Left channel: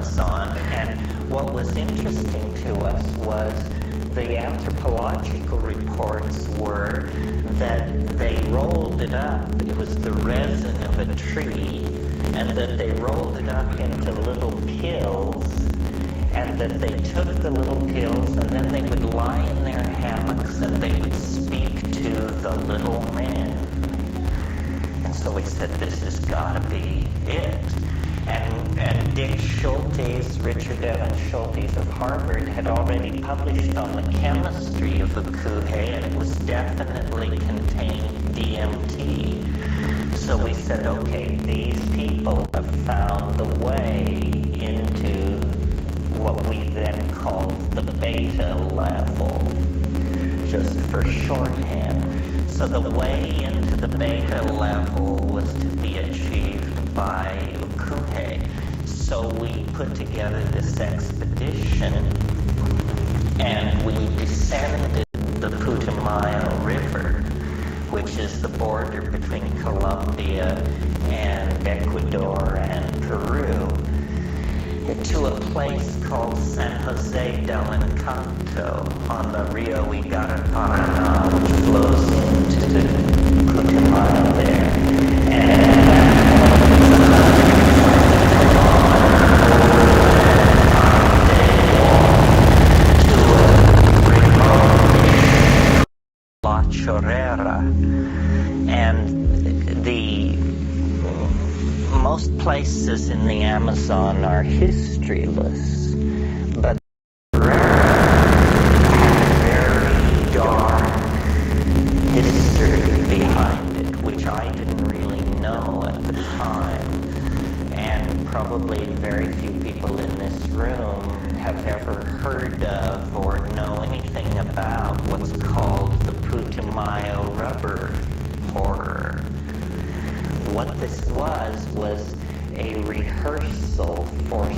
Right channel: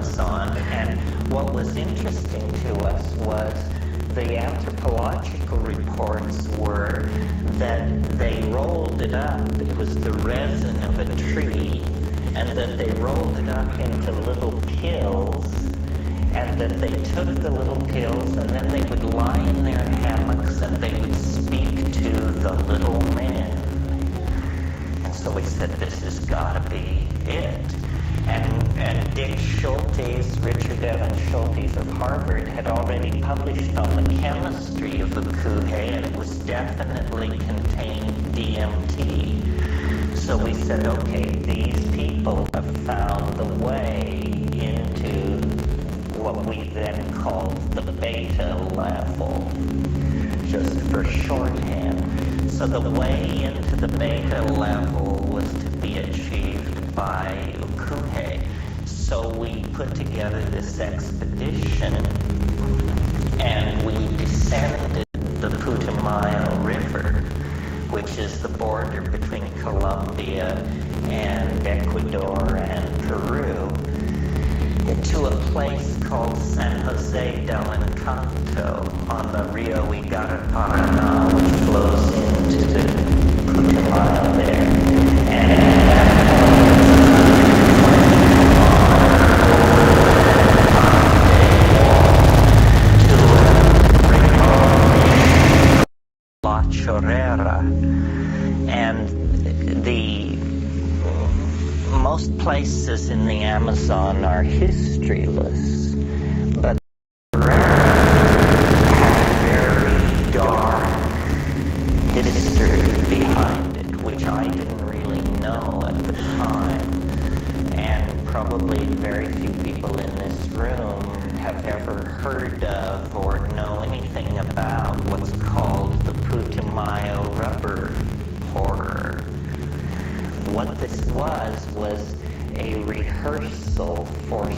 Amazon. And what was interesting to us was the anthropological reports were that they rolled it up. It was the resin of a tree, and that they rolled it up into little pills, and that they took the little pills, and then they would lie in their hammocks, and they would speak to the little men. And so we said, this has got to be it. And Dick Schultes, Richard Evan Schultes of Harvard, had already published on the chemistry of ukuhe, and it was definitely contained DMT. So we said, okay, these people have found the way into what we then called the beta level, just for shorthand. So the way into the beta level was to be achieved by ukuhe. So we put together this expedition, and we descended the Putumayo River, which is the border between Colombia and Ecuador and Peru, to a place called San Jose del Encanto on the Rio Paraná, which flows into the Putumayo there. And at that point, La Chorrera, and the most places in the Amazon are historyless, but had a very dark history behind it, which I didn't really know at the time, and probably very few people in this room have ever heard of or know anything about what's called the Putumayo rubber horror. What this was a rehearsal for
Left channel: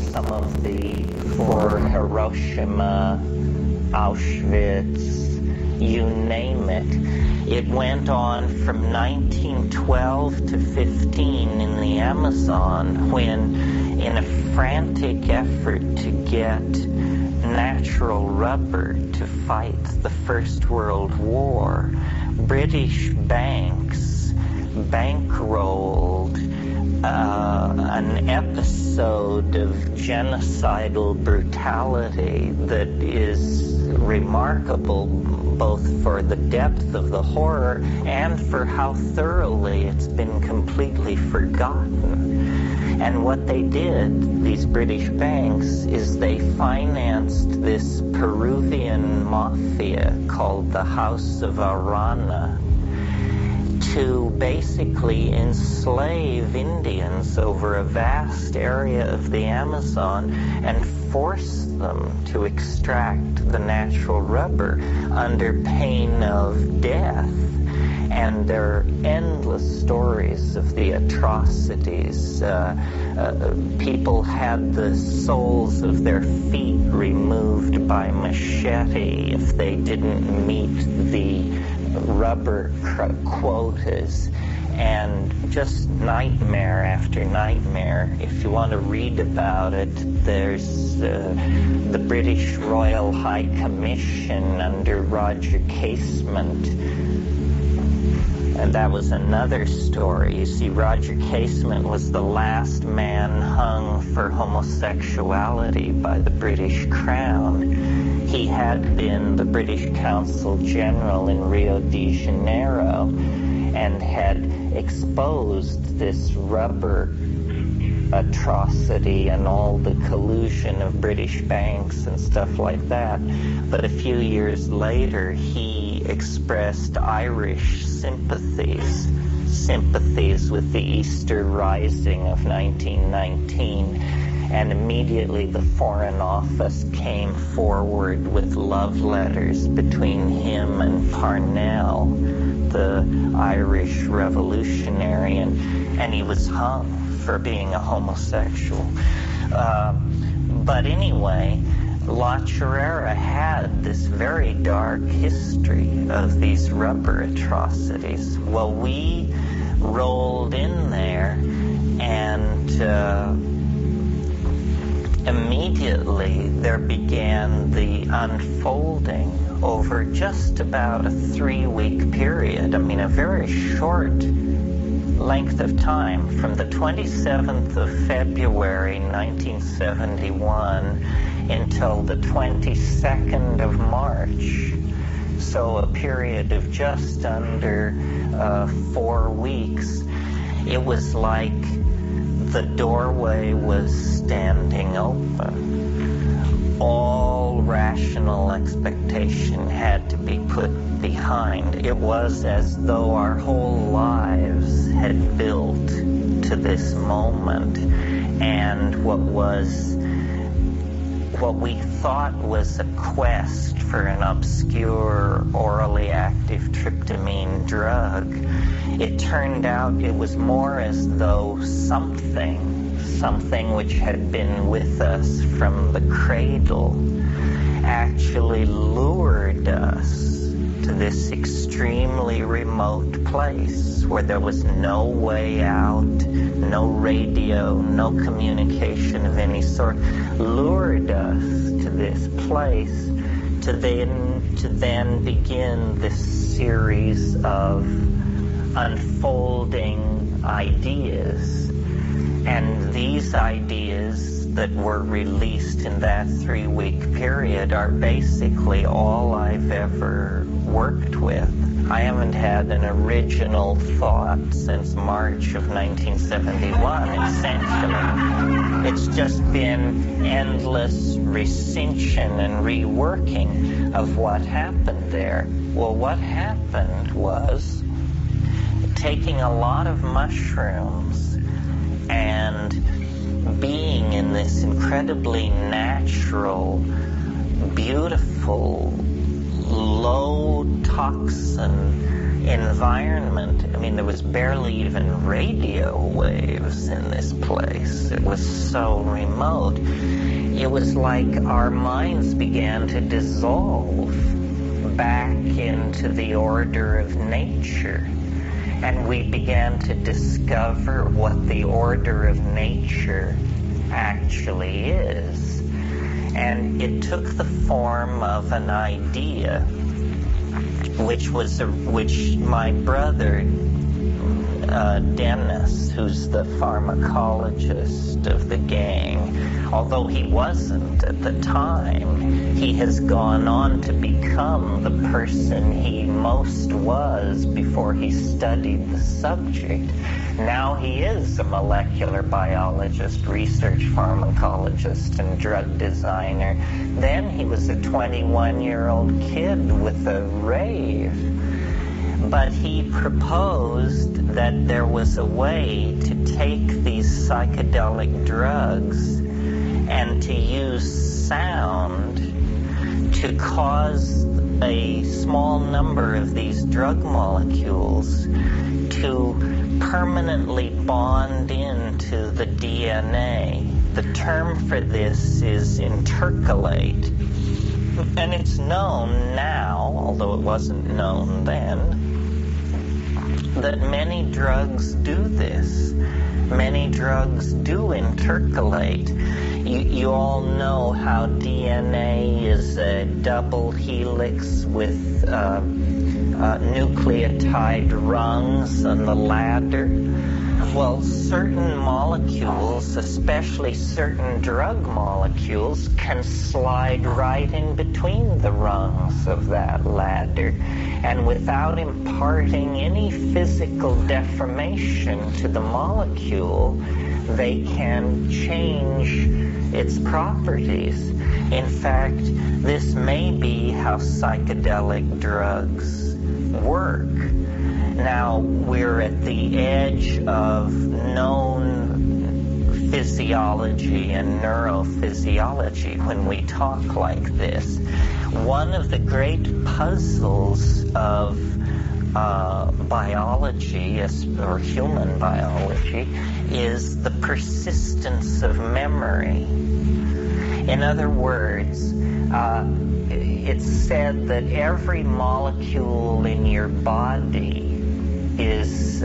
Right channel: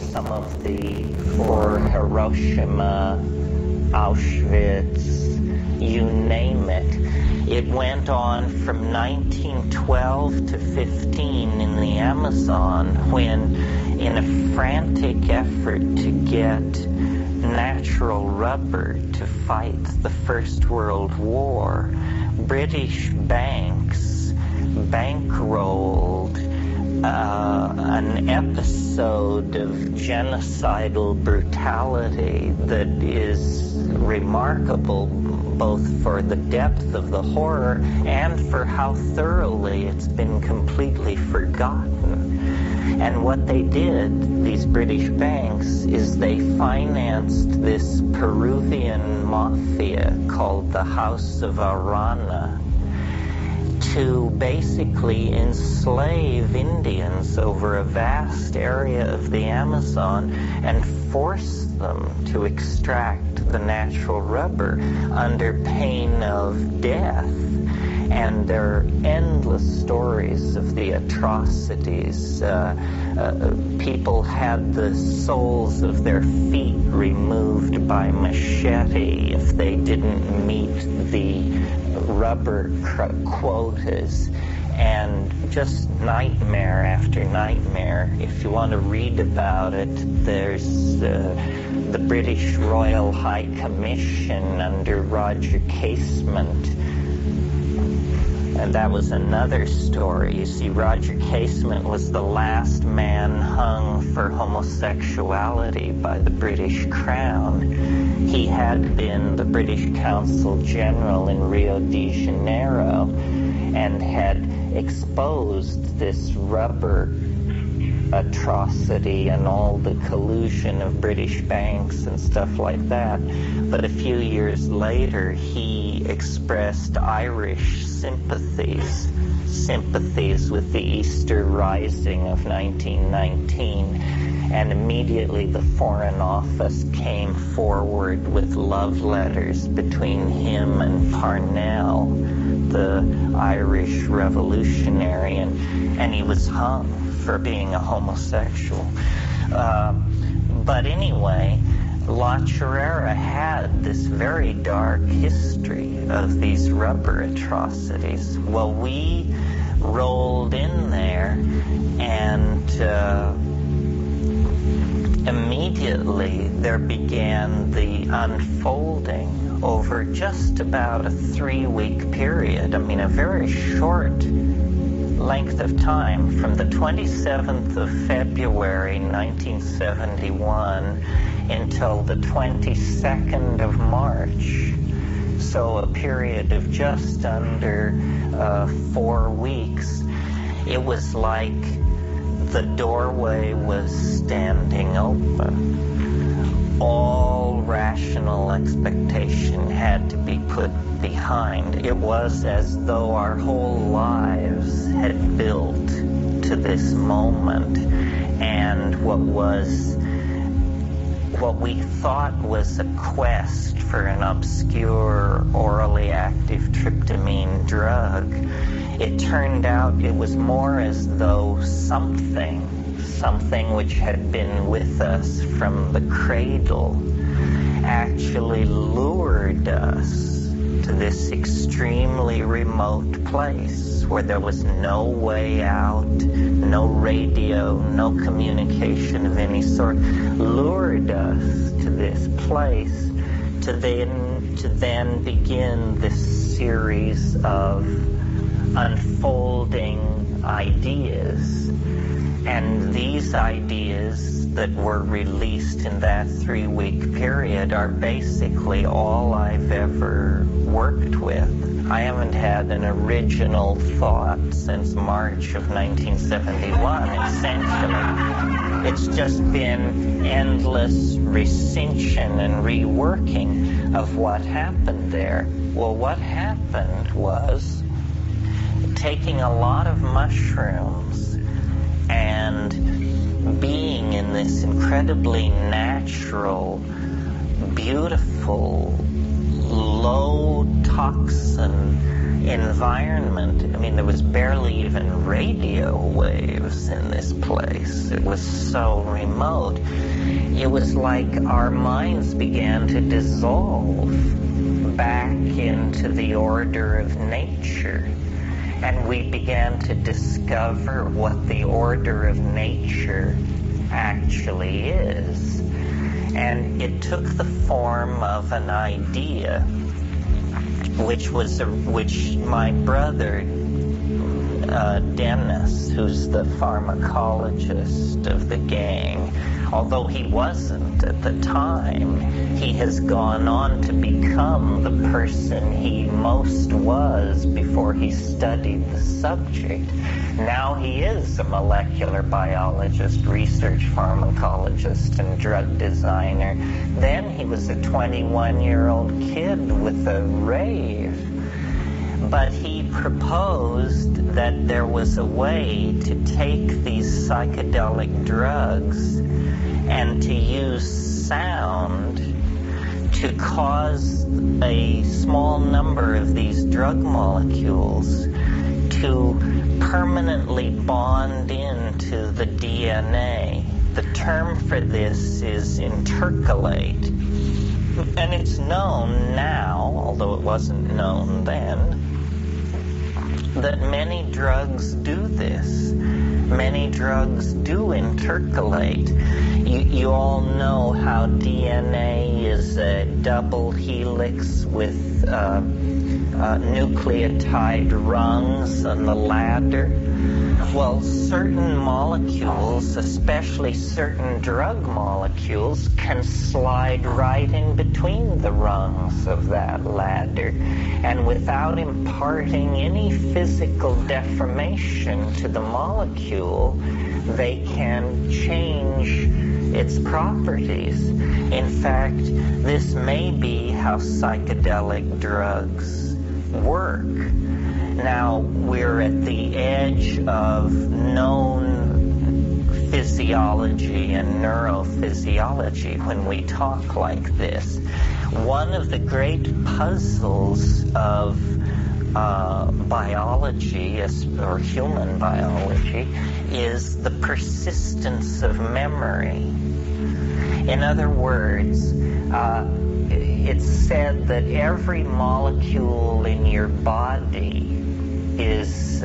for Hiroshima, Auschwitz, you name it. It went on from 1912 to 15 in the Amazon, when, in a frantic effort to get natural rubber to fight the First World War, British banks bankrolled an episode of genocidal brutality that is remarkable both for the depth of the horror and for how thoroughly it's been completely forgotten. And what they did, these British banks, is they financed this Peruvian mafia called the House of Arana to basically enslave Indians over a vast area of the Amazon and force them to extract the natural rubber under pain of death. And there are endless stories of the atrocities. People had the soles of their feet removed by machete if they didn't meet the rubber quotas, and just nightmare after nightmare. If you want to read about it, there's the British Royal High Commission under Roger Casement. And that was another story. You see, Roger Casement was the last man hung for homosexuality by the British Crown. He had been the British Consul General in Rio de Janeiro and had exposed this rubber atrocity and all the collusion of British banks and stuff like that. But a few years later, he expressed Irish sympathies with the Easter Rising of 1919, and immediately the Foreign Office came forward with love letters between him and Parnell, the Irish revolutionary, and he was hung for being a homosexual. But anyway, La Chorrera had this very dark history of these rubber atrocities. Well, we rolled in there and immediately there began the unfolding over just about a 3-week period. I mean, a very short length of time, from the 27th of February 1971 until the 22nd of March. So a period of just under 4 weeks. It was like the doorway was standing open. All rational expectation had to be put behind. It was as though our whole lives had built to this moment, and what we thought was a quest for an obscure orally active tryptamine drug, it turned out it was more as though something which had been with us from the cradle actually lured us to this extremely remote place where there was no way out, no radio, no communication of any sort, lured us to this place to then begin this series of unfolding ideas. And these ideas that were released in that 3-week period are basically all I've ever worked with. I haven't had an original thought since March of 1971, essentially. It's just been endless recension and reworking of what happened there. Well, what happened was taking a lot of mushrooms and being in this incredibly natural, beautiful, low toxin environment. I mean, there was barely even radio waves in this place. It was so remote. It was like our minds began to dissolve back into the order of nature. And we began to discover what the order of nature actually is. And it took the form of an idea, which my brother, Dennis, who's the pharmacologist of the gang, although he wasn't at the time, he has gone on to become the person he most was before he studied the subject. Now he is a molecular biologist, research pharmacologist, and drug designer. Then he was a 21-year-old kid with a rave. But he proposed that there was a way to take these psychedelic drugs and to use sound to cause a small number of these drug molecules to permanently bond into the DNA. The term for this is intercalate. And it's known now, although it wasn't known then, that many drugs do this. Many drugs do intercalate. You all know how DNA is a double helix with nucleotide rungs on the ladder. Well, certain molecules, especially certain drug molecules, can slide right in between the rungs of that ladder. And without imparting any physical deformation to the molecule, they can change its properties. In fact, this may be how psychedelic drugs work. Now, we're at the edge of known physiology and neurophysiology when we talk like this. One of the great puzzles of biology, or human biology, is the persistence of memory. In other words, it's said that every molecule in your body is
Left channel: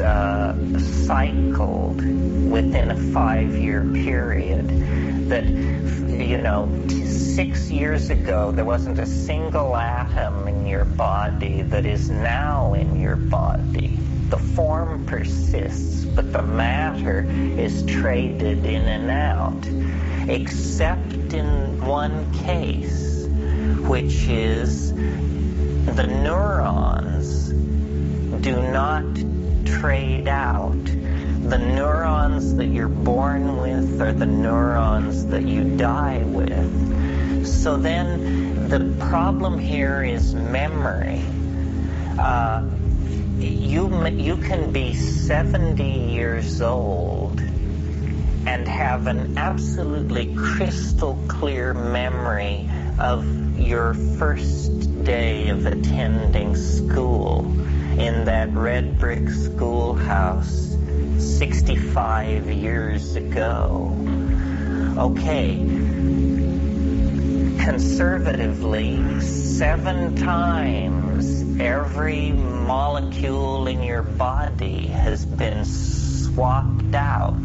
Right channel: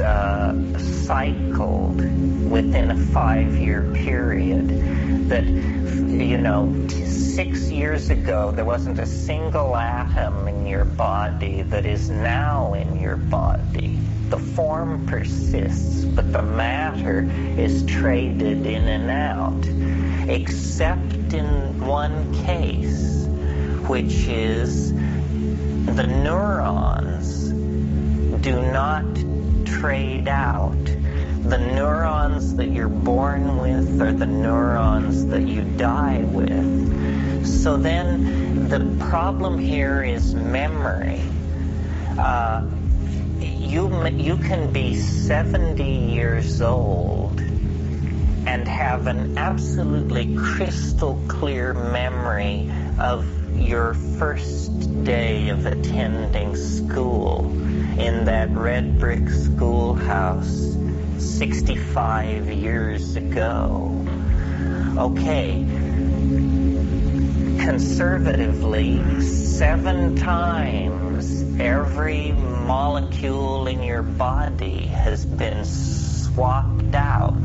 cycled within a 5-year period. that, 6 years ago there wasn't a single atom in your body that is now in your body. The form persists, but the matter is traded in and out, except in one case, which is the neurons do not trade out. The neurons that you're born with are the neurons that you die with. So then the problem here is memory. You can be 70 years old and have an absolutely crystal clear memory of your first day of attending school in that red brick schoolhouse 65 years ago. Okay, conservatively, 7 times every molecule in your body has been swapped out.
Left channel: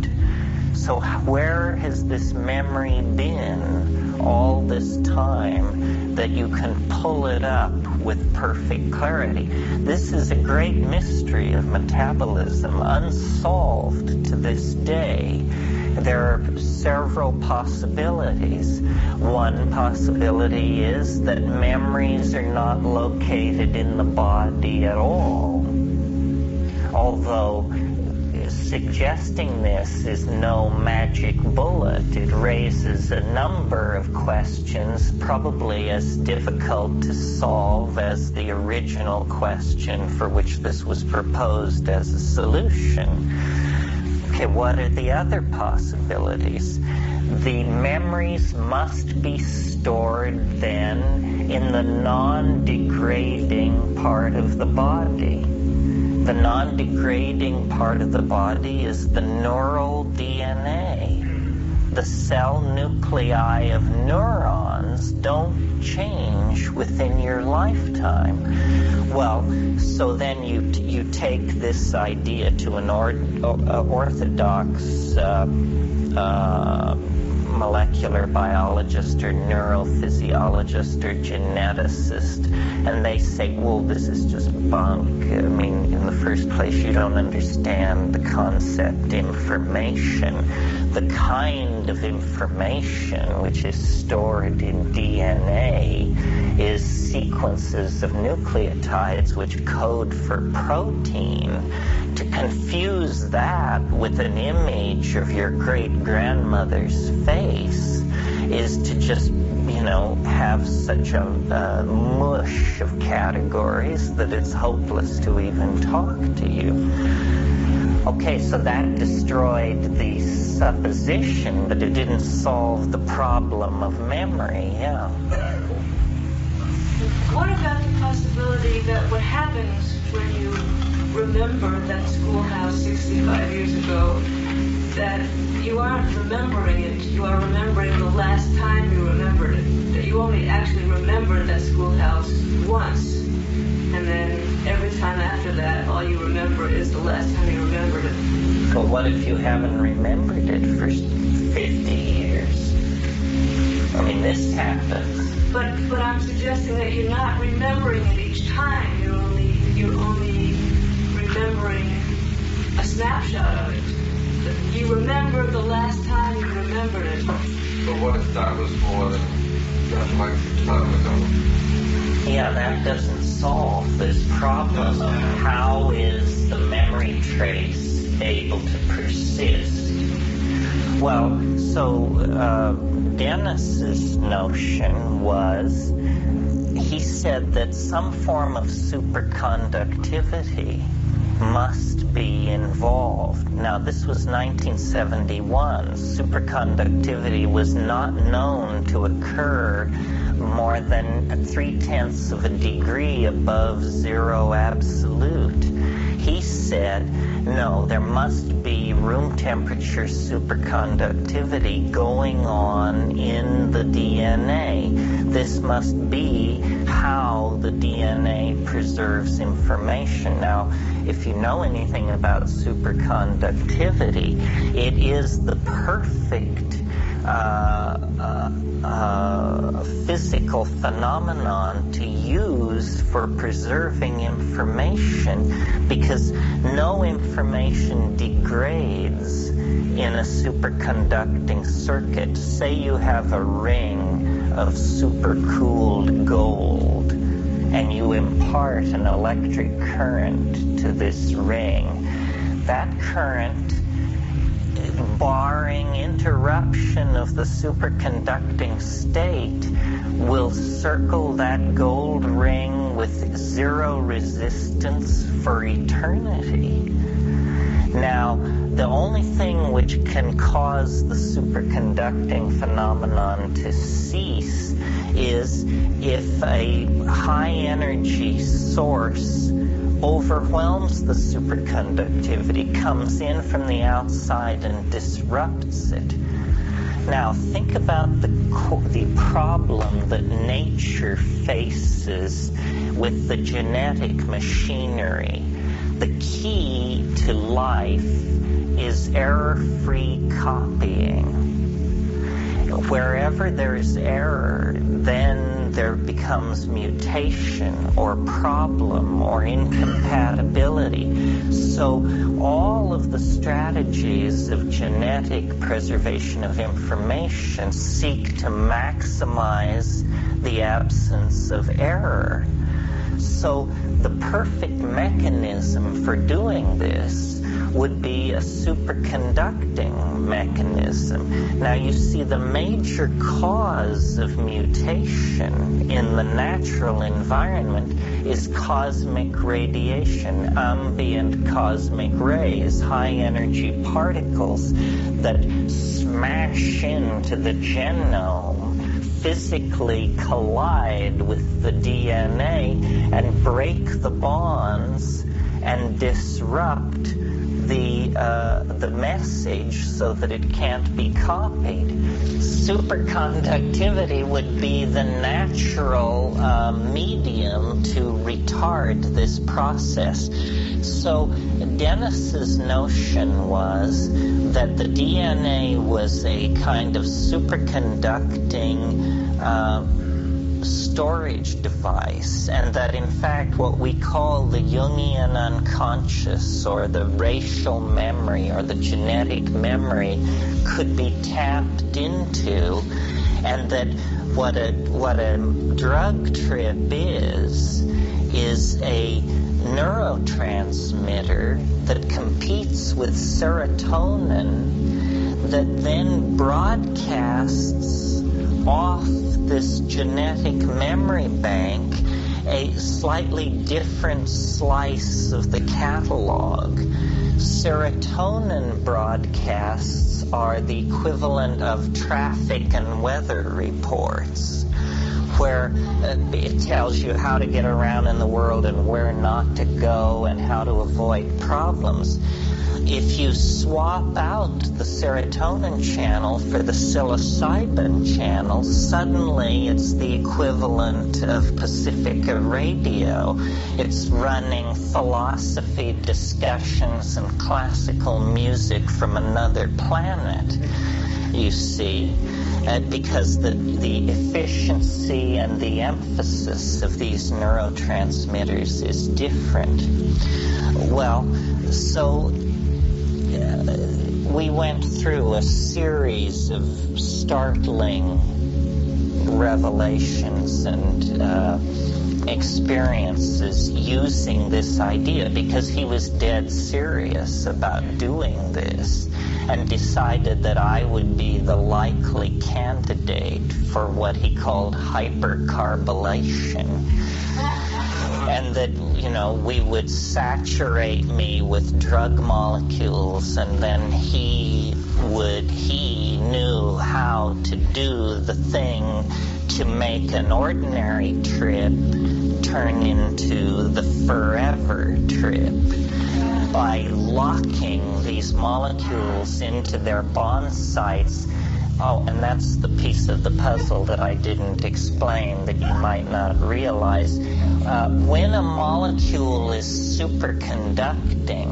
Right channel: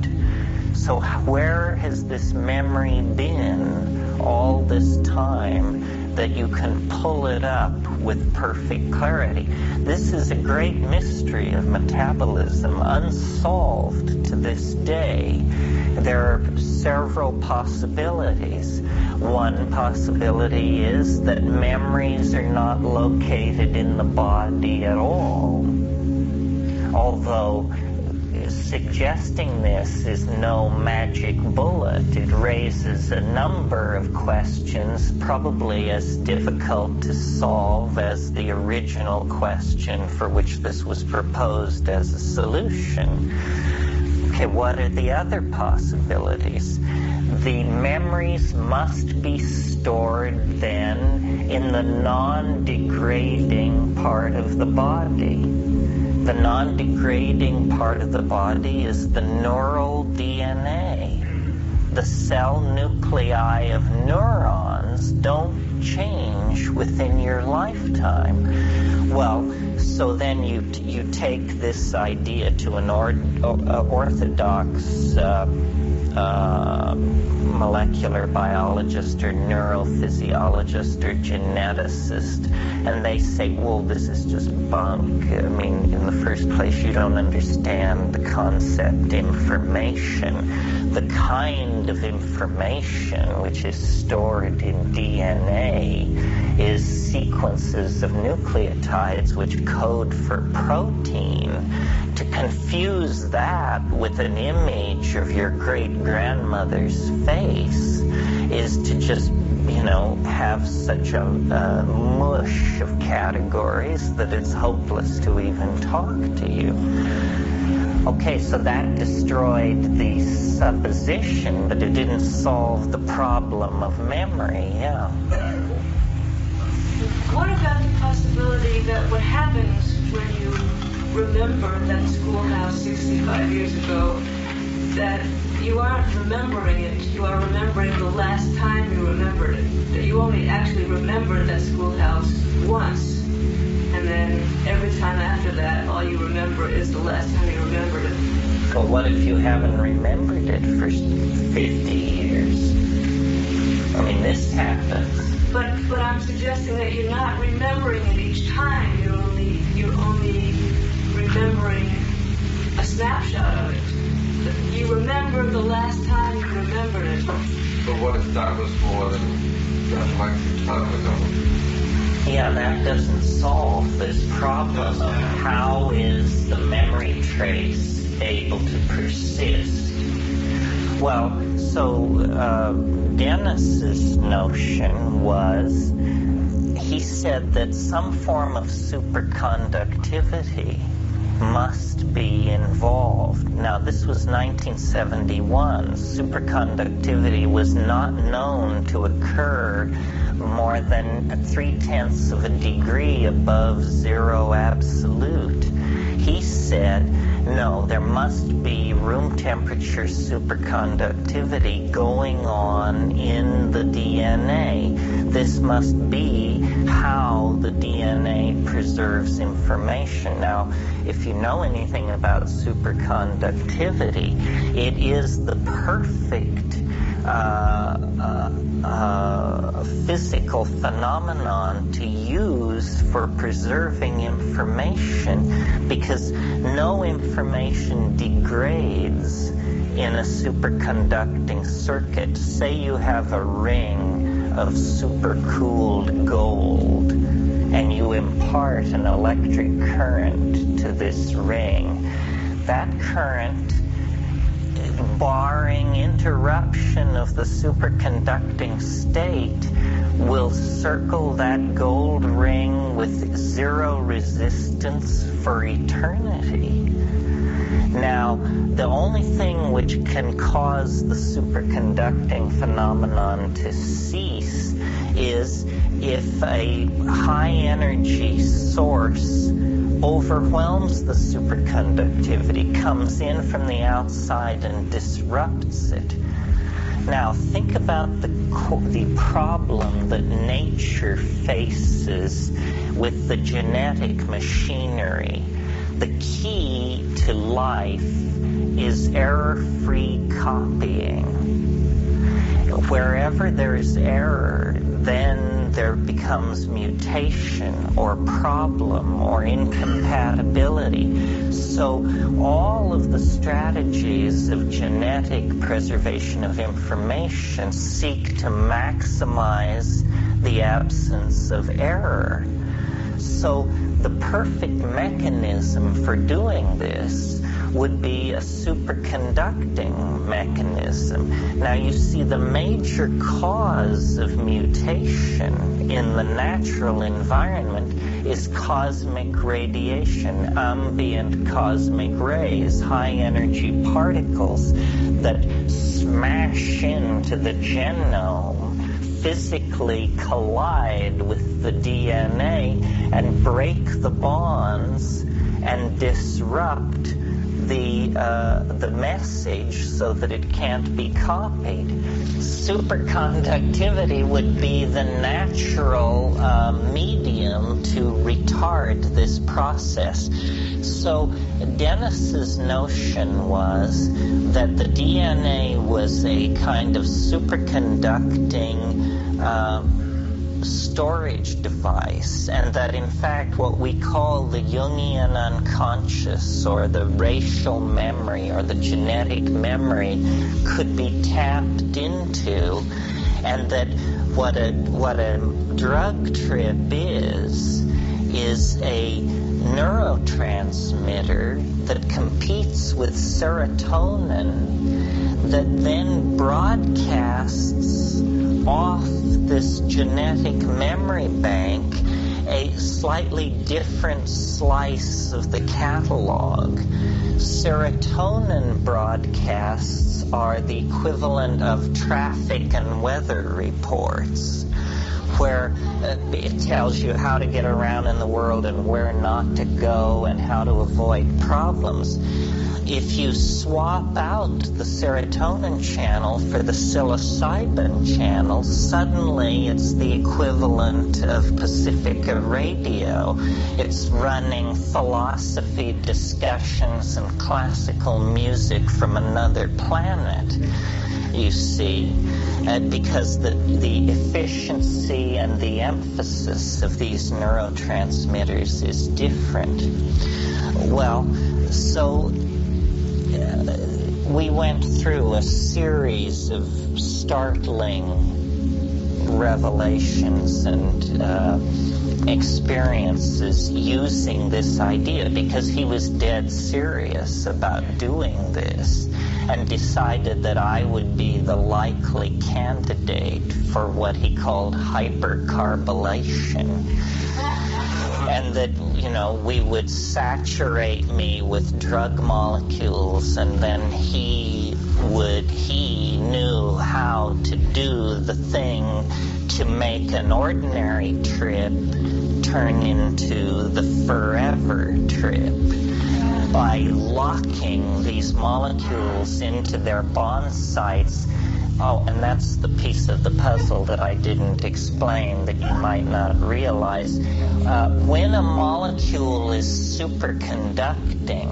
So where has this memory been all this time that you can pull it up with perfect clarity? This is a great mystery of metabolism, unsolved to this day. There are several possibilities. One possibility is that memories are not located in the body at all. Although suggesting this is no magic bullet. It raises a number of questions, probably as difficult to solve as the original question for which this was proposed as a solution. Okay, what are the other possibilities? The memories must be stored then in the non-degrading part of the body. The non-degrading part of the body is the neural DNA. The cell nuclei of neurons don't change within your lifetime. Well, so then you take this idea to an orthodox molecular biologist or neurophysiologist or geneticist, and they say, well, this is just bunk. I mean, in the first place, you don't understand the concept information. The kind of information which is stored in DNA is sequences of nucleotides which code for protein. To confuse that with an image of your great-grandmother's face is to just, have such a mush of categories that it's hopeless to even talk to you. Okay, so that destroyed the supposition, but it didn't solve the problem of memory, yeah. What about the possibility that what happens when you remember that schoolhouse 65 years ago, that you aren't remembering it, you are remembering the last time you remembered it, that you only actually remember that schoolhouse once, and then every time after that, all you remember is the last time you remembered it. But what if you haven't remembered it for 50 years? I mean, this happens. But I'm suggesting that you're not remembering it each time. You're only remembering a snapshot of it. You remember the last time you remembered it. But what if that was more than like 6 months ago? Yeah, that doesn't solve this problem of how is the memory trace able to persist. Well, so Dennis's notion was, he said that some form of superconductivity must be involved. Now, this was 1971. Superconductivity was not known to occur more than 0.3 of a degree above zero absolute. He said, no, there must be room temperature superconductivity going on in the DNA. This must be how the DNA preserves information. Now, if you know anything about superconductivity, it is the perfect physical phenomenon to use for preserving information, because no information degrades in a superconducting circuit. Say you have a ring of supercooled gold, and you impart an electric current to this ring. That current, barring interruption of the superconducting state, will circle that gold ring with zero resistance for eternity. Now, the only thing which can cause the superconducting phenomenon to cease is if a high energy source overwhelms the superconductivity, comes in from the outside and disrupts it. Now think about the problem that nature faces with the genetic machinery. The key to life is error-free copying. Wherever there's error, then there becomes mutation or problem or incompatibility. So all of the strategies of genetic preservation of information seek to maximize the absence of error. So the perfect mechanism for doing this would be a superconducting mechanism. Now you see, the major cause of mutation in the natural environment is cosmic radiation, ambient cosmic rays, high energy particles that smash into the genome, physically collide with the DNA and break the bonds and disrupt the message so that it can't be copied. Superconductivity would be the natural medium to retard this process. So Dennis's notion was that the DNA was a kind of superconducting storage device, and that in fact what we call the Jungian unconscious or the racial memory or the genetic memory could be tapped into, and that what a drug trip is a neurotransmitter that competes with serotonin that then broadcasts off this genetic memory bank a slightly different slice of the catalog. Serotonin broadcasts are the equivalent of traffic and weather reports, where it tells you how to get around in the world and where not to go and how to avoid problems. If you swap out the serotonin channel for the psilocybin channel, suddenly it's the equivalent of Pacifica Radio. It's running philosophy discussions and classical music from another planet, you see, because the efficiency and the emphasis of these neurotransmitters is different. Well, so we went through a series of startling revelations and experiences using this idea, because he was dead serious about doing this and decided that I would be the likely candidate for what he called hypercarbylation. And that, we would saturate me with drug molecules, and then he knew how to do the thing to make an ordinary trip turn into the forever trip by locking these molecules into their bond sites Oh, and that's the piece of the puzzle that I didn't explain that you might not realize. When a molecule is superconducting,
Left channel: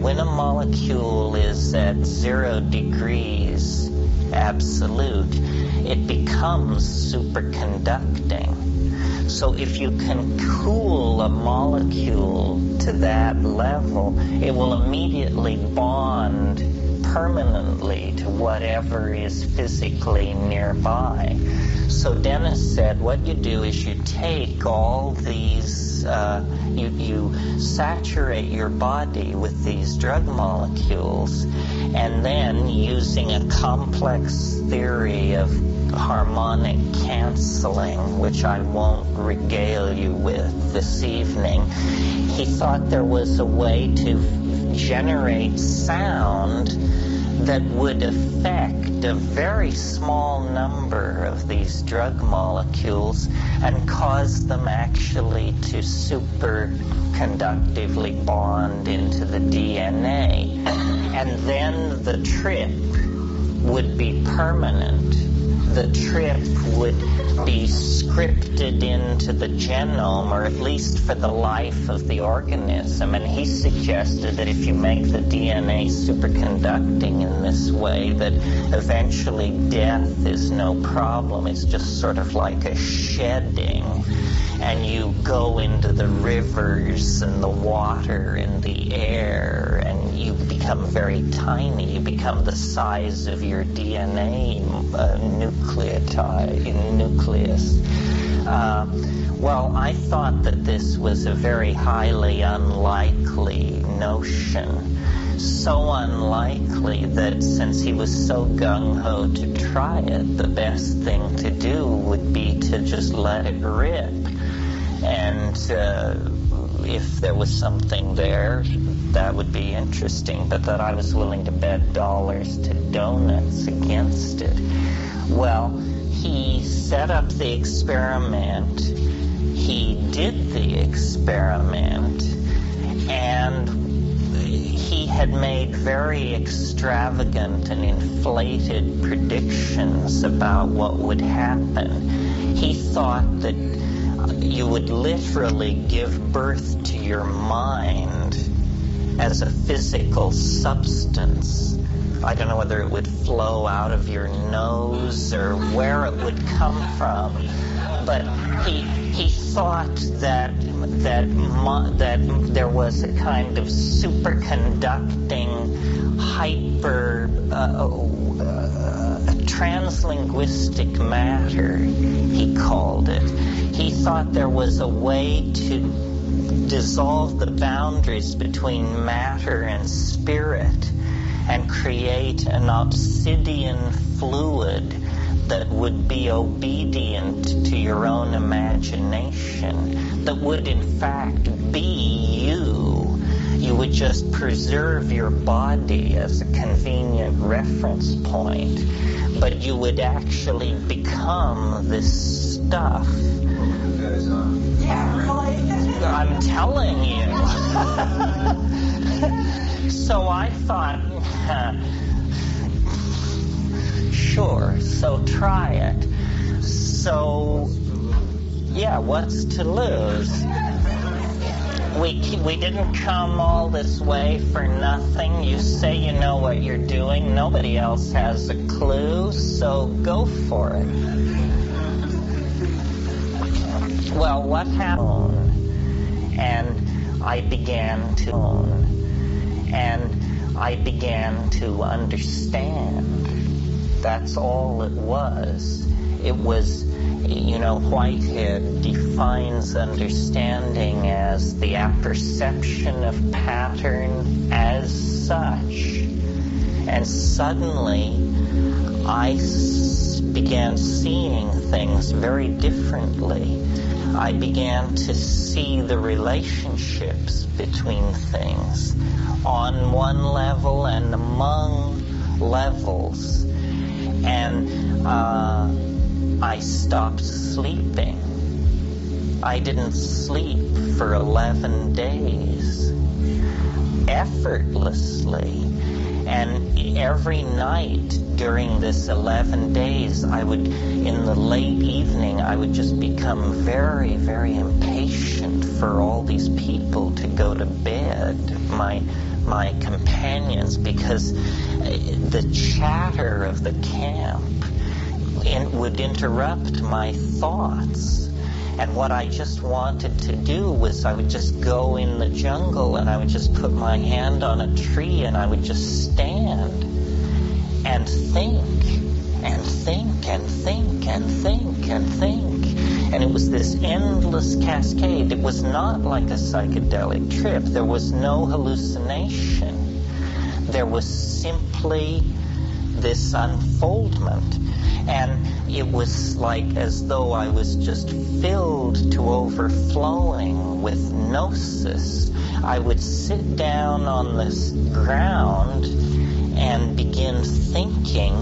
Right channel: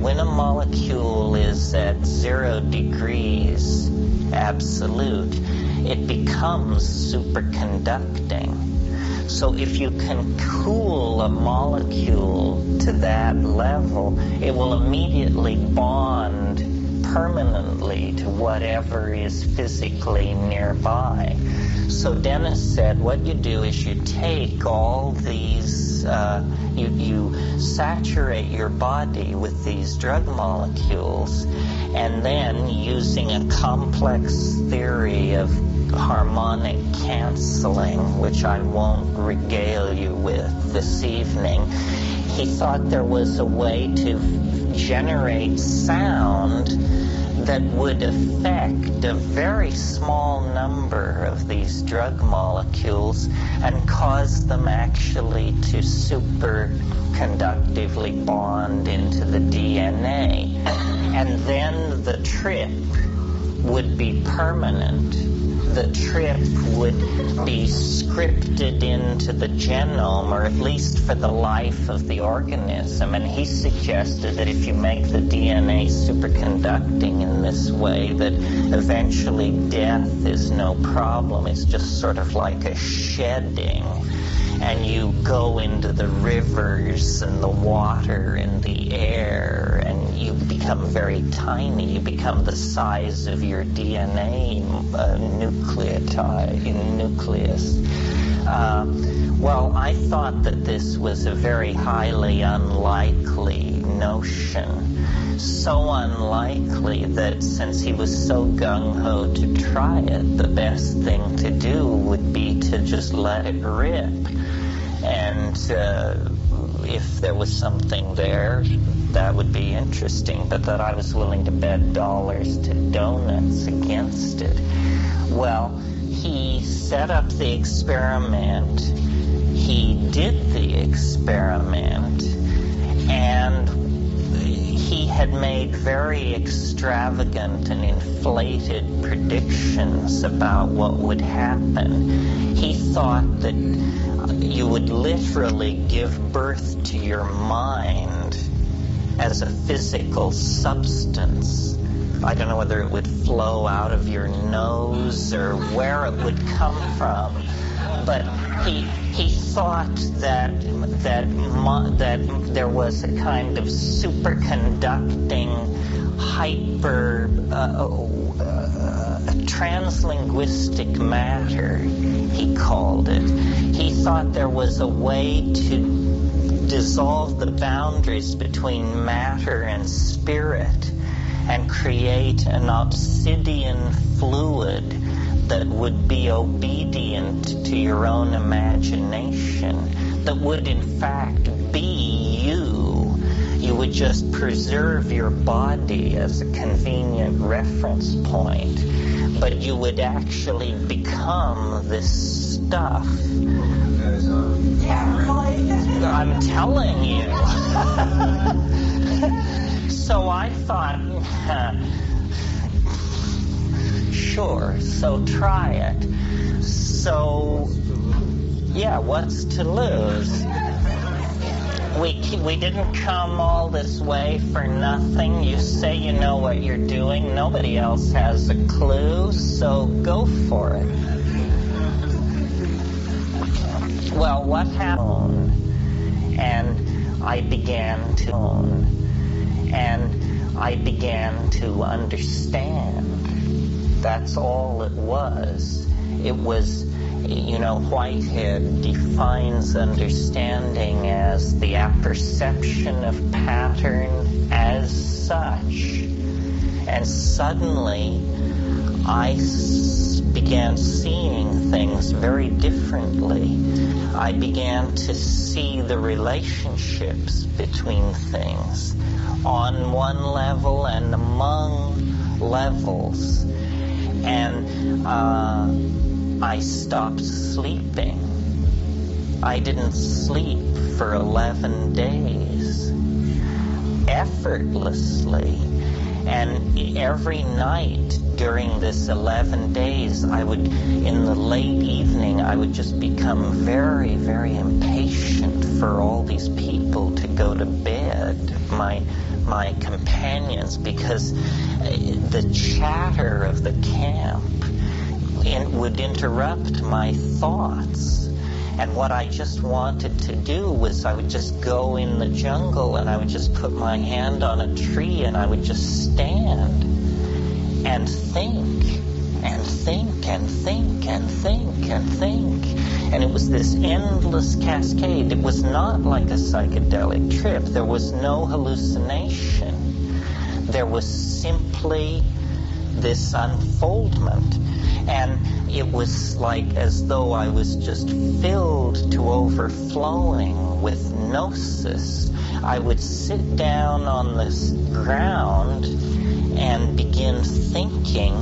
when a molecule is at 0 degrees absolute, it becomes superconducting. So if you can cool a molecule to that level, it will immediately bond permanently to whatever is physically nearby. So Dennis said, what you do is you take all these, you saturate your body with these drug molecules, and then using a complex theory of harmonic canceling, which I won't regale you with this evening, he thought there was a way to generate sound that would affect a very small number of these drug molecules and cause them actually to superconductively bond into the DNA. And then the trip would be permanent. The trip would be scripted into the genome, or at least for the life of the organism. And he suggested that if you make the DNA superconducting in this way, that eventually death is no problem. It's just sort of like a shedding. And you go into the rivers and the water and the air, and you become very tiny. You become the size of your DNA nucleus. Well, I thought that this was a very highly unlikely notion. So unlikely that since he was so gung-ho to try it, the best thing to do would be to just let it rip. And if there was something there, that would be interesting, but that I was willing to bet dollars to donuts against it. Well, he set up the experiment, he did the experiment, and he had made very extravagant and inflated predictions about what would happen. He thought that you would literally give birth to your mind as a physical substance. I don't know whether it would flow out of your nose or where it would come from, but he thought that there was a kind of superconducting translinguistic matter, he called it. He thought there was a way to dissolve the boundaries between matter and spirit and create an obsidian fluid that would be obedient to your own imagination, that would in fact be you. You would just preserve your body as a convenient reference point, but you would actually become this stuff. I'm telling you. So I thought, sure, so try it. So, yeah, what's to lose? We didn't come all this way for nothing. You say you know what you're doing. Nobody else has a clue, so go for it. Well, what happened? And I began to understand. That's all it was. It was, Whitehead defines understanding as the apperception of pattern as such. And suddenly, I began seeing things very differently. I began to see the relationships between things on one level and among levels. And I stopped sleeping. I didn't sleep for 11 days, effortlessly. And every night during this 11 days, in the late evening, I would just become very, very impatient for all these people to go to bed, my companions, because the chatter of the camp would interrupt my thoughts. And what I just wanted to do was I would just go in the jungle and I would just put my hand on a tree and I would just stand and think and think and think and think and think. And it was this endless cascade. It was not like a psychedelic trip. There was no hallucination. There was simply this unfoldment. And it was like as though I was just filled to overflowing with gnosis. I would sit down on this ground and begin thinking,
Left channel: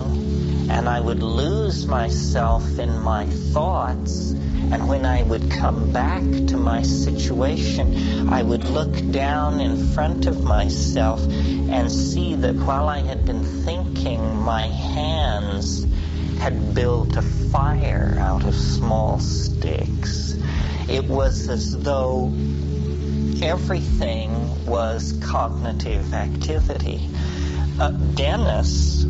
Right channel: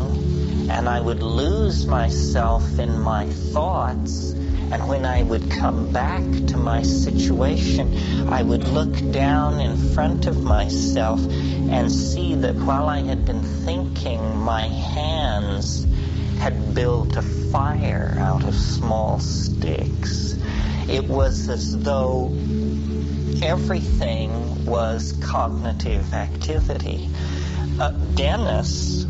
and I would lose myself in my thoughts. And when I would come back to my situation, I would look down in front of myself and see that while I had been thinking, my hands had built a fire out of small sticks. It was as though everything was cognitive activity. Dennis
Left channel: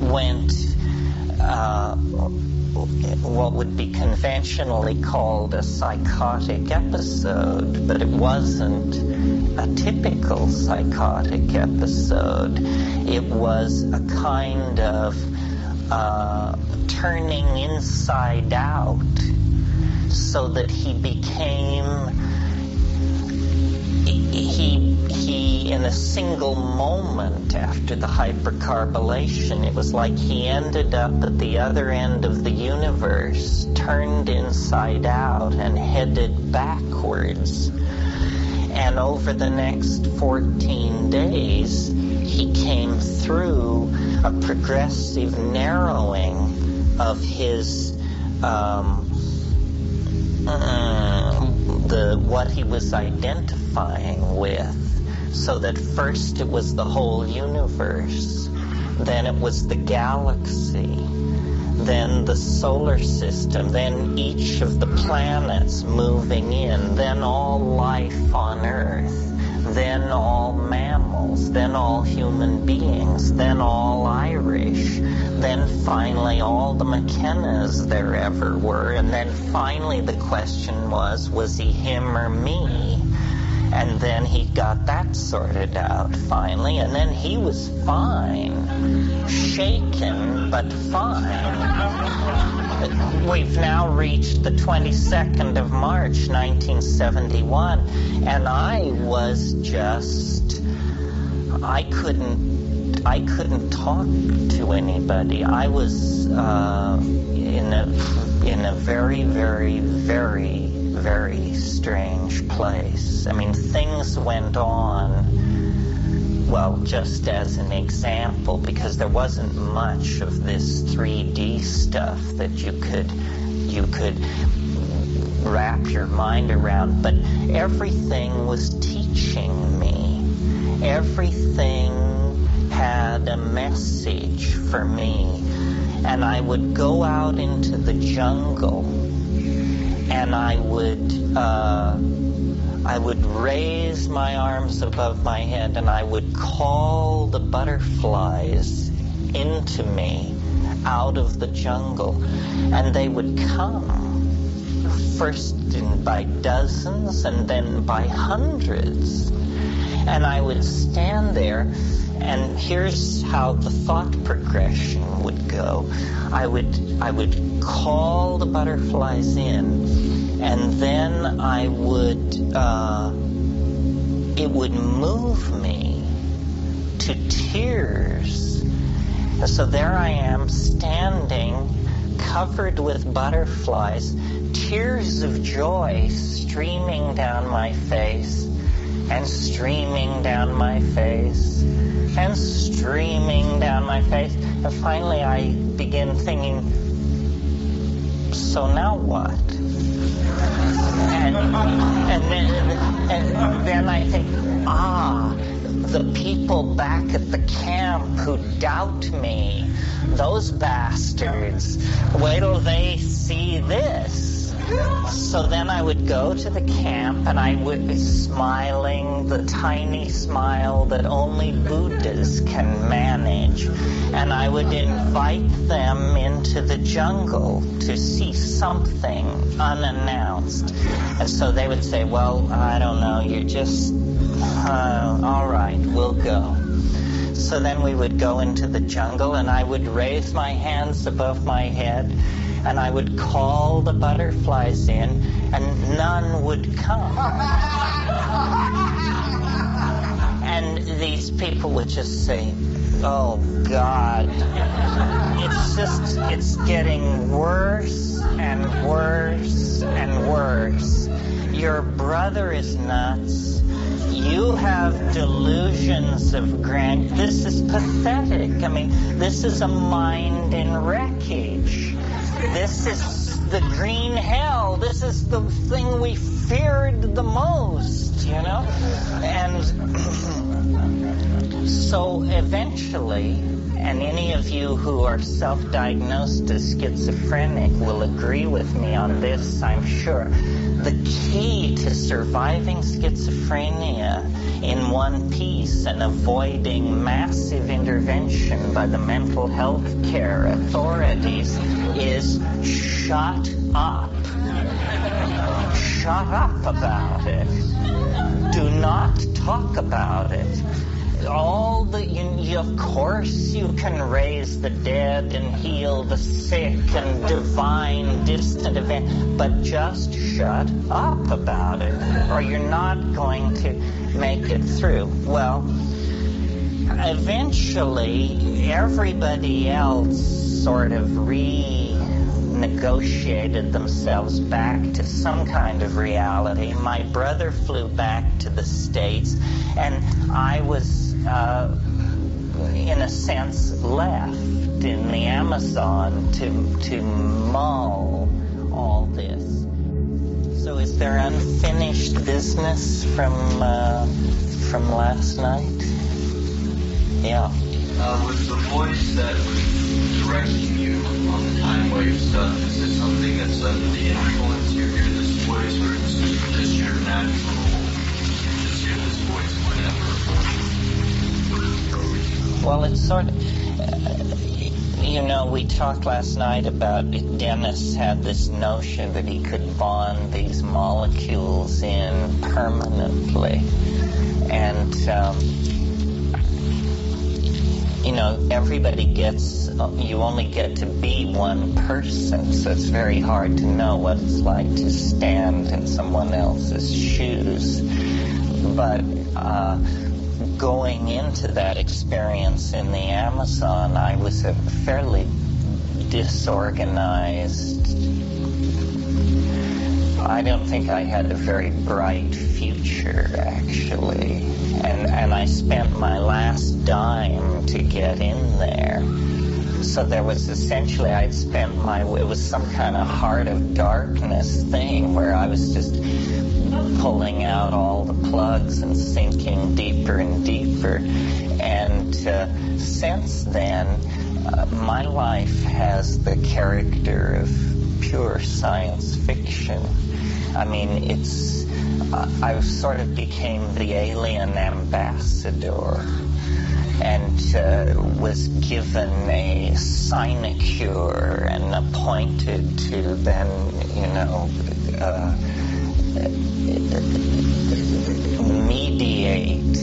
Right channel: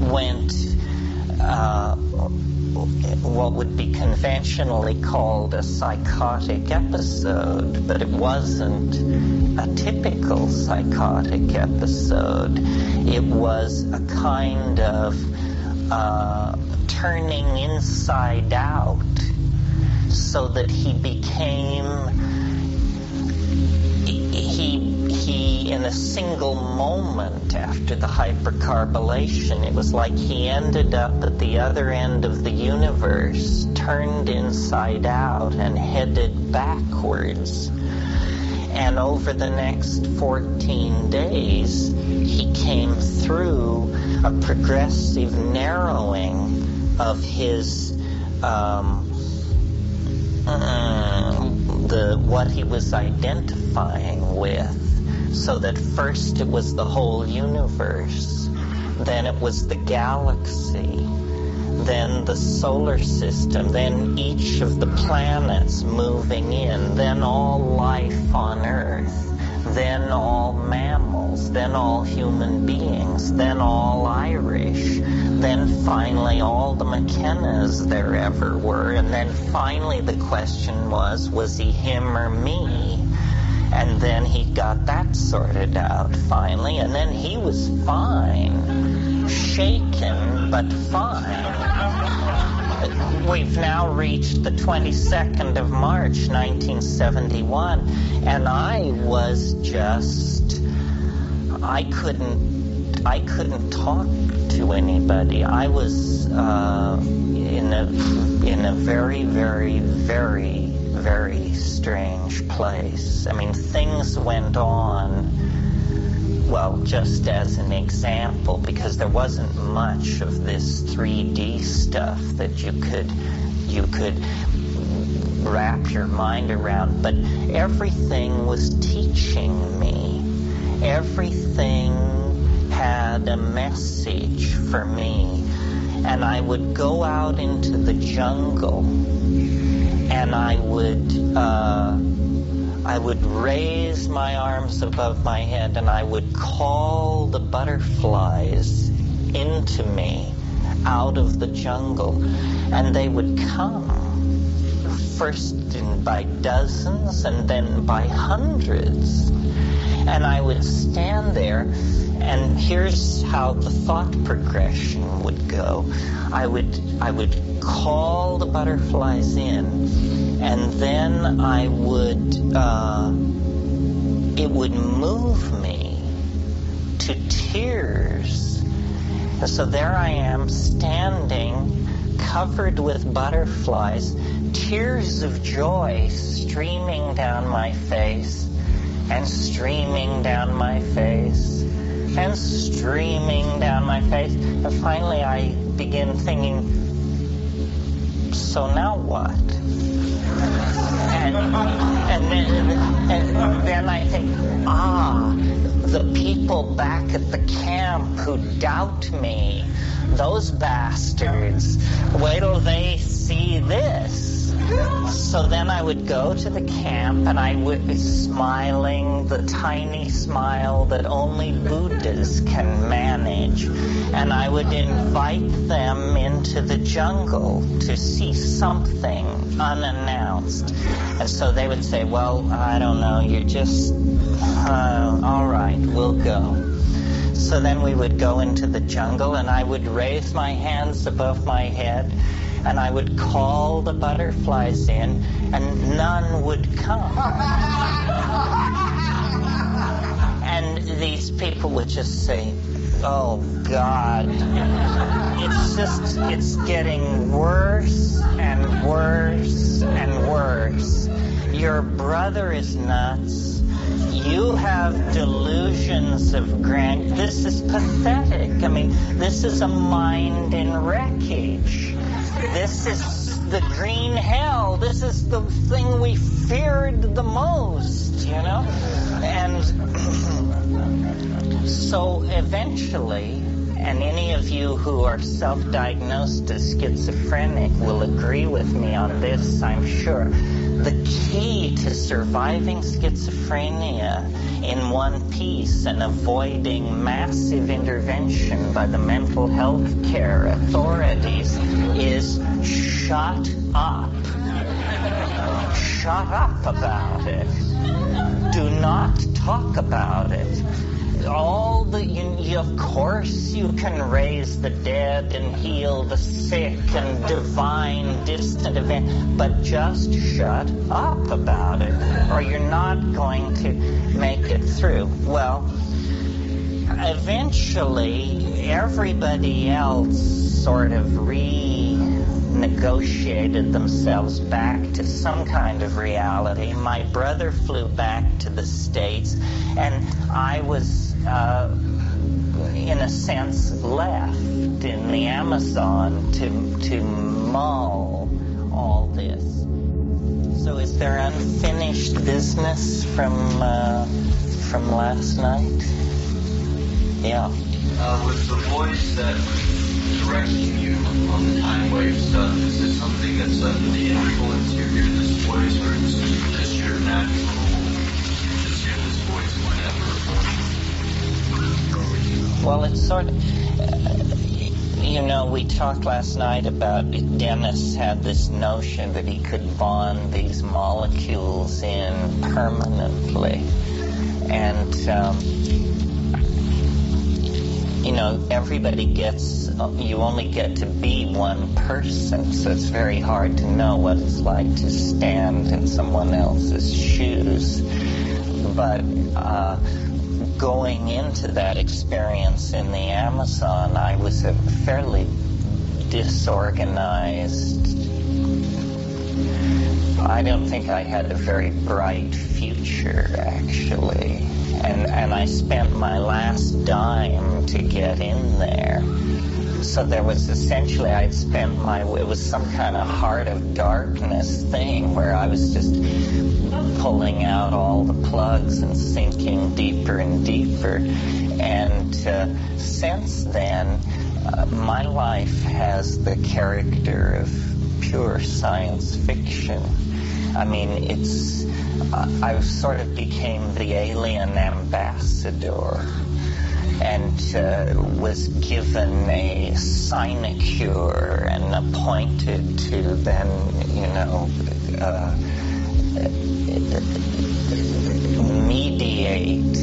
went what would be conventionally called a psychotic episode, but it wasn't a typical psychotic episode. It was a kind of turning inside out, so that he became, he in a single moment after the hypercarbylation, it was like he ended up at the other end of the universe, turned inside out and headed backwards. And over the next 14 days, he came through a progressive narrowing of his what he was identifying with, so that first it was the whole universe, then it was the galaxy, then the solar system, then each of the planets moving in, then all life on Earth, then all mammals, then all human beings, then all Irish, then finally all the McKennas there ever were, and then finally the question was he him or me? And then he got that sorted out finally, and then he was fine. Shaken, but fine. We've now reached the 22nd of March, 1971, and I was just, I couldn't talk to anybody. I was in a very, very, very, very strange place. I mean, things went on, well, just as an example, because there wasn't much of this 3D stuff that you could wrap your mind around, but everything was teaching me. Everything had a message for me. And I would go out into the jungle, and I would raise my arms above my head, and I would call the butterflies into me out of the jungle, and they would come, first by dozens and then by hundreds. And I would stand there, and here's how the thought progression would go. I would call the butterflies in, and then it would move me to tears. So there I am, standing, covered with butterflies, tears of joy streaming down my face, and streaming down my face, and streaming down my face. And finally I begin thinking, so now what? And then I think, the people back at the camp who doubt me, those bastards, wait till they see this. So then I would go to the camp, and I would be smiling, the tiny smile that only Buddhas can manage, and I would invite them into the jungle to see something unannounced. And so they would say, well, I don't know, you're just, all right, we'll go. So then we would go into the jungle, and I would raise my hands above my head, and I would call the butterflies in, and none would come. And these people would just say, oh, God, it's getting worse and worse and worse. Your brother is nuts. You have delusions of grandeur. This is pathetic. I mean, this is a mind in wreckage. This is the green hell. This is the thing we feared the most, you know? And so eventually, and any of you who are self-diagnosed as schizophrenic will agree with me on this, I'm sure. The key to surviving schizophrenia in one piece and avoiding massive intervention by the mental health care authorities is shut up. Shut up about it. Do not talk about it. Of course you can raise the dead and heal the sick and divine distant event, but just shut up about it, or you're not going to make it through. Well, eventually everybody else sort of renegotiated themselves back to some kind of reality. My brother flew back to the States, and I was in a sense left in the Amazon to mull all this. So is there unfinished business from last night? Yeah. Was the voice that was directing you on the time wave stuff, is this something that's under the influence? You hear this voice, or is it just your natural, you just hear this voice whenever? Well, it's sort of, we talked last night about Dennis had this notion that he could bond these molecules in permanently. And, everybody you only get to be one person, so it's very hard to know what it's like to stand in someone else's shoes. But, going into that experience in the Amazon, I was a fairly disorganized. I don't think I had a very bright future, actually. And I spent my last dime to get in there. So there was essentially, it was some kind of heart of darkness thing where I was just pulling out all the plugs and sinking deeper and deeper. And since then, my life has the character of pure science fiction. I mean, I sort of became the alien ambassador and was given a sinecure and appointed to then, mediate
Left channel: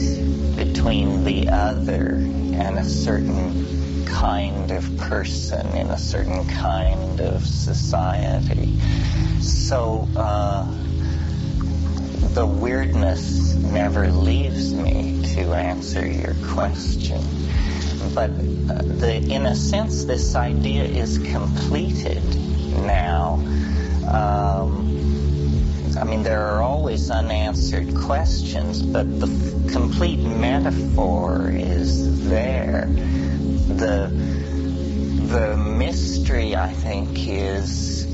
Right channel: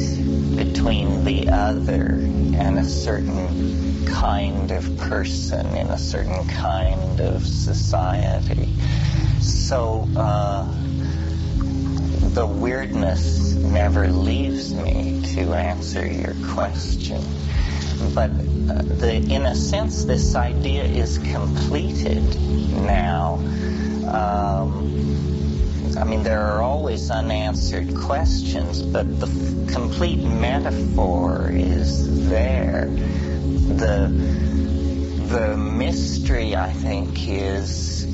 between the other and a certain kind of person in a certain kind of society. So the weirdness never leaves me, to answer your question. But in a sense, this idea is completed now. There are always unanswered questions, but the complete metaphor is there. The mystery, I think, is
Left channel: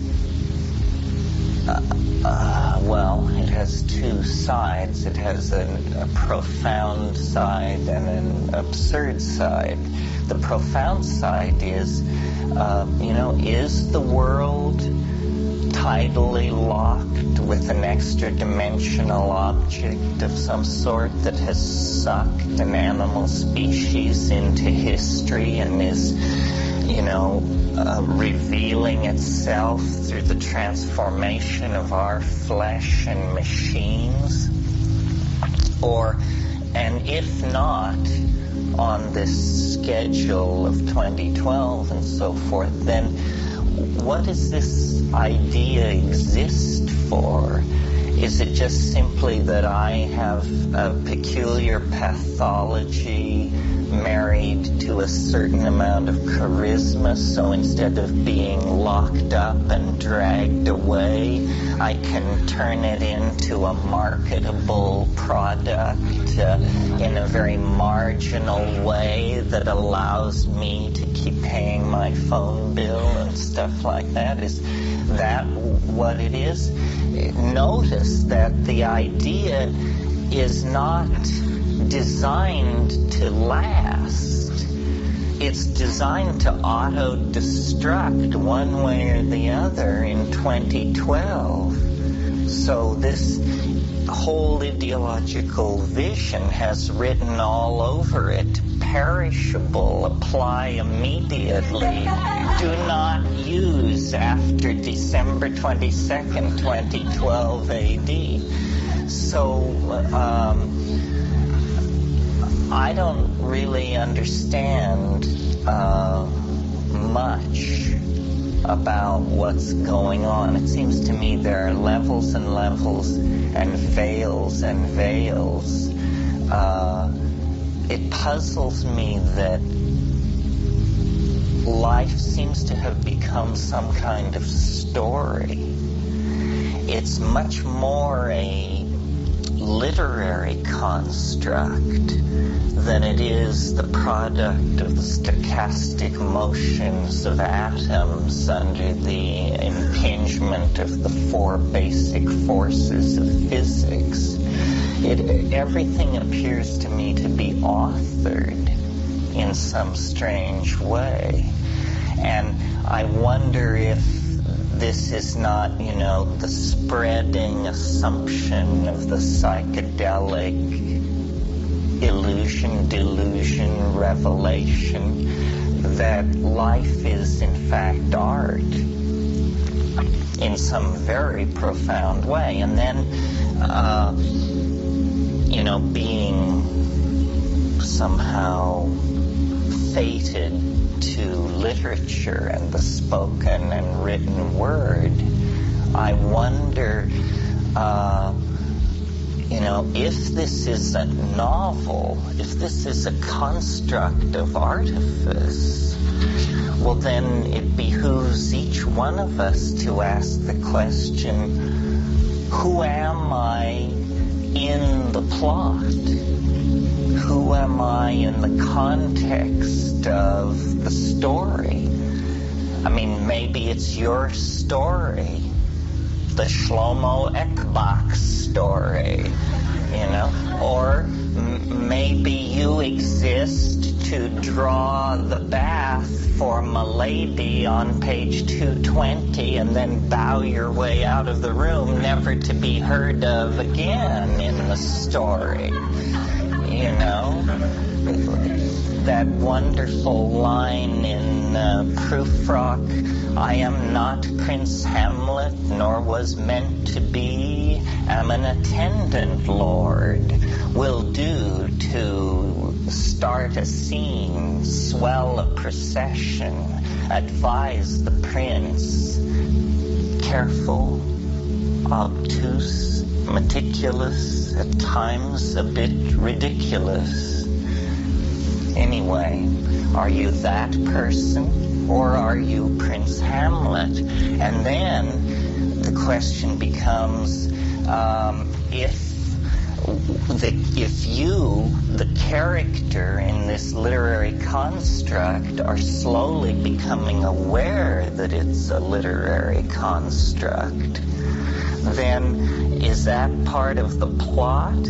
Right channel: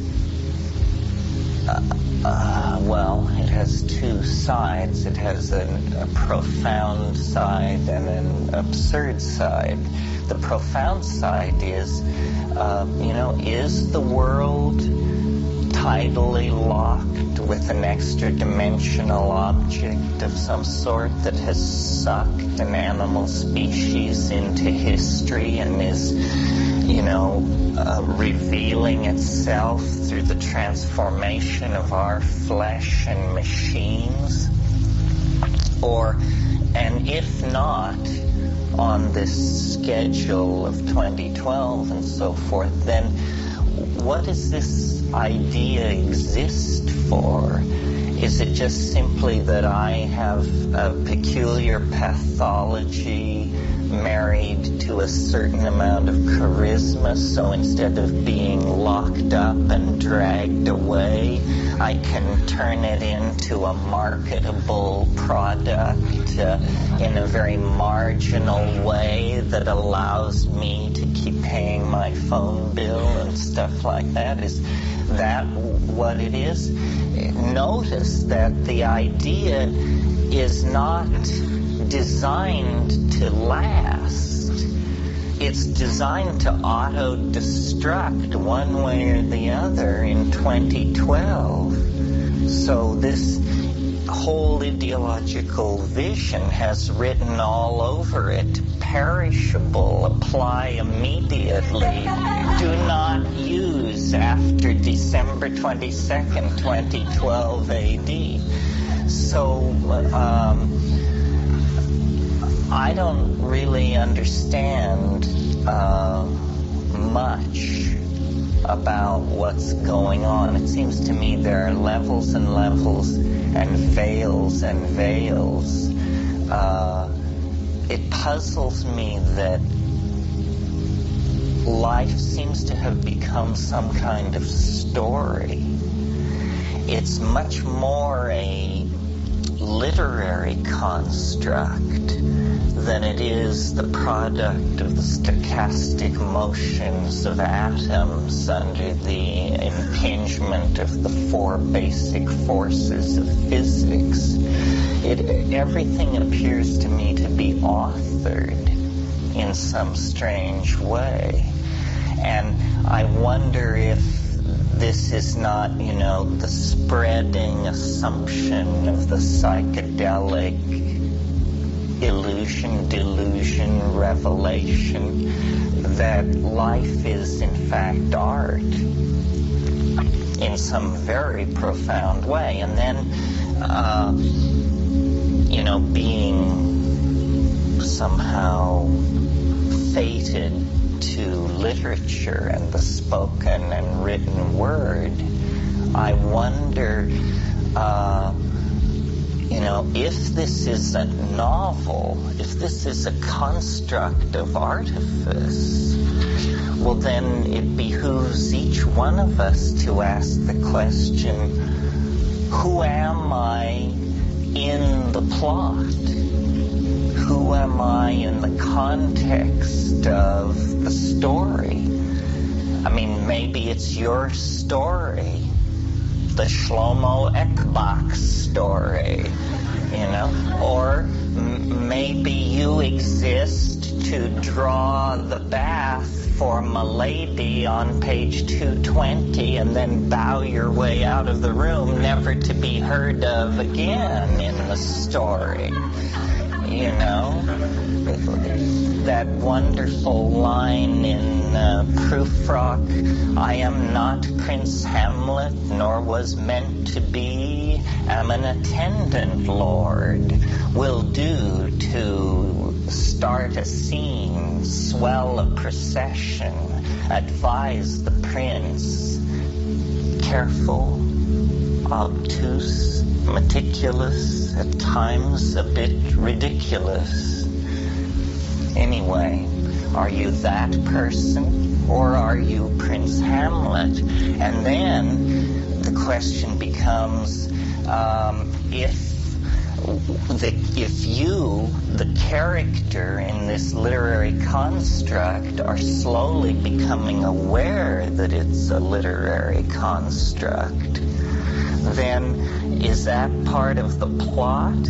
Well, it has two sides. It has a profound side and an absurd side. The profound side is, is the world tidally locked with an extra-dimensional object of some sort that has sucked an animal species into history and is, revealing itself through the transformation of our flesh and machines? And if not, on this schedule of 2012 and so forth, then what does this idea exist for? Is it just simply that I have a peculiar pathology married to a certain amount of charisma, so instead of being locked up and dragged away, I can turn it into a marketable product in a very marginal way that allows me to keep paying my phone bill and stuff like that? Is that what it is? Notice that the idea is not designed to last. It's designed to auto-destruct one way or the other in 2012. So this whole ideological vision has written all over it, perishable, apply immediately, do not use after December 22nd, 2012 AD. So, I don't really understand much about what's going on. It seems to me there are levels and levels and veils and veils. It puzzles me that life seems to have become some kind of story. It's much more a literary construct than it is the product of the stochastic motions of atoms under the impingement of the four basic forces of physics. Everything appears to me to be authored in some strange way. And I wonder if this is not, the spreading assumption of the psychedelic illusion, delusion, revelation that life is in fact art in some very profound way. And then, being somehow fated to literature and the spoken and written word, I wonder, if this is a novel, if this is a construct of artifice, well then it behooves each one of us to ask the question, who am I in the plot? Who am I in the context of the story? I mean, maybe it's your story, the Shlomo Ekbach story, or maybe you exist to draw the bath for Milady on page 220 and then bow your way out of the room, never to be heard of again in the story. That wonderful line in Prufrock, I am not Prince Hamlet, nor was meant to be, am an attendant lord, will do to start a scene, swell a procession, advise the prince, careful, obtuse, meticulous, at times a bit ridiculous. Anyway, are you that person, or are you Prince Hamlet? And then the question becomes, if you, the character in this literary construct, are slowly becoming aware that it's a literary construct, then is that part of the plot?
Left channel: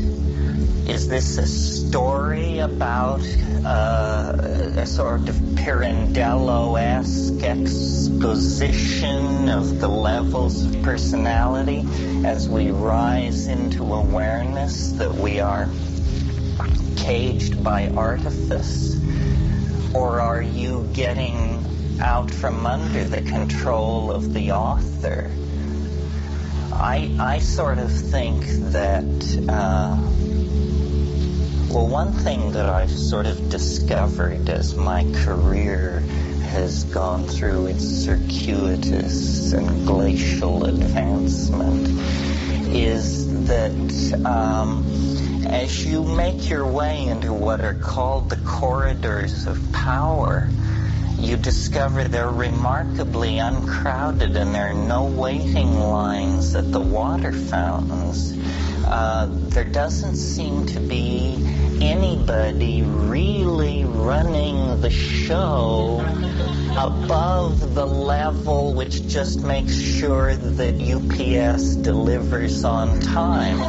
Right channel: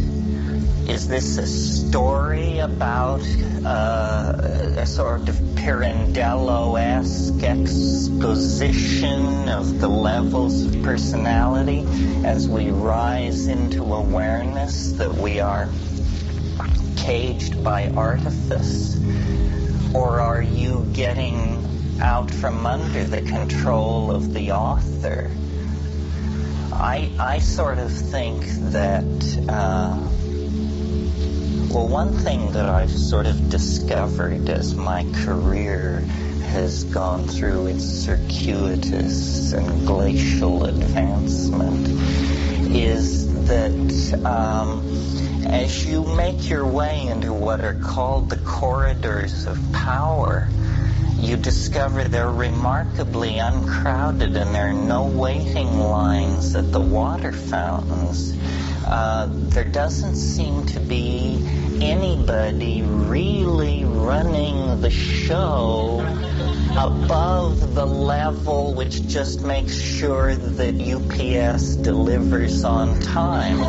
Is this a story about a sort of Pirandello-esque exposition of the levels of personality as we rise into awareness that we are caged by artifice? Or are you getting out from under the control of the author? I sort of think that, well, one thing that I've sort of discovered as my career has gone through its circuitous and glacial advancement is that as you make your way into what are called the corridors of power, you discover they're remarkably uncrowded and there are no waiting lines at the water fountains. There doesn't seem to be anybody really running the show above the level which just makes sure that UPS delivers on time.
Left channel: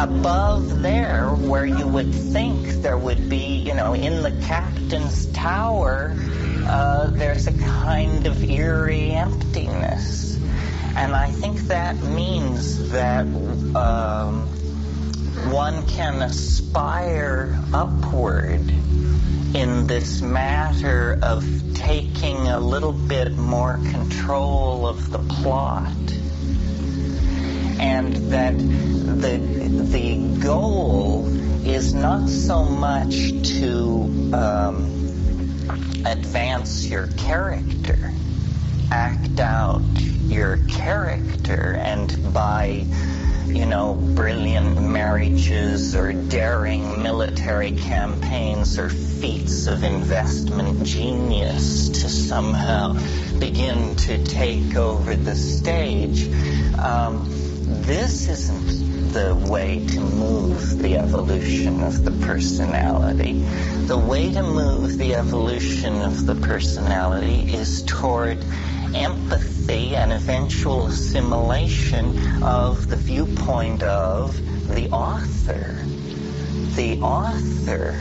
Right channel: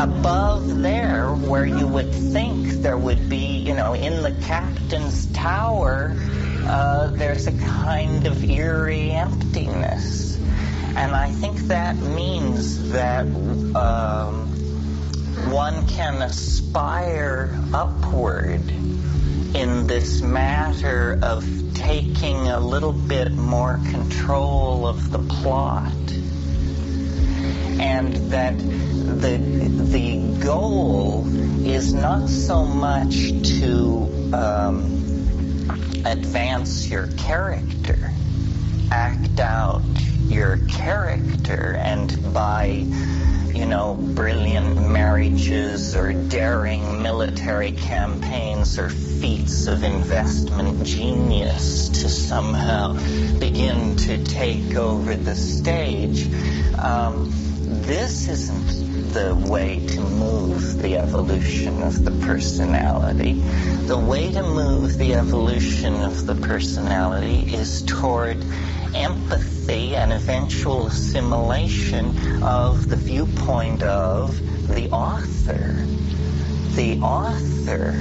Above there, where you would think there would be, in the captain's tower, there's a kind of eerie emptiness. And I think that means that one can aspire upward in this matter of taking a little bit more control of the plot. And that the goal is not so much to advance your character, act out your character, and by, brilliant marriages or daring military campaigns or feats of investment genius to somehow begin to take over the stage. This isn't the way to move the evolution of the personality. The way to move the evolution of the personality is toward empathy and eventual assimilation of the viewpoint of the author. The author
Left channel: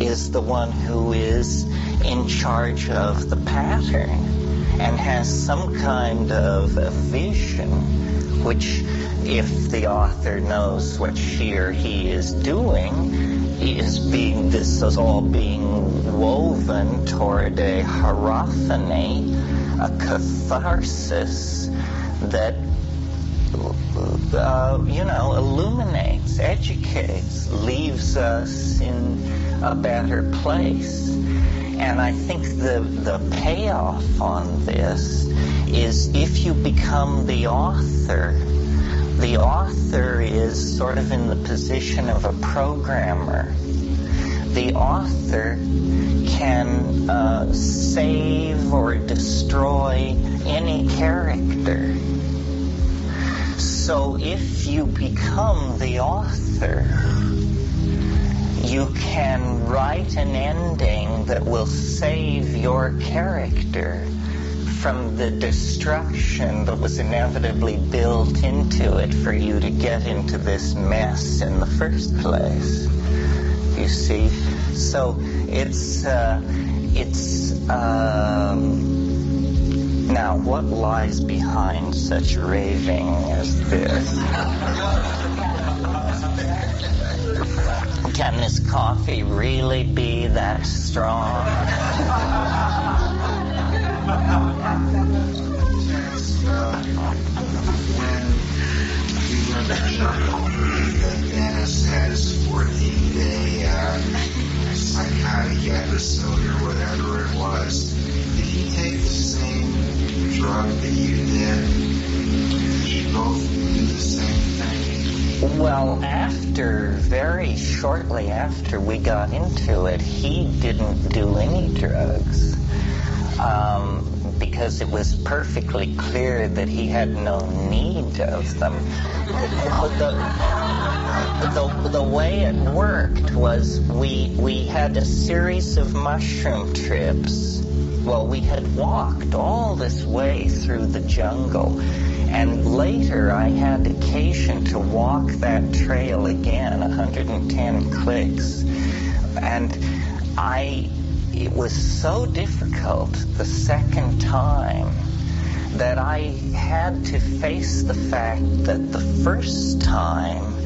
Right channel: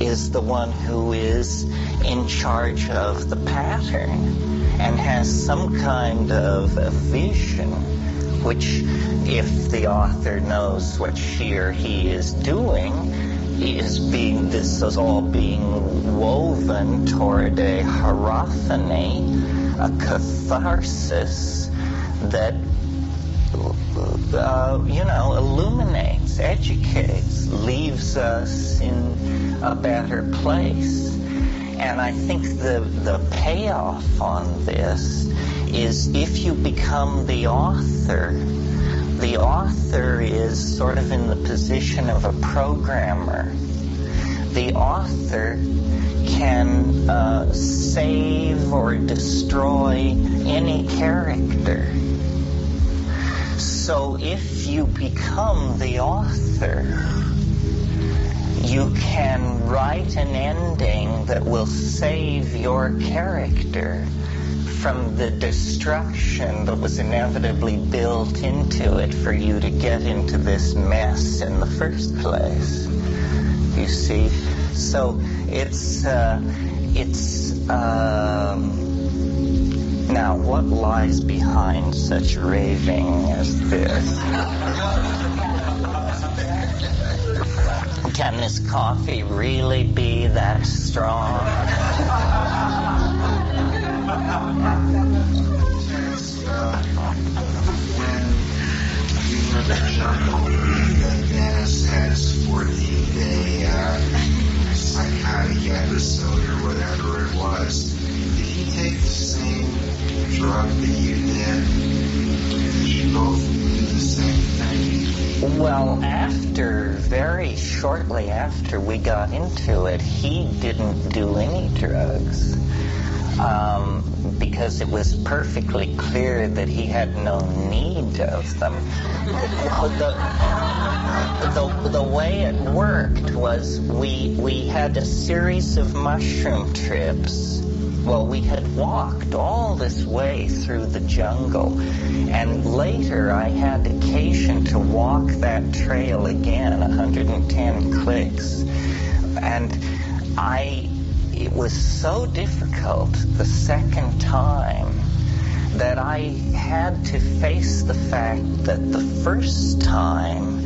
is the one who is in charge of the pattern and has some kind of a vision, which, if the author knows what she or he is doing, this is all being woven toward a hierophany, a catharsis that, illuminates, educates, leaves us in a better place. And I think the payoff on this is if you become the author is sort of in the position of a programmer. The author can save or destroy any character. So if you become the author, you can write an ending that will save your character from the destruction that was inevitably built into it for you to get into this mess in the first place. You see? So it's now what lies behind such raving as this? Can this coffee really be that strong? When you were the journal, Dennis had his 14-day psychotic episode or whatever it was, did he take the same drug that you did? Did you both do the same thing? Well, very shortly after we got into it, he didn't do any drugs. Because it was perfectly clear that he had no need of them. The way it worked was we had a series of mushroom trips well, we had walked all this way through the jungle, and later I had occasion to walk that trail again, 110 clicks, and it was so difficult the second time that I had to face the fact that the first time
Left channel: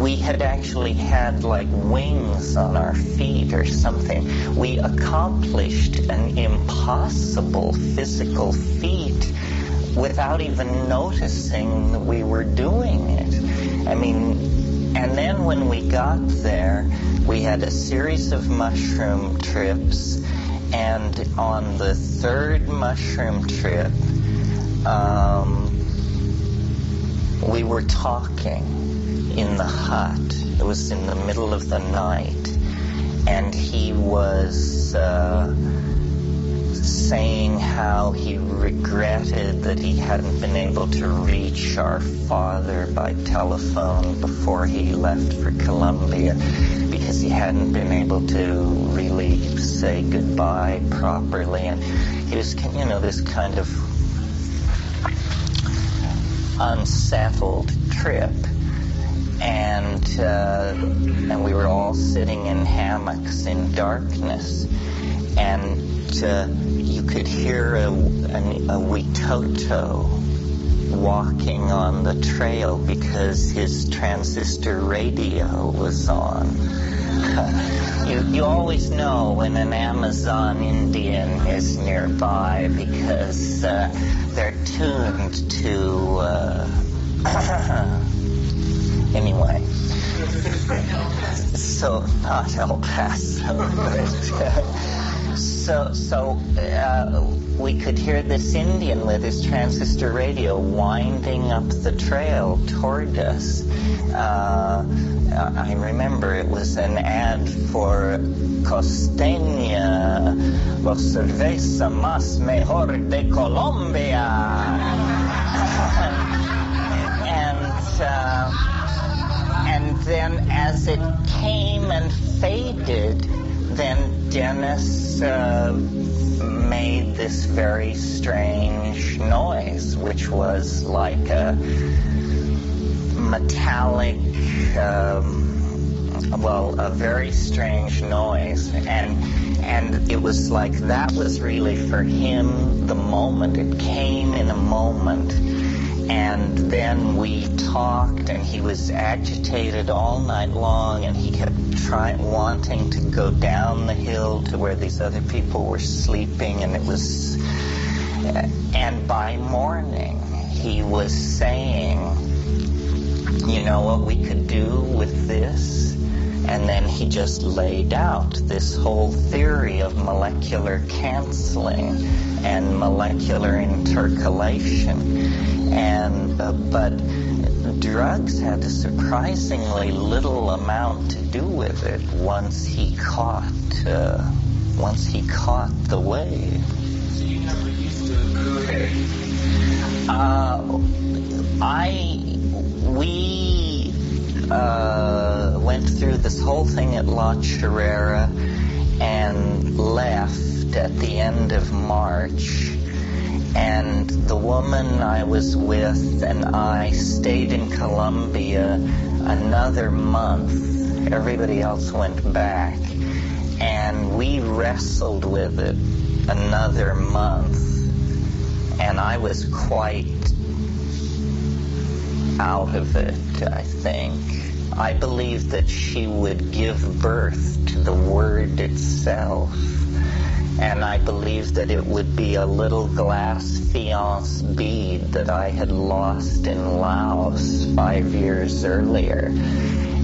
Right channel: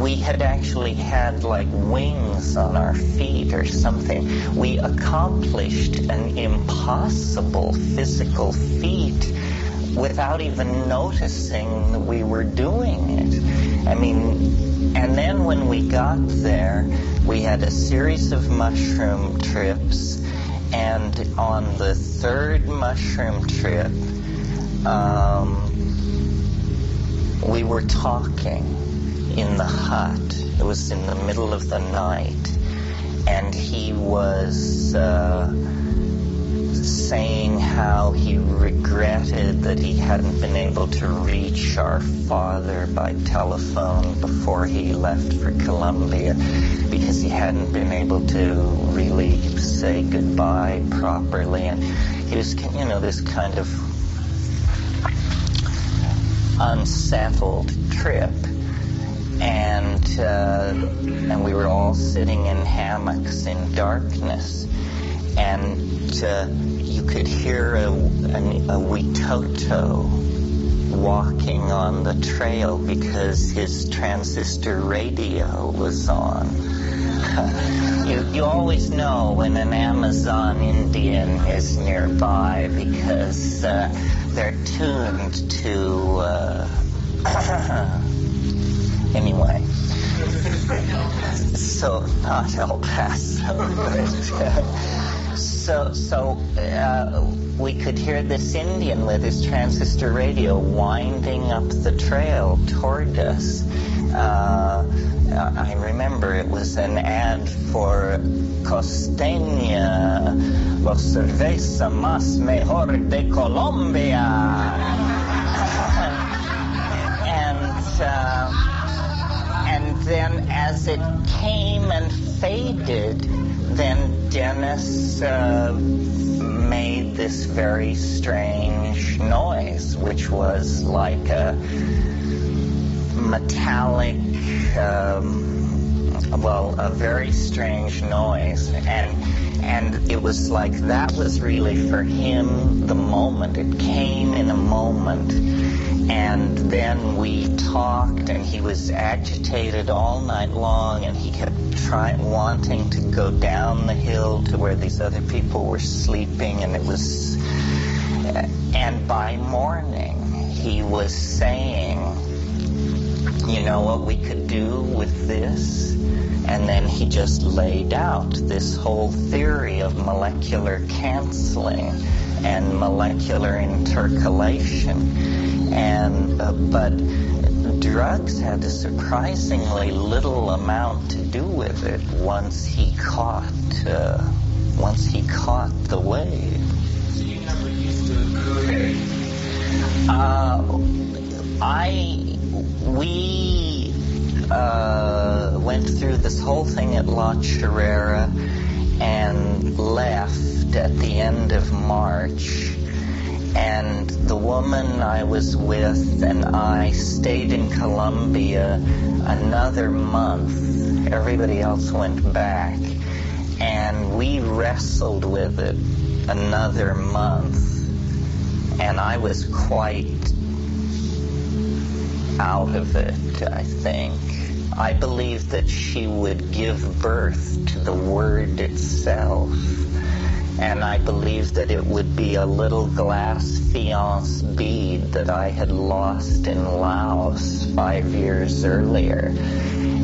we had actually had like wings on our feet or something. We accomplished an impossible physical feat without even noticing that we were doing it. I mean, and then when we got there, we had a series of mushroom trips, and on the third mushroom trip, we were talking in the hut. It was in the middle of the night, and he was saying how he regretted that he hadn't been able to reach our father by telephone before he left for Colombia, because he hadn't been able to really say goodbye properly, and he was, you know, this kind of unsettled trip. And we were all sitting in hammocks in darkness, and you could hear a Witoto walking on the trail because his transistor radio was on. You always know when an Amazon Indian is nearby because they're tuned to anyway, so not El Paso, but so we could hear this Indian with his transistor radio winding up the trail toward us. I remember it was an ad for Costeña, los cerveza más mejor de Colombia. And then as it came and faded, then Dennis made this very strange noise, which was like a metallic, a very strange noise. And it was like that was really for him the moment. It came in a moment. And then we talked, and he was agitated all night long, and he kept wanting to go down the hill to where these other people were sleeping, and and by morning he was saying, you know what we could do with this? And then he just laid out this whole theory of molecular canceling and molecular intercalation. And but drugs had a surprisingly little amount to do with it once he caught the wave. So you never used to cocaine? We went through this whole thing at La Chorrera and left at the end of March. And the woman I was with and I stayed in Colombia another month. Everybody else went back. And we wrestled with it another month. And I was quite out of it, I think. I believed that she would give birth to the word itself. And I believed that it would be a little glass faience bead that I had lost in Laos 5 years earlier.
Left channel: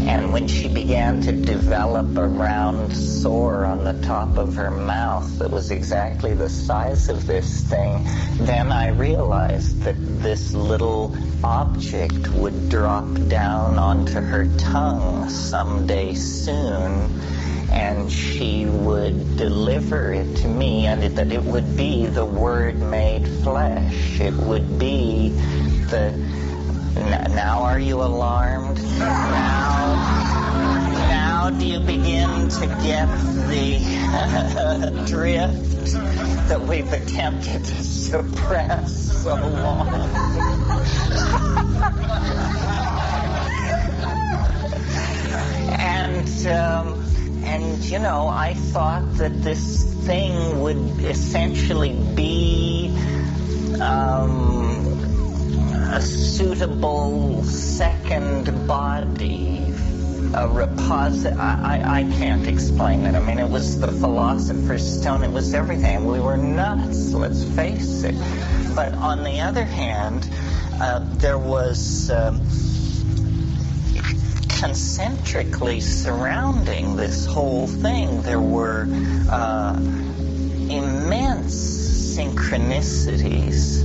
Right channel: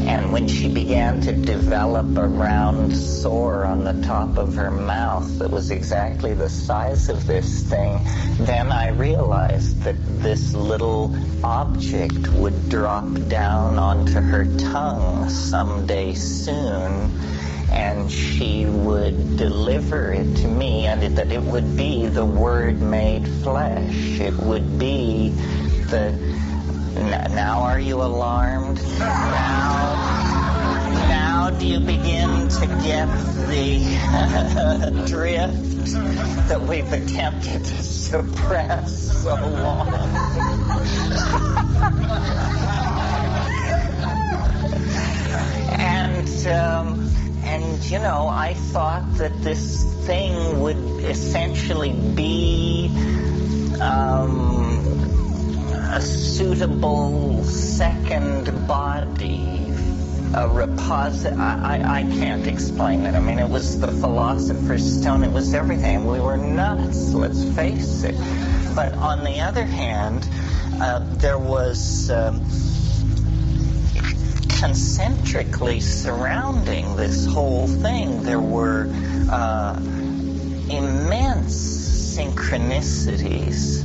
And when she began to develop a round sore on the top of her mouth that was exactly the size of this thing, then I realized that this little object would drop down onto her tongue someday soon, and she would deliver it to me, and that it would be the Word made flesh. It would be the... Now are you alarmed? Now now do you begin to get the drift that we've attempted to suppress so long? And you know, I thought that this thing would essentially be a suitable second body, a reposit. I can't explain it. I mean, it was the philosopher's stone. It was everything. We were nuts, let's face it. But on the other hand, there was concentrically surrounding this whole thing, there were immense synchronicities.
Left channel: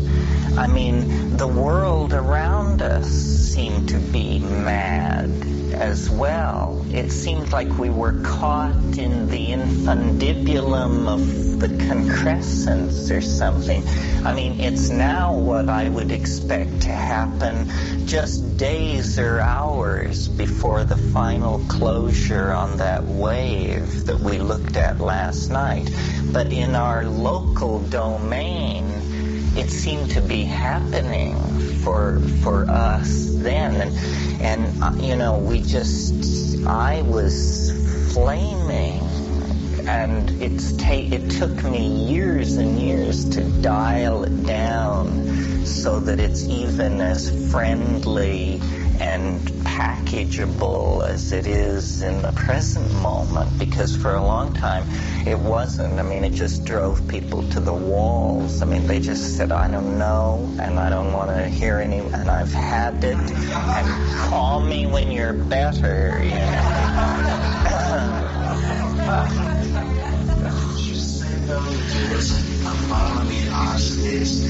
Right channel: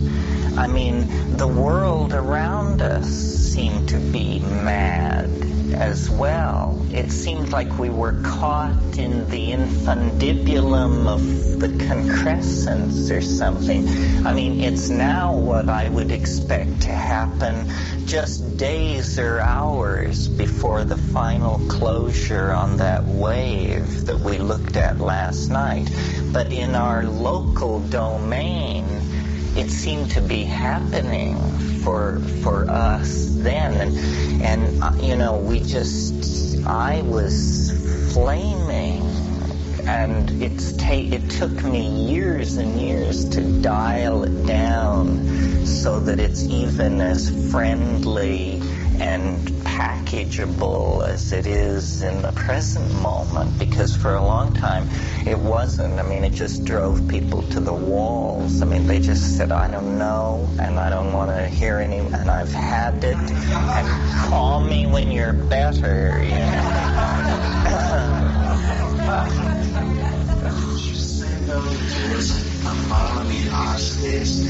I mean, the world around us seemed to be mad as well. It seemed like we were caught in the infundibulum of the concrescence or something. I mean, it's now what I would expect to happen just days or hours before the final closure on that wave that we looked at last night. But in our local domain, it seemed to be happening for us then, and you know, I was flaming, and it took me years and years to dial it down so that it's even as friendly and packageable as it is in the present moment, because for a long time it wasn't. I mean, it just drove people to the walls. I mean, they just said, I don't know, and I don't want to hear any, and I've had it, and call me when you're better, you know. Just say though that there was a following hostage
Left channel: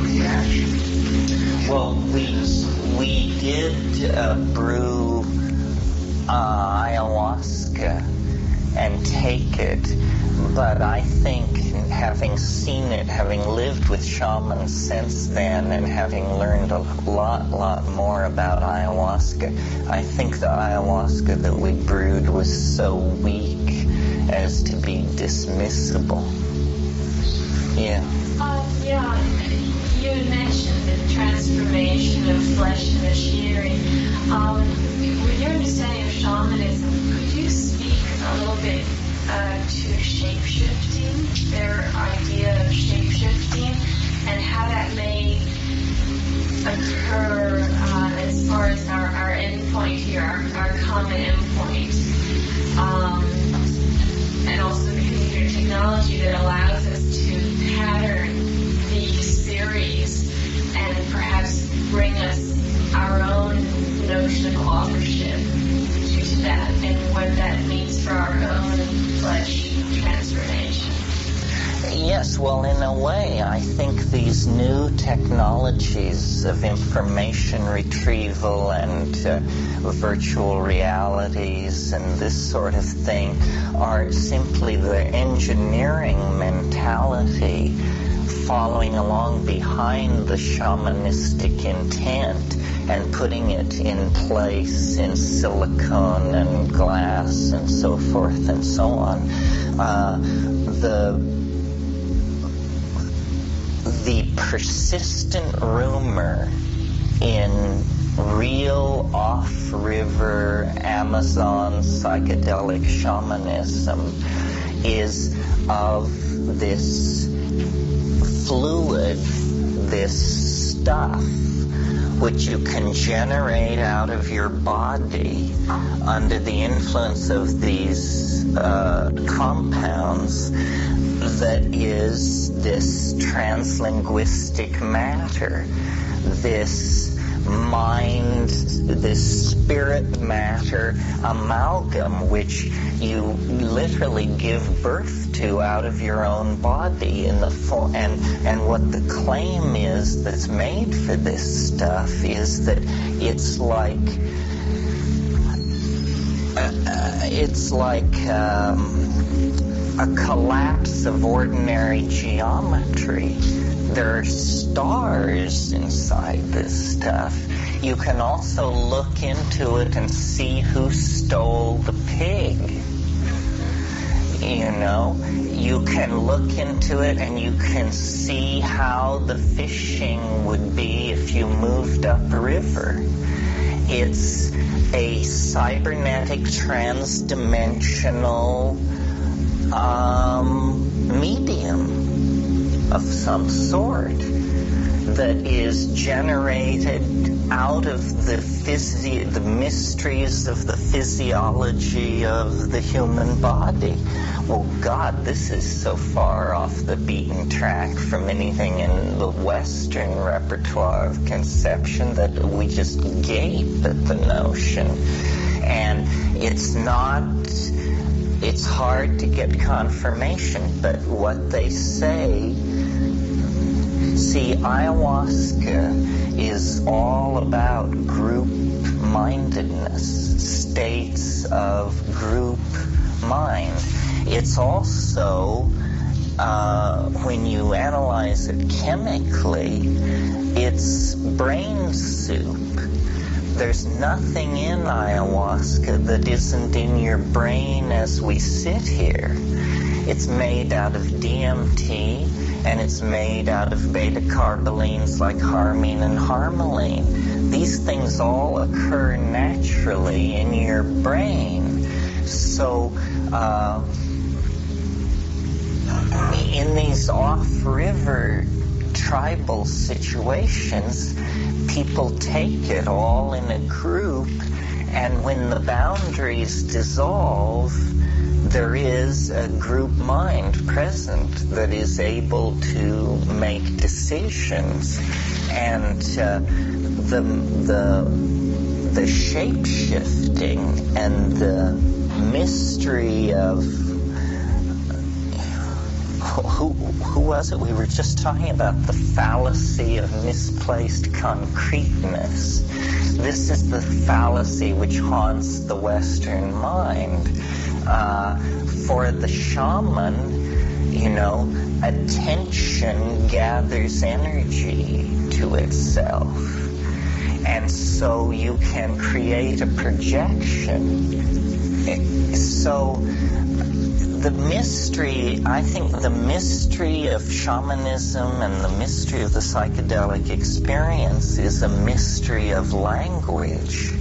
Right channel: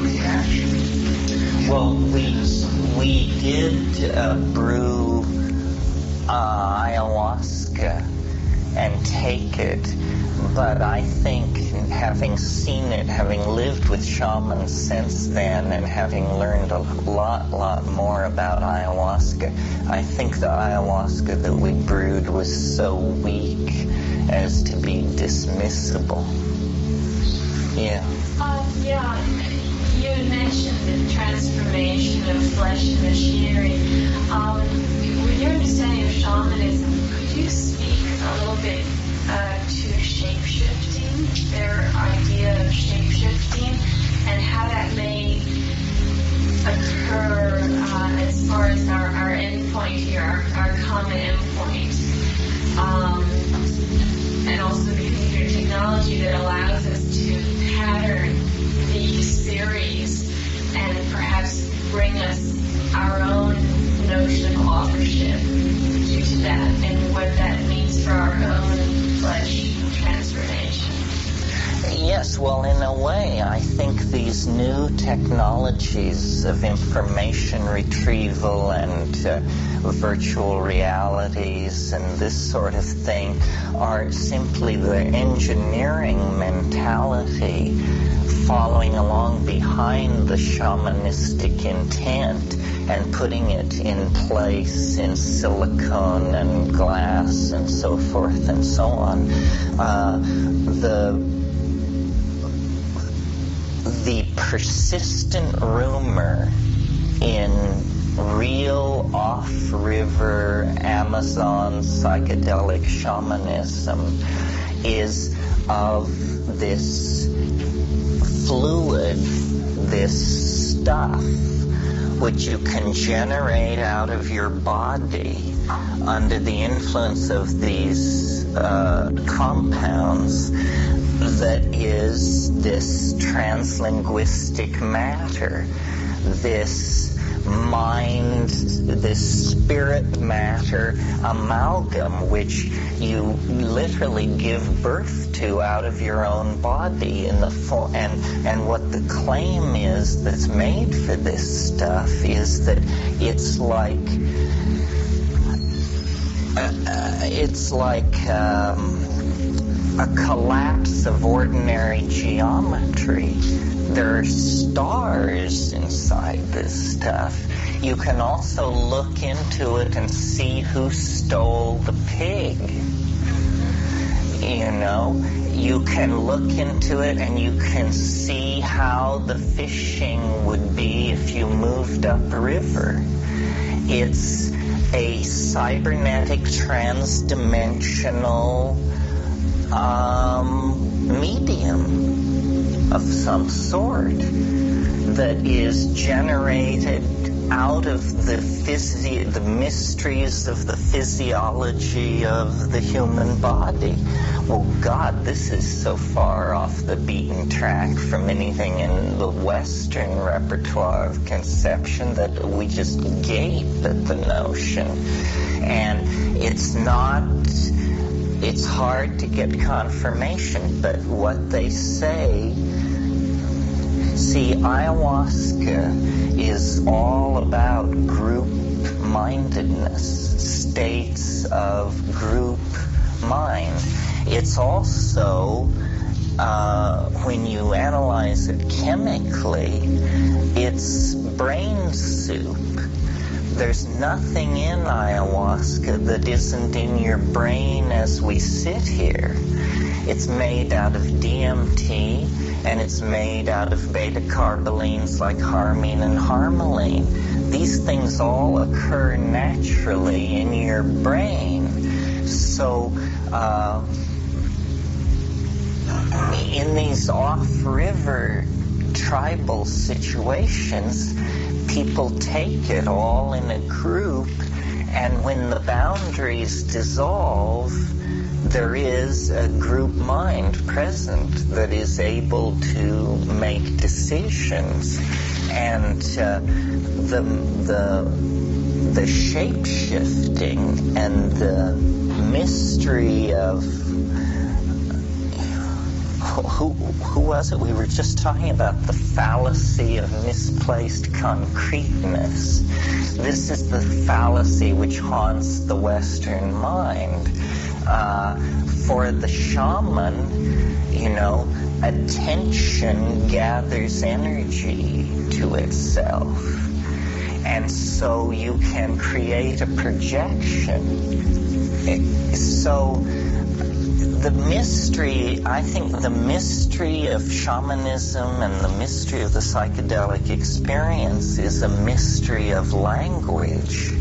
reaction. Well, we did brew ayahuasca and take it, but I think having seen it, having lived with shamans since then, and having learned a lot more about ayahuasca, I think the ayahuasca that we brewed was so weak as to be dismissible. Yeah. You mentioned the transformation of flesh and machinery. With your understanding of shamanism, could you speak a little bit to shape-shifting, their idea of shape-shifting, and how that may occur as far as our endpoint here, our common endpoint, and also the computer technology that allows us to pattern these theories and perhaps bring us our own notion of authorship due to that, and what that means for our own flesh transformation. Yes, well, in a way, I think these new technologies of information retrieval and virtual realities and this sort of thing are simply the engineering mentality following along behind the shamanistic intent and putting it in place in silicone and glass and so forth and so on. The persistent rumor in real off-river Amazon psychedelic shamanism is of this fluid, this stuff, which you can generate out of your body under the influence of these compounds, that is this translinguistic matter, this mind, this spirit matter amalgam, which you literally give birth to out of your own body in the form. And what the claim is that's made for this stuff is that it's like a collapse of ordinary geometry. There are stars inside this stuff. You can also look into it and see who stole the pig. You know, you can look into it and you can see how the fishing would be if you moved upriver. It's a cybernetic transdimensional medium of some sort that is generated out of the mysteries of the physiology of the human body. Well, God, this is so far off the beaten track from anything in the Western repertoire of conception that we just gape at the notion. And it's hard to get confirmation, but what they say, see, ayahuasca is all about group-mindedness, states of group mind. It's also, when you analyze it chemically, it's brain soup. There's nothing in ayahuasca that isn't in your brain as we sit here. It's made out of DMT, and it's made out of beta-carbolines like harmine and harmaline. These things all occur naturally in your brain. So, in these off-river tribal situations, people take it all in a group, and when the boundaries dissolve, there is a group mind present that is able to make decisions. And the shape-shifting and the mystery of who was it? We were just talking about the fallacy of misplaced concreteness. This is the fallacy which haunts the Western mind. For the shaman, you know, attention gathers energy to itself. And so you can create a projection. So the mystery, I think the mystery of shamanism and the mystery of the psychedelic experience is a mystery of language.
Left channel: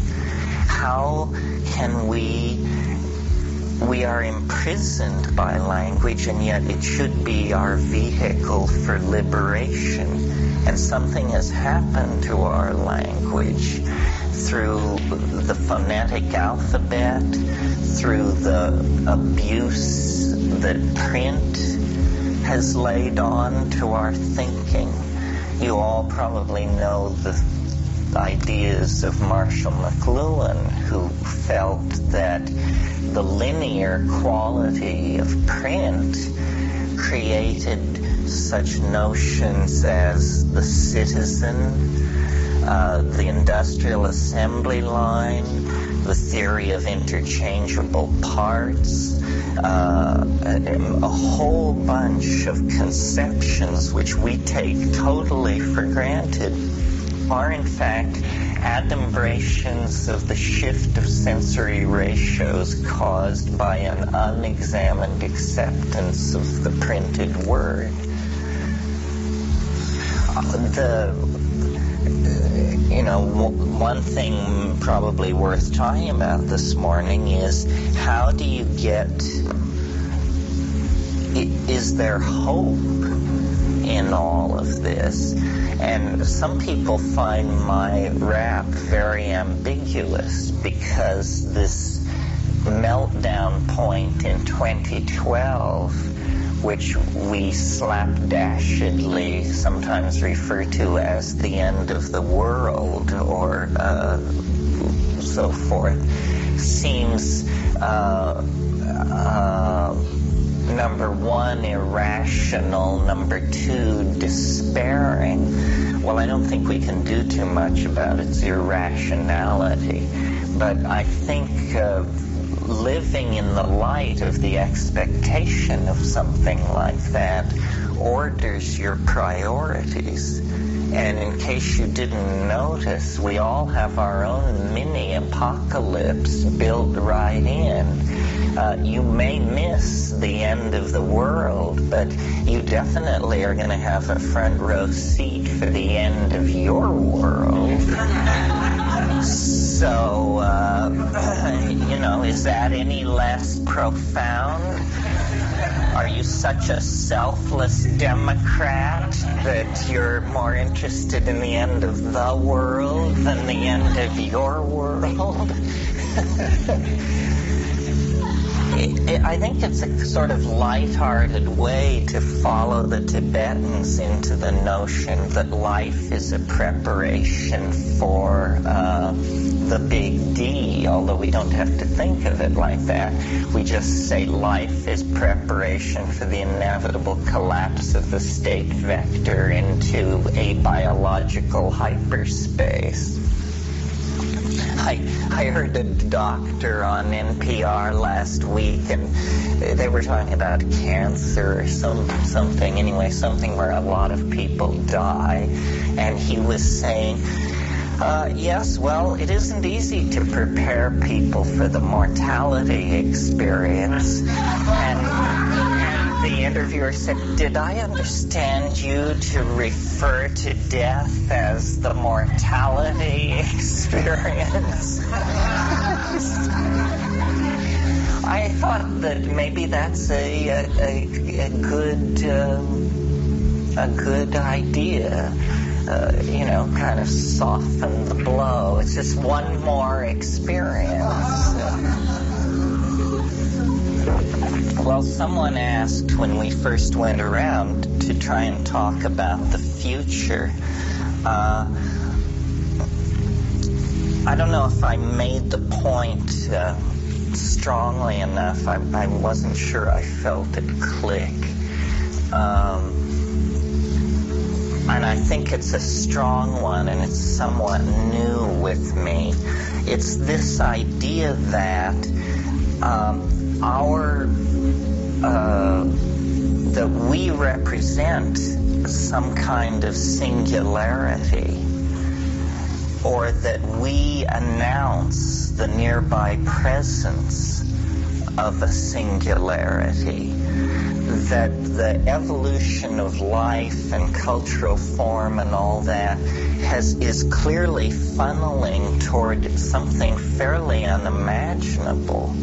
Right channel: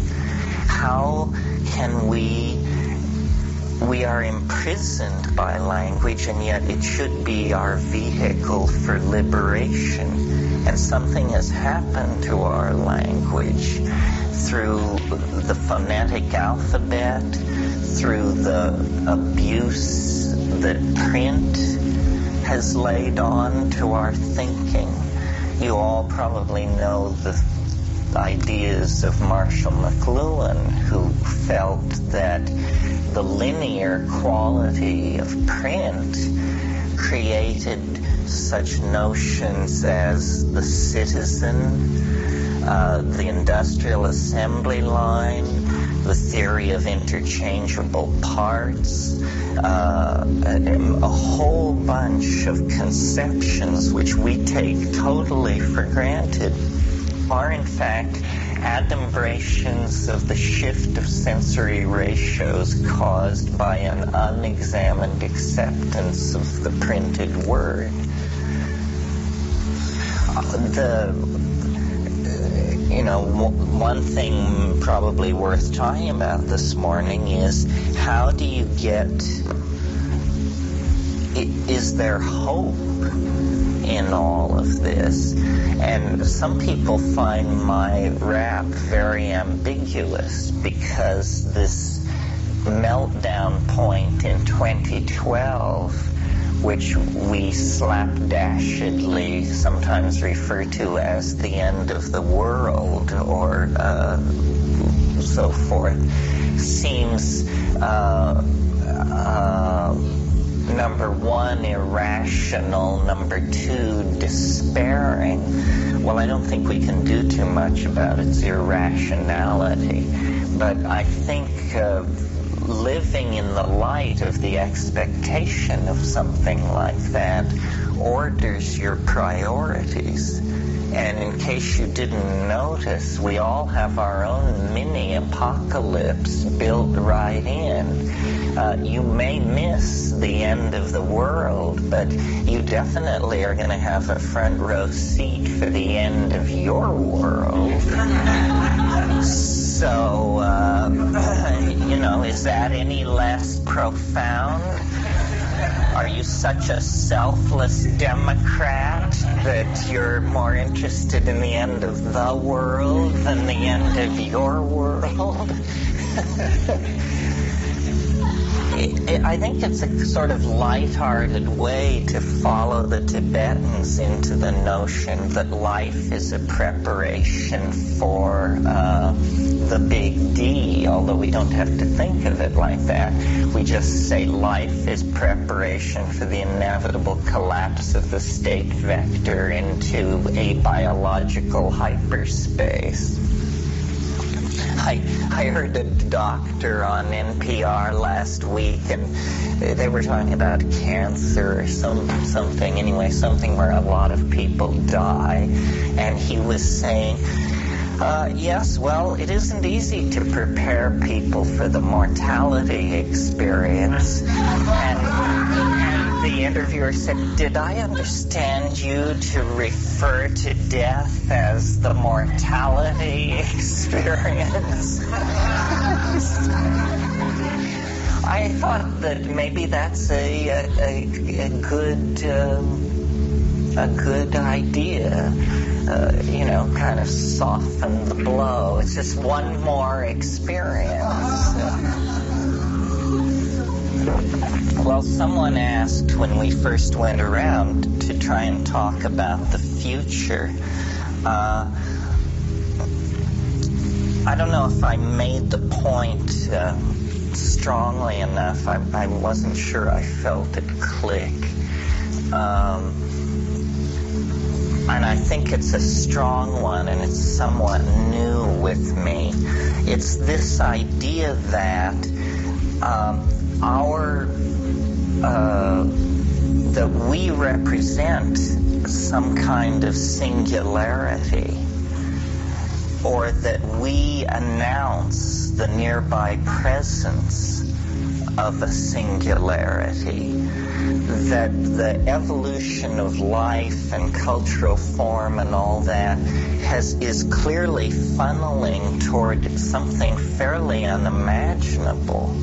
How can we are imprisoned by language, and yet it should be our vehicle for liberation. And something has happened to our language through the phonetic alphabet, through the abuse that print has laid on to our thinking. You all probably know the ideas of Marshall McLuhan, who felt that the linear quality of print created such notions as the citizen, the industrial assembly line, the theory of interchangeable parts, a whole bunch of conceptions which we take totally for granted are in fact adumbrations of the shift of sensory ratios caused by an unexamined acceptance of the printed word. One thing probably worth talking about this morning is how do you is there hope in all of this? And some people find my rap very ambiguous because this meltdown point in 2012, which we slapdashedly sometimes refer to as the end of the world or so forth, seems number one, irrational, number two, despairing. Well, I don't think we can do too much about its irrationality, but I think living in the light of the expectation of something like that orders your priorities. And in case you didn't notice, we all have our own mini apocalypse built right in. You may miss the end of the world, but you definitely are going to have a front row seat for the end of your world. So, is that any less profound? Are you such a selfless Democrat that you're more interested in the end of the world than the end of your world? I think it's a sort of lighthearted way to follow the Tibetans into the notion that life is a preparation for the big D, although we don't have to think of it like that. We just say life is preparation for the inevitable collapse of the state vector into a biological hyperspace. I heard a doctor on NPR last week, and they were talking about cancer or something. Anyway, something where a lot of people die. And he was saying, yes, well, it isn't easy to prepare people for the mortality experience. And the interviewer said, did I understand you to refer to death as the mortality experience? I thought that maybe that's a good idea. Kind of soften the blow. It's just one more experience. Well, someone asked when we first went around to try and talk about the future. I don't know if I made the point strongly enough. I wasn't sure I felt it click. And I think it's a strong one, and it's somewhat new with me. It's this idea that that we represent some kind of singularity, or that we announce the nearby presence of a singularity, that the evolution of life and cultural form and all that is clearly funneling toward something fairly unimaginable.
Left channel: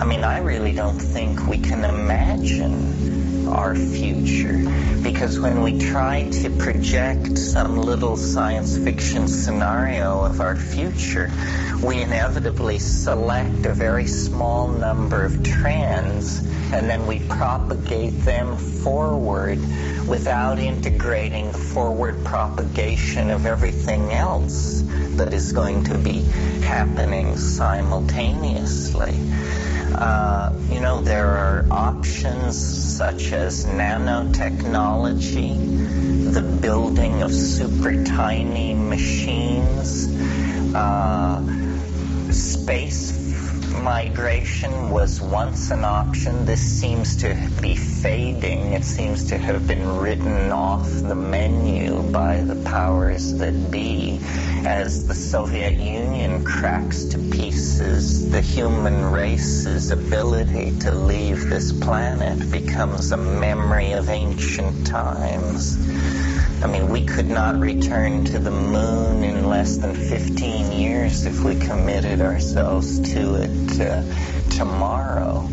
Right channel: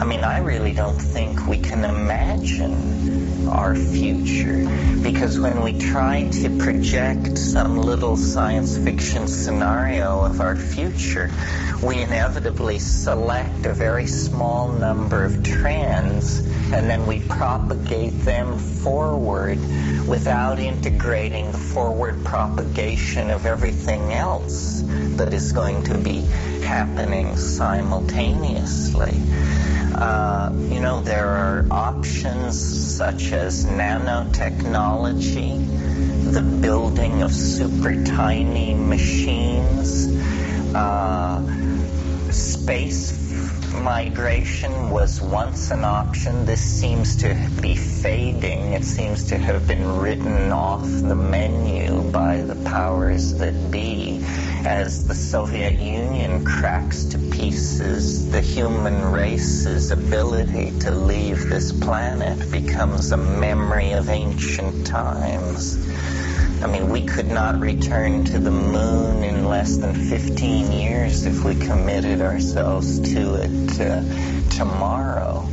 I mean, I really don't think we can imagine our future, because when we try to project some little science fiction scenario of our future, we inevitably select a very small number of trends, and then we propagate them forward without integrating the forward propagation of everything else that is going to be happening simultaneously. There are options such as nanotechnology, the building of super tiny machines, space migration was once an option. This seems to be fading. It seems to have been written off the menu by the powers that be as the Soviet Union cracks to pieces. The human race's ability to leave this planet becomes a memory of ancient times. I mean, we could not return to the moon in less than 15 years if we committed ourselves to it tomorrow.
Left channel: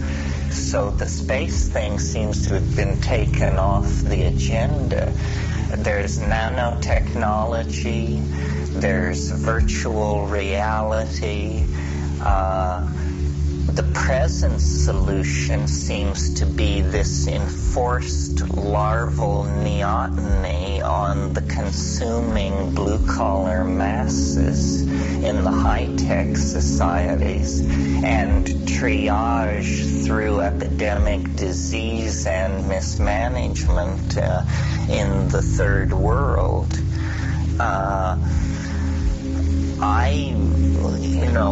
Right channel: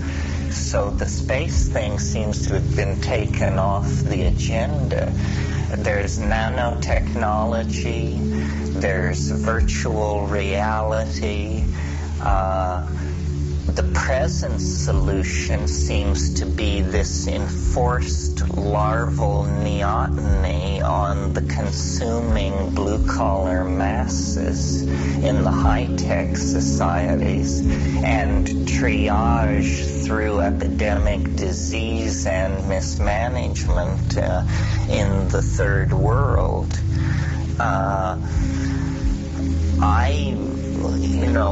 So the space thing seems to have been taken off the agenda. There's nanotechnology, there's virtual reality. The present solution seems to be this enforced larval neoteny on the consuming blue-collar masses in the high-tech societies, and triage through epidemic disease and mismanagement in the third world.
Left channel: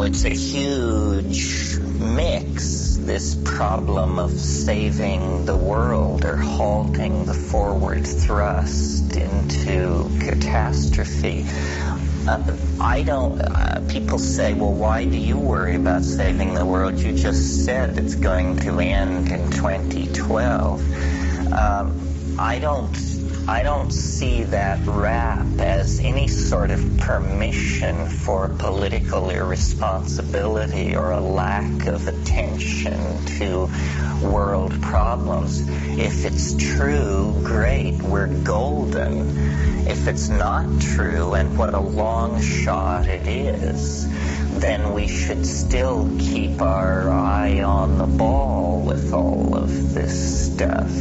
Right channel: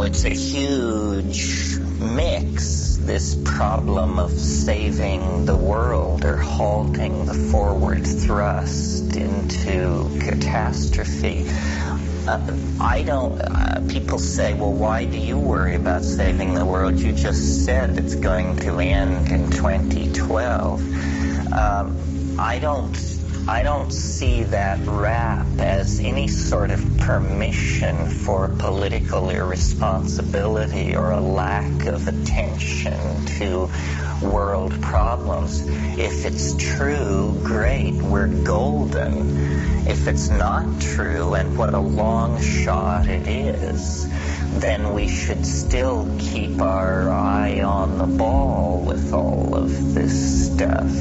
It's a huge mix this problem of saving the world or halting the forward thrust into catastrophe. People say, well, why do you worry about saving the world? You just said it's going to end in 2012. I don't see that rap as any sort of permission for political irresponsibility or a lack of attention to world problems. If it's true, great, we're golden. If it's not true, and what a long shot it is, then we should still keep our eye on the ball with all of this stuff.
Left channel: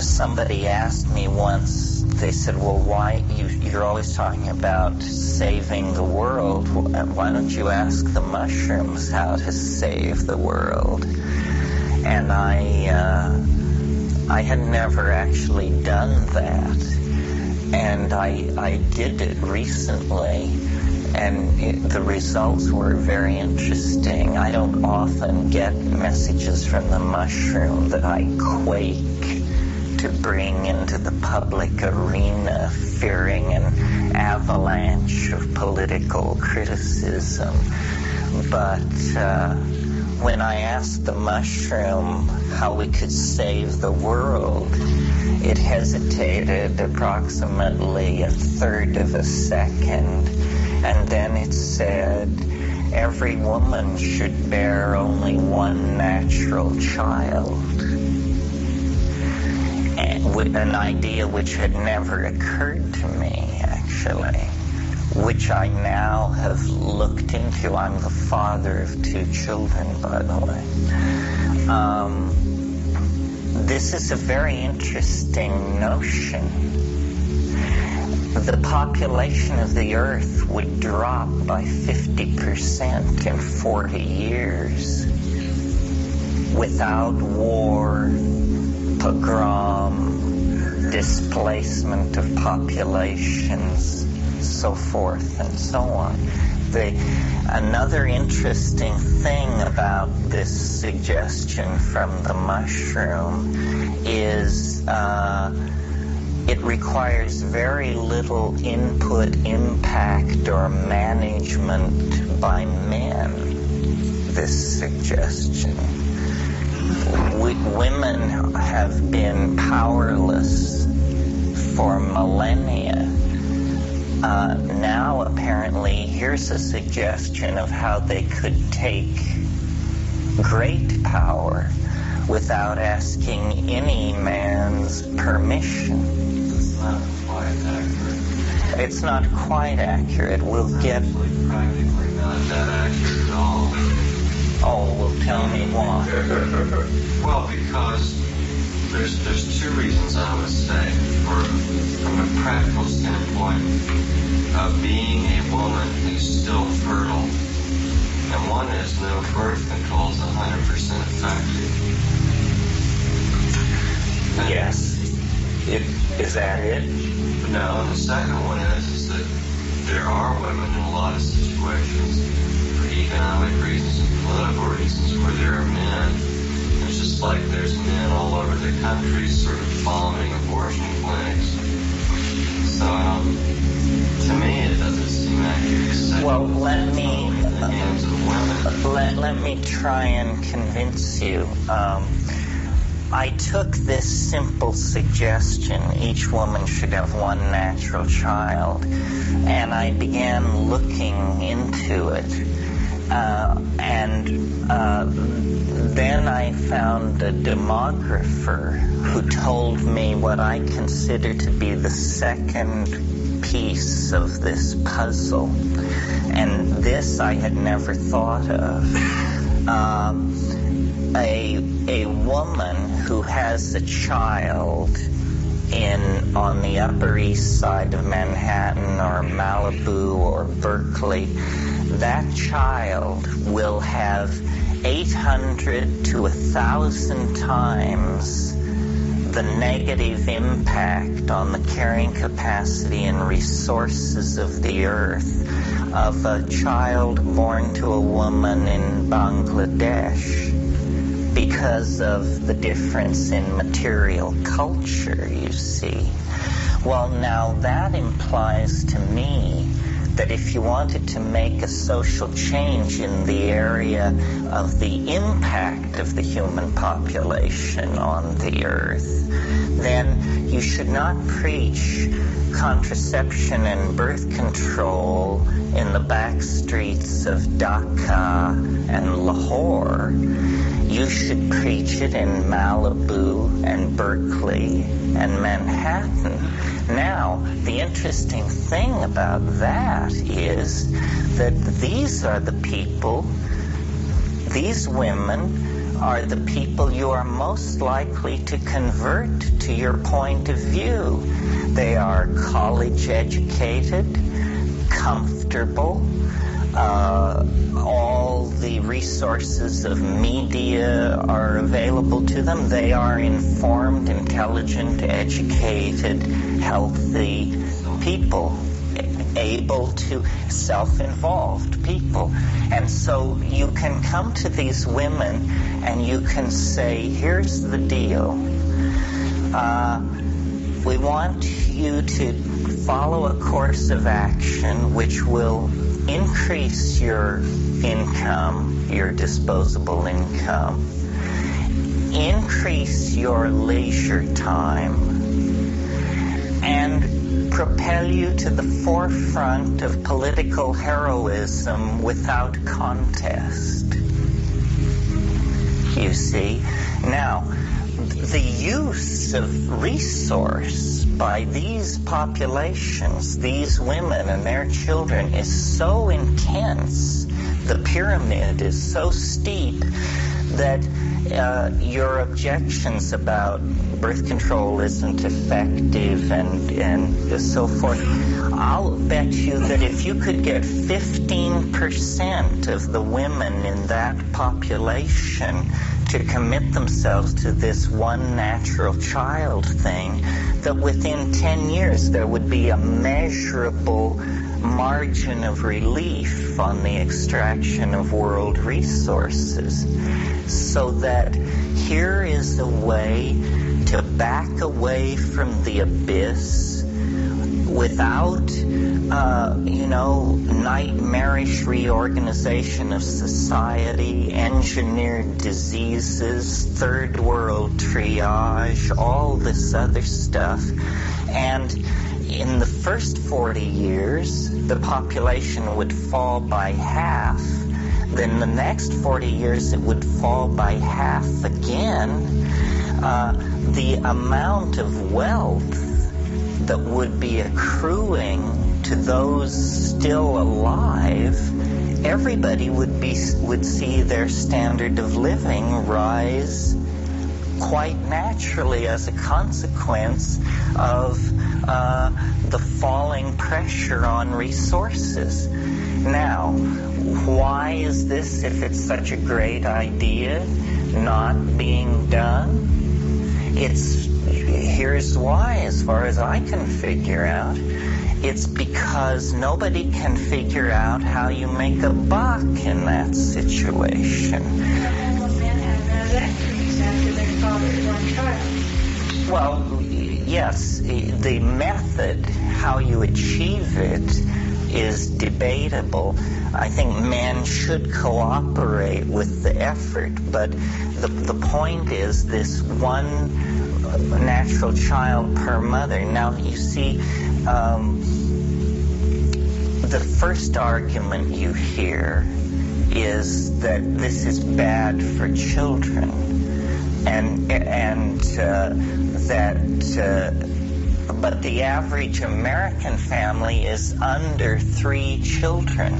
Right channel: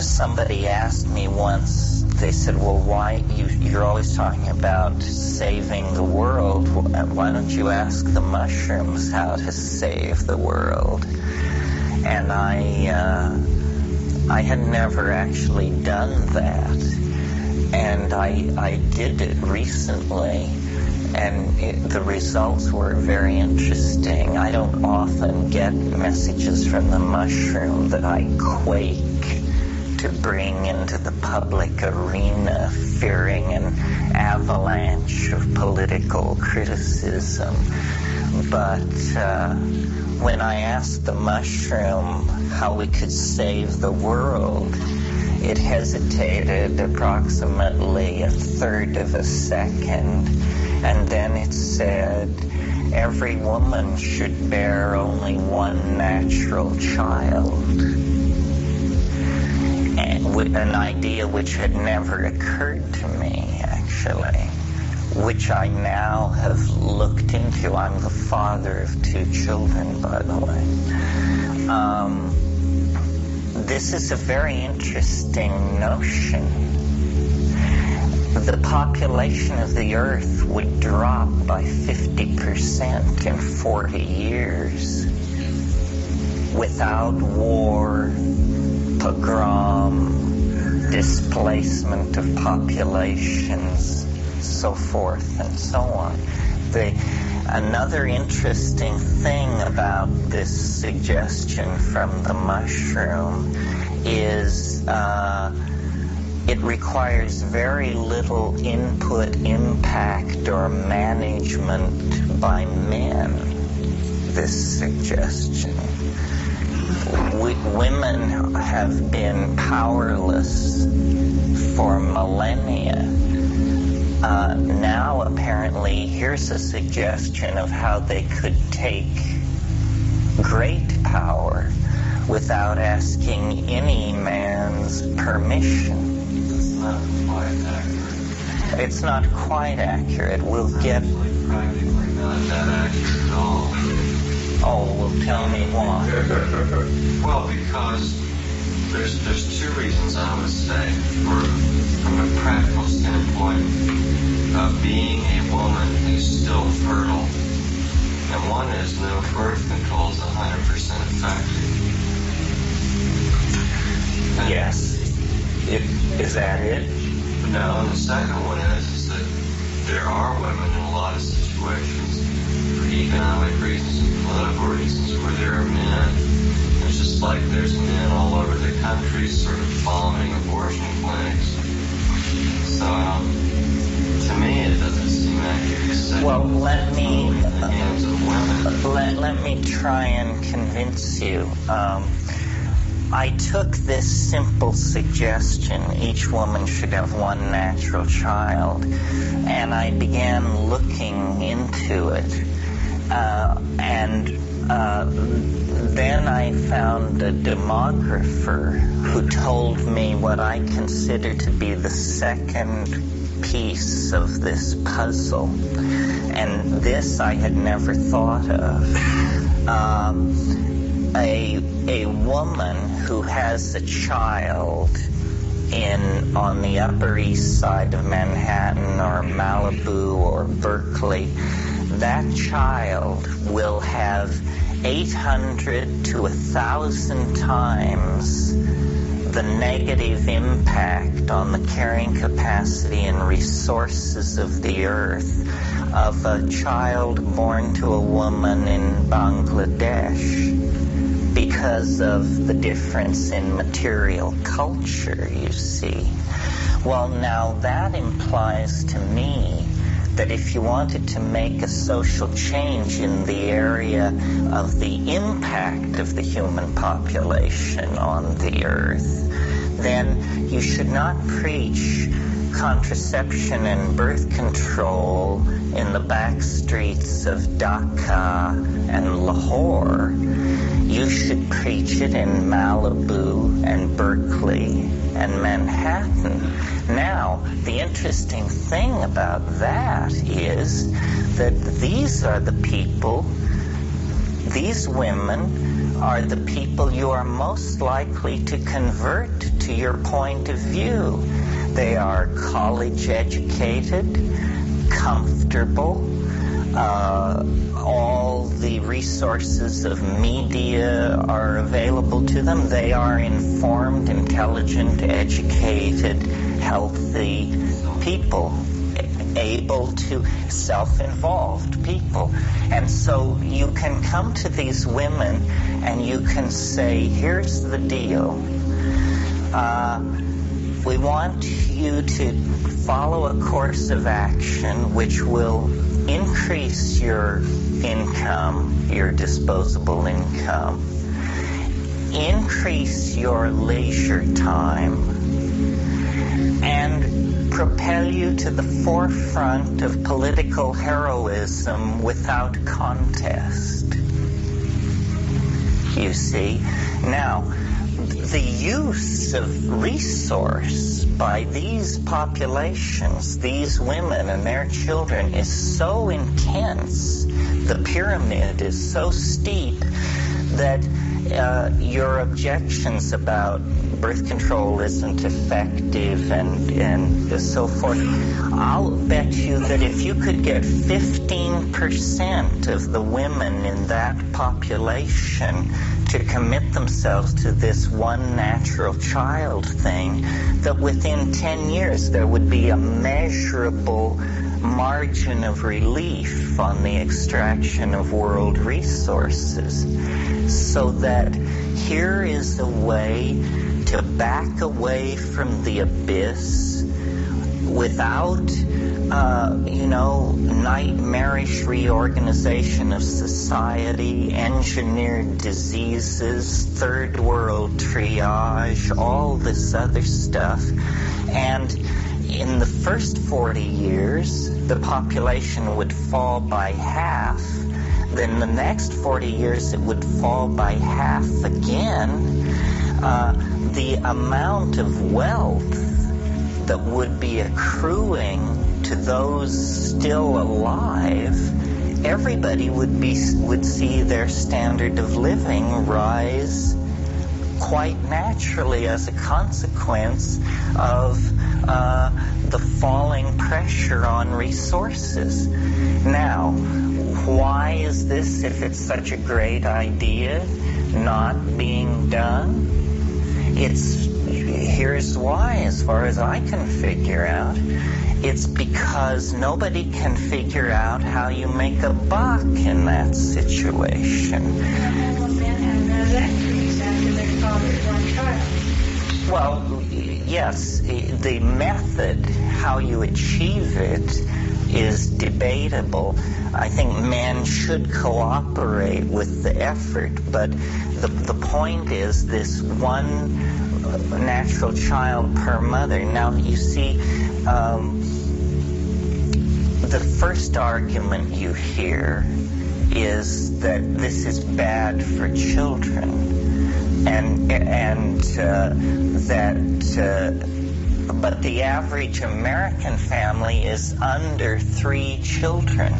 Somebody asked me once, they said, well, why, you're always talking about saving the world. Why don't you ask the mushrooms how to save the world? And I had never actually done that. And I did it recently, and the results were very interesting. I don't often get messages from the mushroom that I quake to bring into the public arena, fearing an avalanche of political criticism. But when I asked the mushroom how we could save the world, it hesitated approximately a third of a second, and then it said, every woman should bear only one natural child. An idea which had never occurred to me, actually, which I now have looked into. I'm the father of 2 children, by the way. This is a very interesting notion. The population of the Earth would drop by 50% in 40 years without war, pogrom, displacement of populations, so forth and so on. Another interesting thing about this suggestion from the mushroom is it requires very little input, impact, or management by men, this suggestion. Women have been powerless for millennia. Now, apparently, here's a suggestion of how they could take great power without asking any man's permission. It's not quite accurate. It's not quite accurate. We'll get... Practically not that accurate at all. Oh, well, tell me why. Well, because there's 2 reasons I would say. From a practical standpoint, being a woman who's still fertile, and one is no birth control is 100% effective. And Yes. Is that it? No, and the second one is that there are women in a lot of situations, for economic reasons and political reasons, where there are men. It's just like there's men all over the country sort of bombing abortion clinics. So, to me, it doesn't seem accurate. Well, let me... in the hands of women. Let me try and convince you. I took this simple suggestion, each woman should have one natural child, and I began looking into it. Then I found a demographer who told me what I consider to be the second piece of this puzzle. And this I had never thought of. A woman who has a child on the Upper East Side of Manhattan or Malibu or Berkeley, that child will have 800 to 1,000 times the negative impact on the carrying capacity and resources of the earth of a child born to a woman in Bangladesh because of the difference in material culture, you see. Well, now that implies to me that if you wanted to make a social change in the area of the impact of the human population on the earth, then you should not preach contraception and birth control in the back streets of Dhaka and Lahore. You should preach it in Malibu and Berkeley and Manhattan. Now, the interesting thing about that is that these are the people, these women are the people you are most likely to convert to your point of view. They are college educated, comfortable, all the resources of media are available to them. They are informed, intelligent, educated, healthy people, able to self-involved people. And so you can come to these women and you can say, here's the deal. We want you to follow a course of action which will increase your income, your disposable income, increase your leisure time, and propel you to the forefront of political heroism without contest. You see? Now, the use of resource by these populations, these women and their children, is so intense, the pyramid is so steep, that your objections about birth control isn't effective and so forth, I'll bet you that if you could get 15% of the women in that population to commit themselves to this one natural child thing, that within 10 years there would be a measurable margin of relief on the extraction of world resources. So that here is a way to back away from the abyss without, nightmarish reorganization of society, engineered diseases, third world triage, all this other stuff. And in the first 40 years, the population would fall by half. Then the next 40 years, it would fall by half again. The amount of wealth that would be accruing to those still alive, everybody would see their standard of living rise quite naturally as a consequence of the falling pressure on resources. Now, why is this, if it's such a great idea, not being done? Here's why, as far as I can figure out. It's because nobody can figure out how you make a buck in that situation. Well, yes, the method, how you achieve it, is debatable. I think men should cooperate with the effort, but the point is this one natural child per mother. Now, you see, the first argument you hear is that this is bad for children, but the average American family is under 3 children.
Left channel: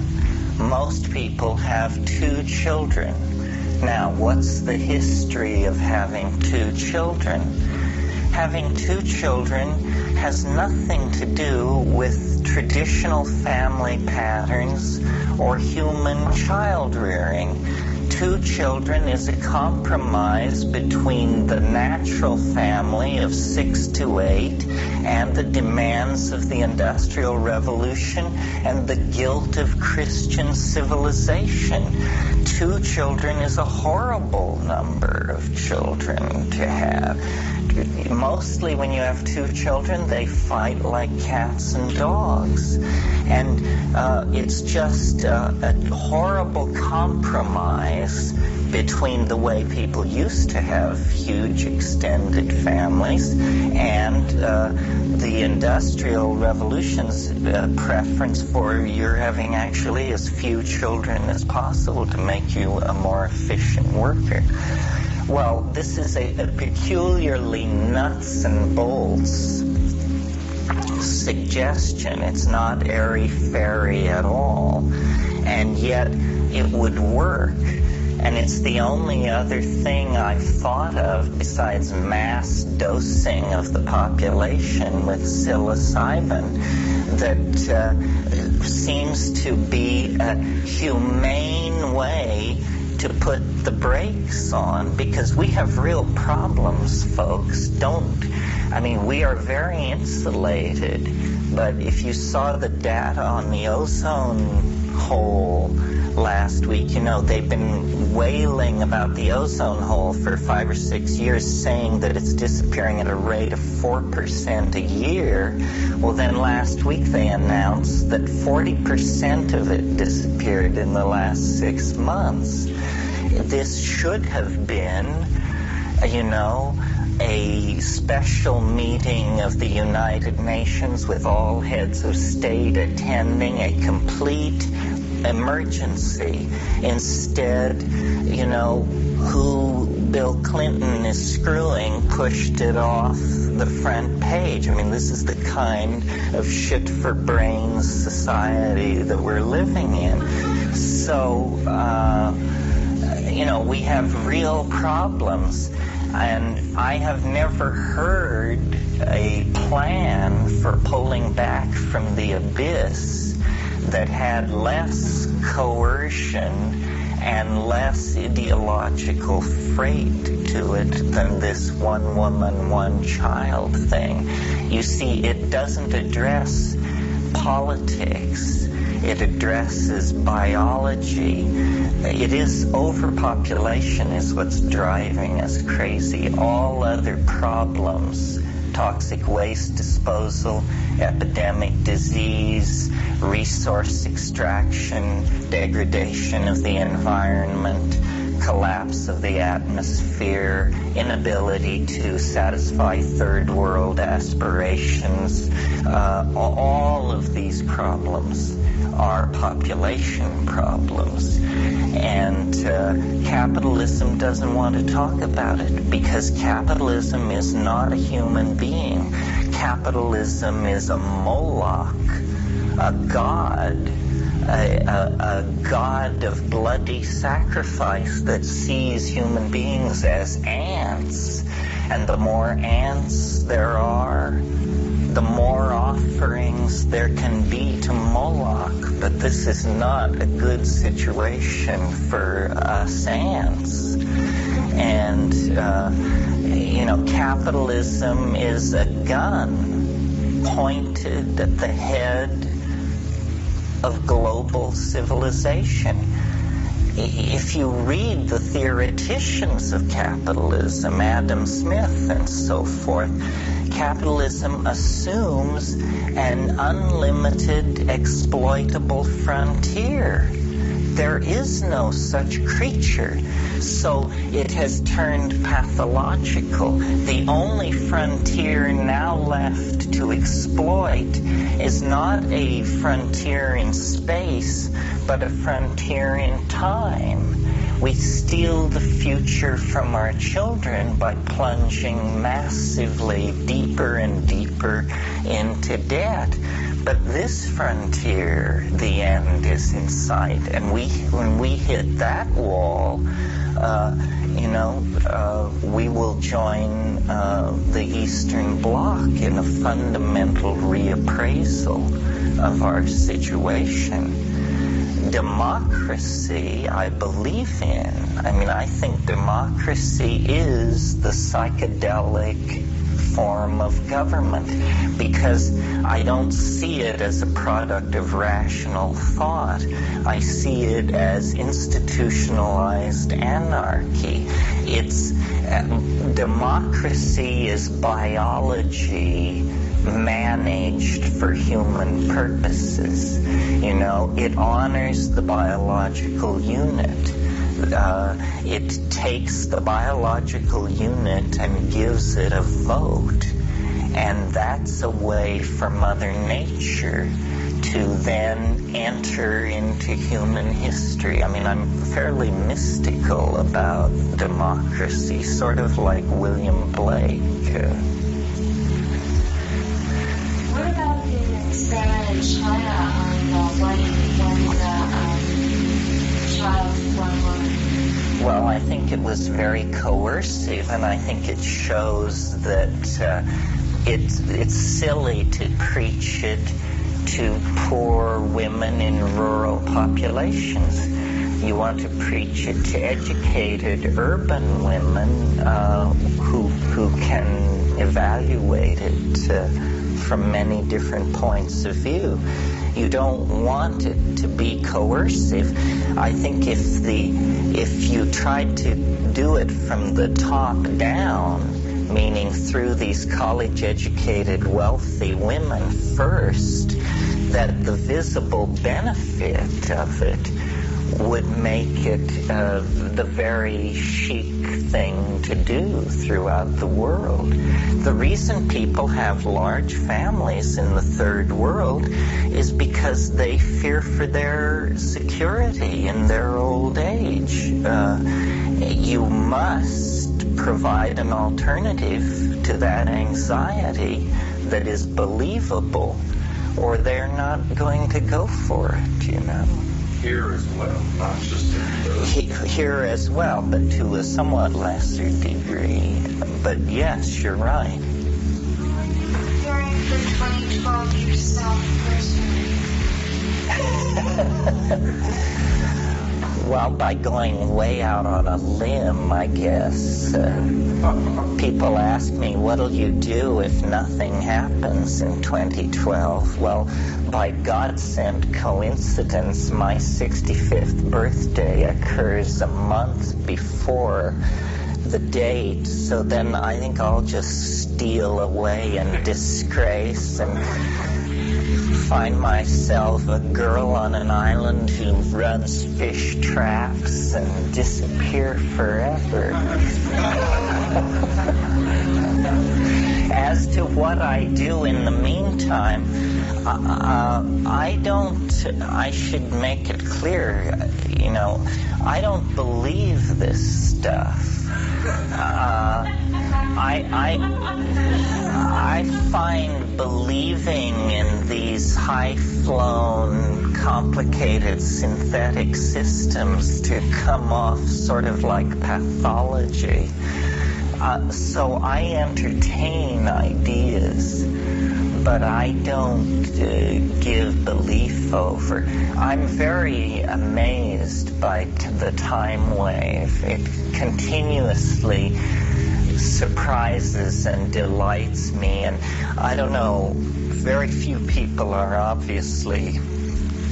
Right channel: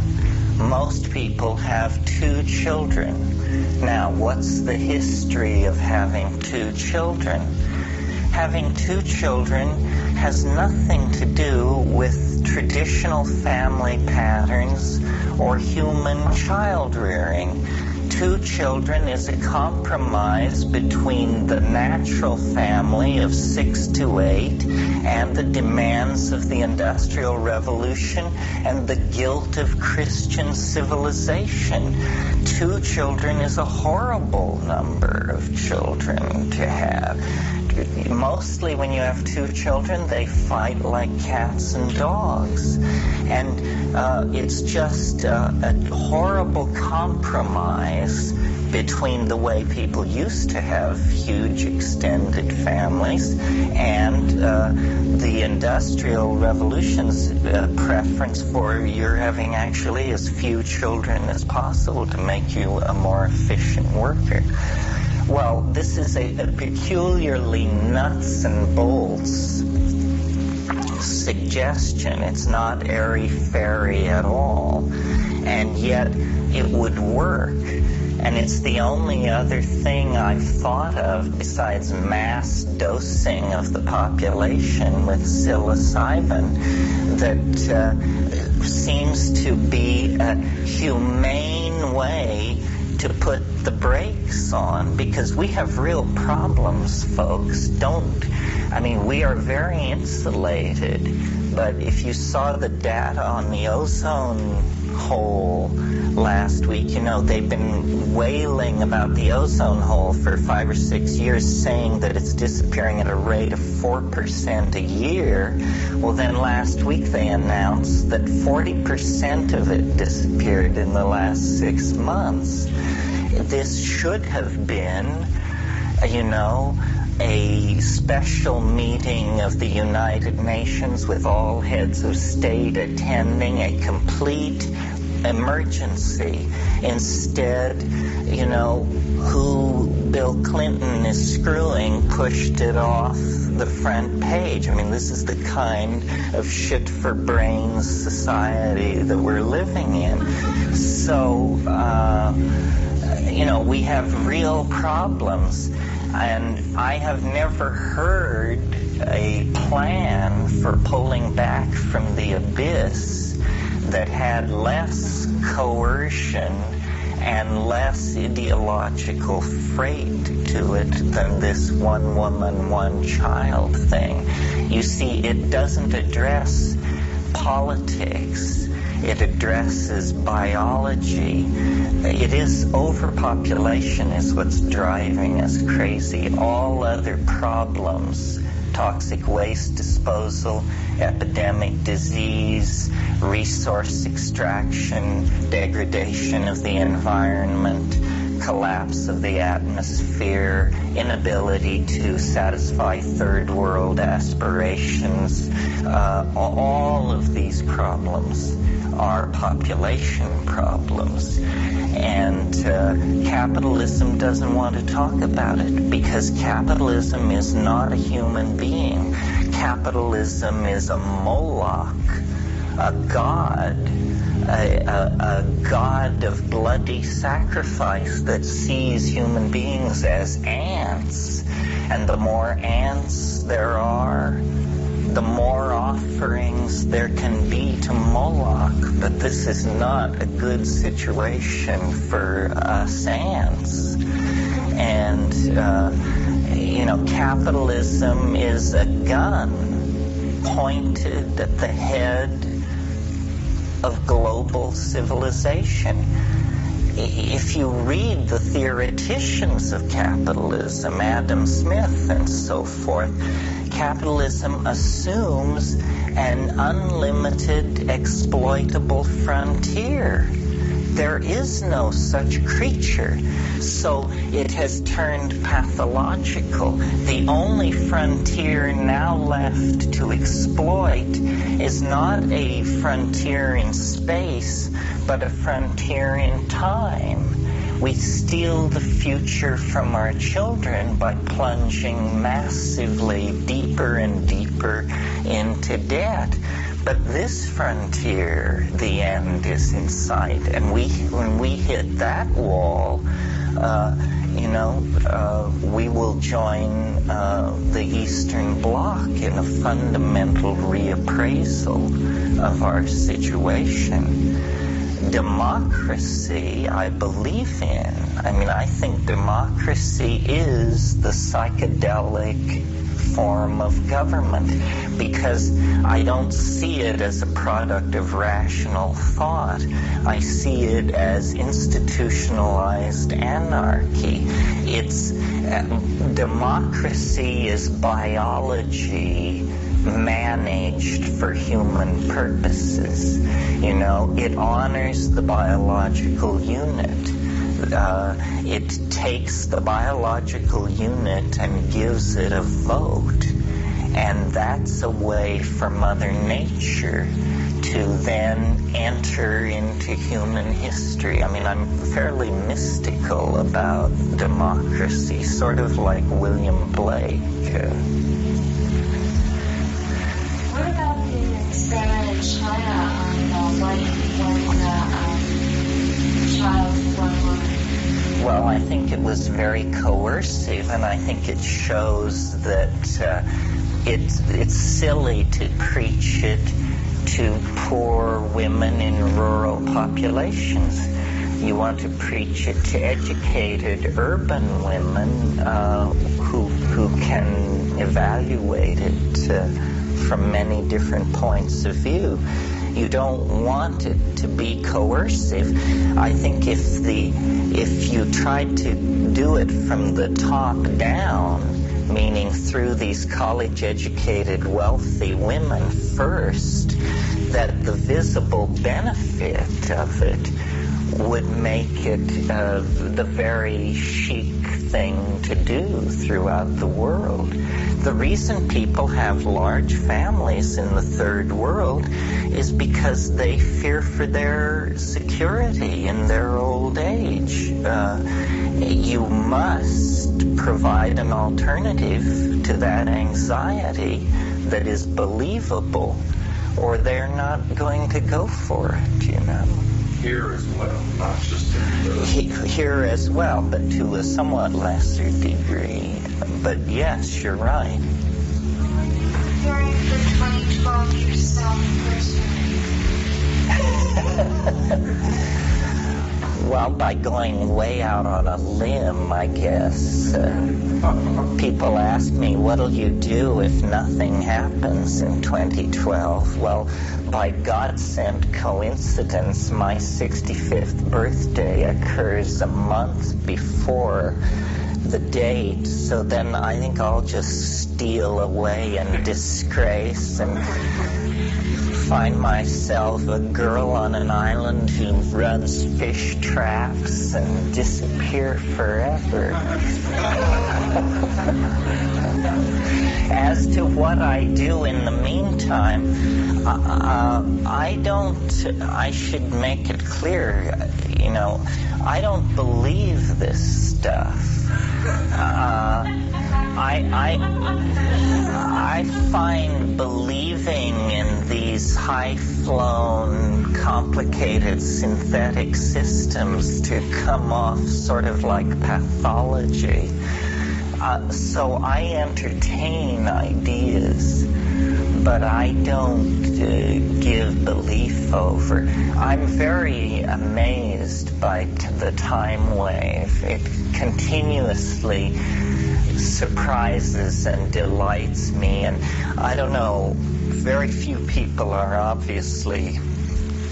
Most people have 2 children. Now, what's the history of having 2 children? Having 2 children has nothing to do with traditional family patterns or human child rearing. 2 children is a compromise between the natural family of 6 to 8 and the demands of the Industrial Revolution and the guilt of Christian civilization. 2 children is a horrible number of children to have. Mostly when you have 2 children, they fight like cats and dogs. And it's just a horrible compromise between the way people used to have huge extended families and the Industrial Revolution's preference for you're having actually as few children as possible to make you a more efficient worker. Well, this is a peculiarly nuts and bolts suggestion. It's not airy-fairy at all, and yet it would work. And it's the only other thing I've thought of besides mass dosing of the population with psilocybin that seems to be a humane way to put the brakes on, because we have real problems, folks. We are very insulated, but if you saw the data on the ozone hole last week, they've been wailing about the ozone hole for 5 or 6 years, saying that it's disappearing at a rate of 4% a year. Well, then last week they announced that 40% of it disappeared in the last 6 months. This should have been, a special meeting of the United Nations with all heads of state attending, a complete emergency. Instead, who Bill Clinton is screwing pushed it off the front page. This is the kind of shit for brains society that we're living in. So, we have real problems, and I have never heard a plan for pulling back from the abyss that had less coercion and less ideological freight to it than this one woman, one child thing. You see, it doesn't address politics. It addresses biology. It is overpopulation is what's driving us crazy. All other problems, toxic waste disposal, epidemic disease, resource extraction, degradation of the environment, collapse of the atmosphere, inability to satisfy third world aspirations, all of these problems are population problems. And capitalism doesn't want to talk about it, because capitalism is not a human being. Capitalism is a Moloch, a god, a god of bloody sacrifice that sees human beings as ants. And the more ants there are, the more offerings there can be to Moloch. But this is not a good situation for us ants. And, capitalism is a gun pointed at the head of global civilization. If you read the theoreticians of capitalism, Adam Smith and so forth, capitalism assumes an unlimited exploitable frontier. There is no such creature. So it has turned pathological. The only frontier now left to exploit is not a frontier in space, but a frontier in time. We steal the future from our children by plunging massively deeper and deeper into debt. But this frontier, the end is in sight. And when we hit that wall, we will join the Eastern Bloc in a fundamental reappraisal of our situation. democracy I believe in. I mean, I think democracy is the psychedelic form of government, because I don't see it as a product of rational thought. I see it as institutionalized anarchy. Democracy is biology managed for human purposes. You know, it honors the biological unit. It takes the biological unit and gives it a vote. And that's a way for Mother Nature to then enter into human history. I mean, I'm fairly mystical about democracy, sort of like William Blake. What about the experiment in China on when the child is one woman? Well, I think it was very coercive, and I think it shows that it's silly to preach it to poor women in rural populations. You want to preach it to educated urban women who can evaluate it from many different points of view. You don't want it to be coercive. I think if you tried to do it from the top down, meaning through these college-educated, wealthy women first, that the visible benefit of it would make it the very chic thing to do throughout the world. The reason people have large families in the third world is because they fear for their security in their old age. You must provide an alternative to that anxiety that is believable, or they're not going to go for it, you know. Here as well, not just in Here as well, but to a somewhat lesser degree. But yes, you're right. During the 2012 yourself personally. Well, by going way out on a limb, I guess. People ask me, what'll you do if nothing happens in 2012? Well, by God-sent coincidence, my 65th birthday occurs a month before the date, so then I think I'll just steal away in disgrace and find myself a girl on an island who runs fish traps and disappear forever. As to what I do in the meantime, I should make it clear, you know, I don't believe this stuff. I find believing in these high-flown, complicated synthetic systems to come off sort of like pathology. So I entertain ideas, but I don't give belief over. I'm very amazed by the time wave. It continuously surprises and delights me, and I don't know, very few people are obviously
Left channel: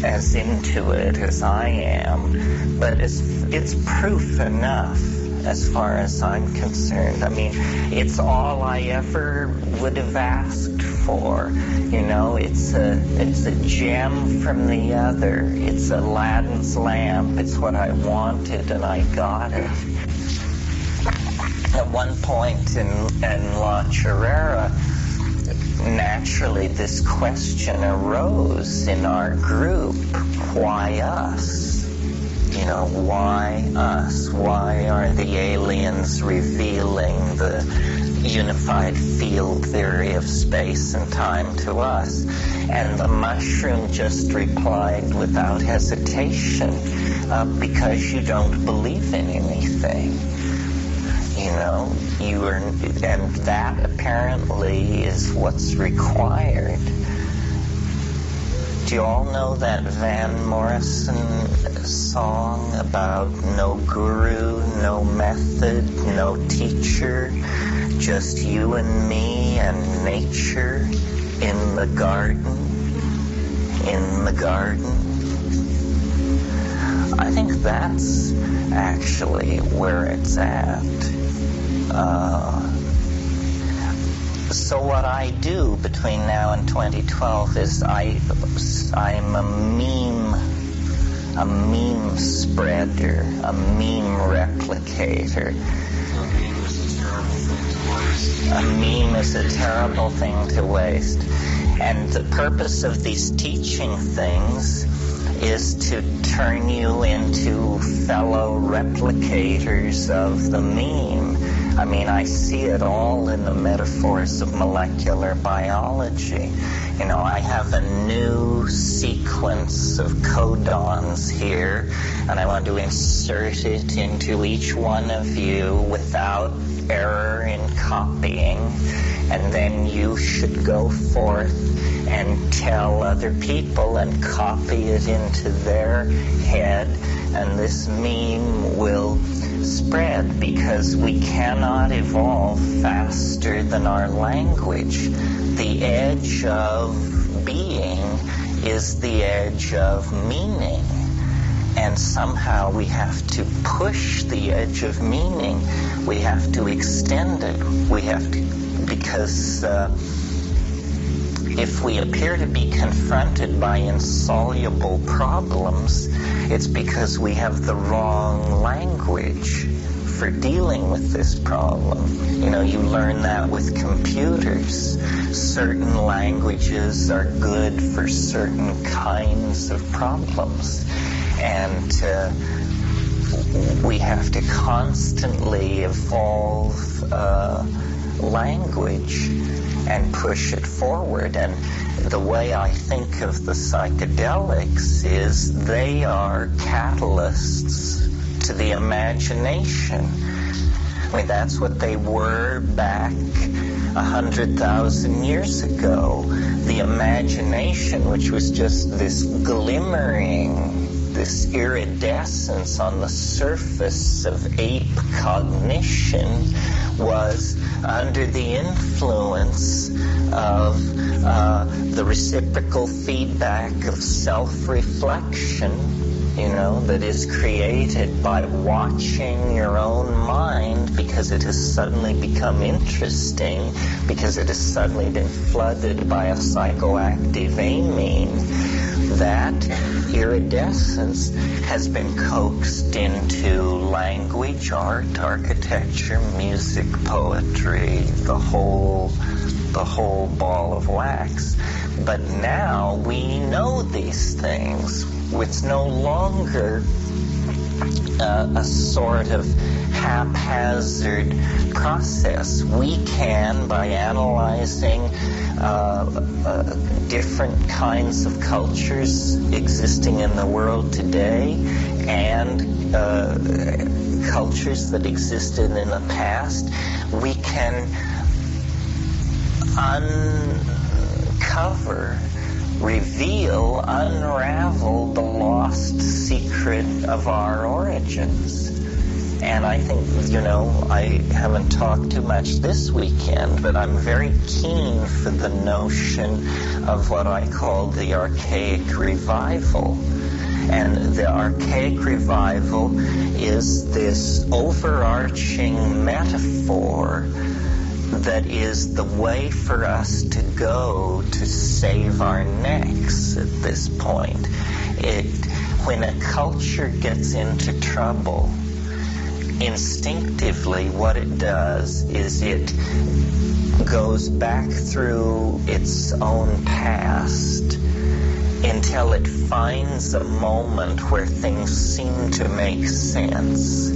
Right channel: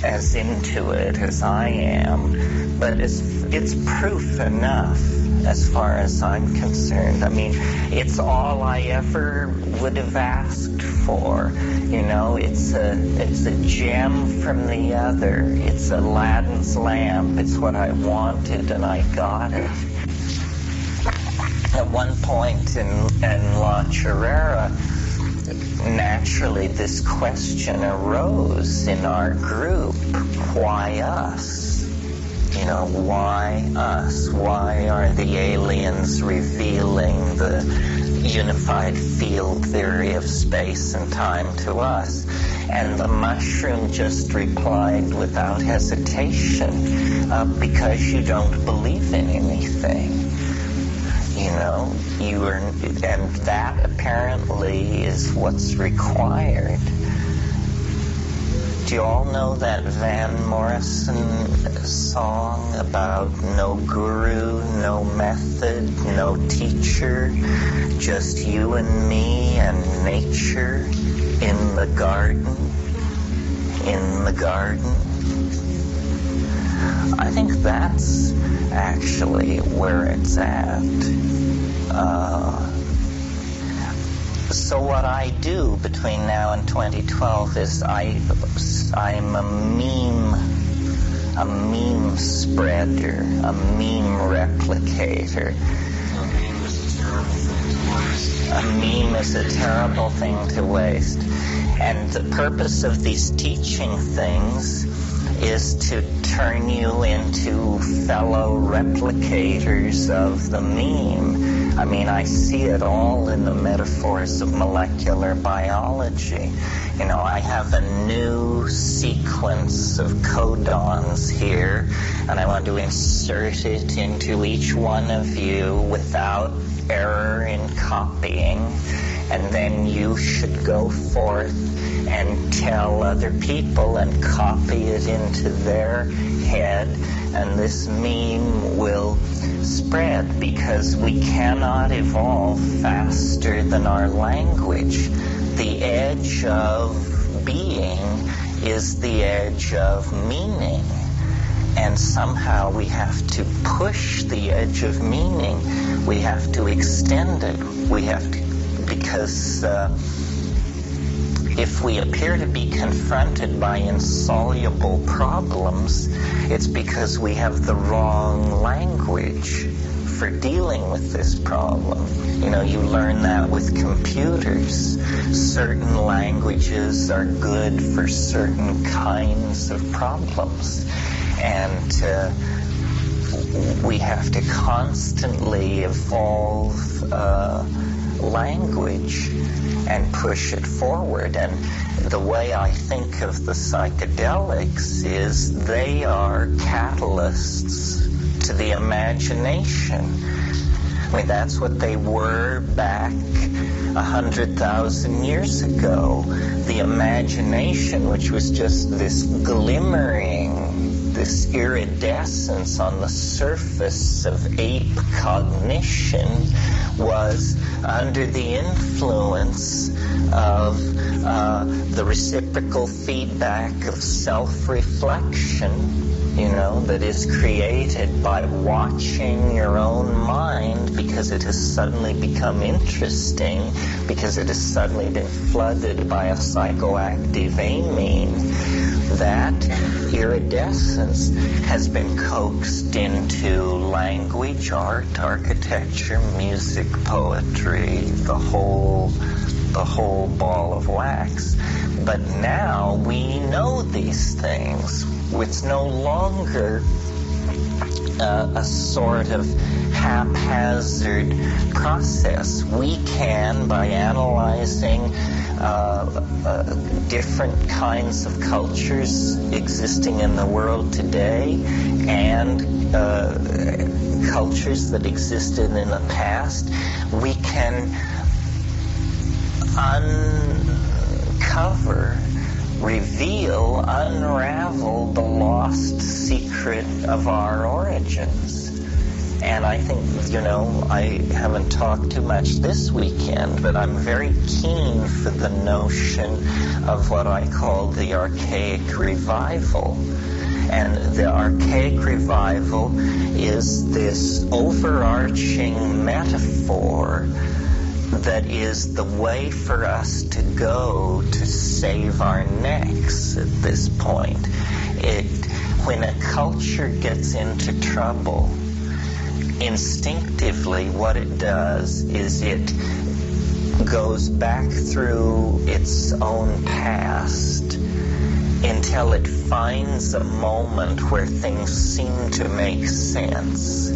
as into it as I am, but it's proof enough as far as I'm concerned. I mean, it's all I ever would have asked for. You know, it's a gem from the other. It's Aladdin's lamp. It's what I wanted, and I got it. At one point in La Chorrera, naturally this question arose in our group: why us? You know, why us? Why are the aliens revealing the unified field theory of space and time to us? And the mushroom just replied without hesitation, because you don't believe in anything. You know, and that apparently is what's required Do you all know that Van Morrison song about no guru, no method, no teacher, just you and me and nature in the garden? In the garden? I think that's actually where it's at. So what I do between now and 2012 is I'm a meme spreader, a meme replicator. A meme is a terrible thing to waste. And the purpose of these teaching things is to turn you into fellow replicators of the meme. I mean, I see it all in the metaphors of molecular biology. You know, I have a new sequence of codons here, and I want to insert it into each one of you without error in copying, and then you should go forth and tell other people and copy it into their head, and this meme will spread because we cannot evolve faster than our language. The edge of being is the edge of meaning, and somehow we have to push the edge of meaning. We have to extend it. We have to, because if we appear to be confronted by insoluble problems, it's because we have the wrong language for dealing with this problem. You know, you learn that with computers. Certain languages are good for certain kinds of problems. And we have to constantly evolve language and push it forward. And the way I think of the psychedelics is they are catalysts to the imagination. I mean, that's what they were back 100,000 years ago. The imagination, which was just this glimmering, this iridescence on the surface of ape cognition, was under the influence of the reciprocal feedback of self-reflection, you know, that is created by watching your own mind because it has suddenly become interesting, because it has suddenly been flooded by a psychoactive amine. That iridescence has been coaxed into language, art, architecture, music, poetry, the whole ball of wax. But now we know these things. It's no longer a sort of haphazard process. We can, by analyzing different kinds of cultures existing in the world today and cultures that existed in the past, we can uncover, reveal, unravel the lost secret of our origins. And I think, you know, I haven't talked too much this weekend, but I'm very keen for the notion of what I call the archaic revival. And the archaic revival is this overarching metaphor that is the way for us to go to save our necks at this point. When a culture gets into trouble, instinctively what it does is it goes back through its own past until it finds a moment where things seem to make sense.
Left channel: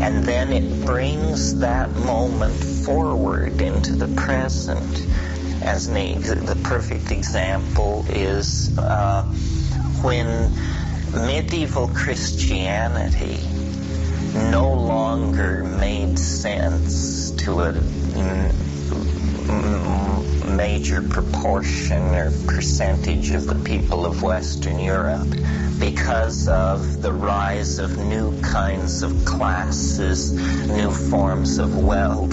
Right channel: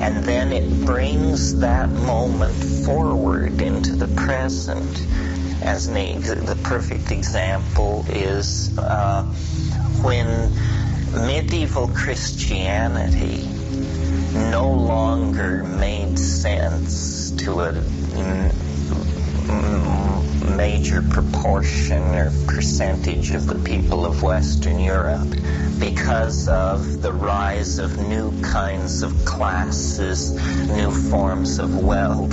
And then it brings that moment forward into the present. As the perfect example is when medieval Christianity no longer made sense to a major proportion or percentage of the people of Western Europe because of the rise of new kinds of classes, new forms of wealth,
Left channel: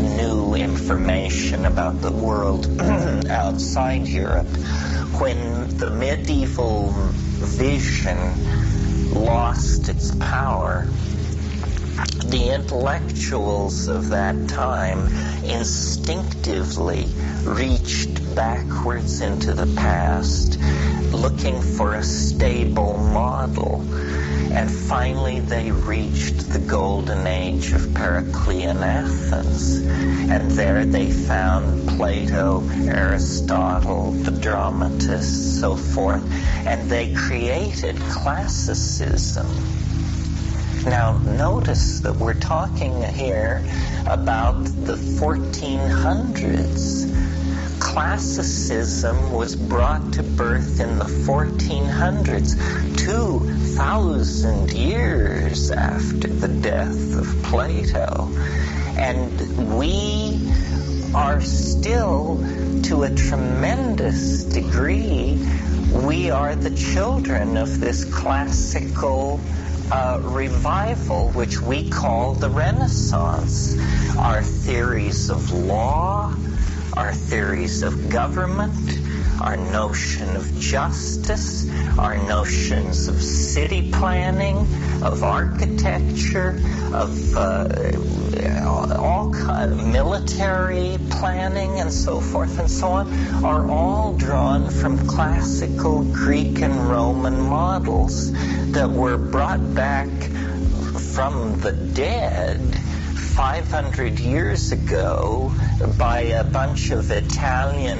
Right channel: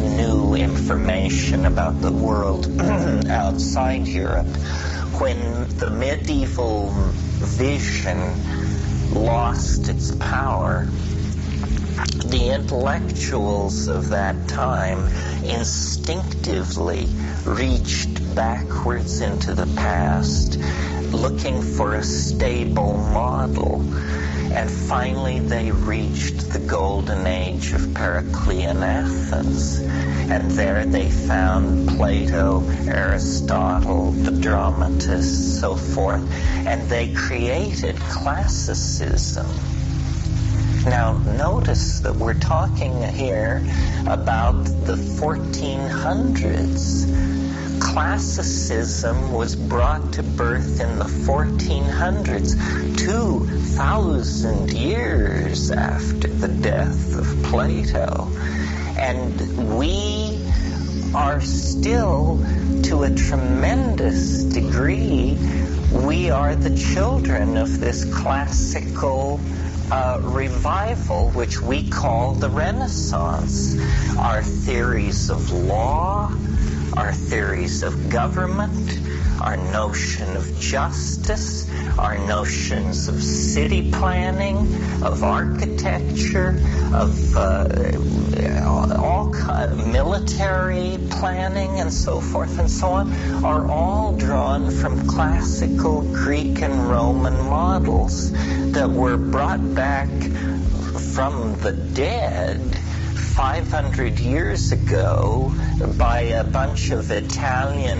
new information about the world outside Europe. When the medieval vision lost its power, the intellectuals of that time instinctively reached backwards into the past, looking for a stable model. And finally they reached the golden age of Periclean Athens. And there they found Plato, Aristotle, the dramatists, so forth. And they created classicism. Now, notice that we're talking here about the 1400s. Classicism was brought to birth in the 1400s, 2,000 years after the death of Plato. And we are still, to a tremendous degree, we are the children of this classical revival, which we call the Renaissance. Our theories of law, our theories of government, our notion of justice, our notions of city planning, of architecture, of all kinds of military planning and so forth and so on, are all drawn from classical Greek and Roman models that were brought back from the dead 500 years ago by a bunch of Italian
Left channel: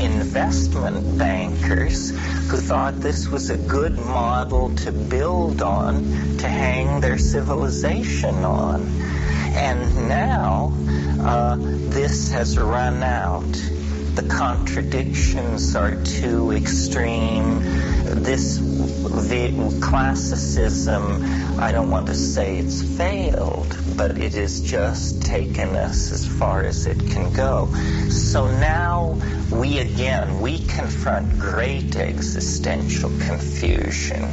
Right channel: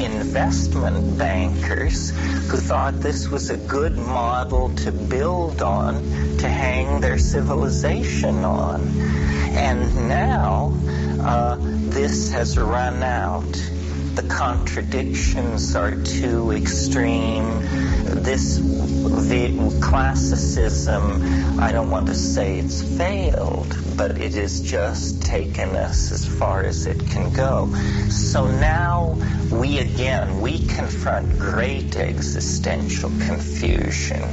investment bankers who thought this was a good model to build on, to hang their civilization on. And now this has run out. The contradictions are too extreme. This classicism, I don't want to say it's failed, but it has just taken us as far as it can go. So now we confront great existential confusion.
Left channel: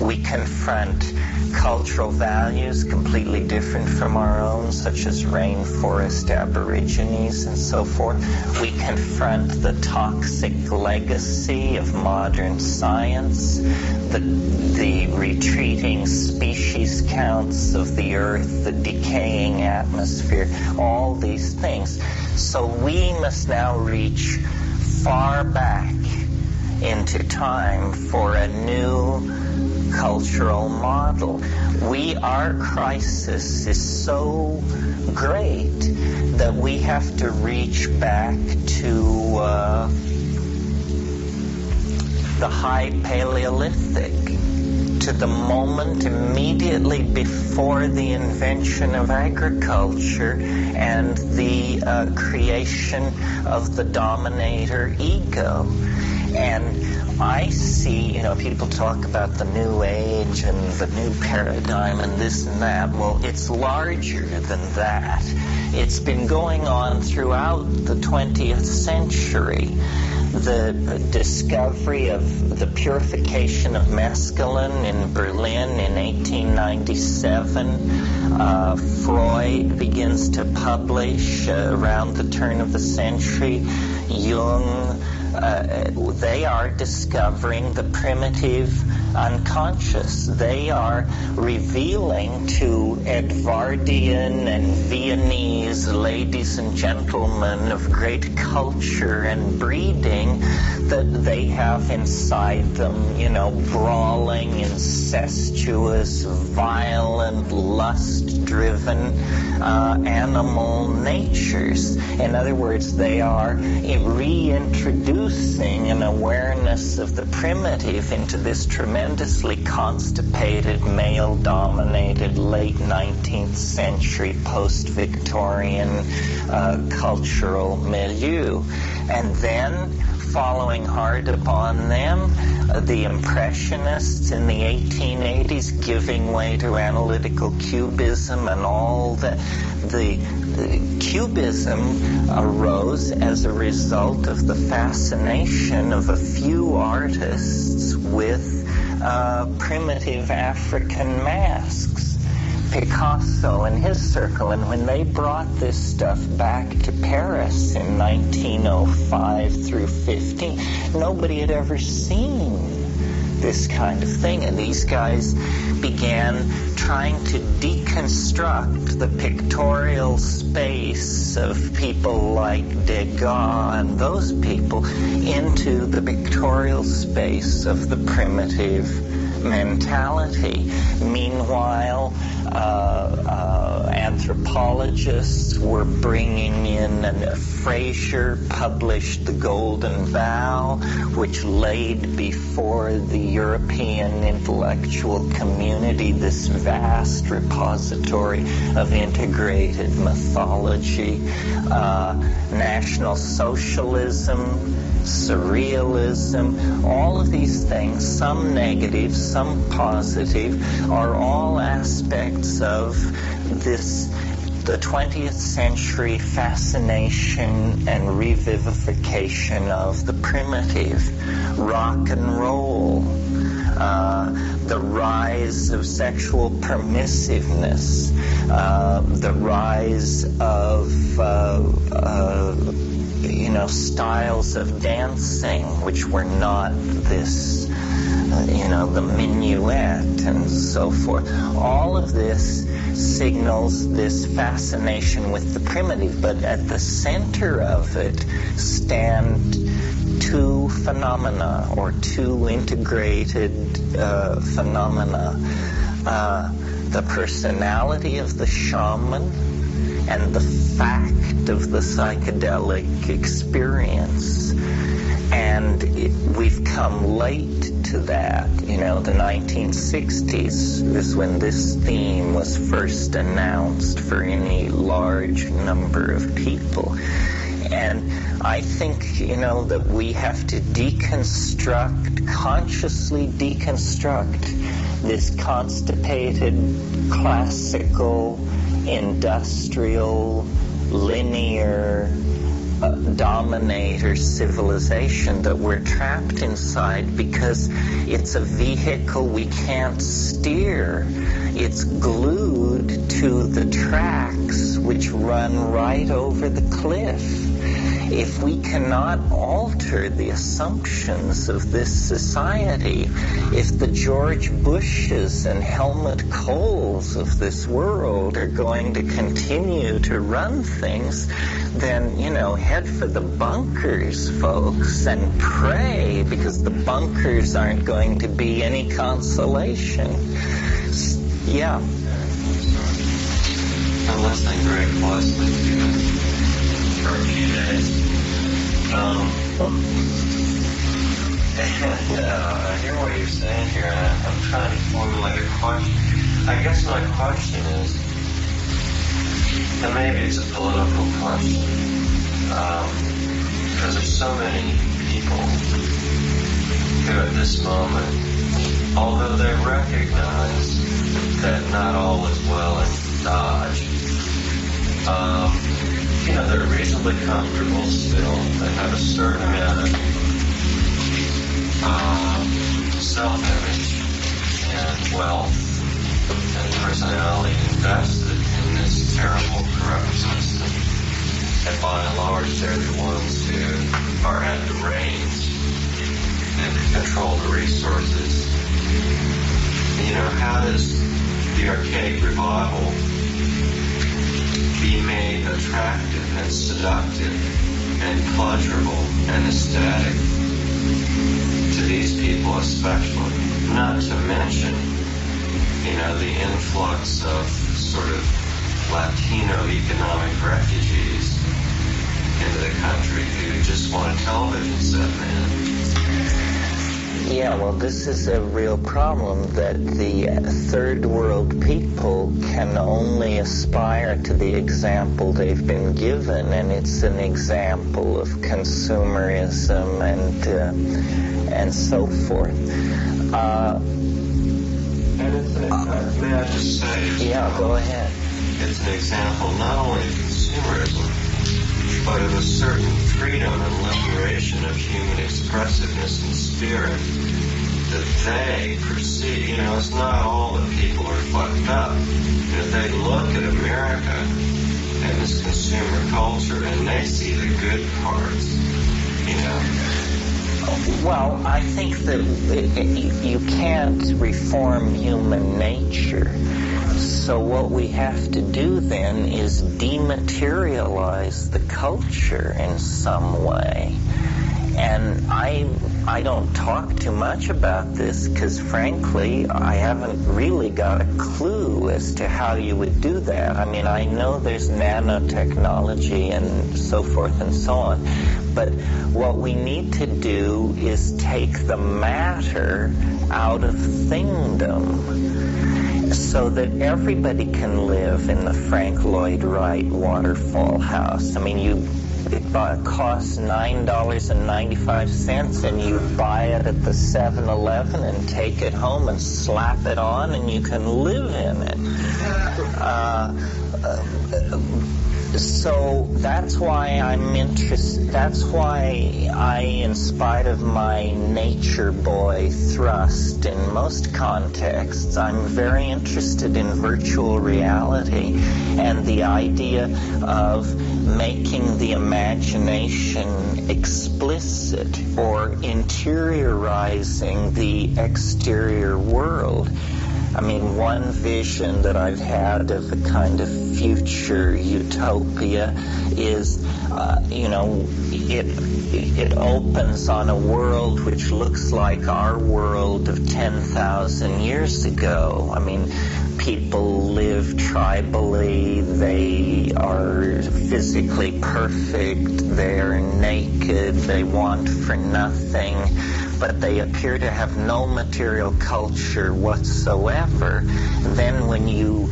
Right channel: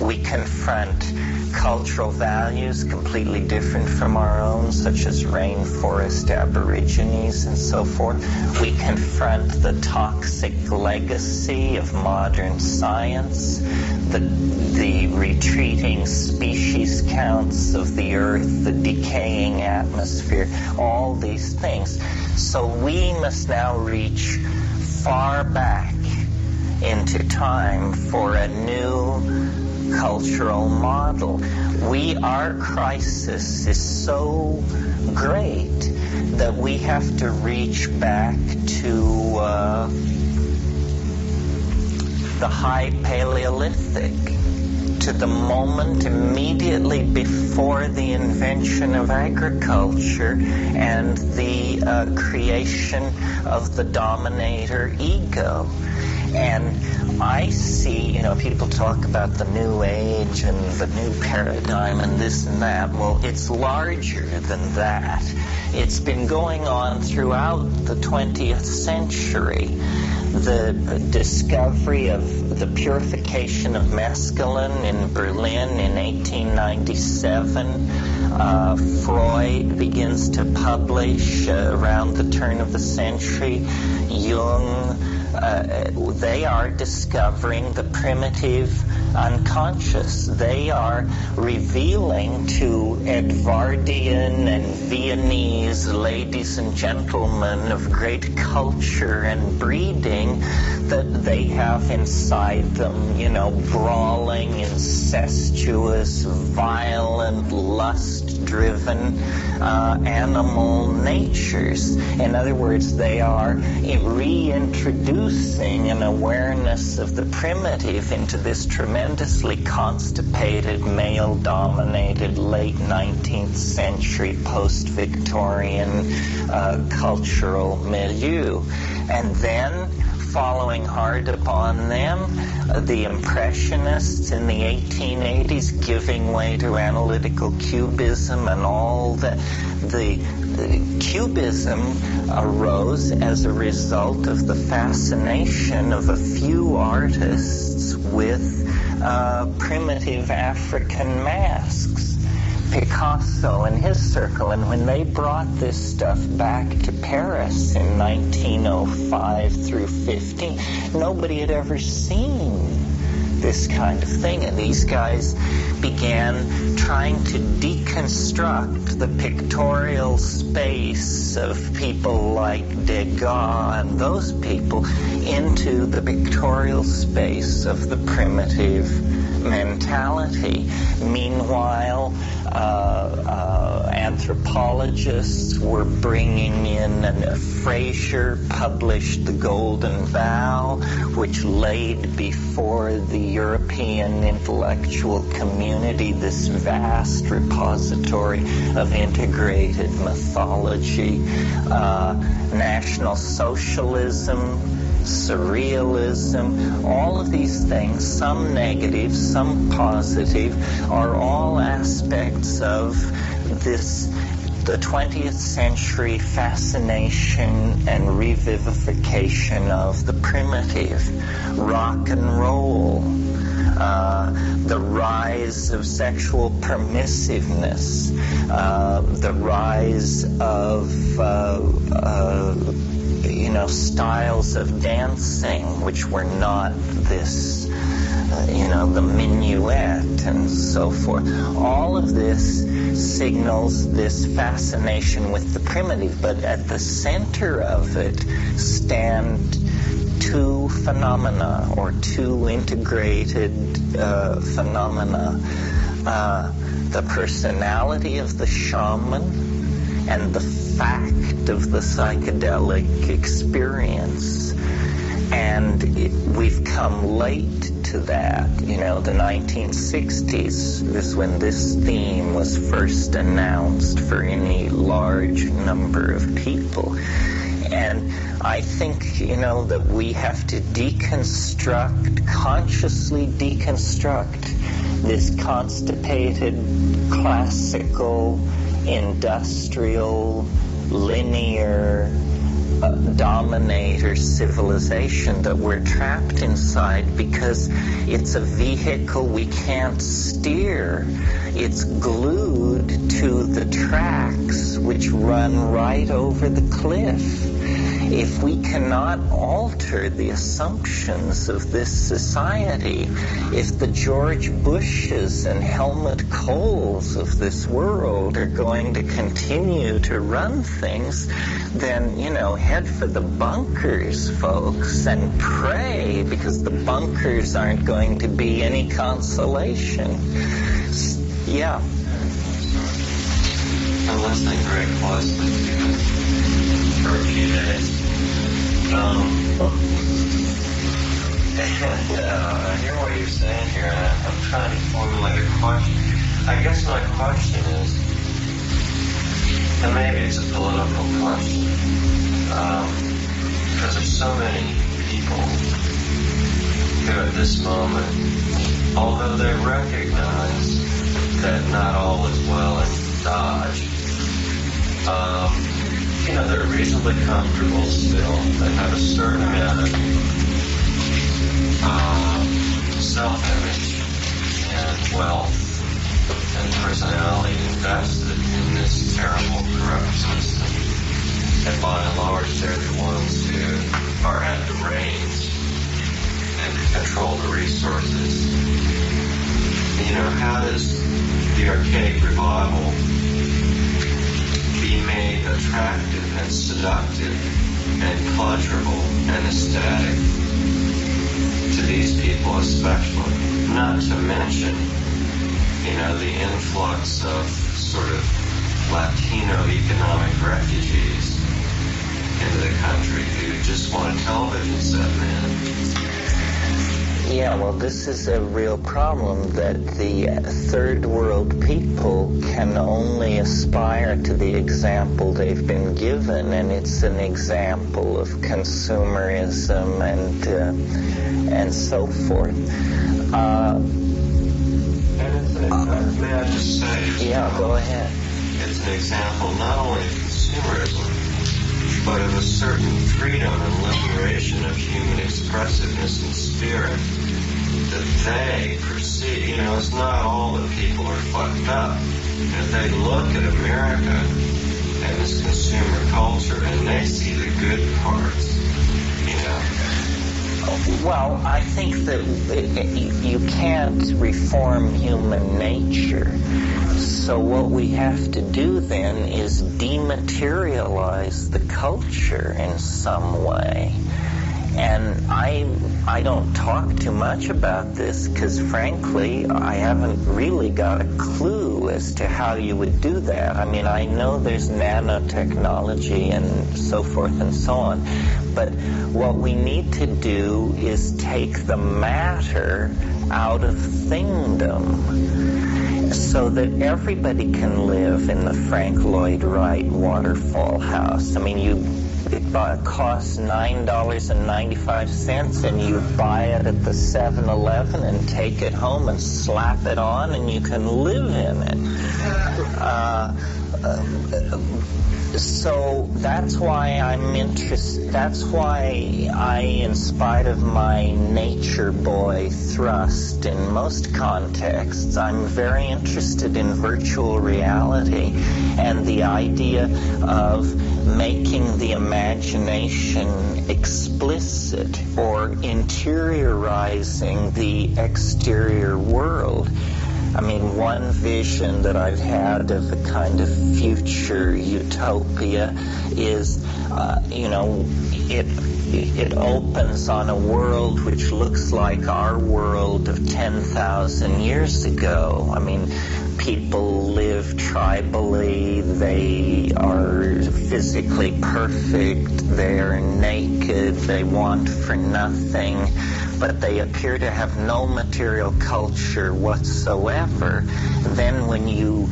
We confront cultural values completely different from our own, such as rainforest aborigines and so forth. We confront the toxic legacy of modern science, the retreating species counts of the earth, the decaying atmosphere, all these things. So we must now reach far back into time for a new cultural model. Our crisis is so great that we have to reach back to the High Paleolithic, to the moment immediately before the invention of agriculture and the creation of the dominator ego. And I see, people talk about the new age and the new paradigm and this and that. Well, it's larger than that. It's been going on throughout the 20th century. The discovery of the purification of mescaline in Berlin in 1897. Freud begins to publish around the turn of the century. Jung, they are discovering the primitive unconscious. They are revealing to Edvardian and Viennese ladies and gentlemen of great culture and breeding that they have inside them, brawling, incestuous, violent, lust-driven animal natures. In other words, they are reintroducing an awareness of the primitive into this tremendously constipated, male-dominated, late 19th century, post-Victorian cultural milieu. And then, following hard upon them, the Impressionists in the 1880s, giving way to analytical cubism and all the Cubism arose as a result of the fascination of a few artists with primitive African masks. Picasso and his circle, and when they brought this stuff back to Paris in 1905 through 15, nobody had ever seen this kind of thing, and these guys began trying to deconstruct the pictorial space of people like Degas and those people into the pictorial space of the primitive mentality. Meanwhile, anthropologists were bringing in, and Fraser published The Golden Vow, which laid before the European intellectual community this vast repository of integrated mythology. National Socialism, Surrealism, all of these things, some negative, some positive, are all aspects of the 20th century fascination and revivification of the primitive. Rock and roll, the rise of sexual permissiveness, the rise of styles of dancing which were not this, the minuet and so forth. All of this signals this fascination with the primitive, but at the center of it stand two phenomena, or two integrated phenomena. The personality of the shaman and the fact of the psychedelic experience. And we've come late to that. The 1960s is when this theme was first announced for any large number of people. And I think, that we have to consciously deconstruct this constipated, classical, industrial, linear dominator civilization that we're trapped inside, because it's a vehicle we can't steer. It's glued to the tracks which run right over the cliff. If we cannot alter the assumptions of this society, if the George Bushes and Helmut Kohls of this world are going to continue to run things, then, head for the bunkers, folks, and pray, because the bunkers aren't going to be any consolation. Yeah. I'm listening very closely to you for a few days. I hear what you're saying here, and I'm trying to formulate a question. I guess my question is, and maybe it's a political question, because there's so many people who at this moment, although they recognize that not all is well in Dodge, they're reasonably comfortable still. They have a certain amount of self-image and wealth and personality invested in this terrible corrupt system. And by and large, they're the ones who are at the reins and control the resources. How does the archaic revival be made attractive and seductive and pleasurable and ecstatic to these people especially? Not to mention, the influx of sort of Latino economic refugees into the country who just want a television set, man. Yeah, well, this is a real problem, that the third world people can only aspire to the example they've been given, and it's an example of consumerism and so forth. And it's an example, may I just say? Yeah, go ahead. It's an example not only of consumerism, consumerism, but of a certain freedom and liberation of human expressiveness and spirit that they perceive. You know, it's not all that people are fucked up. And if they look at America and this consumer culture and they see the good parts, you know. Well, I think that you can't reform human nature. So what we have to do then is dematerialize the culture in some way. And I don't talk too much about this because, frankly, I haven't really got a clue as to how you would do that. I mean, I know there's nanotechnology and so forth and so on. But what we need to do is take the matter out of thingdom so that everybody can live in the Frank Lloyd Wright waterfall house. I mean, it costs $9.95 and you buy it at the 7-Eleven and take it home and slap it on and you can live in it. So that's why I'm interested, that's why I, in spite of my nature boy thrust in most contexts, I'm very interested in virtual reality and the idea of making the imagination explicit or interiorizing the exterior world. I mean, one vision that I've had of a kind of future utopia is, it opens on a world which looks like our world of 10,000 years ago. I mean, people live tribally, they are physically perfect, they're naked, they want for nothing, but they appear to have no material culture whatsoever. Then when you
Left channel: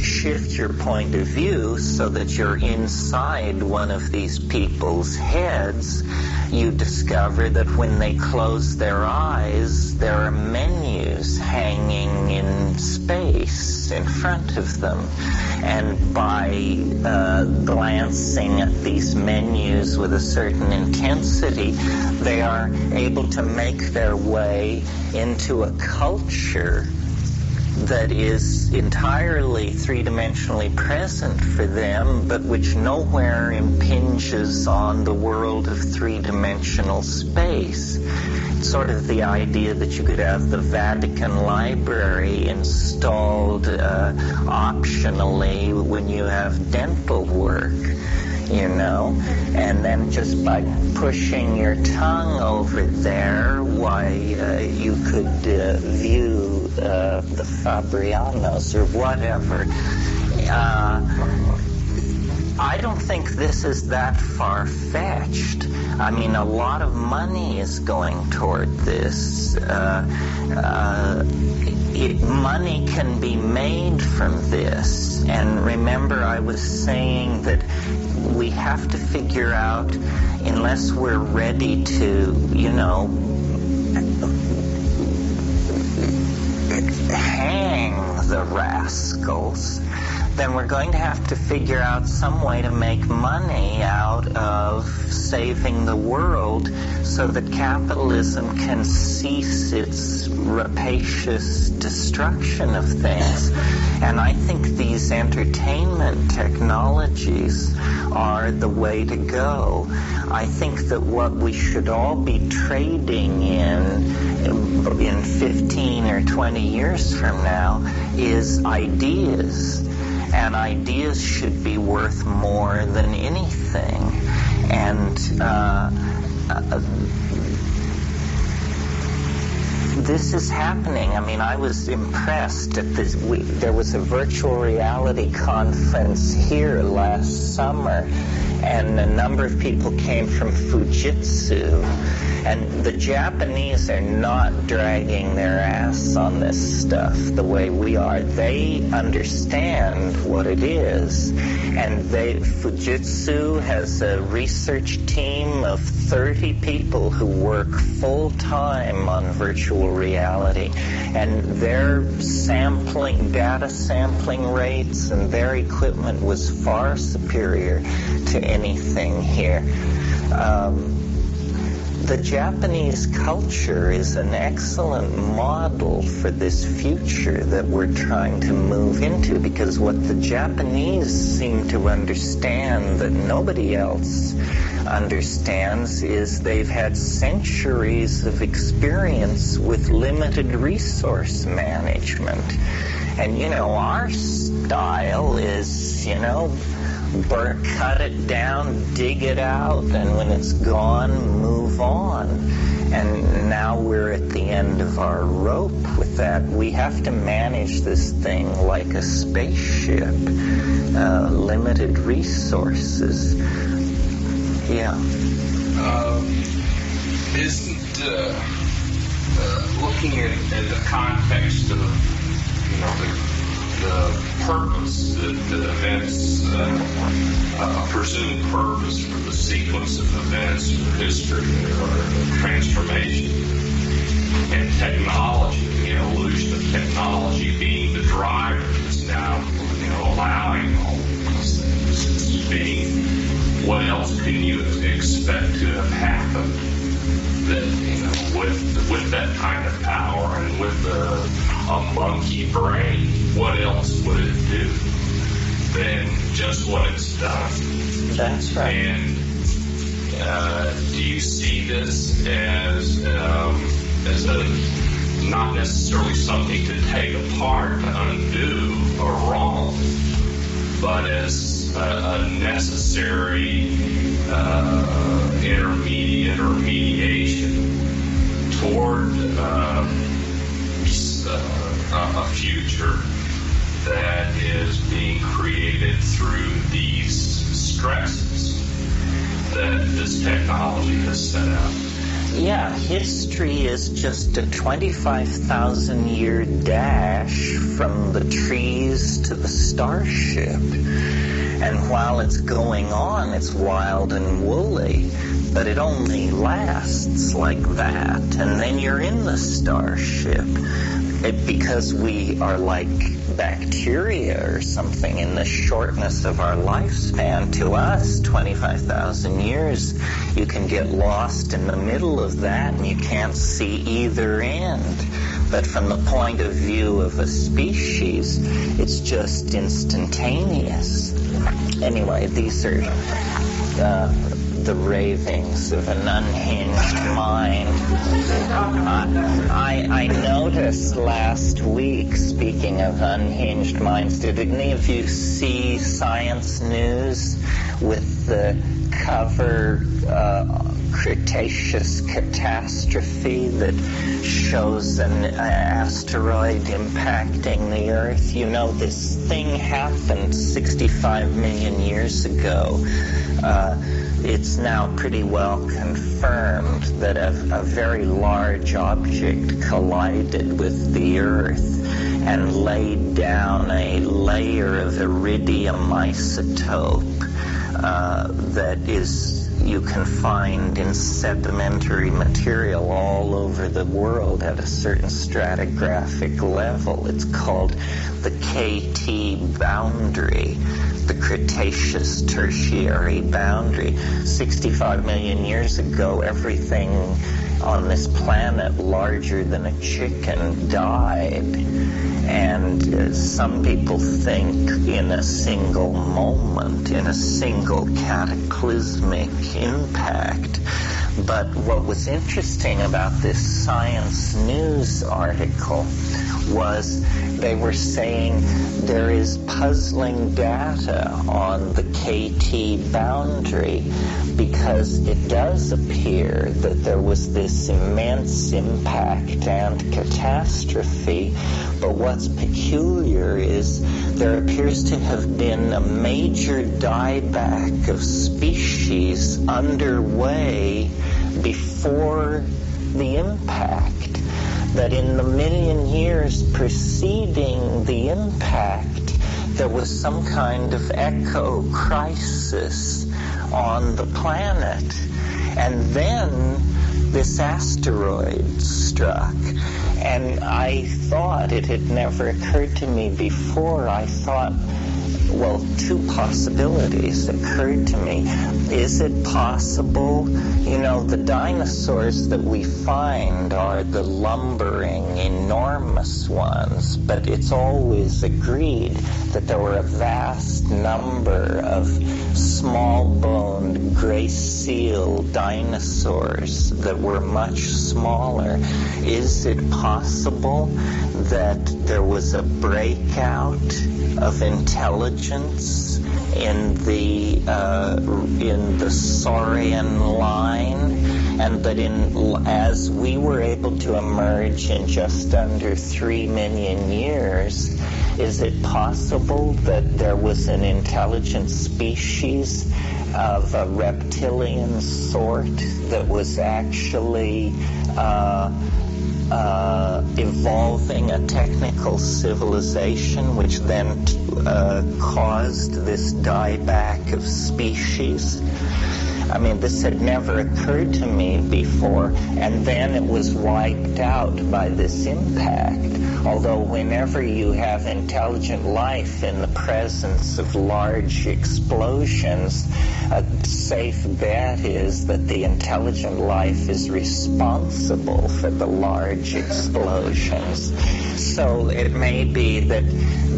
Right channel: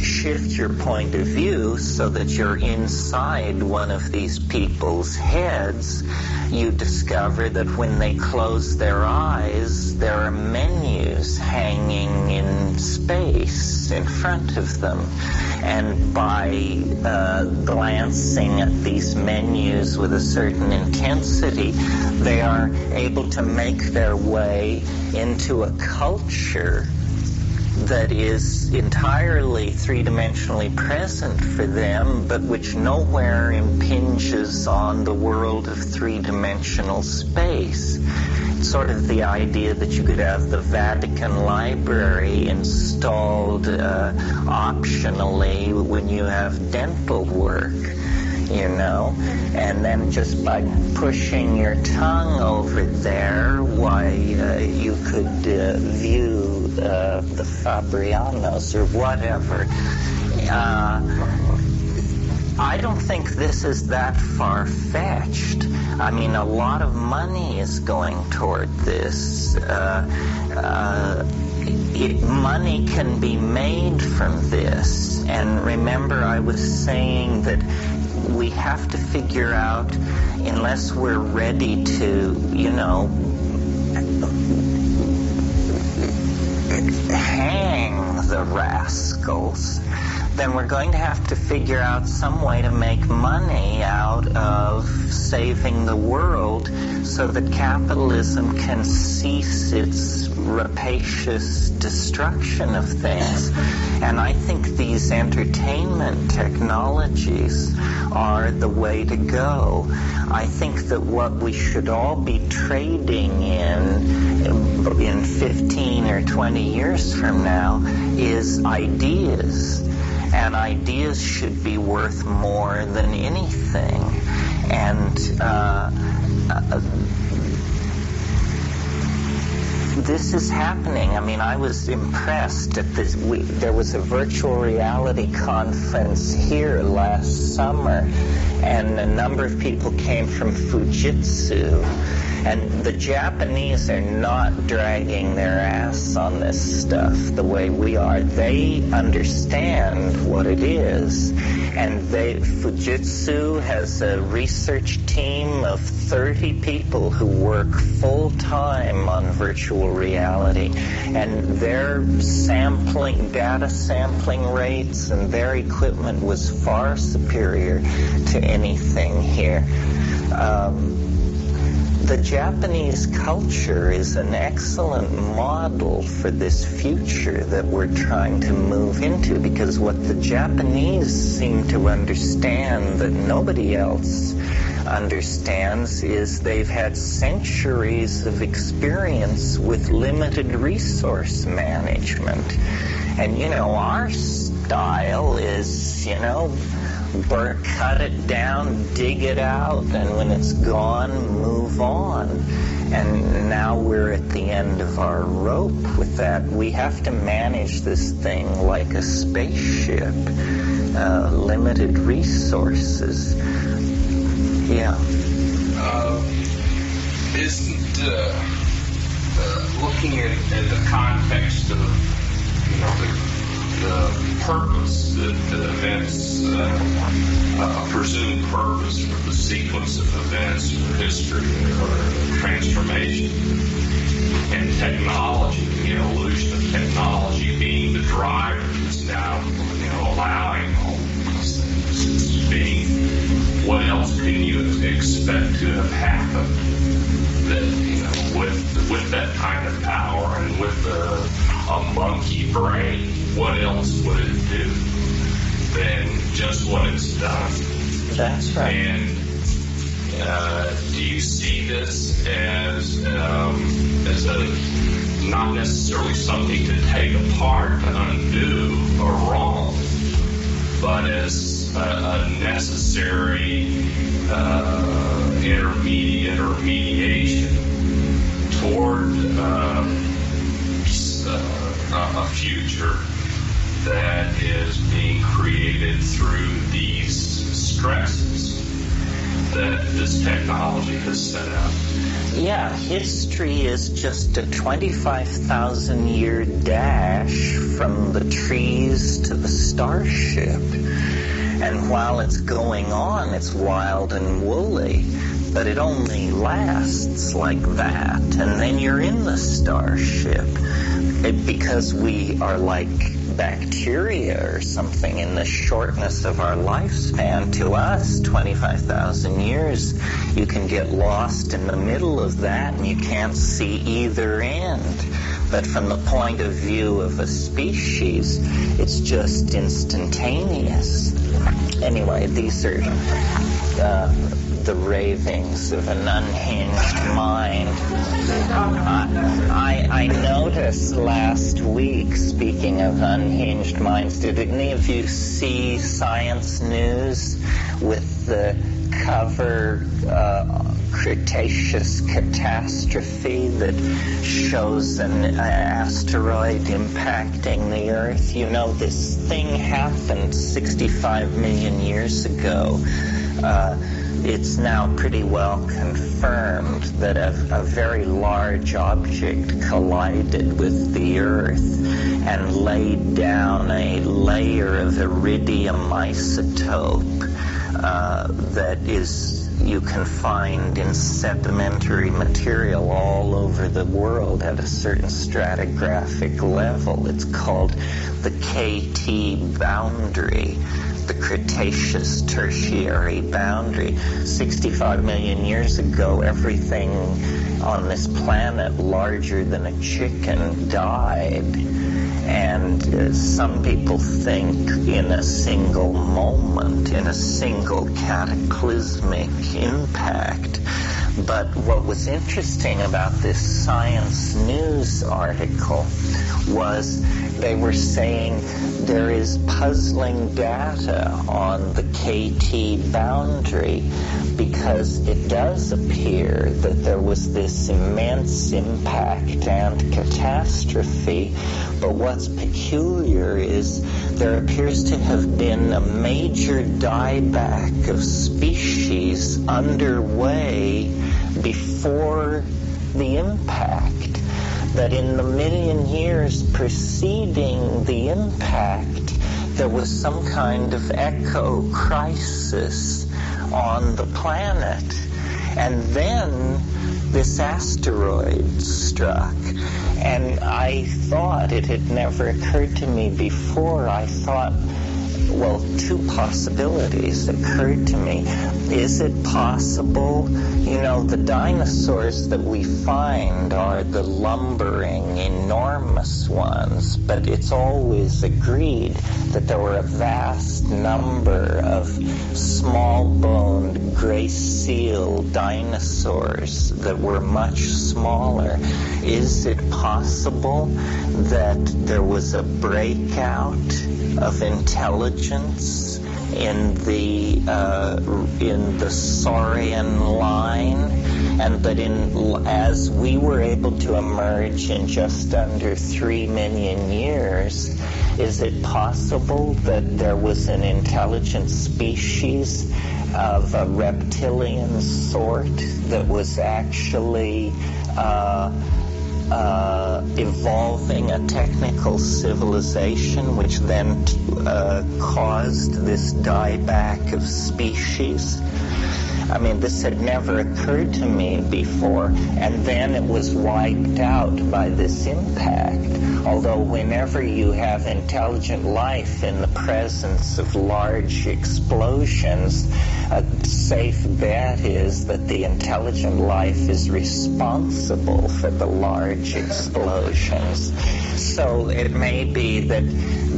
shift your point of view so that you're inside one of these people's heads, you discover that when they close their eyes, there are menus hanging in space in front of them. And by glancing at these menus with a certain intensity, they are able to make their way into a culture that is entirely three-dimensionally present for them, but which nowhere impinges on the world of three-dimensional space. It's sort of the idea that you could have the Vatican Library installed optionally when you have dental work, you know, and then just by pushing your tongue over there, why, you could view the Fabrianos or whatever. I don't think this is that far-fetched. I mean, a lot of money is going toward this. Money can be made from this. And remember, I was saying that we have to figure out, unless we're ready to, hang the rascals, then we're going to have to figure out some way to make money out of saving the world so that capitalism can cease its rapacious destruction of things. And I think these entertainment technologies are the way to go. I think that what we should all be trading in 15 or 20 years from now is ideas. And ideas should be worth more than anything. And this is happening. I mean, I was impressed at this. There was a virtual reality conference here last summer, and a number of people came from Fujitsu. And the Japanese are not dragging their ass on this stuff the way we are. They understand what it is. And Fujitsu has a research team of 30 people who work full-time on virtual virtual reality. And their data sampling rates and their equipment was far superior to anything here. The Japanese culture is an excellent model for this future that we're trying to move into, because what the Japanese seem to understand that nobody else understands is they've had centuries of experience with limited resource management. And, our style is, cut it down, dig it out, and when it's gone, move on. And now we're at the end of our rope with that. We have to manage this thing like a spaceship. Limited resources. Yeah. Isn't looking at the context of the purpose, the events, presumed purpose for the sequence of events or history or transformation, and technology, the evolution of technology being the driver that's now allowing all these things. It's being, what else can you expect to have happened that with that kind of power and with a monkey brain? What else would it do than just what it's done? That's right. And do you see this as a not necessarily something to take apart to undo a wrong, but as a necessary intermediate or mediation toward a future that is being created through these stresses that this technology has set up? Yeah, history is just a 25,000-year dash from the trees to the starship. And while it's going on, it's wild and woolly, but it only lasts like that. And then you're in the starship. Because we are like bacteria or something in the shortness of our lifespan, to us, 25,000 years, you can get lost in the middle of that and you can't see either end. But from the point of view of a species, it's just instantaneous. Anyway, these are the ravings of an unhinged mind. I noticed last week, speaking of unhinged minds, did any of you see Science News with the cover Cretaceous catastrophe that shows an asteroid impacting the Earth? This thing happened 65 million years ago. It's now pretty well confirmed that a very large object collided with the Earth and laid down a layer of iridium isotope that you can find in sedimentary material all over the world at a certain stratigraphic level. It's called the KT boundary, the Cretaceous Tertiary boundary. 65 million years ago, everything on this planet larger than a chicken died. And some people think in a single moment, in a single cataclysmic impact. But what was interesting about this Science News article was they were saying there is puzzling data on the KT boundary, because it does appear that there was this immense impact and catastrophe. But what's peculiar is there appears to have been a major dieback of species underway before the impact. That in the million years preceding the impact, there was some kind of eco crisis on the planet. And then this asteroid struck. And I thought, it had never occurred to me before, I thought, well, two possibilities occurred to me. Is it possible, the dinosaurs that we find are the lumbering, enormous ones, but it's always agreed that there were a vast number of small-boned, gray-seal dinosaurs that were much smaller. Is it possible that there was a breakout of intelligence in the Saurian line, and that as we were able to emerge in just under 3 million years, is it possible that there was an intelligent species of a reptilian sort that was actually evolving a technical civilization, which then caused this dieback of species? I mean, this had never occurred to me before, and then it was wiped out by this impact. Although whenever you have intelligent life in the presence of large explosions, a safe bet is that the intelligent life is responsible for the large explosions. So it may be that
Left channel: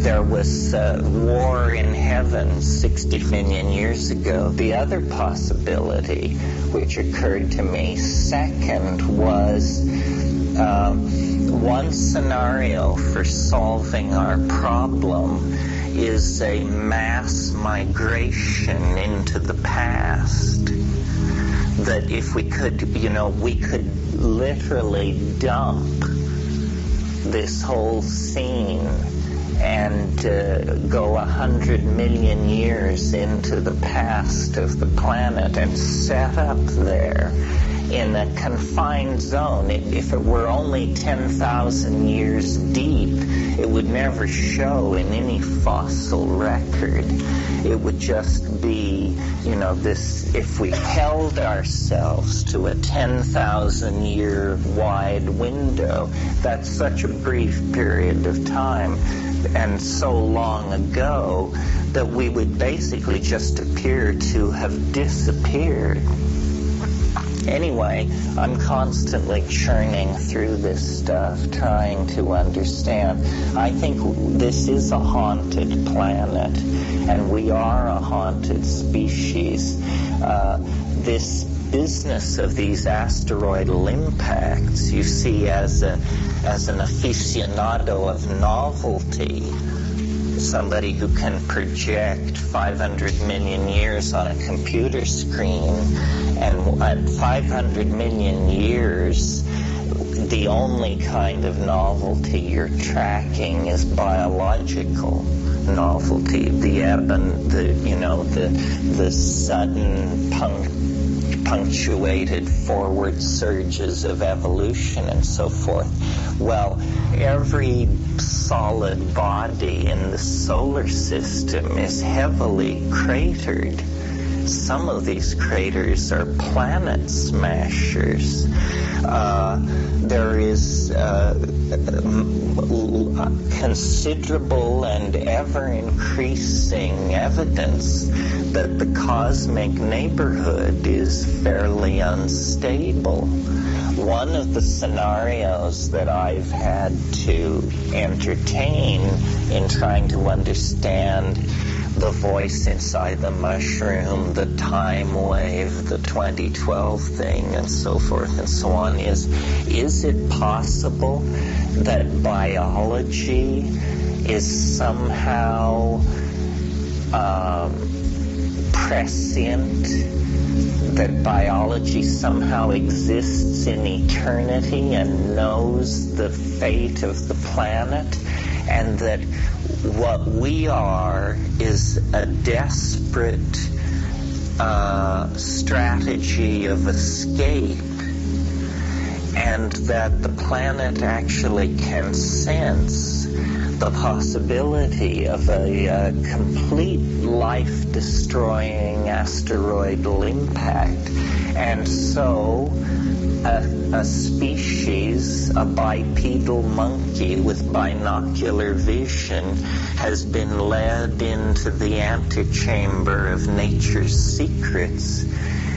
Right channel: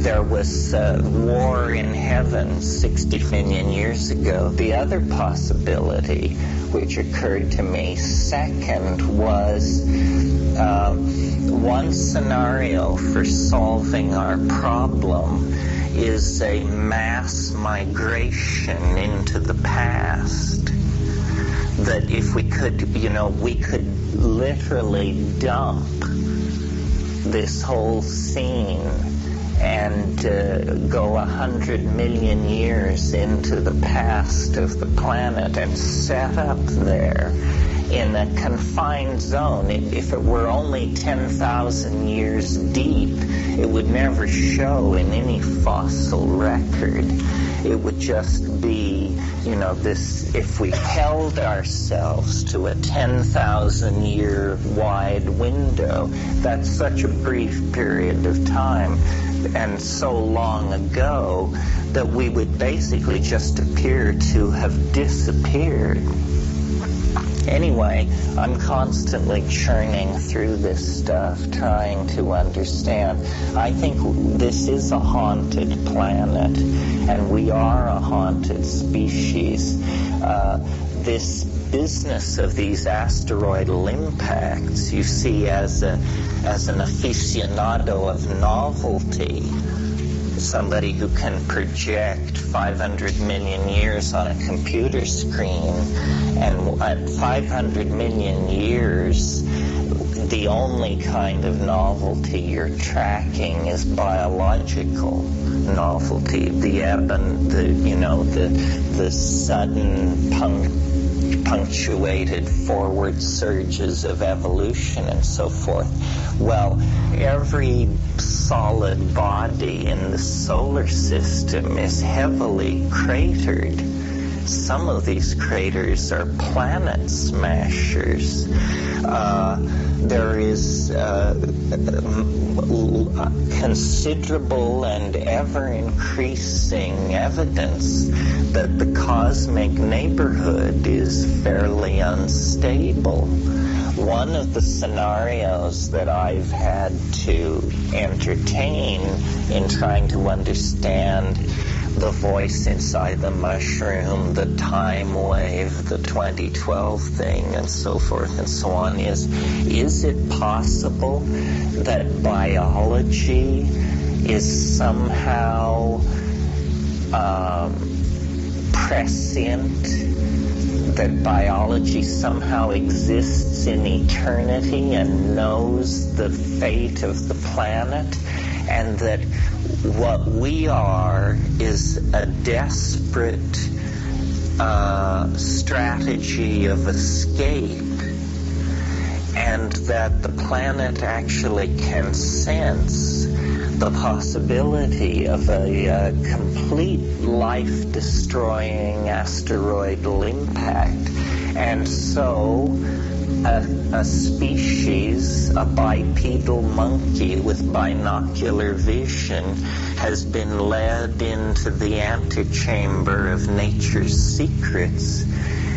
there was war in heaven 60 million years ago. The other possibility which occurred to me second was one scenario for solving our problem is a mass migration into the past. That if we could, we could literally dump this whole scene and go 100 million years into the past of the planet and set up there in a confined zone. If it were only 10,000 years deep, it would never show in any fossil record. It would just be, this, if we held ourselves to a 10,000 year wide window, that's such a brief period of time and so long ago that we would basically just appear to have disappeared. Anyway, I'm constantly churning through this stuff, trying to understand. I think this is a haunted planet, and we are a haunted species. This business of these asteroidal impacts, you see, as an aficionado of novelty, somebody who can project 500 million years on a computer screen, and at 500 million years, the only kind of novelty you're tracking is biological novelty, the sudden punctuated forward surges of evolution and so forth. Well, every solid body in the solar system is heavily cratered. Some of these craters are planet smashers. There is considerable and ever-increasing evidence that the cosmic neighborhood is fairly unstable. One of the scenarios that I've had to entertain in trying to understand the voice inside the mushroom, the time wave, the 2012 thing, and so forth and so on, is it possible that biology is somehow prescient, that biology somehow exists in eternity and knows the fate of the planet, and that what we are is a desperate strategy of escape, and that the planet actually can sense the possibility of a complete life-destroying asteroidal impact. And so a species, a bipedal monkey with binocular vision, has been led into the antechamber of nature's secrets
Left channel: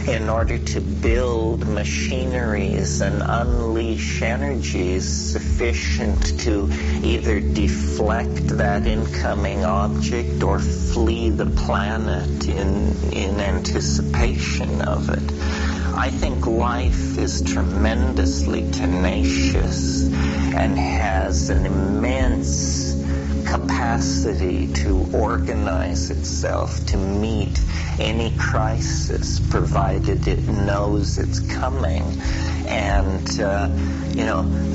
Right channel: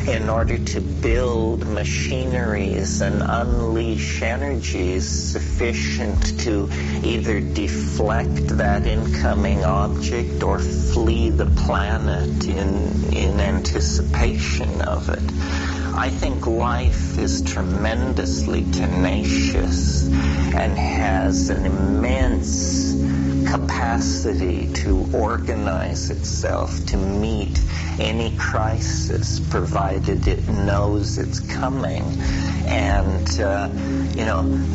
in order to build machineries and unleash energies sufficient to either deflect that incoming object or flee the planet in anticipation of it. I think life is tremendously tenacious and has an immense capacity to organize itself to meet any crisis, provided it knows it's coming. And,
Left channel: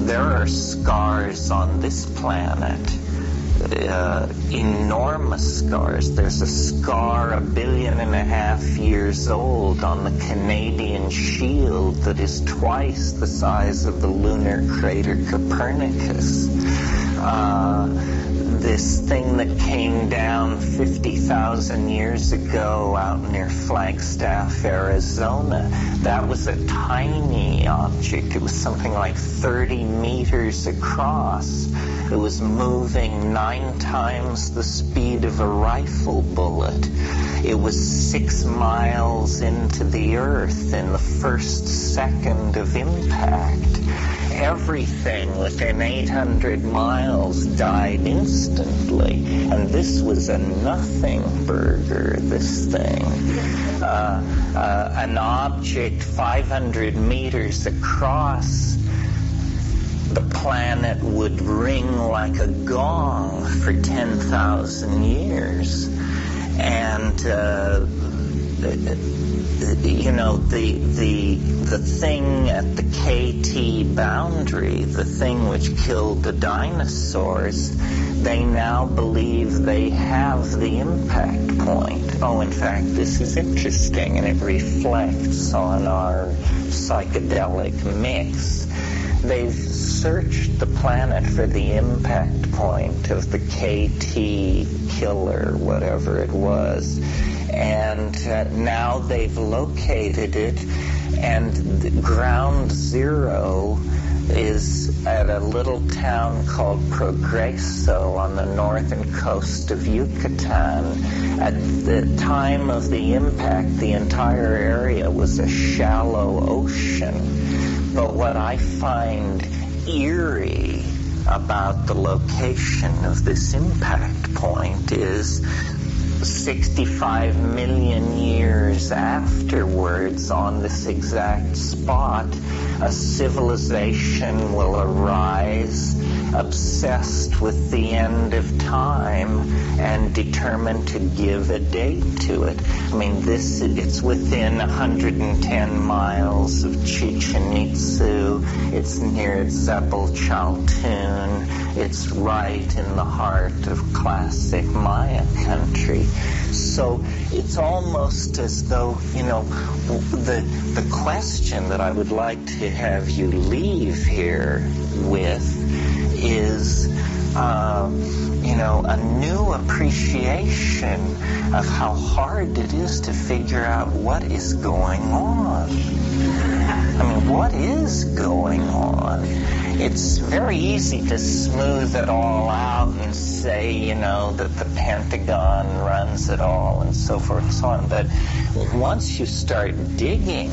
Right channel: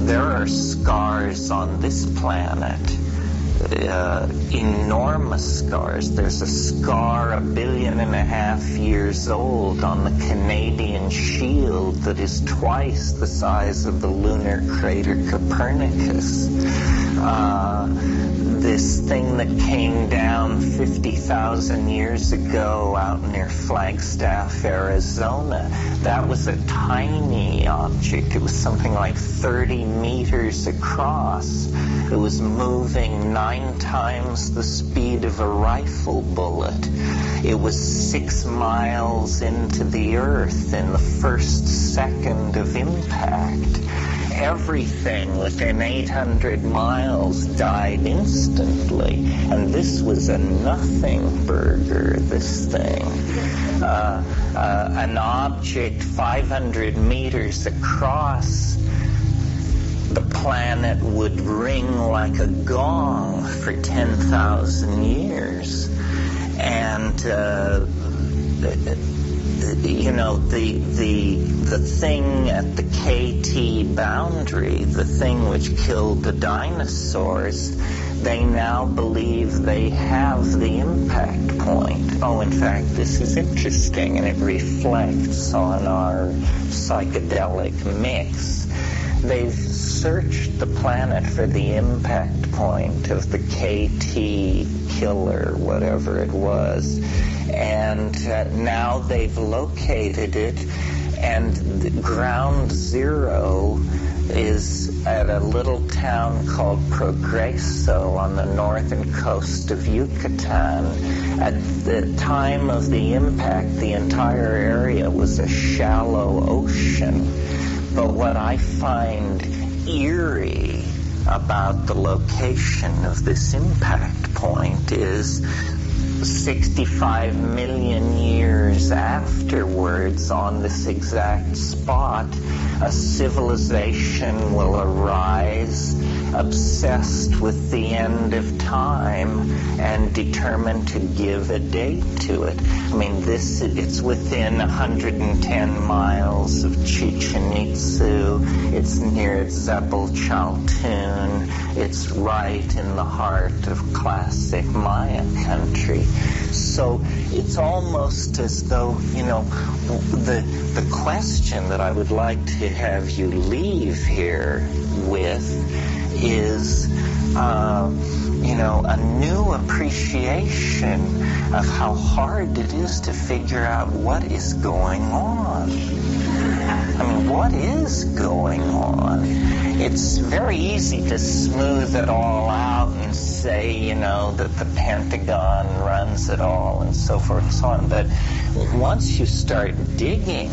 there are scars on this planet, enormous scars. There's a scar 1.5 billion years old on the Canadian shield that is twice the size of the lunar crater Copernicus. This thing that came down 50,000 years ago out near Flagstaff, Arizona, that was a tiny object. It was something like 30 meters across. It was moving 9 times the speed of a rifle bullet. It was 6 miles into the Earth in the first second of impact. Everything within 800 miles died instantly, and this was a nothing burger, this thing. An object 500 meters across the planet would ring like a gong for 10,000 years. And the thing at the KT boundary, the thing which killed the dinosaurs, they now believe they have the impact point. Oh, in fact, this is interesting, and it reflects on our psychedelic mix. They've searched the planet for the impact point of the KT killer, whatever it was, and now they've located it, and ground zero is at a little town called Progreso on the northern coast of Yucatan. At the time of the impact, the entire area was a shallow ocean. But what I find eerie about the location of this impact point is 65 million years afterwards, on this exact spot, a civilization will arise obsessed with the end of time and determined to give a date to it. I mean, it's within 110 miles of Chichen Itza. It's near Zebel Chaltun. It's right in the heart of classic Maya country. So it's almost as though, the question that I would like to have you leave here with is, a new appreciation of how hard it is to figure out what is going on. I mean, what is going on? It's very easy to smooth it all out and say, that the Pentagon runs it all and so forth and so on. But once you start digging,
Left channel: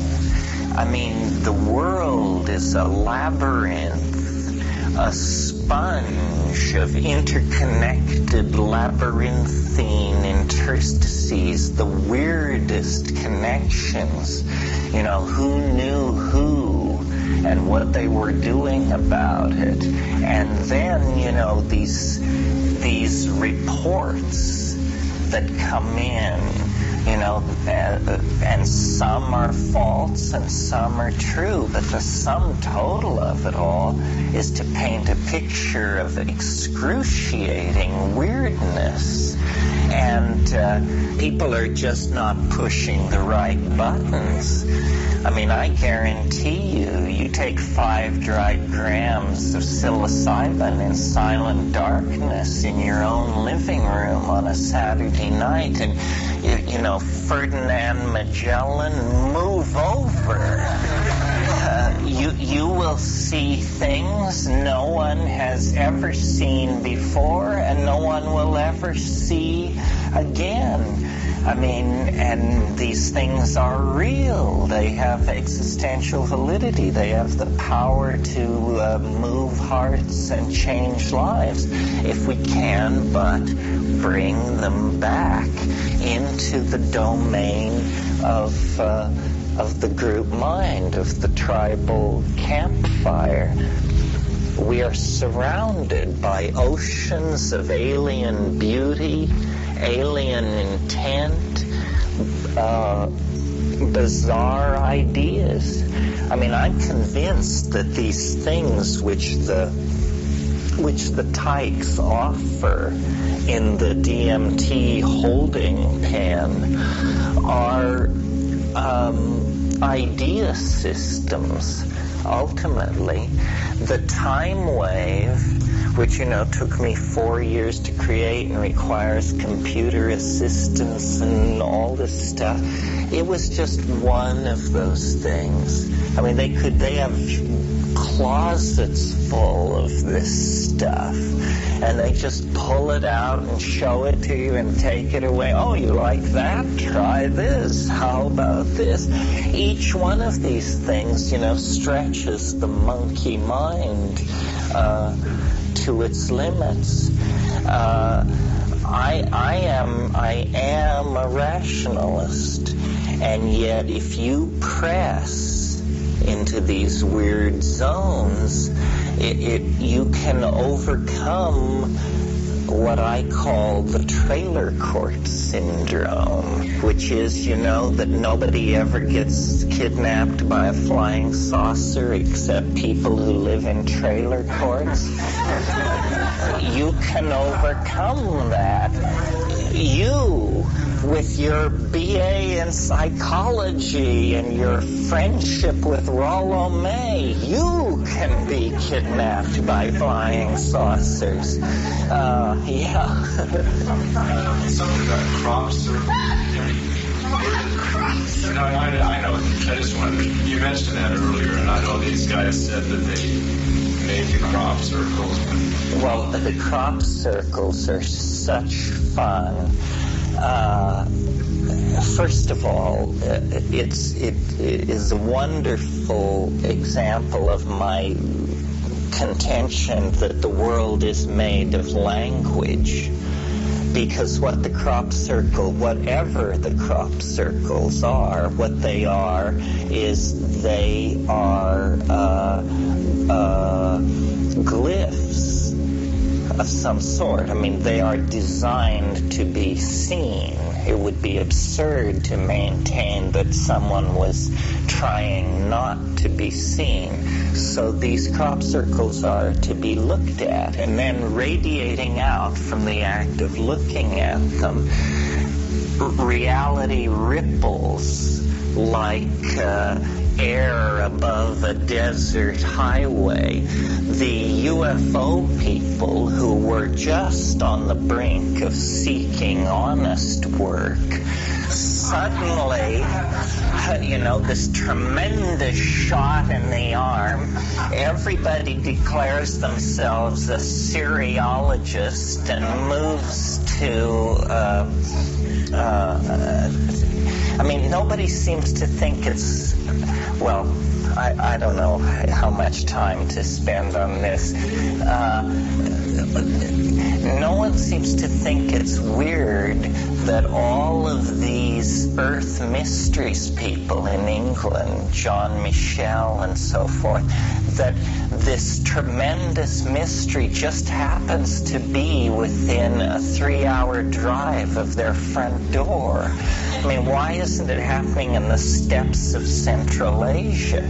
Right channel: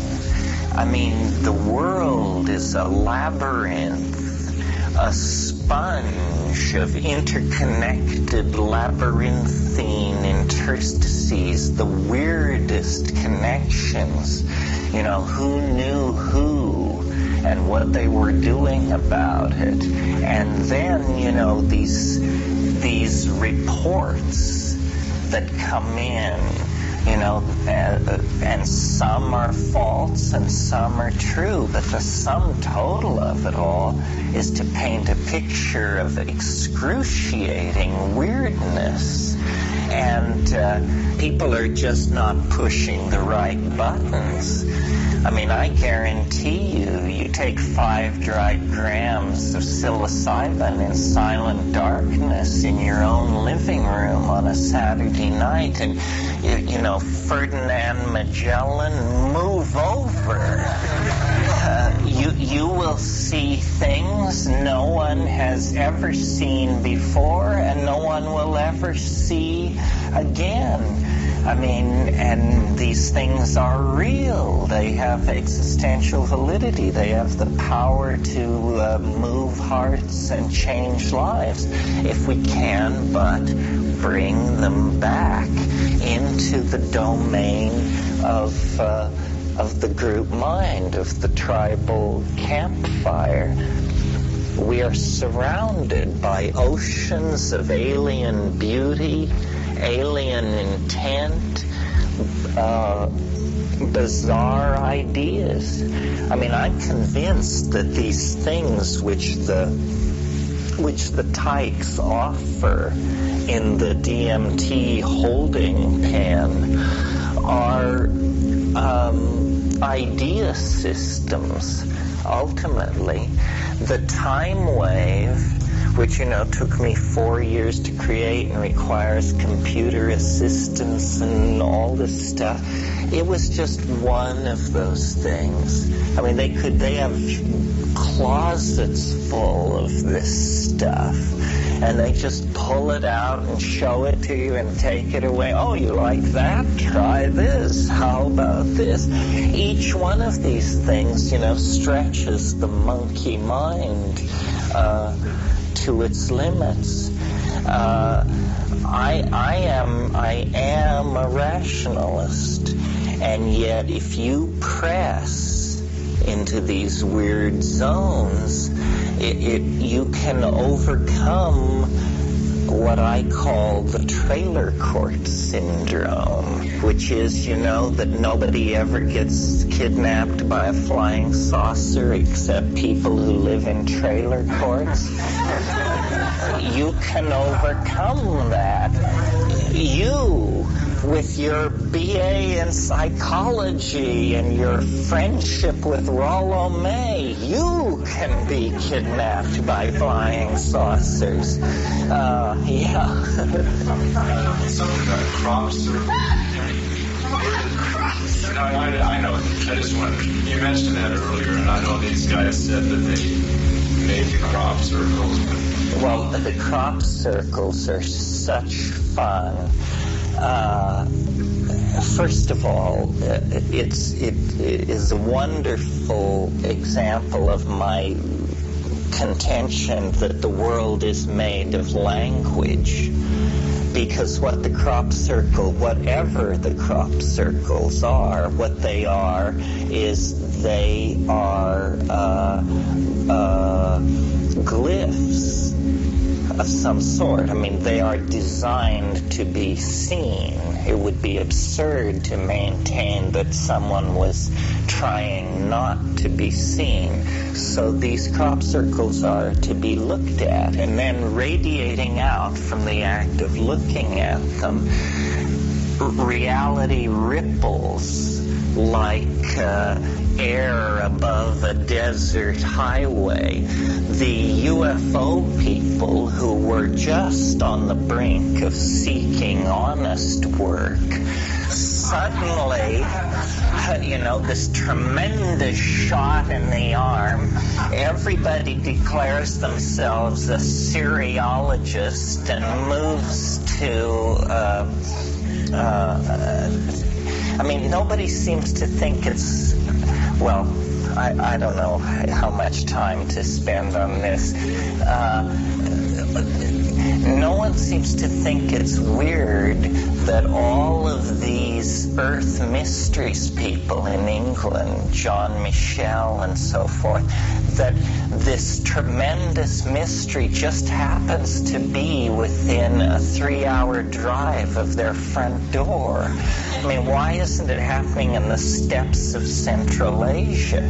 I mean, the world is a labyrinth, a sponge of interconnected labyrinthine interstices, the weirdest connections. Who knew who and what they were doing about it. And then, these reports that come in, and some are false and some are true, but the sum total of it all is to paint a picture of excruciating weirdness. And people are just not pushing the right buttons. I mean, I guarantee you take 5 dry grams of psilocybin in silent darkness in your own living room on a Saturday night, and you know, Ferdinand Magellan, move over. You will see things no one has ever seen before, and no one will ever see again. I mean, and these things are real. They have existential validity. They have the power to move hearts and change lives if we can but bring them back into the domain of the group mind, of the tribal campfire. We are surrounded by oceans of alien beauty, alien intent, bizarre ideas. I mean, I'm convinced that these things which the tykes offer in the DMT holding pen are idea systems. Ultimately, the time wave, which, you know, took me 4 years to create and requires computer assistance and all this stuff, it was just one of those things. I mean, they have closets full of this stuff, and they just pull it out and show it to you and take it away. Oh, you like that? Try this. How about this? Each one of these things, you know, stretches the monkey mind to its limits. I am a rationalist, and yet if you press into these weird zones, you can overcome what I call the trailer court syndrome, which is, you know, that nobody ever gets kidnapped by a flying saucer except people who live in trailer courts. You can overcome that. You, with your BA in psychology and your friendship with Rollo May, you can be kidnapped by flying saucers. Yeah. Something about crop circles. I know. I just wondered. You mentioned that earlier, and I know these guys said that they made the crop circles. Well, the crop circles are such fun. First of all, it is a wonderful example of my contention that the world is made of language. Because what the crop circle, whatever the crop circles are, what they are is they are glyphs of some sort. I mean, they are designed to be seen. It would be absurd to maintain that someone was trying not to be seen. So these crop circles are to be looked at, and then radiating out from the act of looking at them, reality ripples like air above a desert highway. The UFO people who were just on the brink of seeking honest work, suddenly, you know, this tremendous shot in the arm, everybody declares themselves a seriologist and moves to I mean, nobody seems to think it's, well, I don't know how much time to spend on this. No one seems to think it's weird that all of these Earth Mysteries people in England, John Michel and so forth, that this tremendous mystery just happens to be within a 3-hour drive of their front door. I mean, why isn't it happening in the steppes of Central Asia?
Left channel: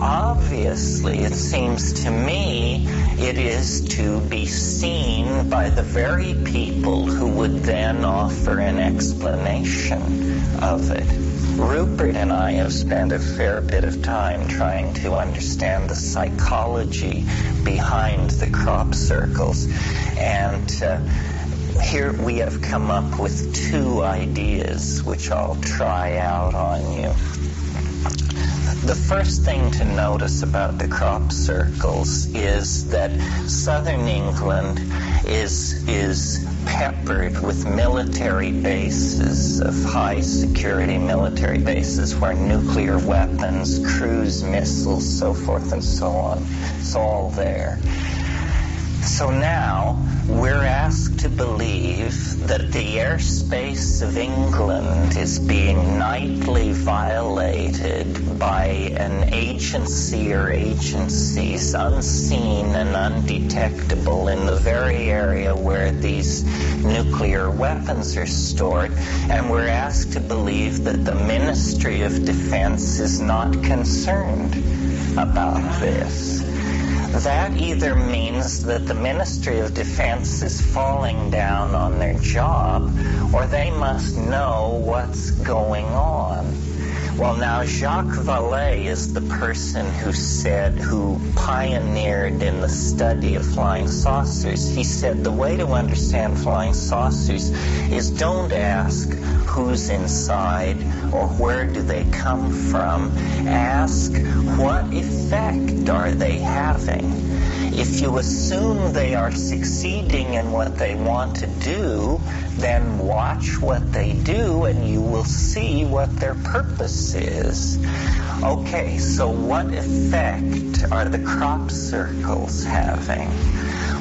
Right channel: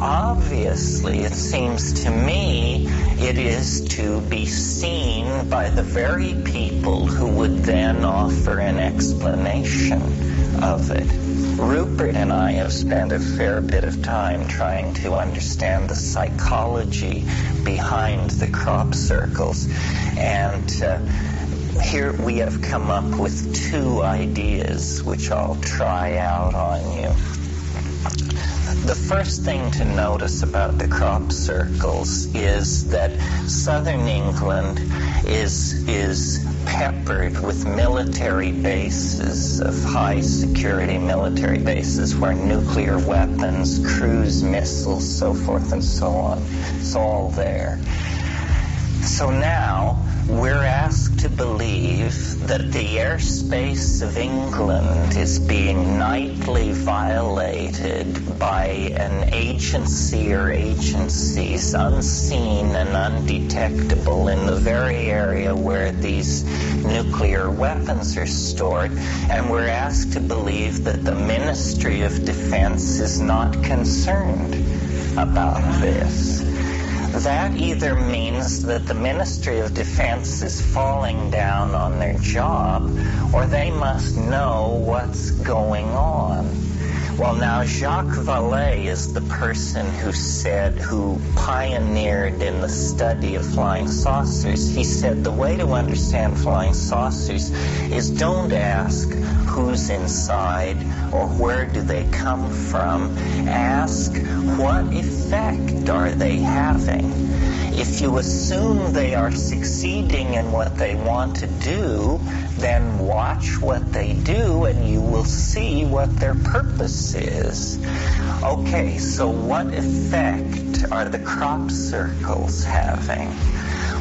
Obviously, it seems to me, it is to be seen by the very people who would then offer an explanation of it. Rupert and I have spent a fair bit of time trying to understand the psychology behind the crop circles, and here we have come up with two ideas which I'll try out on you. The first thing to notice about the crop circles is that southern England is peppered with military bases, of high security military bases where nuclear weapons, cruise missiles, so forth and so on, it's all there. So now we're asked to believe that the airspace of England is being nightly violated by an agency or agencies unseen and undetectable in the very area where these nuclear weapons are stored, and we're asked to believe that the Ministry of Defense is not concerned about this. That either means that the Ministry of Defense is falling down on their job, or they must know what's going on. Well, now, Jacques Vallée is the person who pioneered in the study of flying saucers. He said the way to understand flying saucers is don't ask who's inside or where do they come from. Ask what effect are they having. If you assume they are succeeding in what they want to do, then watch what they do and you will see what their purpose is. Okay, so what effect are the crop circles having?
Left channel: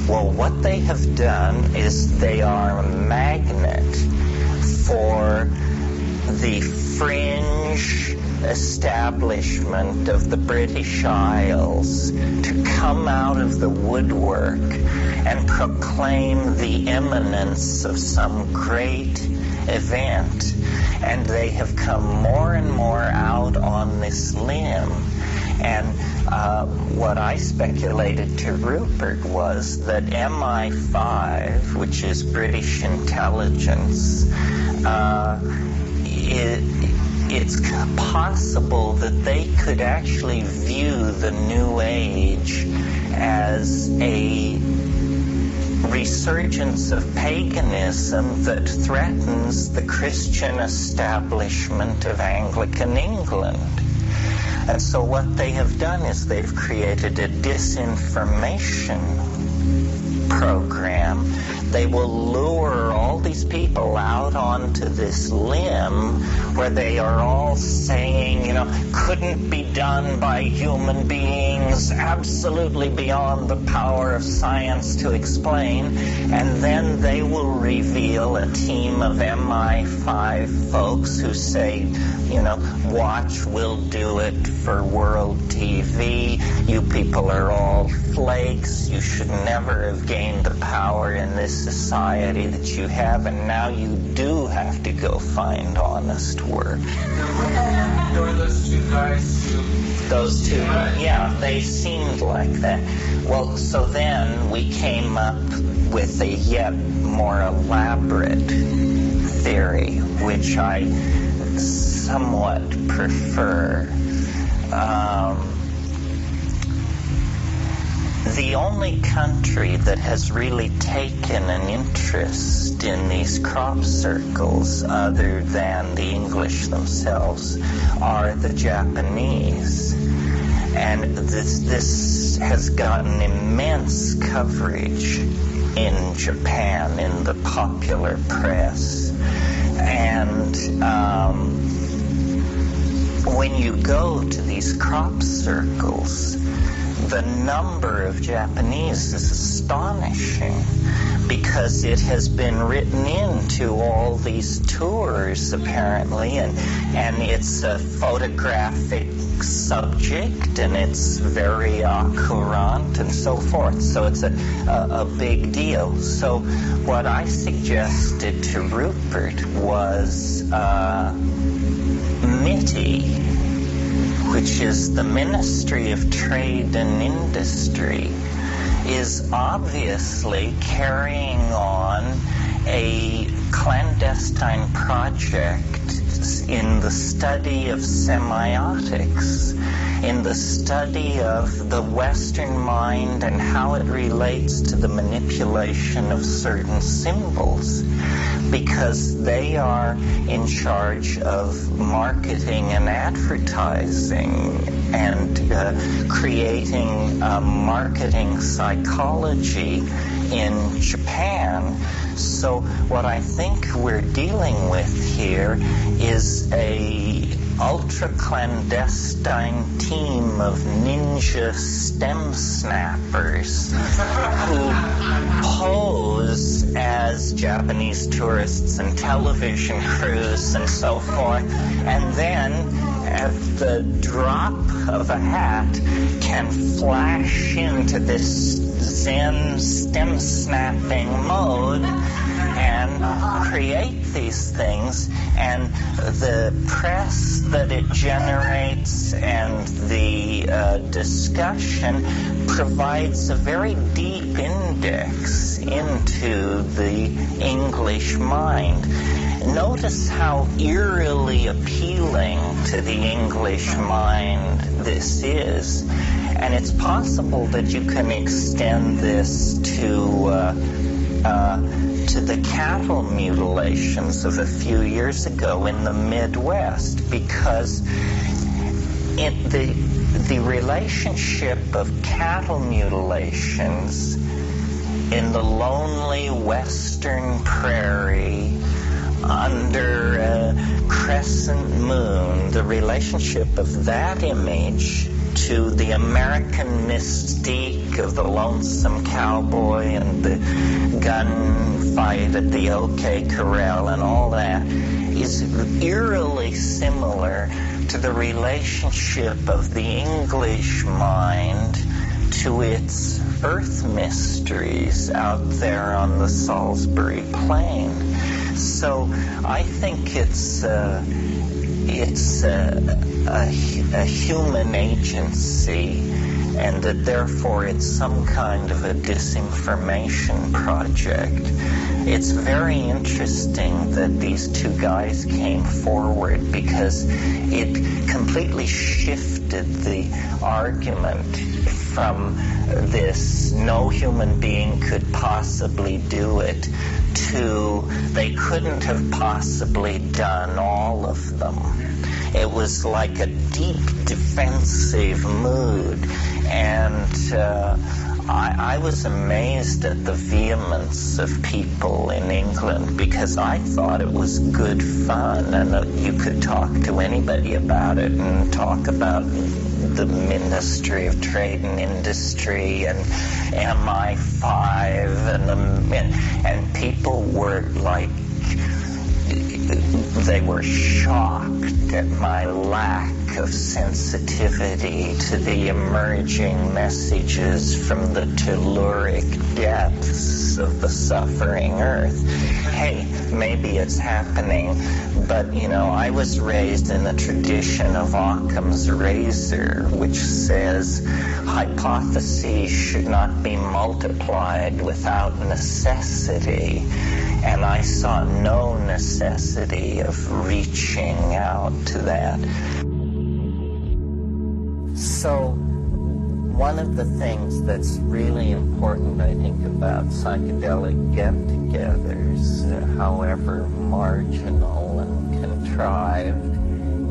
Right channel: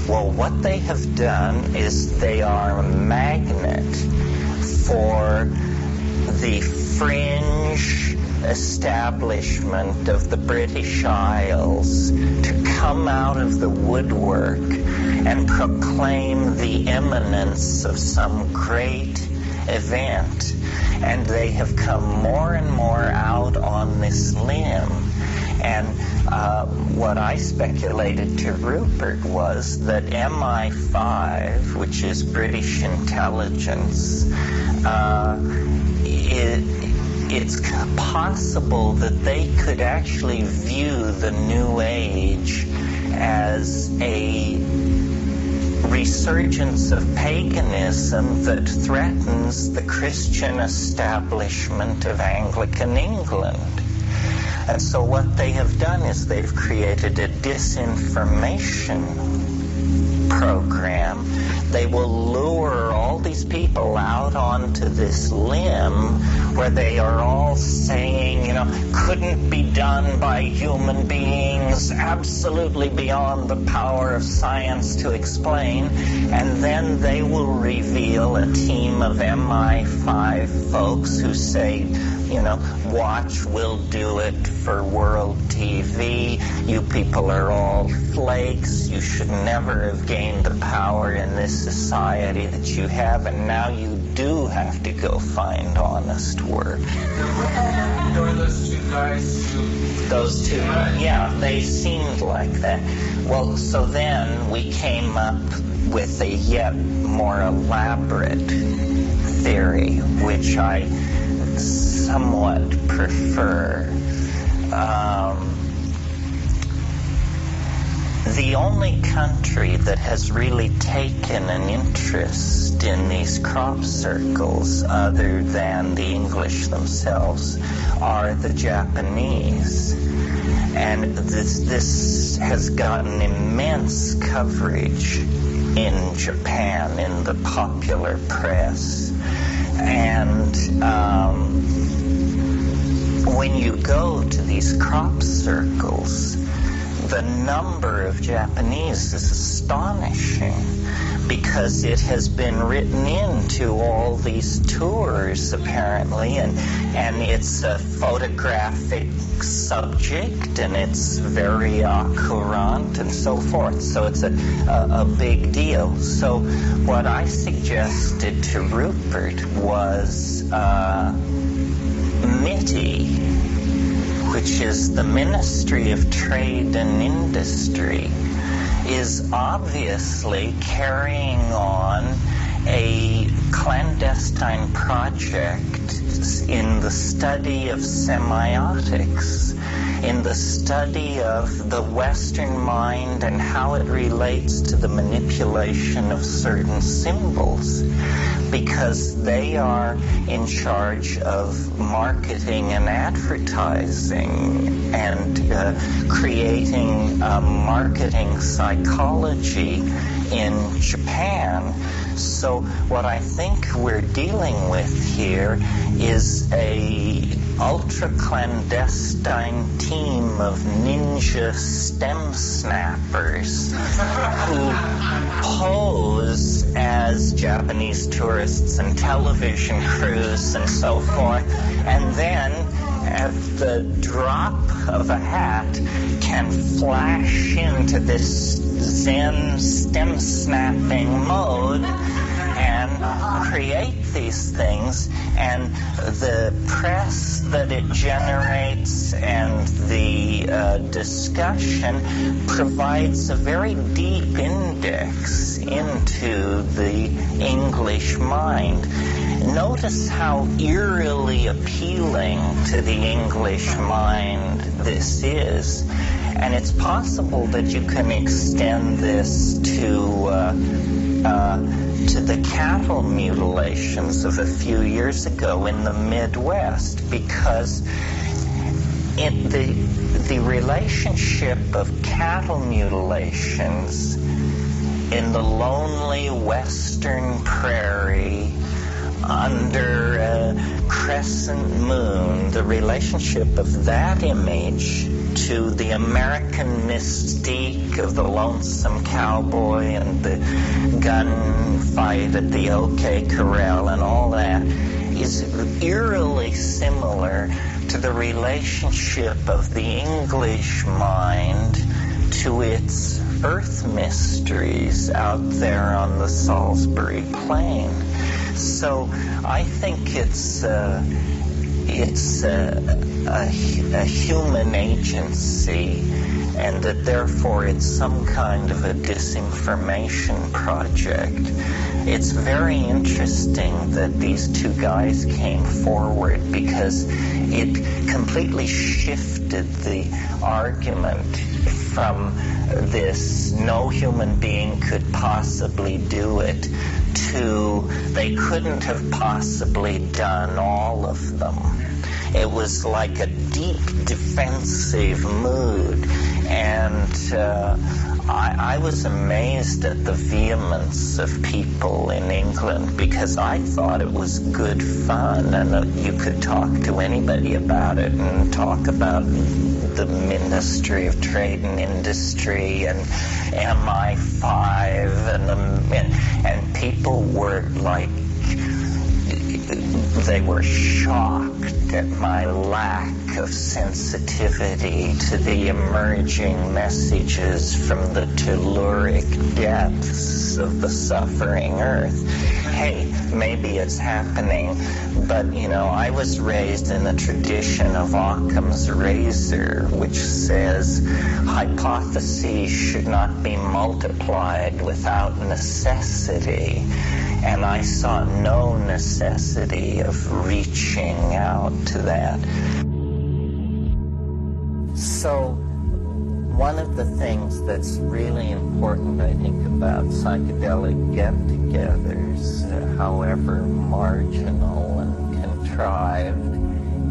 Well, what they have done is they are a magnet for the fringe establishment of the British Isles to come out of the woodwork and proclaim the imminence of some great event. And they have come more and more out on this limb. And what I speculated to Rupert was that MI5, which is British intelligence, it's possible that they could actually view the New Age as a resurgence of paganism that threatens the Christian establishment of Anglican England. And so what they have done is they've created a disinformation program. They will lure all these people out onto this limb where they are all saying, couldn't be done by human beings, absolutely beyond the power of science to explain. And then they will reveal a team of MI5 folks who say, watch, we'll do it for world TV. You people are all flakes. You should never have gained the power in this society that you have, and now you do have to go find honest work. There were those two guys Those two, yeah, they seemed like that. Well, so then we came up with a yet more elaborate theory, which I somewhat prefer. The only country that has really taken an interest in these crop circles, other than the English themselves, are the Japanese. And this has gotten immense coverage in Japan, in the popular press. And when you go to these crop circles, the number of Japanese is astonishing, because it has been written into all these tours apparently, and it's a photographic subject, and it's very courant and so forth, so it's a big deal. So what I suggested to Rupert was MITI, which is the Ministry of Trade and Industry, is obviously carrying on a clandestine project in the study of semiotics, in the study of the Western mind and how it relates to the manipulation of certain symbols, because they are in charge of marketing and advertising and creating marketing psychology in Japan. So what I think we're dealing with here is a ultra-clandestine team of ninja stem snappers who pose as Japanese tourists and television crews and so forth, and then at the drop of a hat can flash into this Zen stem snapping mode and create these things, and the press that it generates and the discussion provides a very deep index into the English mind. Notice how eerily appealing to the English mind this is, and it's possible that you can extend this to the cattle mutilations of a few years ago in the Midwest, because the relationship of cattle mutilations in the lonely western prairie under a crescent moon, the relationship of that image to the American mystique of the lonesome cowboy and the gunfight at the OK Corral and all that is eerily similar to the relationship of the English mind to its earth mysteries out there on the Salisbury Plain. So I think it's a human agency, and that therefore it's some kind of a disinformation project. It's very interesting that these two guys came forward, because it completely shifted the argument from this no human being could possibly do it to they couldn't have possibly done all of them. It was like a deep defensive mood, and I was amazed at the vehemence of people in England, because I thought it was good fun, and you could talk to anybody about it and talk about the Ministry of Trade and Industry and MI5 and people were like, they were shocked at my lack of sensitivity to the emerging messages from the telluric depths of the suffering earth. Hey, maybe it's happening, but I was raised in the tradition of Occam's razor, which says hypotheses should not be multiplied without necessity. And I saw no necessity of reaching out to that. So one of the things that's really important, I think, about psychedelic get-togethers, however marginal and contrived,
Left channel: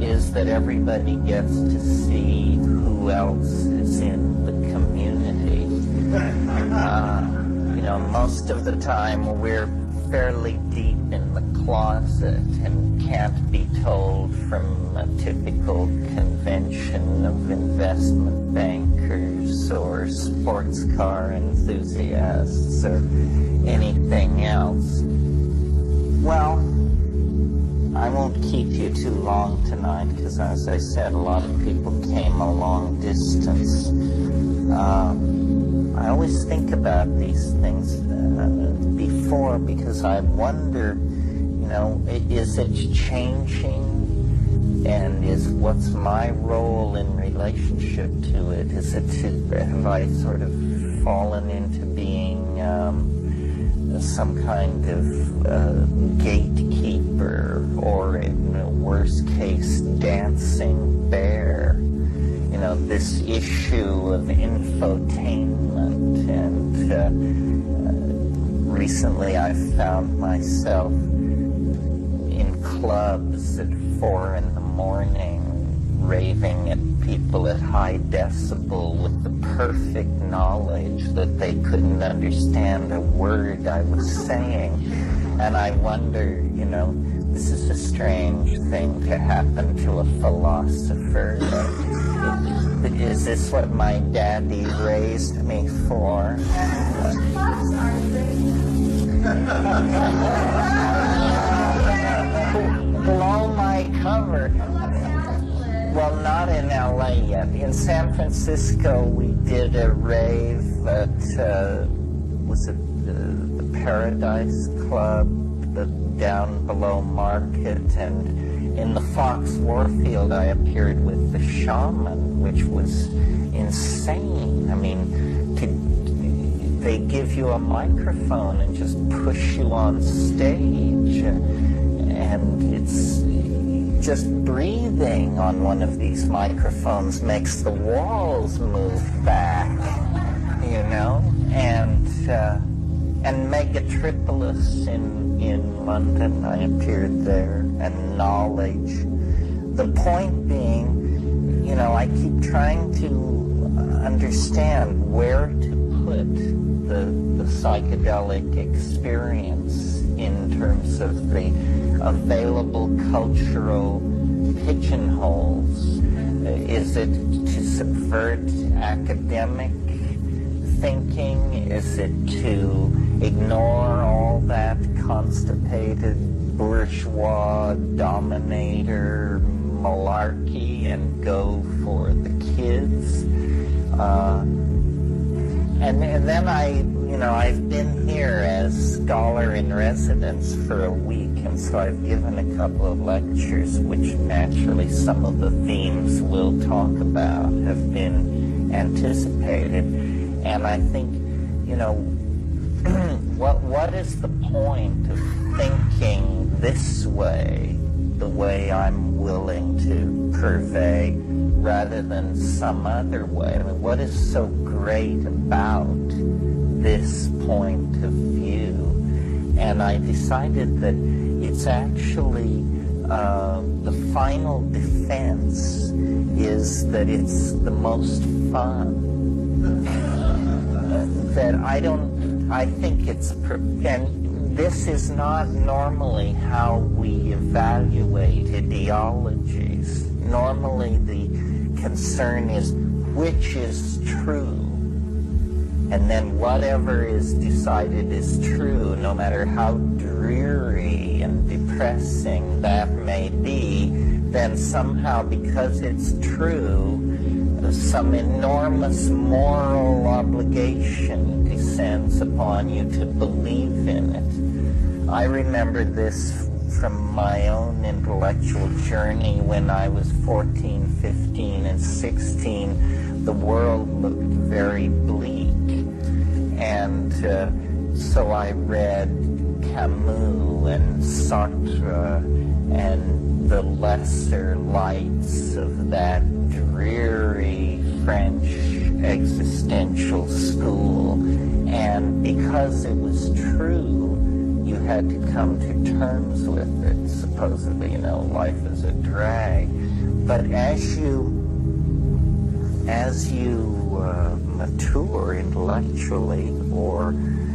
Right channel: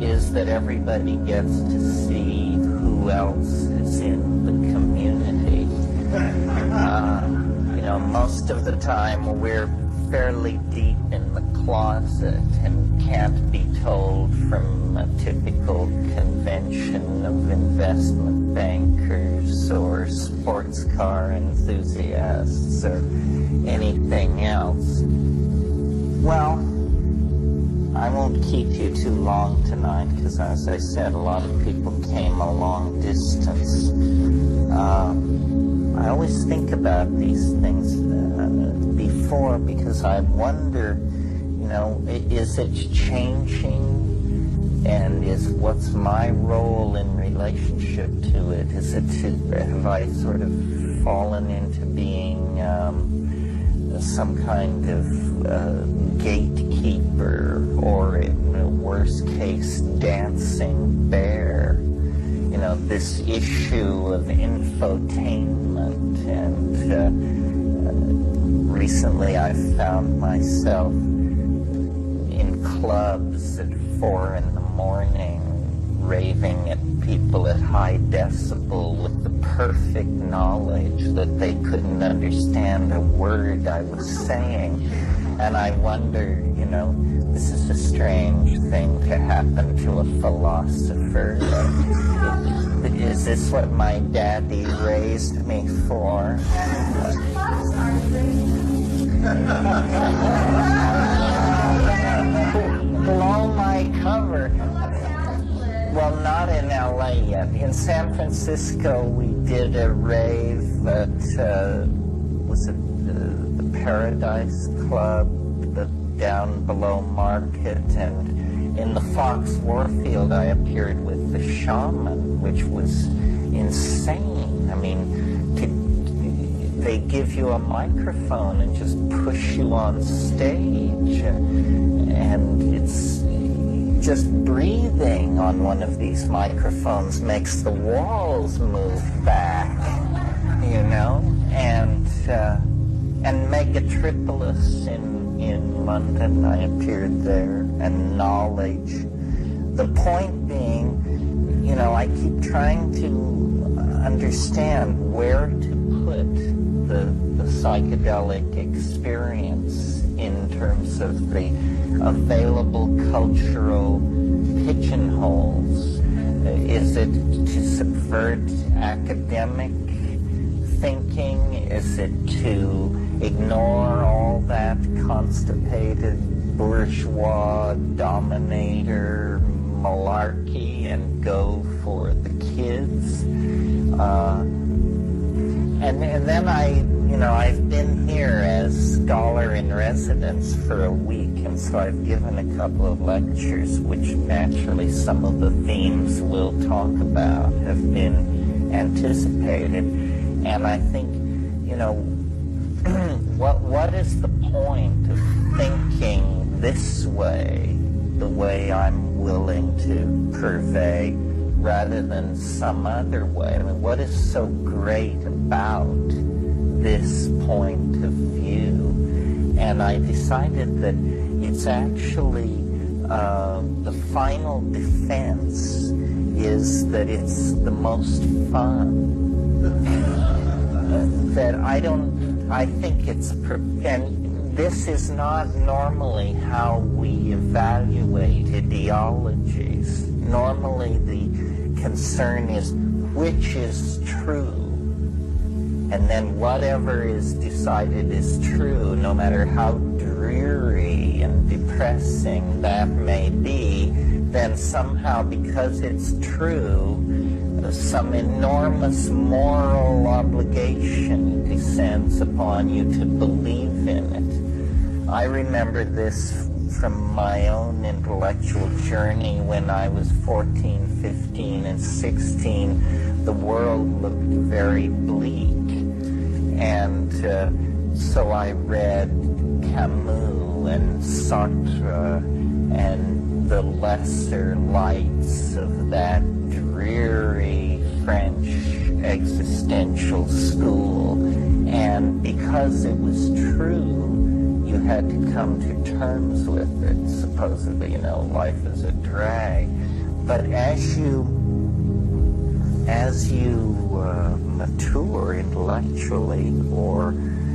is that everybody gets to see who else is in the community. Most of the time we're fairly deep in the closet and can't be told from a typical convention of investment bankers or sports car enthusiasts or anything else. Well, I won't keep you too long tonight because, as I said, a lot of people came a long distance. I always think about these things before because I wonder, is it changing? And what's my role in relationship to it? Have I sort of fallen into being some kind of gatekeeper, or in the worst case, dancing bear? This issue of infotainment, and recently I found myself in clubs at 4 a.m. raving at people at high decibel with the perfect knowledge that they couldn't understand a word I was saying. And I wonder, this is a strange thing to happen to a philosopher. Is this what my daddy raised me for? Blow my cover. Well, not in LA yet. In San Francisco, we did a rave at, was it the Paradise Club, down below Market, and in the Fox Warfield I appeared with the Shaman, which was insane. I mean, they give you a microphone and just push you on stage, and it's just breathing on one of these microphones makes the walls move back, and Megatripolis in London, I appeared there, and Knowledge. The point being, I keep trying to understand where to put the psychedelic experience in terms of the available cultural pigeonholes. Is it to subvert academic thinking? Is it to ignore all that constipated bourgeois dominator malarkey and go for the kids? And then I've been here as scholar in residence for a week, and so I've given a couple of lectures, which naturally some of the themes we'll talk about have been anticipated. And I think, what is the point of thinking this way, the way I'm willing to purvey, rather than some other way? I mean, what is so great about this point of view? And I decided that it's actually the final defense is that it's the most fun. That I think it's, and this is not normally how we evaluate ideologies. Normally the concern is which is true, and then whatever is decided is true, no matter how dreary and depressing that may be, then somehow because it's true, some enormous moral obligation descends upon you to believe in it. I remember this from my own intellectual journey when I was 14, 15, and 16. The world looked very bleak. And so I read Camus and Sartre and the lesser lights of that dreary French existential school. And because it was true, you had to come to terms with it. Supposedly, life is a drag. But as you mature intellectually, or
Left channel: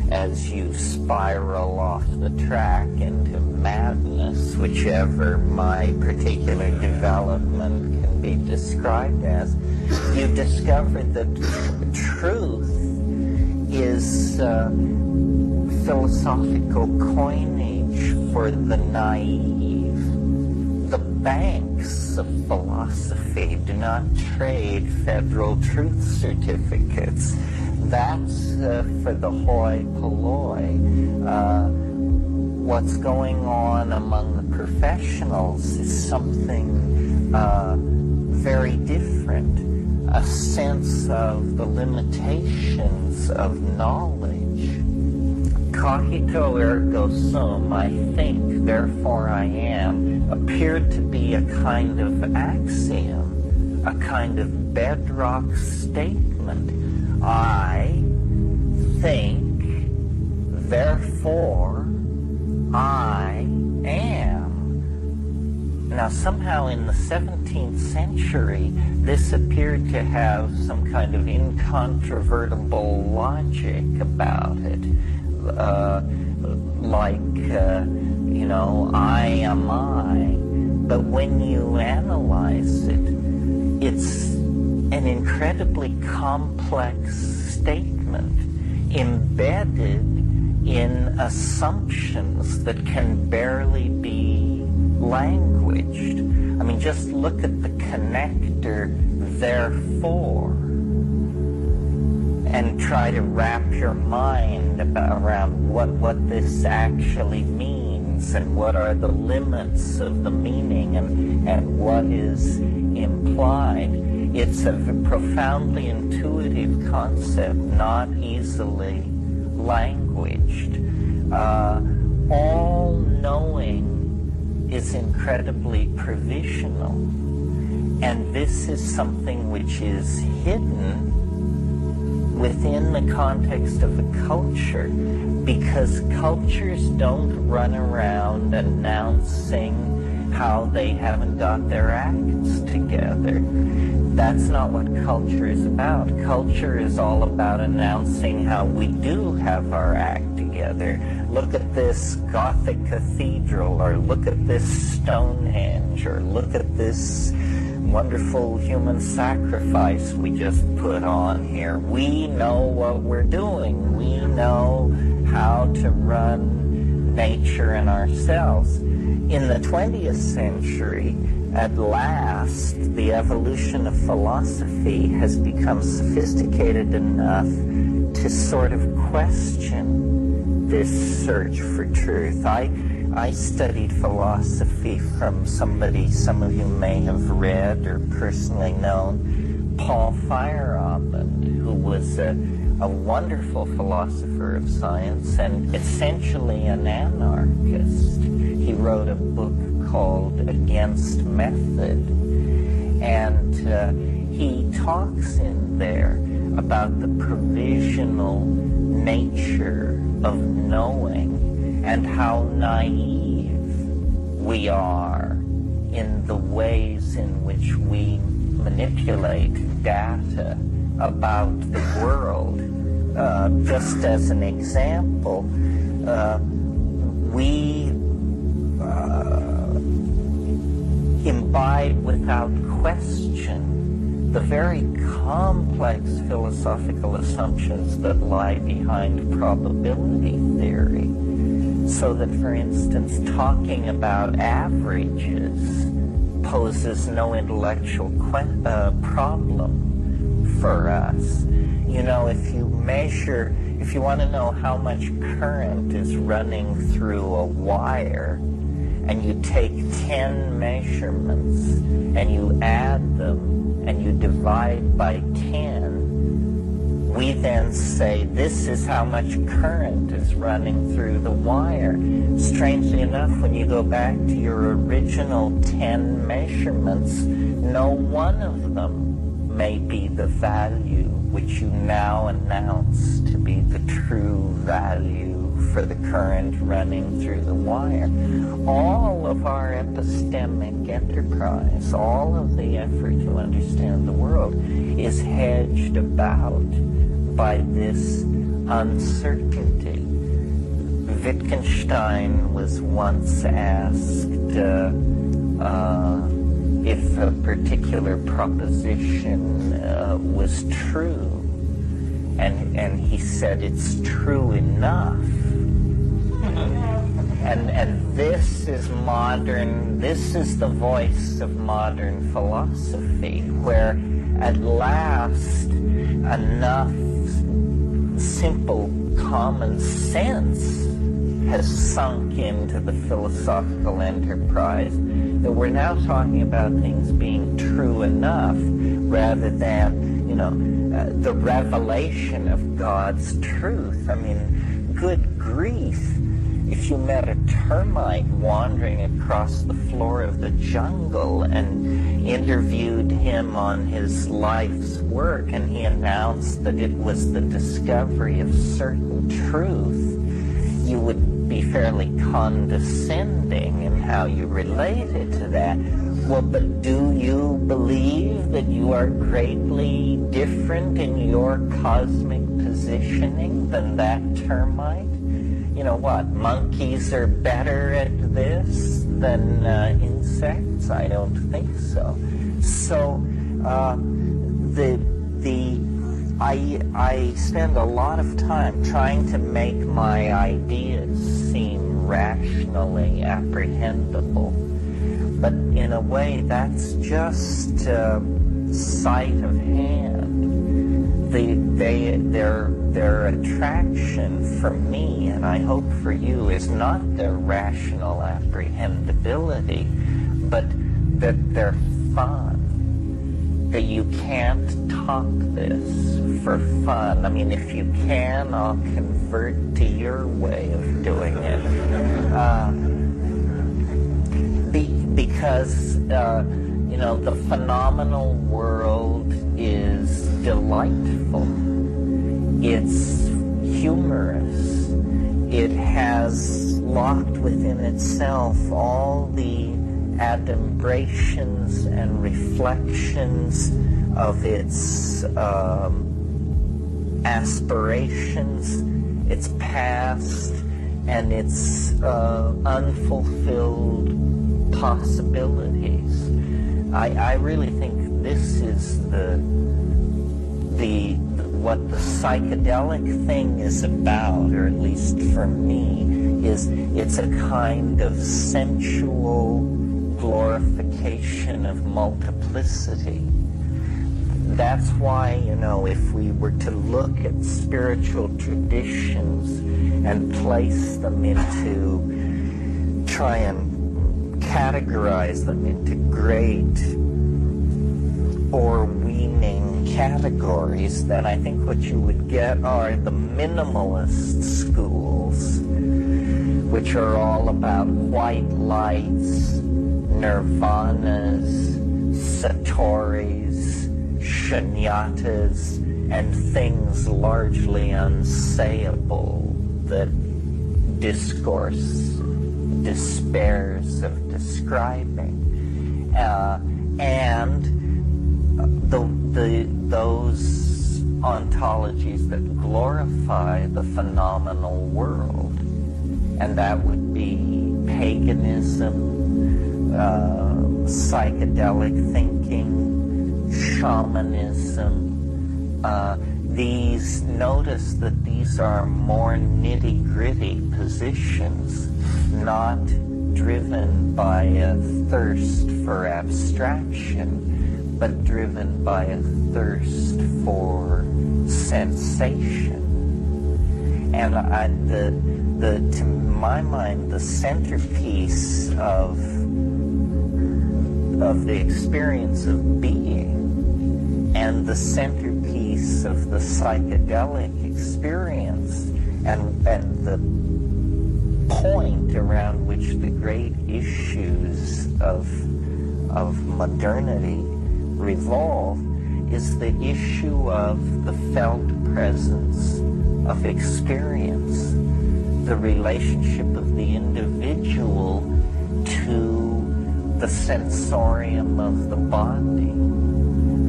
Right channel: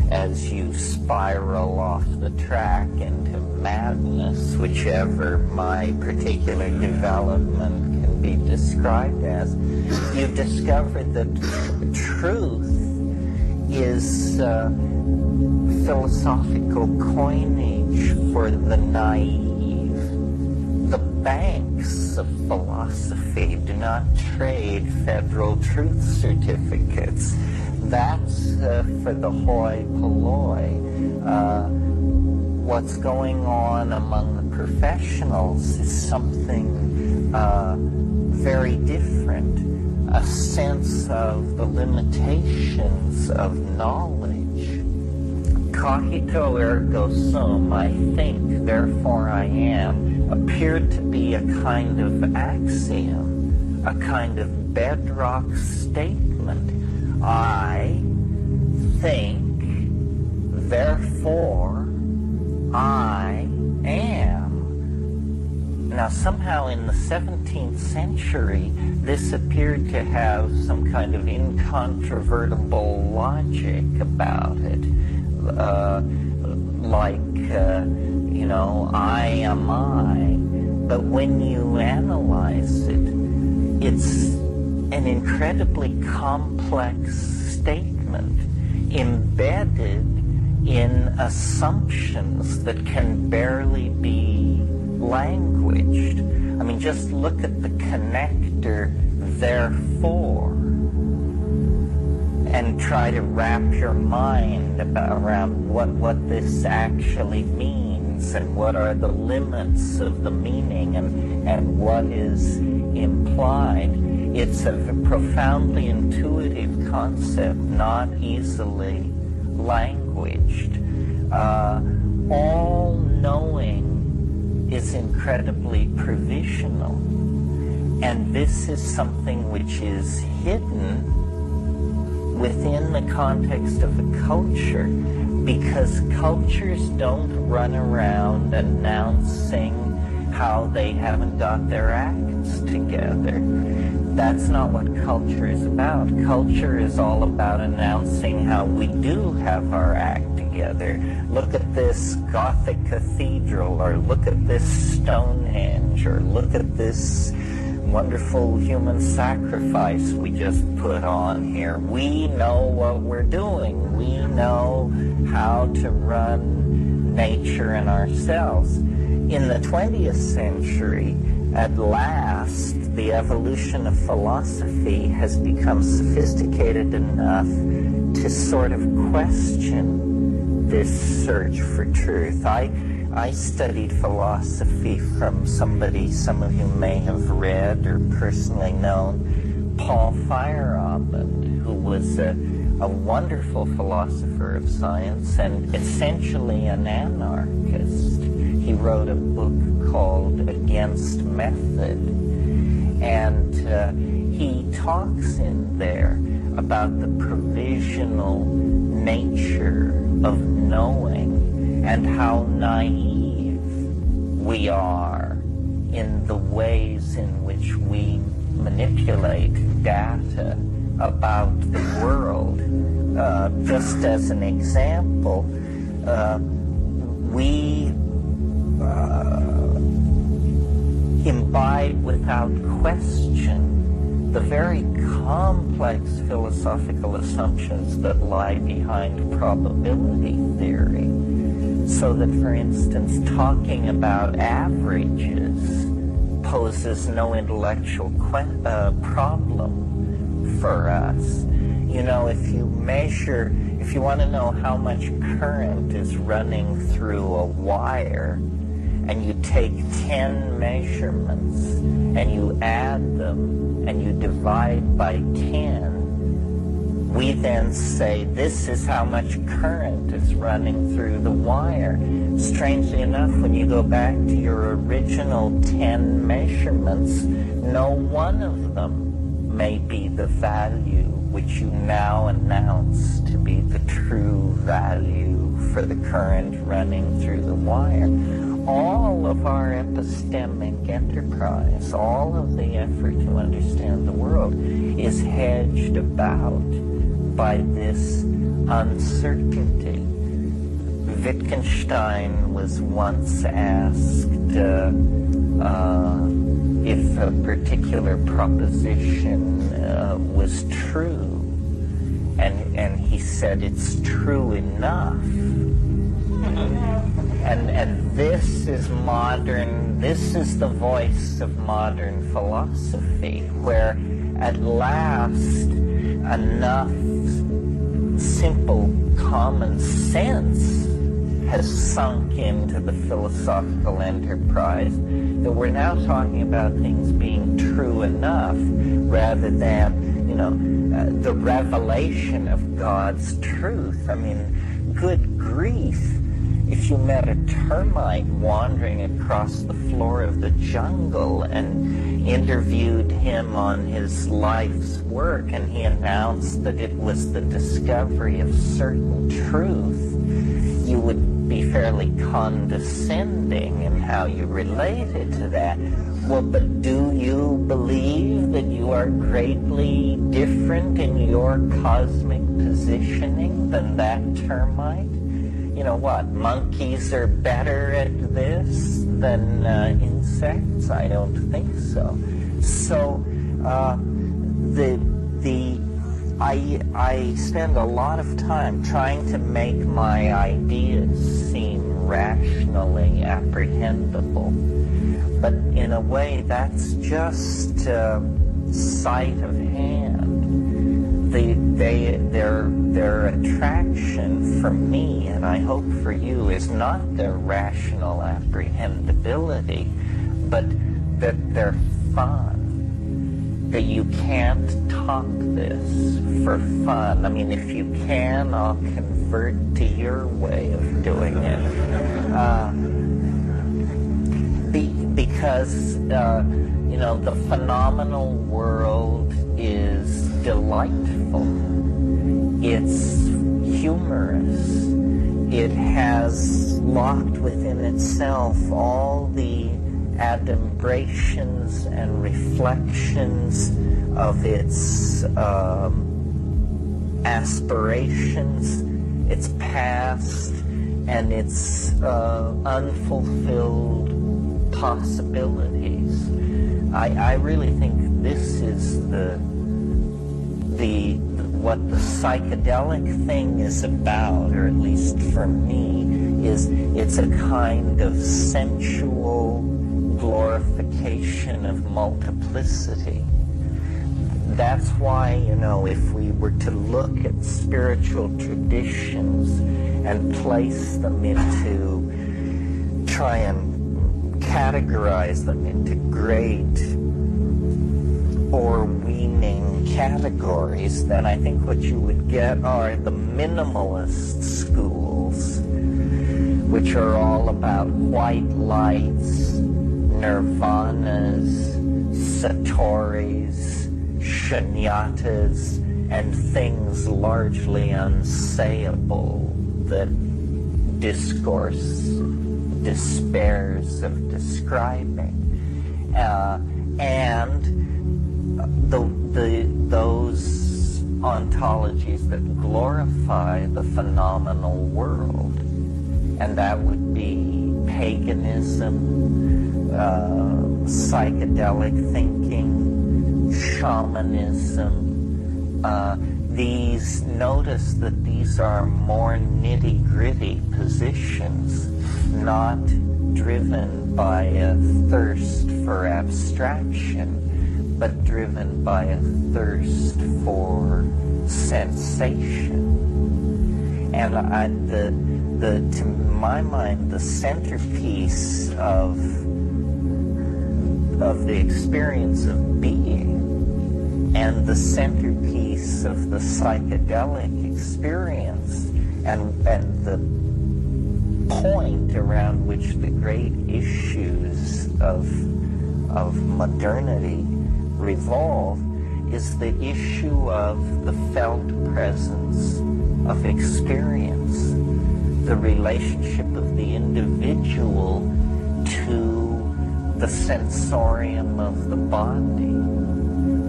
as you spiral off the track into madness, whichever my particular development can be described as, you discover that truth is philosophical coinage for the naive. The banks of philosophy do not trade federal truth certificates. That's for the hoi polloi. What's going on among the professionals is something very different, a sense of the limitations of knowledge. Cogito ergo sum, I think, therefore I am, appeared to be a kind of axiom, a kind of bedrock statement. I think, therefore I am. Now, somehow in the 17th century, this appeared to have some kind of incontrovertible logic about it. I am I. But when you analyze it, it's an incredibly complex statement embedded in assumptions that can barely be languaged. I mean, just look at the connector, therefore, and try to wrap your mind around what this actually means and what are the limits of the meaning and what is implied. It's a profoundly intuitive concept, not easily languaged. All knowing is incredibly provisional, and this is something which is hidden within the context of a culture, because cultures don't run around announcing how they haven't got their acts together. That's not what culture is about. Culture is all about announcing how we do have our act together. Look at this Gothic cathedral, or look at this Stonehenge, or look at this wonderful human sacrifice we just put on here. We know what we're doing. We know how to run nature and ourselves. In the 20th century, at last, the evolution of philosophy has become sophisticated enough to sort of question this search for truth. I studied philosophy from somebody some of you may have read or personally known, Paul Feyerabend, who was a wonderful philosopher of science and essentially an anarchist. He wrote a book called Against Method, and he talks in there about the provisional nature of knowing and how naive we are in the ways in which we manipulate data about the world. Just as an example, we imbibe without question the very complex philosophical assumptions that lie behind probability theory. So that, for instance, talking about averages poses no intellectual problem for us. You know, if you want to know how much current is running through a wire, and you take 10 measurements and you add them and you divide by 10, we then say this is how much current is running through the wire. Strangely enough, when you go back to your original 10 measurements, no one of them may be the value which you now announce to be the true value for the current running through the wire. All of our epistemic enterprise, all of the effort to understand the world is hedged about by this uncertainty. Wittgenstein was once asked if a particular proposition was true, and he said it's true enough. And this is modern, this is the voice of modern philosophy, where at last enough simple common sense has sunk into the philosophical enterprise that we're now talking about things being true enough rather than, the revelation of God's truth. I mean, good grief. If you met a termite wandering across the floor of the jungle and interviewed him on his life's work, and he announced that it was the discovery of certain truth, you would be fairly condescending in how you related to that. Well, but do you believe that you are greatly different in your cosmic positioning than that termite? You know what, monkeys are better at this than insects? I don't think so. So I spend a lot of time trying to make my ideas seem rationally apprehendable. But in a way, that's just sight of hand. Their attraction for me, and I hope for you, is not their rational apprehendability, but that they're fun. That you can't talk this for fun. I mean, if you can, I'll convert to your way of doing it. Because the phenomenal world is delightful. It's humorous. It has locked within itself all the adumbrations and reflections of its aspirations, its past, and its unfulfilled possibilities. I really think this is what the psychedelic thing is about, or at least for me, is it's a kind of sensual glorification of multiplicity. That's why, if we were to look at spiritual traditions and place them try and categorize them into great Orwellian categories, then I think what you would get are the minimalist schools, which are all about white lights, nirvanas, satori's, shunyatas, and things largely unsayable that discourse despairs of describing. And those ontologies that glorify the phenomenal world, and that would be paganism, psychedelic thinking, shamanism. Notice that these are more nitty-gritty positions, not driven by a thirst for abstraction, but driven by a thirst for sensation. And to my mind, the centerpiece of the experience of being and the centerpiece of the psychedelic experience and the point around which the great issues of modernity revolve is the issue of the felt presence of experience, the relationship of the individual to the sensorium of the body.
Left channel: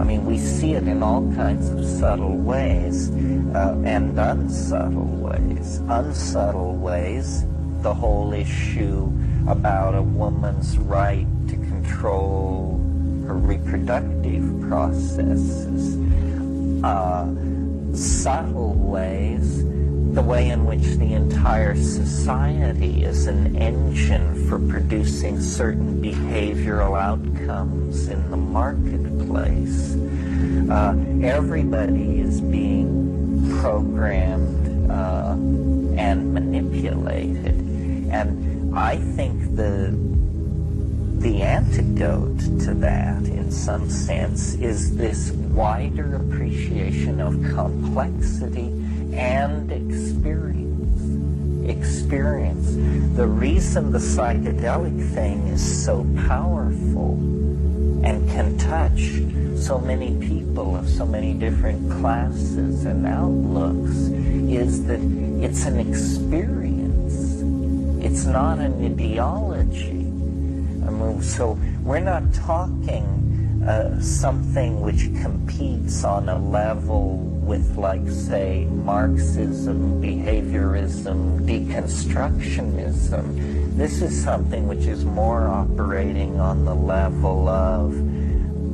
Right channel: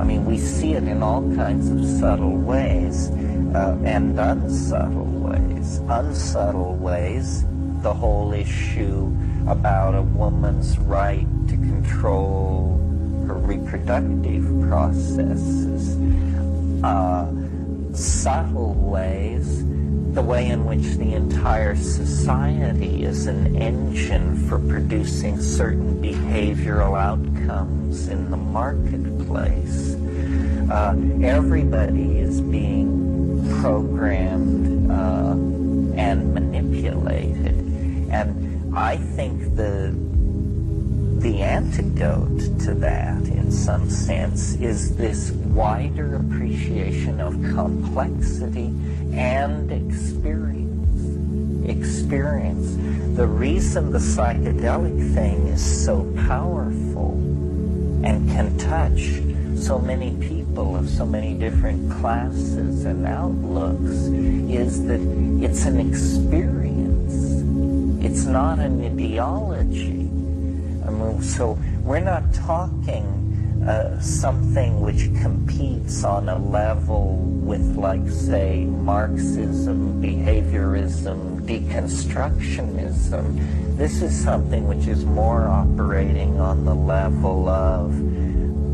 I mean, we see it in all kinds of subtle ways. and unsubtle ways. Unsubtle ways, the whole issue about a woman's right to control her reproductive processes. Subtle ways, the way in which the entire society is an engine for producing certain behavioral outcomes in the marketplace. Everybody is being programmed and manipulated. And I think the antidote to that, in some sense, is this wider appreciation of complexity and experience. The reason the psychedelic thing is so powerful and can touch so many people of so many different classes and outlooks is that it's an experience. It's not an ideology. I mean, so we're not talking something which competes on a level with, like, say, Marxism, behaviorism, deconstructionism. This is something which is more operating on the level of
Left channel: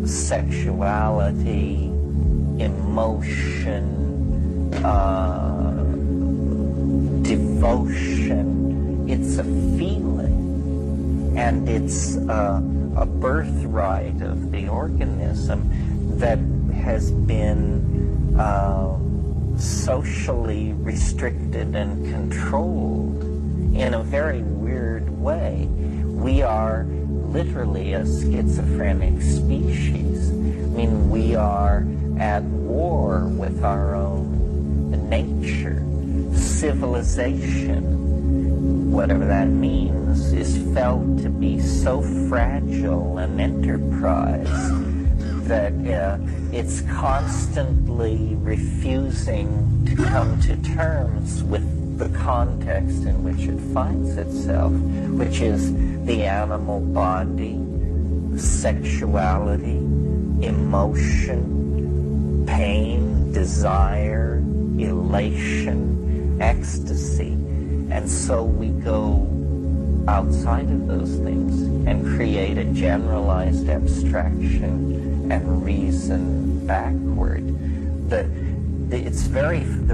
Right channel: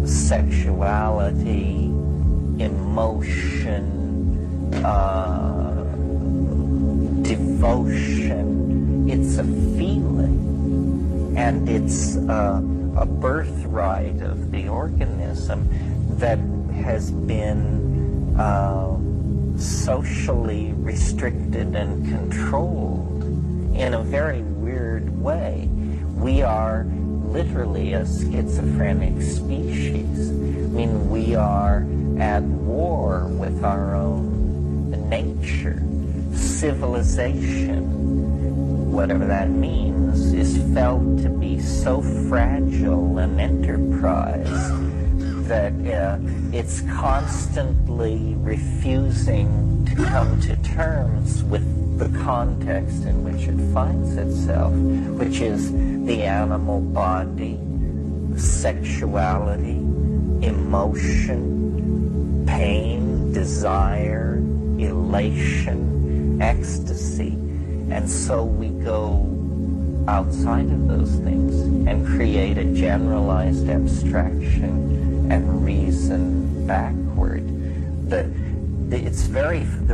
sexuality, emotion, devotion. It's a feeling, and it's a birthright of the organism that has been socially restricted and controlled in a very weird way. We are literally a schizophrenic species. I mean, we are at war with our own nature. Civilization, whatever that means, is felt to be so fragile an enterprise that it's constantly refusing to come to terms with the context in which it finds itself, which is the animal body, sexuality, emotion, pain, desire, elation, ecstasy. And so we go outside of those things and create a generalized abstraction and reason backward. The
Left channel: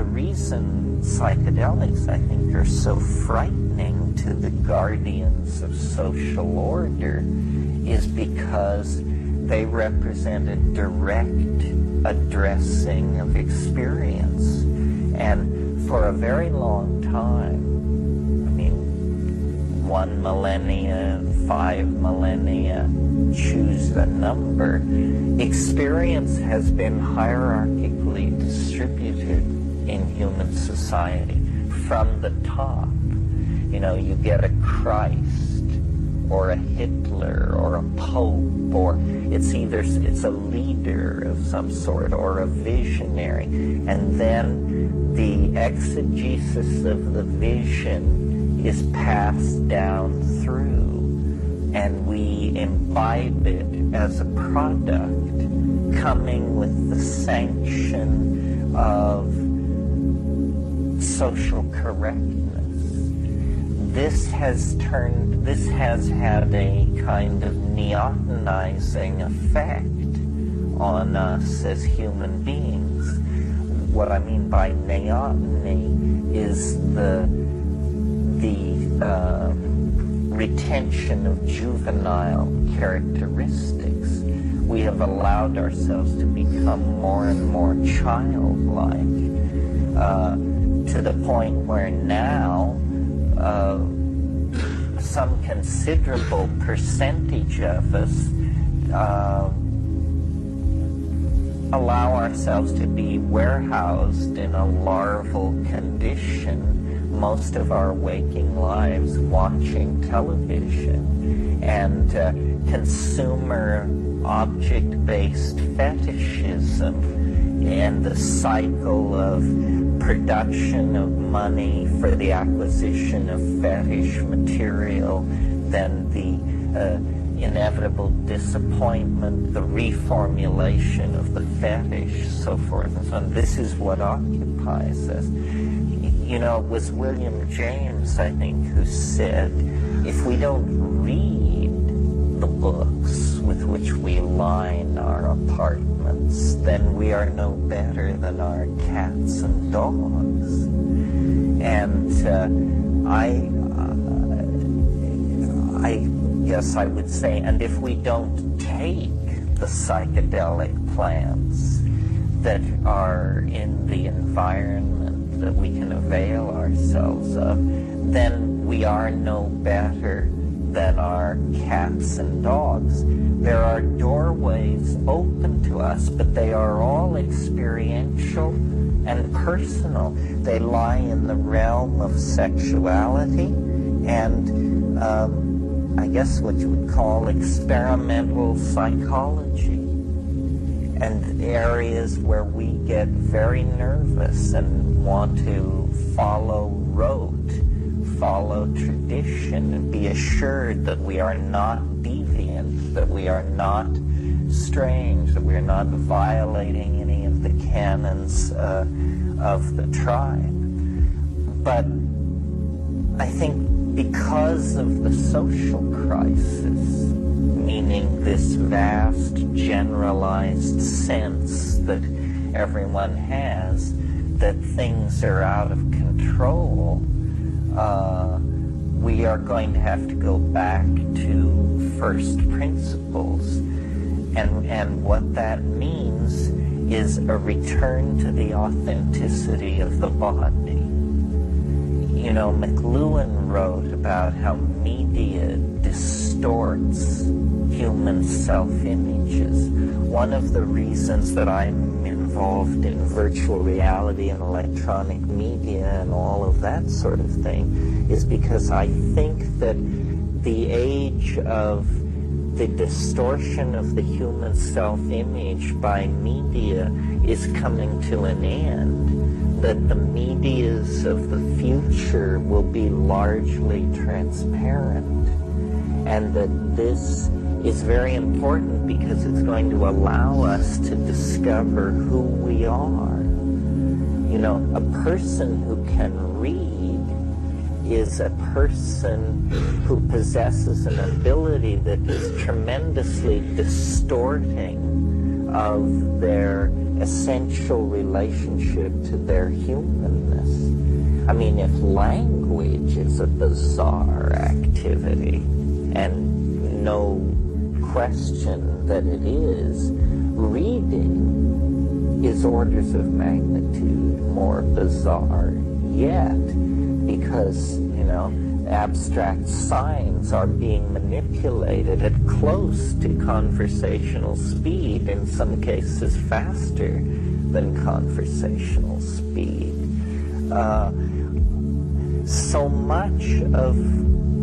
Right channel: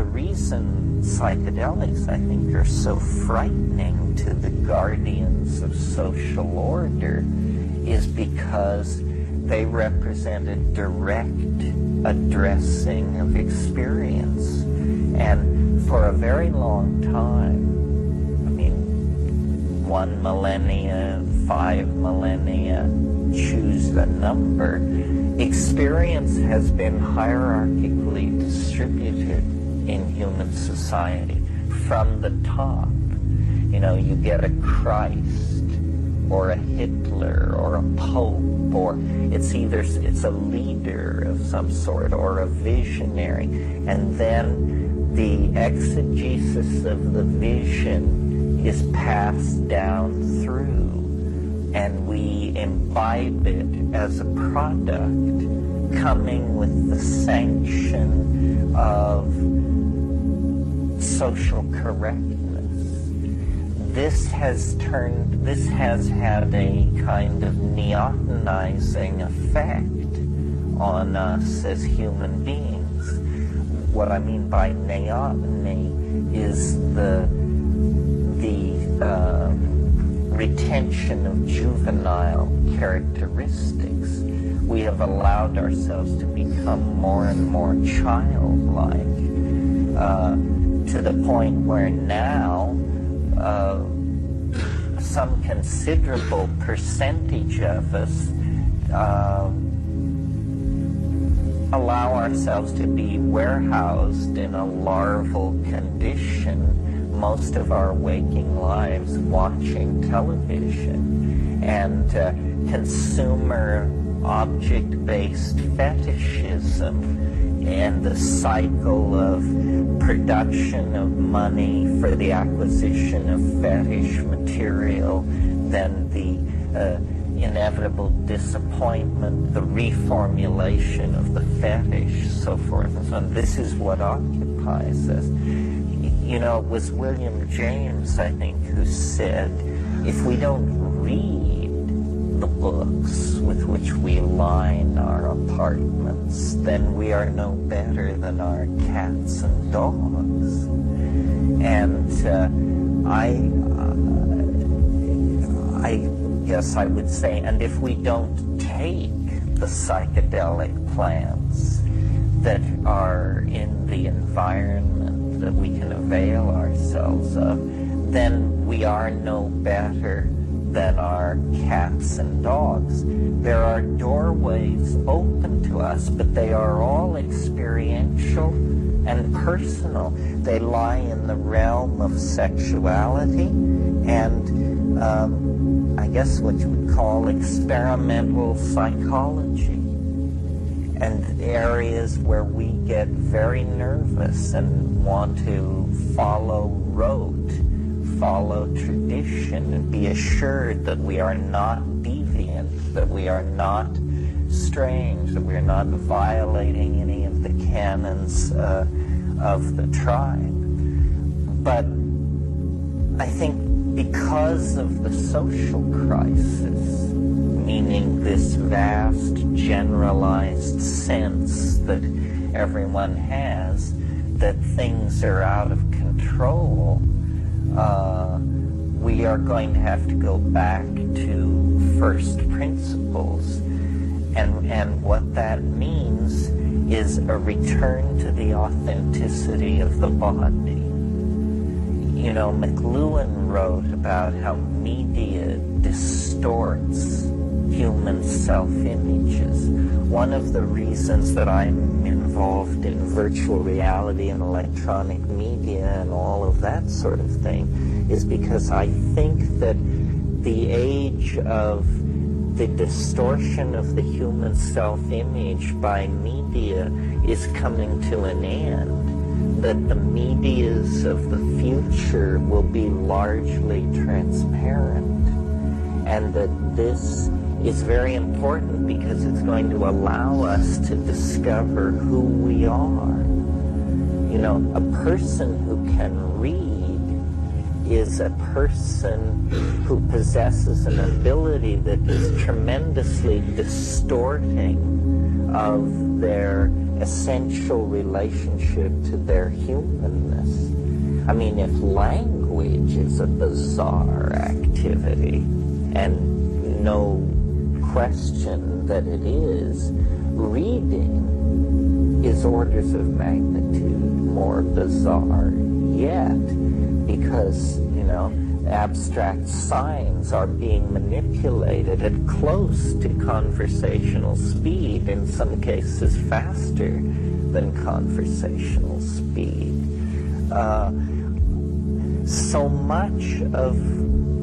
reason psychedelics, I think, are so frightening to the guardians of social order is because they represent a direct addressing of experience. And for a very long time, 1 millennia, 5 millennia, choose the number, experience has been hierarchically distributed in human society from the top. You get a Christ or a Hitler or a Pope, or it's a leader of some sort or a visionary, and then the exegesis of the vision is passed down through, and we imbibe it as a product coming with the sanction of social correctness. This has had a kind of neotenizing effect on us as human beings. What I mean by neoteny is the retention of juvenile characteristics. We have allowed ourselves to become more and more childlike, to the point where now some considerable percentage of us allow ourselves to be warehoused in a larval condition most of our waking lives, watching television, and consumer object-based fetishism, and the cycle of production of money for the acquisition of fetish material, then the inevitable disappointment, the reformulation of the fetish, so forth and so on. This is what occupies occupies us. You know, it was William James, I think, who said, if we don't read the books with which we line our apartments, then we are no better than our cats and dogs. And I guess I would say, and if we don't take the psychedelic plants that are in the environment that we can avail ourselves of, then we are no better than our cats and dogs. There are doorways open to us, but they are all experiential and personal. They lie in the realm of sexuality and I guess what you would call experimental psychology, and areas where we get very nervous and want to follow rote, follow tradition, and be assured that we are not deviant, that we are not strange, that we are not violating any of the canons of the tribe. But I think because of the social crisis, meaning this vast generalized sense that everyone has that things are out of control, we are going to have to go back to first principles. And what that means is a return to the authenticity of the body. You know, McLuhan wrote about how media distorts human self-images. One of the reasons that I'm involved in virtual reality and electronic media and all of that sort of thing is because I think that the age of the distortion of the human self-image by media is coming to an end. That the medias of the future will be largely transparent, and that this is very important because it's going to allow us to discover who we are. You know, a person who can read is a person who possesses an ability that is tremendously distorting of their essential relationship to their humanness. I mean, if language is a bizarre activity, and no question that it is, reading is orders of magnitude more bizarre yet, because, you know, abstract signs are being manipulated at close to conversational speed, in some cases faster than conversational speed. So much of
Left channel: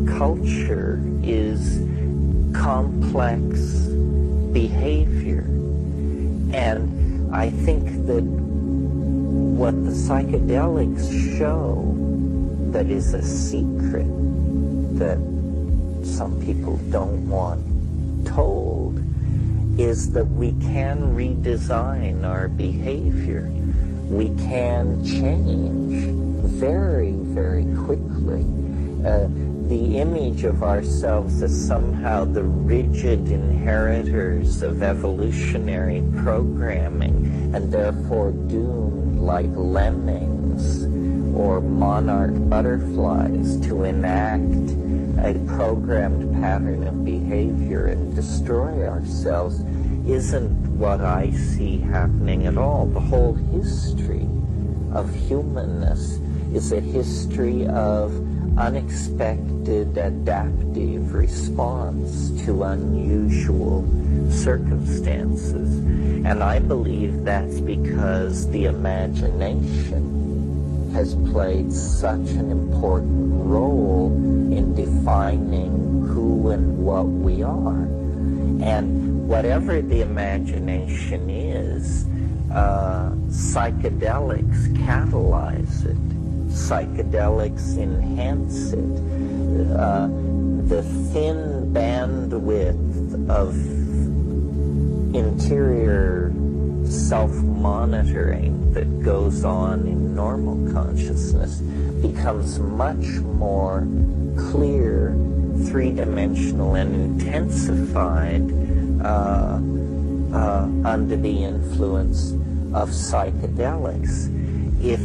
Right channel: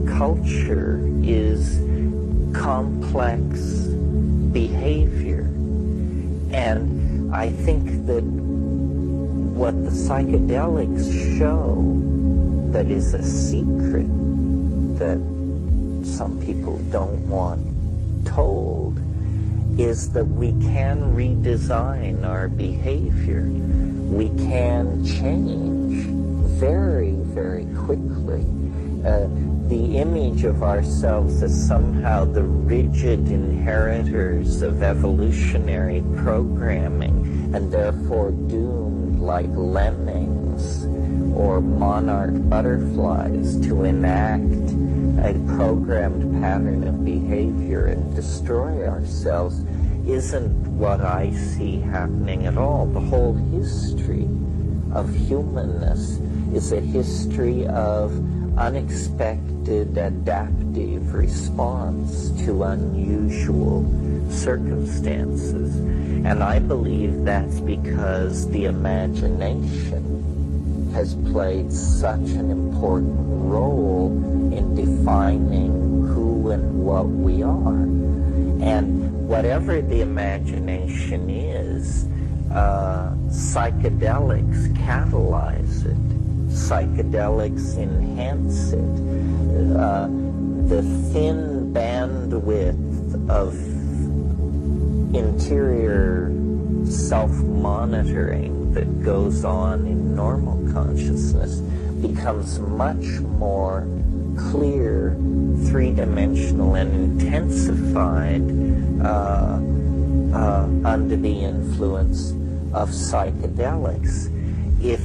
culture is complex behavior, and I think that what the psychedelics show that is a secret that some people don't want told is that we can redesign our behavior. We can change very, very quickly. The image of ourselves as somehow the rigid inheritors of evolutionary programming and therefore doomed like lemmings or monarch butterflies to enact a programmed pattern of behavior and destroy ourselves isn't what I see happening at all. The whole history of humanness is a history of unexpected adaptive response to unusual circumstances. And I believe that's because the imagination has played such an important role in defining who and what we are. And whatever the imagination is, psychedelics catalyze it. Psychedelics enhance it. The thin bandwidth of interior self-monitoring that goes on in normal consciousness becomes much more clear, three-dimensional, and intensified under the influence of psychedelics. If,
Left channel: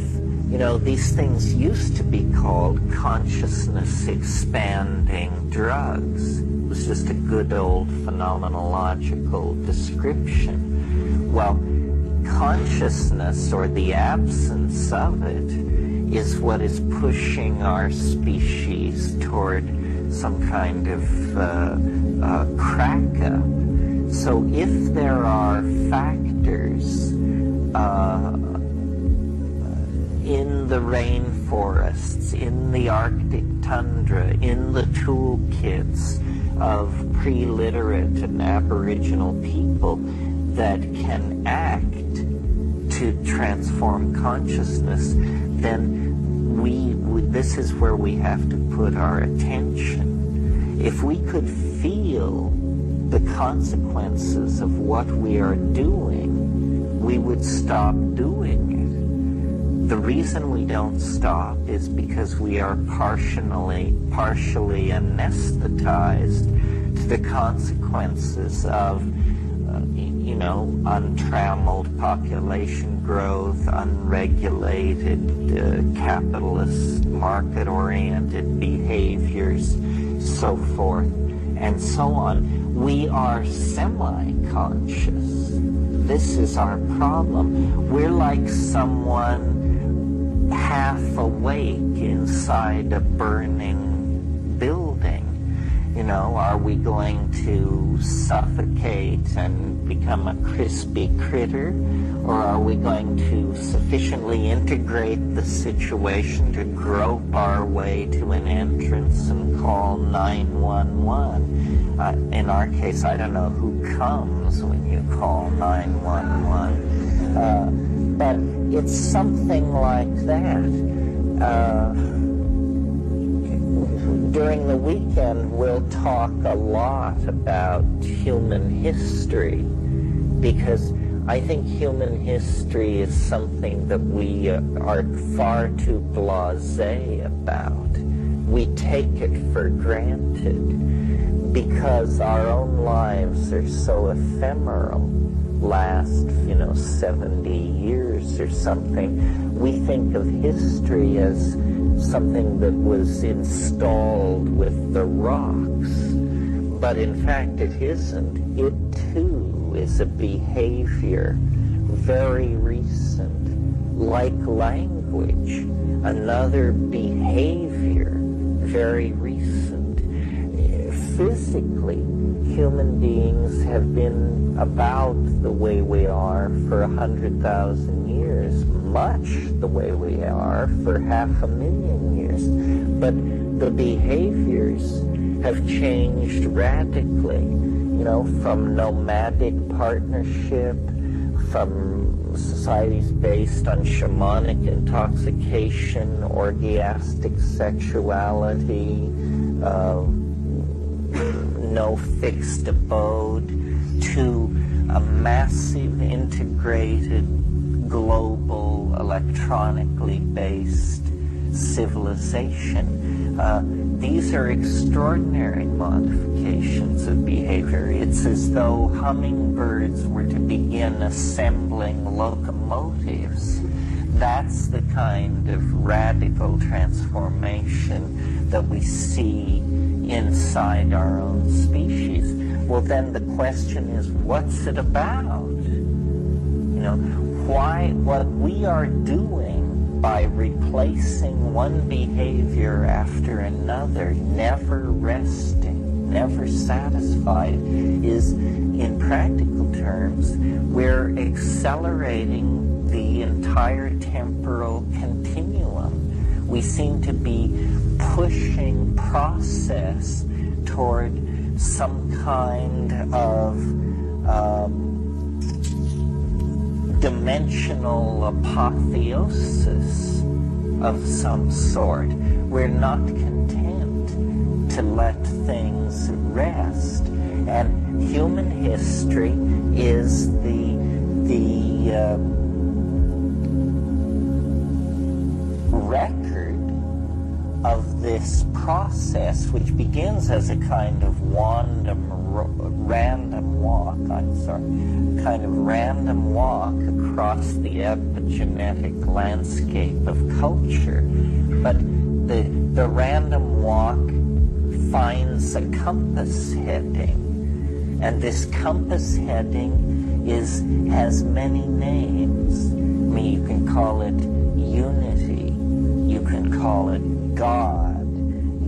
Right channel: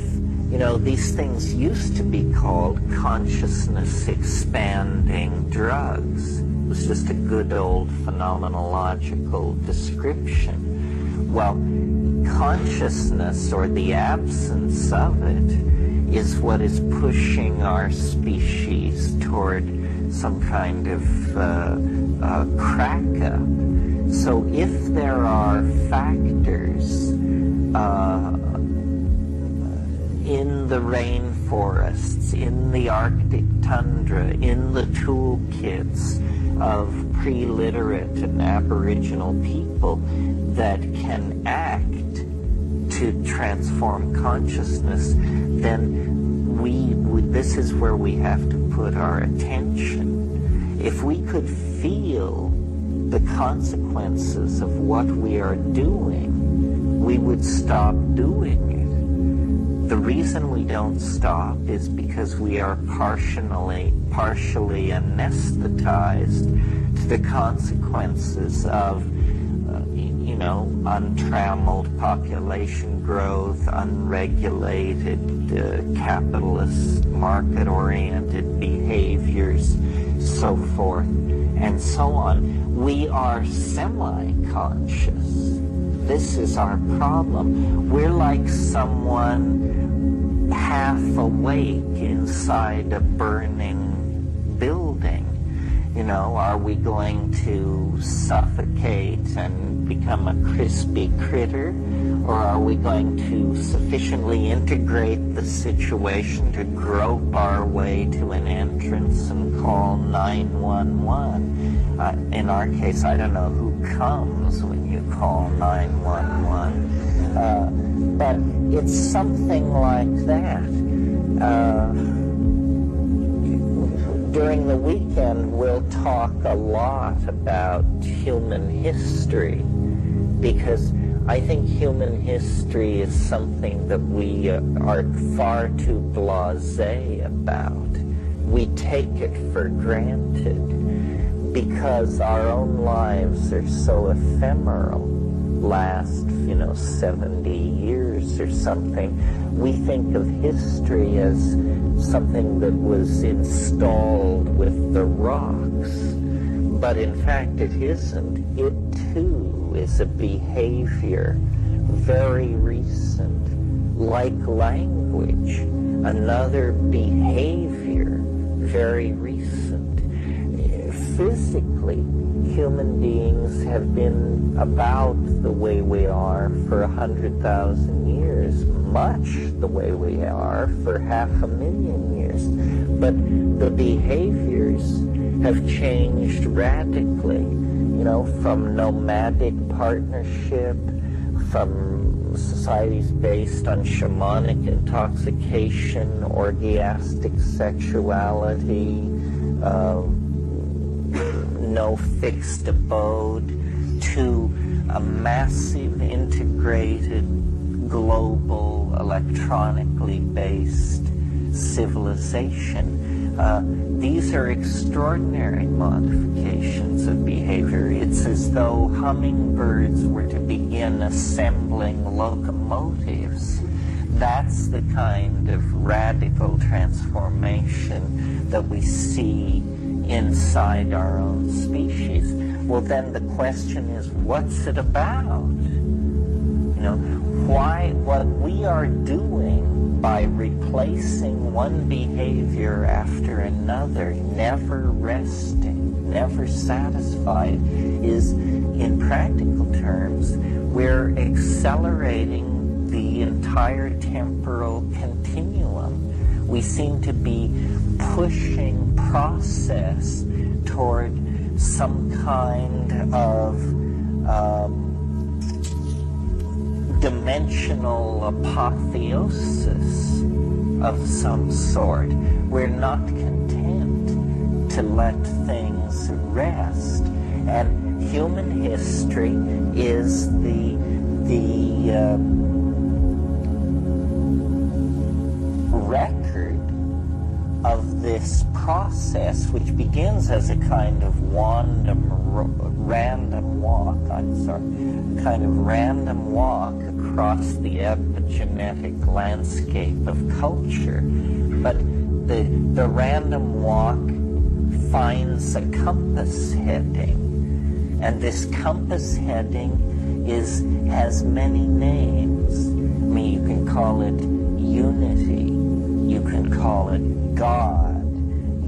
these things used to be called consciousness expanding drugs. It was just a good old phenomenological description. Well, consciousness, or the absence of it, is what is pushing our species toward some kind of crack-up. So if there are factors in the rainforests, in the Arctic tundra, in the toolkits of pre-literate and Aboriginal people that can act to transform consciousness, then this is where we have to put our attention. If we could feel the consequences of what we are doing, we would stop doing it. The reason we don't stop is because we are partially anesthetized to the consequences of untrammeled population growth, unregulated capitalist market-oriented behaviors, so forth and so on. We are semi-conscious. This is our problem. We're like someone half awake inside a burning building. Are we going to suffocate and become a crispy critter? Or are we going to sufficiently integrate the situation to grope our way to an entrance and call 911? In our case, I don't know who comes when you call 911. But it's something like that. During the weekend, we'll talk a lot about human history, because I think human history is something that we are far too blasé about. We take it for granted because our own lives are so ephemeral, last, 70 years or something. We think of history as something that was installed with the rocks, but in fact it isn't. It too is a behavior very recent, like language, another behavior very recent. Physically, human beings have been about the way we are for 100,000 years, much the way we are for 500,000 years. But the behaviors have changed radically, from nomadic partnership, from societies based on shamanic intoxication, orgiastic sexuality, no fixed abode, to a massive integrated global electronically based civilization. These are extraordinary modifications of behavior. It's as though hummingbirds were to begin assembling locomotives. That's the kind of radical transformation that we see inside our own species. Well, then the question is, what's it about? What we are doing by replacing one behavior after another, never resting, never satisfied, is, in practical terms, we're accelerating the entire temporal continuum. We seem to be pushing process toward some kind of dimensional apotheosis of some sort. We're not content to let things rest. And human history is the the record of this process, which begins as a kind of random walk across the epigenetic landscape of culture. But the random walk finds a compass heading, and this compass heading has many names. I mean, you can call it unity, you can call it God,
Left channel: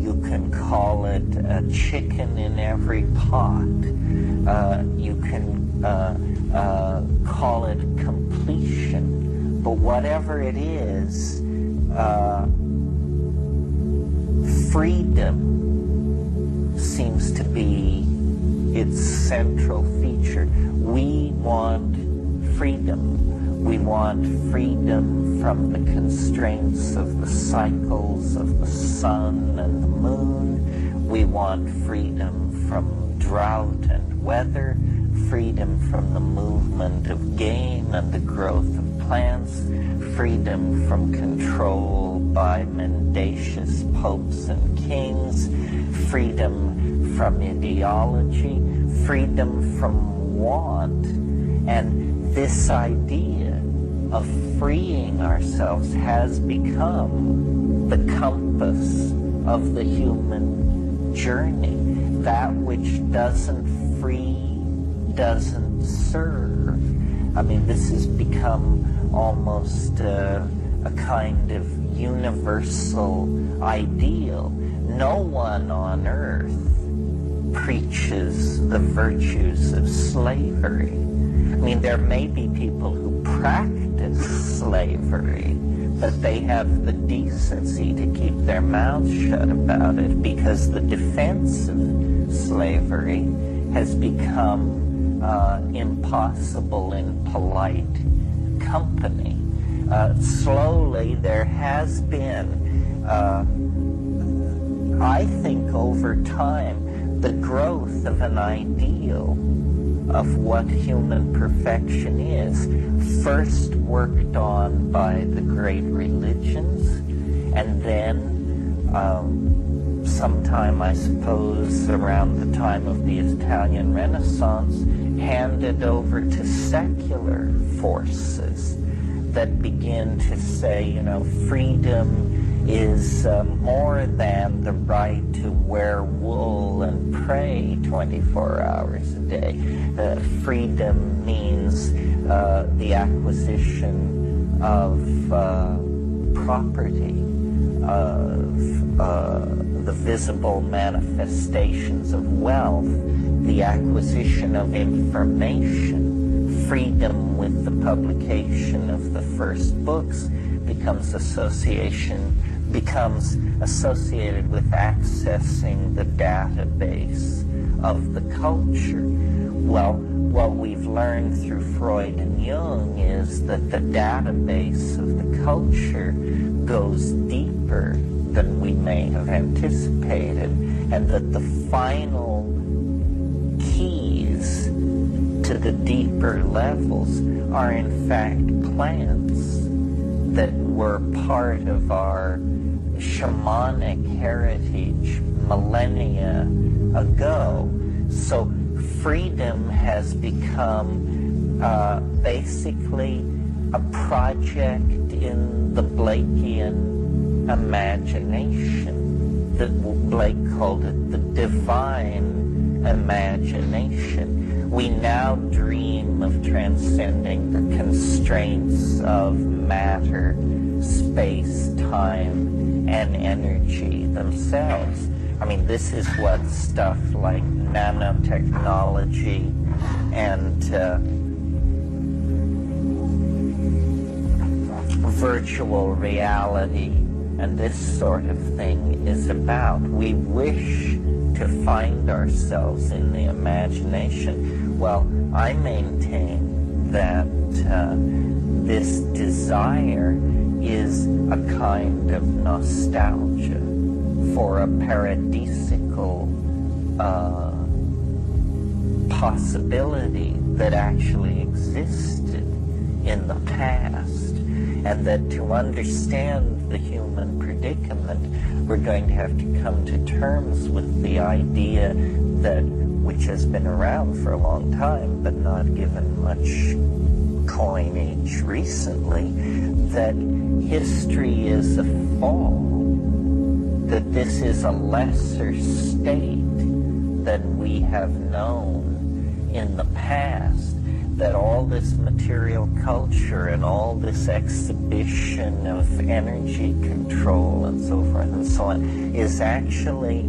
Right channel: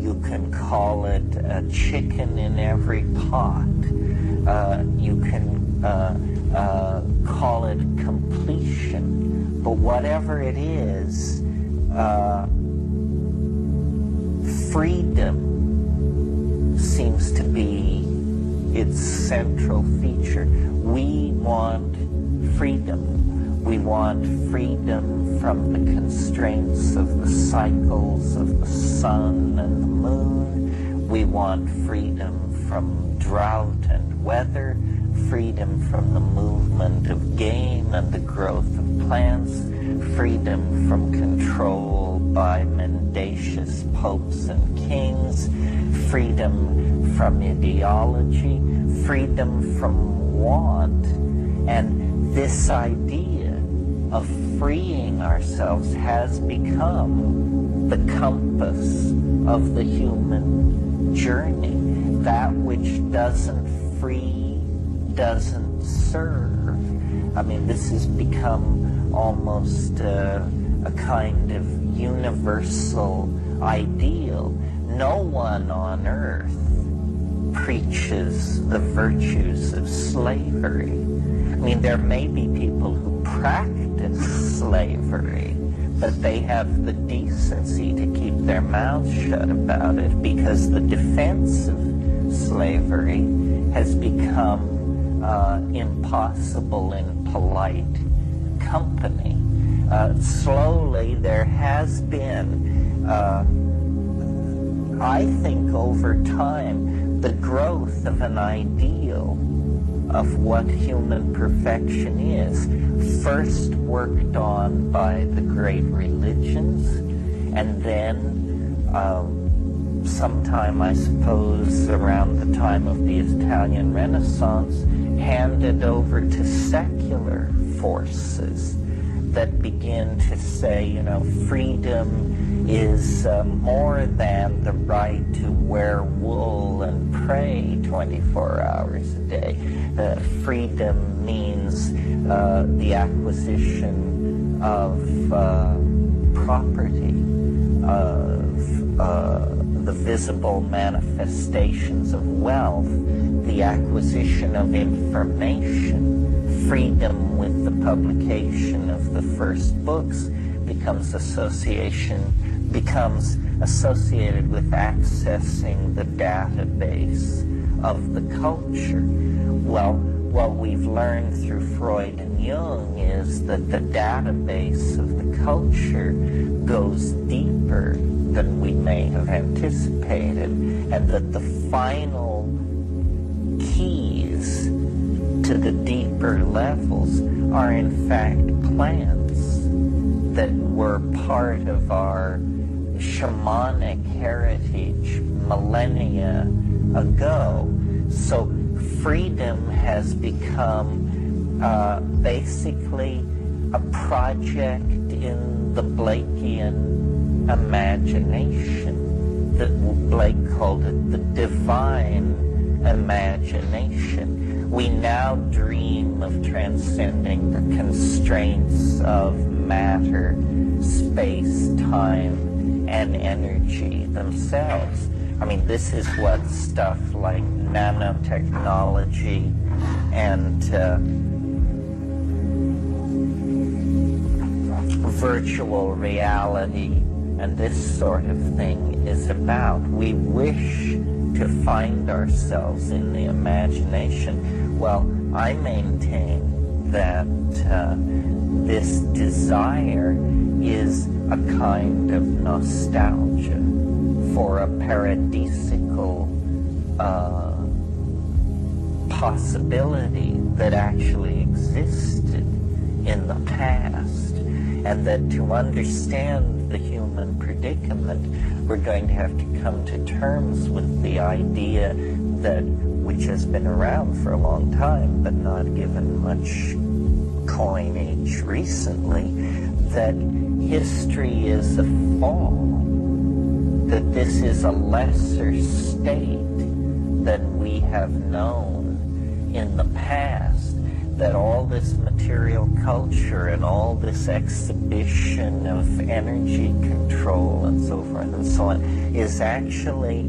you can call it a chicken in every pot, you can call it completion. But whatever it is, freedom seems to be its central feature. We want freedom. We want freedom from the constraints of the cycles of the sun and the moon. We want freedom from drought and weather, freedom from the movement of game and the growth of plants, freedom from control by mendacious popes and kings, freedom from ideology, freedom from want. And this idea of freeing ourselves has become the compass of the human journey. That which doesn't free doesn't serve. I mean, this has become almost a kind of universal ideal. No one on earth preaches the virtues of slavery. I mean, there may be people who practice slavery, but they have the decency to keep their mouths shut about it, because the defense of slavery has become impossible in polite company. Slowly there has been, I think over time, the growth of an ideal of what human perfection is, first worked on by the great religions, and then sometime, I suppose, around the time of the Italian Renaissance, handed over to secular forces that begin to say, you know, freedom is more than the right to wear wool and pray 24 hours a day. Freedom means the acquisition of property, of the visible manifestations of wealth, the acquisition of information, freedom with the publication of the first books becomes associated with accessing the database of the culture. Well, what we've learned through Freud and Jung is that the database of the culture goes deeper than we may have anticipated, and that the final keys to the deeper levels are in fact plants that were part of our shamanic heritage millennia ago. So freedom has become basically a project in the Blakean imagination. That Blake called it the divine imagination. We now dream of transcending the constraints of matter, space, time, and energy themselves. I mean, this is what stuff like nanotechnology and virtual reality and this sort of thing is about. We wish to find ourselves in the imagination. Well, I maintain that this desire is a kind of nostalgia for a paradisical possibility that actually existed in the past, and that to understand the human predicament, we're going to have to come to terms with the idea that, which has been around for a long time, but not given much coinage recently, that history is a fall, that this is a lesser state than we have known in the past, that all this material culture and all this exhibition of energy control and so forth and so on is actually,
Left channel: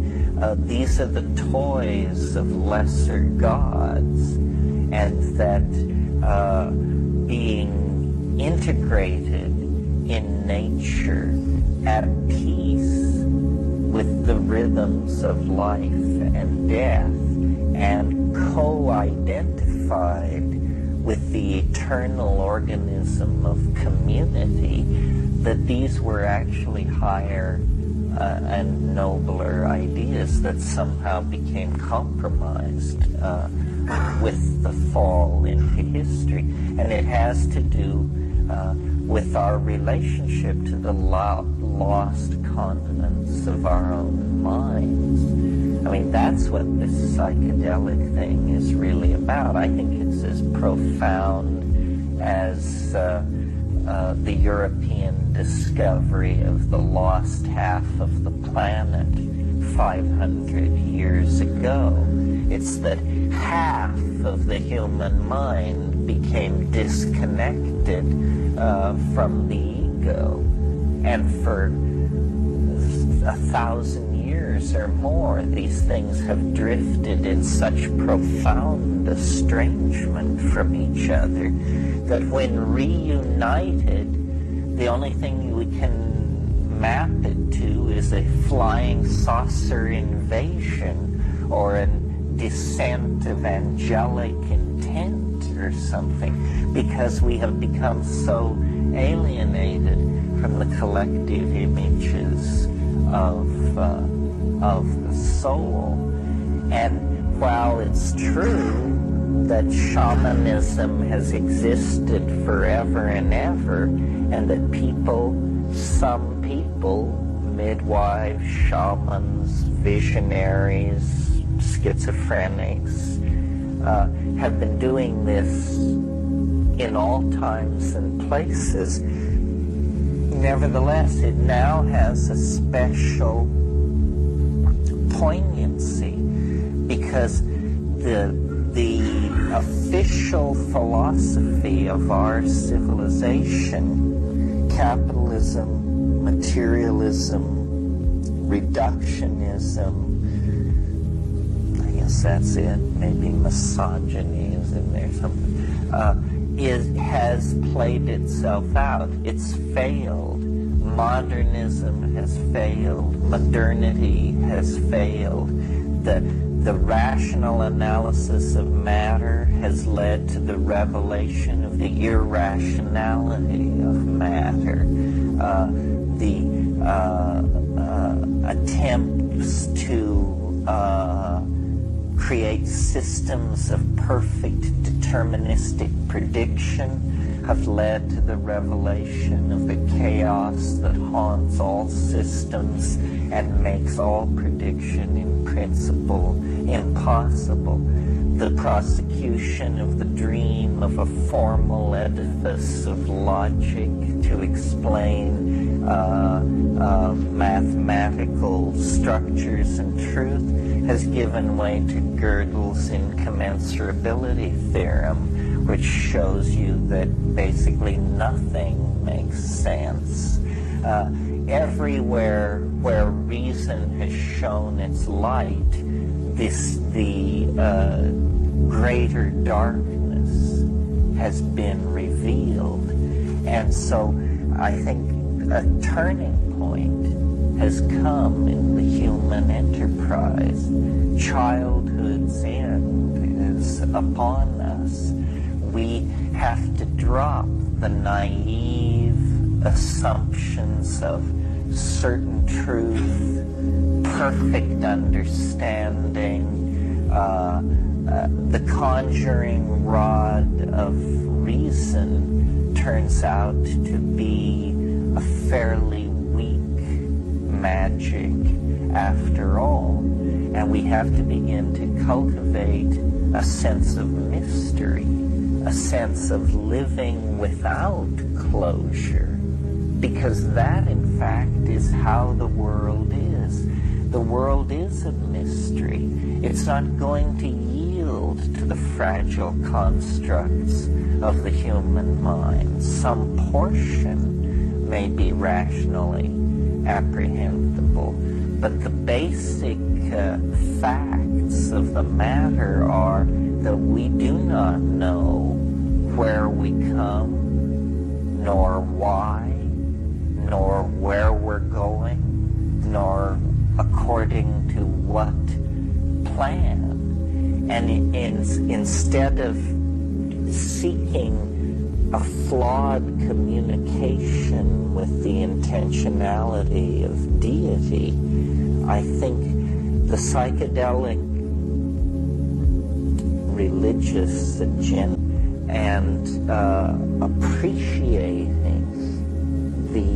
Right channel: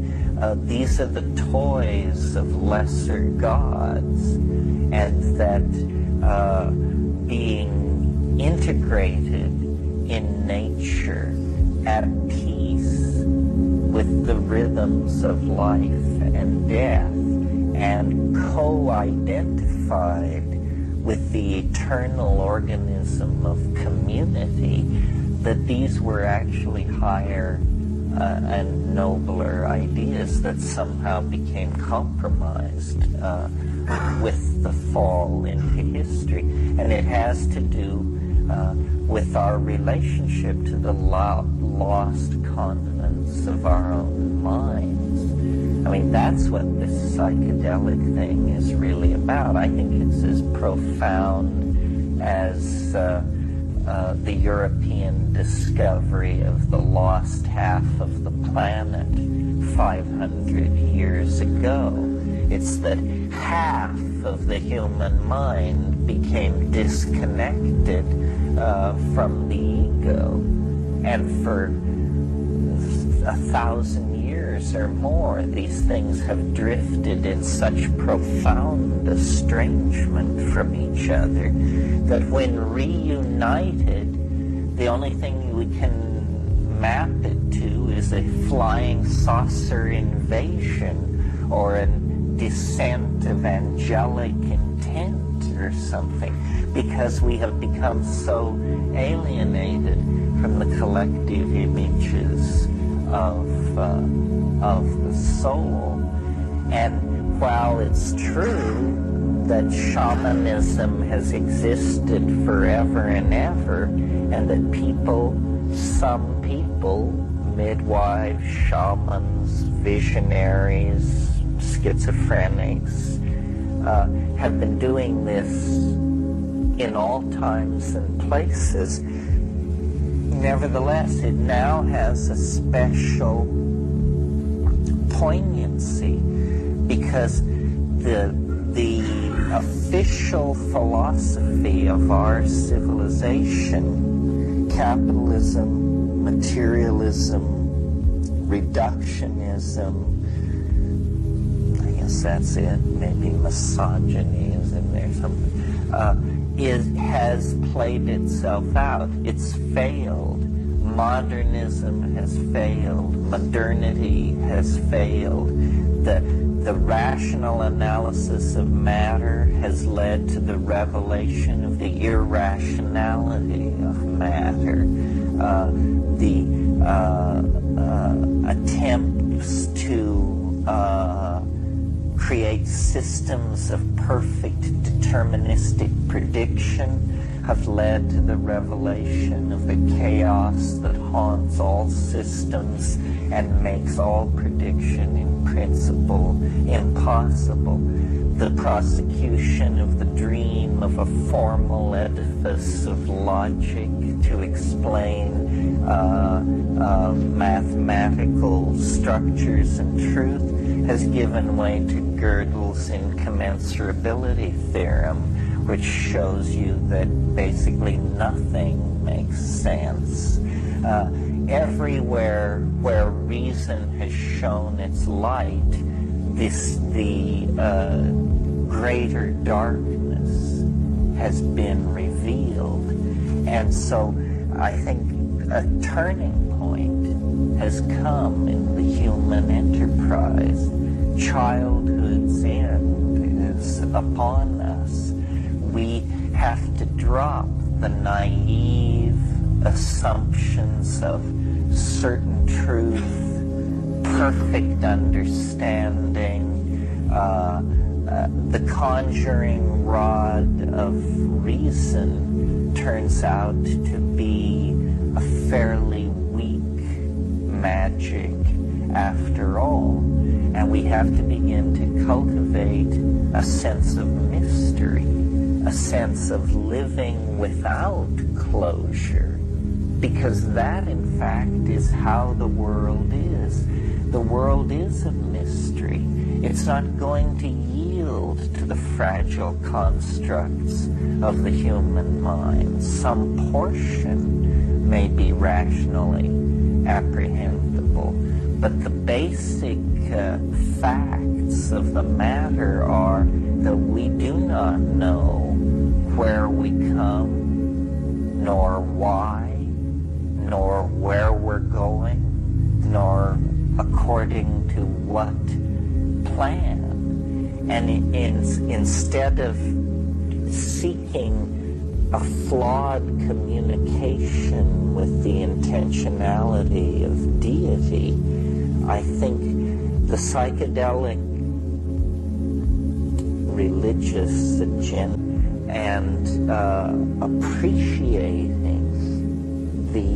these are the toys of lesser gods, and that being integrated in nature at peace with the rhythms of life and death and co-identified with the eternal organism of community, that these were actually higher and nobler ideas that somehow became compromised with the fall into history. And it has to do with our relationship to the lost continents of our own minds. I mean, that's what this psychedelic thing is really about. I think it's as profound as the European discovery of the lost half of the planet 500 years ago. It's that half of the human mind became disconnected from the ego, and for 1,000 years or more, these things have drifted in such profound estrangement from each other that when reunited, the only thing we can map it to is a flying saucer invasion or a descent of angelic intent or something, because we have become so alienated from the collective images of the soul. And while it's true that shamanism has existed forever and ever, and that some people, midwives, shamans, visionaries, schizophrenics, have been doing this in all times and places, nevertheless, it now has a special poignancy, because the official philosophy of our civilization, capitalism, materialism, reductionism, I guess that's it, maybe misogyny is in there, something, has played itself out. It's failed. Modernism has failed. Modernity has failed. The rational analysis of matter has led to the revelation of the irrationality of matter. The attempts to create systems of perfect deterministic prediction have led to the revelation of the chaos that haunts all systems and makes all prediction in principle impossible. The prosecution of the dream of a formal edifice of logic to explain mathematical structures and truth has given way to Gödel's incommensurability theorem, which shows you that basically nothing makes sense. Everywhere where reason has shown its light, the greater darkness has been revealed. And so I think a turning point has come in the human enterprise. Childhood's end is upon us. We have to drop the naive assumptions of certain truth, perfect understanding, the conjuring rod of reason turns out to be a fairly weak magic after all. And we have to begin to cultivate a sense of mystery, a sense of living without closure, because that, in fact, is how the world is. The world is a mystery. It's not going to yield to the fragile constructs of the human mind. Some portion may be rationally apprehendable, but the basic facts of the matter are that we do not know where we come, nor why, nor where we're going, nor according to what plan. And instead of seeking a flawed communication with the intentionality of deity, I think the psychedelic religious agenda and appreciating the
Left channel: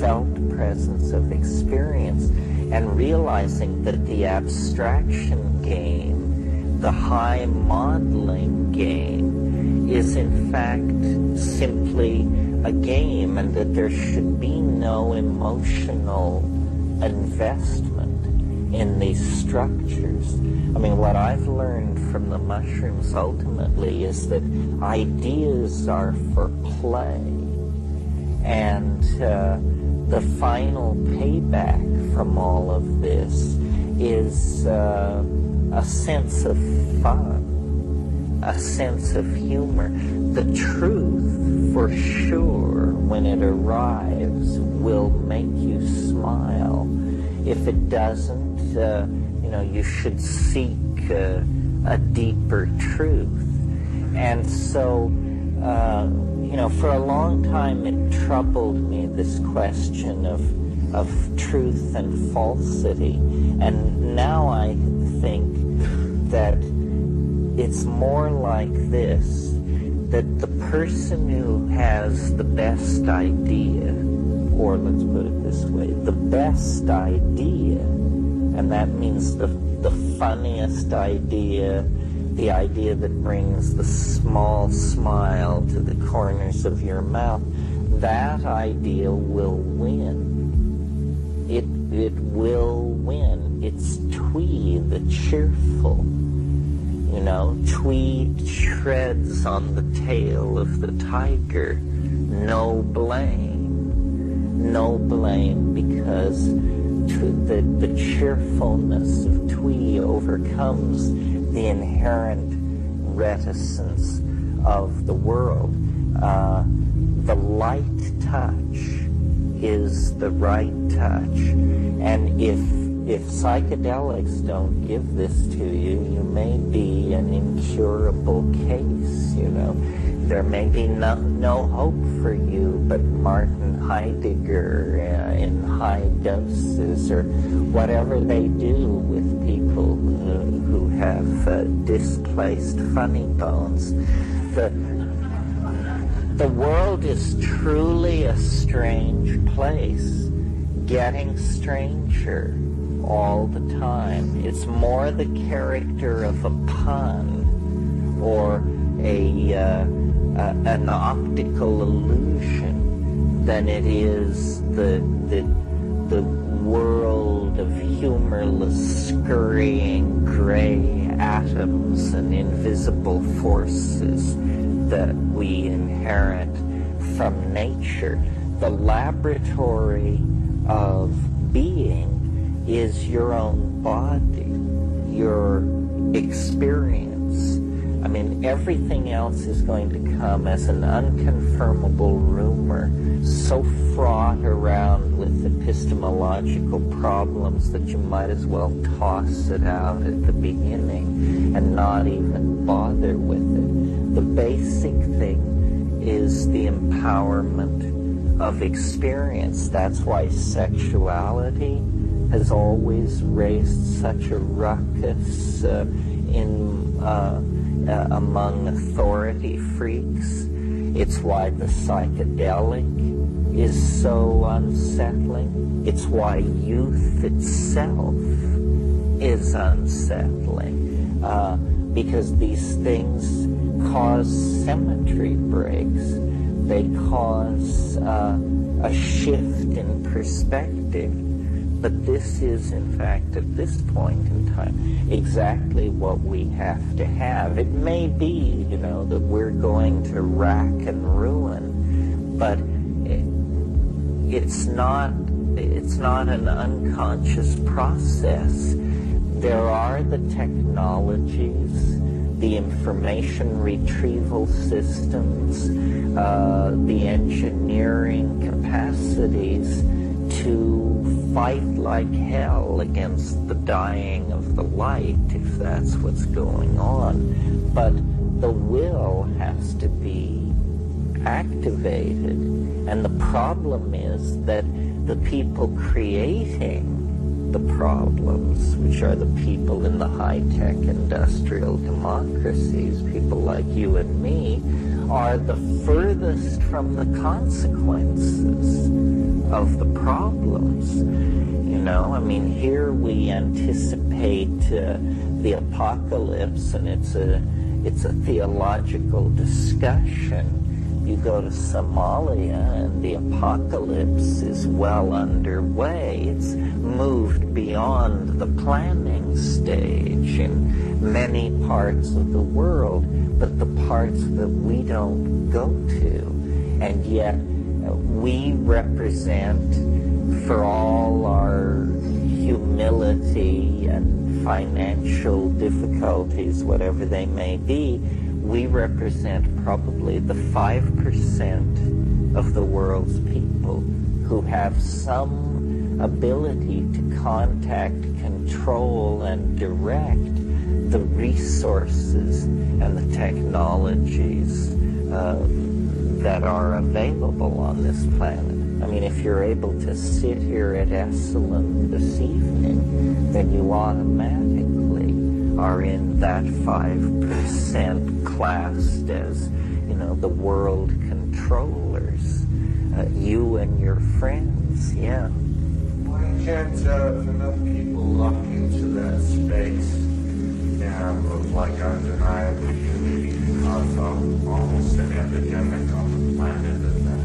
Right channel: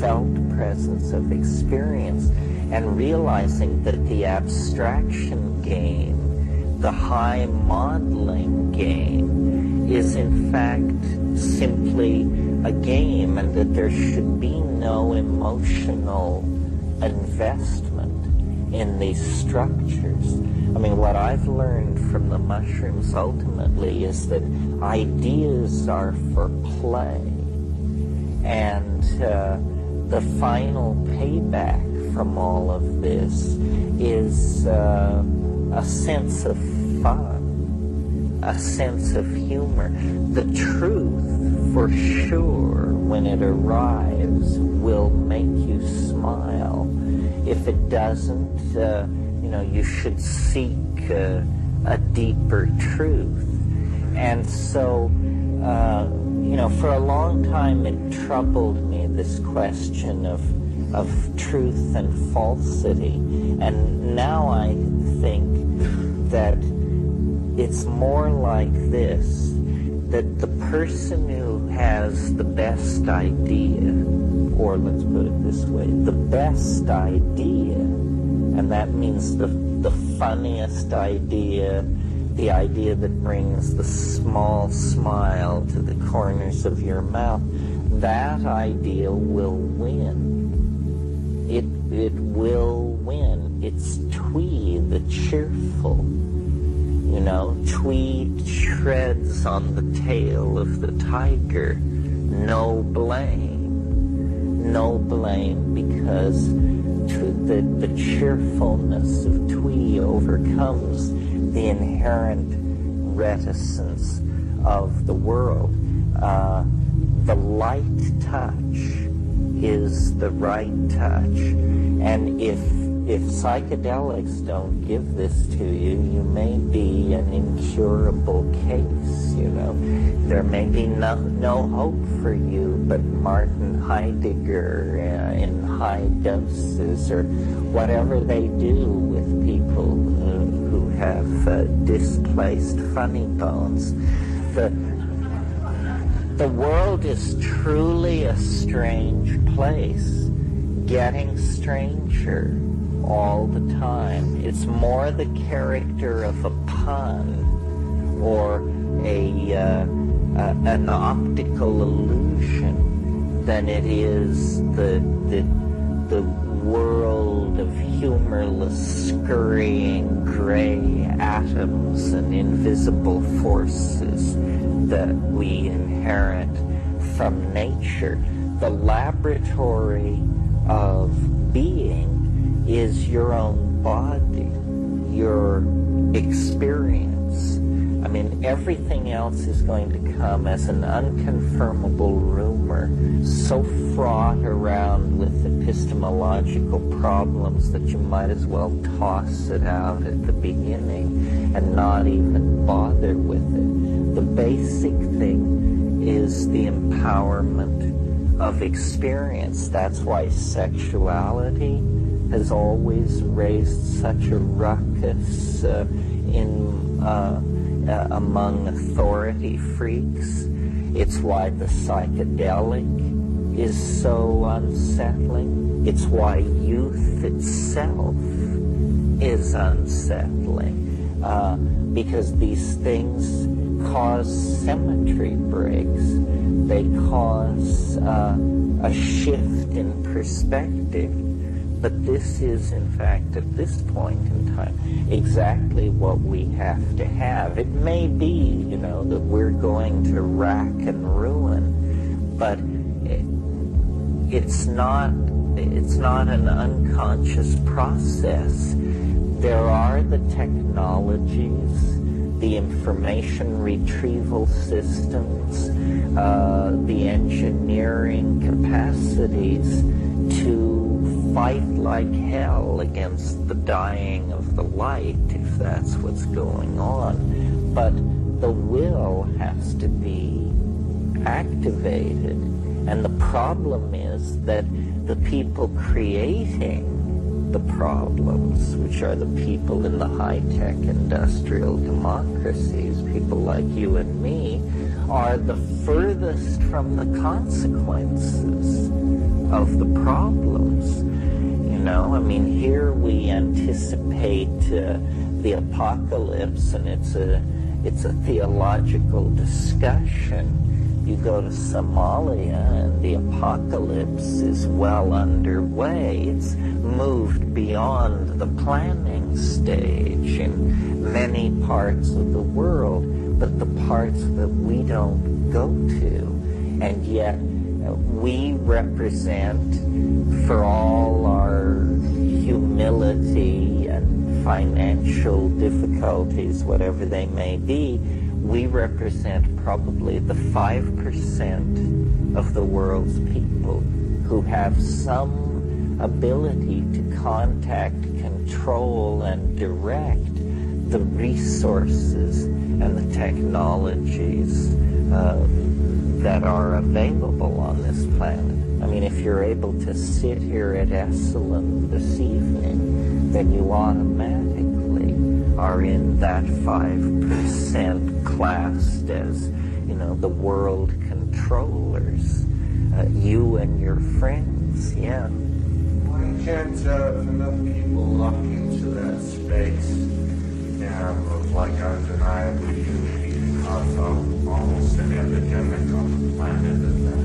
felt presence of experience and realizing that the abstraction game, the high modeling game, is in fact simply a game, and that there should be no emotional investment in these structures. I mean, what I've learned from the mushrooms ultimately is that ideas are for play, and the final payback from all of this is a sense of fun, a sense of humor. The truth, for sure, when it arrives, will make you smile. If it doesn't, you should seek a deeper truth. And so, for a long time it troubled me, this question of truth and falsity. And now I think that it's more like this, that the person who has the best idea, or let's put it this way, the best idea, and that means the funniest idea, the idea that brings the small smile to the corners of your mouth, that idea will win. It will win. It's Twee the cheerful. Twee treads on the tail of the tiger. No blame. No blame, because the cheerfulness of Twee overcomes the inherent reticence of the world. The light touch is the right touch. And if psychedelics don't give this to you, you may be an incurable case, There may be no hope for you but Martin Heidegger in high doses, or whatever they do with people who have displaced funny bones. The world is truly a strange place, getting stranger all the time. It's more the character of a pun or an optical illusion than it is the world of humorless, scurrying gray atoms and invisible forces that we inherit from nature. The laboratory of being is your own body, your experience. I mean, everything else is going to come as an unconfirmable rumor, so fraught around with epistemological problems that you might as well toss it out at the beginning and not even bother with it. The basic thing is the empowerment of experience. That's why sexuality has always raised such a ruckus among authority freaks. It's why the psychedelic is so unsettling. It's why youth itself is unsettling, because these things cause symmetry breaks. They cause a shift in perspective. But this is, in fact, at this point in time, exactly what we have to have. It may be, that we're going to rack and ruin, but it's not an unconscious process. There are the technologies, the information retrieval systems, the engineering capacities to fight like hell against the dying of the light, if that's what's going on. But the will has to be activated. And the problem is that the people creating the problems, which are the people in the high-tech industrial democracies, people like you and me, are the furthest from the consequences of the problems. Here we anticipate the apocalypse, and it's a theological discussion. You go to Somalia, and the apocalypse is well underway. It's moved beyond the planning stage in many parts of the world, but the parts that we don't go to. And yet we represent, for all our humility and financial difficulties, whatever they may be, we represent probably the 5% of the world's people who have some ability to contact, control, and direct the resources and the technologies that are available on this planet. If you're able to sit here at Esalen this evening, then you automatically are in that 5% classed as, the world controllers. You and your friends, yeah. Why can't enough people lock into that space of undeniable unity and cause almost an epidemic on the planet of that?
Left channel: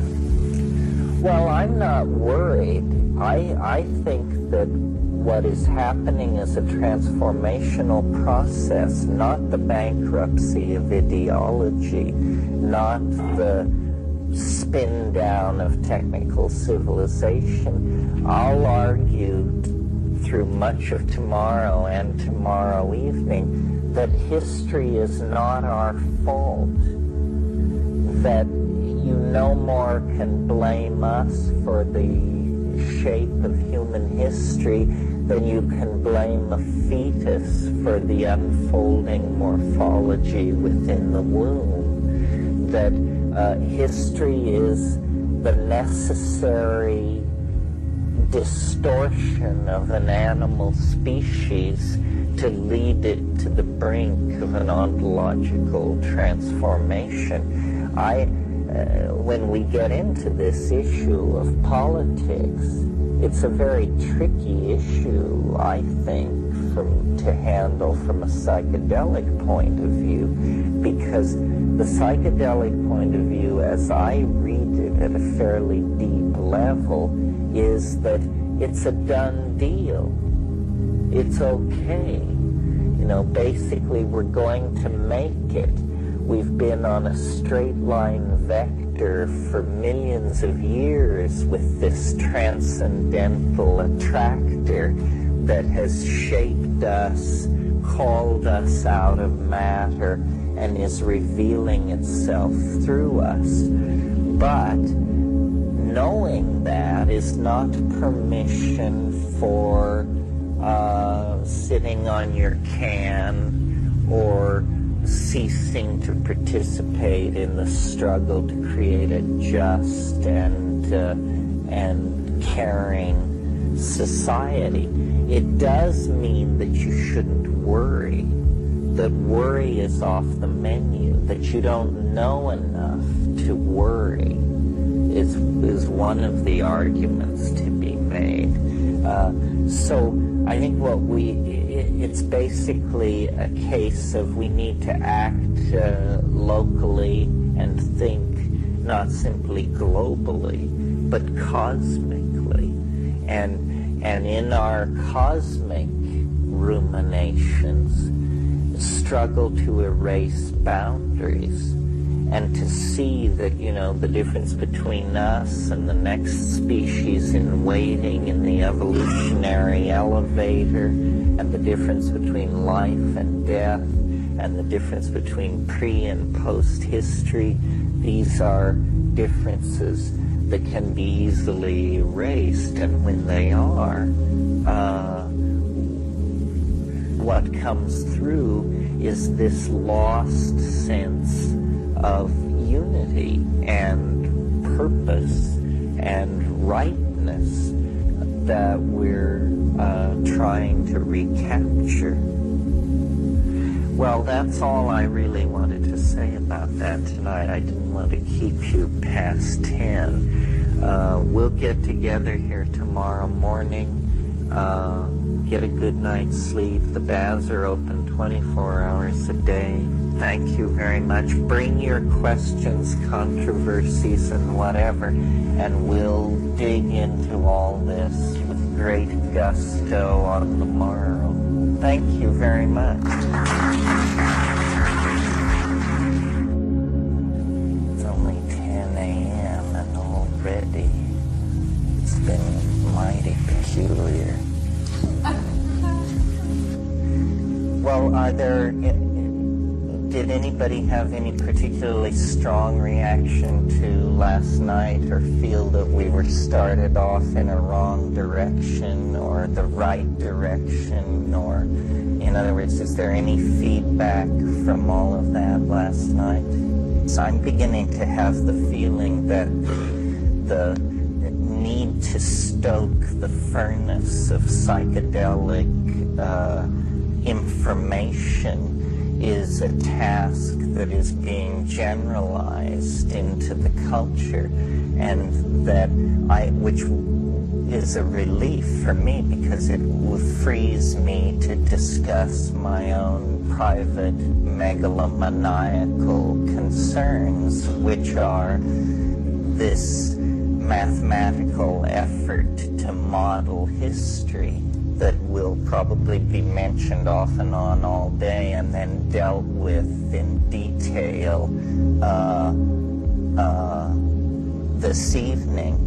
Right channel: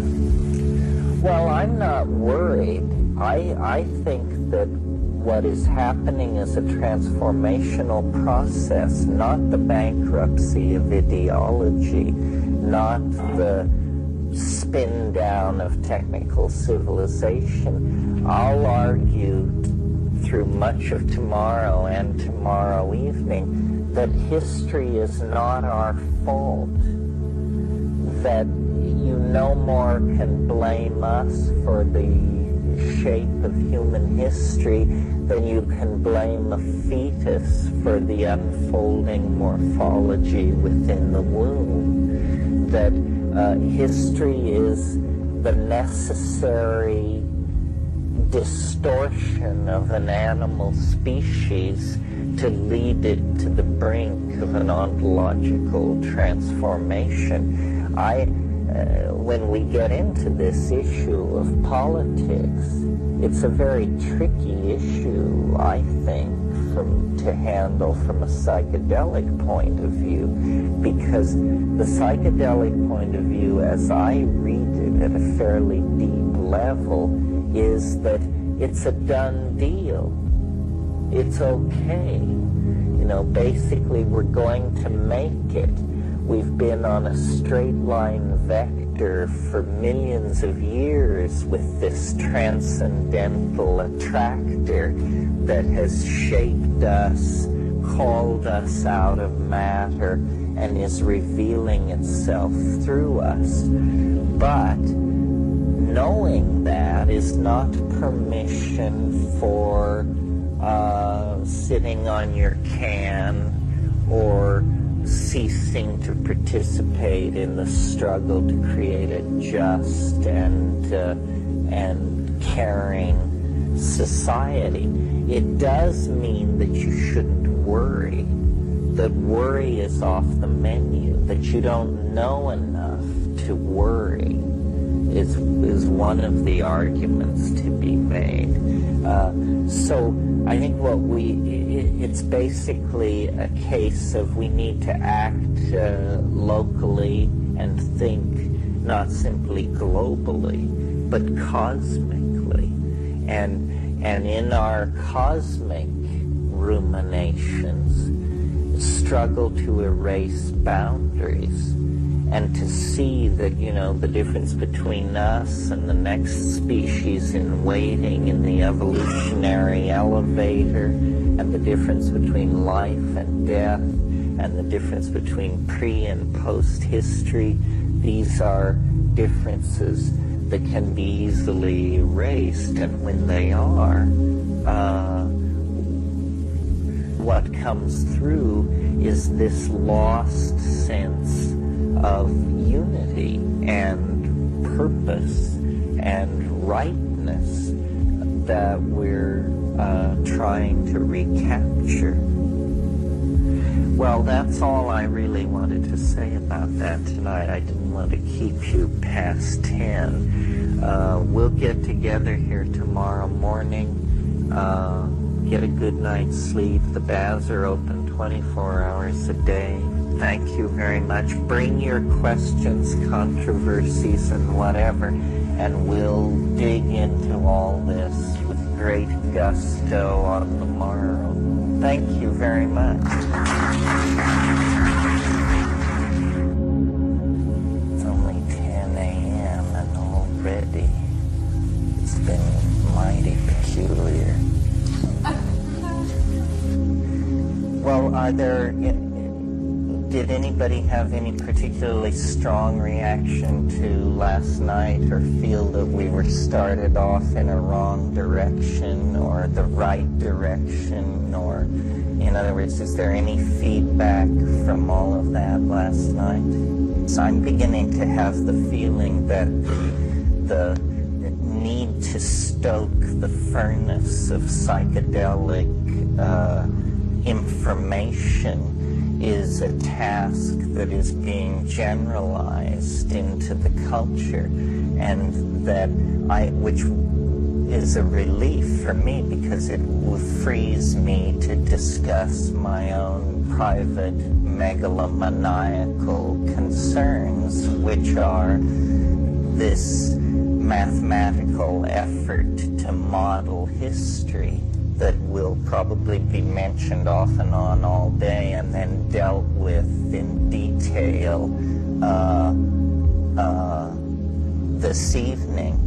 Well, I'm not worried. I think that what is happening is a transformational process, not the bankruptcy of ideology, not the spin down of technical civilization. I'll argue through much of tomorrow and tomorrow evening that history is not our fault, that you no more can blame us for the shape of human history than you can blame a fetus for the unfolding morphology within the womb. That history is the necessary distortion of an animal species to lead it to the brink of an ontological transformation. When we get into this issue of politics, it's a very tricky issue, I think, to handle from a psychedelic point of view, because the psychedelic point of view, as I read it at a fairly deep level, is that it's a done deal. It's okay. Basically, we're going to make it. We've been on a straight line vector for millions of years with this transcendental attractor that has shaped us, called us out of matter, and is revealing itself through us. But knowing that is not permission for sitting on your can or ceasing to participate in the struggle to create a just and caring society. It does mean that you shouldn't worry, that worry is off the menu, that you don't know enough to worry is one of the arguments to be made. So I think it's basically a case of we need to act locally and think not simply globally, but cosmically. And in our cosmic ruminations, struggle to erase boundaries and to see that, the difference between us and the next species in waiting in the evolutionary elevator, and the difference between life and death, and the difference between pre and post history, these are differences that can be easily erased. And when they are, what comes through is this lost sense of unity and purpose and rightness that we're trying to recapture. Well, that's all I really wanted to say about that tonight. I didn't want to keep you past 10. We'll get together here tomorrow morning. Get a good night's sleep. The baths are open 24 hours a day. Thank you very much. Bring your questions, controversies, and whatever, and we'll dig into all this with great gusto on the morrow. Thank you very much. It's only 10 a.m. and already it's been mighty peculiar. Well, did anybody have any particularly strong reaction to last night, or feel that we were started off in a wrong direction or the right direction? Or, in other words, is there any feedback from all of that last night? So I'm beginning to have the feeling that the need to stoke the furnace of psychedelic information is a task that is being generalized into the culture, and which is a relief for me, because it frees me to discuss my own private megalomaniacal concerns, which are this mathematical effort to model history that will probably be mentioned off and on all day and then dealt with in detail this evening.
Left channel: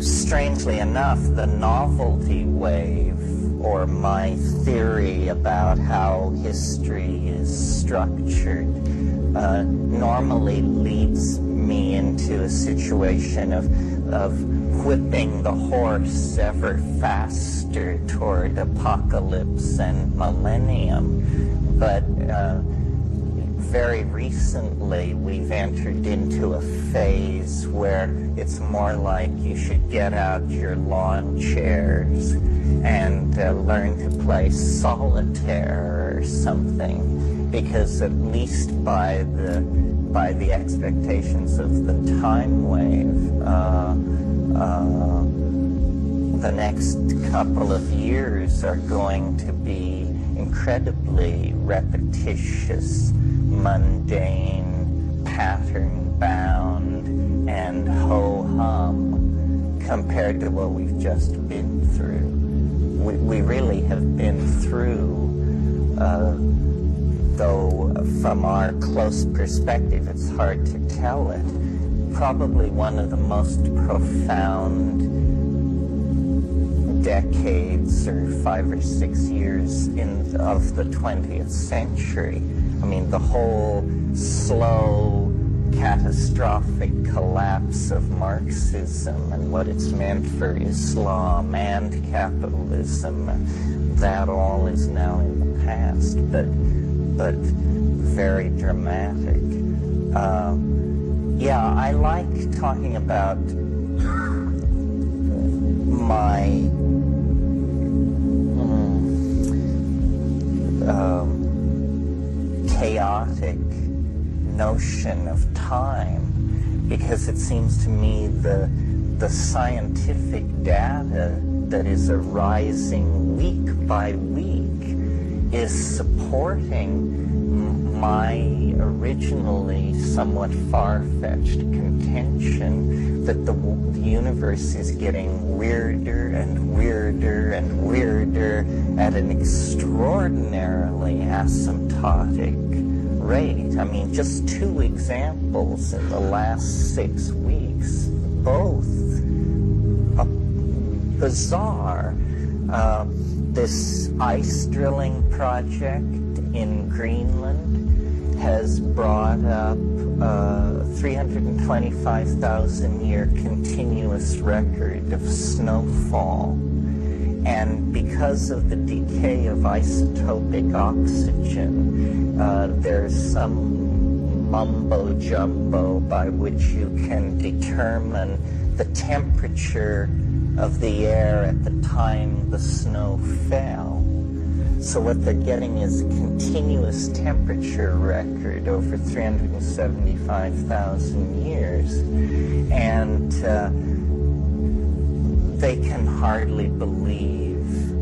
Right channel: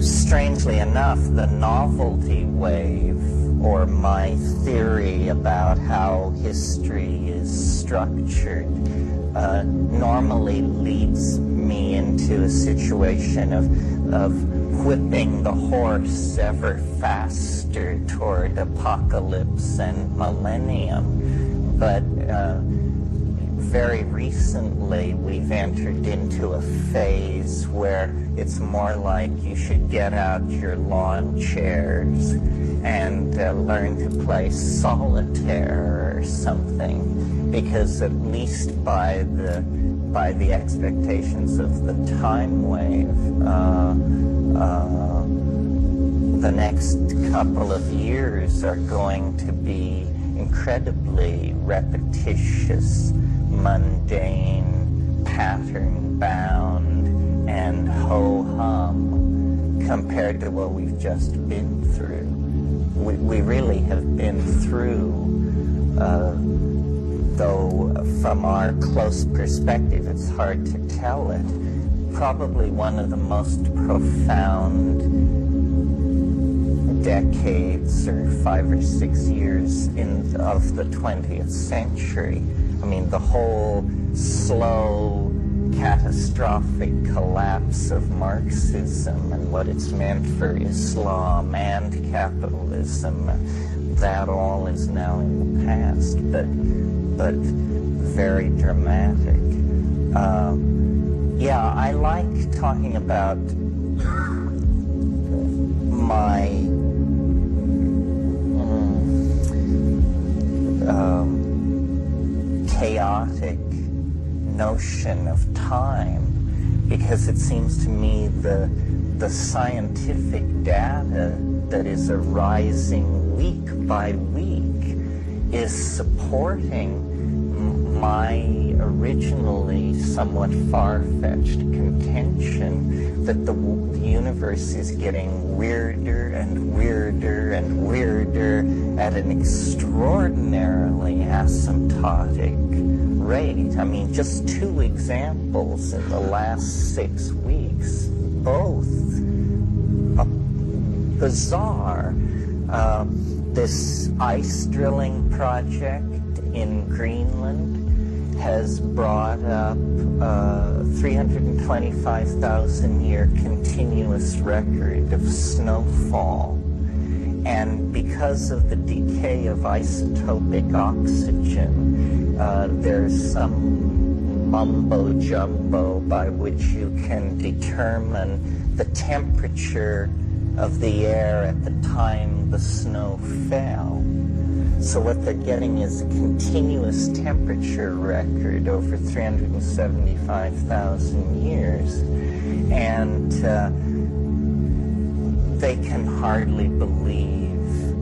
Strangely enough, the novelty wave, or my theory about how history is structured, normally leads me into a situation of whipping the horse ever faster toward apocalypse and millennium. But very recently we've entered into a phase where it's more like you should get out your lawn chairs and learn to play solitaire or something, because at least by the expectations of the time wave, the next couple of years are going to be incredibly repetitious, mundane, pattern-bound, and ho-hum compared to what we've just been through. We really have been through, though from our close perspective it's hard to tell it, probably one of the most profound decades, or 5 or 6 years of the 20th century. I mean, the whole slow, catastrophic collapse of Marxism and what it's meant for Islam and capitalism, that all is now in the past, but very dramatic. Yeah, I like talking about my chaotic notion of time, because it seems to me the scientific data that is arising week by week is supporting my originally somewhat far-fetched contention that the universe is getting weirder and weirder and weirder at an extraordinarily asymptotic rate. I mean, just 2 examples in the last 6 weeks, both bizarre. This ice drilling project in Greenland has brought up 325,000-year continuous record of snowfall. And because of the decay of isotopic oxygen, there's some mumbo-jumbo by which you can determine the temperature of the air at the time the snow fell. So what they're getting is a continuous temperature record over 375,000 years. And they can hardly believe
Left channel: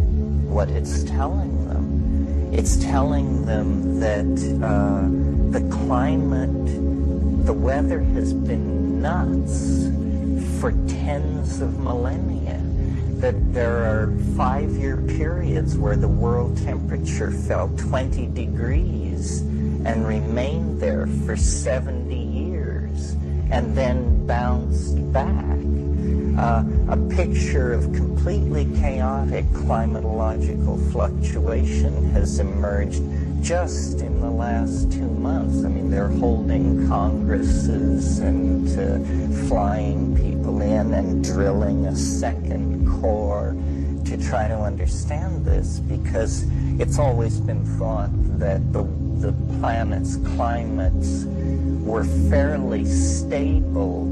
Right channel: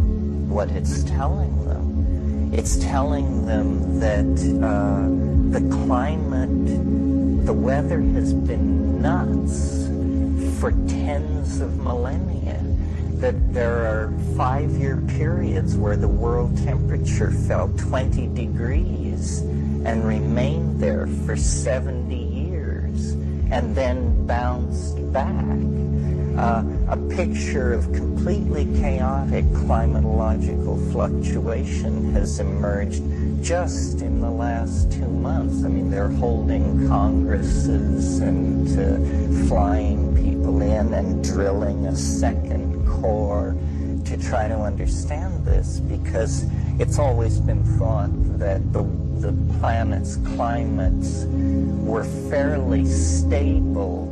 what it's telling them. It's telling them that the climate, the weather has been nuts for tens of millennia. That there are 5-year periods where the world temperature fell 20 degrees and remained there for 70 years and then bounced back. A picture of completely chaotic climatological fluctuation has emerged just in the last 2 months. I mean, they're holding congresses and flying people in and drilling a second core to try to understand this, because it's always been thought that the planet's climates were fairly stable,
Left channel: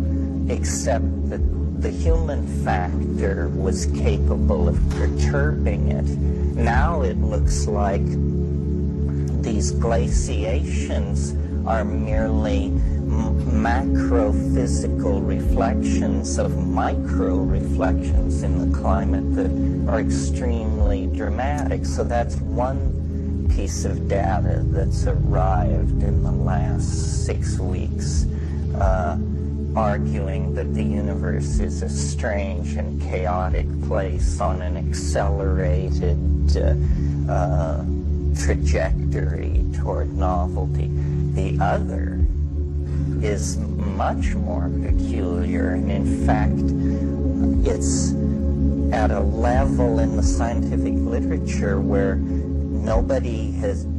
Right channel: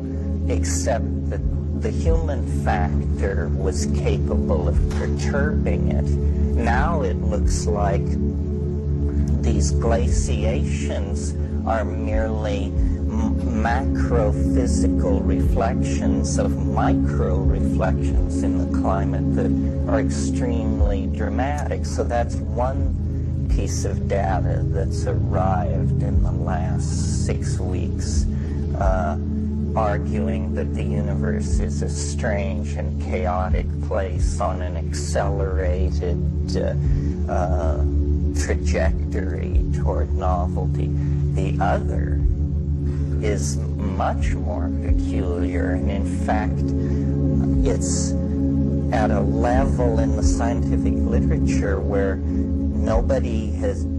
except that the human factor was capable of perturbing it. Now it looks like these glaciations are merely macro-physical reflections of micro-reflections in the climate that are extremely dramatic. So that's one piece of data that's arrived in the last 6 weeks, arguing that the universe is a strange and chaotic place on an accelerated trajectory toward novelty. The other is much more peculiar, and in fact, it's at a level in the scientific literature where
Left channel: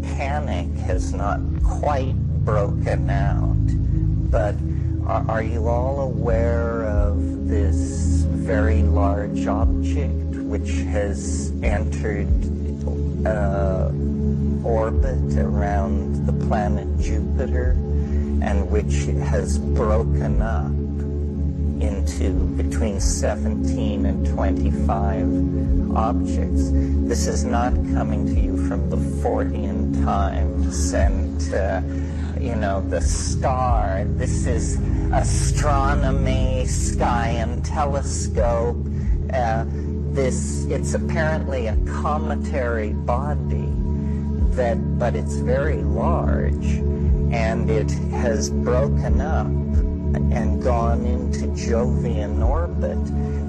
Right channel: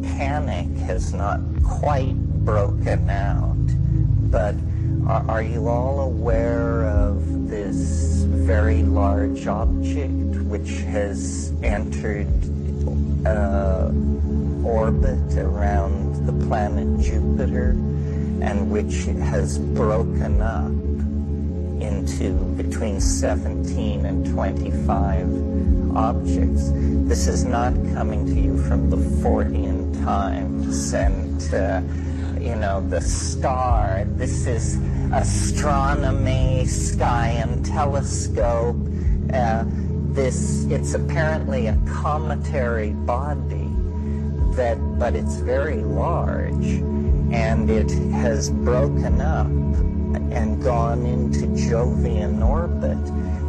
panic has not quite broken out. But are you all aware of this very large object which has entered orbit around the planet Jupiter, and which has broken up into between 17 and 25 objects? This is not coming to you from the Fortean Times and, the Star. This is Astronomy, Sky and Telescope. It's apparently a cometary body, but it's very large, and it has broken up and gone into Jovian orbit,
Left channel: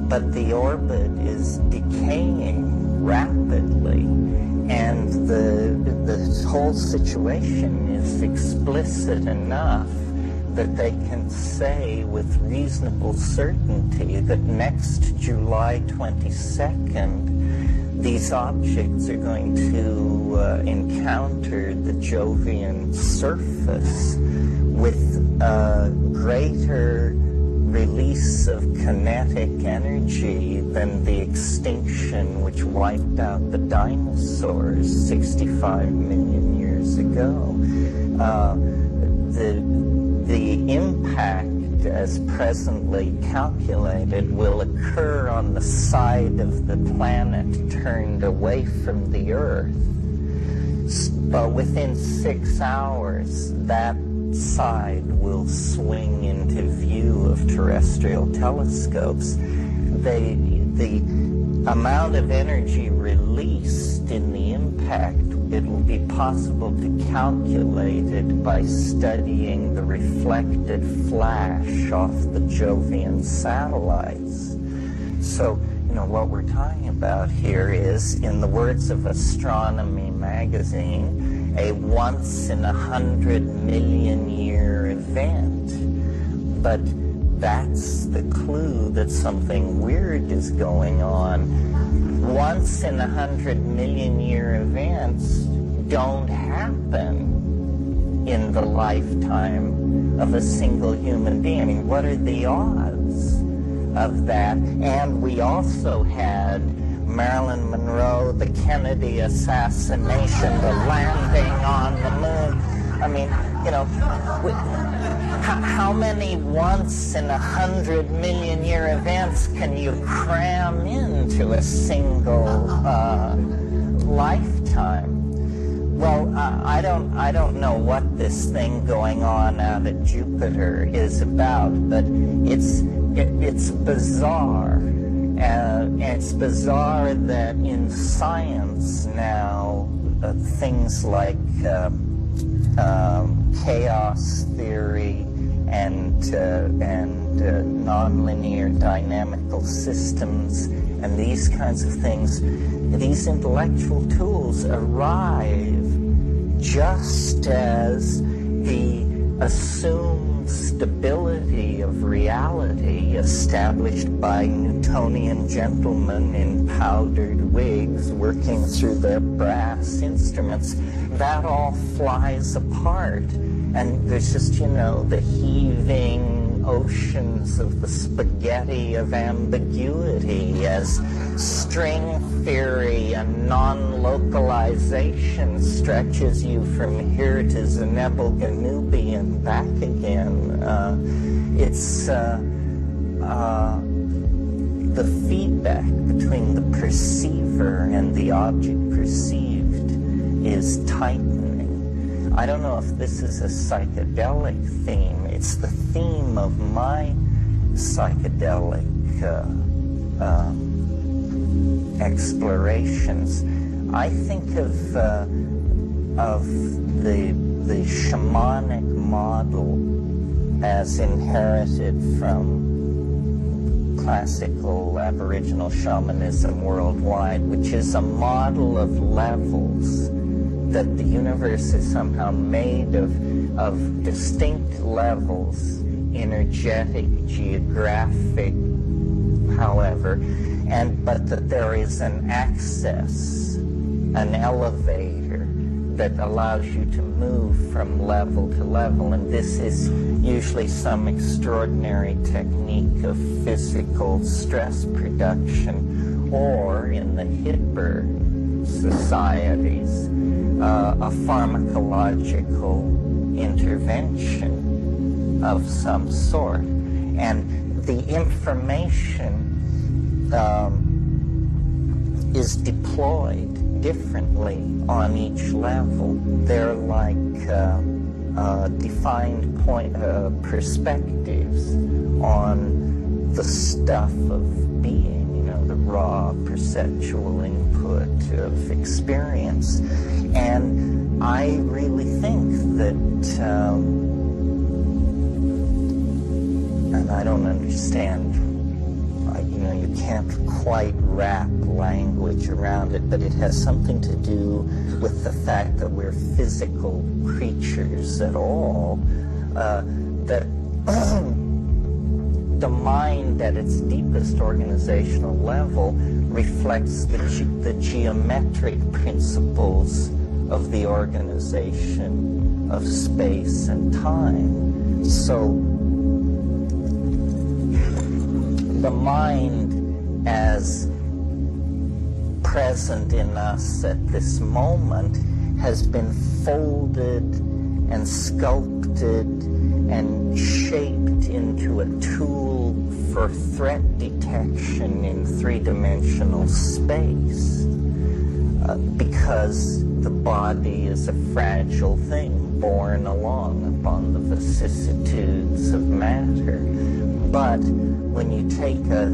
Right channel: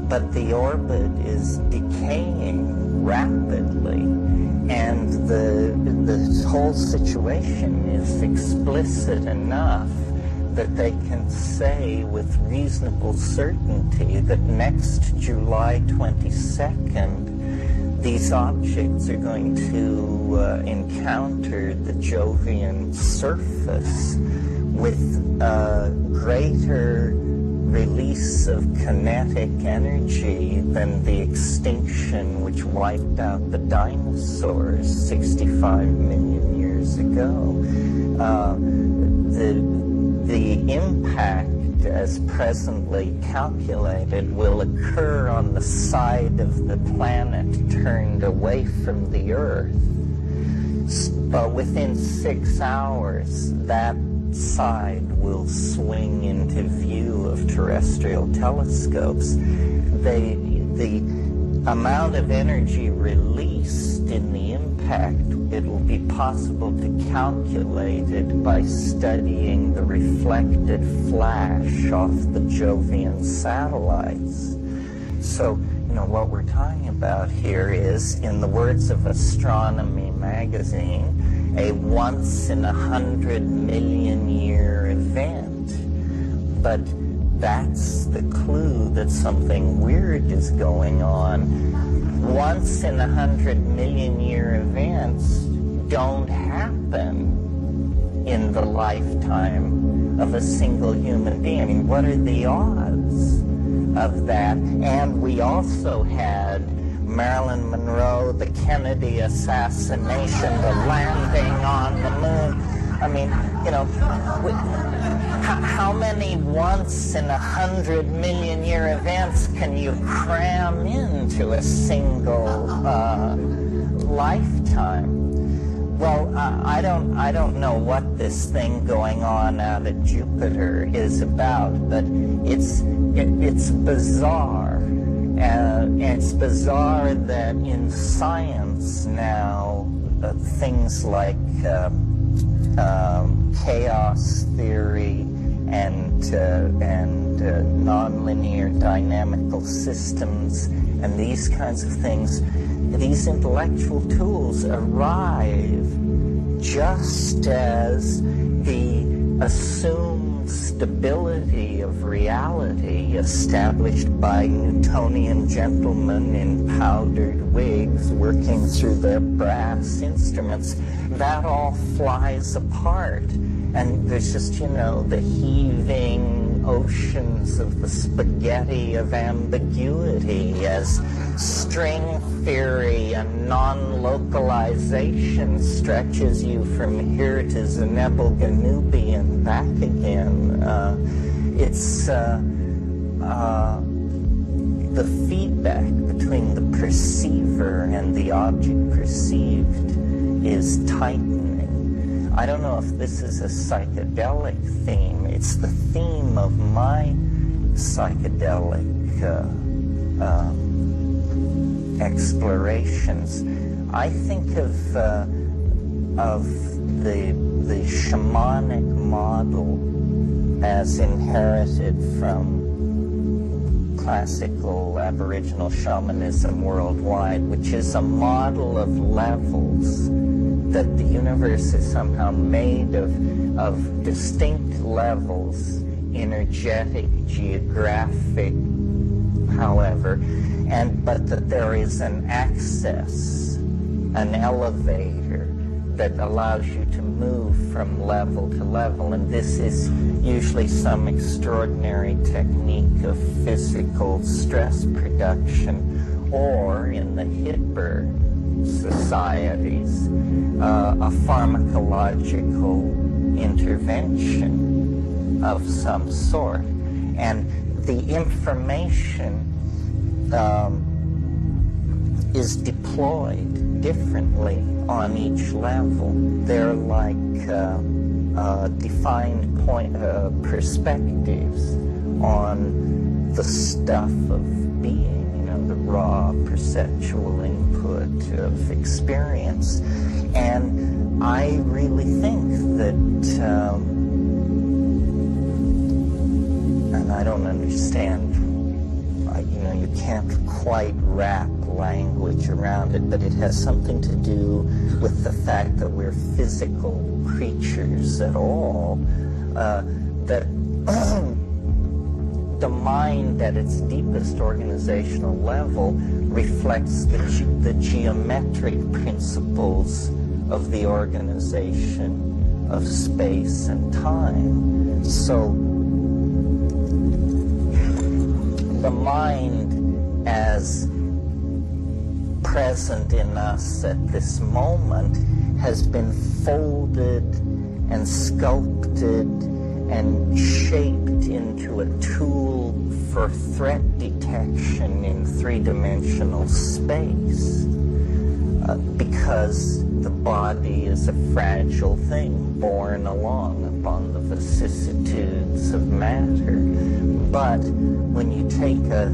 but the orbit is decaying rapidly, and the whole situation is explicit enough that they can say with reasonable certainty that next July 22nd, these objects are going to encounter the Jovian surface with a greater release of kinetic energy than the extinction which wiped out the dinosaurs 65 million years ago. The impact as presently calculated will occur on the side of the planet turned away from the Earth. But within 6 hours, that side will swing into view of terrestrial telescopes. The amount of energy released in the impact, it will be possible to calculate it by studying the reflected flash off the Jovian satellites. So, what we're talking about here is, in the words of Astronomy magazine, a once-in-100-million-year event. But that's the clue that something weird is going on. Once-in-100-million-year events don't happen in the lifetime of a single human being. I mean, what are the odds of that? And we also had Marilyn Monroe, the Kennedy assassination, the landing on the moon. I mean, how many once-in-100-million-year events can you cram into a single lifetime? Well, I don't know what this thing going on out at Jupiter is about, but it's bizarre. It's bizarre that in science now, things like chaos theory and nonlinear dynamical systems and these kinds of things, these intellectual tools arrive just as the assumed stability of reality established by Newtonian gentlemen in powdered wigs working through their brass instruments, that all flies apart. And there's just, the heaving oceans of the spaghetti of ambiguity as string theory and non-localization stretches you from here to Zenebel Ganubi and back again. It's the feedback between the perceiver and the object perceived is tightening. I don't know if this is a psychedelic theme. It's the theme of my psychedelic explorations. I think of the shamanic model as inherited from classical Aboriginal shamanism worldwide, which is a model of levels, that the universe is somehow made of distinct levels, energetic, geographic, however, but that there is an access, an elevator that allows you to move from level to level, and this is usually some extraordinary technique of physical stress production, or in the hipper societies, a pharmacological intervention of some sort. And the information is deployed differently on each level. They're like defined perspectives on the stuff of being, the raw perceptual input of experience. And I really think that, and I don't understand, you can't quite wrap language around it, but it has something to do with the fact that we're physical creatures at all, that the mind at its deepest organizational level reflects the geometric principles of the organization of space and time. So the mind as present in us at this moment has been folded and sculpted and shaped into a tool for threat detection in three-dimensional space, because the body is a fragile thing borne along upon the vicissitudes of matter. But when you take a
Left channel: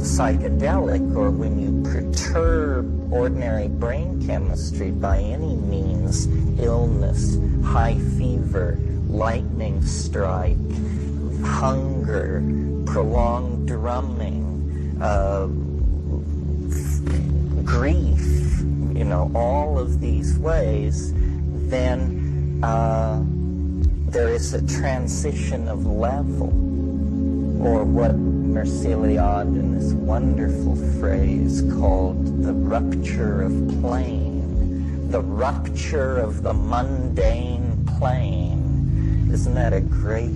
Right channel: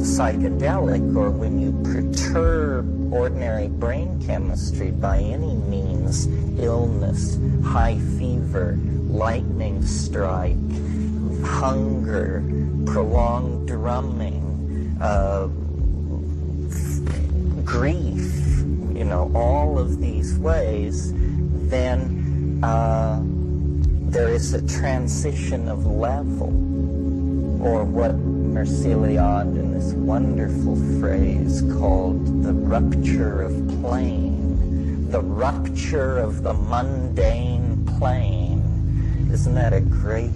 psychedelic, or when you perturb ordinary brain chemistry by any means, illness, high fever, lightning strike, hunger, prolonged drumming, grief, all of these ways, then there is a transition of level, or what Merciliade in this wonderful phrase called the rupture of plane, the rupture of the mundane plane. Isn't that a great,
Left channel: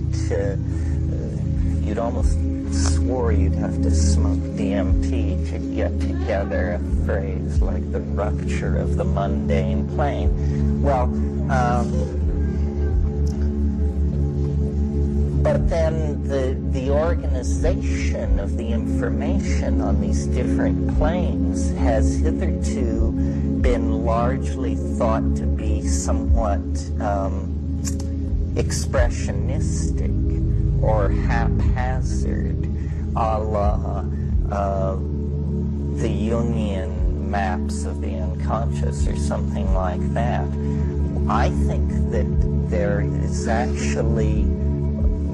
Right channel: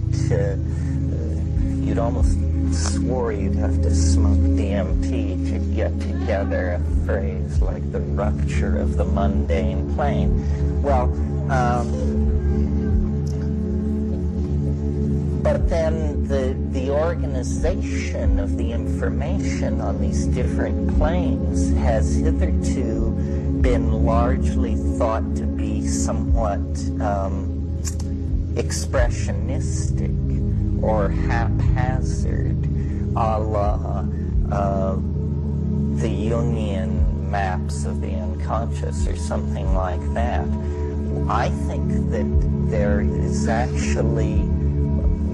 you'd almost swore you'd have to smoke DMT to get together a phrase like the rupture of the mundane plane. Well, but then the organization of the information on these different planes has hitherto been largely thought to be somewhat expressionistic or haphazard, a la the Jungian maps of the unconscious or something like that. I think that there is actually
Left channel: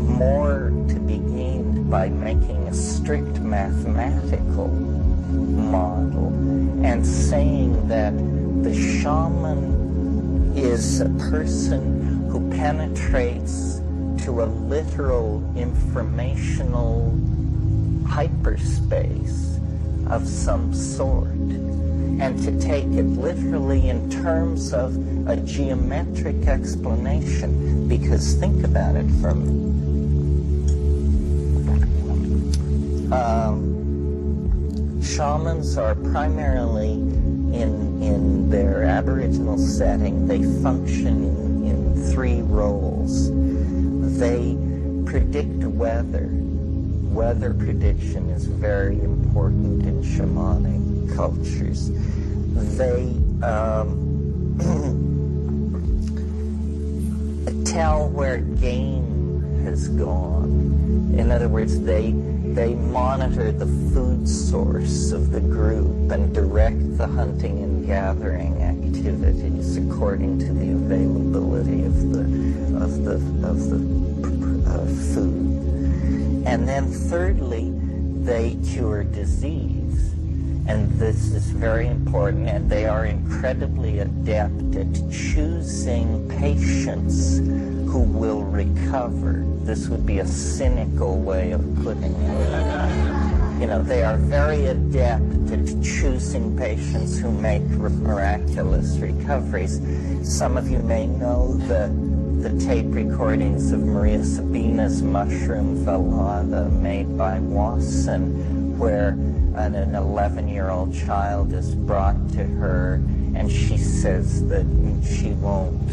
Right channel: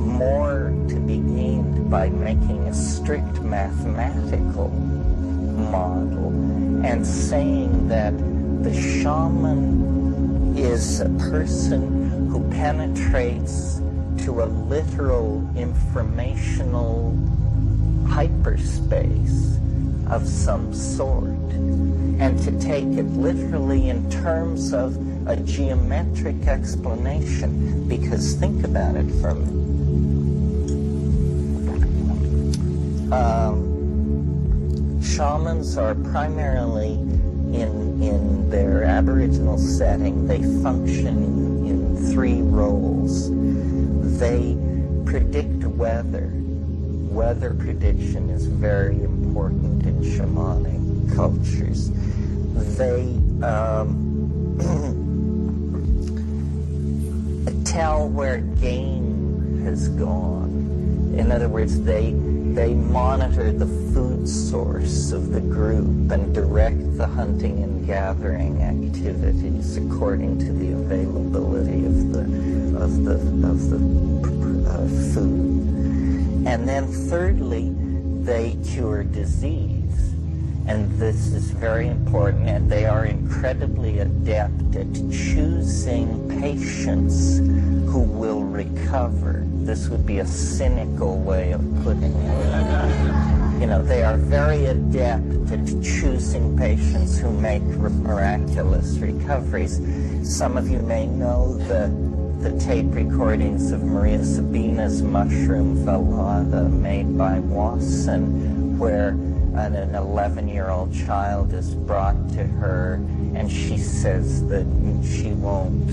more to be gained by making a strict mathematical model and saying that the shaman is a person who penetrates to a literal informational hyperspace of some sort, and to take it literally in terms of a geometric explanation. Because think about it for me. Shamans are primarily in their Aboriginal setting, they function in three roles. They predict weather. Weather prediction is very important in shamanic cultures. They tell where game has gone. In other words, they monitor the food source of the group and direct the hunting and gathering activities according to the availability of the food. And then thirdly, they cure disease. And this is very important, and they are incredibly adept at choosing patients who will recover. This would be a cynical way of putting it. They are very adept at choosing patients who make miraculous recoveries. Some of you may know the tape recordings of Maria Sabina's mushroom velada made by Wasson, where an 11-year-old child is brought to her, and she says that she won't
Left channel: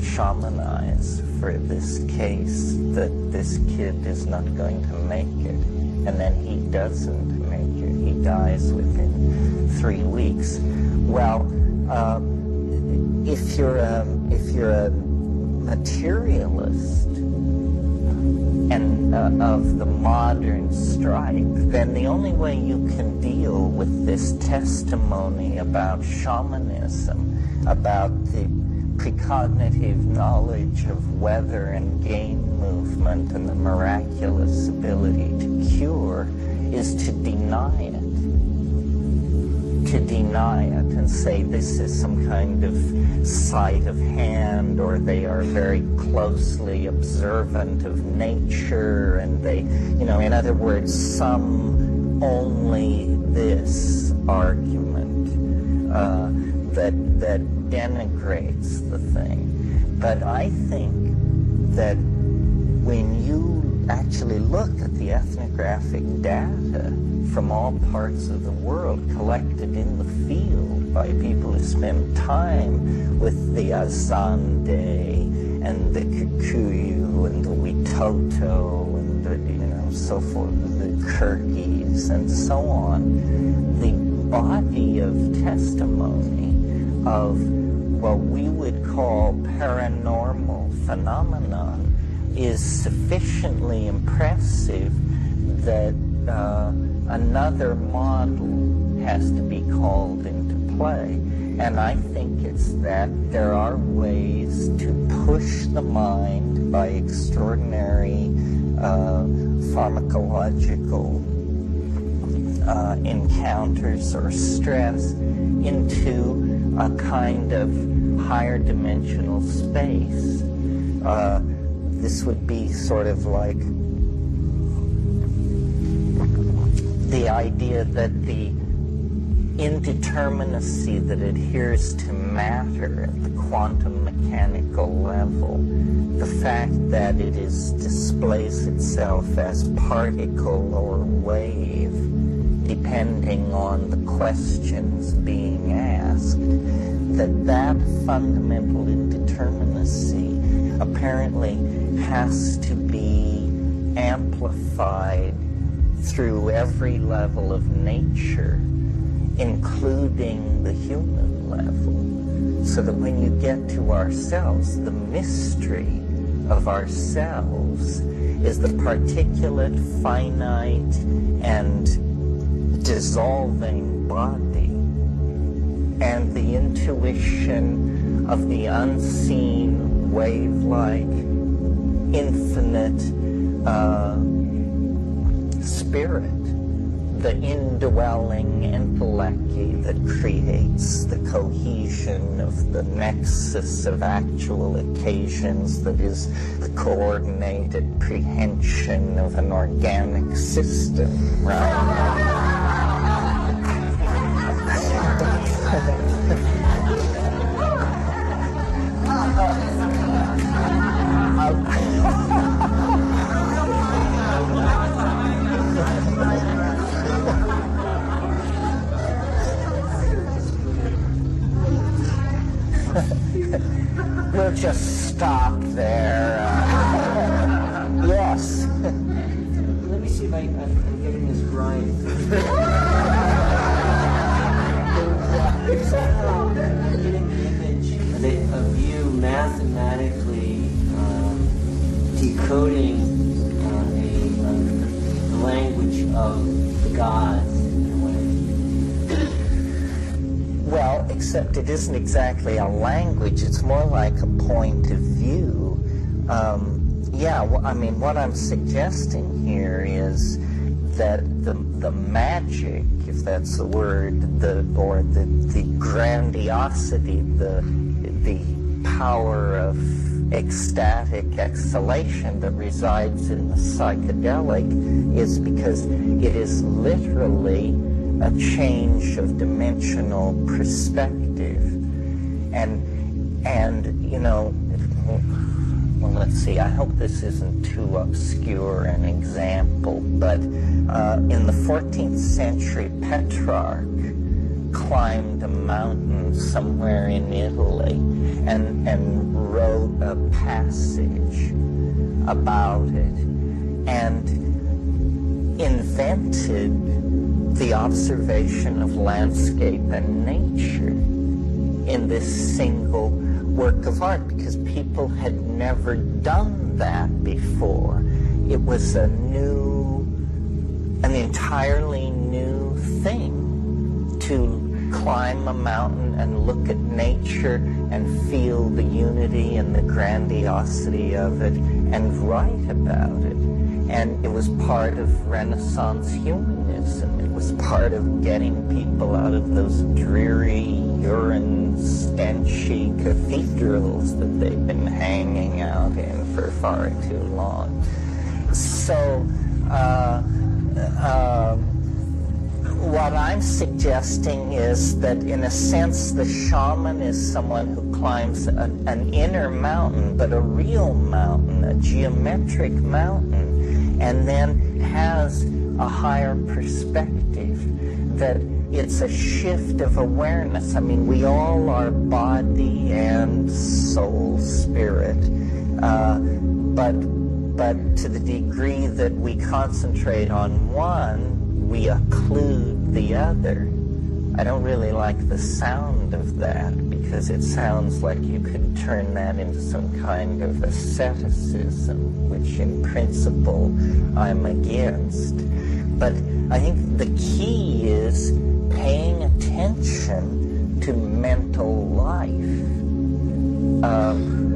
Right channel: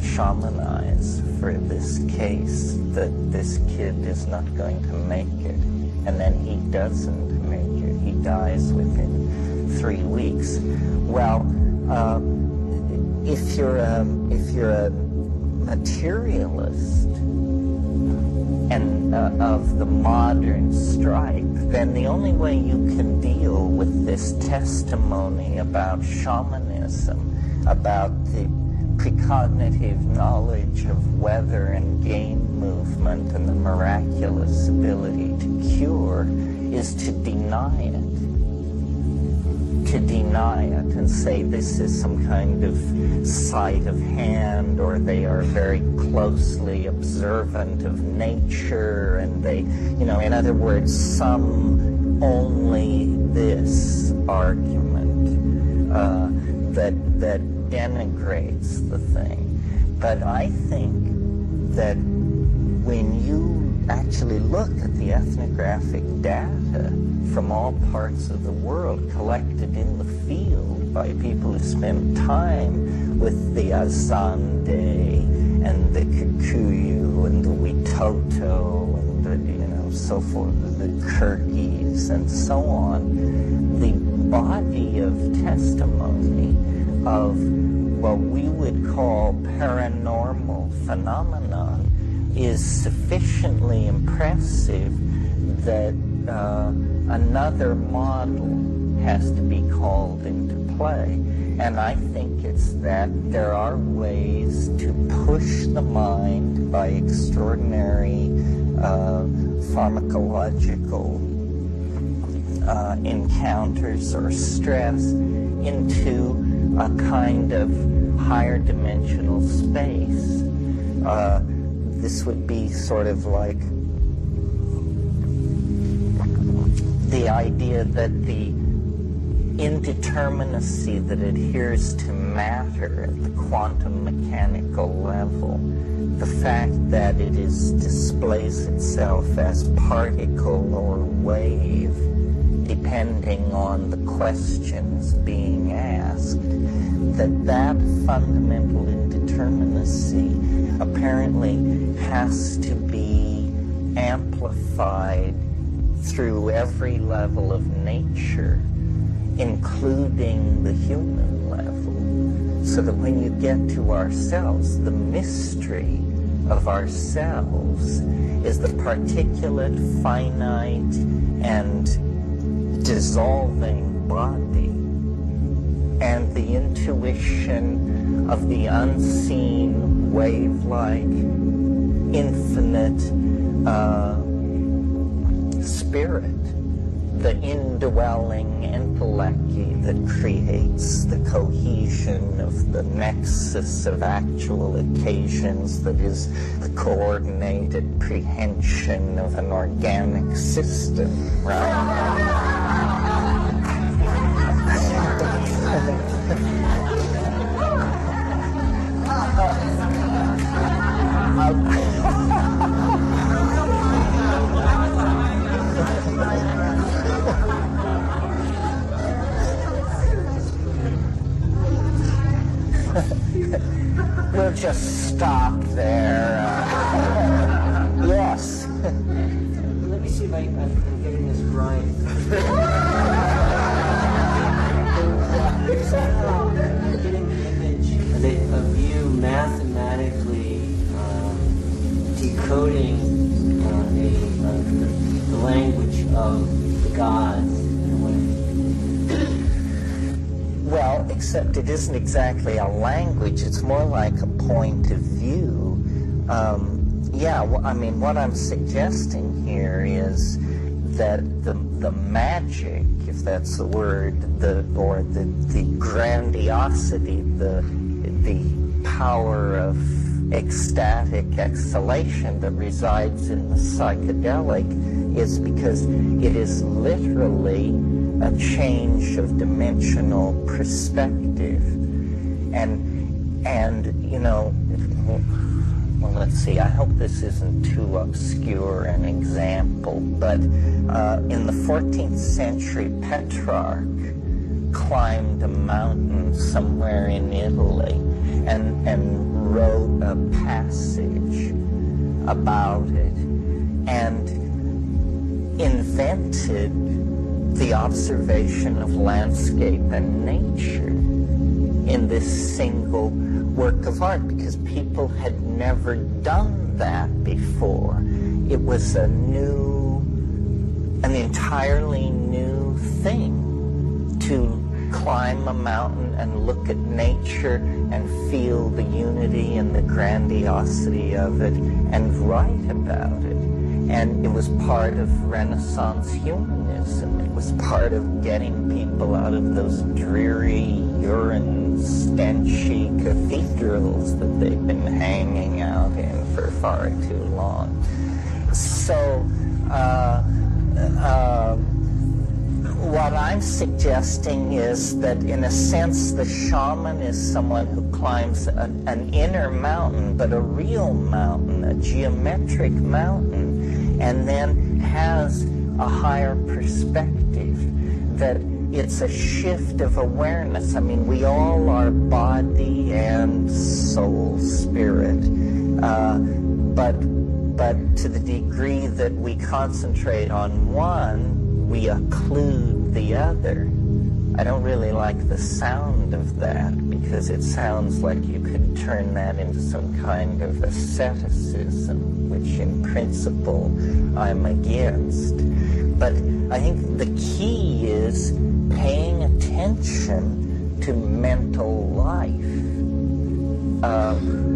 shamanize for this case, that this kid is not going to make it. And then he doesn't make it. He dies within 3 weeks. Well, if you're a materialist and of the modern stripe, then the only way you can deal with this testimony about shamanism, about the precognitive knowledge of weather and game movement and the miraculous ability to cure, is to deny it. To deny it and say this is some kind of sleight of hand, or they are very closely observant of nature, and they, in other words, some only this argument that denigrates the thing. But I think that when you actually look at the ethnographic data from all parts of the world collected in the field by people who spend time with the Azande and the Kikuyu Zulu and the Witoto and the, so forth, the Kyrgyz and so on, the body of testimony of what we would call paranormal phenomenon is sufficiently impressive that another model has to be called into play. And I think it's that there are ways to push the mind by extraordinary pharmacological encounters or stress into a kind of higher dimensional space. This would be sort of like the idea that the indeterminacy that adheres to matter at the quantum mechanical level, the fact that it displays itself as particle or wave, depending on the questions being asked, that fundamental indeterminacy apparently has to be amplified through every level of nature, including the human level, so that when you get to ourselves, the mystery of ourselves is the particulate, finite, and dissolving body, and the intuition of the unseen, wave-like, infinite spirit, the indwelling entelechy that creates the cohesion of the nexus of actual occasions, that is the coordinated prehension of an organic system, right? We'll just stop there. Yes. Let me see if I'm getting this right. I'm getting the image of you mathematically decoding the language of the gods in a way. Well, except it isn't exactly a language, it's more like a point of view. What I'm suggesting here is that the magic, if that's the word, the grandiosity, the power of ecstatic exhalation that resides in the psychedelic is because it is literally a change of dimensional perspective. Well, let's see, I hope this isn't too obscure an example, but in the 14th century, Petrarch climbed a mountain somewhere in Italy and wrote a passage about it and invented the observation of landscape and nature in this single work of art, because people had never done that before. It was an entirely new thing to climb a mountain and look at nature and feel the unity and the grandiosity of it and write about it. And it was part of Renaissance humanism. It was part of getting people out of those dreary, urine-stenchy cathedrals that they've been hanging out in for far too long. So, what I'm suggesting is that, in a sense, the shaman is someone who climbs an inner mountain, but a real mountain, a geometric mountain, and then has a higher perspective, that it's a shift of awareness. I mean, we all are body and soul, spirit, but to the degree that we concentrate on one, we occlude the other. I don't really like the sound of that, because it sounds like you could turn that into some kind of asceticism, which in principle I'm against. But I think the key is paying attention to mental life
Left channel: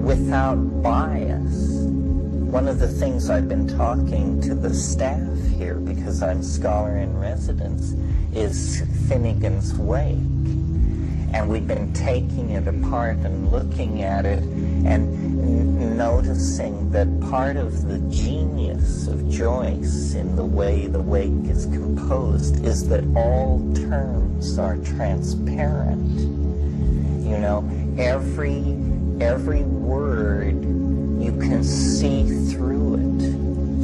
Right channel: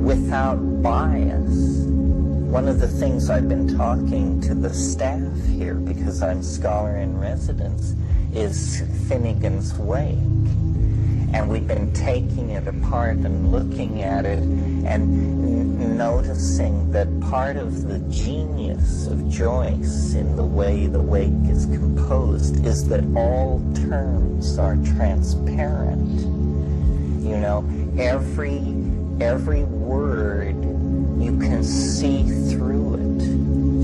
without bias. One of the things I've been talking to the staff here, because I'm scholar in residence, is Finnegan's Wake. And we've been taking it apart and looking at it and noticing that part of the genius of Joyce in the way the Wake is composed is that all terms are transparent. You know, every word, you can see through it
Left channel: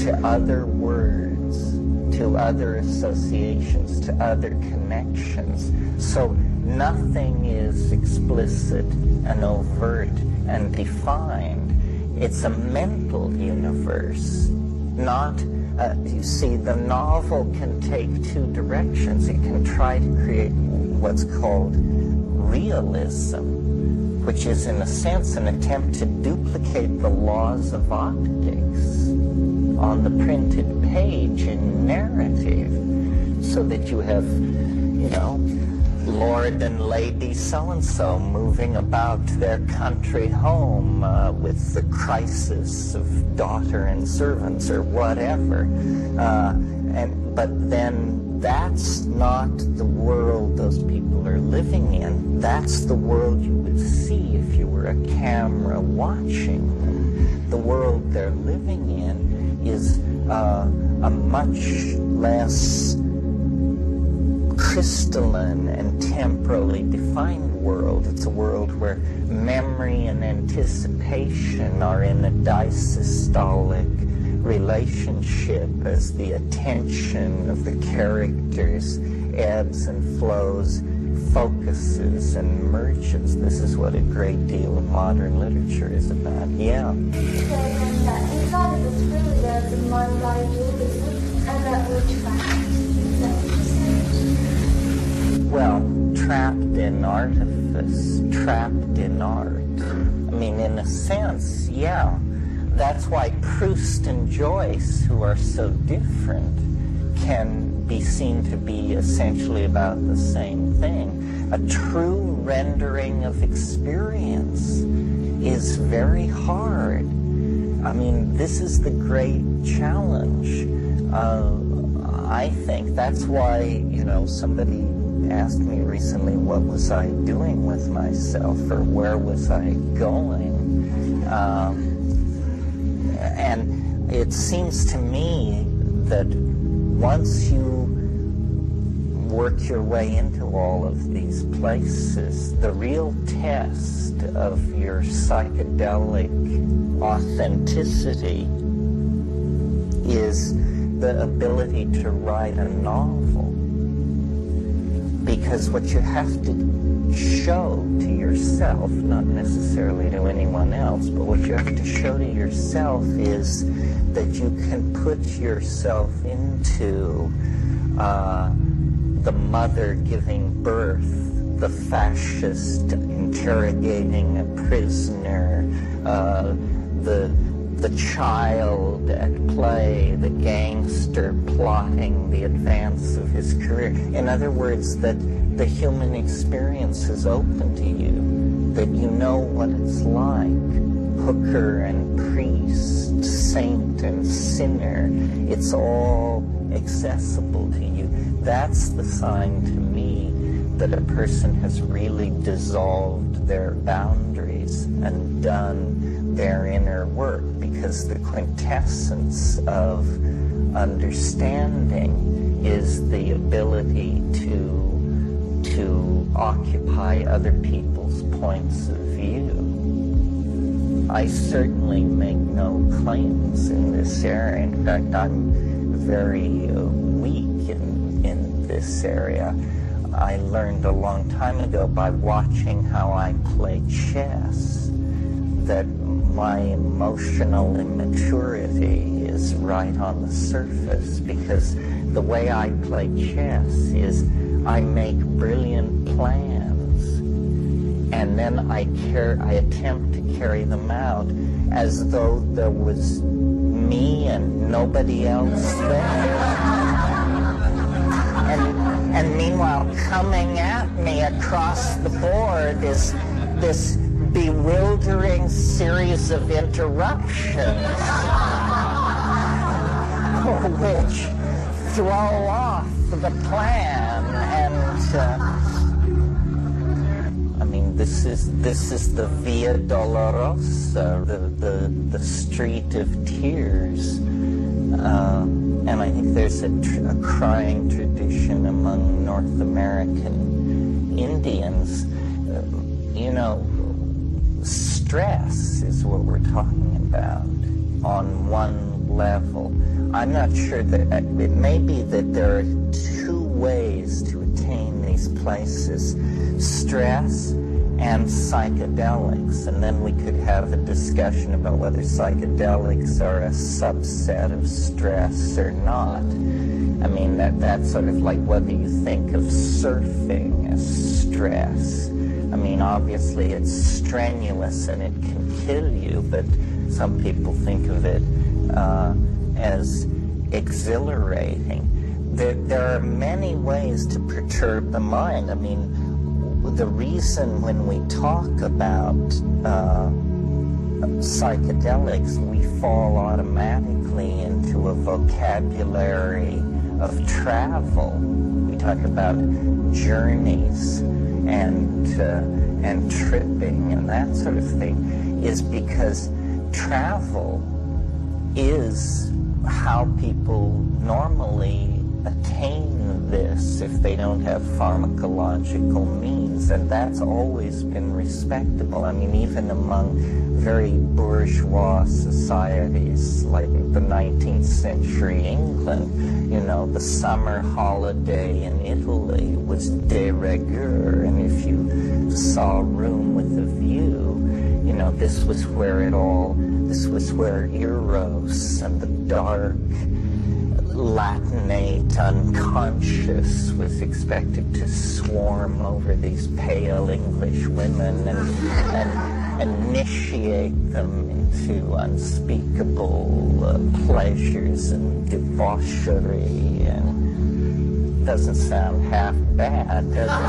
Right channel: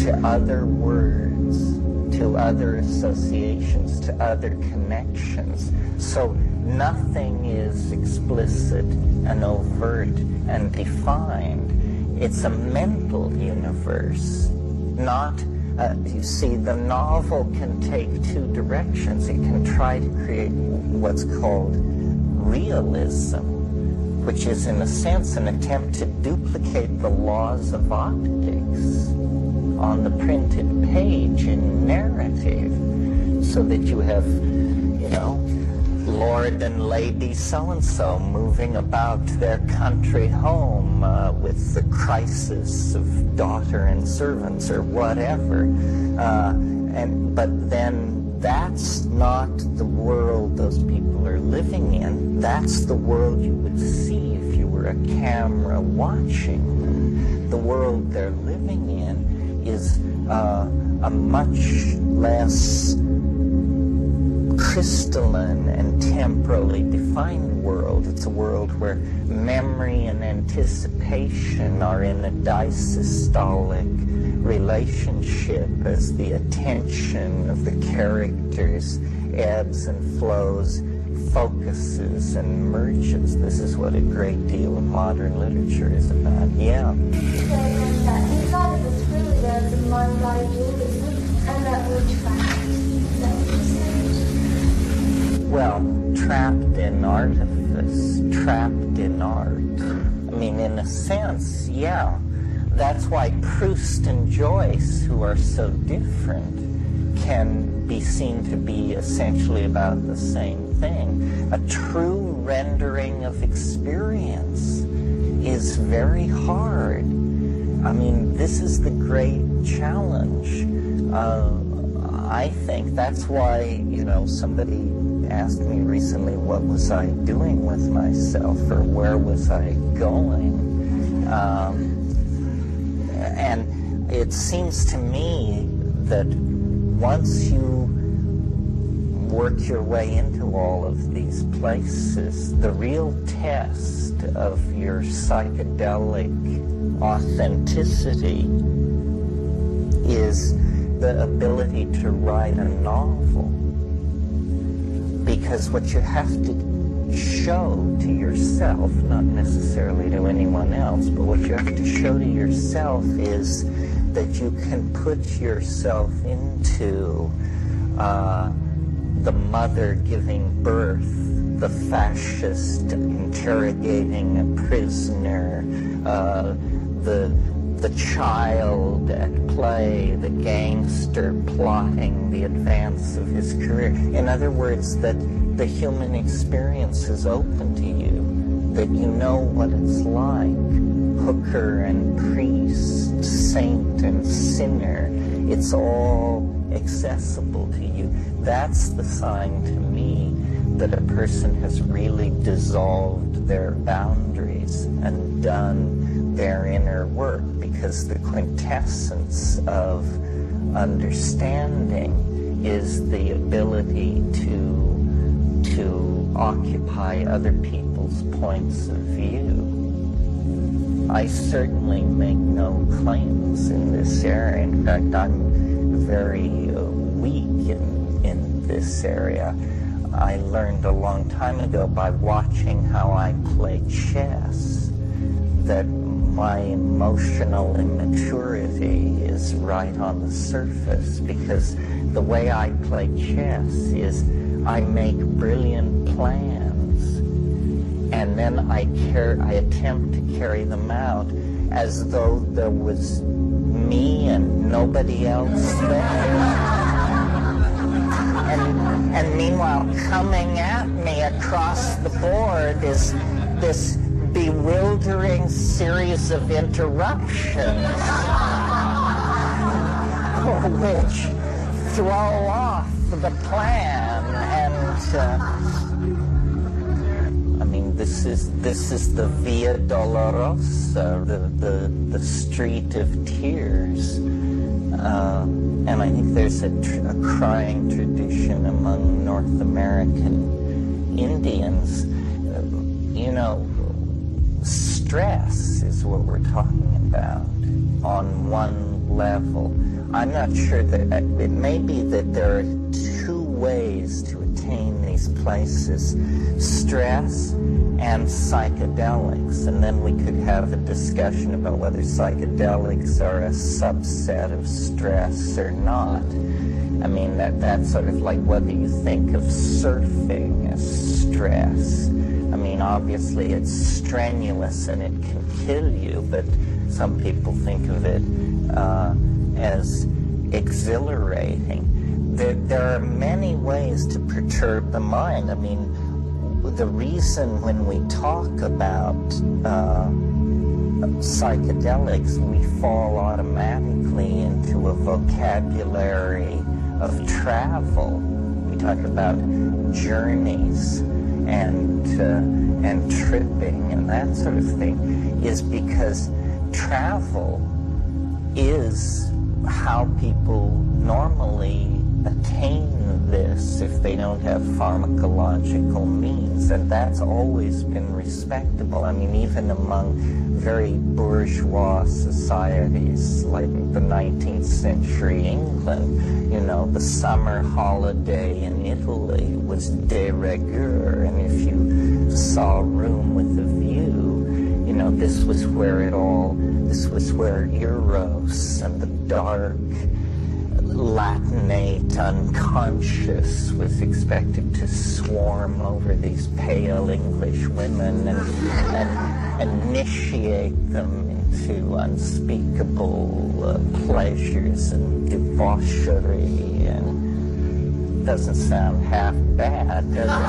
to other words, to other associations, to other connections. So nothing is explicit and overt and defined. It's a mental universe, not, you see, the novel can take two directions. It can try to create what's called realism, which is in a sense an attempt to duplicate the laws of optics on the printed page in narrative, so that you have, you know, Lord and Lady so-and-so moving about their country home with the crisis of daughter and servants or whatever. But then that's not the world those people are living in. That's the world you would see if you were a camera watching them. The world they're living in is a much less crystalline and temporally defined world. It's a world where memory and anticipation are in a disystolic relationship as the attention of the characters ebbs and flows, focuses and merges. This is what a great deal of modern literature is about. Yeah. Inside of this really there's a mind-body dualism, and that we're trapped. Well, trapped in artifice, trapped in art. I mean, in a sense, yeah. That's why Proust and Joyce, who are so different, can be seen to be essentially about the same thing. A true rendering of experience is very hard. I mean, this is the great challenge. I think that's why, you know, somebody asked me recently what was I doing with myself, or where was I going. And it seems to me that once you work your way into all of these places, the real test of your psychedelic authenticity is the ability to write a novel. Because what you have to show to yourself, not necessarily to anyone else, but what you have to show to yourself is that you can put yourself into the mother giving birth, the fascist interrogating a prisoner, the child at play, the gangster plotting the advance of his career. In other words, that the human experience is open to you, that you know what it's like, hooker and priest, saint and sinner. It's all accessible to you. That's the sign to me that a person has really dissolved their boundaries and done their inner work, because the quintessence of understanding is the ability to occupy other people's points of view. I certainly make no claims in this area. In fact, I'm very weak in this area. I learned a long time ago by watching how I play chess that my emotional immaturity is right on the surface, because the way I play chess is I make brilliant plans, and then I attempt to carry them out as though there was me and nobody else there. And meanwhile, coming at me across the board is this bewildering series of interruptions which throw off the plan. And I mean, this is the Via Dolorosa, the street of tears. And I think there's a crying tradition among North American Indians. You know, stress is what we're talking about on one level. I'm not sure that it may be that there are two ways to attain these places: stress and psychedelics, and then we could have a discussion about whether psychedelics are a subset of stress or not. I mean, that's sort of like whether you think of surfing as stress. I mean, obviously it's strenuous and it can kill you, but some people think of it as exhilarating. There are many ways to perturb the mind. I mean, the reason when we talk about psychedelics, we fall automatically into a vocabulary of travel. We talk about journeys and tripping and that sort of thing, is because travel is how people normally attain this if they don't have pharmacological means, and that's always been respectable. I mean, even among very bourgeois societies like the 19th century England, you know, the summer holiday in Italy was de rigueur, and if you saw a room with a view, you know, this was where Eros and the dark Latinate unconscious was expected to swarm over these pale English women and initiate them into unspeakable pleasures and debauchery. And doesn't sound half bad, does it?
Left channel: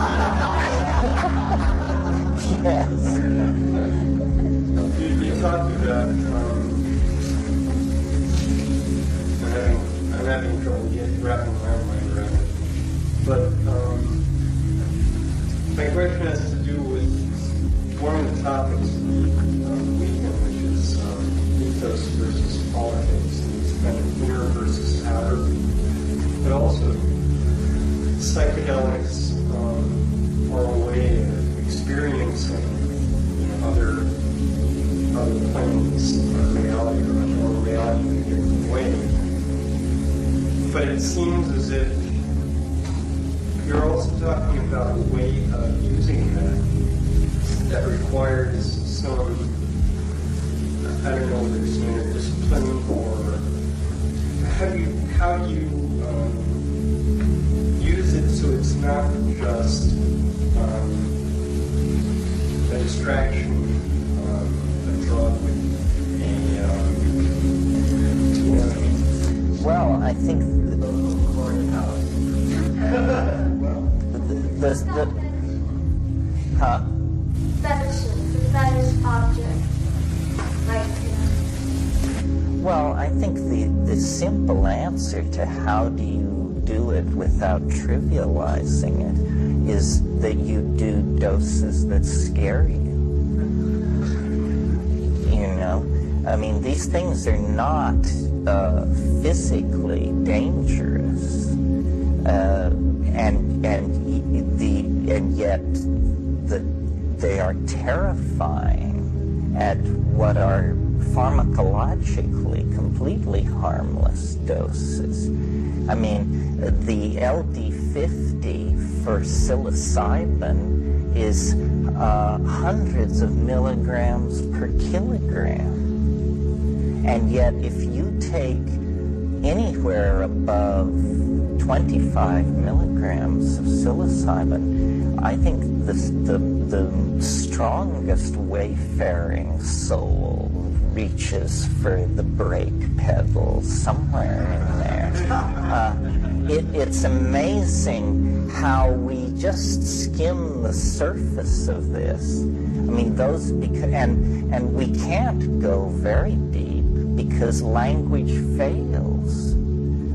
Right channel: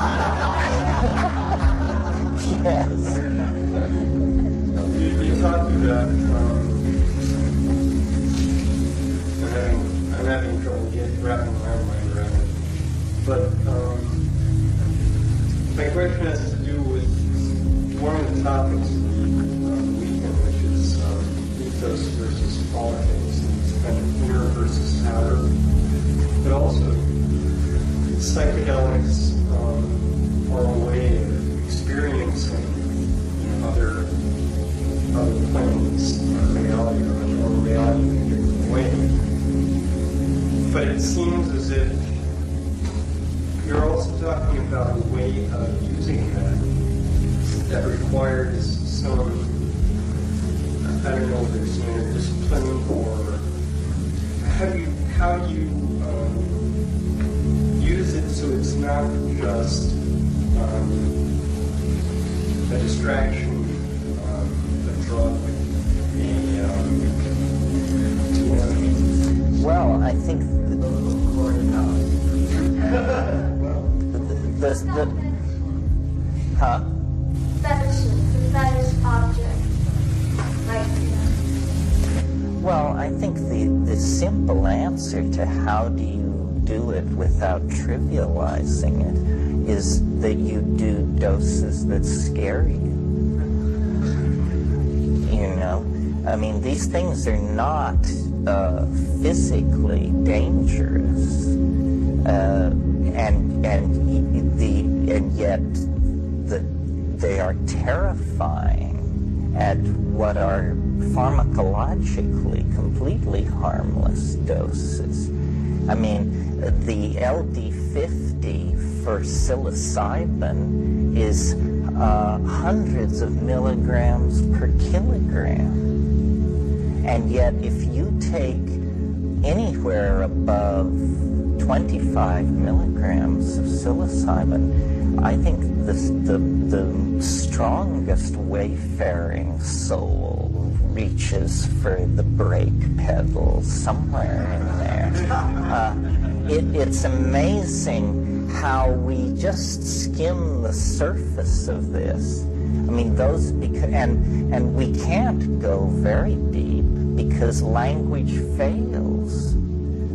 Yes. You talked about I'm having trouble wrapping my mind around it. But my question has to do with one of the topics of the weekend, which is ethos versus politics, and it's kind of inner versus outer. But also, psychedelics are a way of experiencing, you know, other planes of reality, or reality in a different way. But it seems as if you're also talking about a way of using that requires some, I don't know whether it's inner discipline, or how do you use it so it's not just a distraction, a drug, well, I think the fetish object. Well, I think the simple answer to how do you do it without trivializing it is that you do doses that scare you. You know? I mean, these things are not physically dangerous, and yet they are terrifying at what are pharmacologically completely harmless doses. I mean, the LD50 for psilocybin is hundreds of milligrams per kilogram. And yet, if you take anywhere above 25 milligrams of psilocybin, I think the strongest wayfaring soul reaches for the brake pedal somewhere in there. It's amazing how we just skim the surface of this. I mean, and we can't go very deep because language fails.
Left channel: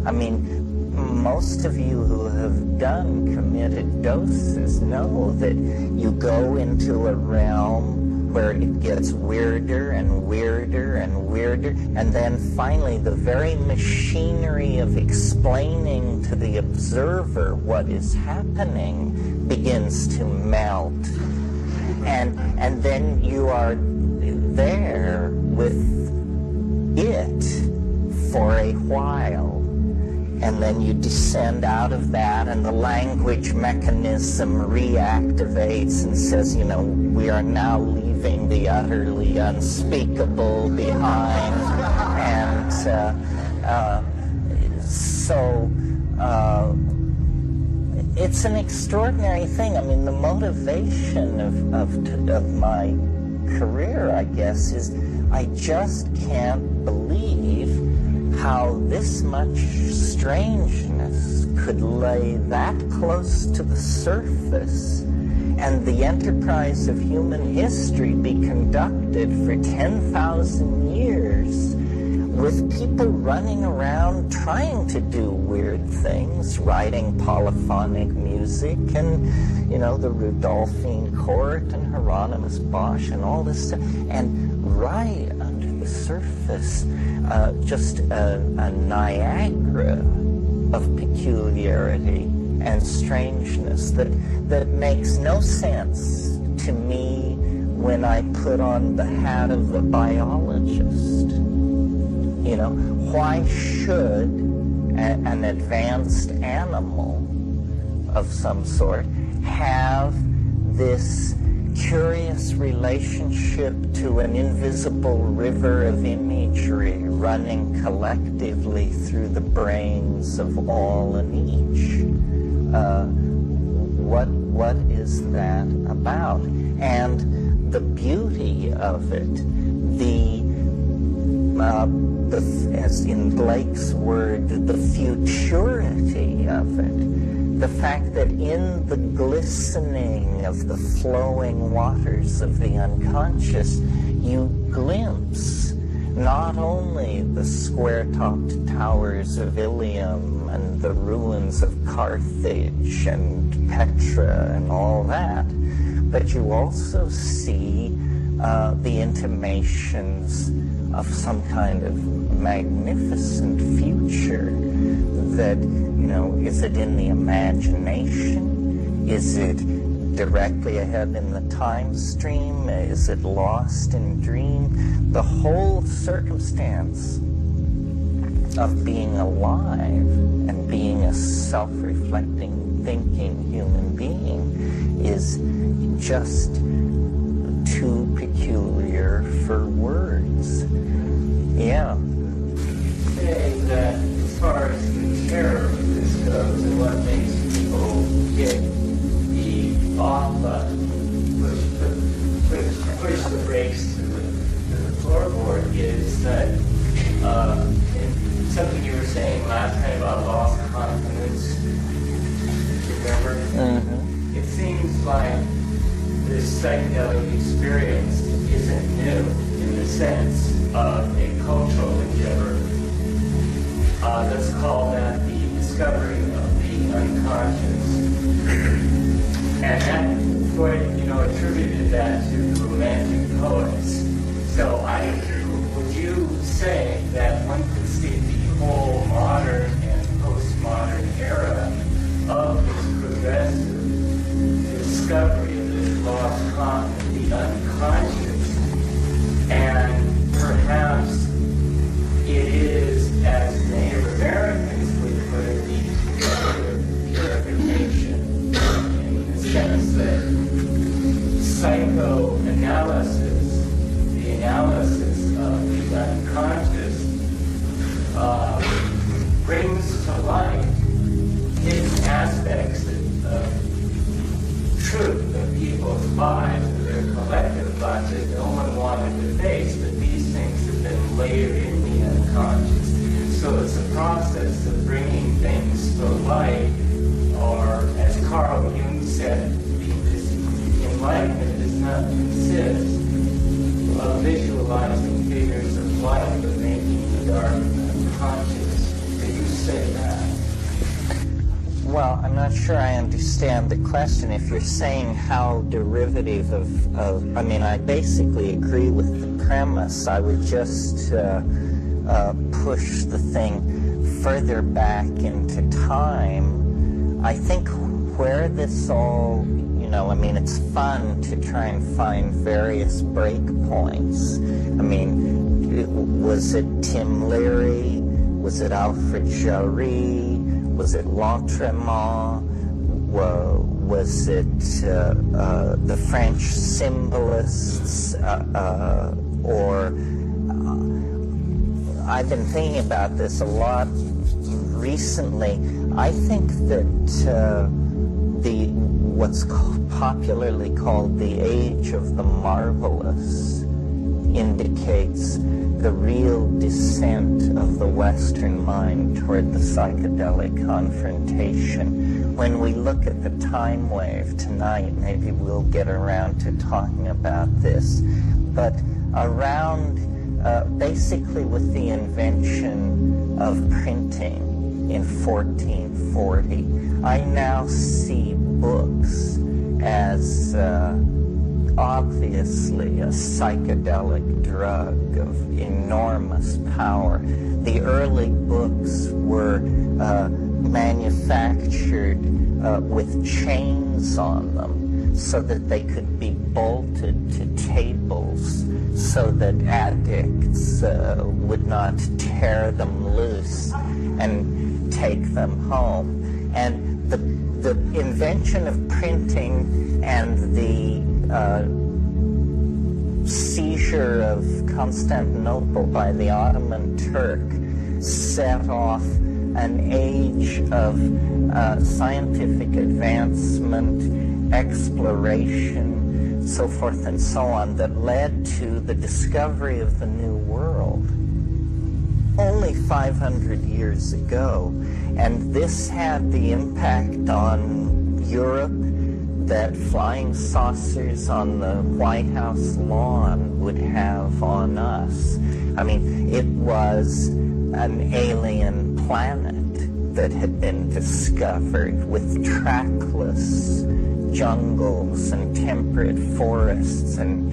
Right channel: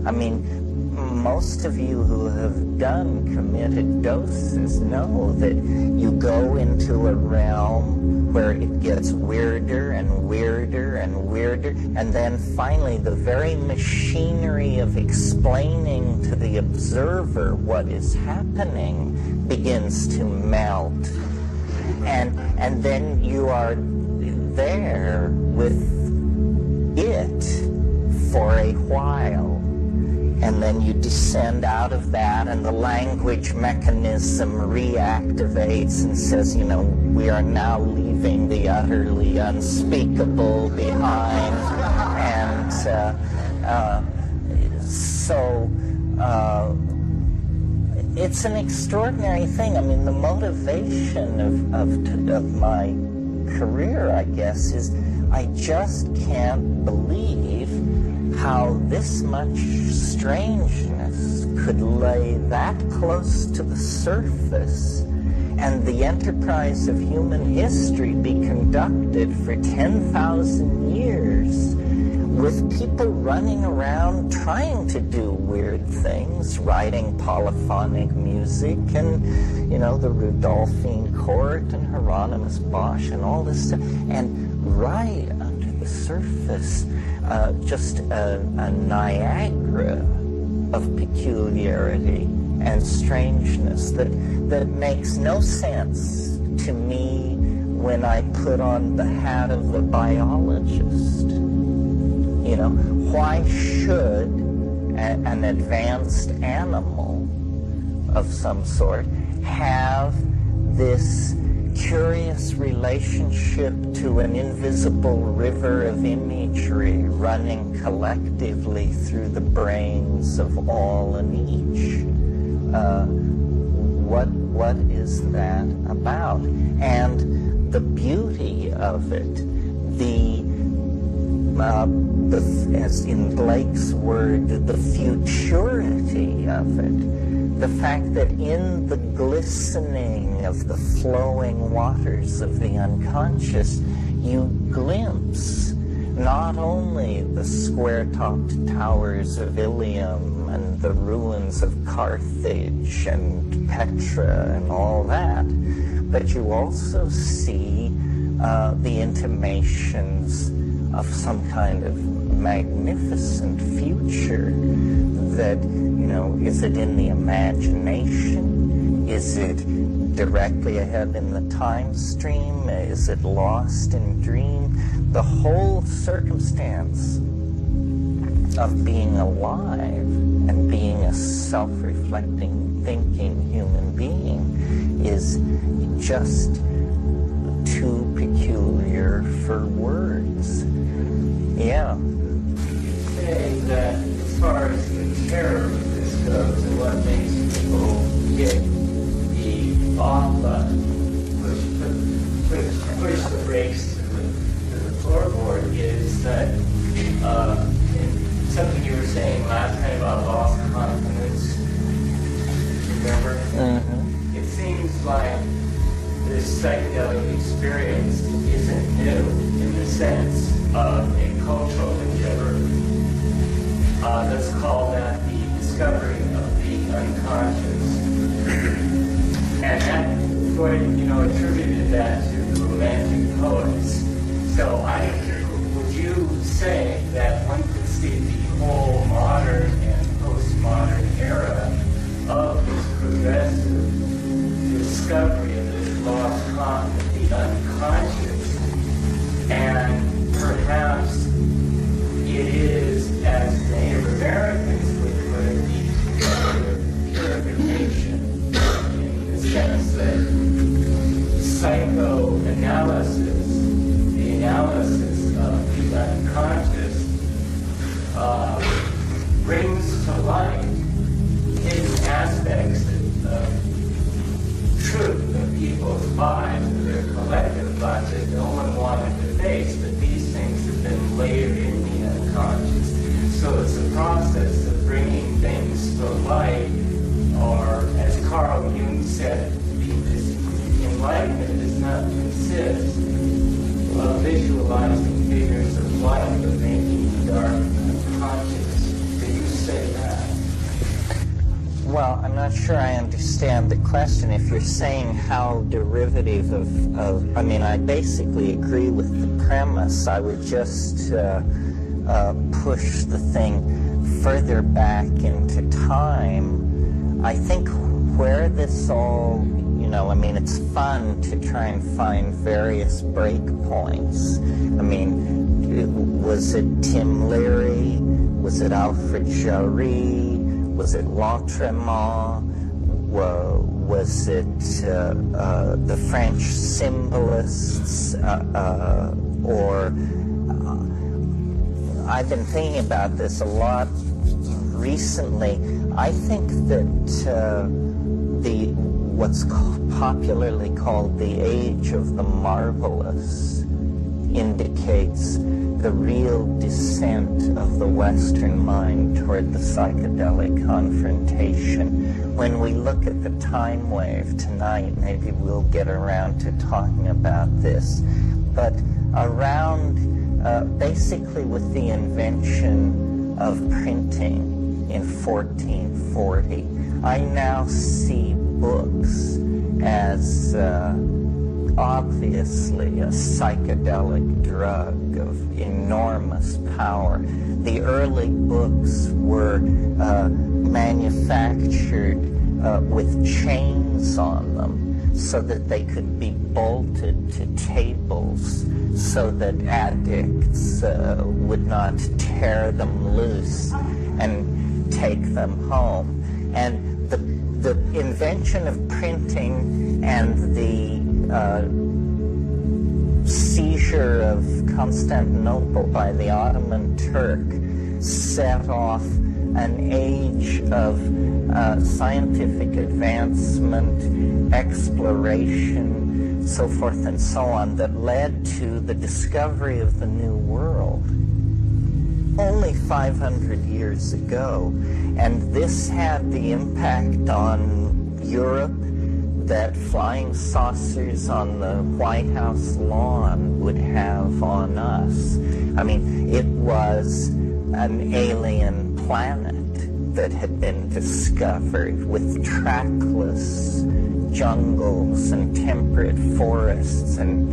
I mean, most of you who have done committed doses know that you go into a realm where it gets weirder and weirder and weirder, and then finally the very machinery of explaining to the observer what is happening begins to melt. And then you are there with it for a while. And then you descend out of that, and the language mechanism reactivates and says, you know, we are now leaving the utterly unspeakable behind. And so it's an extraordinary thing. I mean, the motivation of my career, I guess, is I just can't believe how this much strangeness could lay that close to the surface and the enterprise of human history be conducted for 10,000 years with people running around trying to do weird things, writing polyphonic music and, you know, the Rudolphine Court and Hieronymus Bosch and all this stuff. And right under the surface, just a Niagara of peculiarity and strangeness that makes no sense to me when I put on the hat of the biologist. You know, why should an advanced animal of some sort have this curious relationship to an invisible river of imagery running collectively through the brains of all and each? What is that about? And the beauty of it, as in Blake's word, the futurity of it, the fact that in the glistening of the flowing waters of the unconscious, you glimpse not only the square-topped towers of Ilium and the ruins of Carthage and Petra and all that, but you also see the intimations of some kind of magnificent future that, you know, is it in the imagination? Is it directly ahead in the time stream? Is it lost in dream? The whole circumstance of being alive and being a self-reflecting, thinking human being is just too peculiar for words. Yeah. Saying that as far as the terror of this goes and what makes people get the off button, push the brakes to the floorboard, is that something you were saying last night about lost confidence. Remember? Mm-hmm. It seems like this psychedelic experience isn't new in the sense of a cultural endeavor. Let's call that the discovery of the unconscious. And that, Freud, attributed that to the Romantic poets. So would you say that one could see the whole modern and postmodern era of this progressive discovery of this lost content, the unconscious, and perhaps it is, as Native Americans would put it, the purification, in the sense that psychoanalysis, the analysis of the unconscious, brings to light hidden aspects of truth of people's lives, of their collective lives that no one wanted to face, but these things have been layered in the unconscious. So it's a process of bringing things to light, or as Carl Jung said, this enlightenment does not consist of visualizing figures of light, but making the dark unconscious. Did you say that? Well, I'm not sure I understand the question. If you're saying how derivative of I mean, I basically agree with the premise. I would just push the thing further back into time. I think where this all, I mean, it's fun to try and find various breakpoints. I mean, was it Tim Leary? Was it Alfred Jarry? Was it Lautréamont? Was it the French symbolists? Or I've been thinking about this a lot recently. I think that what's popularly called the age of the marvelous indicates the real descent of the Western mind toward the psychedelic confrontation. When we look at the time wave tonight, maybe we'll get around to talking about this. But around, basically with the invention of printing in 1440, I now see books as obviously a psychedelic drug of enormous power. The early books were manufactured with chains on them so that they could be bolted to tables so that addicts would not tear them loose and take them home. And the invention of printing and the seizure of Constantinople by the Ottoman Turk set off an age of scientific advancement, exploration, so forth and so on, that led to the discovery of the New World only 500 years ago. And this had the impact on Europe that flying saucers on the White House lawn would have on us. I mean, it was an alien planet that had been discovered with trackless jungles and temperate forests and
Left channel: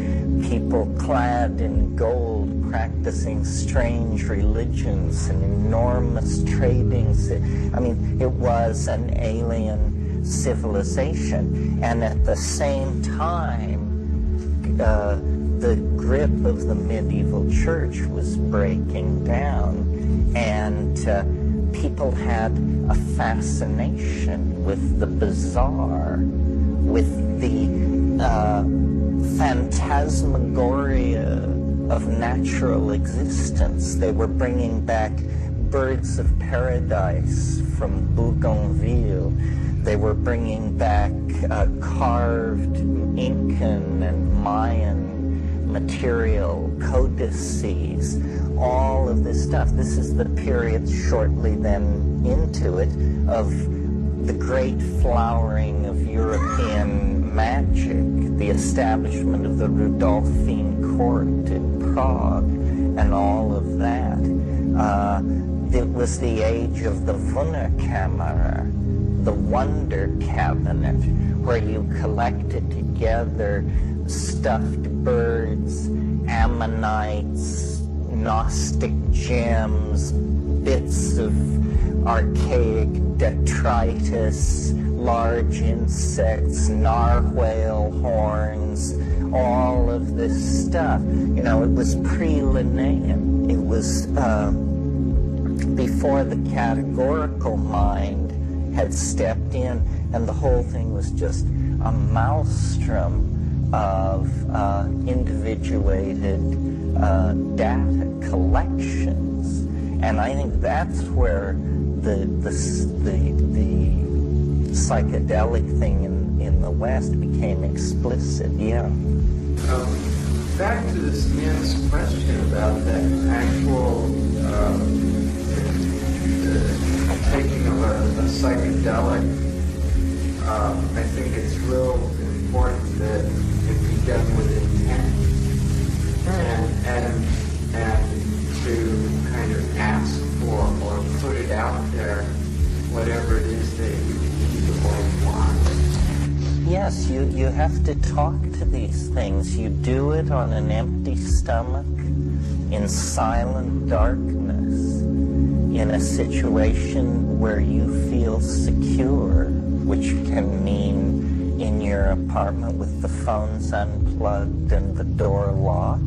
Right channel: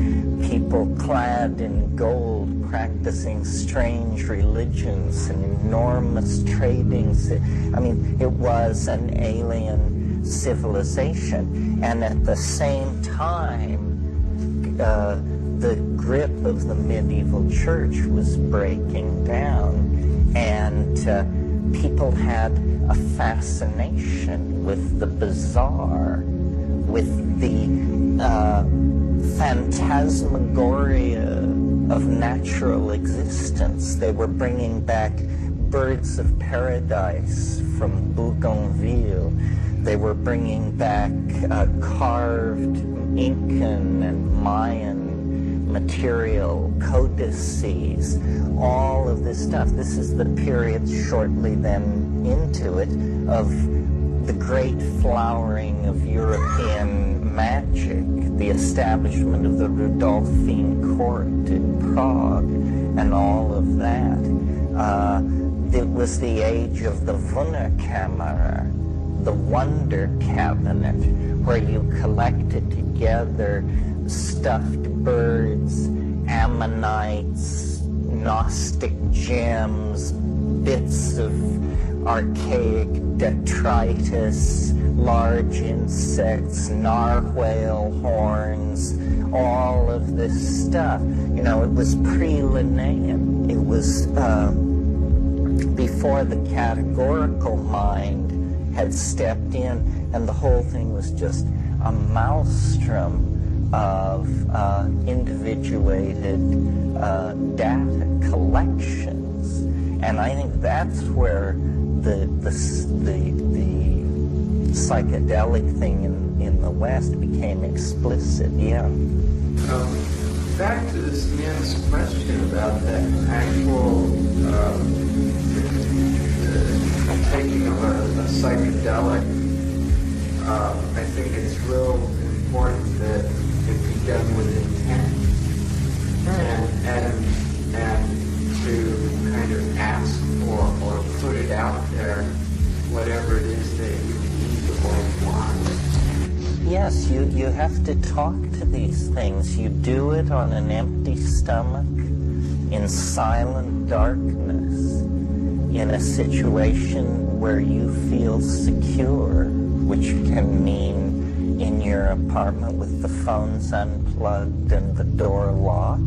people clad in gold practicing strange religions and enormous tradings. I mean, it was an alien civilization. And at the same time, the grip of the medieval church was breaking down, and people had a fascination with the bizarre, with the phantasmagoria of natural existence. They were bringing back birds of paradise from Bougainville. They were bringing back carved Incan and Mayan material, codices, all of this stuff. This is the period shortly then into it of the great flowering of European magic, the establishment of the Rudolphine court in Prague, and all of that. It was the age of the Wunderkammer, the wonder cabinet, where you collected together stuffed birds, ammonites, Gnostic gems, bits of archaic detritus, large insects, narwhal horns, all of this stuff. You know, it was pre-Linnaean. It was before the categorical mind had stepped in, and the whole thing was just a maelstrom of individuated data collections. And I think that's where the psychedelic thing in the West became explicit. Yeah. Back to this man's question about that actual taking of a psychedelic. I think it's real important that it be done with intent, and to kind of ask for or put it out there, whatever it is that you need or want. Yes, you have to talk to these things. You do it on an empty stomach, in silent darkness, in a situation where you feel secure, which can mean in your apartment with the phones unplugged and the door locked,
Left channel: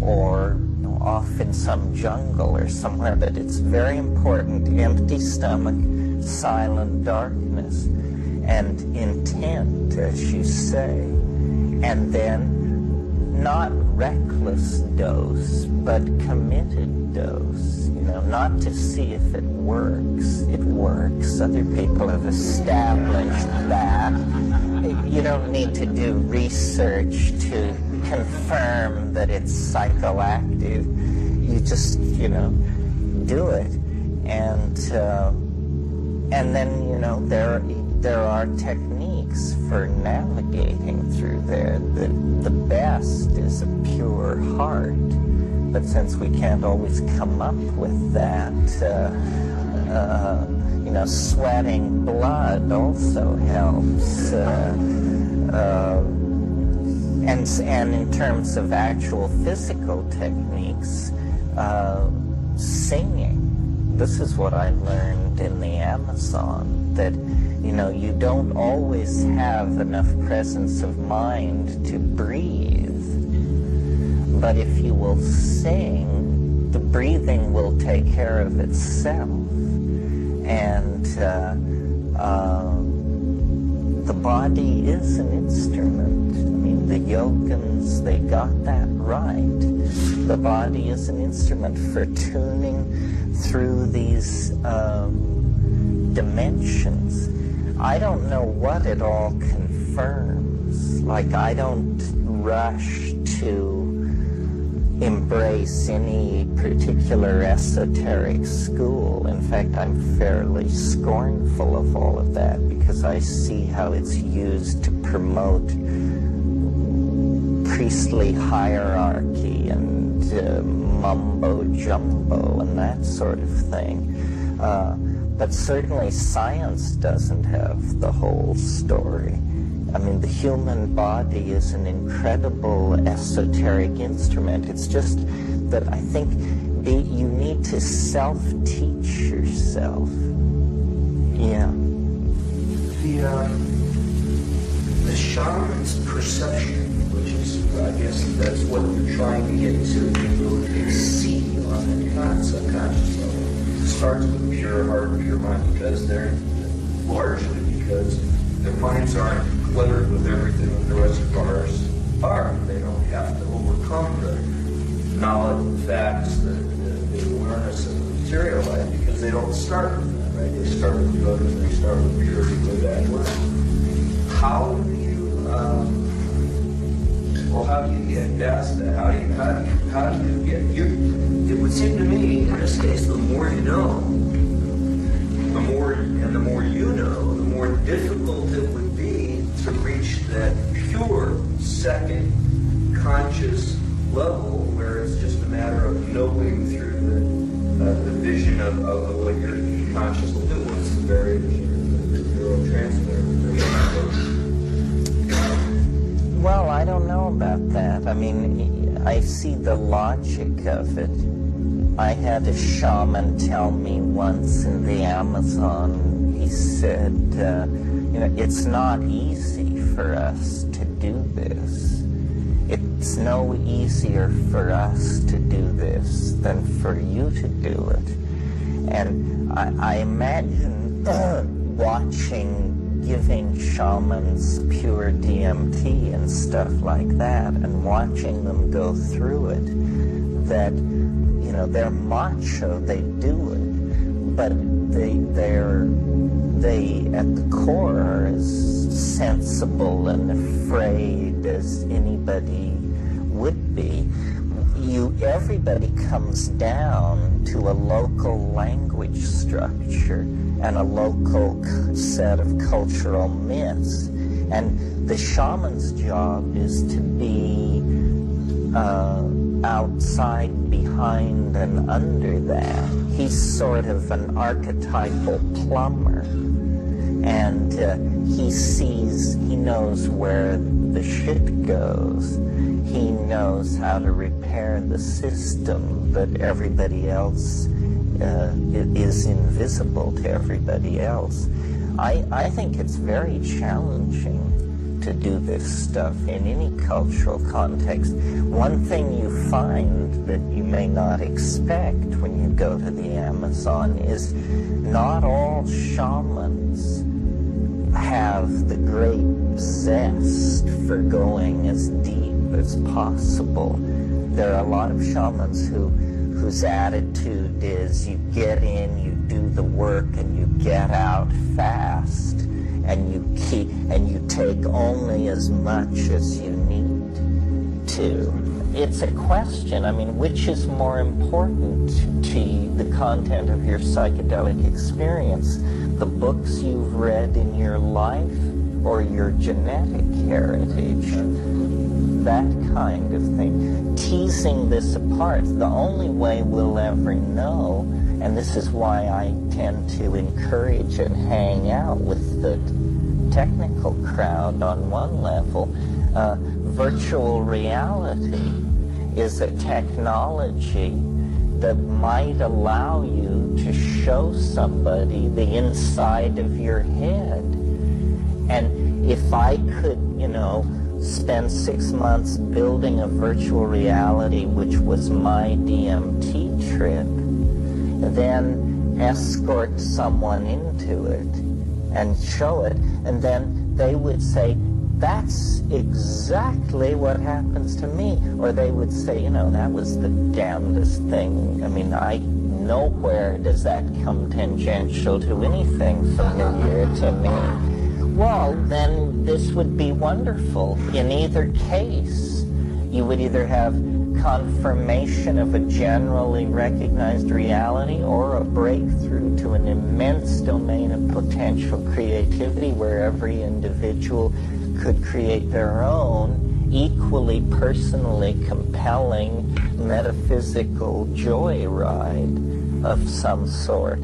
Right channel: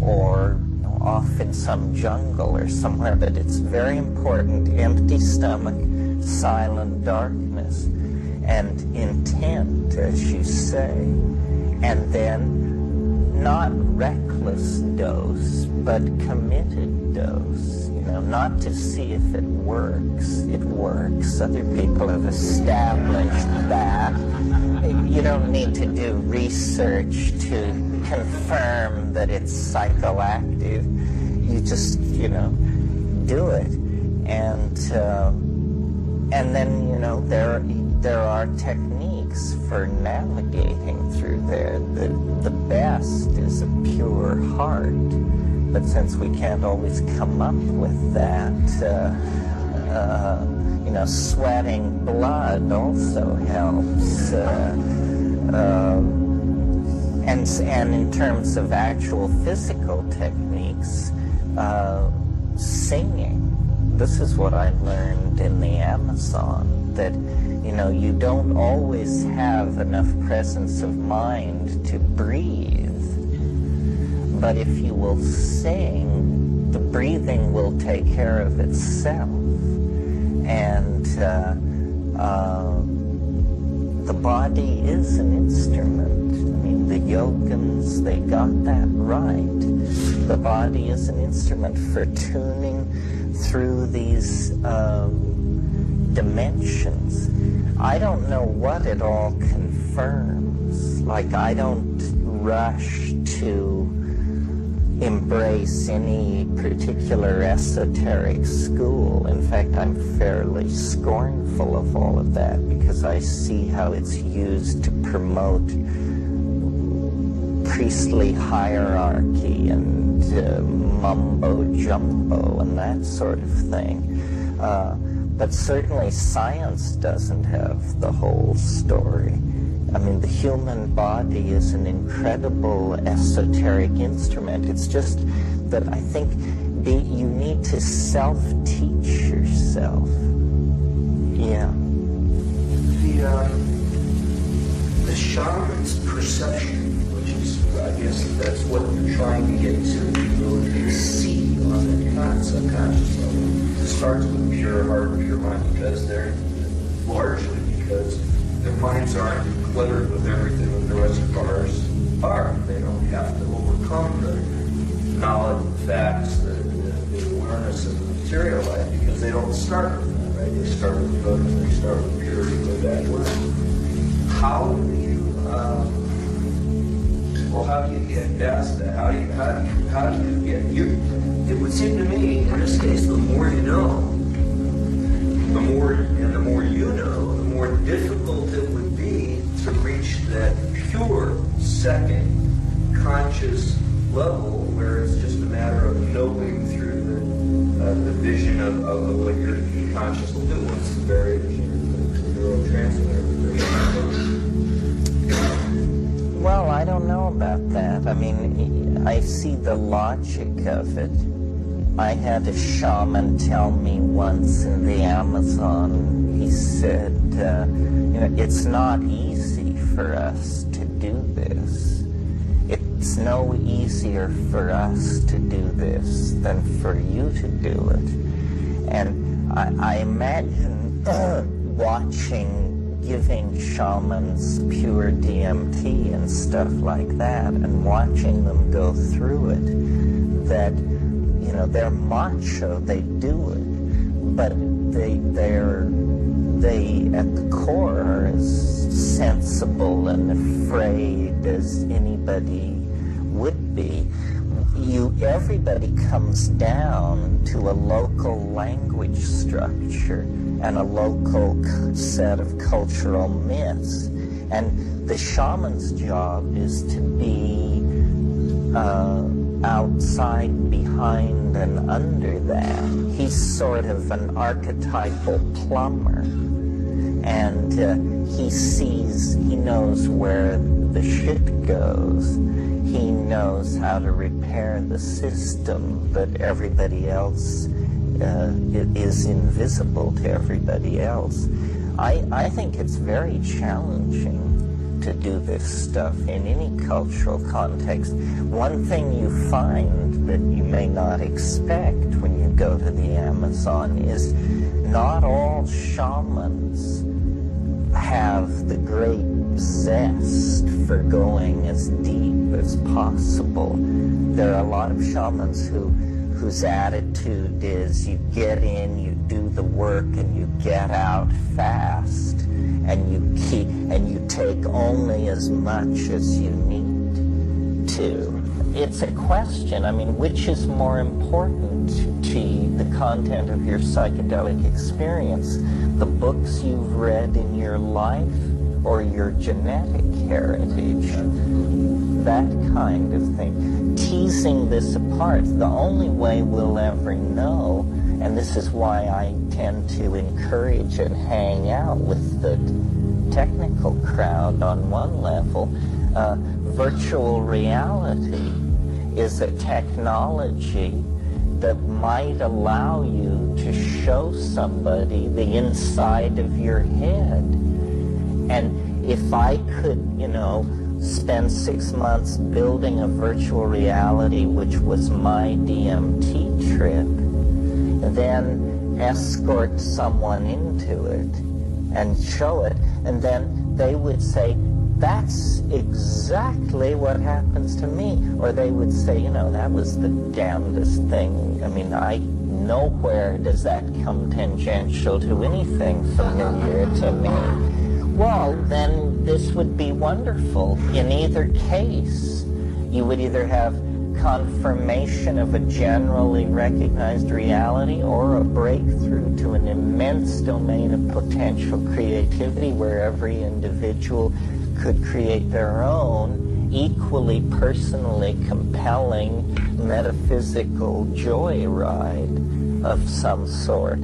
or off in some jungle or somewhere. But it's very important, empty stomach, silent darkness, and intent, as you say, and then not reckless dose, but committed dose, not to see if it works. It works. Other people have established that. You don't need to do research to confirm that it's psychoactive. You just, do it. And then, there are techniques for navigating through there. The best is a pure heart. But since we can't always come up with that, sweating blood also helps. And in terms of actual physical techniques, singing. This is what I learned in the Amazon, that, you don't always have enough presence of mind to breathe. But if you will sing, the breathing will take care of itself. And the body is an instrument. I mean, the yogins, they got that right. The body is an instrument for tuning through these dimensions. I don't know what it all confirms. Like, I don't rush to embrace any particular esoteric school. In fact, I'm fairly scornful of all of that because I see how it's used to promote priestly hierarchy and mumbo-jumbo and that sort of thing. But certainly science doesn't have the whole story. I mean, the human body is an incredible esoteric instrument. It's just that I think you need to self-teach yourself. Yeah. The shaman's perception, which is, I guess that's what you're trying to get to, the ability to see on that subconscious level. It starts with pure heart, pure mind, because they're largely because their minds aren't cluttered with everything that the rest of ours are. They don't have to overcome the knowledge, the facts, the awareness of the material life, because they don't start with that, right? They start with good and they start with purity, good, bad, word. How do you get past that? How do you get it would seem to me, in this case, the more you know, the more you know, the more difficult it would be to reach that pure second conscious level where it's just a matter of knowing through the vision of what your conscious will do once the barriers are the neurotransmitter. Well, I don't know about that. I mean, I see the logic of it. I had a shaman tell me once in the Amazon, he said, it's not easy for us to do this. It's no easier for us to do this than for you to do it. And I imagine watching giving shamans pure DMT and stuff like that and watching them go through it, that, you know, they're macho, they do it, but they at the core are as sensible and afraid as anybody would be. Everybody comes down to a local language structure and a local set of cultural myths. And the shaman's job is to be outside, behind, and under that. He's sort of an archetypal plumber. And he knows where the shit goes. He knows how to repair the system, but everybody else is invisible to everybody else. I think it's very challenging to do this stuff in any cultural context. One thing you find that you may not expect when you go to the Amazon is not all shamans have the great zest for going as deep as possible. There are a lot of shamans whose attitude is you get in, you do the work, and you get out fast, and you take only as much as you need to. It's a question, I mean, which is more important to the content of your psychedelic experience? The books you've read in your life or your genetic heritage? That kind of thing. Teasing this apart, the only way we'll ever know, and this is why I tend to encourage and hang out with the technical crowd on one level, virtual reality is a technology that might allow you to show somebody the inside of your head. And if I could, spend 6 months building a virtual reality, which was my DMT trip, then escort someone into it and show it, and then they would say, that's exactly what happens to me. Or they would say, that was the damnedest thing. I mean, nowhere does that come tangential to anything familiar to me. Well, then this would be wonderful. In either case, you would either have confirmation of a generally recognized reality or a breakthrough to an immense domain of potential creativity where every individual could create their own equally personally compelling metaphysical joyride of some sort.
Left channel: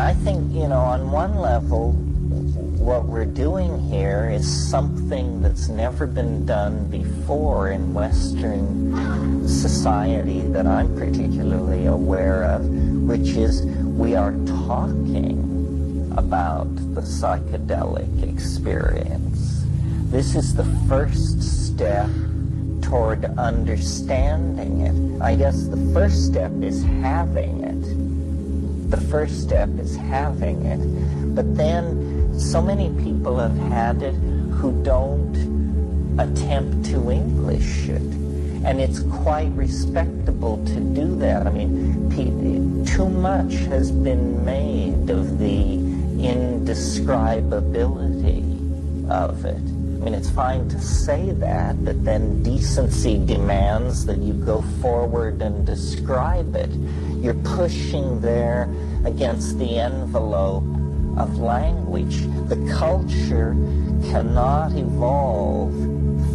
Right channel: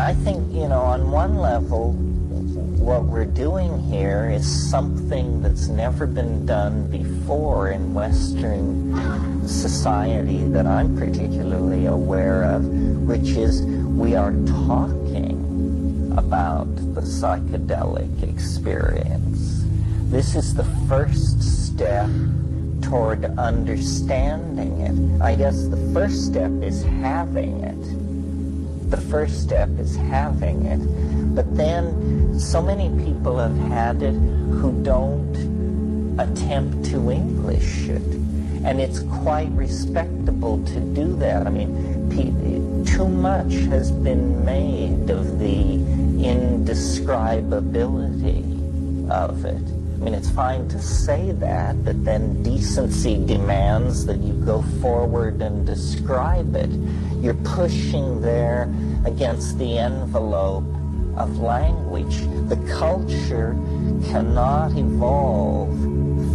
I think, on one level, what we're doing here is something that's never been done before in Western society that I'm particularly aware of, which is we are talking about the psychedelic experience. This is the first step toward understanding it. I guess the first step is having it. But then so many people have had it who don't attempt to English it. And it's quite respectable to do that. I mean, too much has been made of the indescribability of it. I mean, it's fine to say that, but then decency demands that you go forward and describe it. You're pushing there against the envelope of language. The culture cannot evolve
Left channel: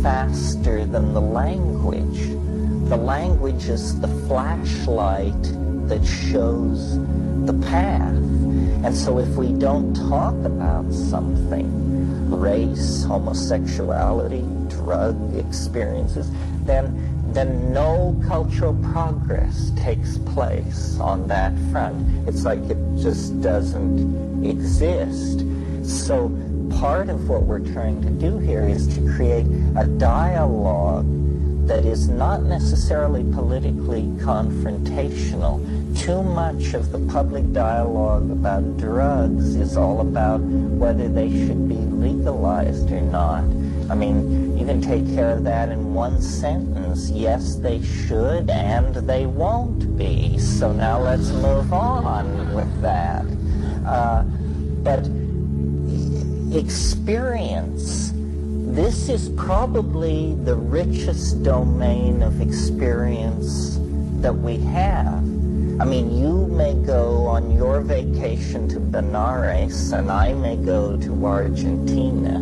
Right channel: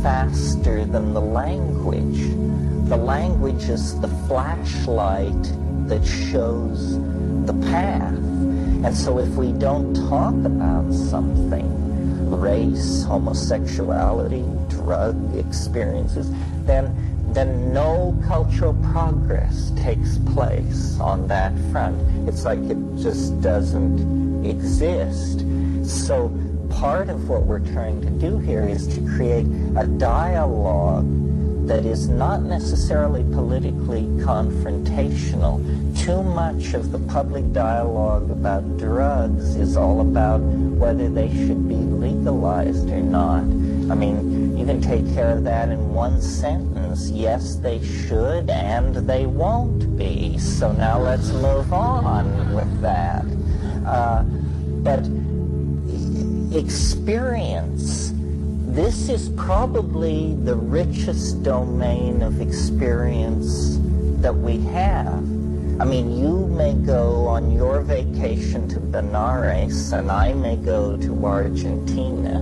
faster than the language. The language is the flashlight that shows the path. And so if we don't talk about something, race, homosexuality, drug experiences, then no cultural progress takes place on that front. It's like it just doesn't exist. So part of what we're trying to do here is to create a dialogue that is not necessarily politically confrontational. Too much of the public dialogue about drugs is all about whether they should be legalized or not. I mean, you can take care of that in one sentence. Yes, they should, and they won't be. So now let's move on with that. But experience, this is probably the richest domain of experience that we have. I mean, you may go on your vacation to Benares, and I may go to Argentina,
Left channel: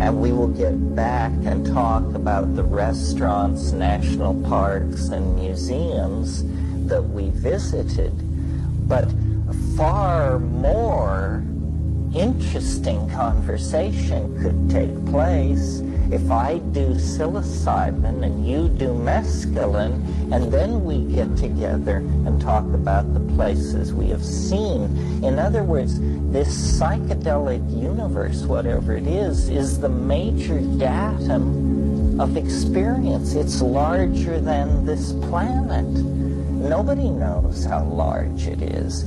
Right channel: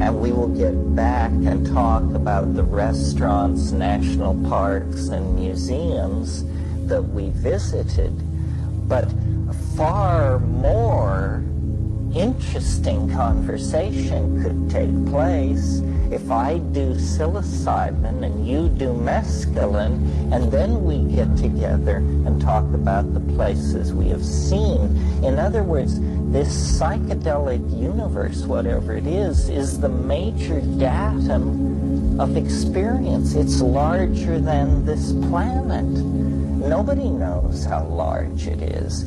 and we will get back and talk about the restaurants, national parks, and museums that we visited. But far more interesting conversation could take place if I do psilocybin and you do mescaline, and then we get together and talk about the places we have seen. In other words, this psychedelic universe, whatever it is the major datum of experience. It's larger than this planet. Nobody knows how large it is.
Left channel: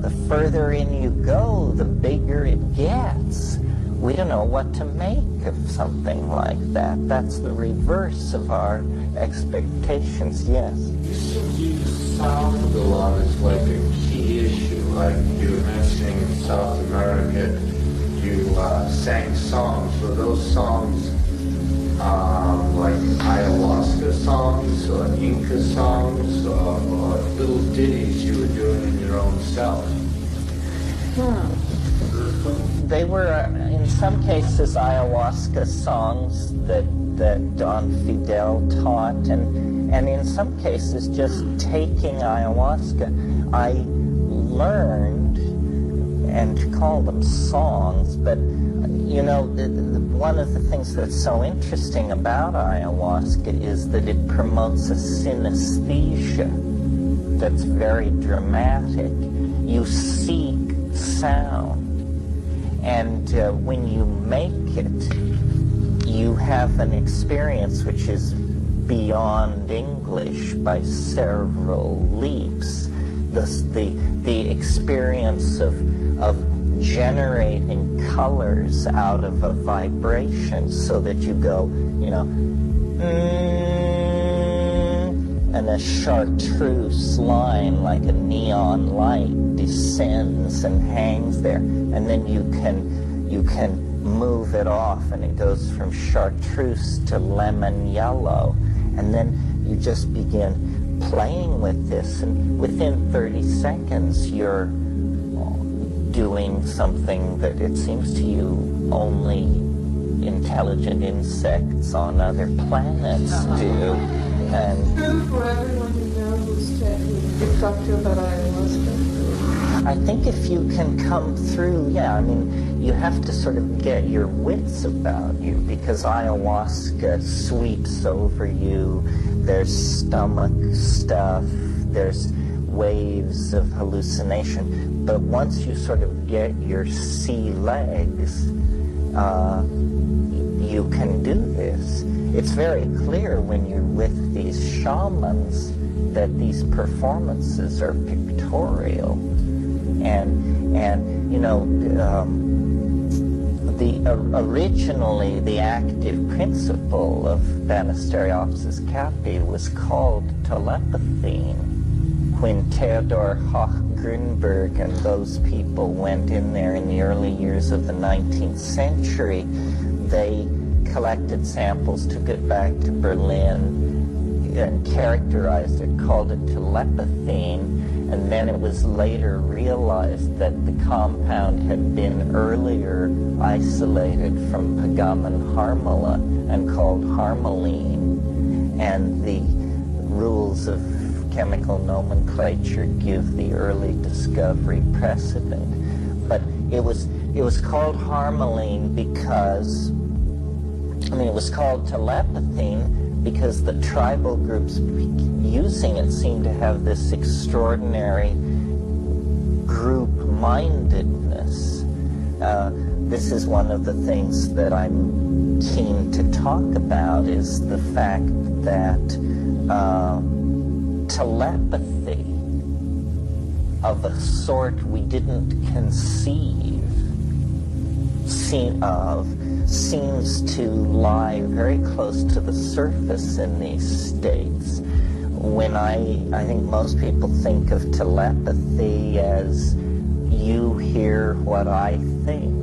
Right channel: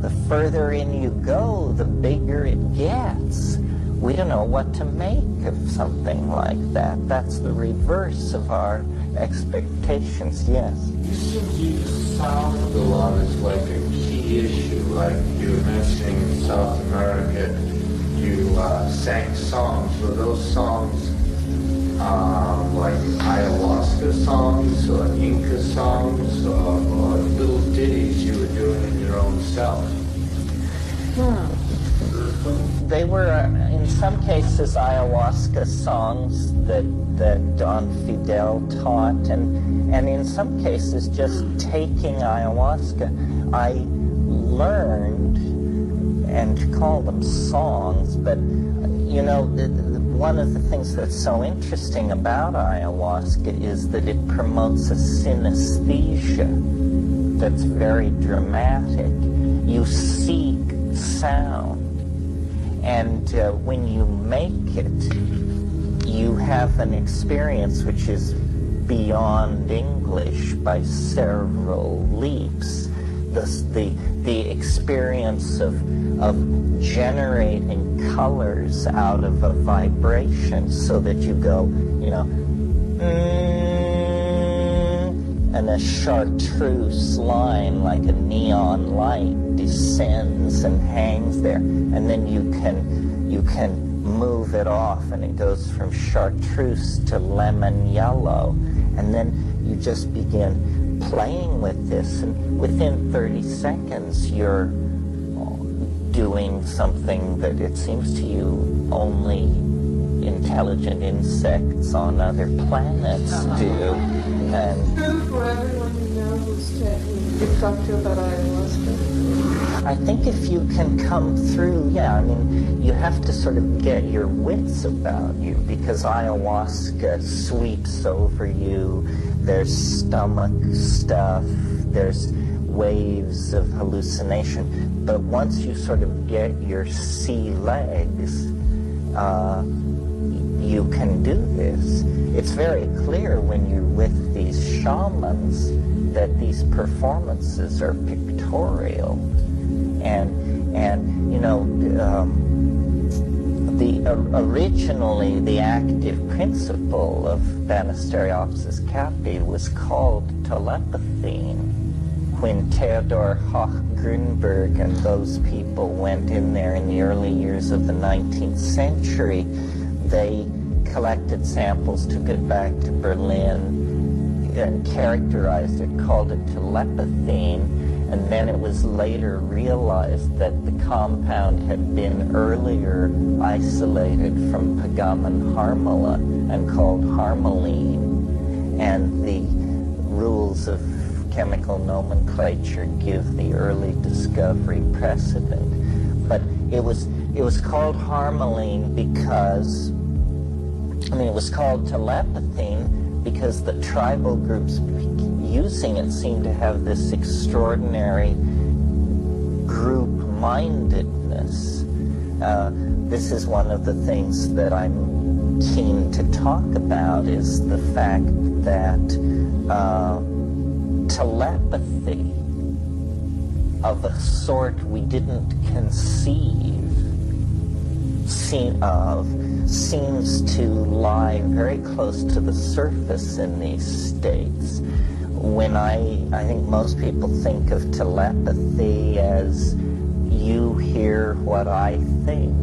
The further in you go, the bigger it gets. We don't know what to make of something like that. That's the reverse of our expectations. Yes? You seem to use sound a lot as like a key issue. Like you were mentioning in South America, you sang songs. Were those songs like ayahuasca songs or Inca songs or little ditties you were doing in your own self? They were, in some cases, ayahuasca songs that Don Fidel taught, and in some cases, just taking ayahuasca, I learned, and to call them songs, but one of the things that's so interesting about ayahuasca is that it promotes a synesthesia that's very dramatic. You seek sound. And when you make it, you have an experience which is beyond English by several leaps. The experience of generating colors out of a vibration, so that you go, and a chartreuse line like a neon light descends and hangs there, and then you can move it off, and it goes from chartreuse to lemon yellow, and then you just begin playing with this, and within 30 seconds you're doing something that it seems to you only intelligent insects on other planets do. And for everyone who knows that you talked to about ayahuasca. I think if you can come through, you have to sort of get your wits about you, because ayahuasca sweeps over you. There's stomach stuff, there's waves of hallucination. But once you sort of get your sea legs, you can do this. It's very clear when you're with these shamans that these performances are pictorial. Originally the active principle of Banisteriopsis capi was called telepathy. When Theodor Hoch-Grünberg and those people went in there in the early years of the 19th century, they collected samples, took it back to Berlin, and characterized it, called it telepathine, and then it was later realized that the compound had been earlier isolated from pagamen harmala and called harmaline, and the rules of chemical nomenclature give the early discovery precedent. But it was called harmaline because, it was called telepathine because the tribal groups using it seemed to have this extraordinary group-mindedness this is one of the things that I'm keen to talk about, is the fact that telepathy of a sort we didn't conceive seems to lie very close to the surface in these states. When I think most people think of telepathy as you hear what I think.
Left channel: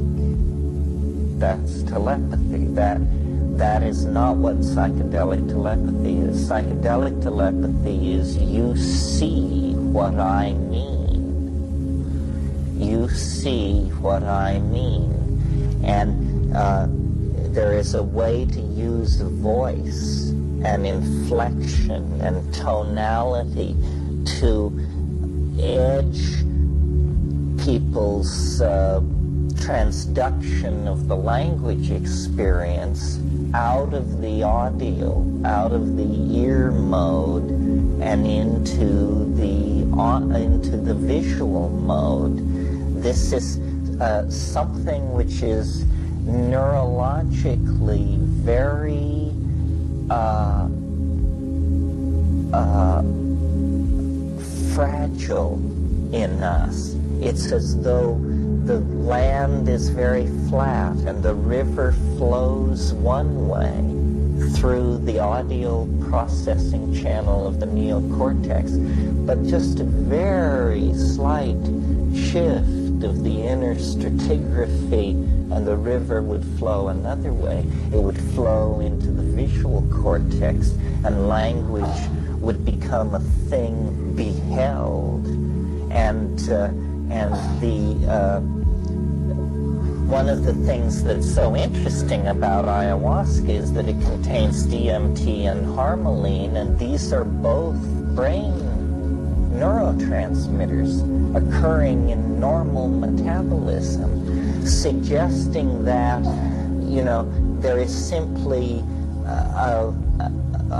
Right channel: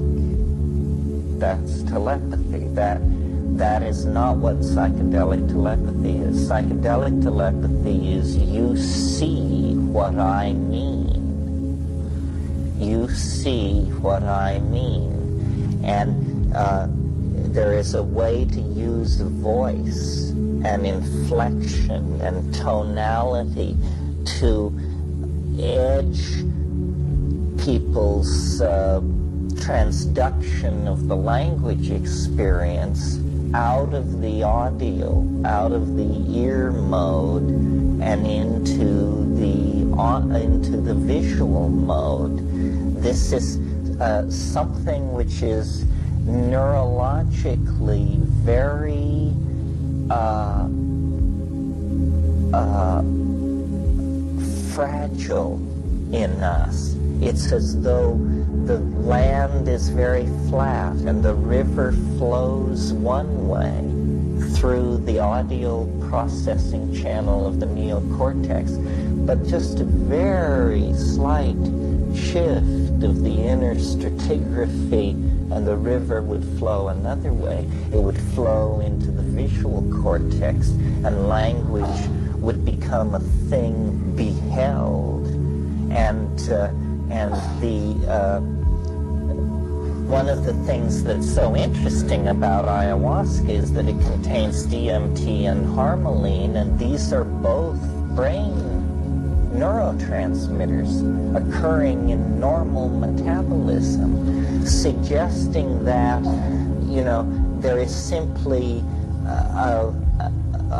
That's telepathy. That is not what psychedelic telepathy is. Psychedelic telepathy is you see what I mean. You see what I mean. And there is a way to use voice and inflection and tonality to edge people's transduction of the language experience out of the audio, out of the ear mode, and into the visual mode. This is something which is neurologically very fragile in us. It's as though the land is very flat and the river flows one way through the audio processing channel of the neocortex, but just a very slight shift of the inner stratigraphy and the river would flow another way. It would flow into the visual cortex, and language would become a thing beheld. And one of the things that's so interesting about ayahuasca is that it contains DMT and harmaline, and these are both brain neurotransmitters occurring in normal metabolism, suggesting that, there is simply a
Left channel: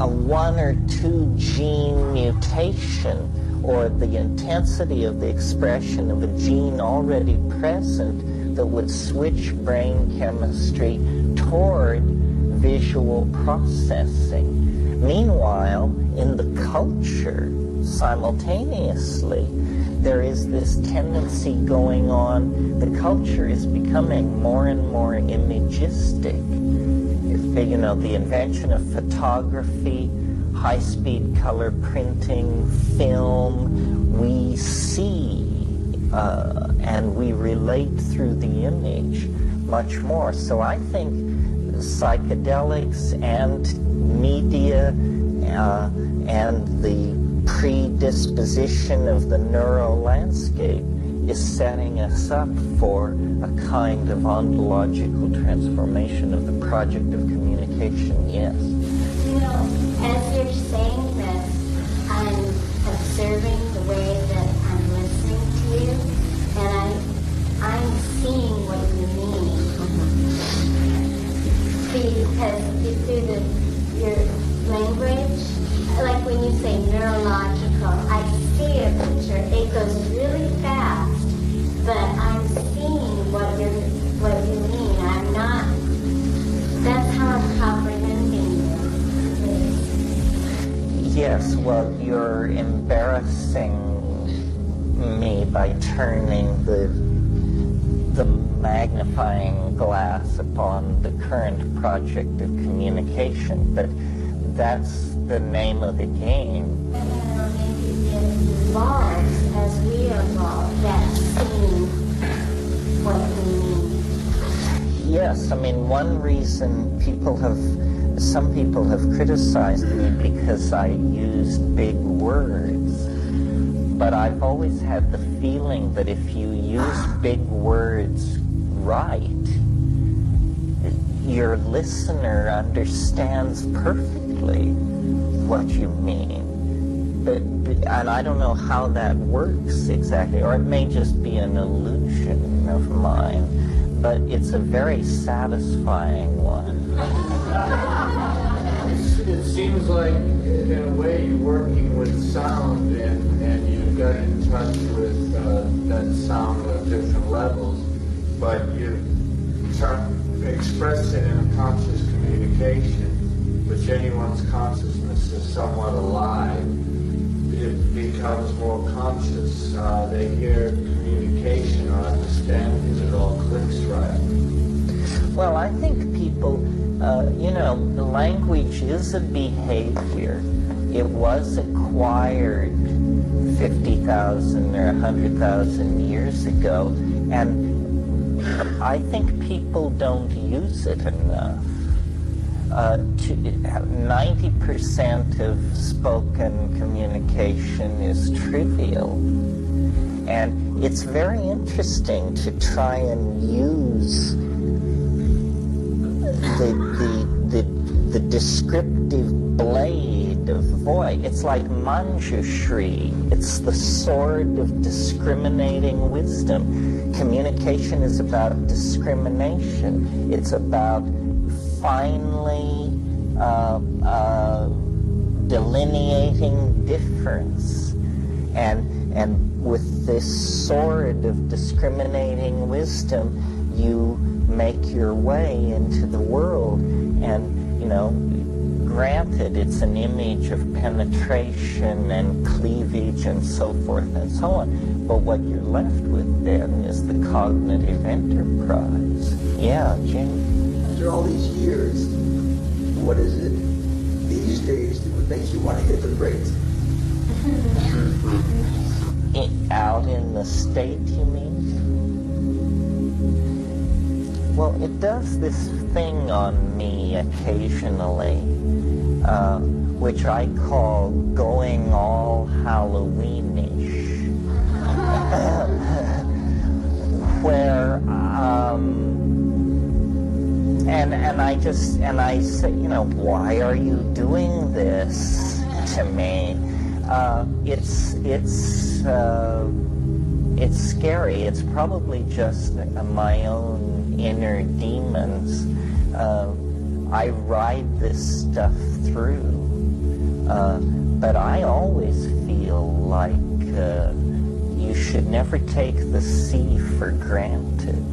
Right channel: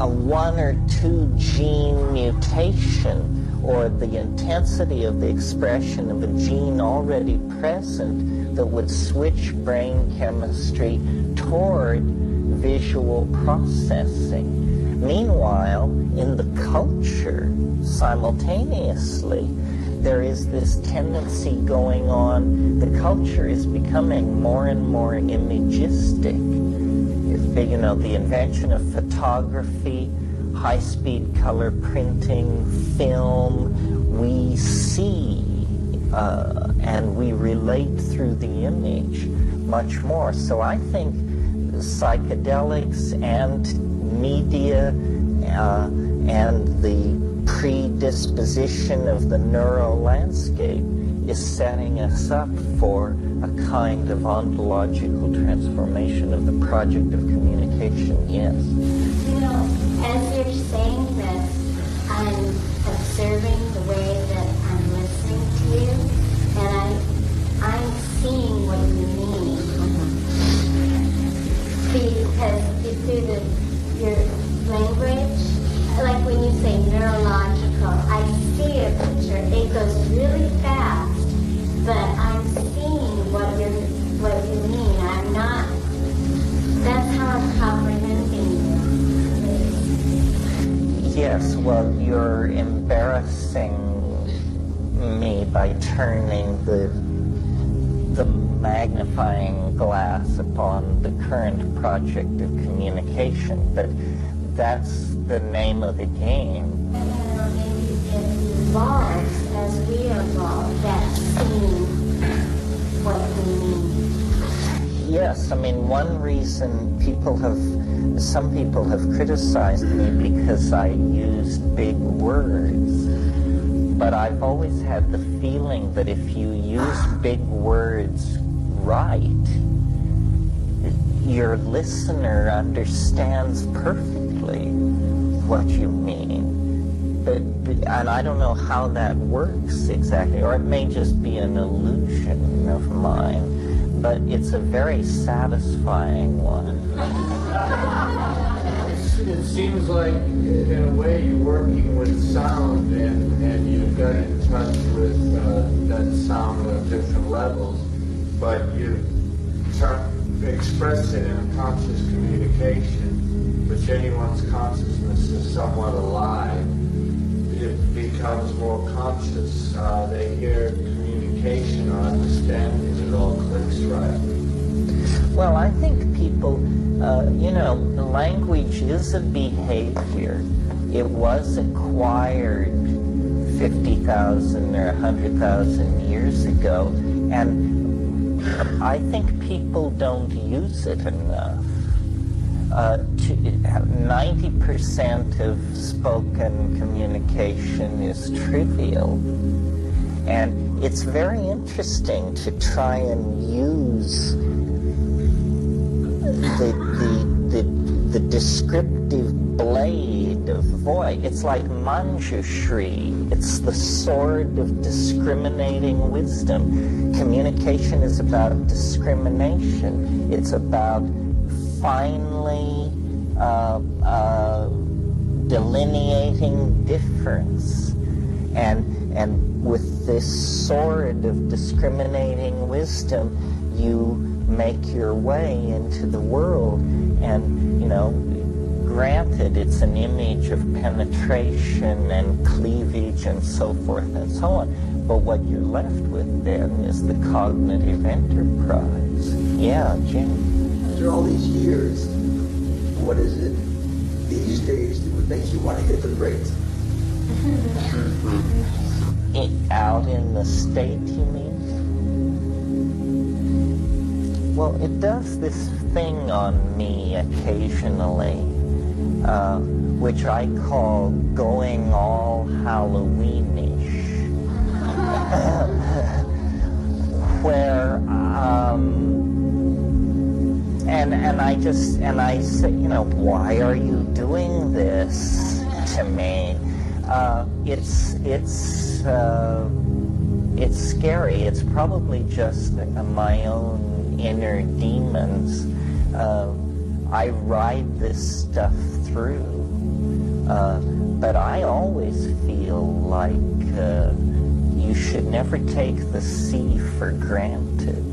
1 or 2 gene mutation, or the intensity of the expression of a gene already present that would switch brain chemistry toward visual processing. Meanwhile, in the culture, simultaneously, there is this tendency going on. The culture is becoming more and more imagistic. The invention of photography, high-speed color printing, film, we see and we relate through the image much more. So I think psychedelics and media and the predisposition of the neural landscape is setting us up for a kind of ontological transformation of the project of communication, yes. As you're saying this, I'm observing the way that I'm listening to you, and I'm seeing what you mean. Because through your language, like when you say neurological, I see a picture. It goes really fast, but I'm seeing what you mean. I'm not. That's how I'm comprehending you. Yes. Well, you're embarrassing me by turning the magnifying glass upon the current project of communication, but that's the name of the game. Maybe it evolves as we evolve, that seeing what we mean. Yes, one reason some people have criticized me because I used big words, but I've always had the feeling that if you use big words right, your listener understands perfectly what you mean. And I don't know how that works exactly, or it may just be an illusion of mine, but it's a very satisfying one. It seems like, in a way, you're working with sound, and you've got in touch with that sound on different levels. but you express it in a conscious communication, which anyone's consciousness is somewhat alive. It becomes more conscious. They hear communication or understanding, it all clicks right. Well, I think people, language is a behavior. It was acquired 50,000 or 100,000 years ago, and I think people don't use it enough. 90% of spoken communication is trivial, and it's very interesting to try and use the descriptive blade of voice. It's like manjushri. It's the sword of discriminating wisdom. Communication is about discrimination. It's about finely delineating difference. And with this sword of discriminating wisdom, you make your way into the world. And, granted, it's an image of penetration and cleavage and so forth and so on. But what you're left with then is the cognitive enterprise. Yeah, Jim. After all these years, what is it these days that would make you want to hit the brakes? Out in the state, you mean? Well, it does this thing on me occasionally, which I call going all Halloweenish, where and I say, why are you doing this to me? It's scary. It's probably just my own inner demons. I ride this stuff through, but I always feel like you should never take the sea for granted.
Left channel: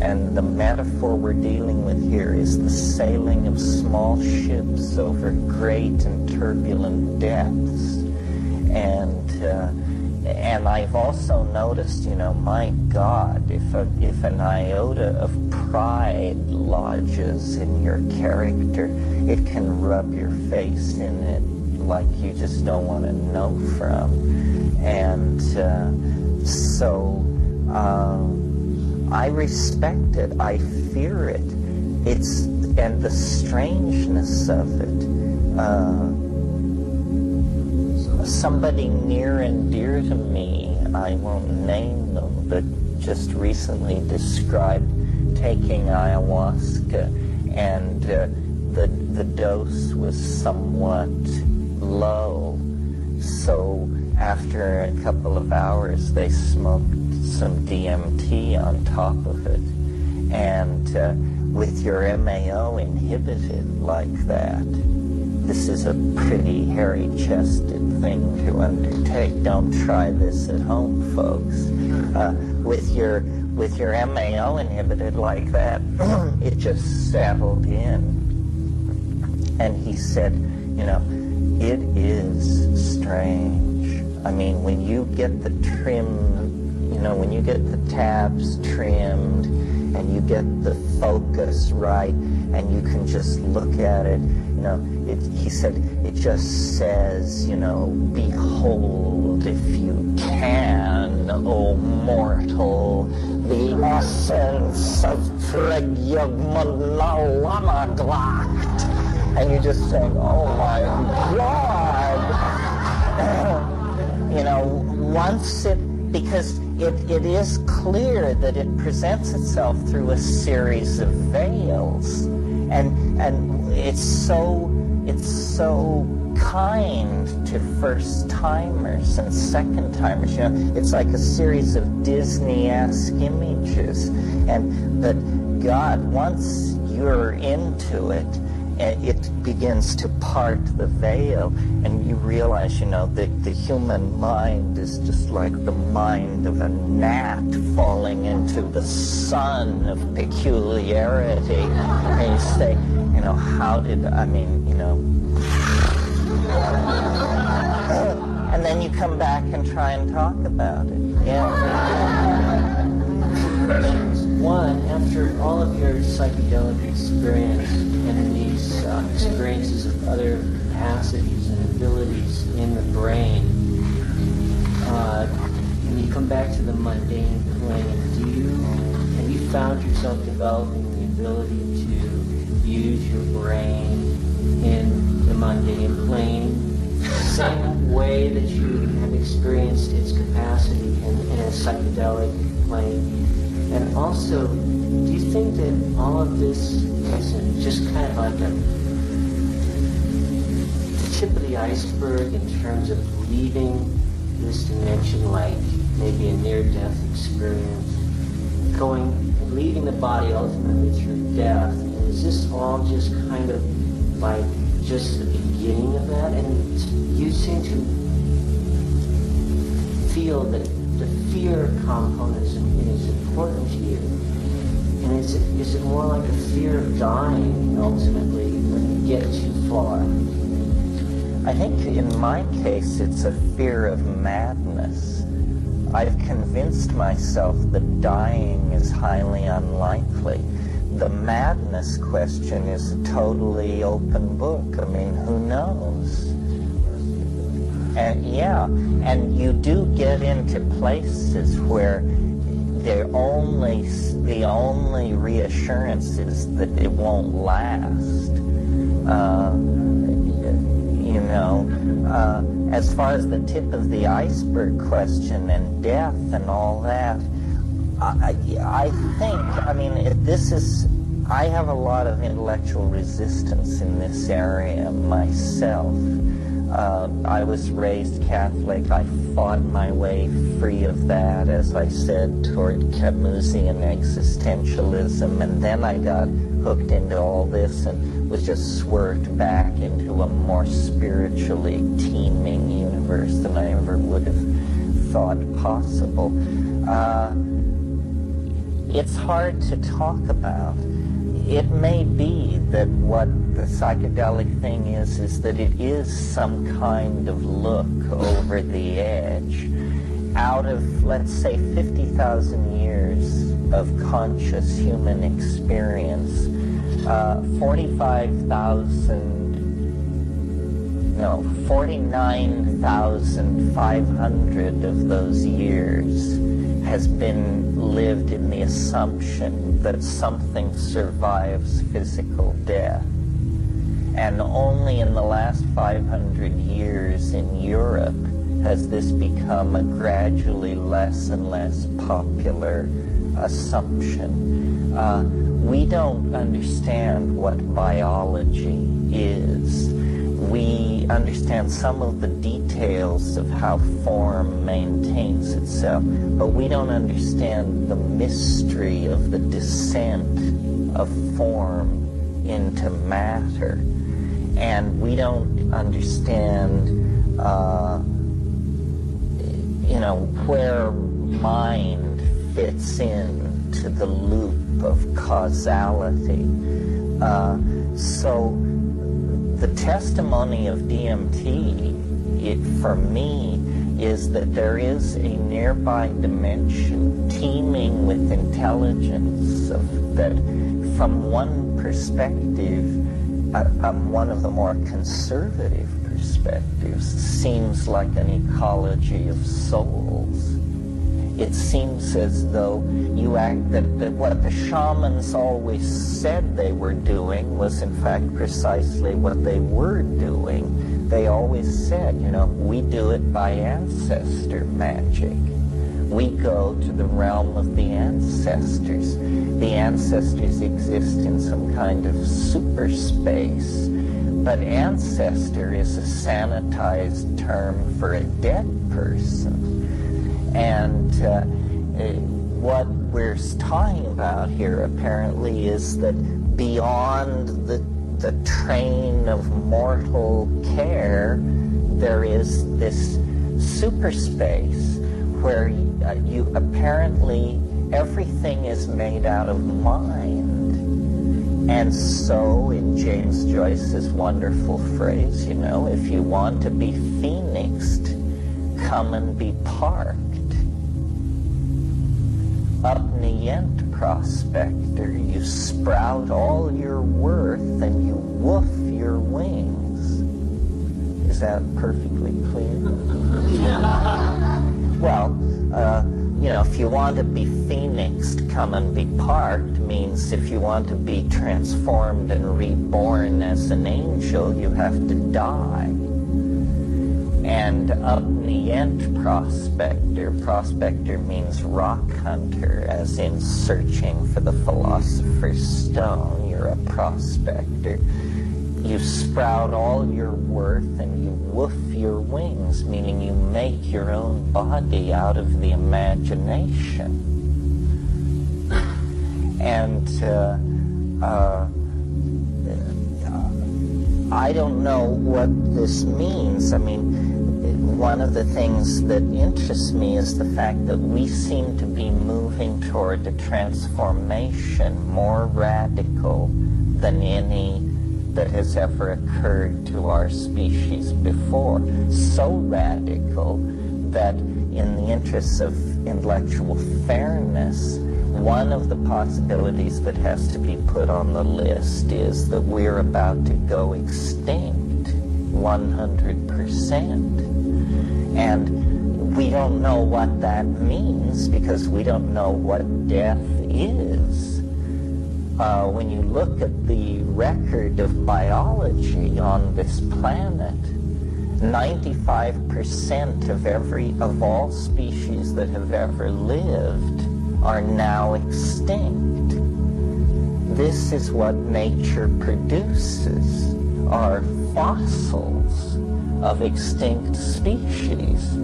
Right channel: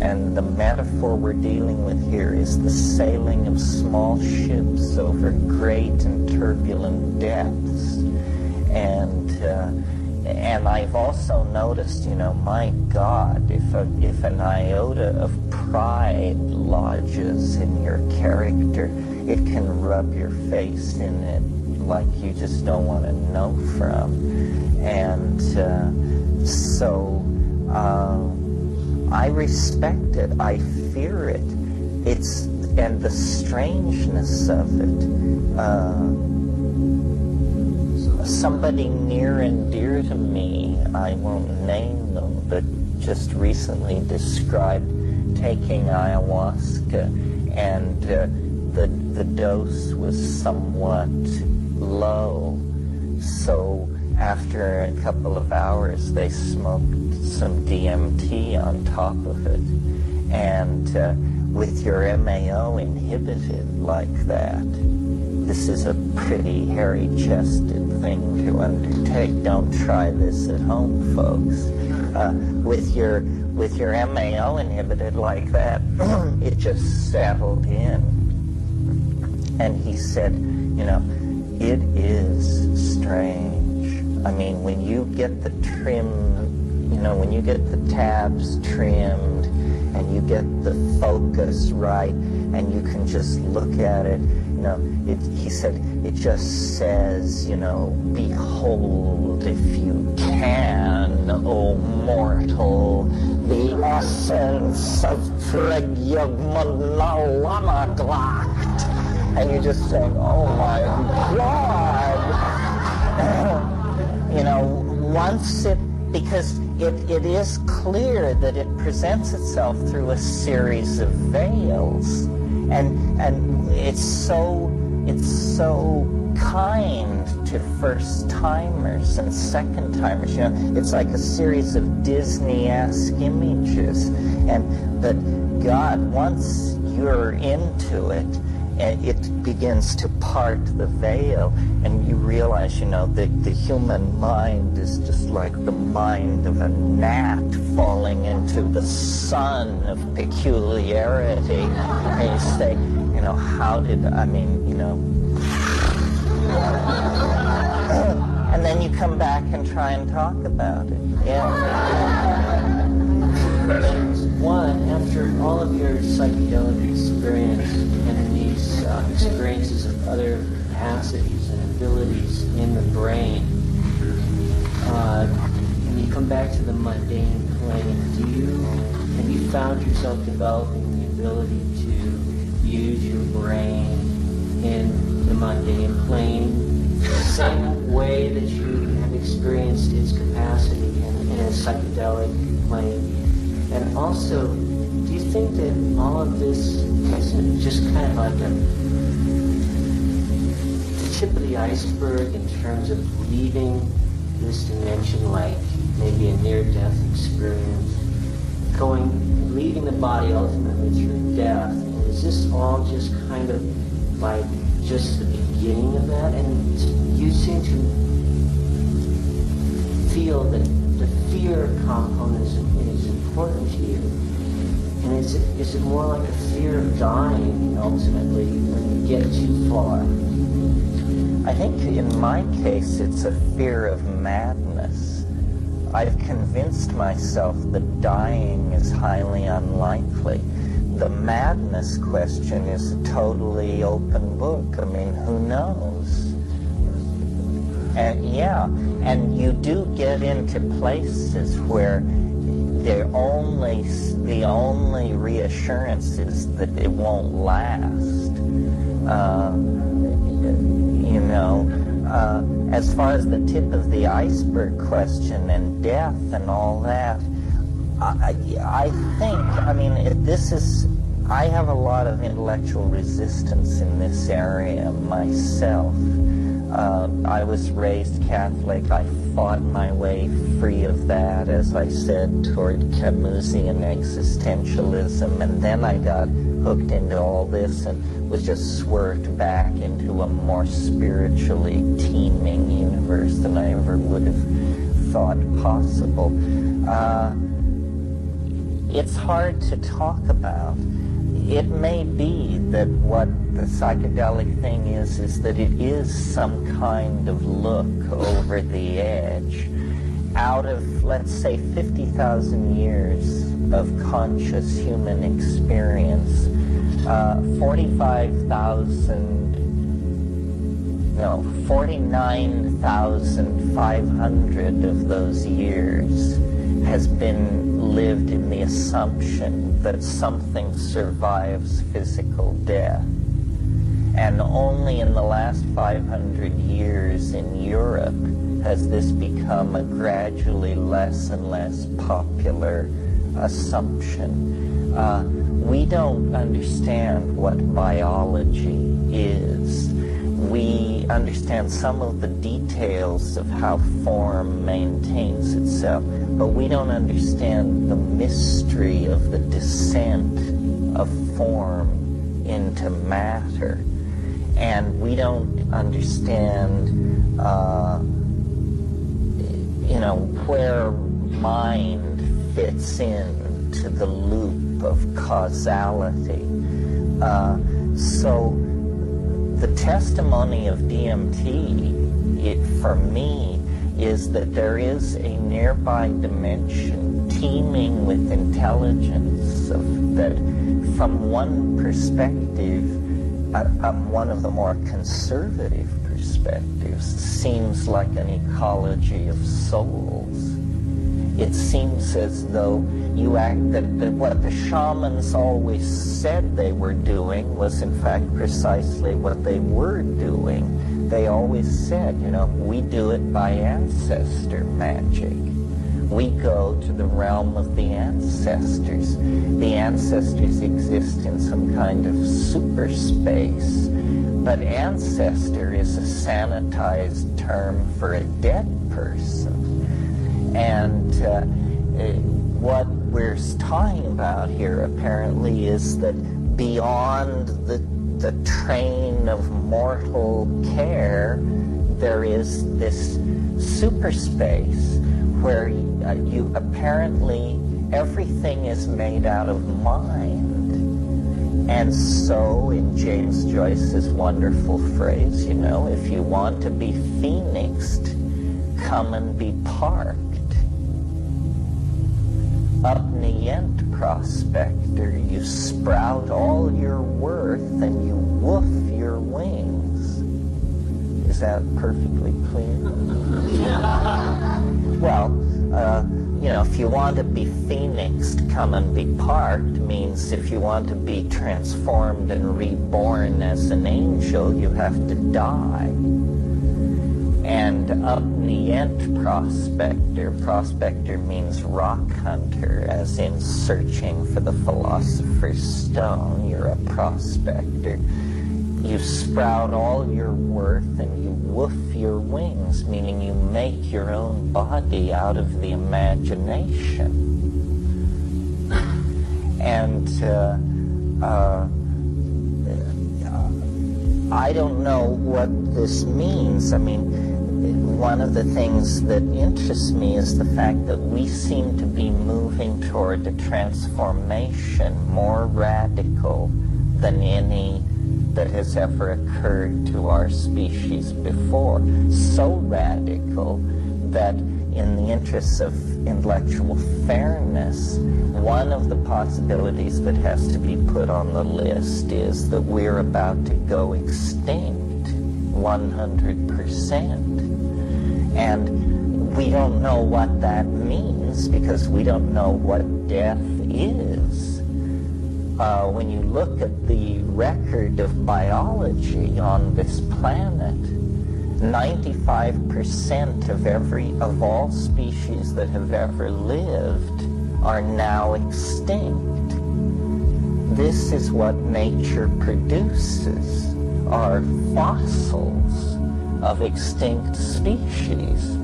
And the metaphor we're dealing with here is the sailing of small ships over great and turbulent depths. And I've also noticed, my God, if an iota of pride lodges in your character, it can rub your face in it like you just don't want to know from. And so I respect it. I fear it. And the strangeness of it. Somebody near and dear to me, I won't name them, but just recently described taking ayahuasca, and the dose was somewhat low. So after a couple of hours, they smoked some DMT on top of it. And with your MAO inhibited like that, this is a pretty hairy-chested thing to undertake. Don't try this at home, folks. With your MAO inhibited like that, it just settled in. And he said, it is strange. I mean, when you get the when you get the tabs trimmed and you get the focus right and you can just look at it, he said, it just says, behold, if you can, O mortal, the essence of Pregyagmanalamaglakt. And you're just saying, oh my God. Because it is clear that it presents itself through a series of veils. And it's so kind to first-timers and second-timers. It's like a series of Disney-esque images. But God, once you're into it, it begins to part the veil, and you realize, the human mind is just like the mind of a gnat falling into the sun of peculiarity. And you say, and then you come back and try and talk about it. Yeah. One, after all of your psychedelic experience and these experiences of other capacities and abilities in the brain, when you come back to the mundane plane, have you found yourself developing the ability to use your brain in the mundane plane the same way that you have experienced its capacity in a psychedelic plane? And also, do you think that all of this is just kind of like the tip of the iceberg in terms of leaving this dimension, like maybe a near-death experience, leaving the body ultimately through death? And is this all just kind of like just the beginning of that? And you seem to feel that the fear component is important to you. And is it more like a fear of dying ultimately when you get too far? I think in my case it's a fear of madness. I've convinced myself that dying is highly unlikely. The madness question is a totally open book. I mean, who knows? And you do get into places where the only reassurance is that it won't last. As far as the tip of the iceberg question and death and all that, I have a lot of intellectual resistance in this area myself. I was raised Catholic. I fought my way free of that, as I said, toward Camusian existentialism, and then I got hooked into all this and was just swerved back into a more spiritually teeming universe than I ever would have thought possible. It's hard to talk about. It may be that what the psychedelic thing is that it is some kind of look over the edge. Out of, let's say, 50,000 years of conscious human experience, 49,500 of those years has been lived in the assumption that something survives physical death. And only in the last 500 years in Europe has this become a gradually less and less popular assumption. We don't understand what biology is. We understand some of the details of how form maintains itself, but we don't understand the mystery of the descent of form into matter. And we don't understand, where mind fits into the loop of causality. So the testimony of DMT, for me, is that there is a nearby dimension teeming with intelligence that, from one perspective, one of the more conservative perspectives, seems like an ecology of souls. It seems as though that what the shamans always said they were doing was in fact precisely what they were doing. They always said, we do it by ancestor magic. We go to the realm of the ancestors. The ancestors exist in some kind of super space, but ancestor is a sanitized term for a dead person. And what we're talking about here apparently is that beyond the train of mortal care, there is this super space where you apparently everything is made out of mind. And so, in James Joyce's wonderful phrase, you know, if you want to be phoenixed, come and be parked. Upnient prospector, you sprout all your worth and you woof your wings. Is that perfectly clear? Well, you know, if you want to be phoenixed, come and be parked means if you want to be transformed and reborn as an angel, you have to die. And upnient prospector means rock hunter, as in searching for the philosopher's stone. You're a prospector. You sprout all your worth and you woof your wings, meaning you make your own body out of the imagination. And I don't know what this means. I mean, one of the things that interests me is the fact that we seem to be moving toward a transformation more radical than any that has ever occurred to our species before. So radical that in the interests of intellectual fairness, one of the possibilities that has to be put on the list is that we're about to go extinct 100%. And we don't know what that means because we don't know what death is. When you look at the record of biology on this planet, 95% of all species that have ever lived are now extinct. This is what nature produces, are fossils of extinct species.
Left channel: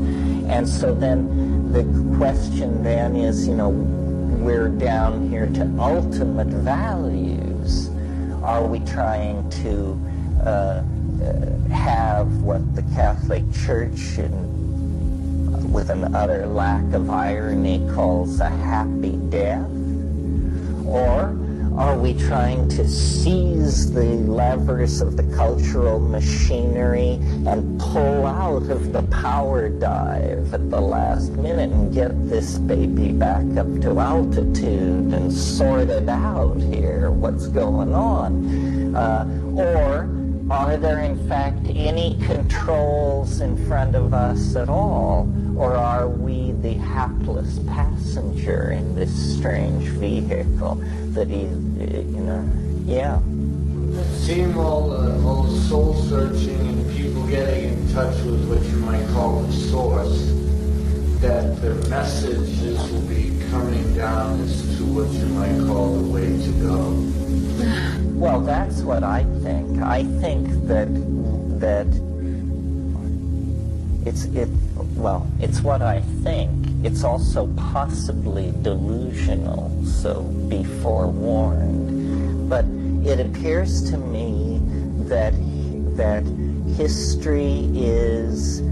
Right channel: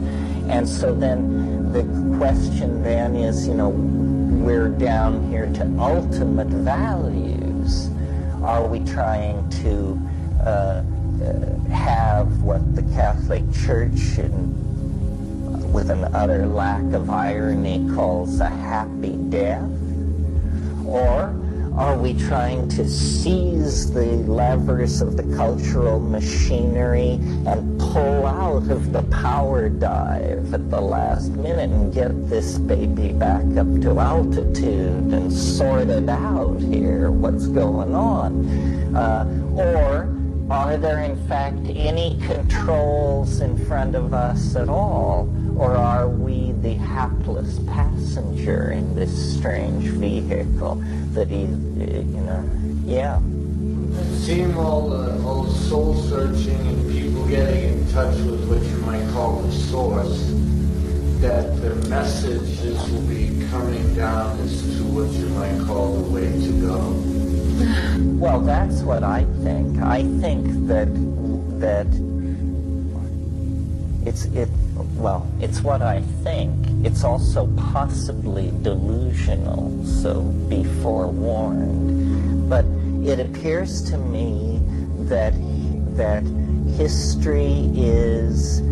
And so then the question then is, you know, we're down here to ultimate values. Are we trying to have what the Catholic Church, with an utter lack of irony, calls a happy death? Or are we trying to seize the levers of the cultural machinery and pull out of the power dive at the last minute and get this baby back up to altitude and sort it out here, what's going on? Or are there in fact any controls in front of us at all? Or are we the hapless passenger in this strange vehicle that Seeing all soul searching and people getting in touch with what you might call the source, that the messages will be coming down as to what you might call the way to go. Well, that's what I think. I think that it's what I think. It's also possibly delusional, so be forewarned. But it appears to me that history is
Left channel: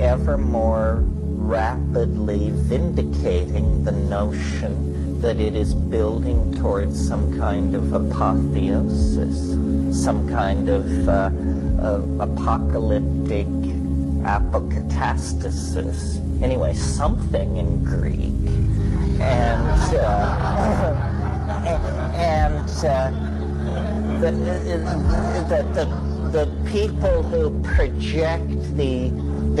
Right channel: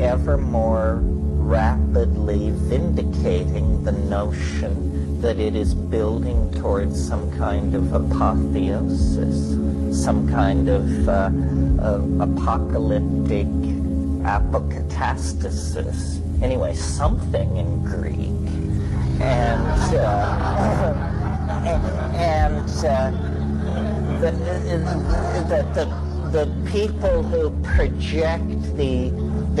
ever more rapidly vindicating the notion that it is building towards some kind of apotheosis, some kind of apocalyptic apokatastasis. Anyway, something in Greek. The people who project the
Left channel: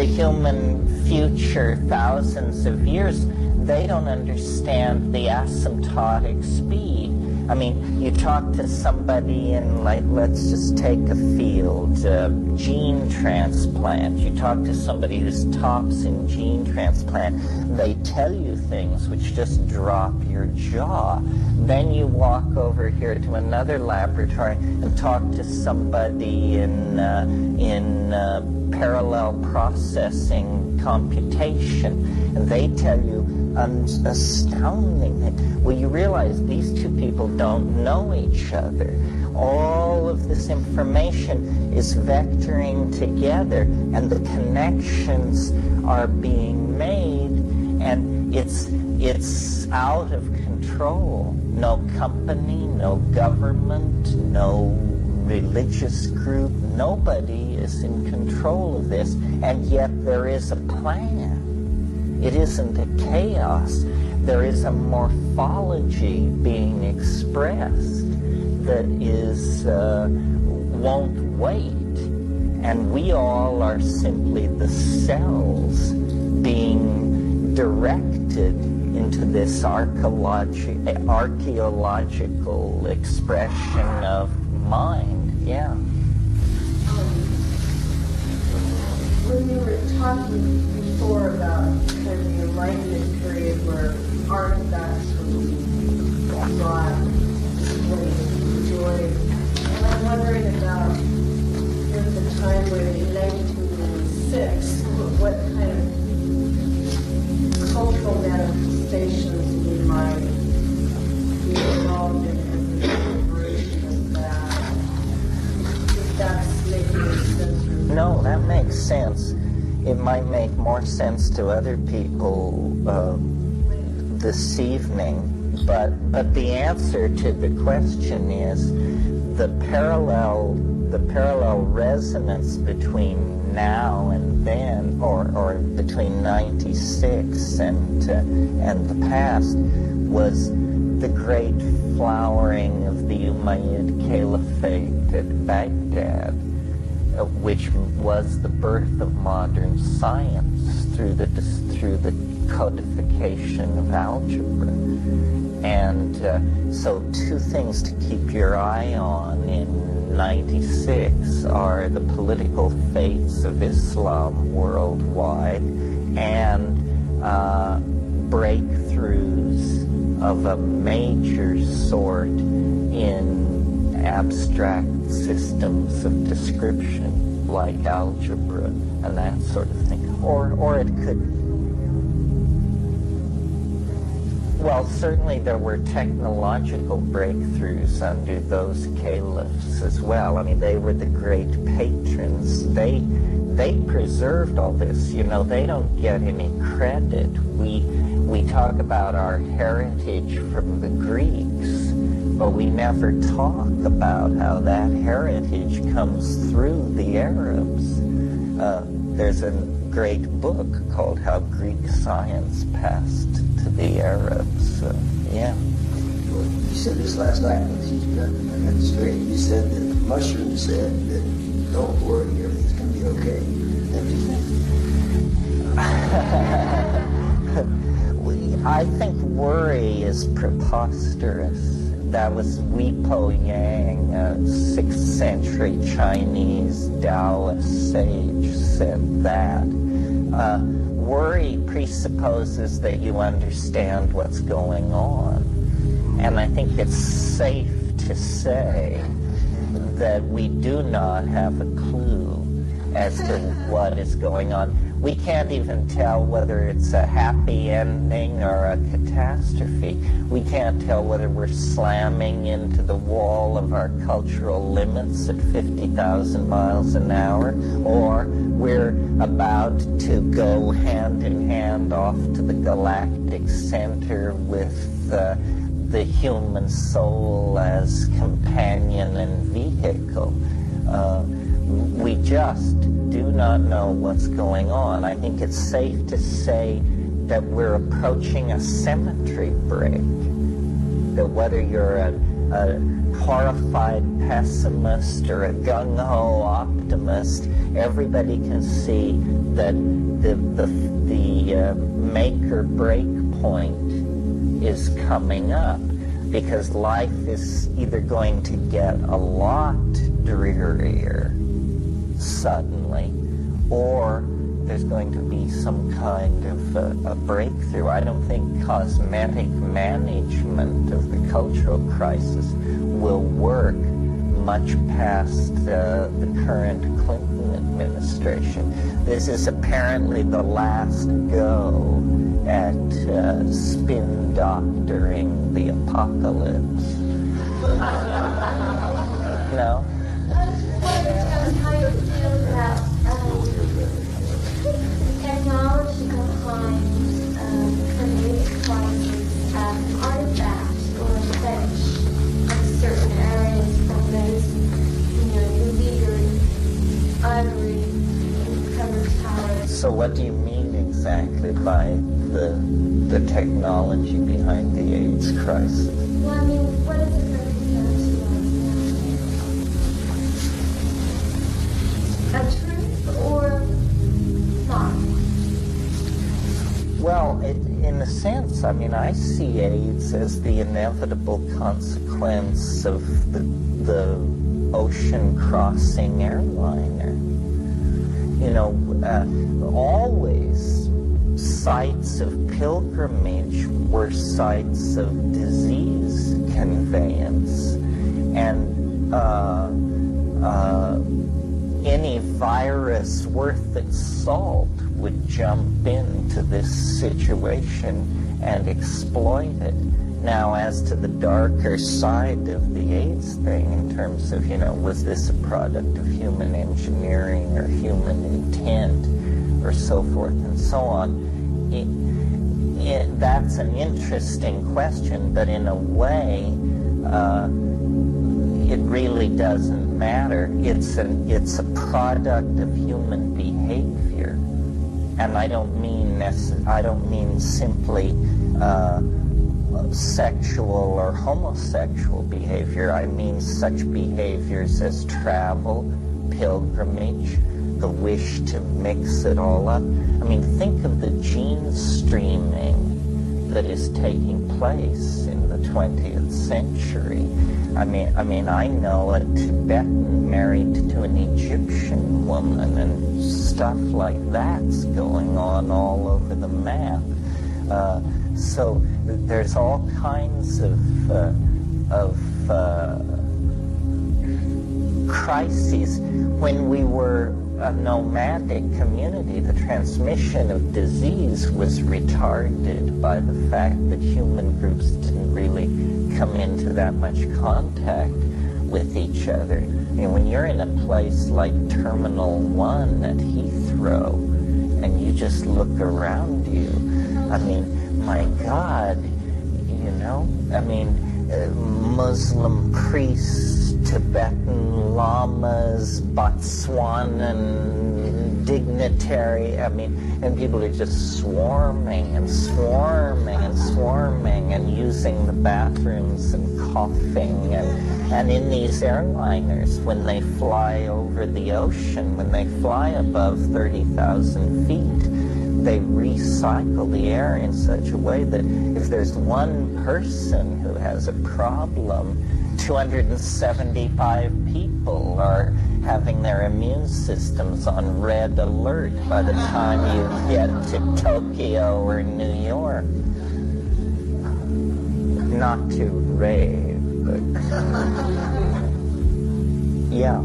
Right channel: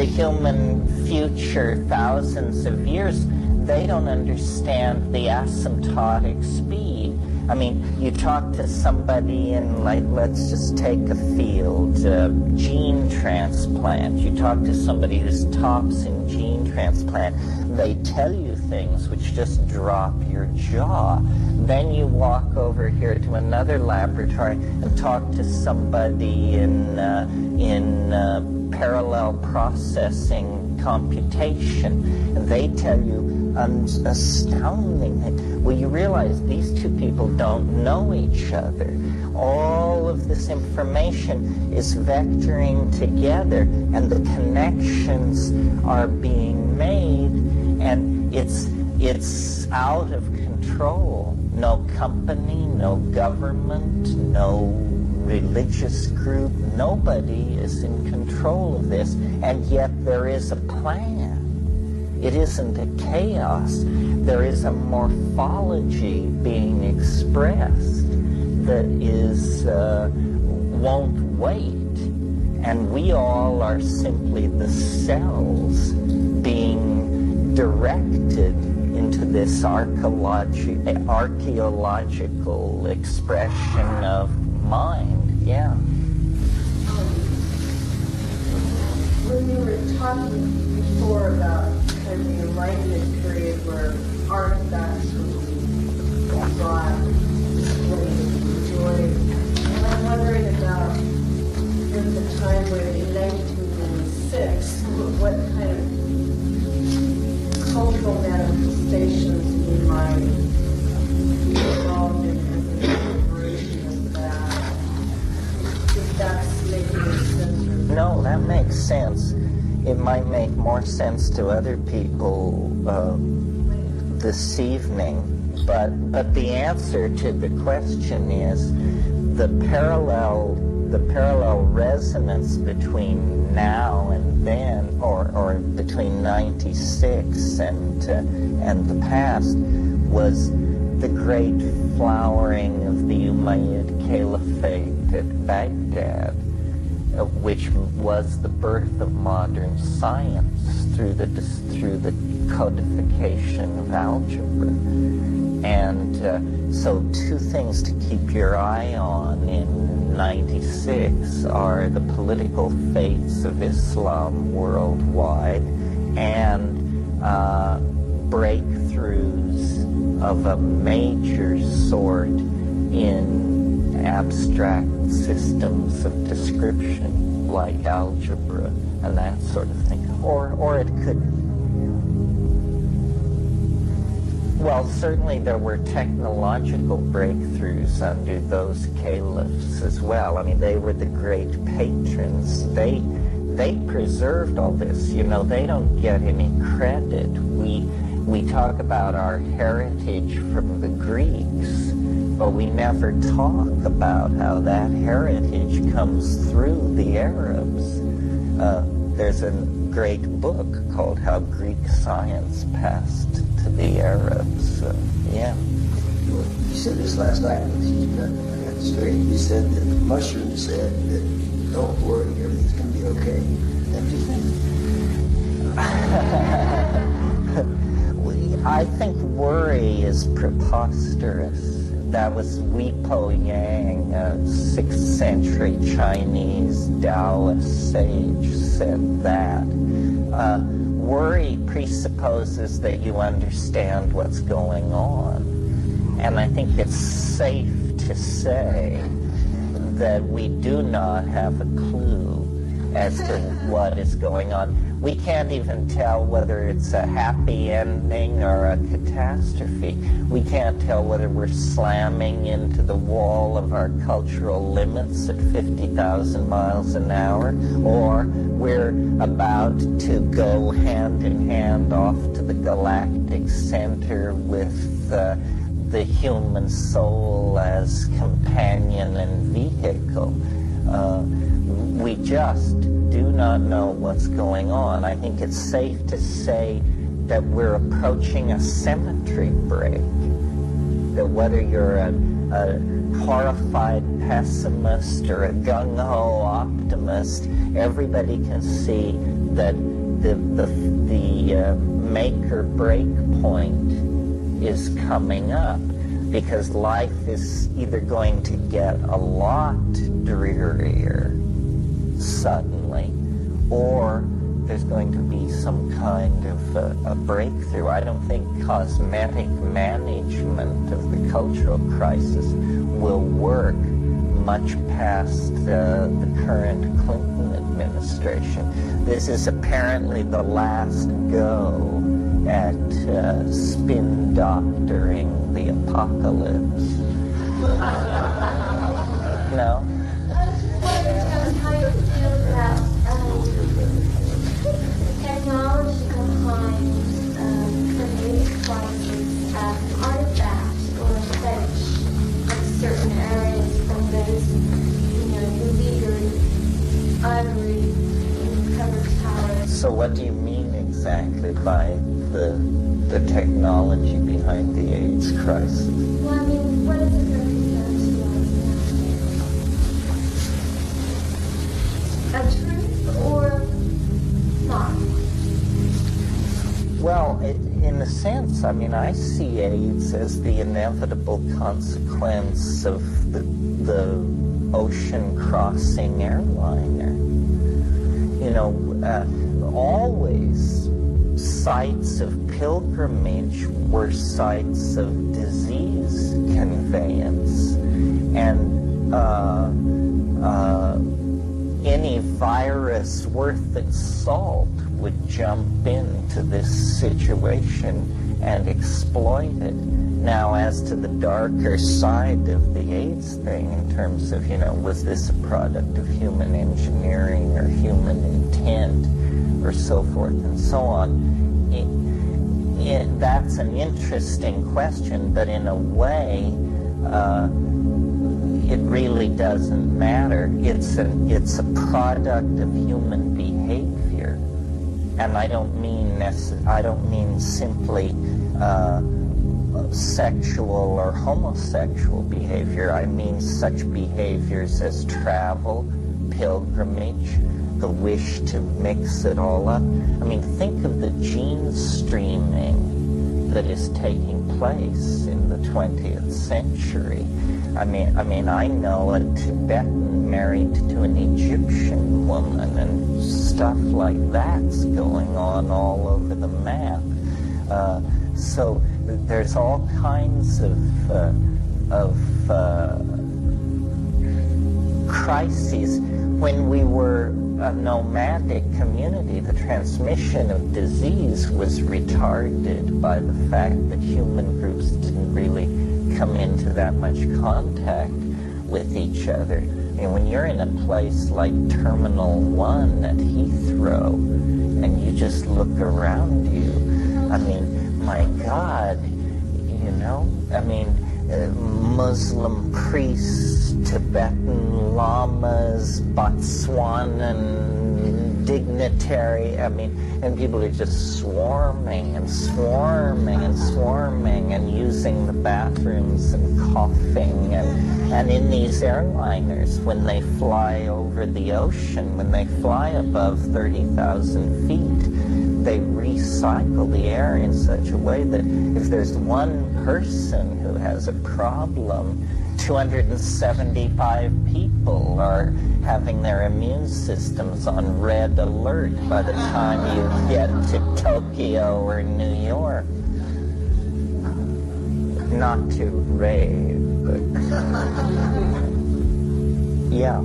human future thousands of years, they don't understand the asymptotic speed. I mean, you talk to somebody in, like, let's just take a field, gene transplant. You talk to somebody who's tops in gene transplant. They tell you things which just drop your jaw. Then you walk over here to another laboratory and talk to somebody in parallel processing computation, and they tell you astounding things. Well, you realize these two people don't know each other. all of this information is vectoring together, and the connections are being made, and it's out of control. No company, no government, no religious group, nobody is in control of this, and yet there is a plan. It isn't a chaos. There is a morphology being expressed that is won't wait, and we all are simply the cells being directed into this archaeological expression of mind. Yeah. When you were talking before about kind of the Enlightenment period where artifacts were being brought, displayed, enjoyed, and I'm wondering about in the time when in 1996, what kind of cultural manifestations we might be involved in as a celebration of that. If that's making any sense. No, that makes sense. It might make more sense to other people this evening, but the answer to the question is the parallel resonance between now and then, or between 96 and the past, was the great flowering of the Umayyad Caliphate at Baghdad, which was the birth of modern science through the codification of algebra. And so two things to keep your eye on in 96 are the political fates of Islam worldwide and breakthroughs of a major sort in abstract systems of description like algebra and that sort of thing. Or it could, well, certainly there were technological breakthroughs under those caliphs as well. I mean, they were the great patrons. They preserved all this. You know, they don't get any credit. We talk about our heritage from the Greeks, but we never talk about how that heritage comes through the Arabs. There's a great book called How Greek Science Passed to the Arabs. Yeah. You said this last night, I got it straight. You said that mushrooms said that don't worry, everything's going to be okay. That you think? I think worry is preposterous. That was Wepo Yang, a 6th century Chinese Taoist sage, said that. Worry presupposes that you understand what's going on. And I think it's safe to say that we do not have a clue as to what is going on. We can't even tell whether it's a happy ending or a catastrophe. We can't tell whether we're slamming into the wall of our cultural limits at 50,000 miles an hour, or we're about to go hand in hand off to the galactic center with the human soul as companion and vehicle. We just do not know what's going on. I think it's safe to say that we're approaching a symmetry break. That whether you're a horrified pessimist or a gung-ho optimist, everybody can see that the make or break point is coming up, because life is either going to get a lot drearier suddenly, or there's going to be some kind of a breakthrough. I don't think cosmetic management of the cultural crisis will work much past the current Clinton administration. This is apparently the last go at spin doctoring the apocalypse. No? I was just wondering how you feel about the technology behind creative crisis artifacts or fetch of certain areas from those, illegal ivory covered towers. So what do you mean exactly by the technology behind the AIDS crisis? Well, I mean, what does it represent to us now? A truth or not? Well, in a sense, I mean, I see AIDS as the inevitable consequence of the ocean-crossing airliner. Always sites of pilgrimage were sites of disease conveyance, and any virus worth its salt would jump into this situation and exploit it. Now, as to the darker side of the AIDS thing, in terms of, was this a product of human engineering or human intent or so forth and so on, that's an interesting question, but in a way, it really doesn't matter. It's a product of human behavior, and I don't mean simply sexual or homosexual behavior. I mean such behaviors as travel, pilgrimage, the wish to mix it all up. I mean, think of the gene streaming that is taking place in the 20th century. I mean, I know a Tibetan married to an Egyptian woman, and stuff like that's going on all over the map. So there's all kinds of crises. When we were a nomadic community, the transmission of disease was retarded by the fact that human groups didn't really come into that much contact with each other. I mean, when you're in a place like Terminal 1 at Heathrow, and you just look around you, I mean, my God, I mean, Muslim priests, Tibetan lamas, Botswanan dignitary, I mean, and people are just swarming and swarming and swarming and using the bathrooms and coughing, and in these airliners, when they fly over the ocean, when they fly above 30,000 feet, they recycle the air in such a way that if there's one person who has a problem, 275 people are having their immune systems on red alert by the time you get to Tokyo or New York. Not to rave, but yeah.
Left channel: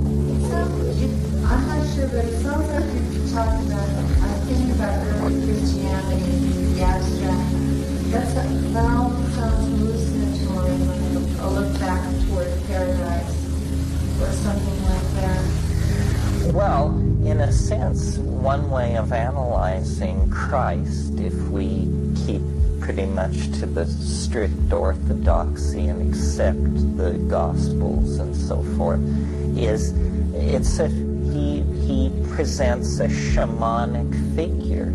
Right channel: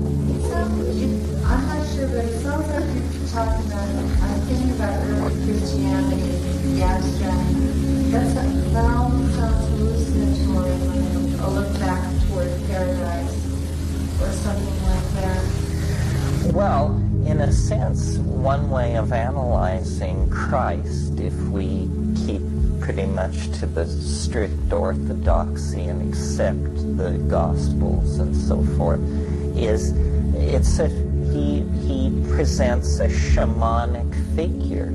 I'm not sure, but it sounds like you're talking about, I'm thinking about early Christianity and the abstract. That sounds hallucinatory, like a look back toward paradise or something like that. Well, in a sense, one way of analyzing Christ, if we keep pretty much to the strict orthodoxy and accept the Gospels and so forth, is he presents a shamanic figure.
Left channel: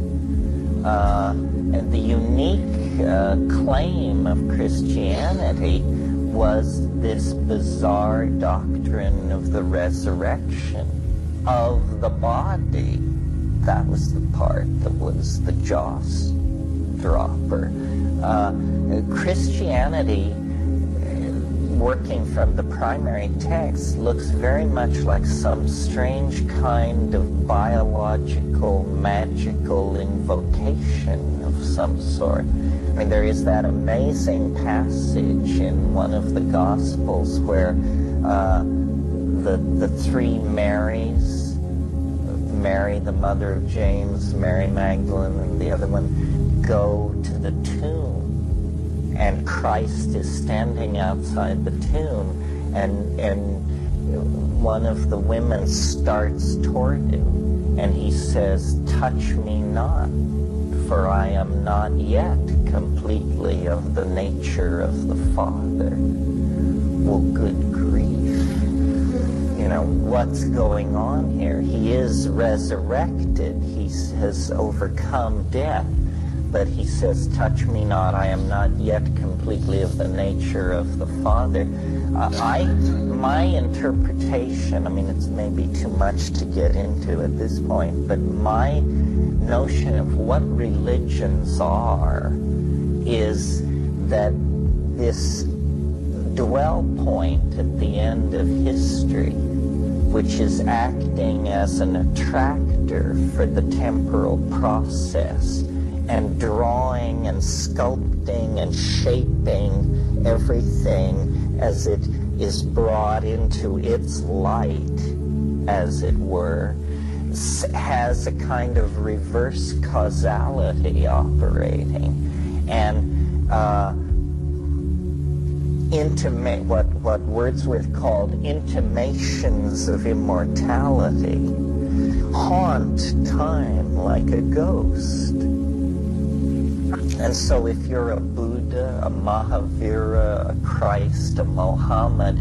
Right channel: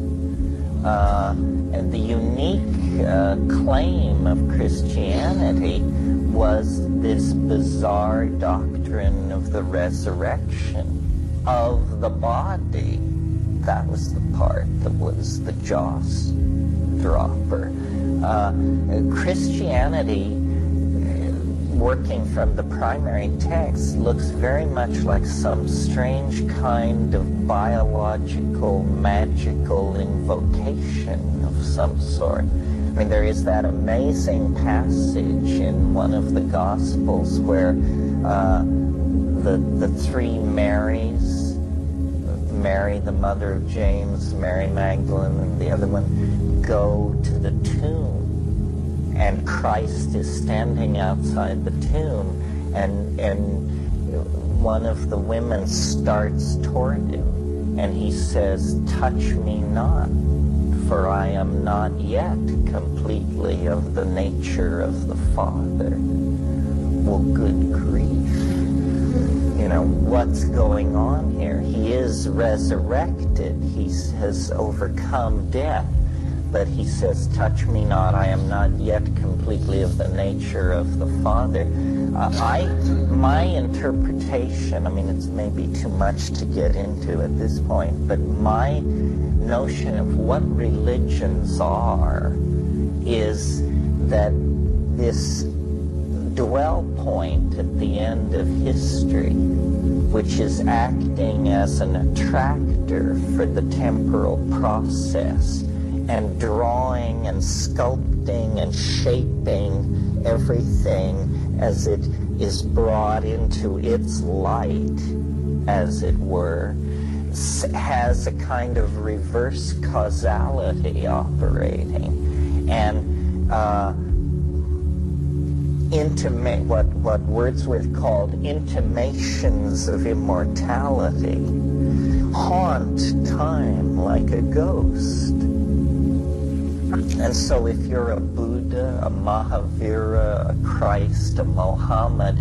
And the unique claim of Christianity was this bizarre doctrine of the resurrection of the body. That was the part that was the jaw dropper. Christianity, working from the primary text, looks very much like some strange kind of biological, magical invocation of some sort. I mean, there is that amazing passage in one of the Gospels where the three Marys, Mary, the mother of James, Mary Magdalene, and the other one, go to the tomb. And Christ is standing outside the tomb, and one of the women starts toward him, and he says, "Touch me not, for I am not yet completely of the nature of the Father." Well, good grief. You know, what's going on here? He is resurrected. He has overcome death. But he says, "Touch me not, I am not yet completely of the nature of the Father." My interpretation, I mean, it's maybe too much to get into at this point, but my notion of what religions are is that this dwell point at the end of history, which is acting as an attractor for the temporal process and drawing and sculpting and shaping everything as it is brought into its light, as it were, has a kind of reverse causality operating, and what Wordsworth called intimations of immortality haunt time like a ghost. And so if you're a Buddha, a Mahavira, a Christ, a Mohammed,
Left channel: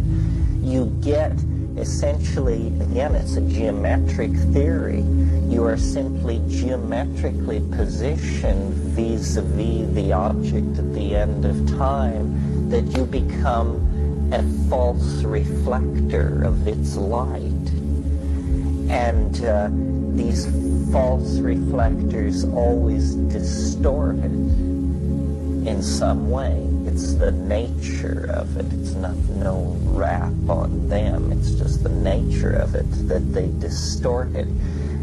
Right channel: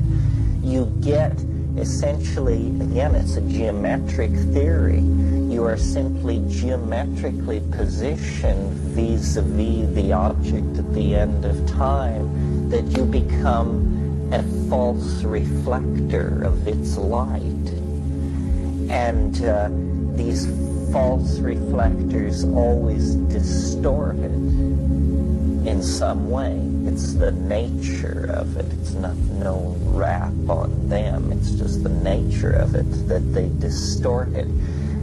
you get essentially, again, it's a geometric theory. You are simply geometrically positioned vis-a-vis the object at the end of time, that you become a false reflector of its light. And these false reflectors always distort it in some way. It's the nature of it. It's no rap on them. It's just the nature of it that they distort it.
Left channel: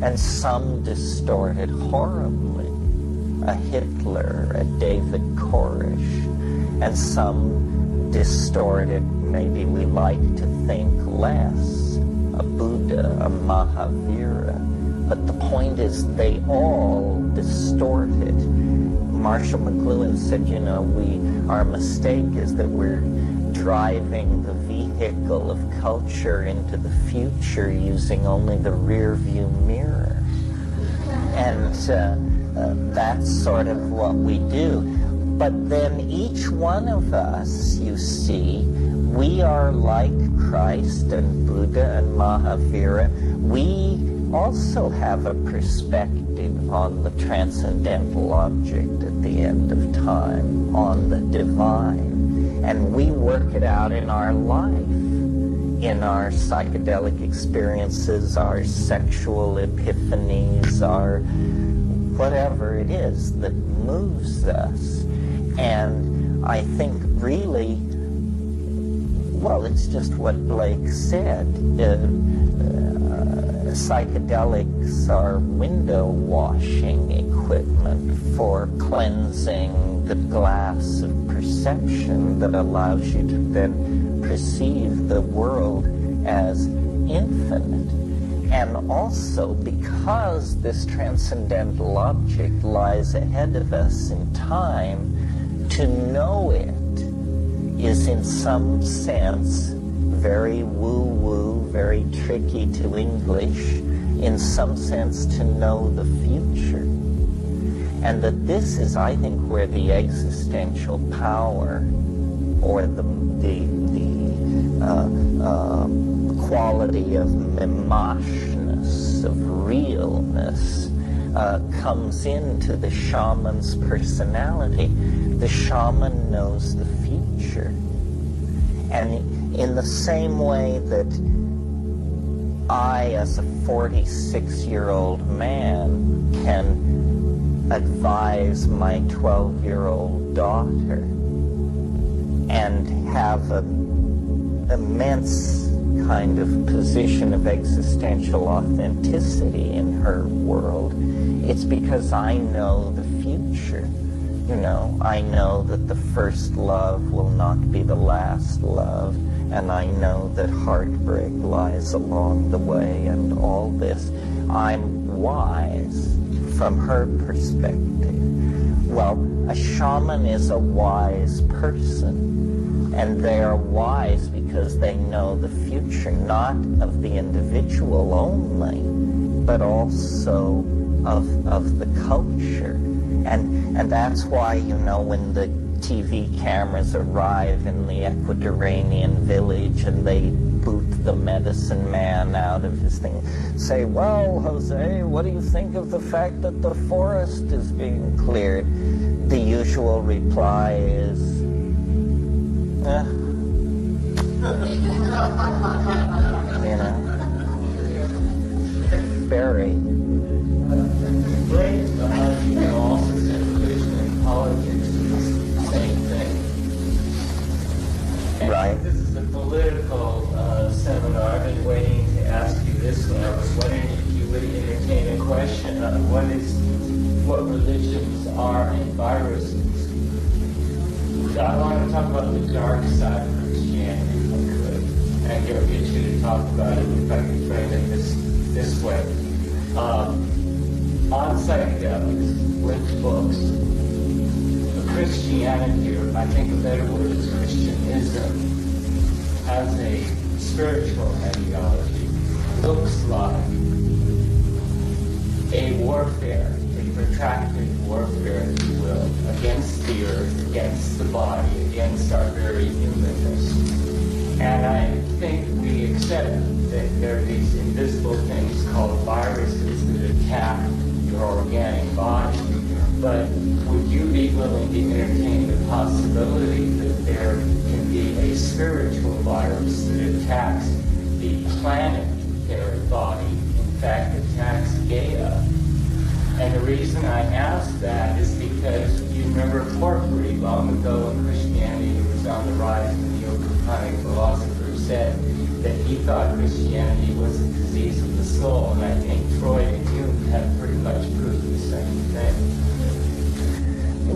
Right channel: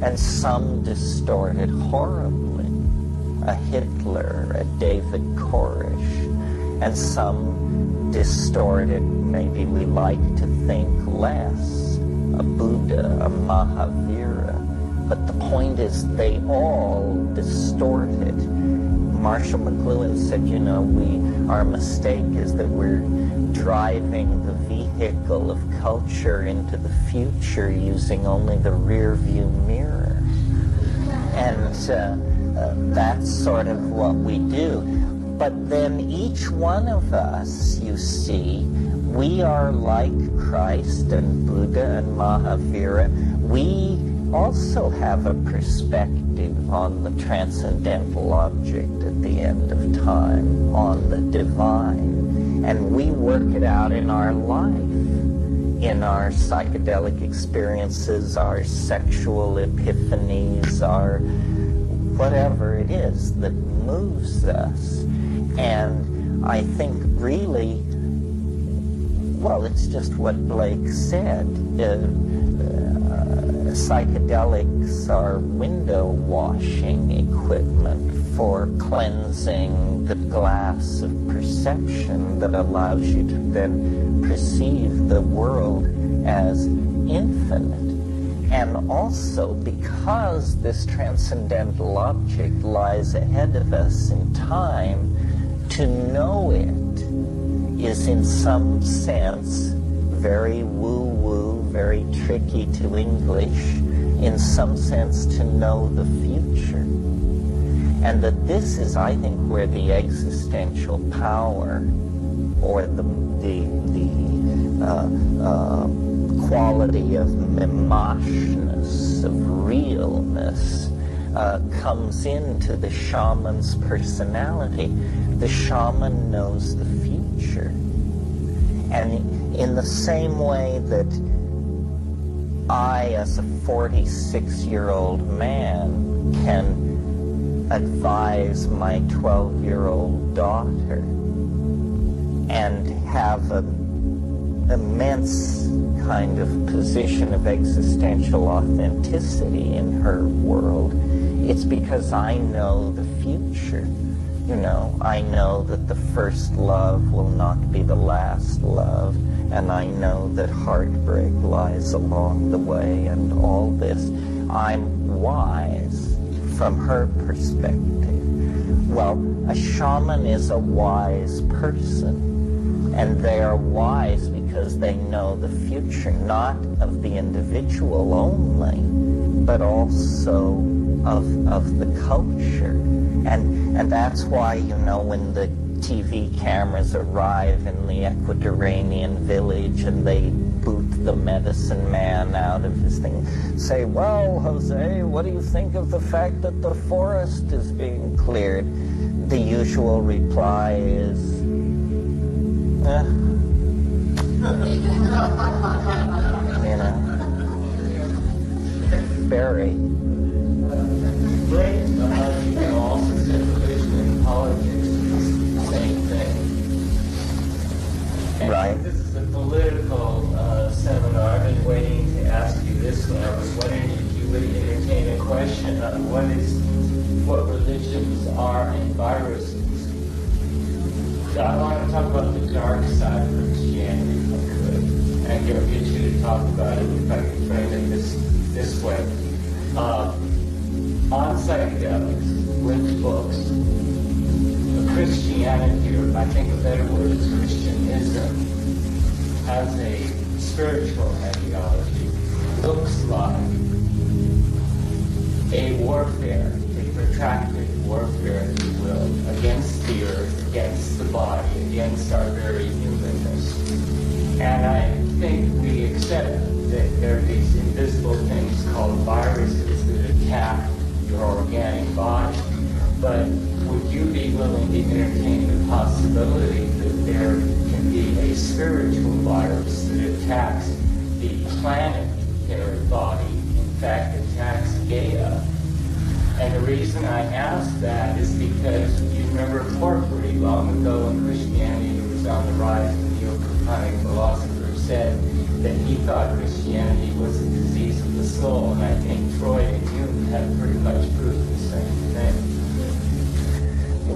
And some distort it horribly. A Hitler, a David Koresh. And some distort it, maybe we like to think less. A Buddha, a Mahavira. But the point is, they all distort it. Marshall McLuhan said, you know, our mistake is that we're driving the vehicle of culture into the future using only the rear view mirror. And that's sort of what we do. But then each one of us, you see, we are like Christ and Buddha and Mahavira. We also have a perspective on the transcendental object at the end of time, on the divine. And we work it out in our life, in our psychedelic experiences, our sexual epiphanies, our whatever it is that moves us. And I think really, well, it's just what Blake said. Psychedelics are window washing equipment for cleansing the glass of perception that allows you to then perceive the world as infinite. And also, because this transcendental object lies ahead of us in time, to know it is in some sense very woo-woo, very tricky to English, in some sense to know the future. And that this is, I think, where the existential power or the quality of mimashness, of realness, comes into the shaman's personality. The shaman knows the future. And in the same way that I, as a 46-year-old man, can advise my 12-year-old daughter and have an immense kind of position of existential authenticity in her world, it's because I know the future. You know, I know that the first love will not be the last love, and I know that heartbreak lies along the way and all this. I'm wise from her perspective. Well, a shaman is a wise person, and they are wise because because they know the future, not of the individual only, but also of the culture. And that's why, you know, when the TV cameras arrive in the Ecuadorian village and they boot the medicine man out of his thing, say, well, Jose, what do you think of the fact that the forest is being cleared? The usual reply is, you know, very. Great, you know, also circulation in politics is the same thing. And right. This is a political seminar. I've been waiting to ask you this one. I was wondering if you would entertain a question on what religions are and viruses. I want to talk about the dark side of Christianity, if I could, and get you to talk about it, if I could frame it this way. On psychedelics, with books, Christianity, or I think a better word is Christianism, as a spiritual ideology, looks like a warfare, a protracted warfare, if you will, against the earth, against the body, against our very humanness. And I think we accept that there are these invisible things called viruses that attack your organic body. But would you be willing to entertain the possibility that there can be a spiritual virus that attacks the planetary body, in fact attacks Gaia? And the reason I ask that is because you remember Porphyry, long ago in Christianity, who was on the rise, and the Neoplatonic philosopher said that he thought Christianity was a disease of the soul, and I think Freud and Jung have pretty much proved the same thing.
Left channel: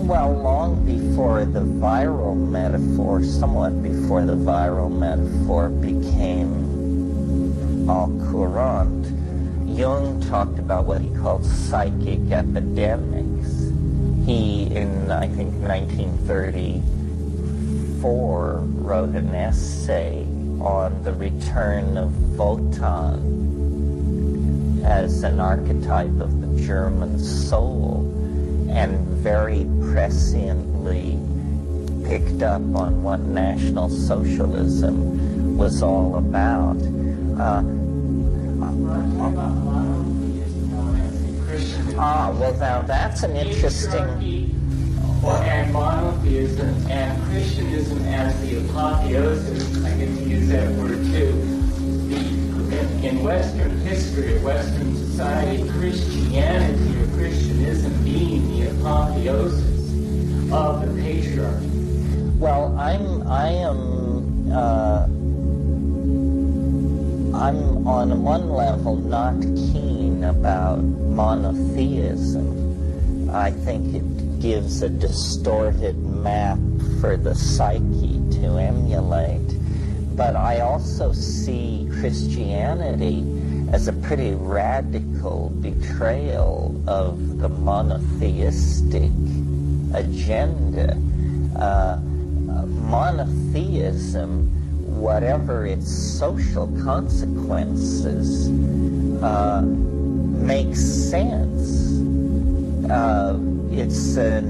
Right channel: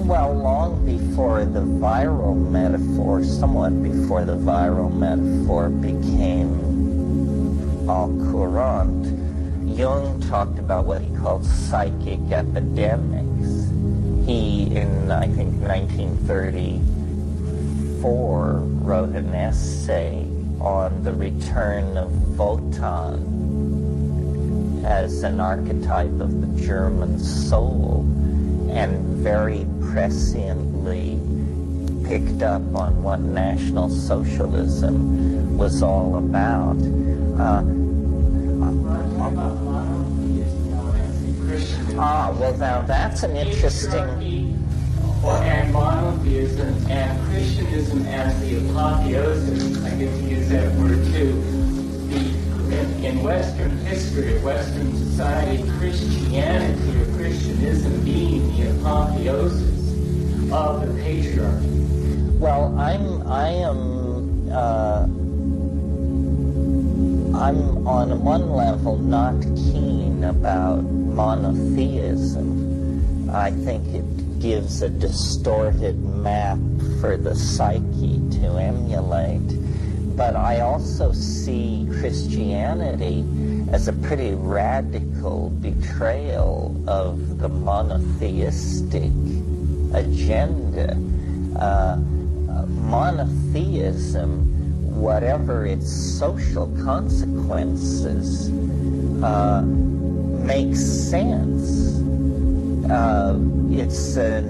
Well, long before the viral metaphor, somewhat before the viral metaphor became au courant, Jung talked about what he called psychic epidemics. He, in I think 1934, wrote an essay on the return of Wotan as an archetype of the German soul, and very presciently picked up on what National Socialism was all about. Well, now that's an interesting... And monotheism and Christianism as the apotheosis, I get to use that word too. In Western history, Western society, Christianity or Christianism being the apotheosis of the patriarchy. Well, I'm on one level not keen about monotheism. I think it gives a distorted map for the psyche to emulate. But I also see Christianity as a pretty radical betrayal of the monotheistic agenda. Monotheism, whatever its social consequences, makes sense. It's a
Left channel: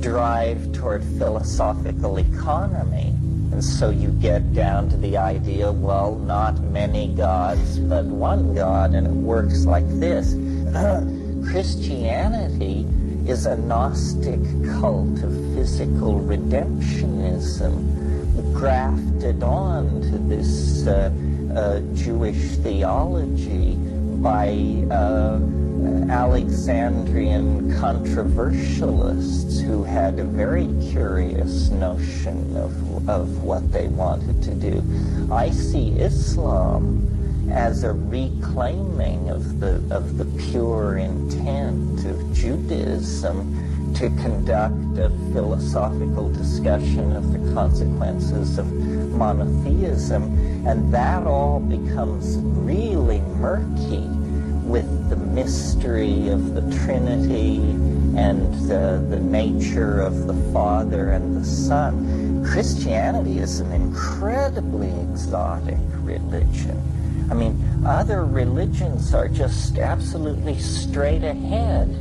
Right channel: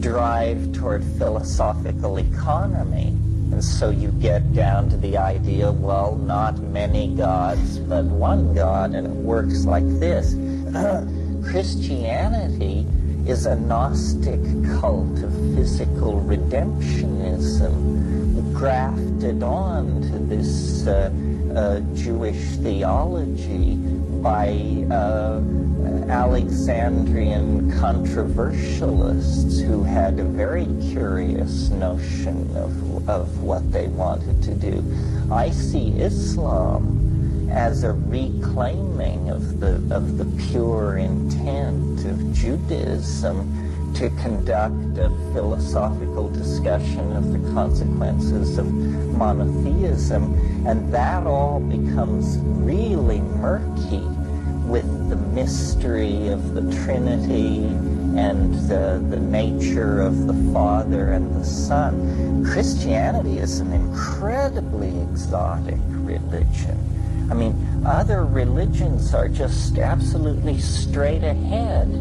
drive toward philosophical economy. And so you get down to the idea, well, not many gods, but one God, and it works like this. Christianity is a Gnostic cult of physical redemptionism grafted on to this Jewish theology by Alexandrian controversialists who had a very curious notion of what they wanted to do. I see Islam as a reclaiming of the pure intent of Judaism to conduct a philosophical discussion of the consequences of monotheism, and that all becomes really murky with the mystery of the Trinity and the nature of the Father and the Son. Christianity is an incredibly exotic religion. I mean, other religions are just absolutely straight ahead.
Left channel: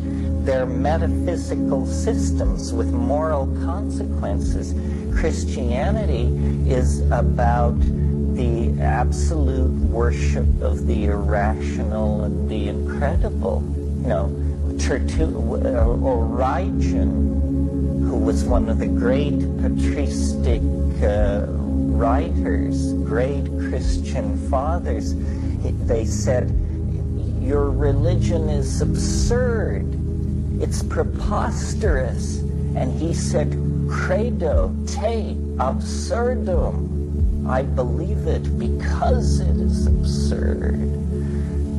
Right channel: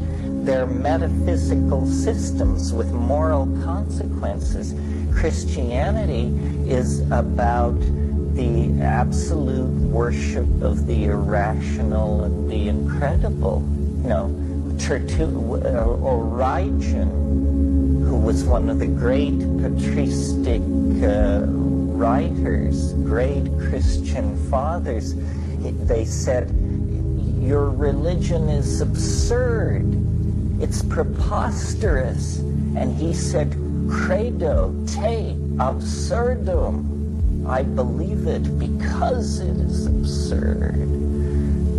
They're metaphysical systems with moral consequences. Christianity is about the absolute worship of the irrational and the incredible. You know, Origen, who was one of the great patristic writers, great Christian fathers, they said, your religion is absurd. It's preposterous. And he said, credo te absurdum. I believe it because it is absurd.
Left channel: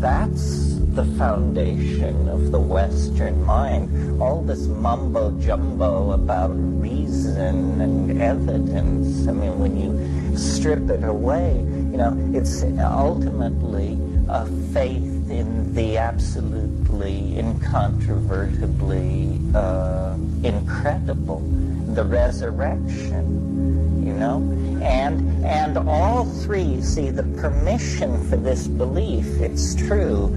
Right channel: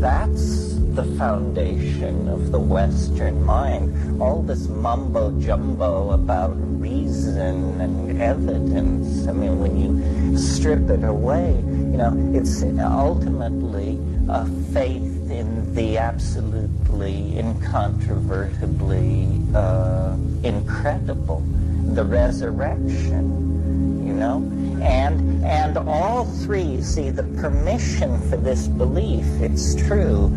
That's the foundation of the Western mind. All this mumbo-jumbo about reason and evidence, I mean, when you strip it away, you know, it's ultimately a faith in the absolutely, incontrovertibly incredible, the resurrection, you know? And all three, see, the permission for this belief, it's true,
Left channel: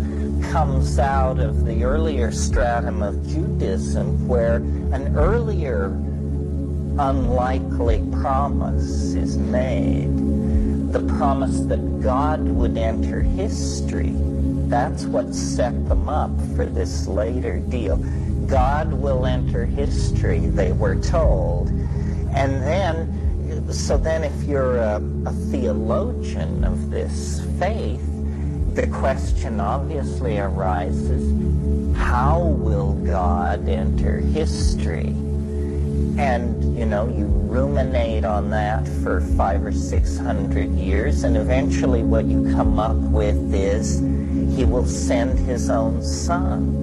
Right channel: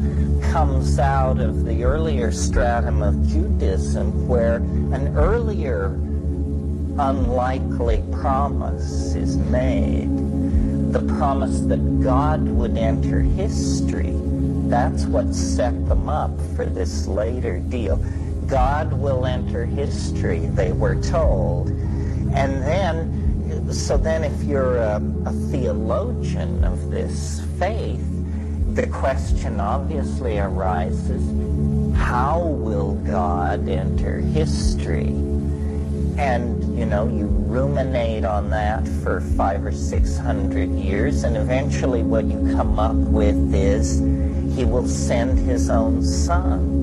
comes out of the earlier stratum of Judaism, where an earlier unlikely promise is made. The promise that God would enter history. That's what set them up for this later deal. God will enter history, they were told. And then, so then if you're a theologian of this faith, the question obviously arises, how will God enter history? And, you know, you ruminate on that for 500 or 600 years, and eventually what you come up with is he will send his own son.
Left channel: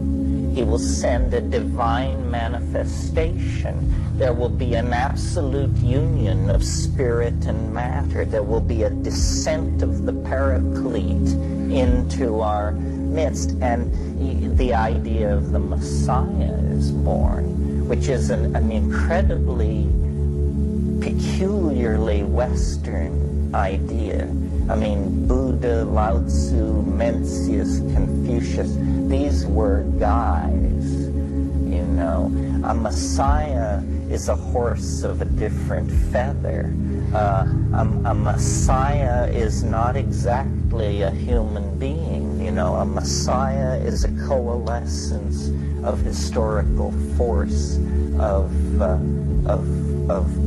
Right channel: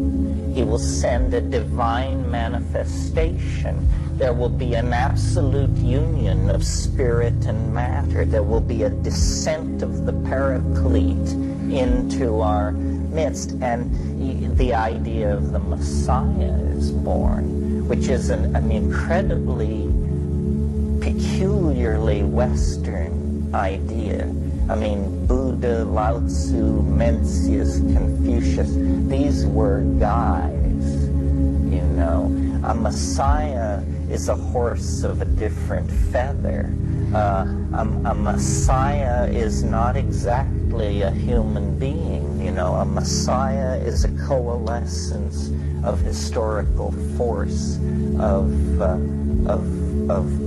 He will send a divine manifestation. There will be an absolute union of spirit and matter. There will be a descent of the Paraclete into our midst. And the idea of the Messiah is born, which is an incredibly peculiarly Western idea. I mean, Buddha, Lao Tzu, Mencius, Confucius, these were guys, you know. A Messiah is a horse of a different feather. A Messiah is not exactly a human being, you know. A Messiah is a coalescence of historical force, of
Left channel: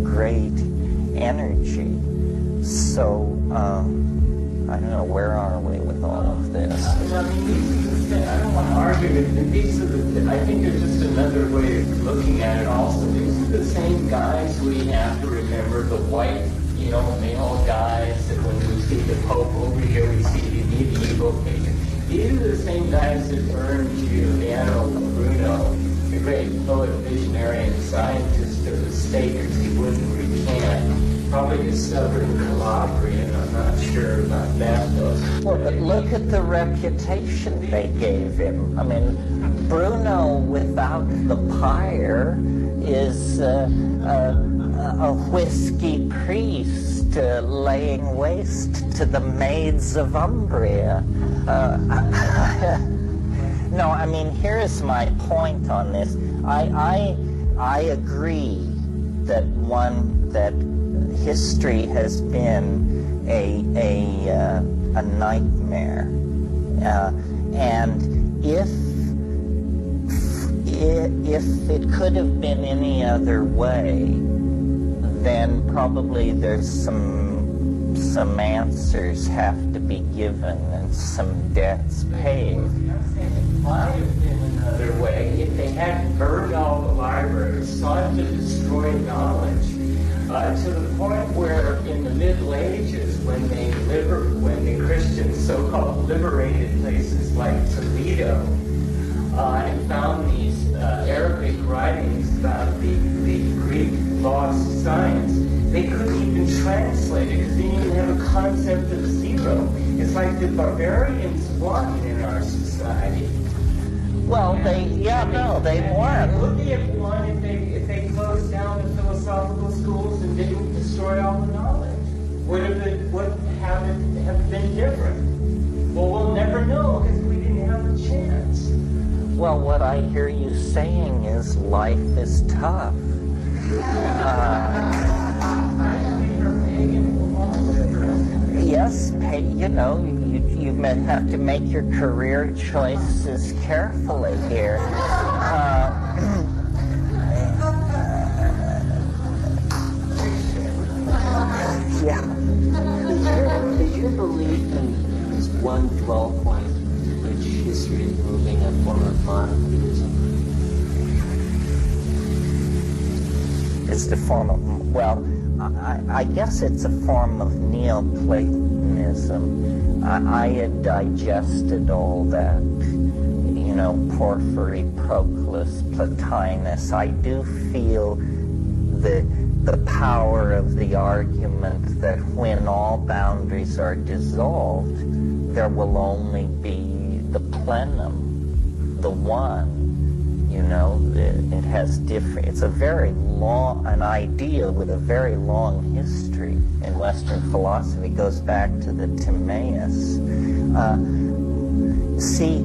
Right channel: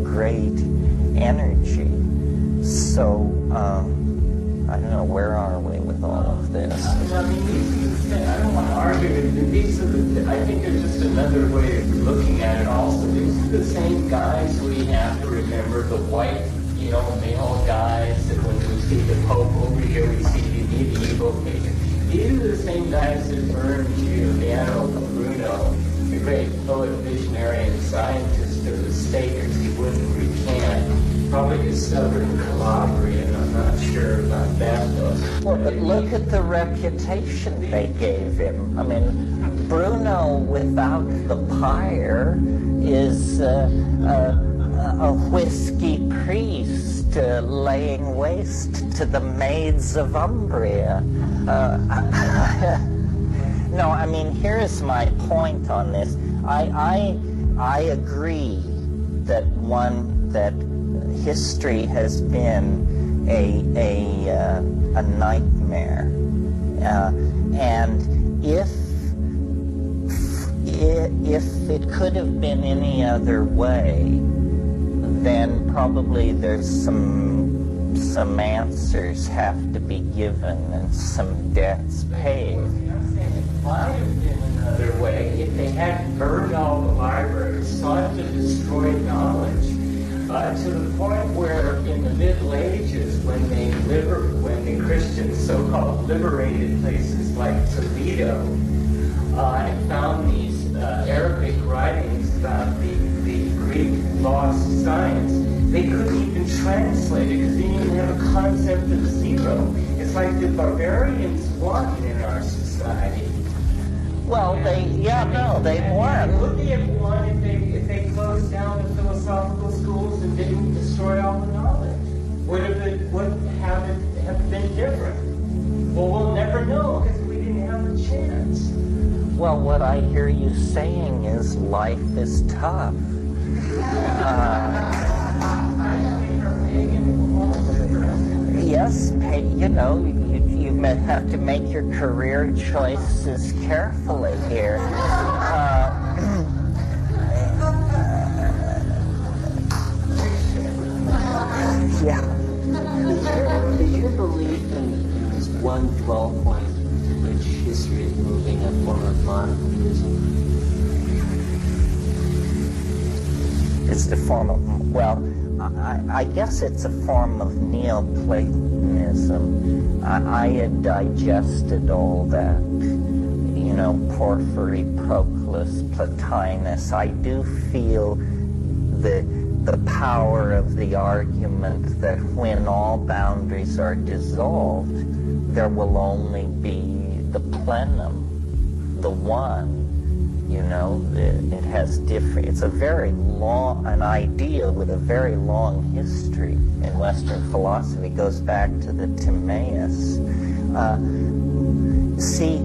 great energy. So, I don't know, where are we with all of this? I mean, I don't want to argue it. These are I think there's just another way of looking at it also. These are the same guys we have to remember, the white, you know, male guys, that when we see the Pope over here, we see the medieval figure. These are the same guys that burned Giuliano Bruno, the great poet, visionary, and scientist of the stake, because he wouldn't recant. Probably discovered in Calabria, and I'm not sure about that though. Well, but look at the reputation they gave him. I mean, Bruno without the pyre is a whiskey priest laying waste to the maids of Umbria. No, I mean, here's my point on this. I agree that history has been a nightmare, and if it could have been any other way, then probably there's some answers have to be given and some debts paid. It might have been another way if they hadn't burned all the libraries, sought to destroy knowledge. To the point where in the Middle Ages, when the Christians so-called liberated places like Toledo and found these Arabic writings about the Greek lost science, they couldn't even translate it because they didn't even have a concept of zero. It's like the barbarians won in our society. Well, they won. Would they have won if they closed down the philosophical schools and didn't destroy all the knowledge? Would it have been different? Well, we'll never know because we didn't have a chance. Well, what I hear you saying is life is tough. Yes, you know, you have to make your career choices carefully here. Yeah. Is your belief in this one dwell point to which history is moving a form of monotheism? It's the form of, well, I guess it's a form of Neoplatonism. I had digested all that, you know, Porphyry, Proclus, Plotinus. I do feel the power of the argument that when all boundaries are dissolved, there will only be the plenum, the one. You know, it has different, it's a very long, an idea with a very long history in Western philosophy. It goes back to the Timaeus. See,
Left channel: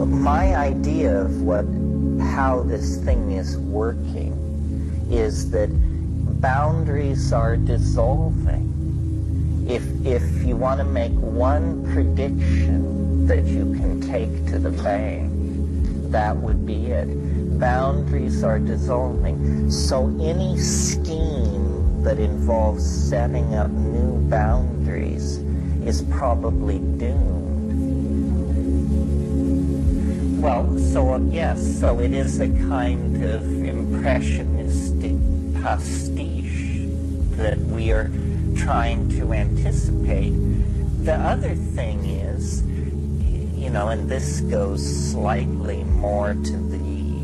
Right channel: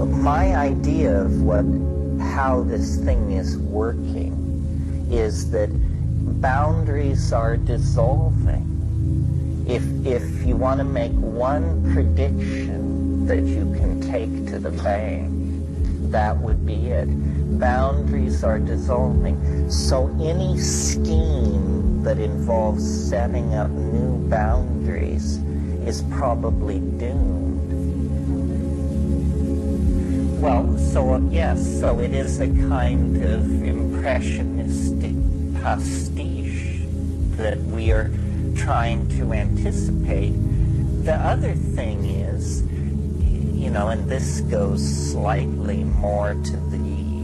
my idea of how this thing is working is that boundaries are dissolving. If you want to make one prediction that you can take to the bank, that would be it. Boundaries are dissolving. So any scheme that involves setting up new boundaries is probably doomed. Well, so yes, so it is a kind of impressionistic pastiche that we are trying to anticipate. The other thing is, you know, and this goes slightly more to the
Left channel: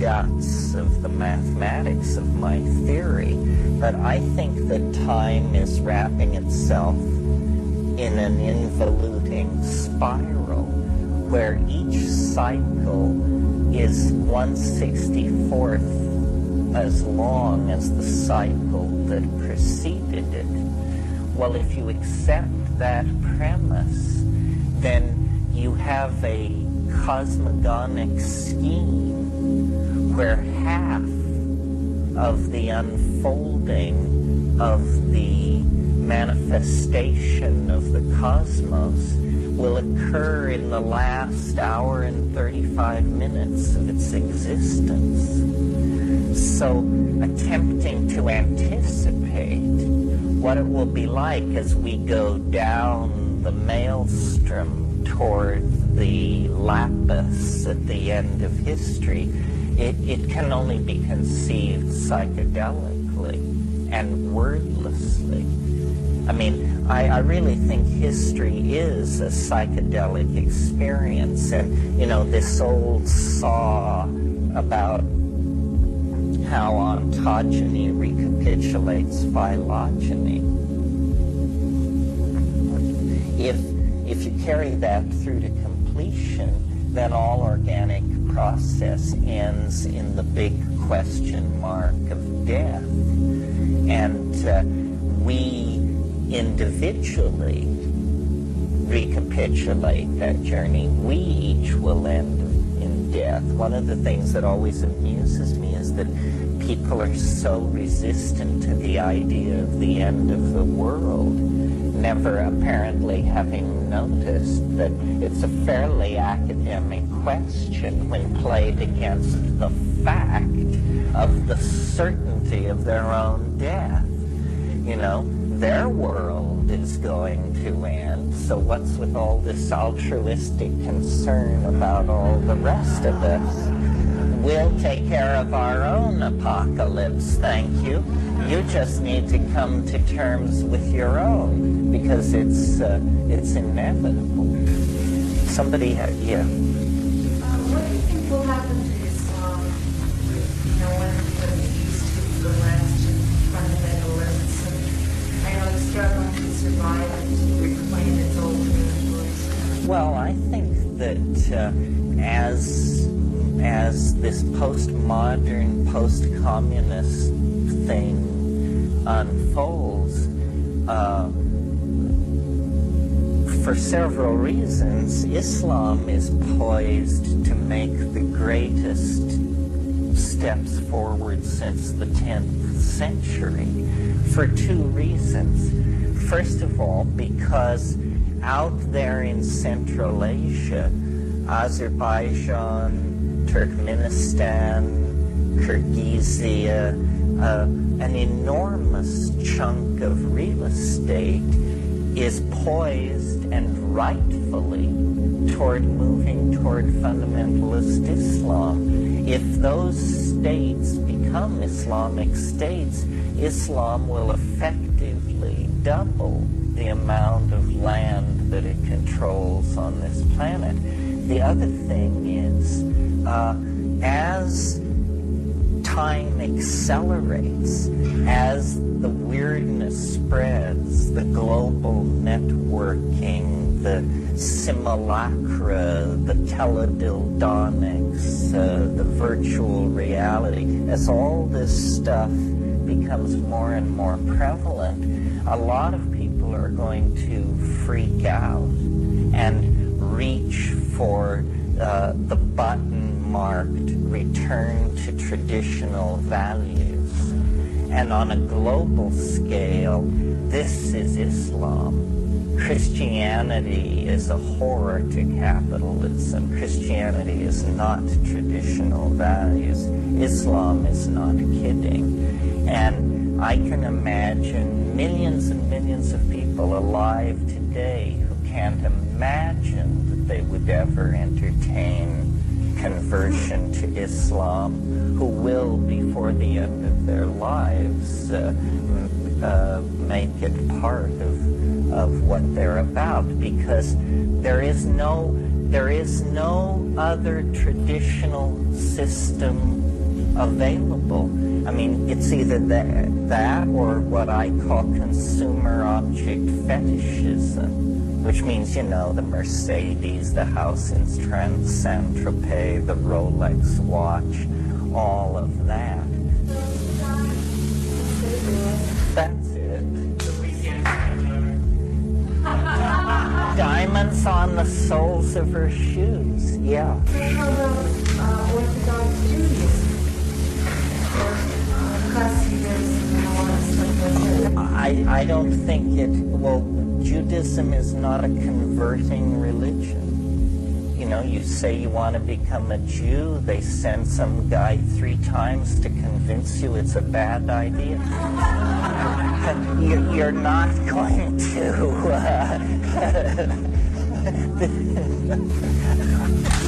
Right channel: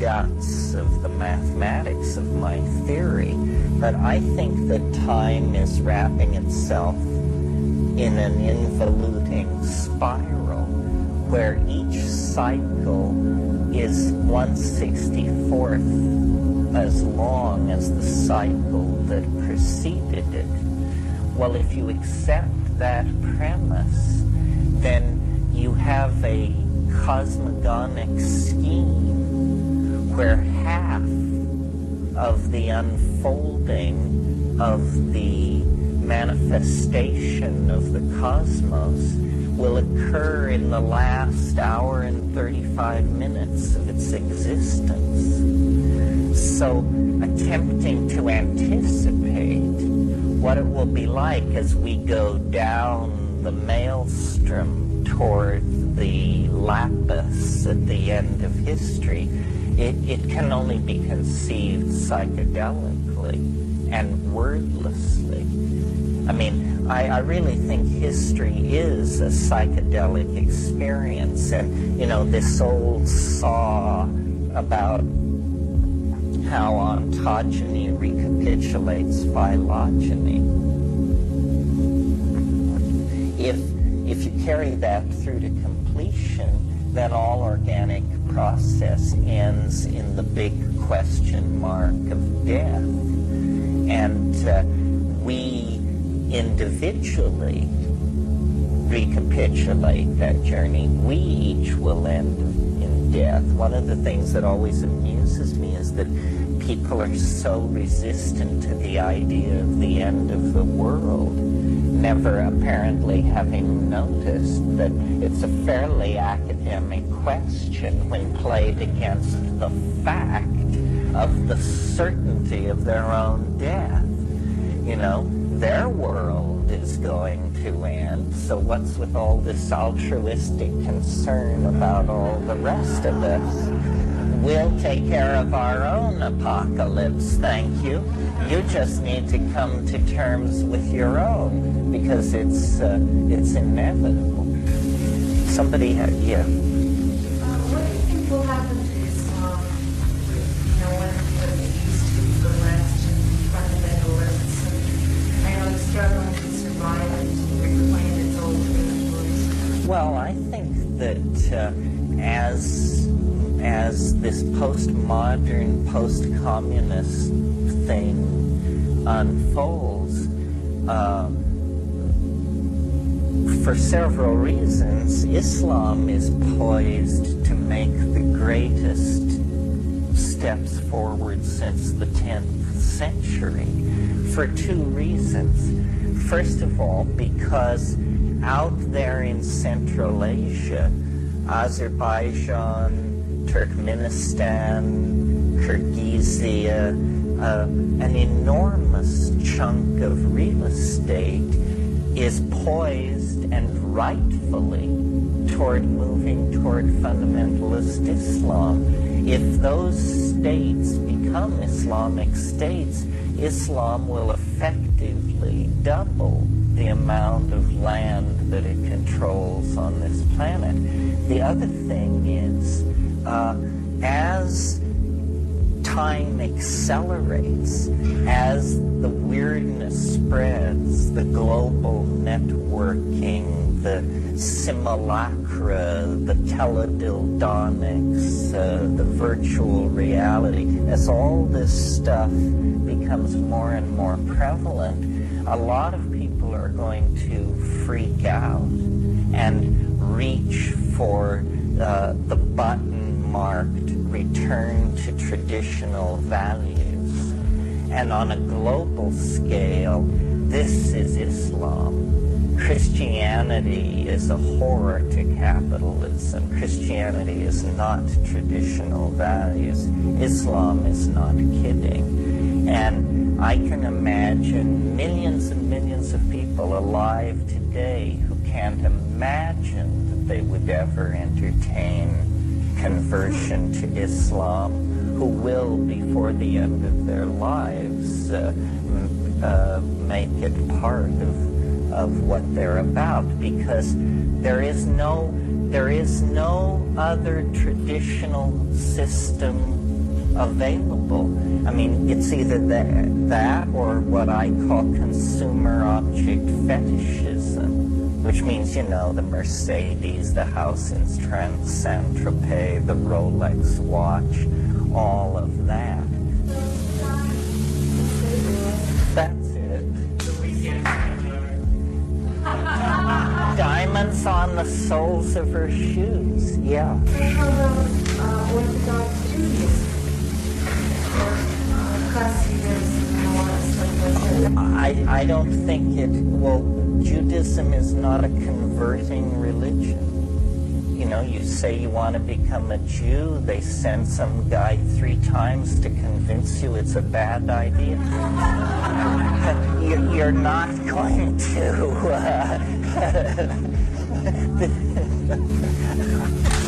guts of the mathematics of my theory, but I think that time is wrapping itself in an involuting spiral where each cycle is 1/64th as long as the cycle that preceded it. Well, if you accept that premise, then you have a cosmogonic scheme where half of the unfolding of the manifestation of the cosmos will occur in the last hour and 35 minutes of its existence. So attempting to anticipate what it will be like as we go down the maelstrom toward the lapis at the end of history, it can only be conceived psychedelically and wordlessly. I mean, I really think history is a psychedelic experience. And, you know, this old saw about how ontogeny recapitulates phylogeny. If you carry that through to completion, then all organic process ends in the big question mark of death. And we individually recapitulate that journey. We each will end in death. One of the things that always amuses me is that people are so resistant to the idea of the end of the world, never apparently having noticed that it's a fairly academic question when played against the fact of the certainty of their own death. You know, their world is going to end, so what's with all this altruistic concern about all the rest of us? We'll take care of our own apocalypse, thank you. You just need to come to terms with your own, because it's inevitable. Somebody had, yeah. What do you think will happen to Islam, you know, when it used to be the last fundamentalists? I know it's struggling to survive and to reclaim its old territories. Well, I think that as this postmodern, post-communist thing unfolds, for several reasons, Islam is poised to make the greatest steps forward since the 10th century for two reasons. First of all, because out there in Central Asia, Azerbaijan, Turkmenistan, Kyrgyzia, an enormous chunk of real estate is poised and rightfully toward moving toward fundamentalist Islam. If those states become Islamic states, Islam will effectively double the amount of land that it controls on this planet. The other thing is, as time accelerates, as the weirdness spreads, the global networking, the simulacra, the teledildonics, the virtual reality, as all this stuff becomes more and more prevalent, a lot of people are going to freak out and reach for the button-marked return to traditional values. And on a global scale, this is Islam. Christianity is a horror to capitalism. Christianity is not traditional values. Islam is not kidding. And I can imagine millions and millions of people alive today who can't imagine that they would ever entertain conversion to Islam, who will, before the end of their lives, make it part of what they're about, because there is no other traditional system available. I mean, it's either that or what I call consumer object fetishism, which means, you know, the Mercedes, the house in Saint-Tropez, the Rolex watch, all of that. That's it. Diamonds on the soles of her shoes, yeah. How about Orthodox Judaism? I don't think Judaism is not a converting religion. You know, you say you want to become a Jew, they send some guy 3 times to convince you it's a bad idea. You're not going to.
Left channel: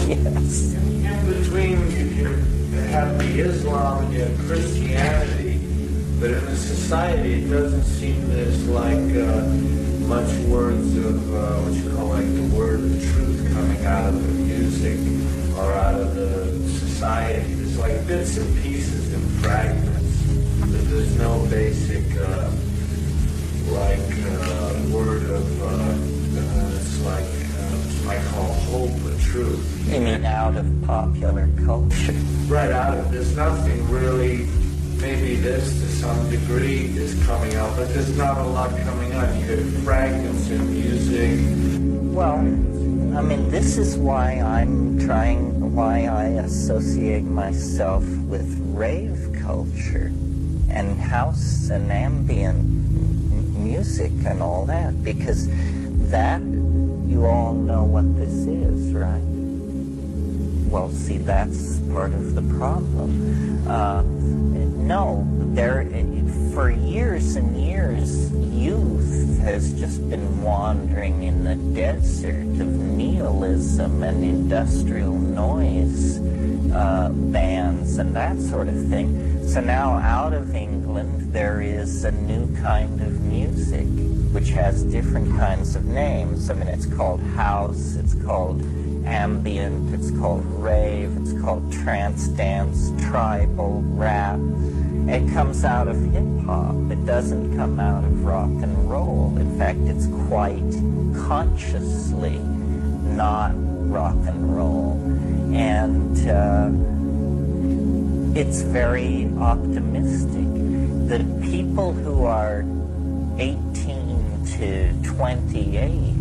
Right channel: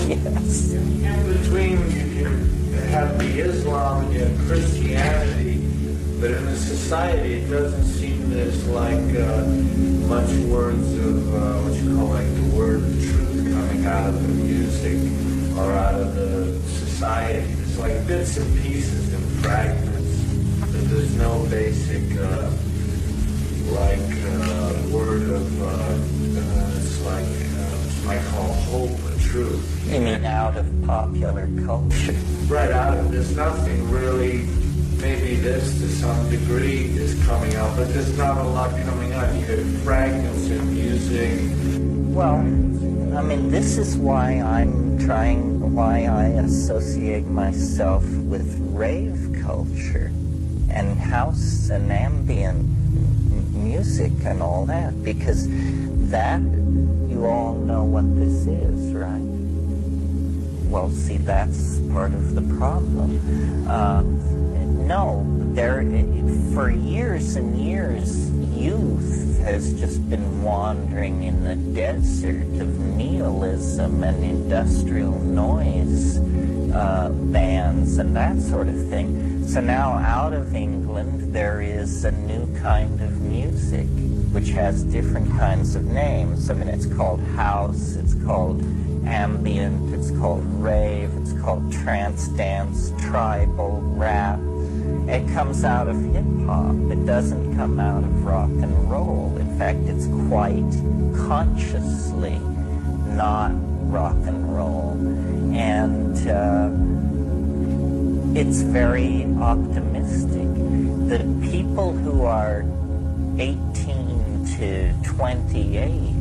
Yes. In between, you have the Islam and you have Christianity, but in a society it doesn't seem there's like much words of what you call like the word of truth coming out of the music or out of the society. There's like bits and pieces and fragments, but there's no basic word of it's like I call hope or truth. You mean out of popular culture? Right, there's nothing really. Maybe this to some degree is coming out, but there's not a lot coming out. You get fragments in music. Well, I mean, this is why why I associate myself with rave culture and house and ambient music and all that, because that, you all know what this is, right? Well, see, that's part of the problem. No, for years and years, youth has just been wandering in the desert of nihilism and industrial noise bands and that sort of thing. So now out of England, there is a new kind of music, which has different kinds of names. I mean, it's called house, it's called ambient, it's called rave, it's called trance dance, tribal, rap. It comes out of hip-hop. It doesn't come out of rock and roll. In fact, it's quite consciously not rock and roll. And it's very optimistic. The people who are 18 to 28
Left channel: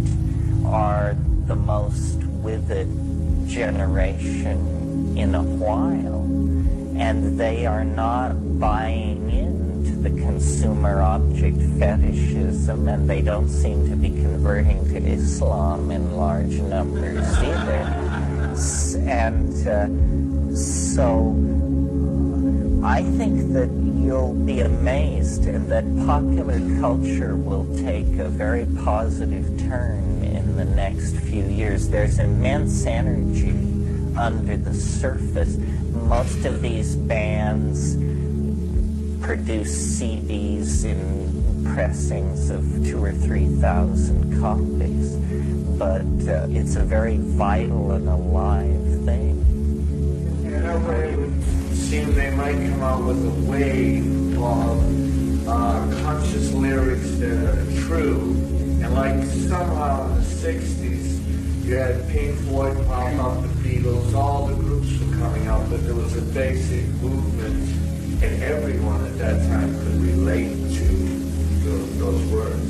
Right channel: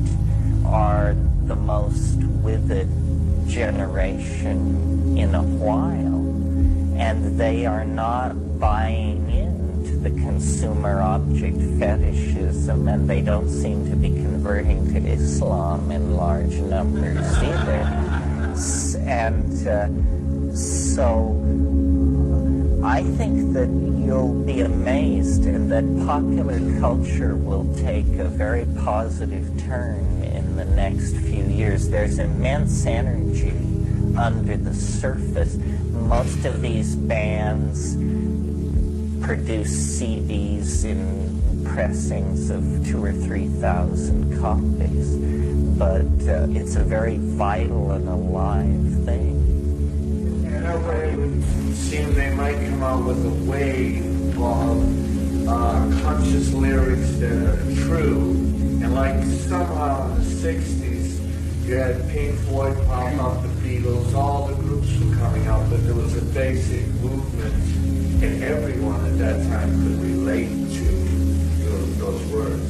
are the most with it generation in a while, and they are not buying into the consumer object fetishism, and they don't seem to be converting to Islam in large numbers either. And so I think that you'll be amazed, and that popular culture will take a very positive turn in the next few years. There's immense energy under the surface. Most of these bands produce CDs in pressings of 2,000 or 3,000 copies, but it's a very vital and alive thing. And that way it would seem they might come out with a wave of conscious lyrics that are true, and like somehow in the 60s you had Pink Floyd pop up, the Beatles, all the groups were coming out, but there was a basic movement, and everyone at that time could relate to those words.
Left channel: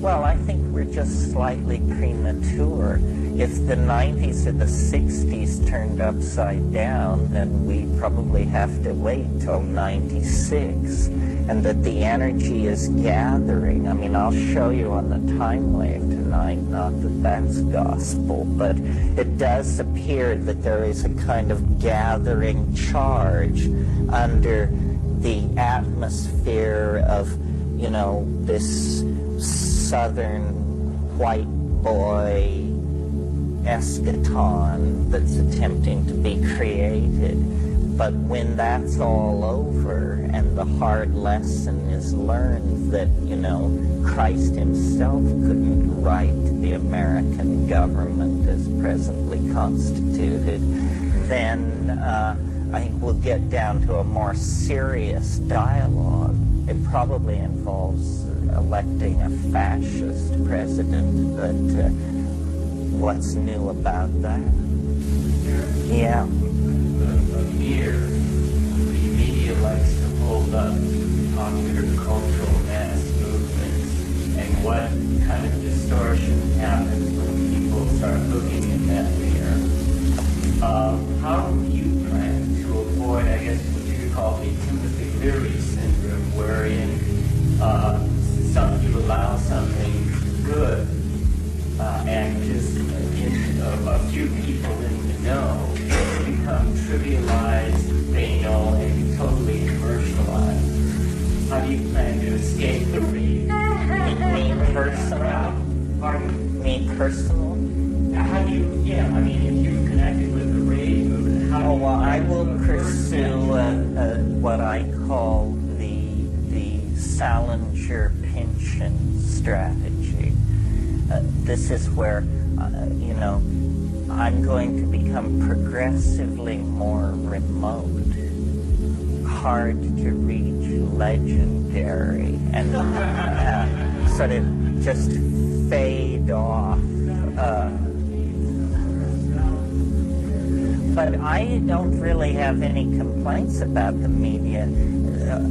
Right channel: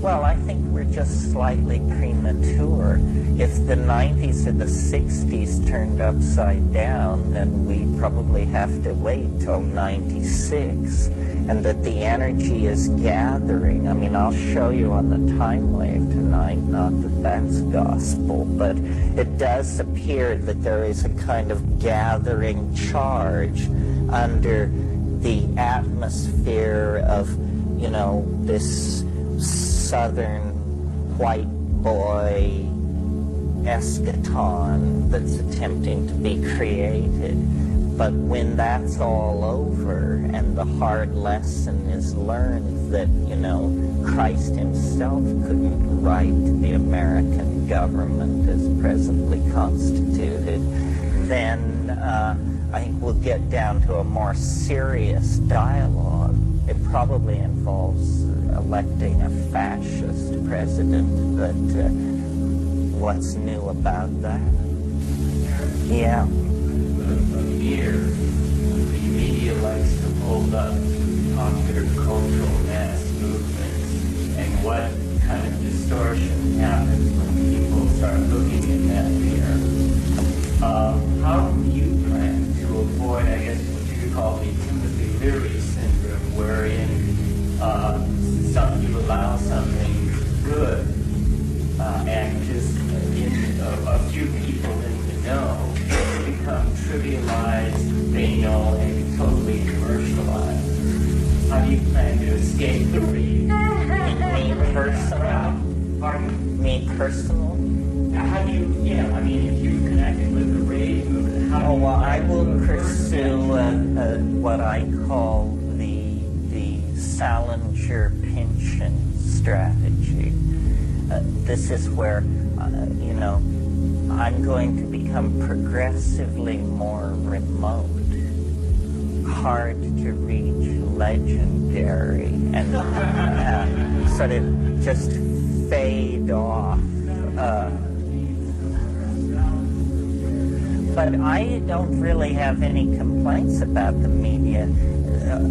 Well, I think we're just slightly premature. If the 90s or the 60s turned upside down, then we probably have to wait till 96. And that the energy is gathering. I mean, I'll show you on the time wave tonight, not that that's gospel, but it does appear that there is a kind of gathering charge under the atmosphere of, you know, this southern white boy eschaton that's attempting to be created. But when that's all over and the hard lesson is learned that, you know, Christ himself couldn't right the American government as presently constituted, then I think we'll get down to a more serious dialogue. It probably involves electing a fascist president, but what's new about that? Yeah. Here, the media likes to hold up popular cultural mass movements, and what kind of distortion happens when people start looking in that mirror. How do you plan to avoid, I guess, what you could call the Timothy Leary syndrome, wherein you allow something good and just a few people in the know become trivialized, banal, and totally commercialized? How do you plan to escape the read? Me personally? Pardon? Me personally? How do you, I mean, if you connected with the rave movement, how do you... well, I will pursue what I call the Salinger-Pynchon strategy. This is where, you know, I'm going to become progressively more remote, hard to reach, legendary, and sort of just fade off. But I don't really have any complaints about the media.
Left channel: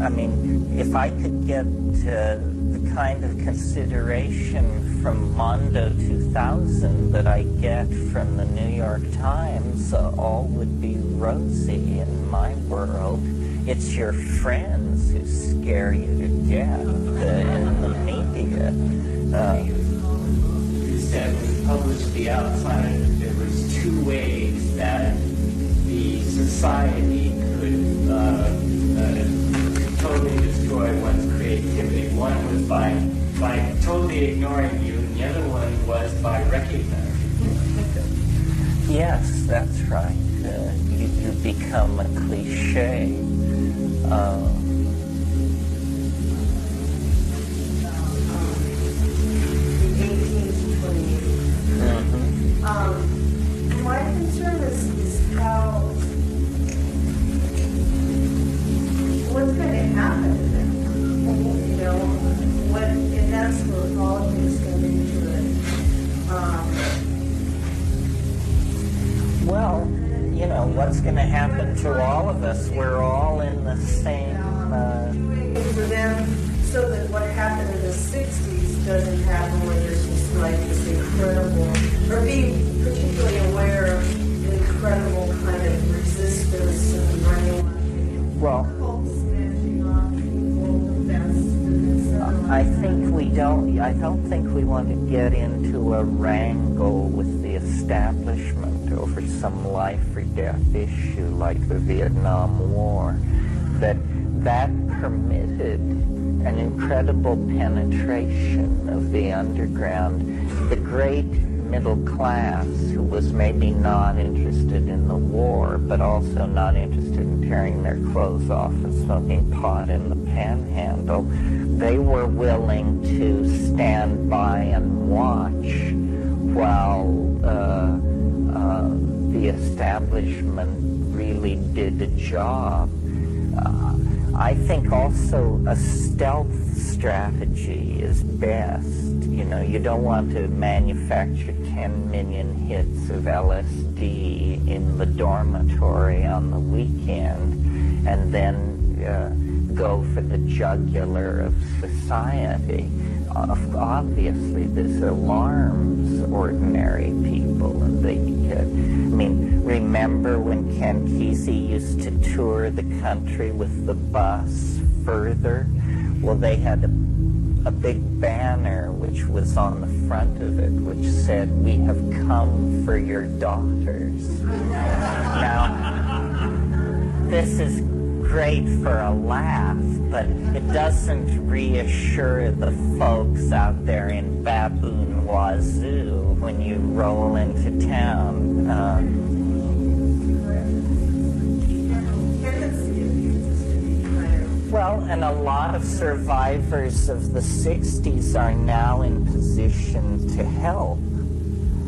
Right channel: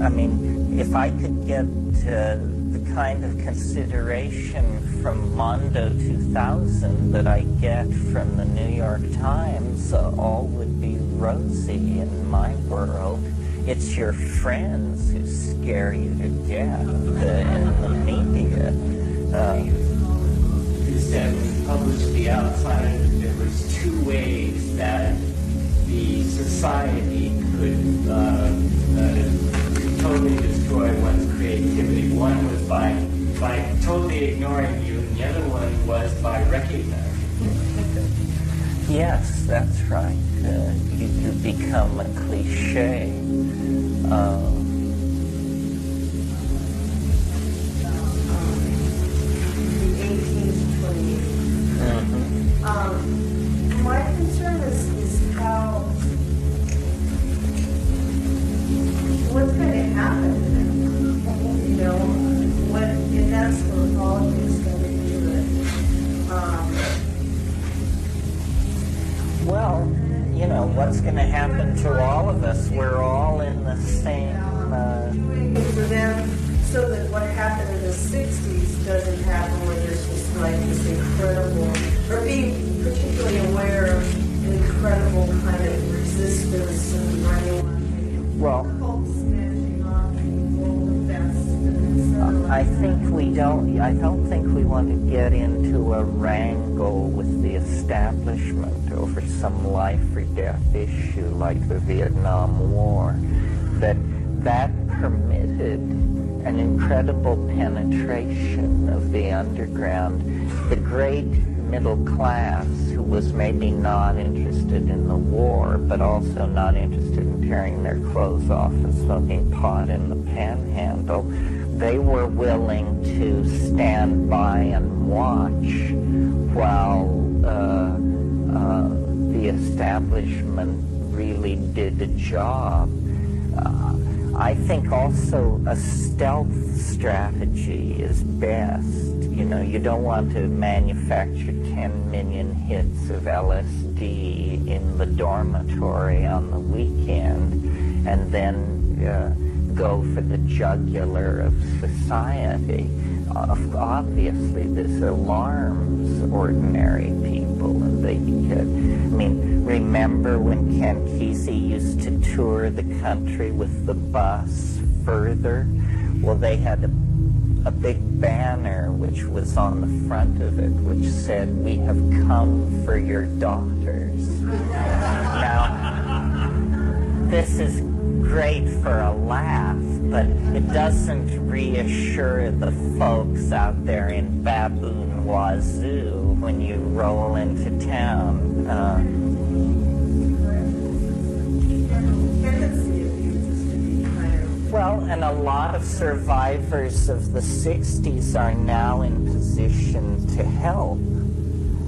I mean, if I could get the kind of consideration from Mondo 2000 that I get from the New York Times, all would be rosy in my world. It's your friends who scare you to death in the media. You said when you published The Outsider, there was two ways that the society could totally destroy one's creativity. One was by totally ignoring you, and the other one was by recognizing you. Yes, that's right. You become a cliche. The 18 to 28. My concern is how, what's going to happen to them? You know, and that's where politics come into it. Well, you know, what's going to happen to all of us? We're all in the same... For them, so that what happened in the 60s doesn't happen, where there's just like this incredible, or being particularly aware of the incredible kind of resistance and running. Well, I don't think we want to get into a wrangle with the establishment over some life or death issue like the Vietnam War. That permitted an incredible penetration of the underground. The great middle class, who was maybe not interested in the war, but also not interested in tearing their clothes off and smoking pot in the panhandle, they were willing to stand by and watch while the establishment really did a job. I think also a stealth strategy is best. You know, you don't want to manufacture 10 million hits of LSD in the dormitory on the weekend and then go for the jugular of society. Obviously, this alarms ordinary people, and they get... I mean, remember when Ken Kesey used to tour the country with the bus further? Well, they had a big banner which was on the front of it, which said, "We have come for your daughters." Now, this is great for a laugh, but it doesn't reassure the folks out there in Baboon Wazoo when you roll into town. Well, and a lot of survivors of the 60s are now in position to help.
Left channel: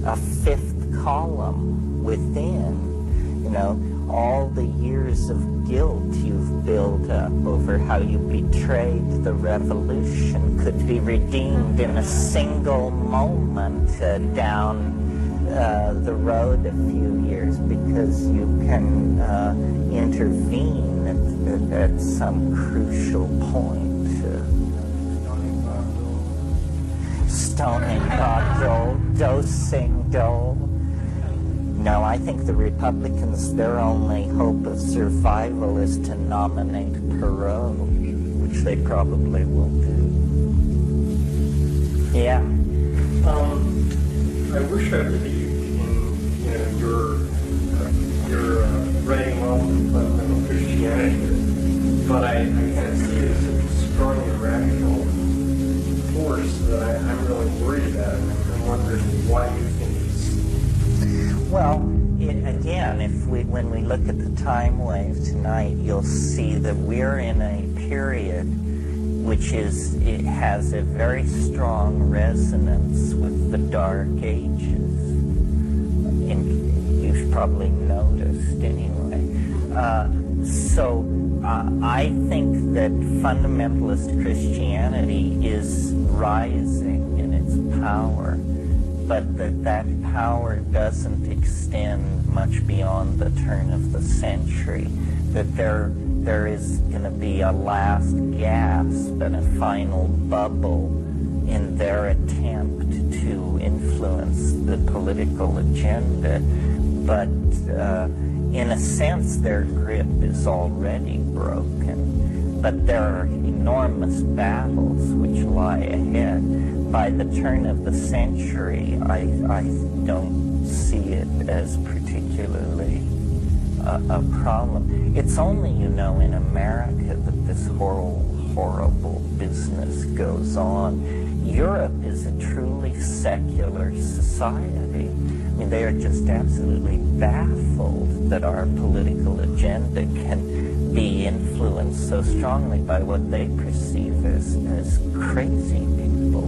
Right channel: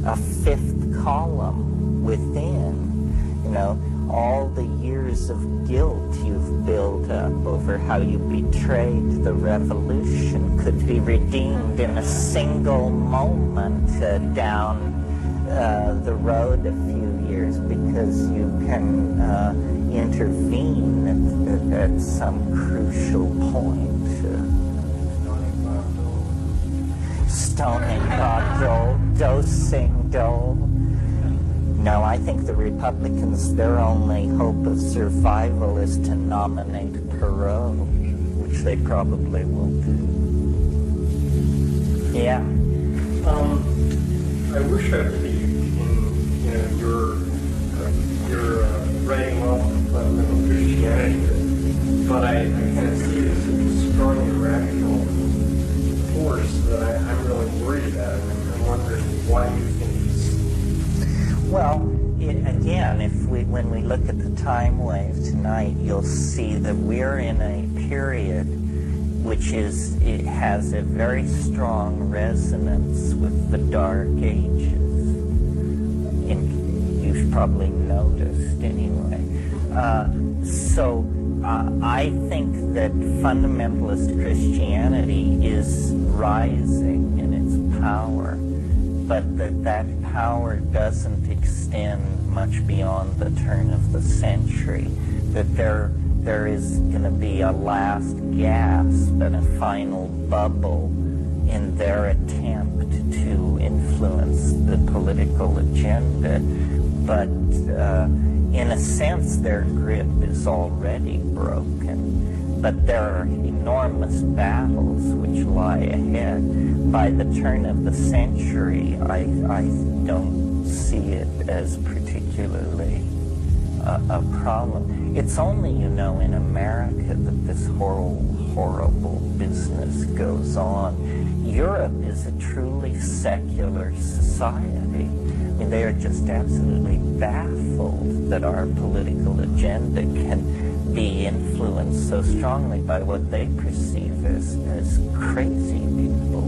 A fifth column within, you know, all the years of guilt you've built up over how you betrayed the revolution could be redeemed in a single moment down the road a few years, because you can intervene at some crucial point. Stoning Bob Dole, dosing Dole. No, I think the Republicans, their only hope of survival is to nominate Perot, which they probably will do. Yeah. I wish I believed in your writing off of fundamental Christianity, but I kind of see it as a strong irrational force that I'm really worried about, and I'm wondering why you think it's... Well, again, when we look at the time wave tonight, you'll see that we're in a period which it has a very strong resonance with the Dark Ages. You've probably noticed anyway. So I think that fundamentalist Christianity is rising in its power, but that power doesn't extend much beyond the turn of the century, that there is going to be a last gasp and a final bubble in their attempt to influence the political agenda. But in a sense, their grip is already broken. But there are enormous battles which lie ahead. By the turn of the century, I don't see it as particularly a problem. It's only, in America that this horrible business goes on. Europe is a truly secular society. I mean, they are just absolutely baffled that our political agenda can be influenced so strongly by what they perceive as crazy people.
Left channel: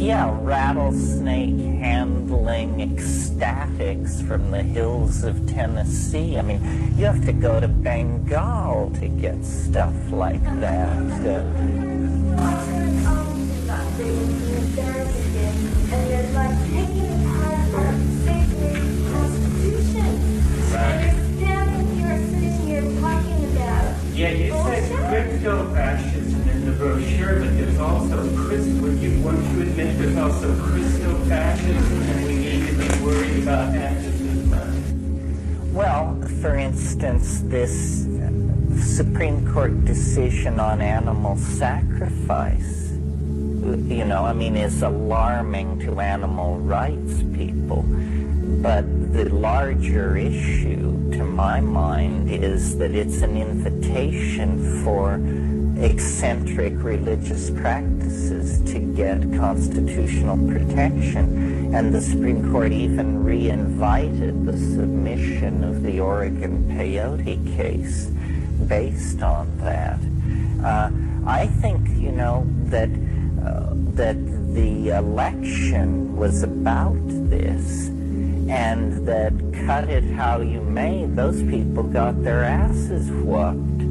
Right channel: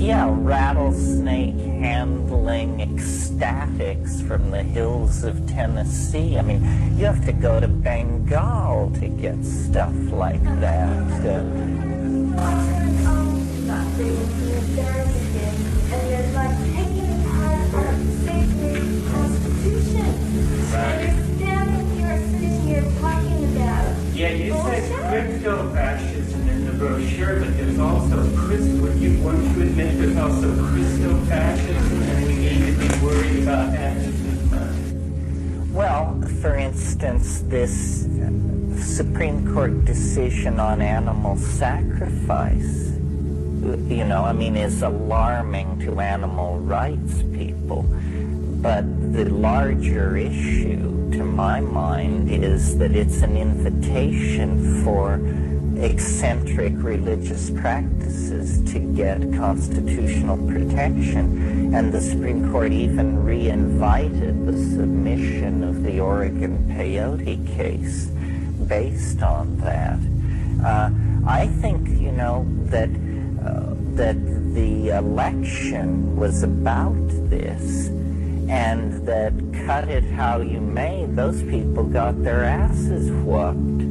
Yeah, rattlesnake handling ecstatics from the hills of Tennessee. I mean, you have to go to Bengal to get stuff like that. And there's like taking apart our crypto-fascism in the brochure, but there's also wouldn't you admit there's also Christo-fascism, and we need to be worried about that just as much? Well, for instance, this Supreme Court decision on animal sacrifice, is alarming to animal rights people. But the larger issue, to my mind, is that it's an invitation for eccentric religious practices to get constitutional protection. And the Supreme Court even re-invited the submission of the Oregon peyote case based on that. I think, that the election was about this, and that cut it how you may, those people got their asses whooped.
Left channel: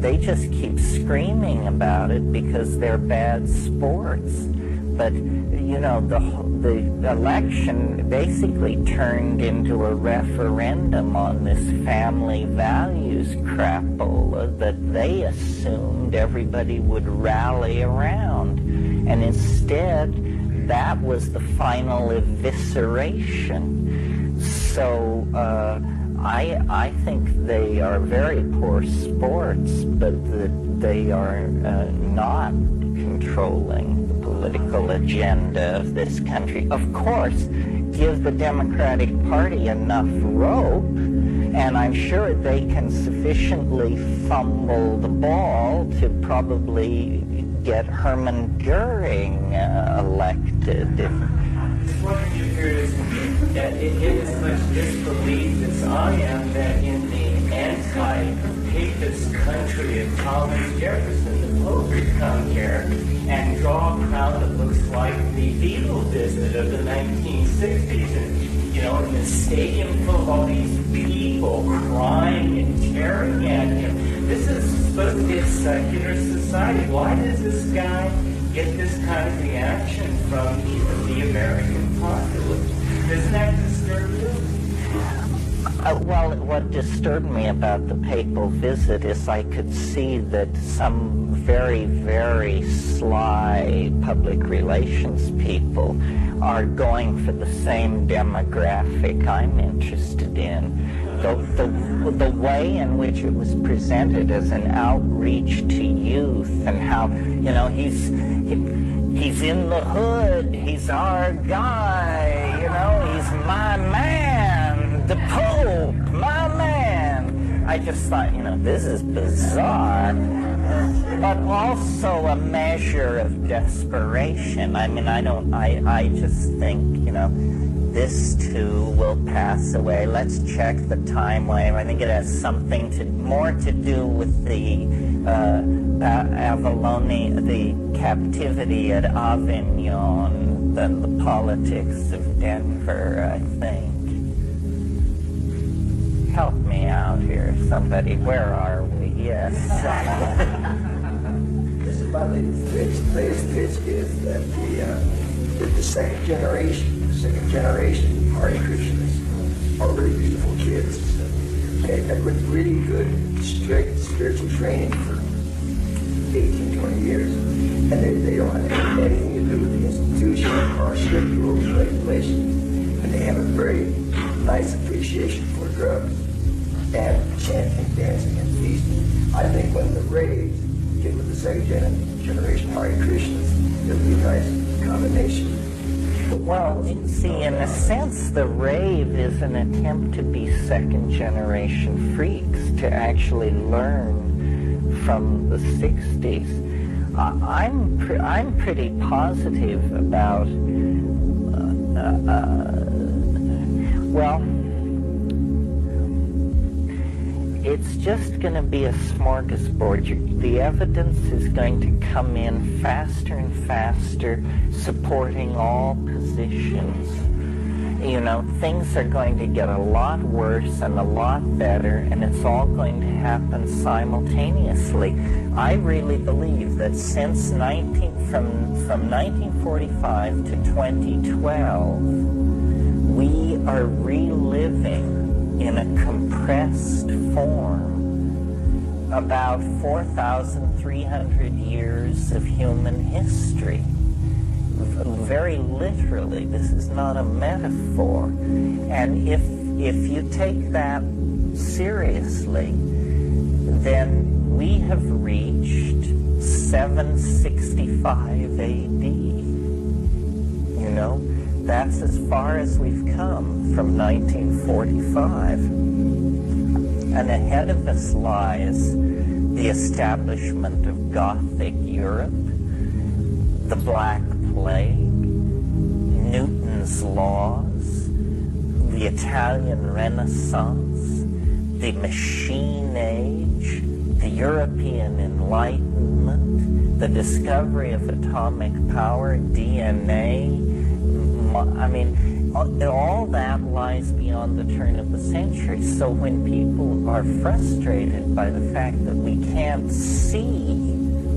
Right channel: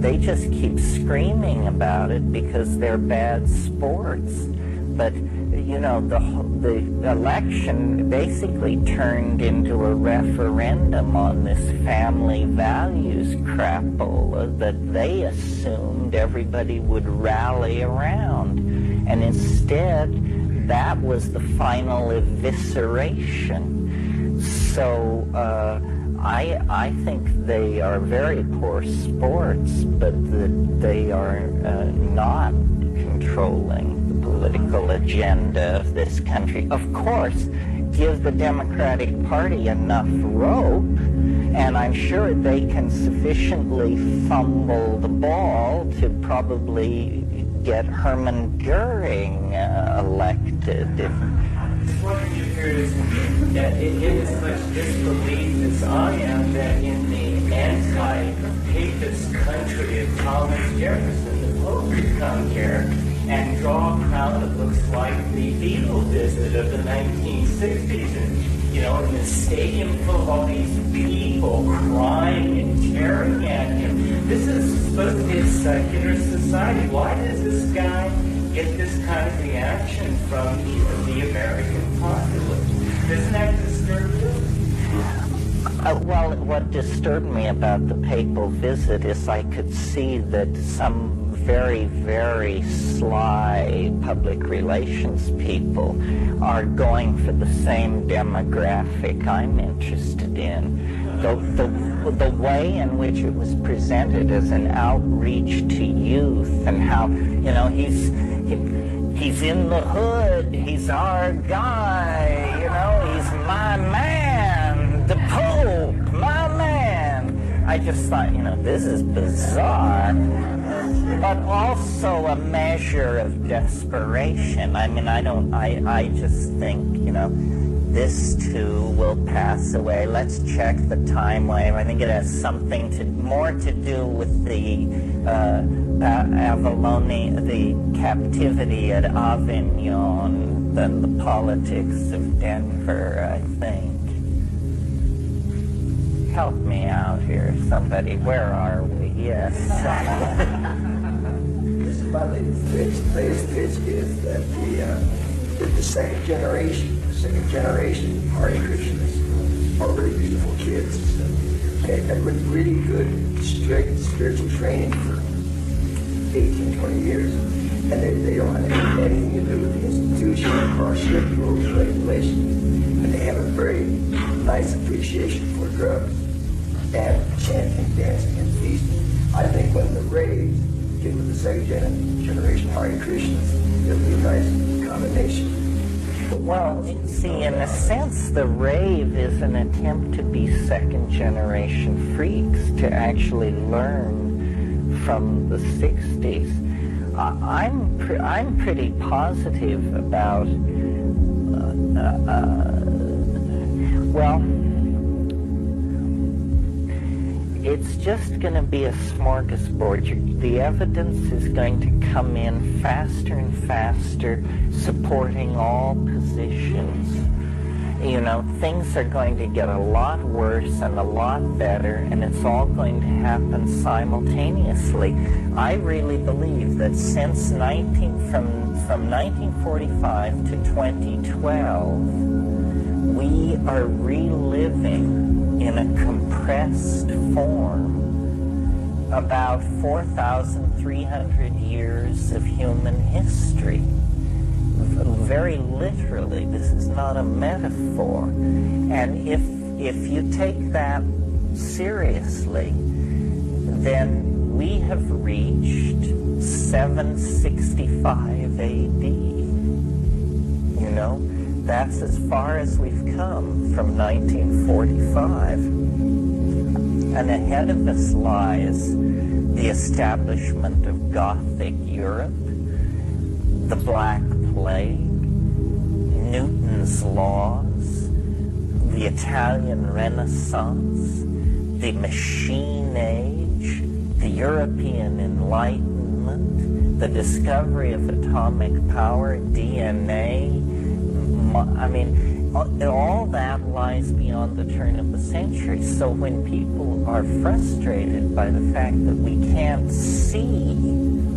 They just keep screaming about it because they're bad sports. But, the election basically turned into a referendum on this family values crapola that they assumed everybody would rally around. And instead, that was the final evisceration. So I think they are very poor sports, but they are not controlling the political agenda of this country. Of course, give the Democratic Party enough rope, and I'm sure they can sufficiently fumble the ball to probably get Herman Goering elected. What you hear is that it is as much disbelief as I am that in the anti-papist country of Thomas Jefferson, the Pope would come here and draw a crowd that looks like the Beatle visit of the 1960s. And, in the stadium full of all these people crying and tearing at him. This is supposed to be a secular society. Why does this guy get this kind of reaction from the American populace? Doesn't that disturb you? Well, what disturbed me about the papal visit is I could see that some very, very sly public relations people are going for the same demographic I'm interested in. The way in which it was presented as an outreach to youth, and how, he's in the hood, he's our guy, he's my man, the Pope, my man. I just thought, this is bizarre, but also a measure of desperation. I just think, this too will pass away. Let's check the time wave. I think it has something more to do with the the captivity at Avignon than the politics of Denver, I think. Help me out here, somebody. Where are we? Yes. This is my latest pitch. The latest pitch is that the second generation Hare Krishnas are really beautiful kids. Okay, and with really good, strict spiritual training for 18, 20 years. And they don't have anything to do with the institution or strict rules and regulations. And they have a very nice appreciation for drugs and chanting, dancing, and feasting. I think when the raves get with the second generation Hare Krishnas, it'll be a nice combination. Well, see, in a sense, the rave is an attempt to be second-generation freaks, to actually learn from the 60s. I'm pretty positive about, it's just going to be a smorgasbord. The evidence is going to come in faster and faster, supporting all positions. Things are going to get a lot worse and a lot better, and it's all going to happen simultaneously. I really believe that since from 1945 to 2012, we are reliving in a compressed form about 4,300 years of human history. Very literally, this is not a metaphor. And if you take that seriously, then we have reached 765 AD. You know, that's as far as we've come from 1945. And ahead of us lies the establishment of Gothic Europe, the Black Plague, Newton's laws, the Italian Renaissance, the Machine Age, the European Enlightenment, the discovery of atomic power, DNA. I mean, all that lies beyond the turn of the century. So when people are frustrated by the fact that we can't see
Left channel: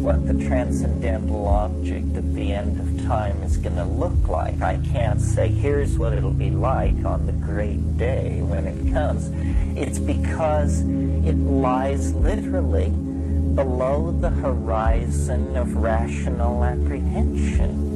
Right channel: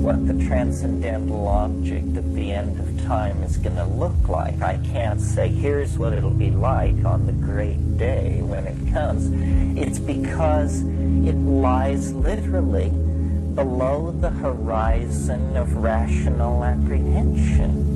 what the transcendental object at the end of time is going to look like, I can't say, here's what it'll be like on the great day when it comes. It's because it lies literally below the horizon of rational apprehension.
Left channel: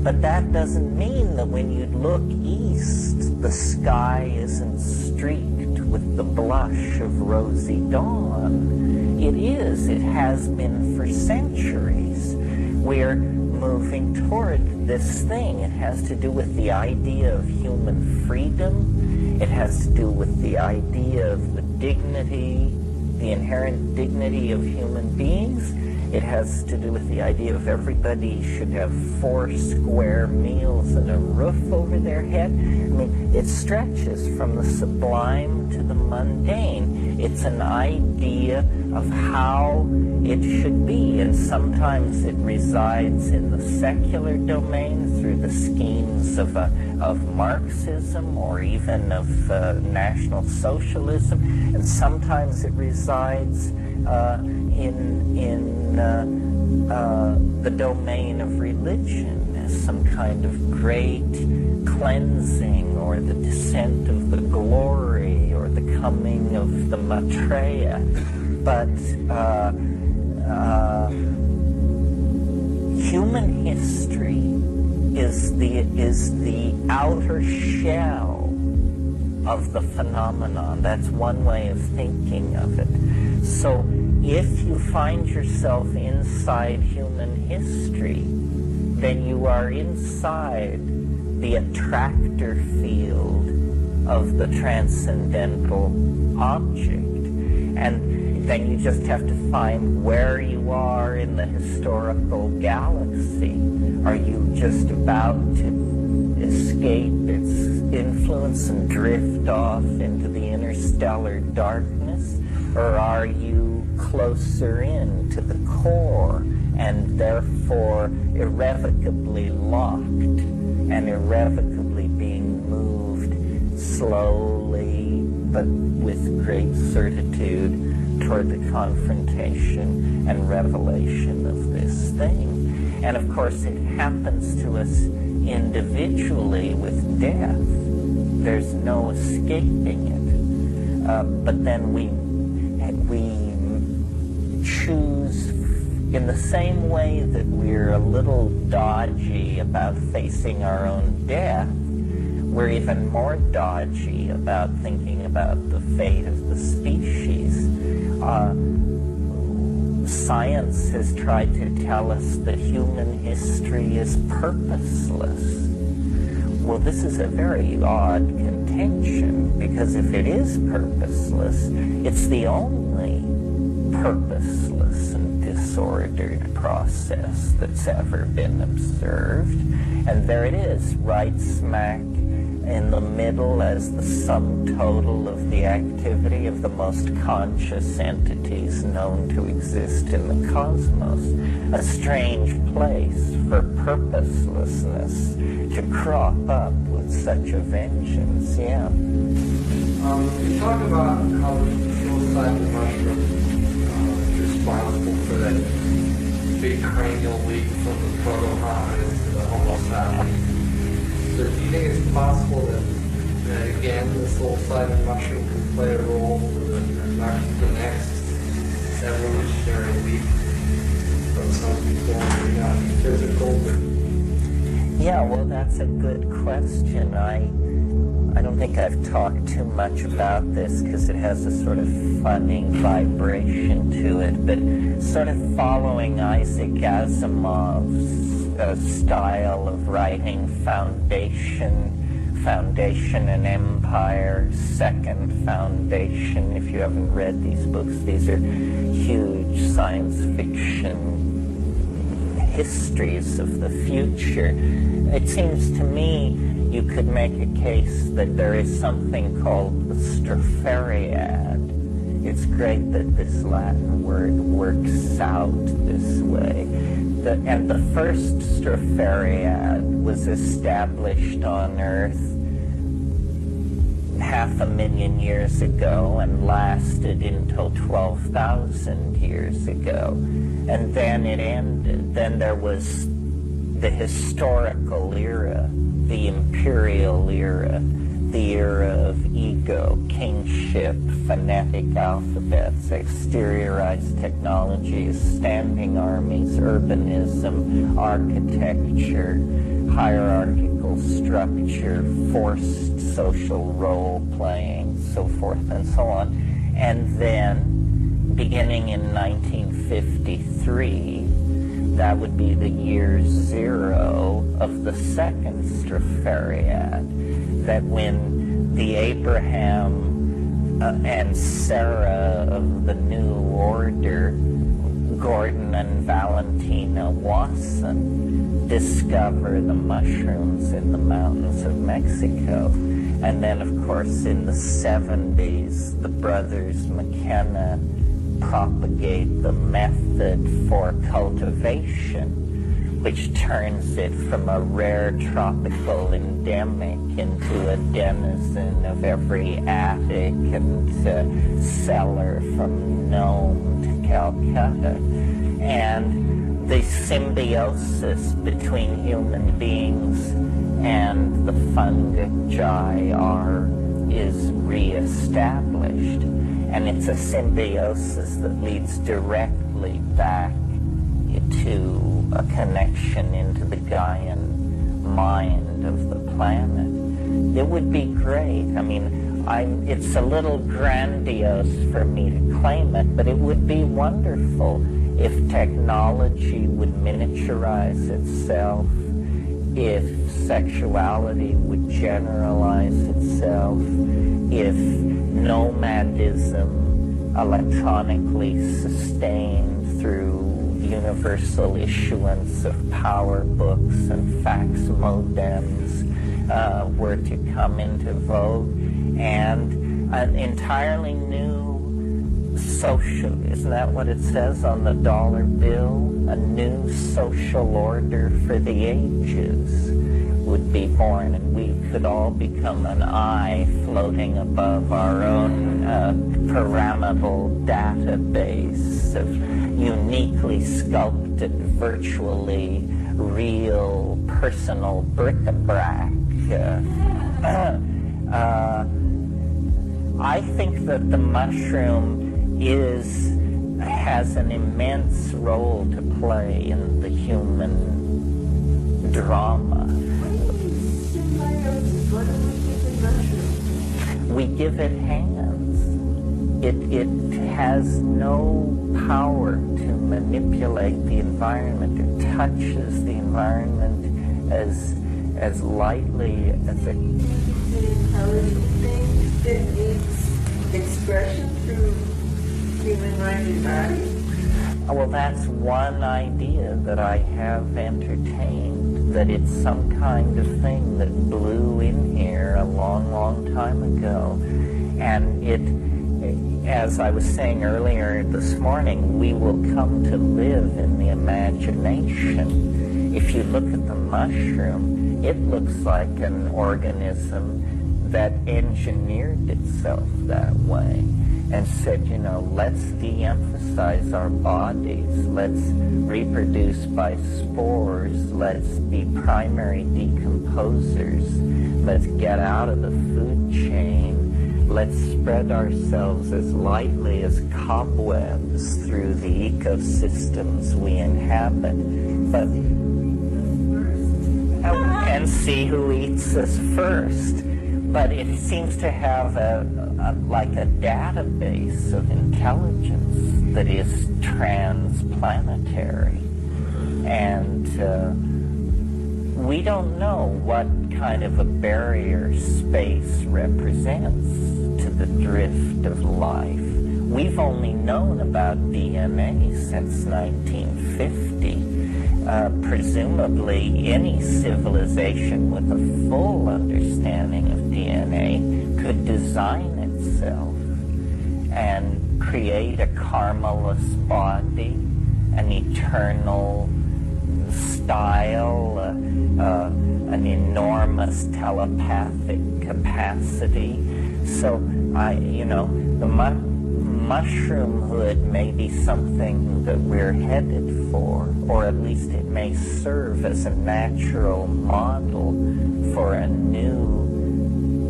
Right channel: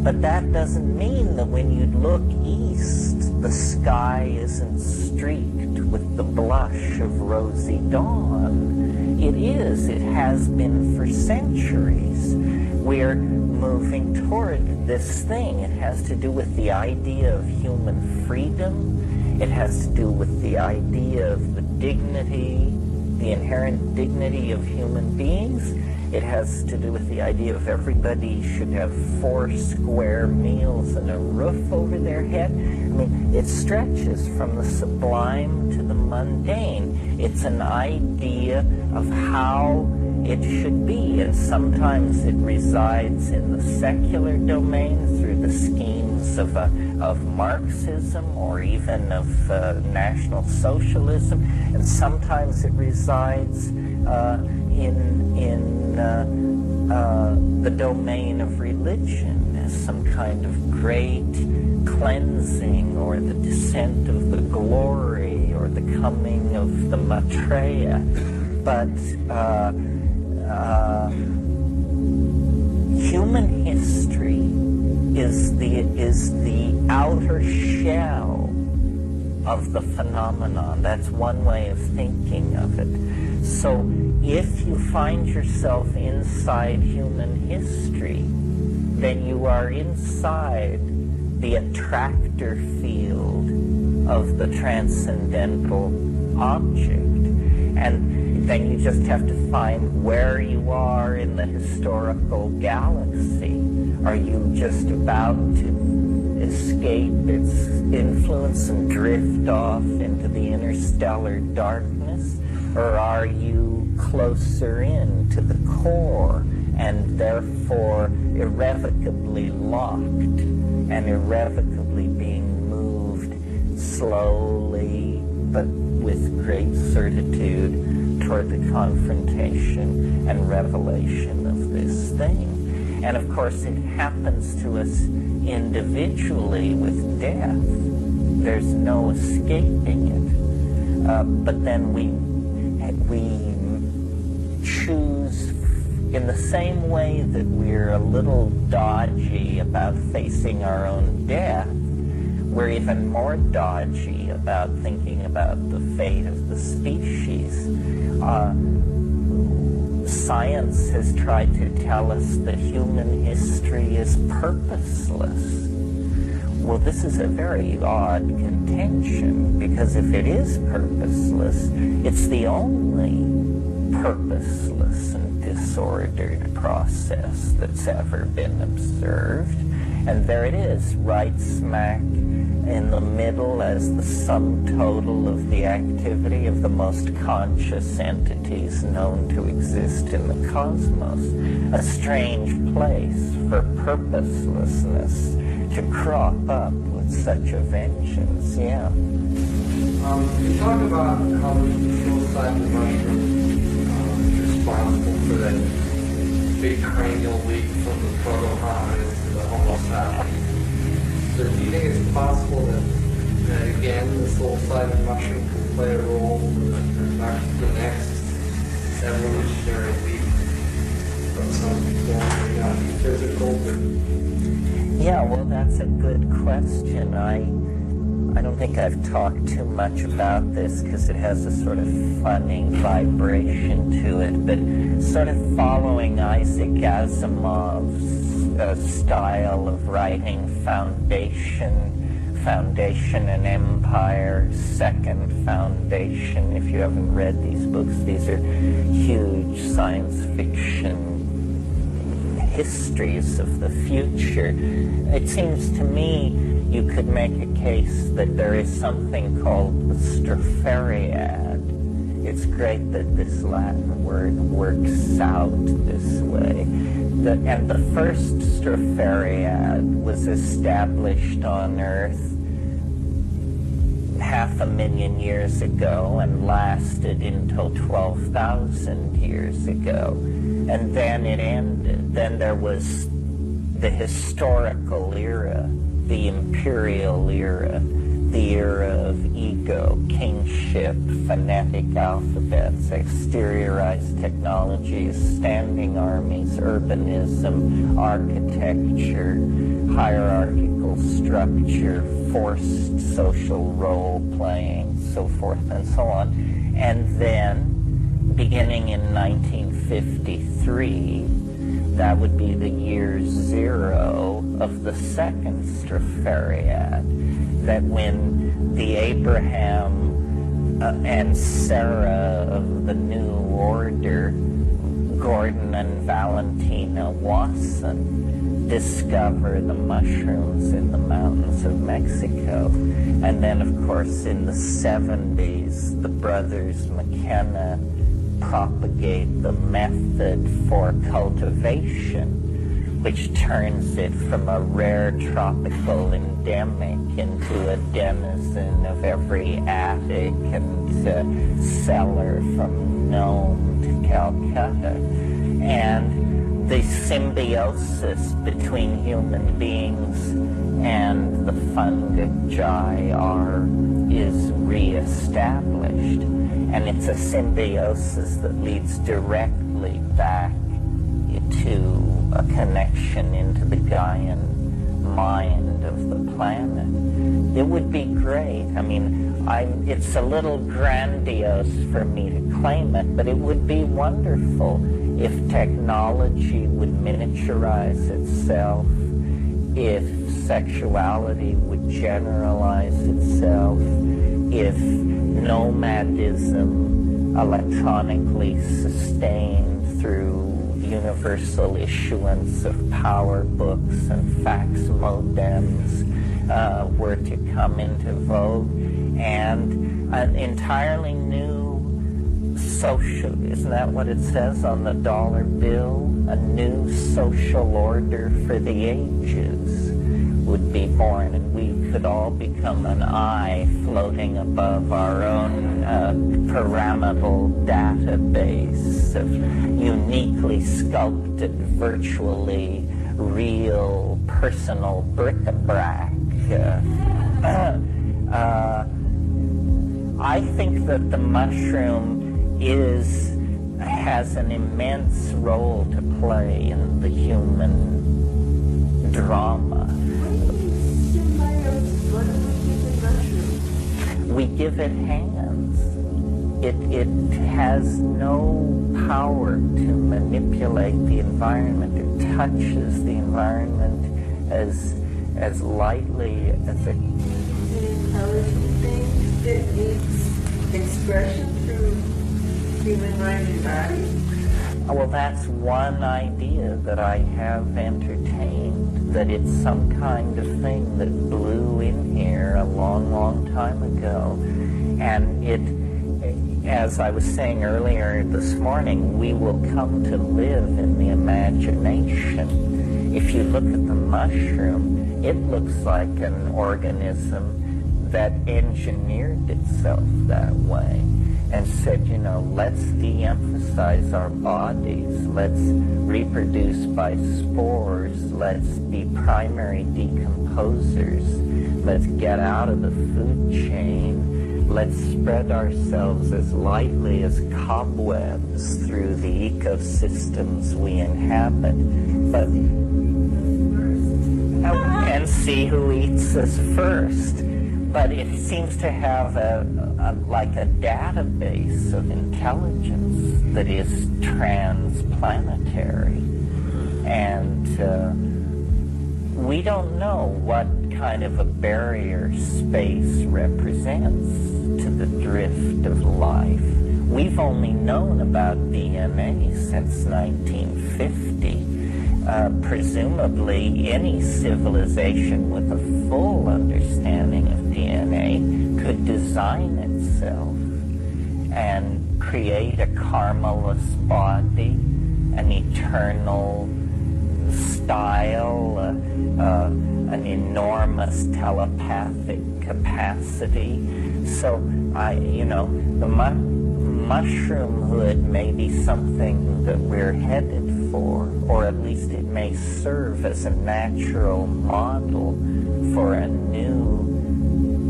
But that doesn't mean that when you look east, the sky isn't streaked with the blush of rosy dawn. It is. It has been for centuries. We're moving toward this thing. It has to do with the idea of human freedom. It has to do with the idea of the dignity, the inherent dignity of human beings. It has to do with the idea of everybody should have 4 square meals and a roof over their head. I mean, it stretches from the sublime to the mundane. It's an idea of how it should be, and sometimes it resides in the secular domain through the schemes of Marxism or even of National Socialism, and sometimes it resides in the domain of religion as some kind of great cleansing, or the descent of the glory, or the coming of the Maitreya. But human history is the outer shell of the phenomenon. That's one way of thinking of it. So if you find yourself inside human history, then you are inside the attractor field of the transcendental object. And then you just have to find where you are in the historical galaxy. Are you just about to escape its influence and drift off into the interstellar darkness? Or are you closer in to the core and therefore irrevocably locked and irrevocably being moved slowly but with great certitude toward the confrontation and revelation of this thing? And of course it happens to us individually with death. There's no escaping it. But then we choose, in the same way that we're a little dodgy about facing our own death, we're even more dodgy about thinking about the fate of the species. Science has tried to tell us that human history is purposeless. Well, this is a very odd contention, because if it is purposeless, it's the only purposeless and disordered process that's ever been observed. And there it is, right smack in the middle as the sum total of the activity of the most conscious entities known to exist in the cosmos. A strange place for purposelessness to crop up with such a vengeance. Yeah. You talk about how the psilocybin mushroom is responsible for that big cranial leap from the proto-hominids to the Homo sapiens. So do you think it's possible that again, the psilocybin mushroom can play a role for the next evolutionary leap from some people may not be physical, but... Yeah, well, that's a good question. I don't think I've talked too much about this because it has a sort of funny vibration to it, but sort of following Isaac Asimov's style of writing Foundation and Empire, Second Foundation. If you haven't read these books, these are huge science fiction histories of the future. It seems to me you could make a case that there is something called the Stroperiad. It's great that this Latin word works out this way. And the first Stroperiad was established on Earth 500,000 years ago and lasted until 12,000 years ago. And then it ended. Then there was the historical era, the imperial era, the era of ego, kingship, phonetic alphabets, exteriorized technologies, standing armies, urbanism, architecture, hierarchical structure, forced social role-playing, so forth and so on. And then, beginning in 1953, that would be the year zero of the second Stroperiad, that when the Abraham and Sarah of the New Order, Gordon and Valentina Wasson, discover the mushrooms in the mountains of Mexico. And then, of course, in the 70s, the brothers McKenna propagate the method for cultivation, which turns it from a rare tropical endemic into a denizen of every attic and cellar from Nome to Calcutta. And the symbiosis between human beings and the fungi is reestablished. And it's a symbiosis that leads directly back to a connection into the Gaian mind of the planet. It would be great. I mean, it's a little grandiose for me to claim it, but it would be wonderful if technology would miniaturize itself, if sexuality would generalize itself, if nomadism, electronically sustained through universal issuance of power books and fax modems, were to come into vogue, and an entirely new social, isn't that what it says on the dollar bill? A new social order for the ages would be born, and we could all become an eye floating above our own pyramidal database of uniquely sculpted, virtually real, personal bric-a-brac. I think that the mushroom has an immense role to play in the human drama. We give it hands. It has no power to manipulate the environment. It touches the environment as lightly as a... The intelligent thing that needs expression through human mind and body? Well, that's one idea that I have entertained, that it's some kind of thing that blew in here a long, long time ago. And it, as I was saying earlier this morning, we will come to live in the imagination. If you look at the mushroom, it looks like an organism that engineered itself that way and said, you know, let's de-emphasize our bodies, let's reproduce by spores, let's be primary decomposers, let's get out of the food chain, let's spread ourselves as lightly as cobwebs through the ecosystems we inhabit, but and see who eats us first. But it seems to have like a database of intelligence that is transplanetary. And we don't know what kind of a barrier space represents to the drift of life. We've only known about DNA since 1950. Presumably, any civilization with a full understanding of DNA could design itself and create a karmaless body, an eternal style, an enormous telepathic capacity. So, the mushroomhood may be something that we're headed for, or at least it may serve as a natural model for a new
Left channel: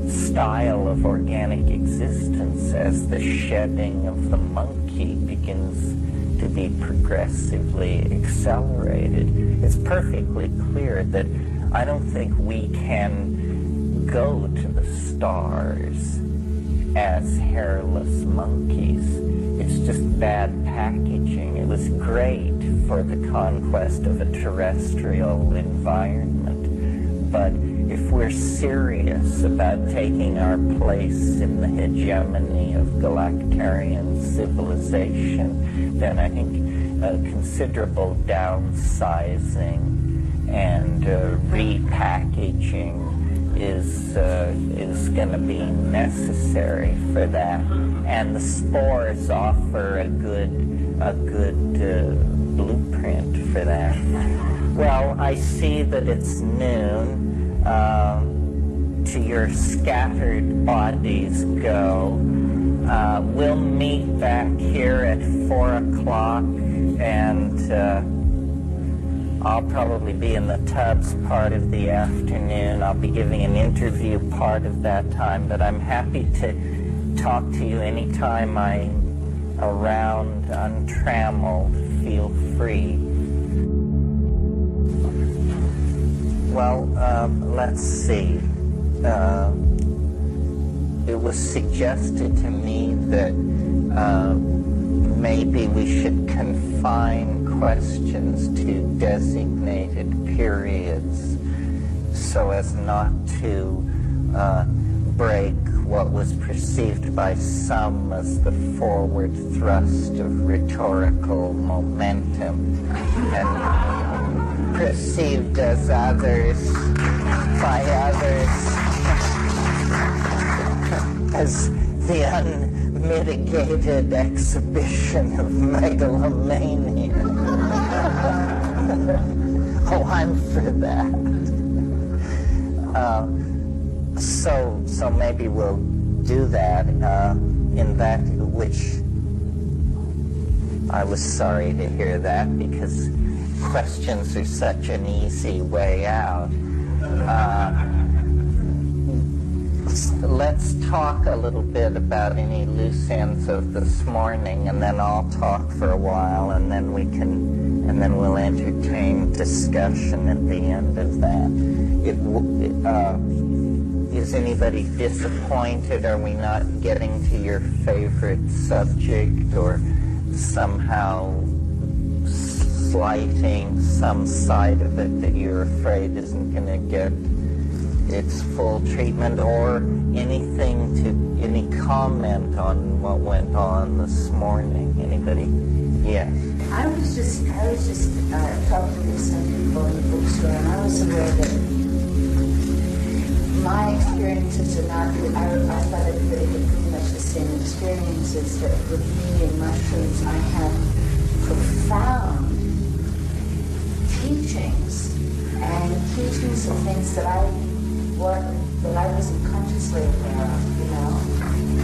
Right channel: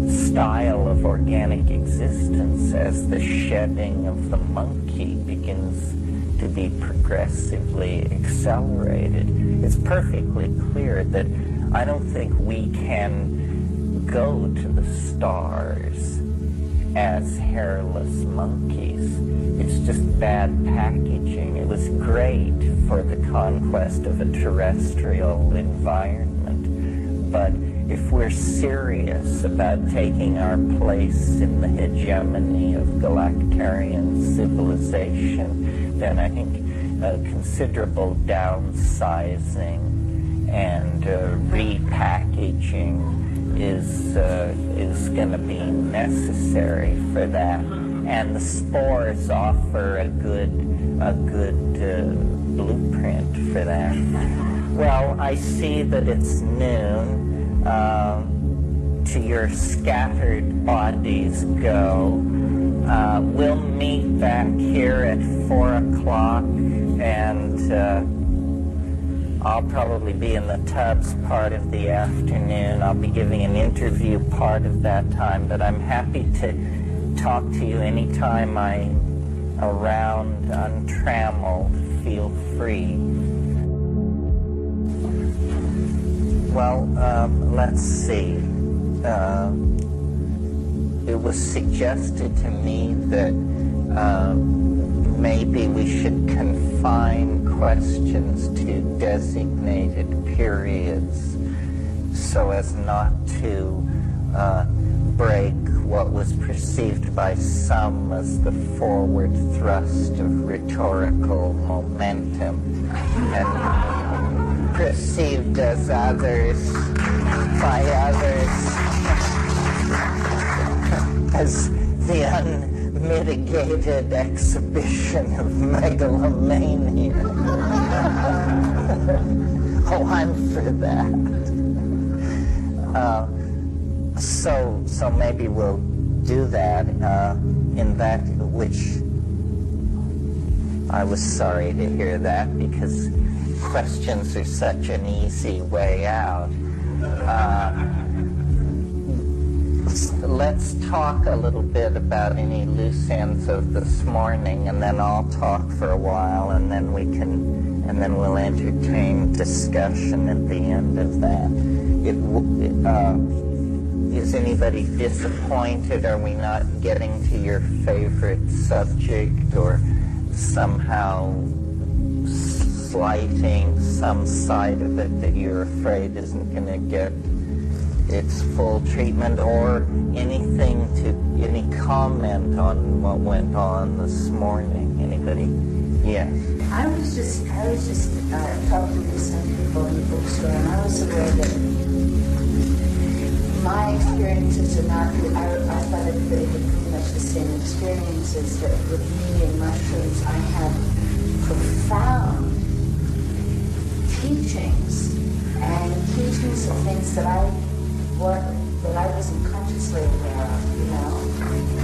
style of organic existence as the shedding of the monkey begins to be progressively accelerated. It's perfectly clear that I don't think we can go to the stars as hairless monkeys. It's just bad packaging. It was great for the conquest of a terrestrial environment, but if we're serious about taking our place in the hegemony of galactarian civilization, then I think considerable downsizing and repackaging is going to be necessary for that. And the spores offer a good blueprint for that. Well, I see that it's noon. To your scattered bodies go. We'll meet back here at 4 o'clock, and I'll probably be in the Tubbs part of the afternoon. I'll be giving an interview part of that time, but I'm happy to talk to you anytime I'm around untrammeled. Feel free. Well, let's see. It was suggested to me that maybe we should confine questions to designated periods so as not to break what was perceived by some as the forward thrust of rhetorical momentum, and perceived as by others as the unmitigated exhibition of megalomania. Oh, I'm for that. So maybe we'll do that in that, which I was sorry to hear that, because questions are such an easy way out. Let's talk a little bit about any loose ends of this morning, and then I'll talk for a while, and then we'll entertain discussion at the end of that. Is anybody disappointed? Are we not getting to your favorite subject, or somehow slighting some side of it that you're afraid isn't going to get its full treatment, or any comment on what went on this morning? Anybody? Yes. I was just talking to some people in the bookstore, and I was aware that my experiences are not, I thought everybody had pretty much the same experiences, that with me and mushrooms I had profound teachings, and teachings of things that I wasn't consciously aware of,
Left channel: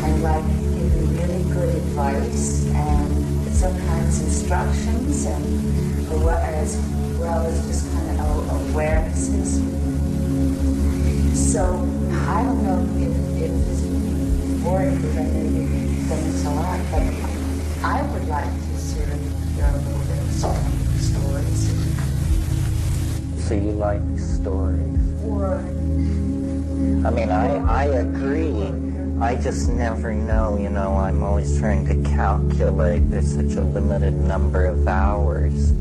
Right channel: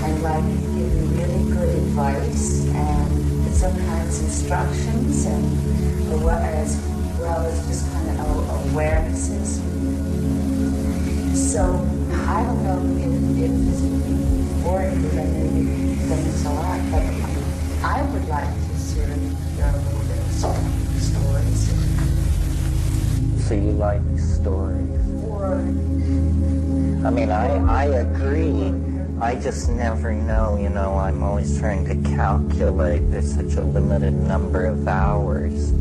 and like giving really good advice and sometimes instructions, and as well as just kind of awarenesses. So I don't know if boring because I know you've done this a lot, but I would like to sort of hear a little bit of stories. So you like stories? Or... I mean, I agree. I just never know, you know, I'm always trying to calculate. There's such a limited number of hours.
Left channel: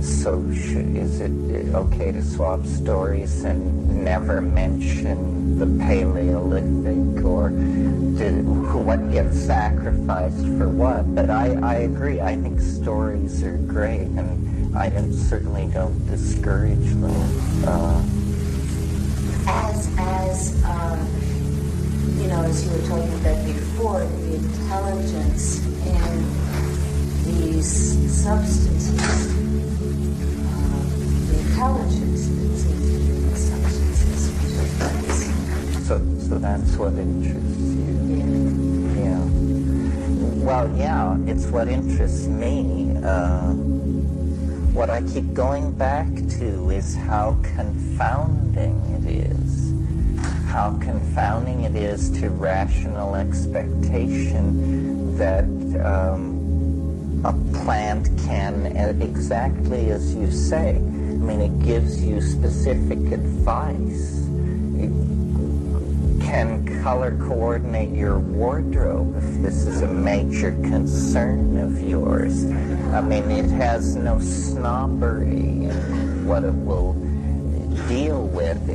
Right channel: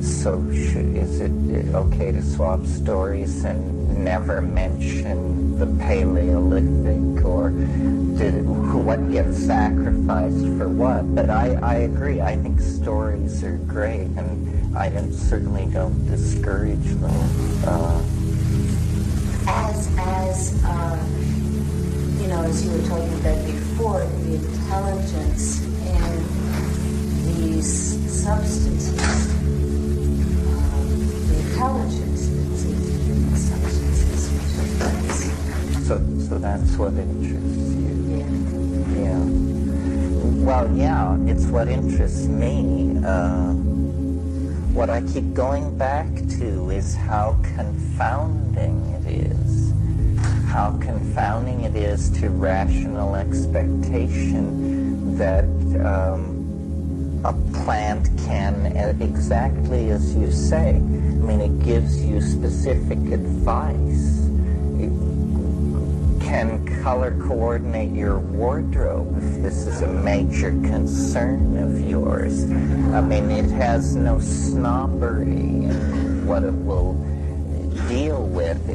So is it okay to swap stories and never mention the Paleolithic, or what gets sacrificed for what? But I agree. I think stories are great, and I certainly don't discourage them. You know, as you were talking about before, the intelligence in these substances, the intelligence that's in these substances, So that's what interests you. Yeah. Well, yeah, it's what interests me. What I keep going back to is how confounding it is. How confounding it is to rational expectation that a plant can, exactly as you say, I mean, it gives you specific advice. It can color coordinate your wardrobe if this is a major concern of yours. I mean, it has no snobbery in what it will deal with.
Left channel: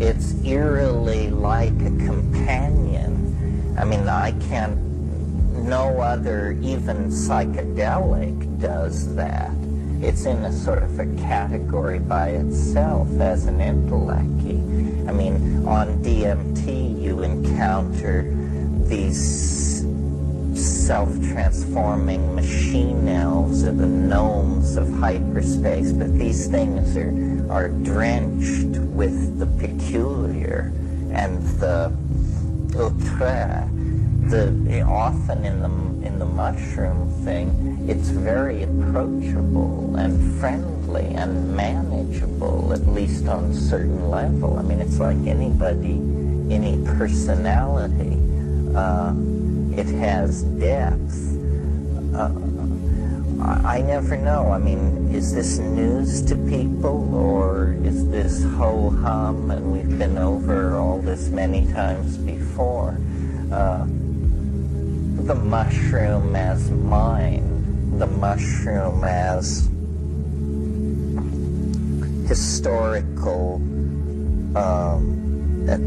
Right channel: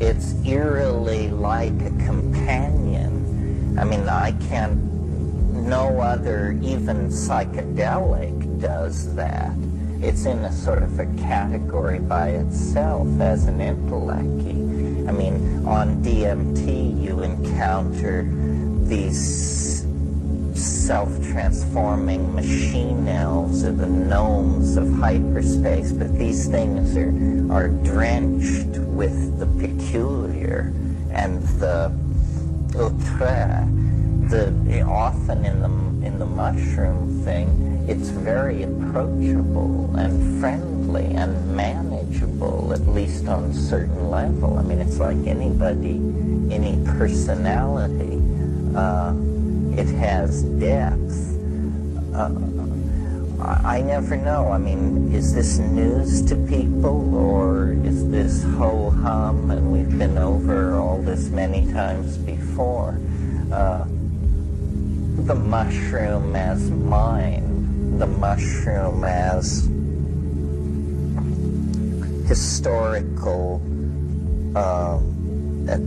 It's eerily like a companion. I mean, no other, even psychedelic, does that. It's in a sort of a category by itself as an intellecty. I mean, on DMT you encounter these self-transforming machine elves or the gnomes of hyperspace, but these things are drenched with the peculiar and the outre. Often in the mushroom thing, it's very approachable and friendly and manageable, at least on a certain level. I mean, it's like anybody, any personality. It has depth. I never know. I mean, is this news to people, or is this ho-hum and we've been over all this many times before? The mushroom as mind, the mushroom as historical,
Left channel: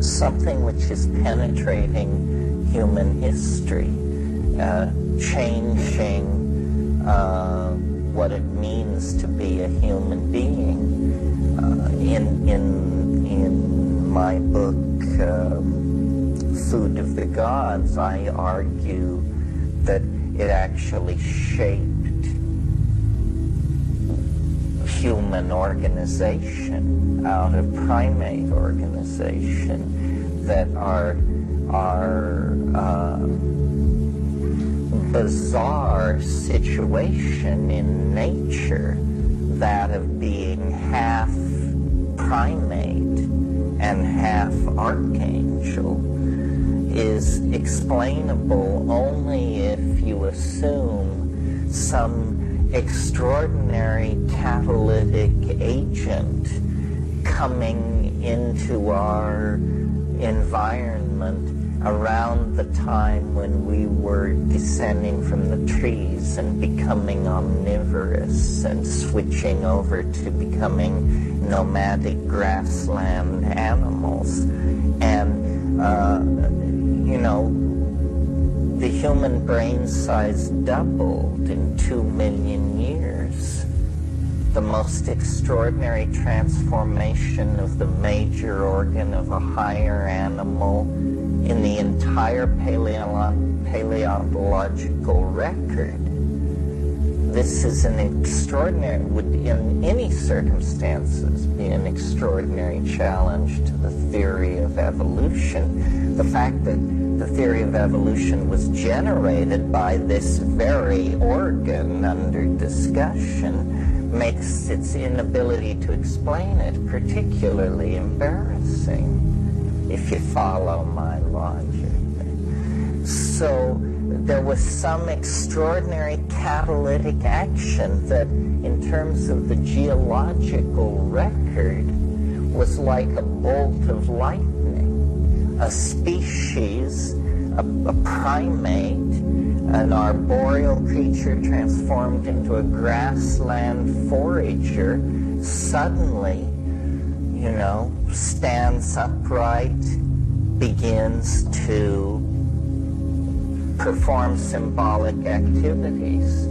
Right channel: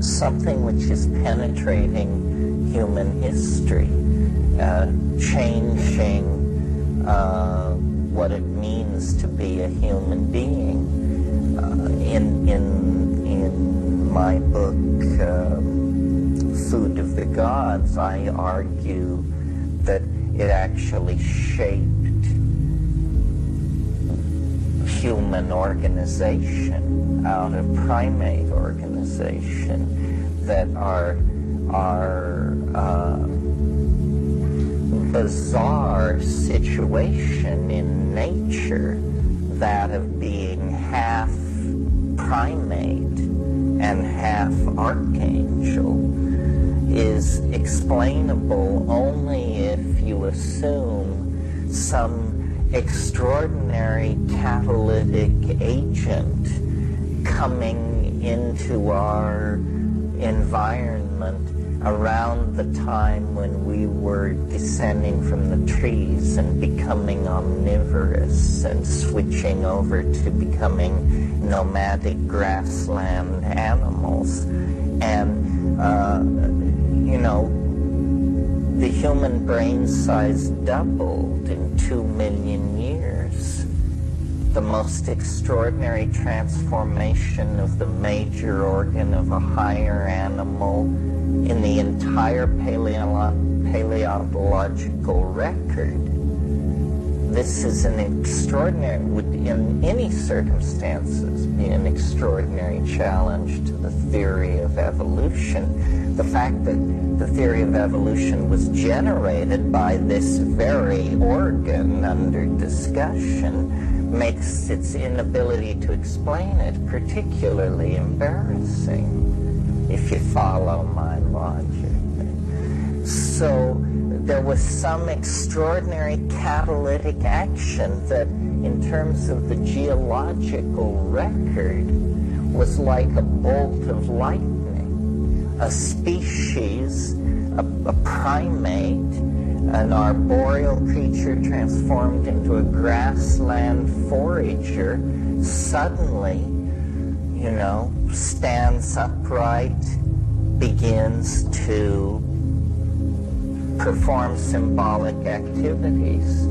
something which is penetrating human history, changing what it means to be a human being. In my book, Food of the Gods, I argue that it actually shaped human organization out of primate organization, that our bizarre situation in nature, that of being half primate and half archangel, is explainable only if you assume some extraordinary catalytic agent coming into our environment around the time when we were descending from the trees and becoming omnivorous and switching over to becoming nomadic grassland animals. And you know, the human brain size doubled in 2 million years. The most extraordinary transformation of the major organ of a higher animal in the entire paleontological record. This is an extraordinary, would in any circumstances be an extraordinary challenge to the theory of evolution. The fact that the theory of evolution was generated by this very organ under discussion makes its inability to explain it particularly embarrassing, if you follow my logic. So there was some extraordinary catalytic action that, in terms of the geological record, was like a bolt of lightning. A species, a primate, an arboreal creature transformed into a grassland forager, suddenly, stands upright, begins to perform symbolic activities.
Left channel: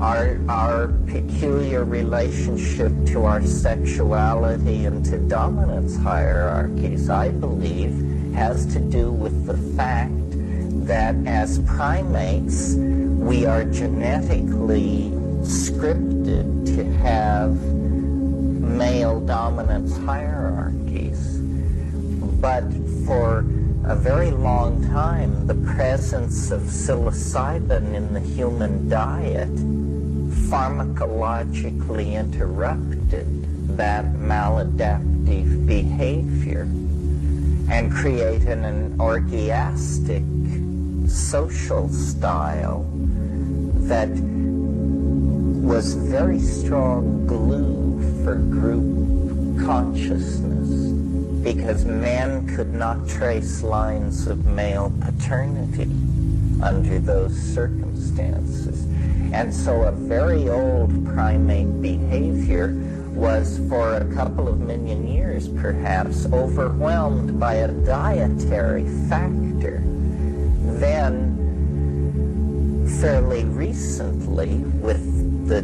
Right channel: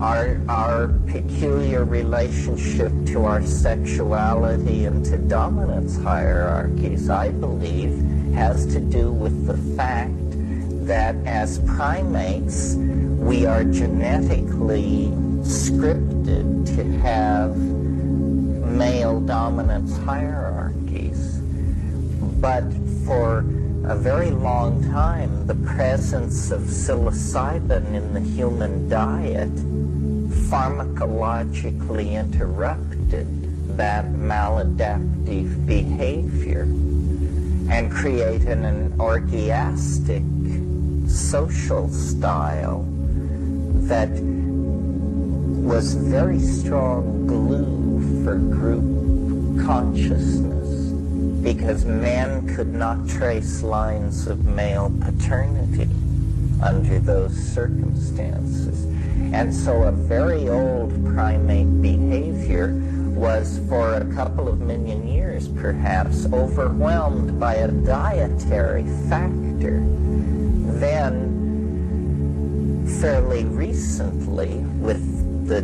Our peculiar relationship to our sexuality and to dominance hierarchies, I believe, has to do with the fact that as primates, we are genetically scripted to have male dominance hierarchies. But for a very long time, the presence of psilocybin in the human diet pharmacologically interrupted that maladaptive behavior and created an orgiastic social style that was very strong glue for group consciousness, because men could not trace lines of male paternity under those circumstances. And so a very old primate behavior was, for a couple of million years perhaps, overwhelmed by a dietary factor. Then, fairly recently, with the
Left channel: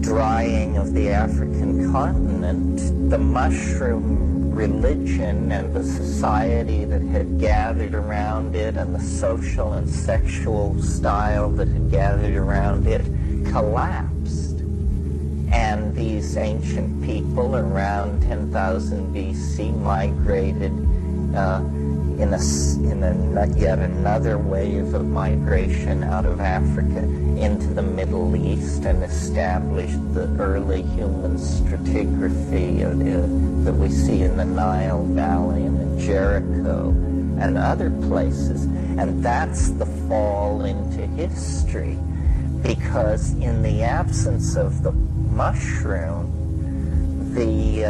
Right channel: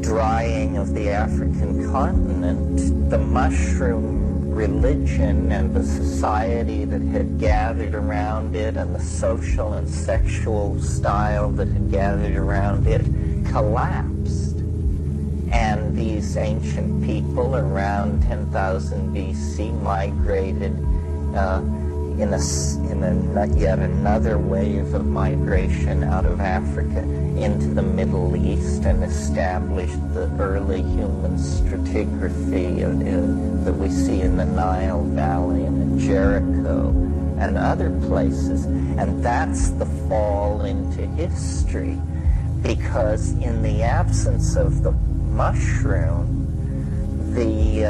drying of the African continent, the mushroom religion and the society that had gathered around it and the social and sexual style that had gathered around it collapsed. And these ancient people around 10,000 BC migrated in yet another wave of migration out of Africa into the Middle East and established the early human stratigraphy that we see in the Nile Valley and in Jericho and other places. And that's the fall into history, because in the absence of the mushroom, the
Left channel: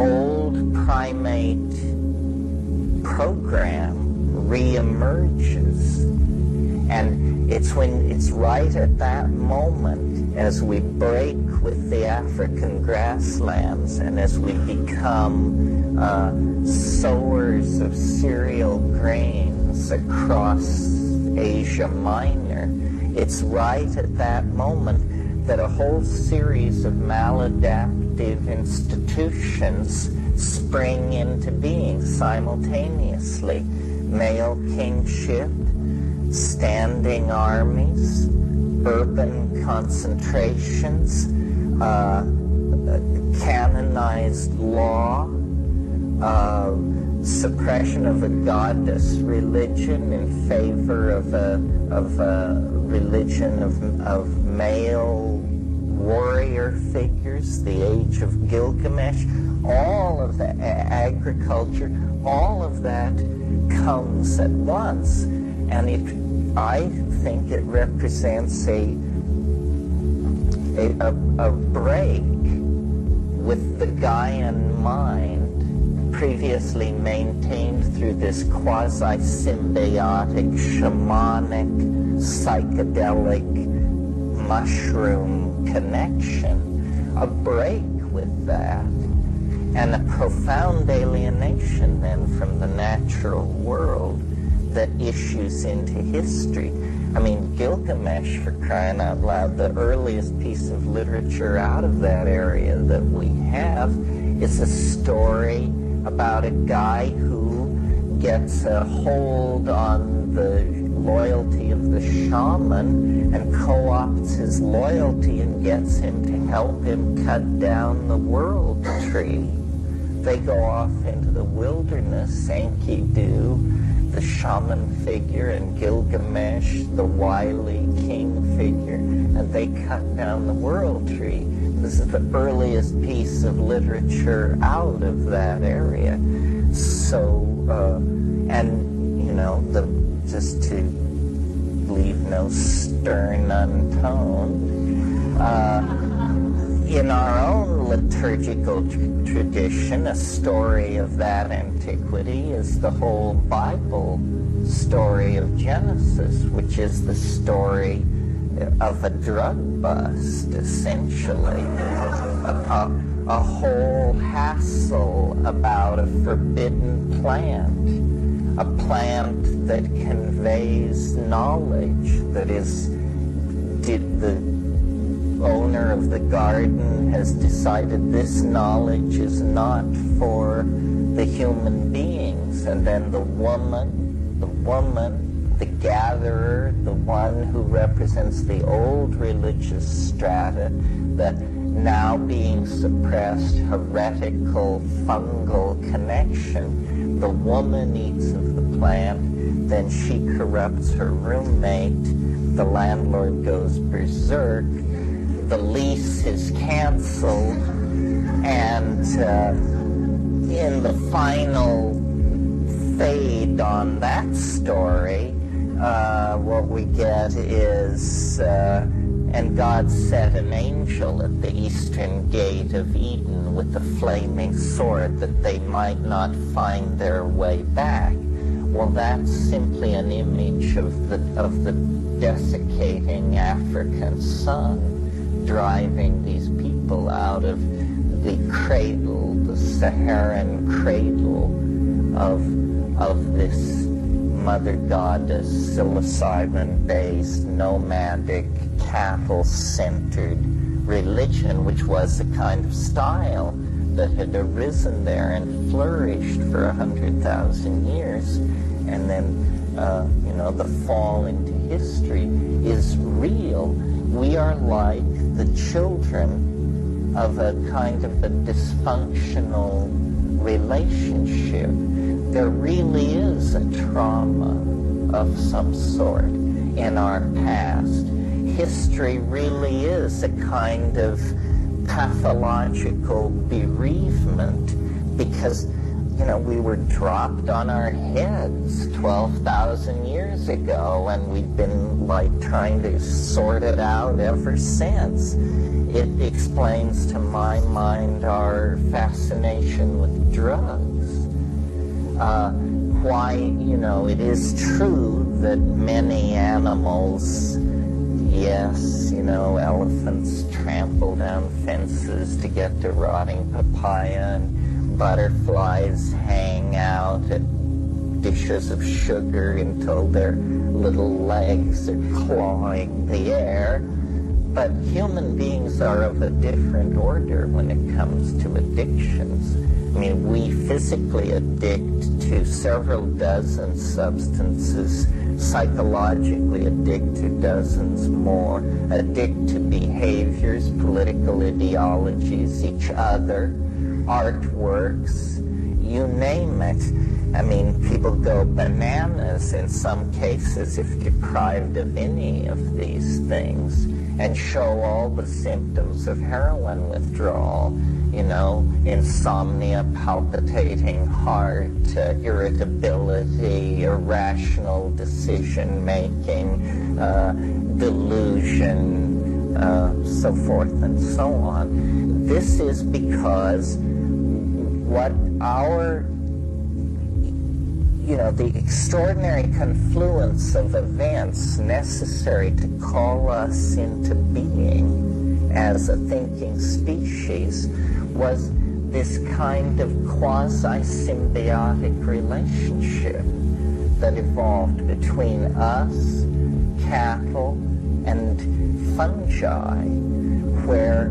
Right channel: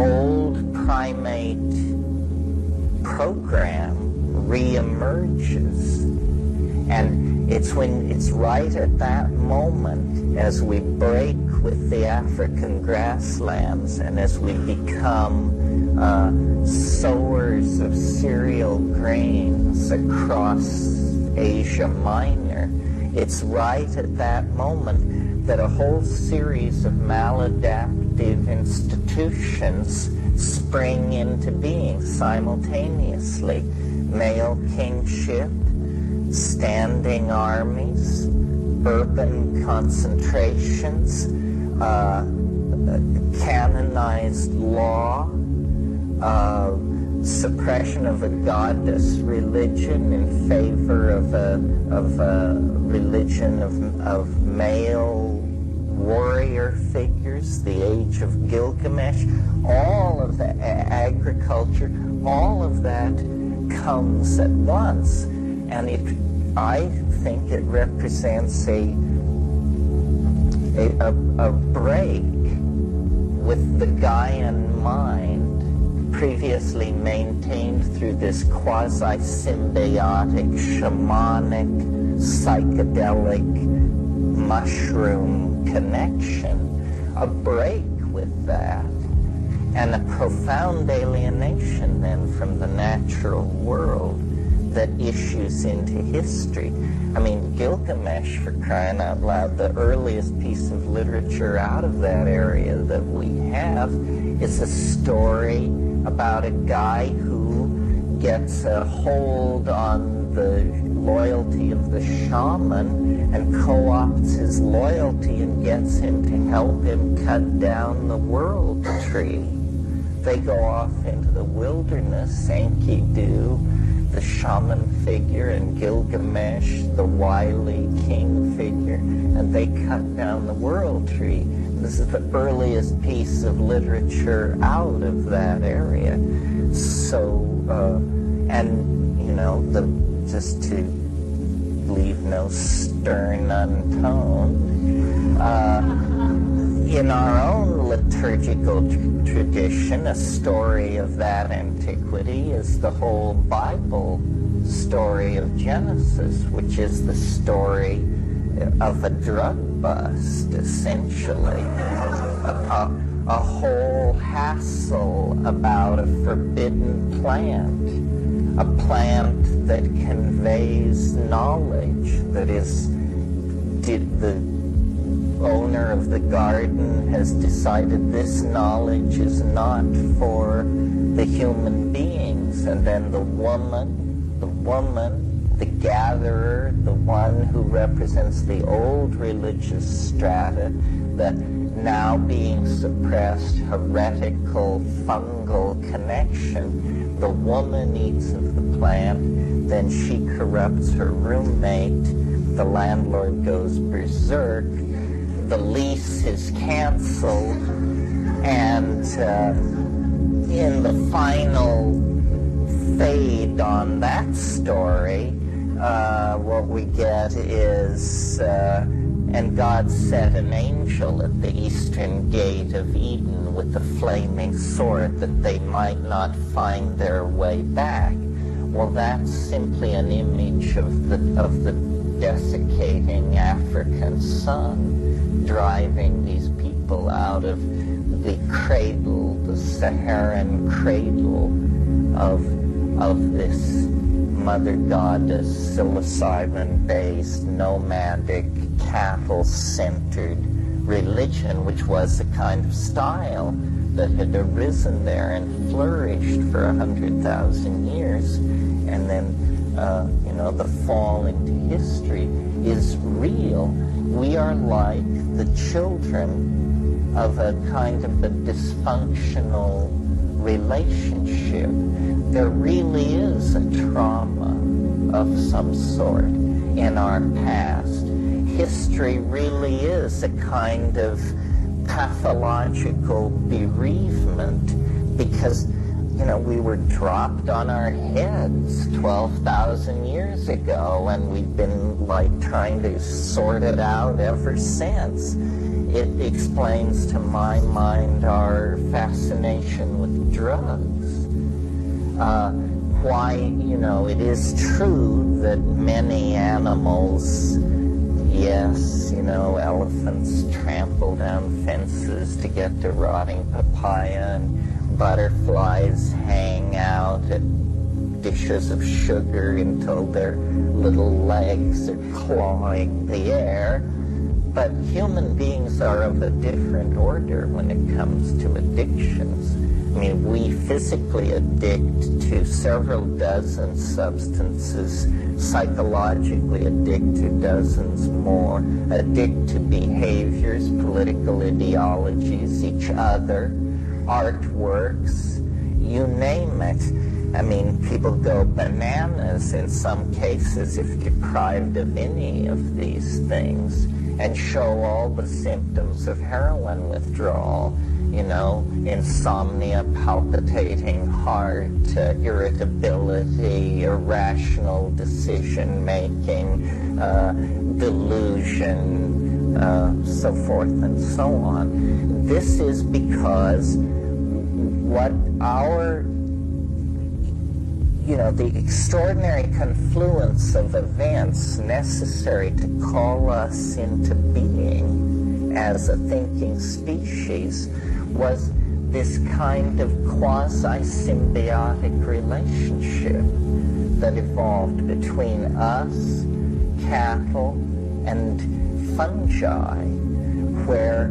old primate program reemerges. And it's right at that moment, as we break with the African grasslands and as we become sowers of cereal grains across Asia Minor, it's right at that moment that a whole series of maladaptive institutions spring into being simultaneously. Male kingship, standing armies, urban concentrations, canonized law, suppression of a goddess religion in favor of a religion of male warrior figures, the age of Gilgamesh, all of the agriculture, all of that comes at once. And I think it represents a break with the Gaian mind, previously maintained through this quasi-symbiotic, shamanic, psychedelic mushroom connection, a break with that, and a profound alienation then from the natural world that issues into history. I mean, Gilgamesh, for crying out loud, the earliest piece of literature out of that area that we have is a story about a guy who gets a hold on the loyalty of the shaman and co-opts his loyalty and gets him to help him cut down the world tree. They go off into the wilderness, Enkidu, the shaman figure, and Gilgamesh, the wily king figure, and they cut down the world tree. This is the earliest piece of literature out of that area. So, And, you know, just to leave no stern untone, in our own liturgical tradition, a story of that antiquity is the whole Bible story of Genesis, which is the story of a drug bust, essentially. A whole hassle about a forbidden plant, a plant that conveys knowledge, that is, the owner of the garden has decided this knowledge is not for the human beings, and then the woman, the gatherer, the one who represents the old religious strata, that now being suppressed heretical fungal connection, the woman eats of the plant, then she corrupts her roommate, the landlord goes berserk, the lease is canceled, and in the final fade on that story, what we get is, and God set an angel at the eastern gate of Eden with a flaming sword that they might not find their way back. Well, that's simply an image of the desiccating African sun driving these people out of the cradle, the Saharan cradle of this mother goddess, psilocybin-based, nomadic, cattle-centered religion, which was a kind of style that had arisen there and flourished for 100,000 years. And then, you know, the fall into history is real. We are like the children of a kind of a dysfunctional relationship. There really is a trauma of some sort in our past. History really is a kind of pathological bereavement because, you know, we were dropped on our heads 12,000 years ago, and we've been like trying to sort it out ever since. It explains to my mind our fascination with drugs. Why, you know, it is true that many animals, yes, you know, elephants trample down fences to get to rotting papaya, and butterflies hang out at dishes of sugar until their little legs are clawing the air. But human beings are of a different order when it comes to addictions. I mean, we physically addict to several dozen substances, psychologically addict to dozens more, addict to behaviors, political ideologies, each other, artworks, you name it. I mean, people go bananas in some cases if deprived of any of these things, and show all the symptoms of heroin withdrawal. You know, insomnia, palpitating heart, irritability, irrational decision-making, delusion, so forth and so on. This is because what our, you know, the extraordinary confluence of events necessary to call us into being as a thinking species was this kind of quasi-symbiotic relationship that evolved between us, cattle, and fungi, where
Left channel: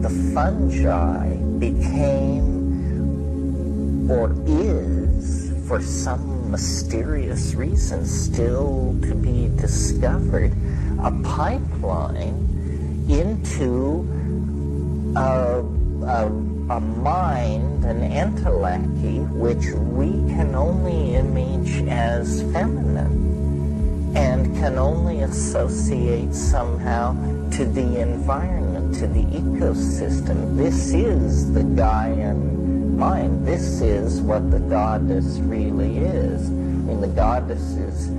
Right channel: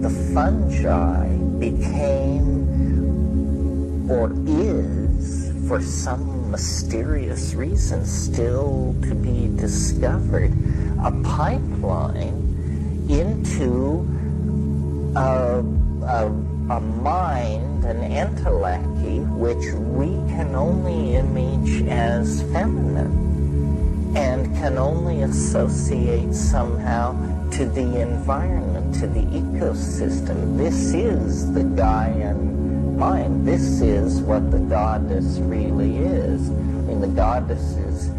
the fungi became, or is, for some mysterious reason still to be discovered, a pipeline into a mind, an entelechy, which we can only image as feminine and can only associate somehow to the environment, to the ecosystem. This is the Gaian mind. This is what the goddess really is. I mean, the goddess is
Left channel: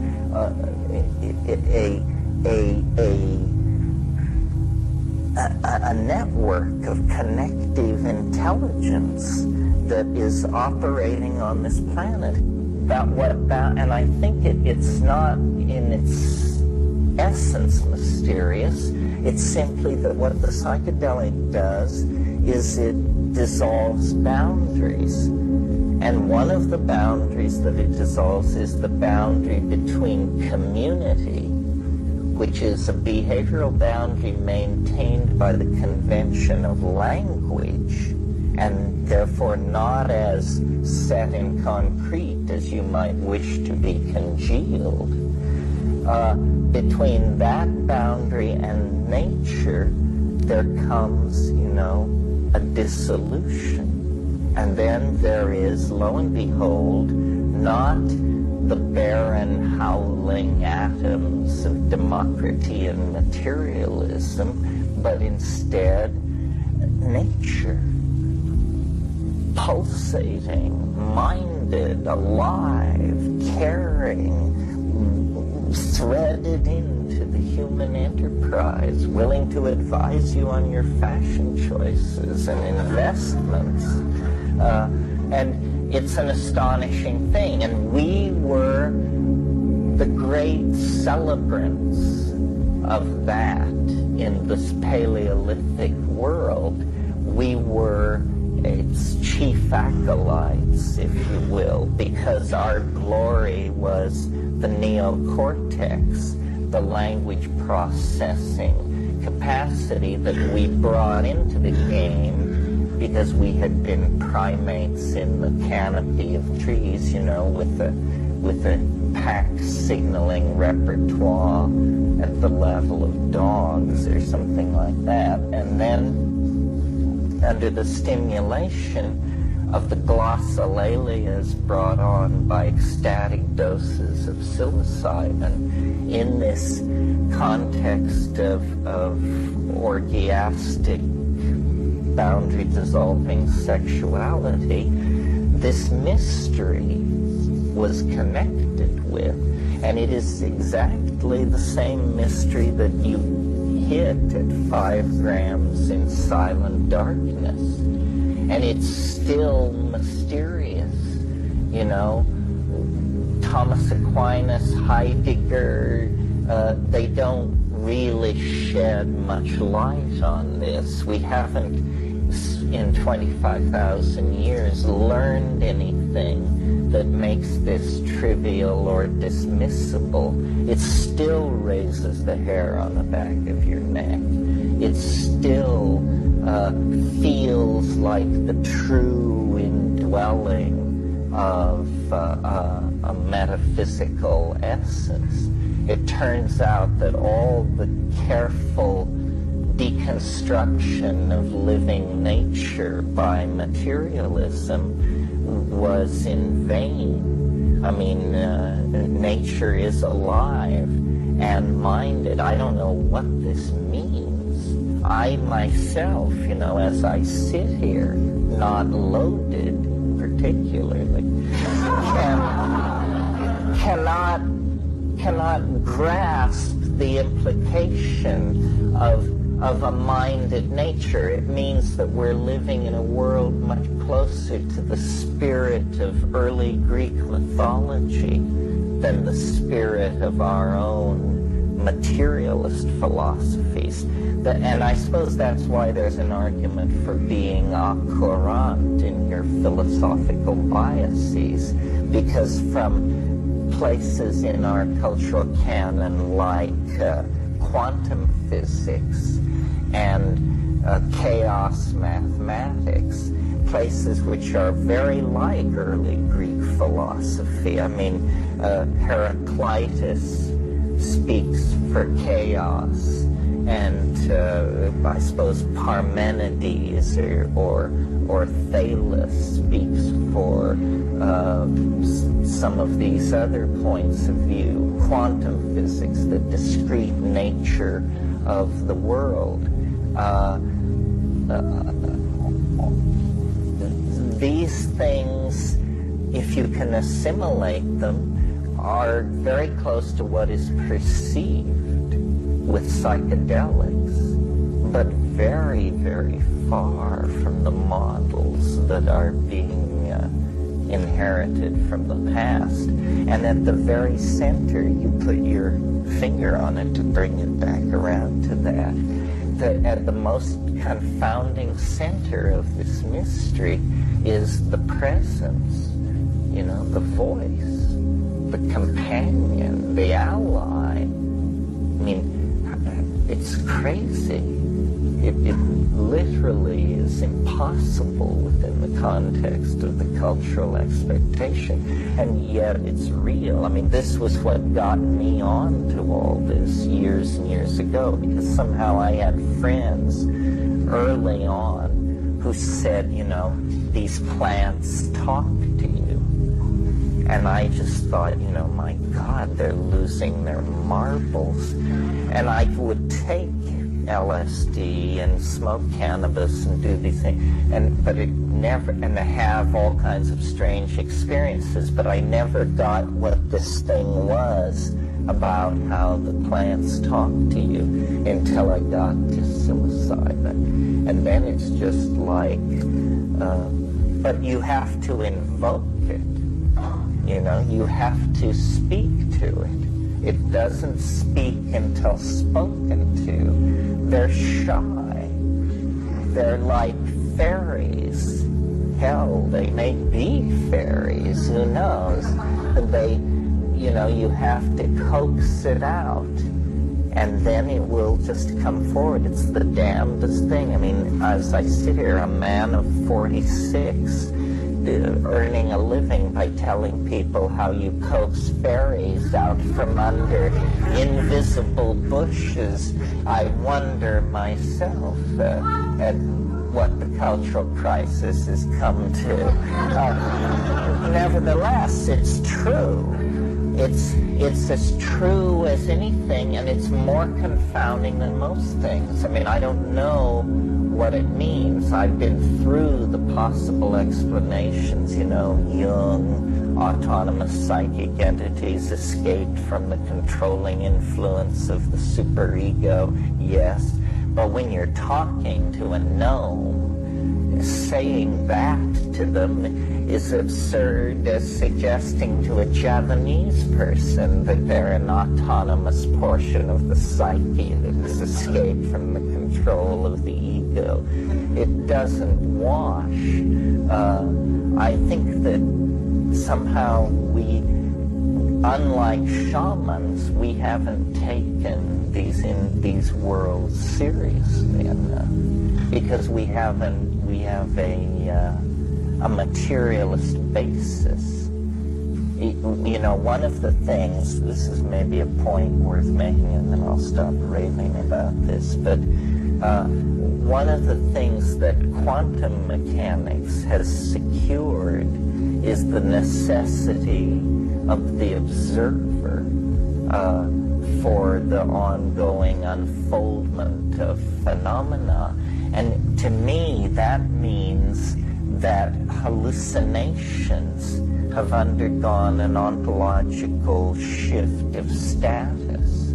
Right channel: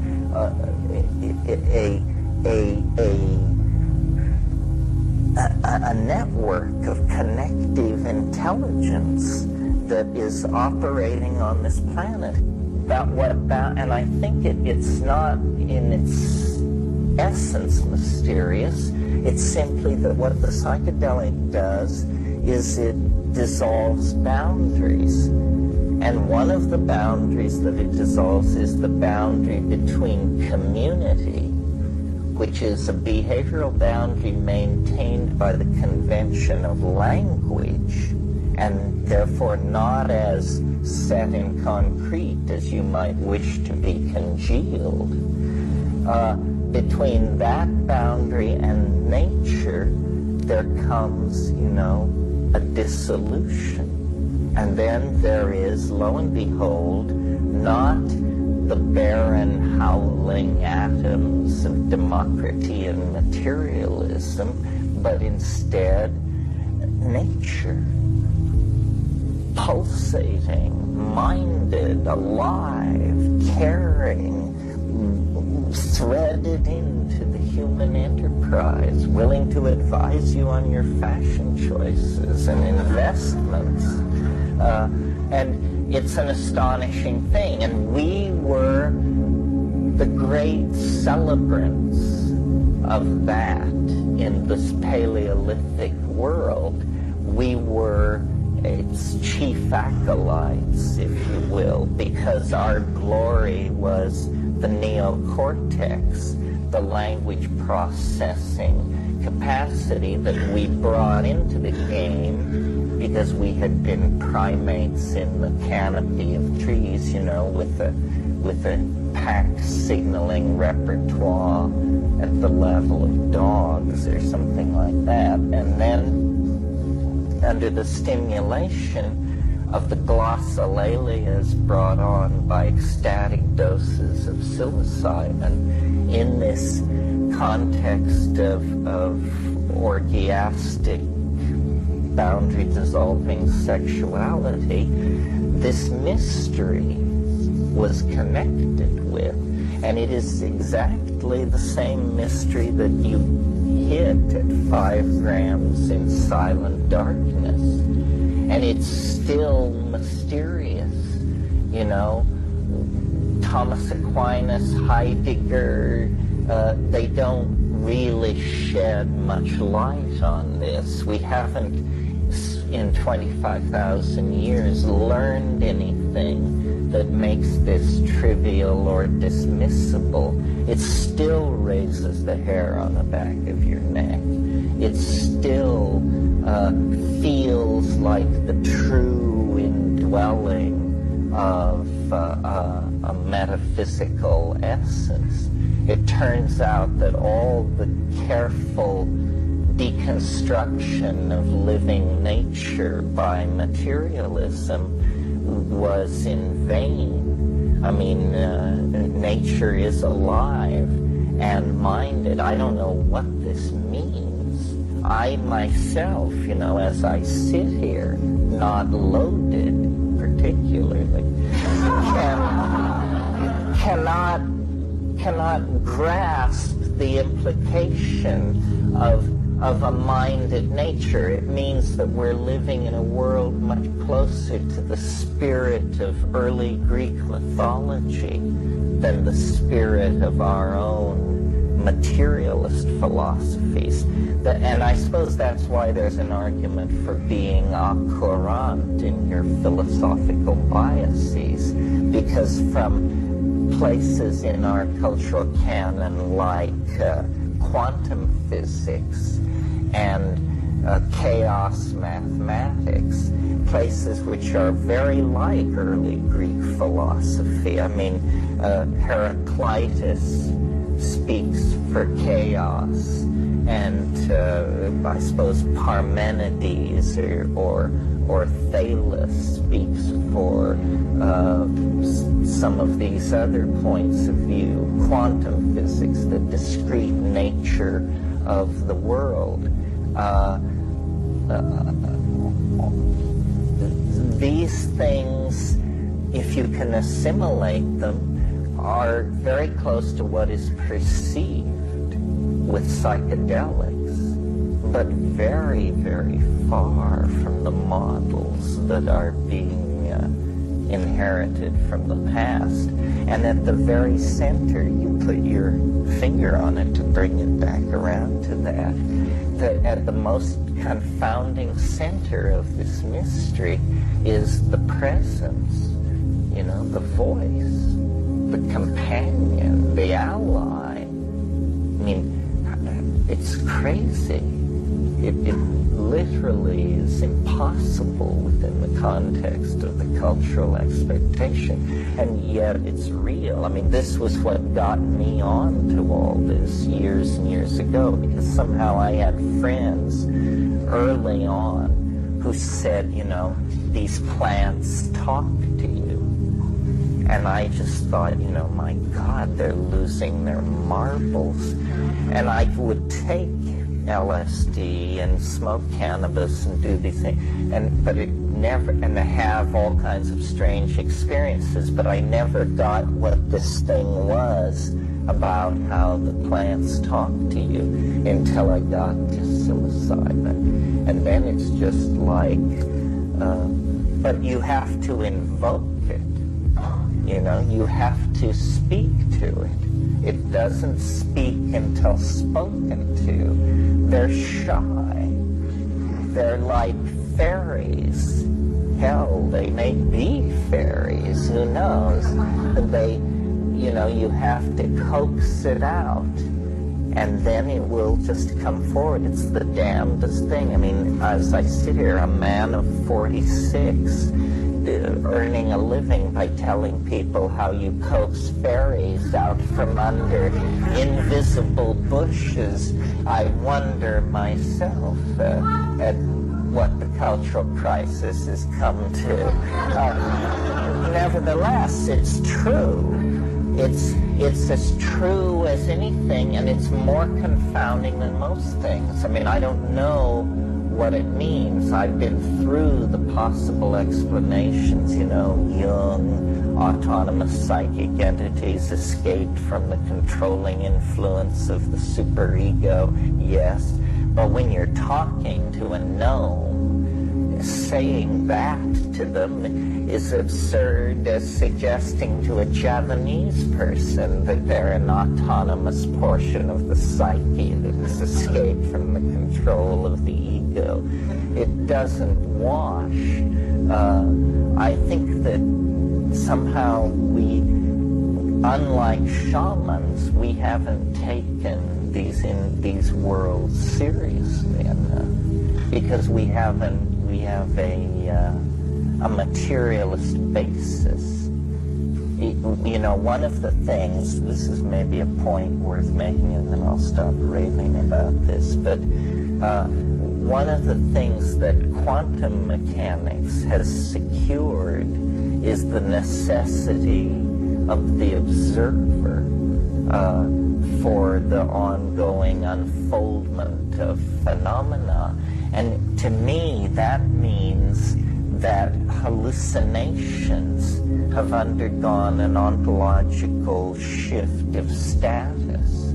a network of connective intelligence that is operating on this planet. And I think it's not in its essence mysterious. It's simply that what the psychedelic does is it dissolves boundaries. And one of the boundaries that it dissolves is the boundary between community, which is a behavioral boundary maintained by the convention of language, and therefore not as set in concrete as you might wish to be congealed. Between that boundary and nature, there comes, a dissolution. And then there is, lo and behold, not the barren howling atoms of democracy and materialism, but instead nature, pulsating, minded, alive, caring, threaded into the human enterprise, willing to advise you on your fashion choices and investments. And it's an astonishing thing. And we were the great celebrants of that in this Paleolithic world. We were its chief acolytes, if you will, because our glory was the neocortex, the language processing capacity that we brought into the game because we had been primates in the canopy of trees, with a pack signaling repertoire at the level of dogs or something like that. And then under the stimulation of the glossolalias brought on by ecstatic doses of psilocybin in this context of orgiastic boundary-dissolving sexuality, this mystery was connected with. And it is exactly the same mystery that you hit at 5 grams in silent darkness. And it's still mysterious, Thomas Aquinas, Heidegger, they don't really shed much light on this. We haven't, in 25,000 years, learned anything that makes this trivial or dismissible. It still raises the hair on the back of your neck. It still feels like the true indwelling of a metaphysical essence. It turns out that all the careful deconstruction of living nature by materialism was in vain. I mean, nature is alive and minded. I don't know what this means. I myself, as I sit here, not loaded particularly, cannot grasp the implication of a minded nature. It means that we're living in a world much closer to the spirit of early Greek mythology than the spirit of our own materialist philosophies. And I suppose that's why there's an argument for being courant in your philosophical biases, because from places in our cultural canon like quantum physics and chaos mathematics, places which are very like early Greek philosophy. I mean, Heraclitus speaks for chaos, and I suppose Parmenides or Thales speaks for some of these other points of view, quantum physics, the discrete nature of the world. these things, if you can assimilate them, are very close to what is perceived with psychedelics, but very, very far from the models that are being inherited from the past. And at the very center, you put your finger on it to bring it back around to that at the most confounding center of this mystery is the presence, the voice, the companion, the ally. I mean, it's crazy. It literally is impossible within the context of the cultural expectation, and yet it's real. I mean, this was what got me on to all this years and years ago, because somehow I had friends early on who said, these plants talk to you. And I just thought, my God, they're losing their marbles. And I would take LSD and smoke cannabis and do these things, but it never, and have all kinds of strange experiences, but I never got what this thing was about how the plants talk to you until I got to psilocybin. And then it's just like, but you have to invoke it. You have to speak to it. It doesn't speak until spoken to. They're shy. They're like fairies. Hell, they may be fairies, who knows? But you have to coax it out, and then it will just come forward. It's the damnedest thing. I mean, as I sit here, a man of 46, earning a living by telling people how you coax fairies out from under invisible bushes, I wonder myself at what the cultural crisis has come to. Nevertheless, it's true. It's as true as anything, and it's more confounding than most things. I mean, I don't know what it means. I've been through the possible explanations, Jung, autonomous psychic entities escaped from the controlling influence of the superego, yes. But when you're talking to a gnome, saying that to them is absurd as suggesting to a Javanese person that they're an autonomous portion of the psyche that has escaped from the control of the ego. It doesn't wash. I think that somehow we, unlike shamans, we haven't taken these worlds seriously enough, because we have a materialist basis. One of the things, this is maybe a point worth making, and then I'll stop raving about this, but one of the things that quantum mechanics has secured is the necessity of the observer for the ongoing unfoldment of phenomena. And to me, that means that hallucinations have undergone an ontological shift of status.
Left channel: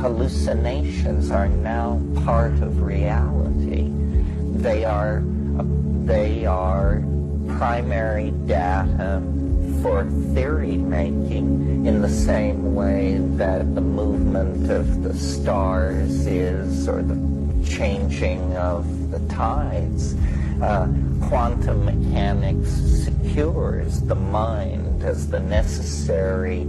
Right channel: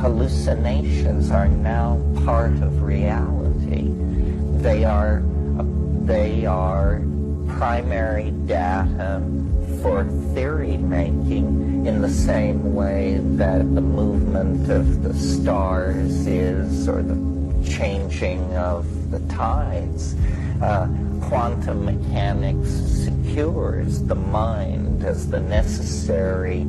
Hallucinations are now part of reality. They are primary data for theory making, in the same way that the movement of the stars is, or the changing of the tides. Quantum mechanics secures the mind as the necessary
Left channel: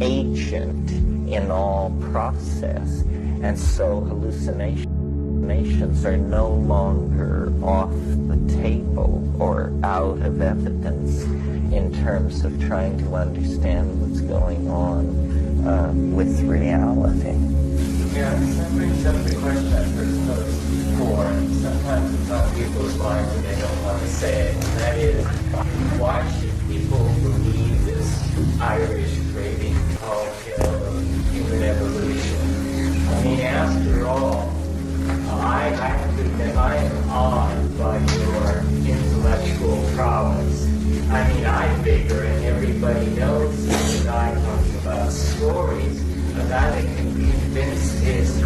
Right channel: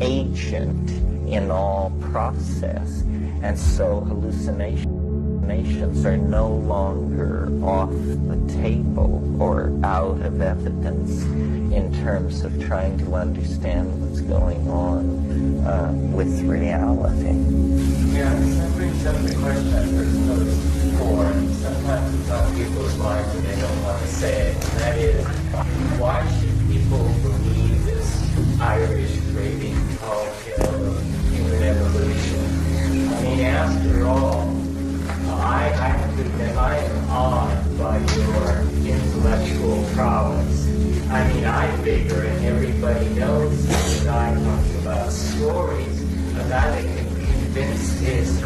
agent in all process, and so hallucinations are no longer off the table or out of evidence in terms of trying to understand what's going on with reality. Yeah, that brings up the question I first posed before. Sometimes it's on people's minds and they don't want to say it, and that is, why should people believe this Irish raving tall tale of human evolution? I mean, after all, I have to admit, I am awed by your intellectual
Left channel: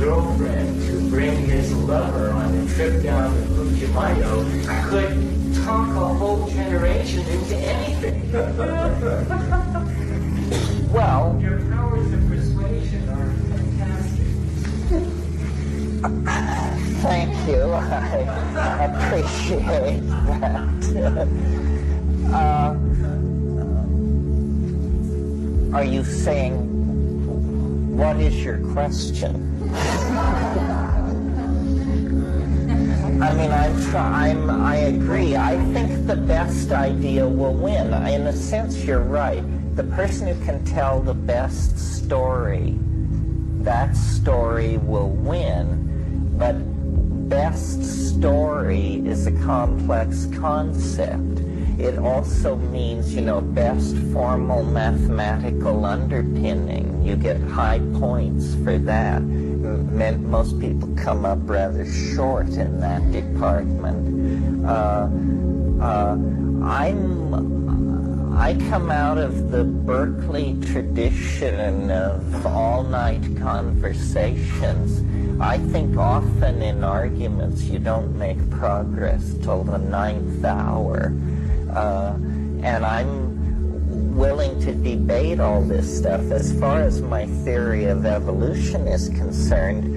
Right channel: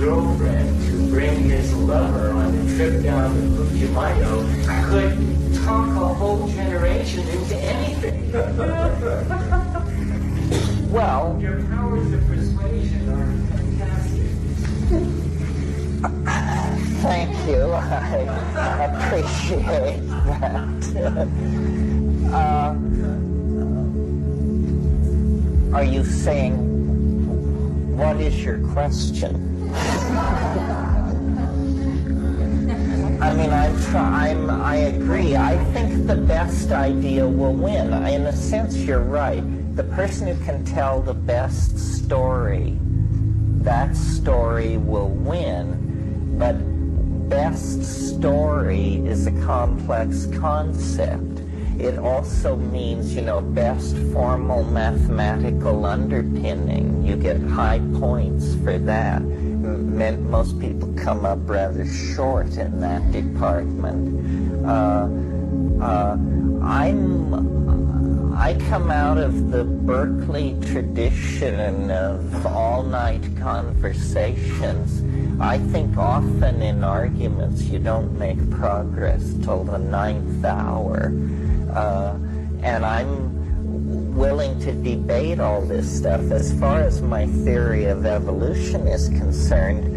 girlfriend to bring his lover on a trip down to Putumayo could talk a whole generation into anything. Well, your powers of persuasion are fantastic. Thank you. I appreciate that. Are you saying, what is your question? I mean, I agree. I think the best idea will win. In a sense, you're right. The person who can tell the best story, that story will win. But best story is a complex concept. It also means, best formal mathematical underpinning. You get high points for that. Most people come up rather short in that department. I come out of the Berkeley tradition of all-night conversations. I think often in arguments you don't make progress till the 9th hour. And I'm willing to debate all this stuff. As far as my theory of evolution is concerned,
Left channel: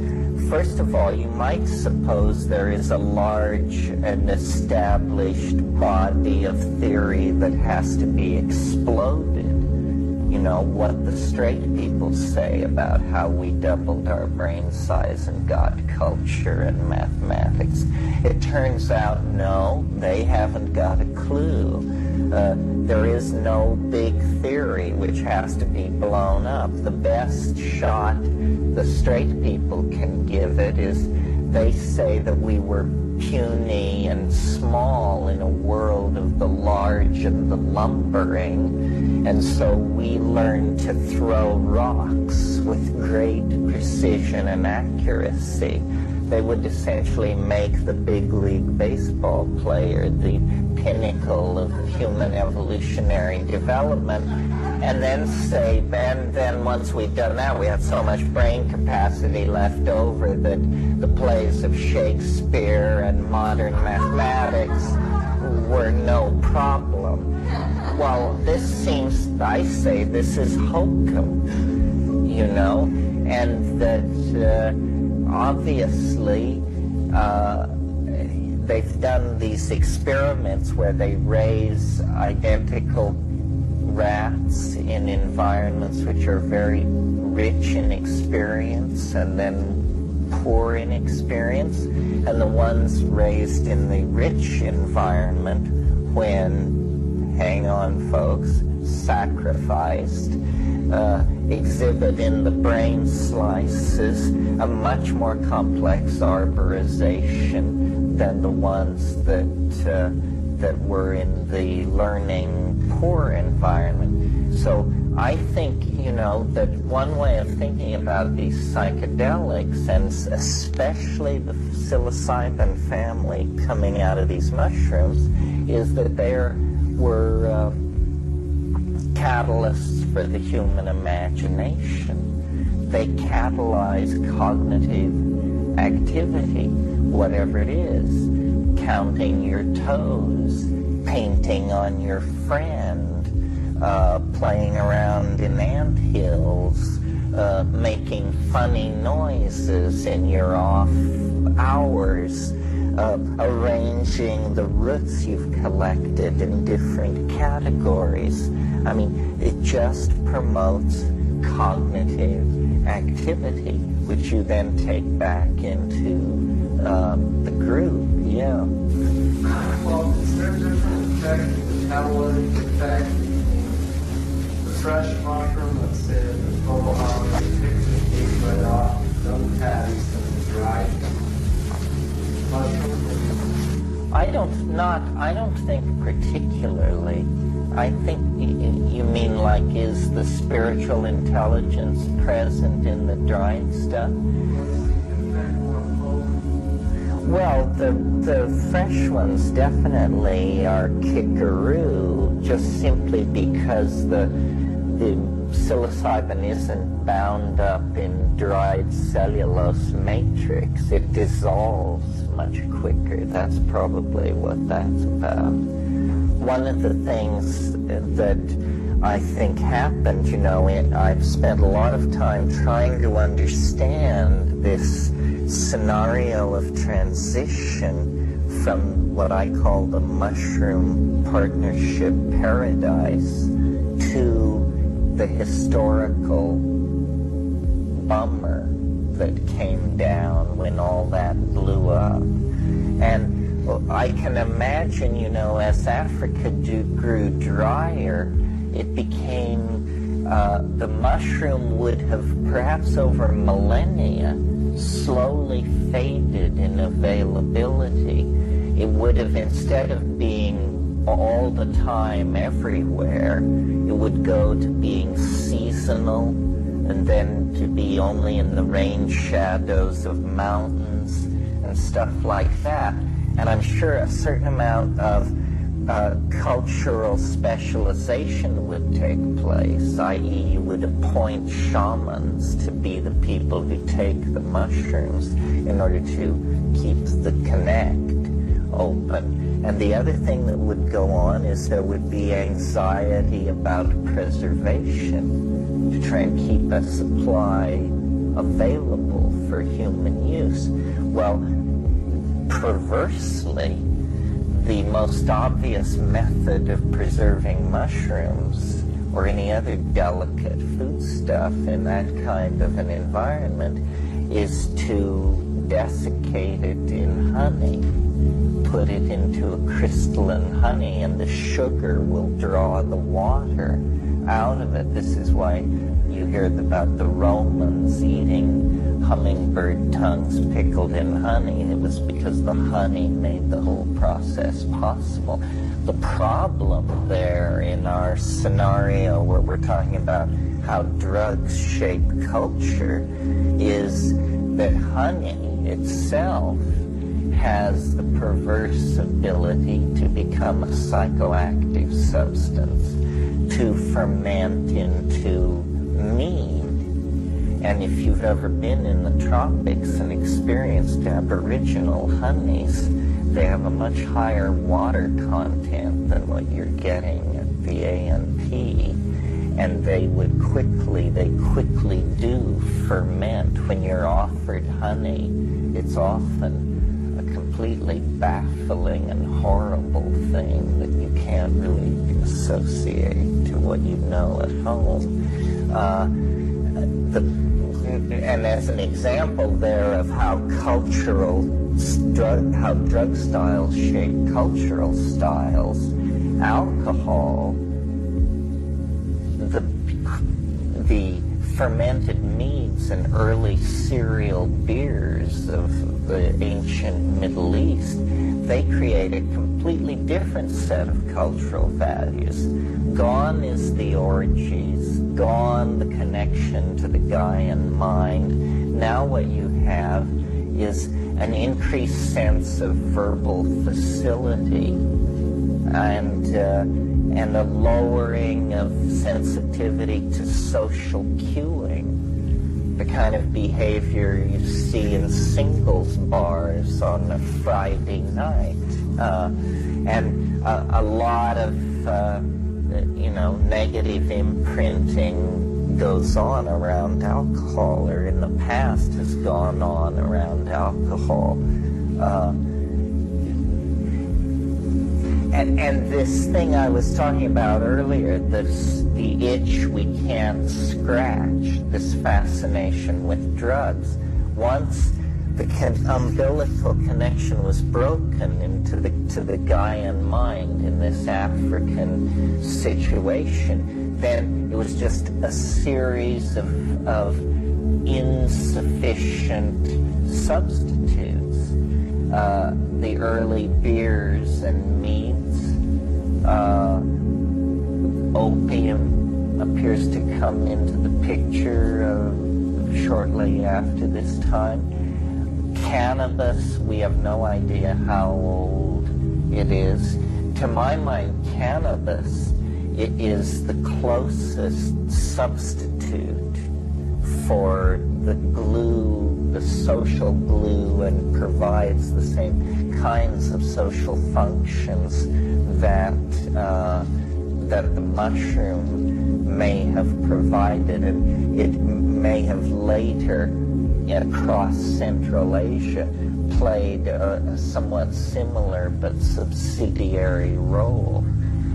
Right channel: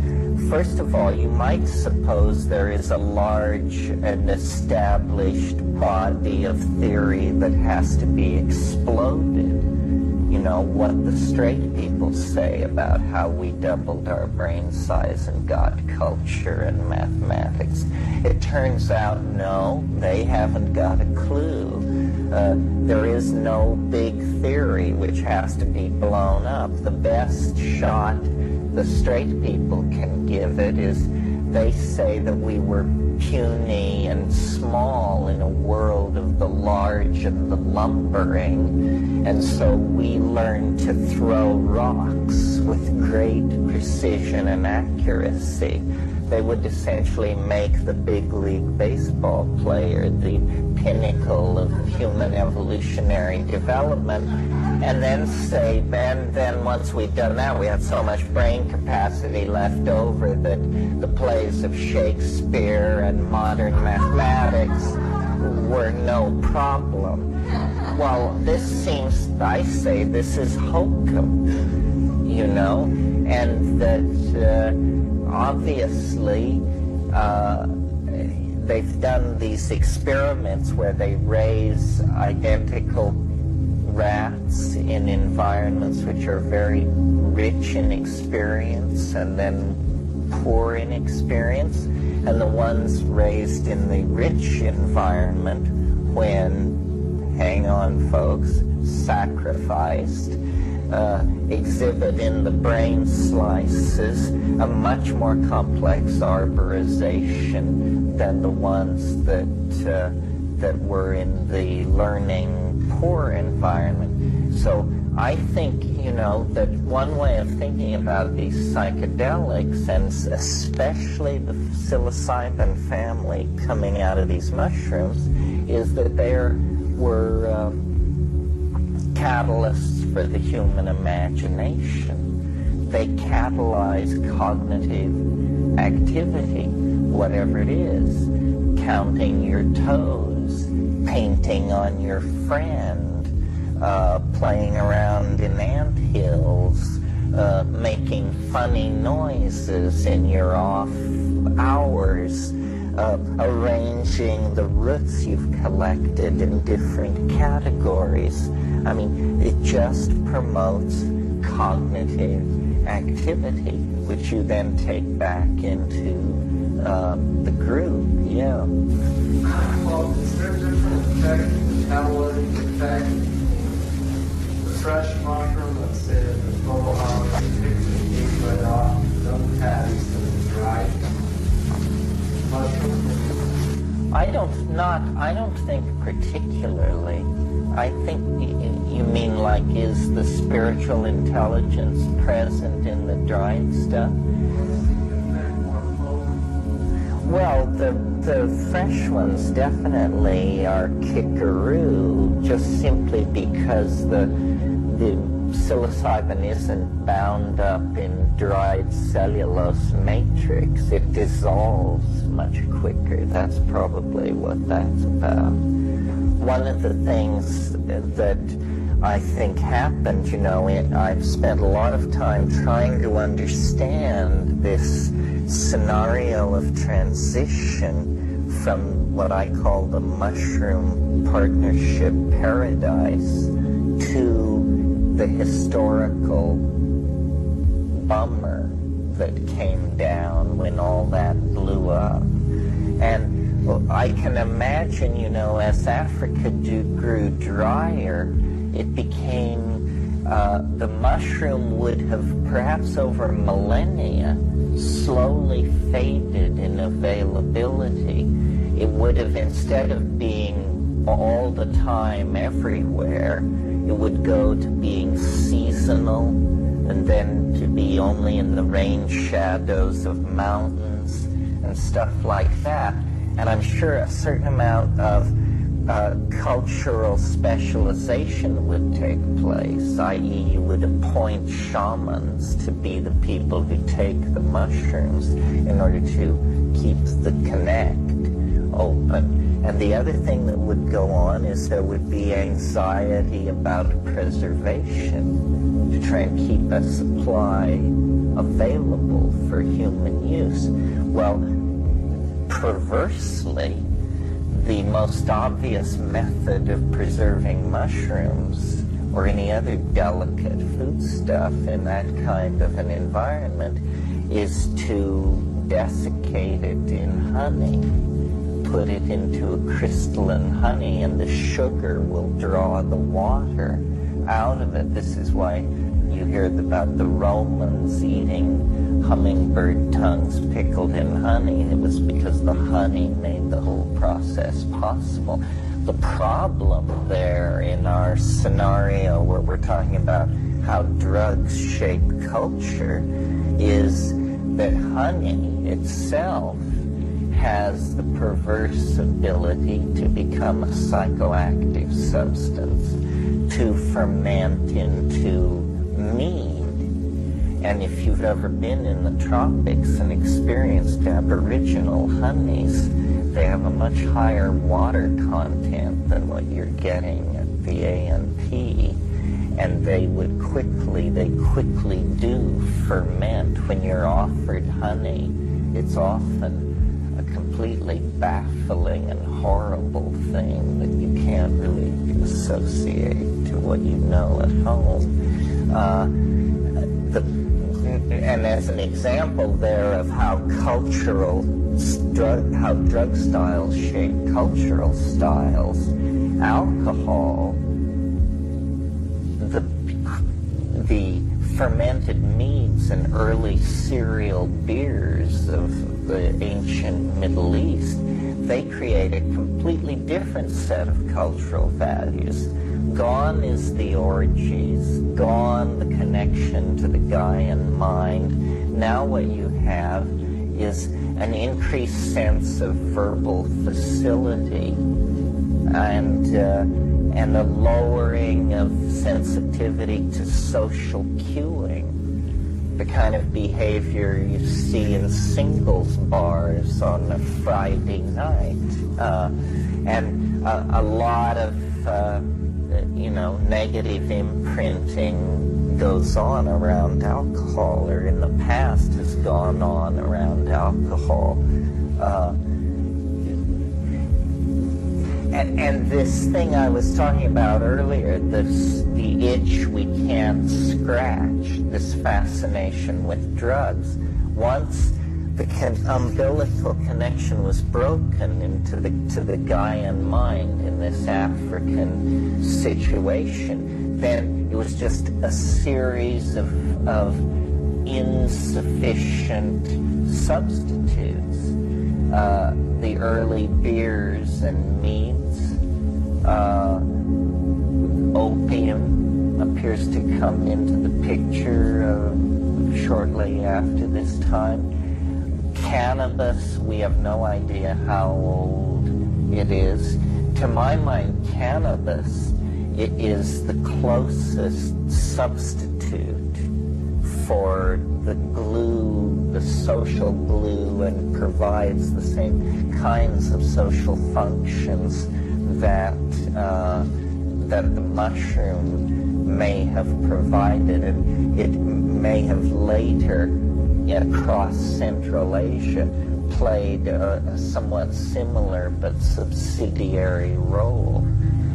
first of all, you might suppose there is a large and established body of theory that has to be exploded. What the straight people say about how we doubled our brain size and got culture and mathematics. It turns out, no, they haven't got a clue. There is no big theory which has to be blown up. The best shot the straight people can give it is they say that we were puny and small in a world of the large and the lumbering, and so we learned to throw rocks with great precision and accuracy. They would essentially make the big league baseball player the pinnacle of human evolutionary development, and then say, and then once we'd done that, we had so much brain capacity left over that the plays of Shakespeare and modern mathematics were no problem. Well, this seems, I say, this is hokum, and that obviously they've done these experiments where they raise identical rats in environments which are very rich in experience and then poor in experience, and the ones raised in the rich environment, when, hang on folks, sacrificed, exhibit in the brain slices a much more complex arborization than the ones that were in the learning poor environment. So I think, that one way of thinking about these psychedelics, and especially the psilocybin family coming out of these mushrooms, is that they were catalysts for the human imagination. They catalyze cognitive activity, whatever it is, counting your toes, painting on your friend, playing around in anthills, making funny noises in your off hours, arranging the roots you've collected in different categories. I mean, it just promotes cognitive activity, which you then take back into the group, yeah. Well, is there a different effect, catalytic effect? The fresh mushroom, let's say the total house, it takes the heat right off, no patties, and the dried mushroom. I don't think particularly. I think you mean like, is the spiritual intelligence present in the dried stuff? Well, the fresh ones definitely are kickaroo, just simply because the psilocybin isn't bound up in dried cellulose matrix. It dissolves much quicker. That's probably what that's about. One of the things that I think happened, I've spent a lot of time trying to understand this scenario of transition from what I call the mushroom partnership paradise to the historical bummer that came down when all that blew up. And I can imagine, as Africa grew drier, it became, the mushroom would have perhaps over millennia slowly faded in availability. It would have, instead of being all the time everywhere, it would go to being seasonal and then to be only in the rain shadows of mountains and stuff like that. And I'm sure a certain amount of cultural specialization would take place, i.e. you would appoint shamans to be the people who take the mushrooms in order to keep the connect open. And the other thing that would go on is there would be anxiety about preservation to try and keep a supply available for human use. Well, perversely, the most obvious method of preserving mushrooms or any other delicate foodstuff in that kind of an environment is to desiccate it in honey, put it into a crystalline honey, and the sugar will draw the water out of it. This is why you hear about the Romans eating hummingbird tongues pickled in honey. It was because the honey made the whole process possible. The problem there in our scenario where we're talking about how drugs shape culture is that honey itself has the perverse ability to become a psychoactive substance, to ferment into mead. And if you've ever been in the tropics and experienced Aboriginal honeys, they have a much higher water content than what you're getting at the ANP. And they quickly do ferment. When you're offered honey, it's often a completely baffling and horrible thing that you can't really associate to what you know at home. And as an example there of how drug styles shape cultural styles, alcohol, the fermented meads and early cereal beers of the ancient Middle East, they create a completely different set of cultural values. Gone is the orgies, gone the connection to the Gaian mind. Now what you have is an increased sense of verbal facility and a lowering of sensitivity to social cueing, the kind of behavior you see in singles bars on a Friday night, and a lot of negative imprinting goes on around alcohol, or in the past has gone on around alcohol. And this thing I was talking about earlier, the itch we can't scratch, this fascination with drugs, once the umbilical connection was broken into the Gaian mind in this African situation, then it was just a series of insufficient substitutes. The early beers and meads, opium appears to come into the picture shortly after this time. Cannabis, we have no idea how old it is. To my mind, cannabis it is the closest substitute for the glue, the social glue, and provides the same kinds of social functions that that the mushroom may have provided, and it may have later, across Central Asia, played a somewhat similar but subsidiary role.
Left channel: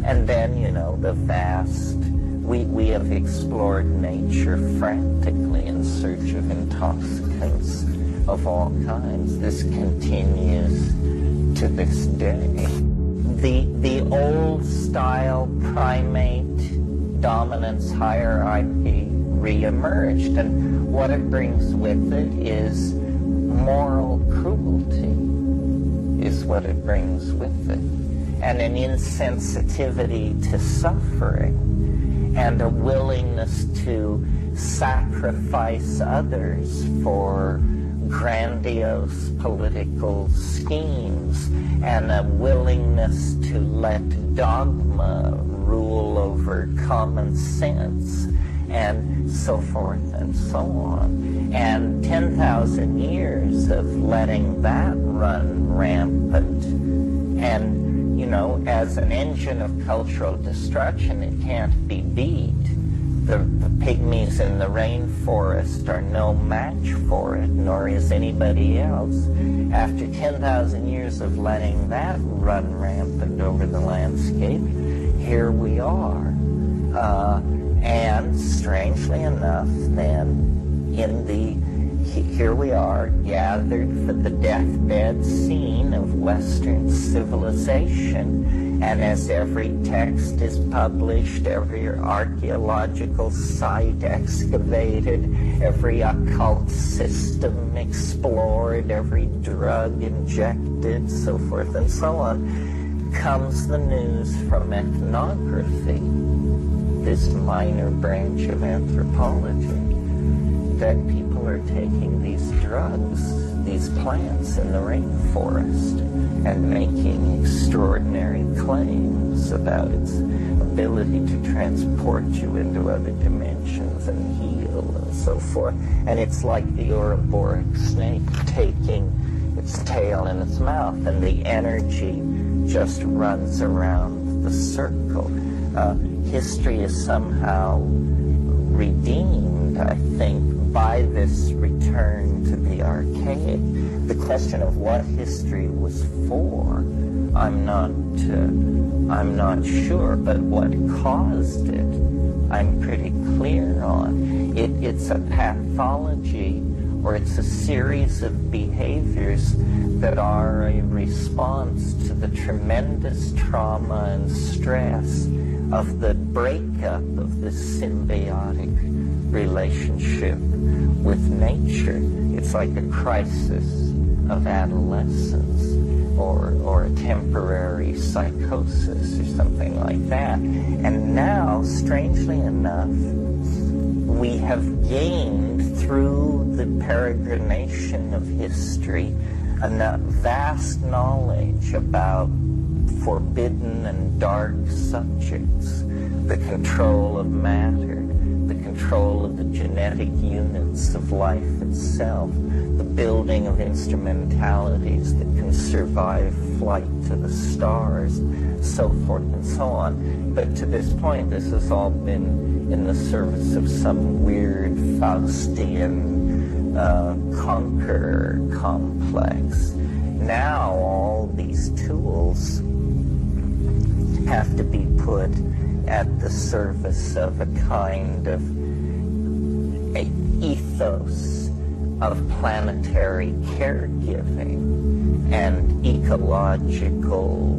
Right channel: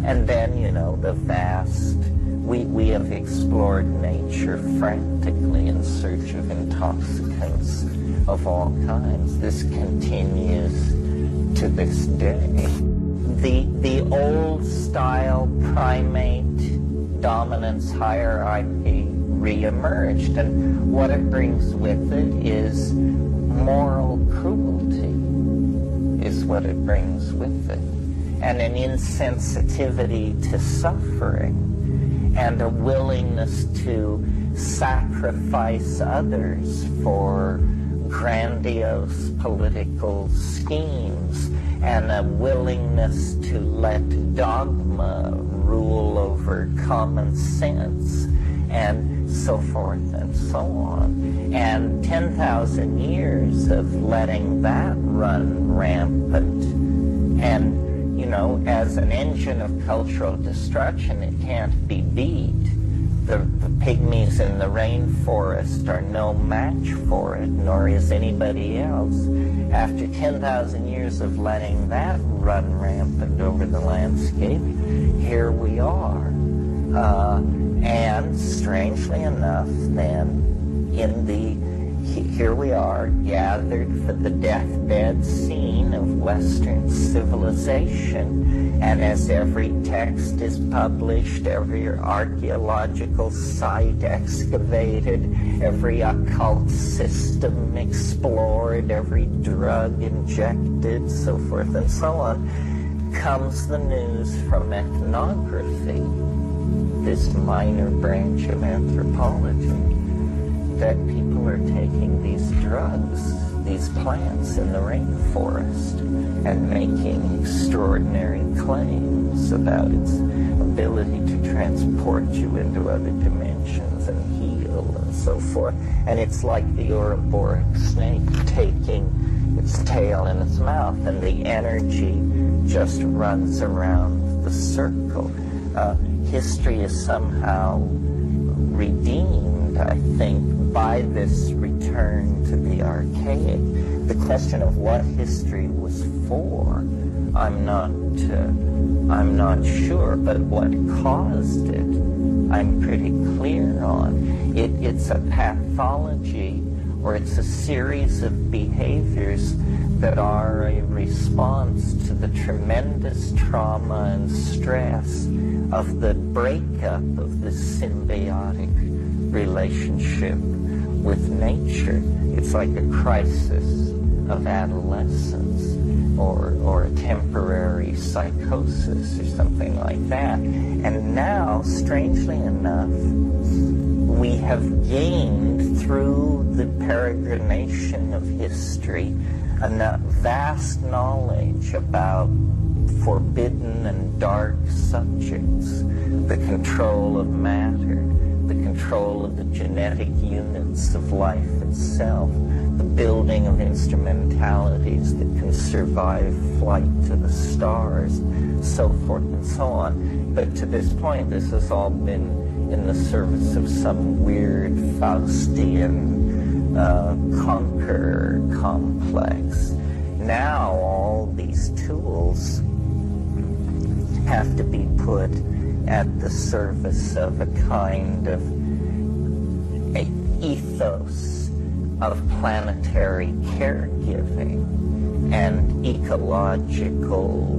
And then, the vast, we have explored nature frantically in search of intoxicants of all kinds. This continues to this day. The old style primate dominance hierarchy reemerged, and what it brings with it is moral cruelty, is what it brings with it, and an insensitivity to suffering, and a willingness to sacrifice others for grandiose political schemes, and a willingness to let dogma rule over common sense, and so forth and so on. And 10,000 years of letting that run rampant, and as an engine of cultural destruction, it can't be beat. The pygmies in the rainforest are no match for it, nor is anybody else. After 10,000 years of letting that run rampant over the landscape, here we are. And strangely enough, then, here we are, gathered for the deathbed scene of Western civilization, and as every text is published, every archaeological site excavated, every occult system explored, every drug injected, so forth and so on, comes the news from ethnography, this minor branch of anthropology, that people are taking these drugs, these plants in the rainforest, and making extraordinary claims about its ability to transport you into other dimensions and heal and so forth. And it's like the Ouroboros snake taking its tail in its mouth, and the energy just runs around the circle. History is somehow redeemed, I think, by this return to the archaic. The question of what history was for, I'm not sure, but what caused it, I'm pretty clear on. It's a pathology, or it's a series of behaviors that are a response to the tremendous trauma and stress of the breakup of this symbiotic relationship with nature. It's like a crisis of adolescence, or a temporary psychosis, or something like that. And now, strangely enough, we have gained through the peregrination of history a vast knowledge about forbidden and dark subjects, the control of matter, the control of the genetic units of life itself, the building of instrumentalities that can survive flight to the stars, so forth and so on. But to this point, this has all been in the service of some weird Faustian conqueror complex. Now all these tools have to be put at the service of a kind of ethos of planetary caregiving and ecological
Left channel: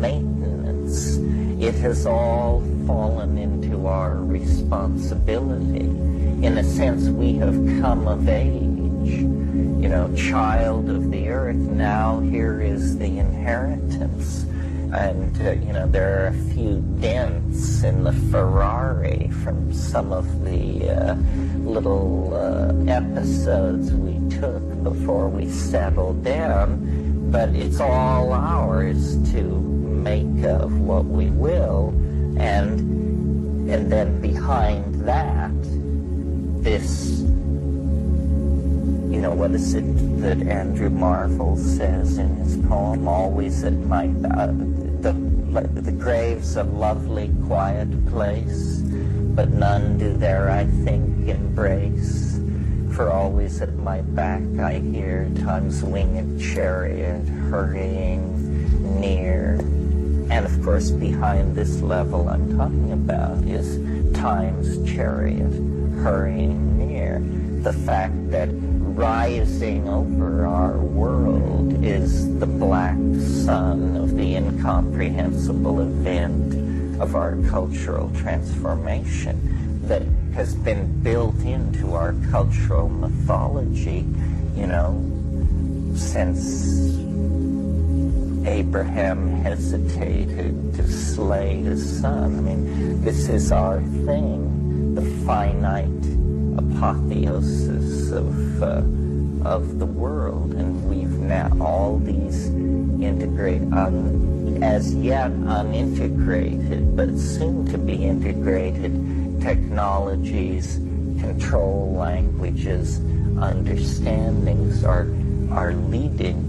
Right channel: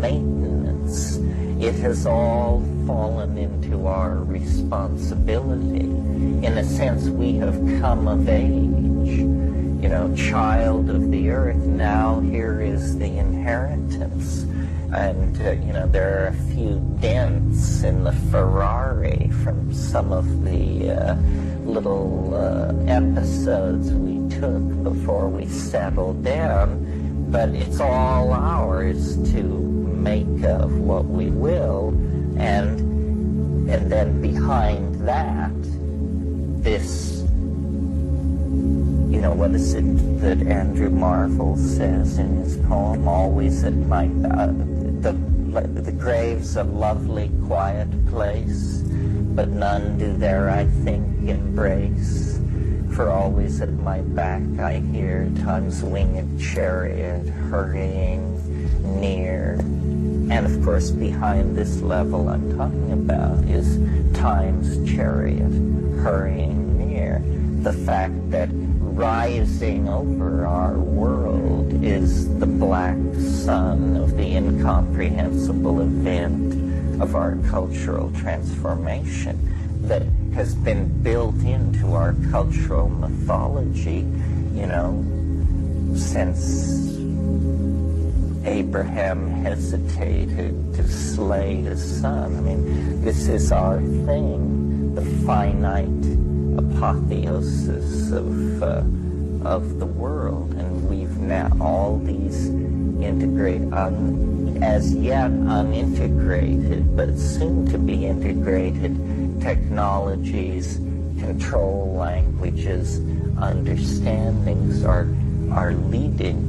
maintenance. It has all fallen into our responsibility. In a sense, we have come of age, child of the earth. Now here is the inheritance. And, there are a few dents in the Ferrari from some of the little episodes we took before we settled down, but it's all ours to make of what we will. And then behind that, this, what is it that Andrew Marvell says in his poem, always at my, the grave's a lovely, quiet place, but none do there, I think, embrace. For always at my back I hear time's winged chariot hurrying near. And of course, behind this level I'm talking about is time's chariot hurrying near. The fact that rising over our world is the black sun of the incomprehensible event of our cultural transformation that has been built into our cultural mythology, since Abraham hesitated to slay his son. I mean, this is our thing, the finite apotheosis of the world, and we've now all these as yet unintegrated, but soon to be integrated technologies, control languages, understandings are leading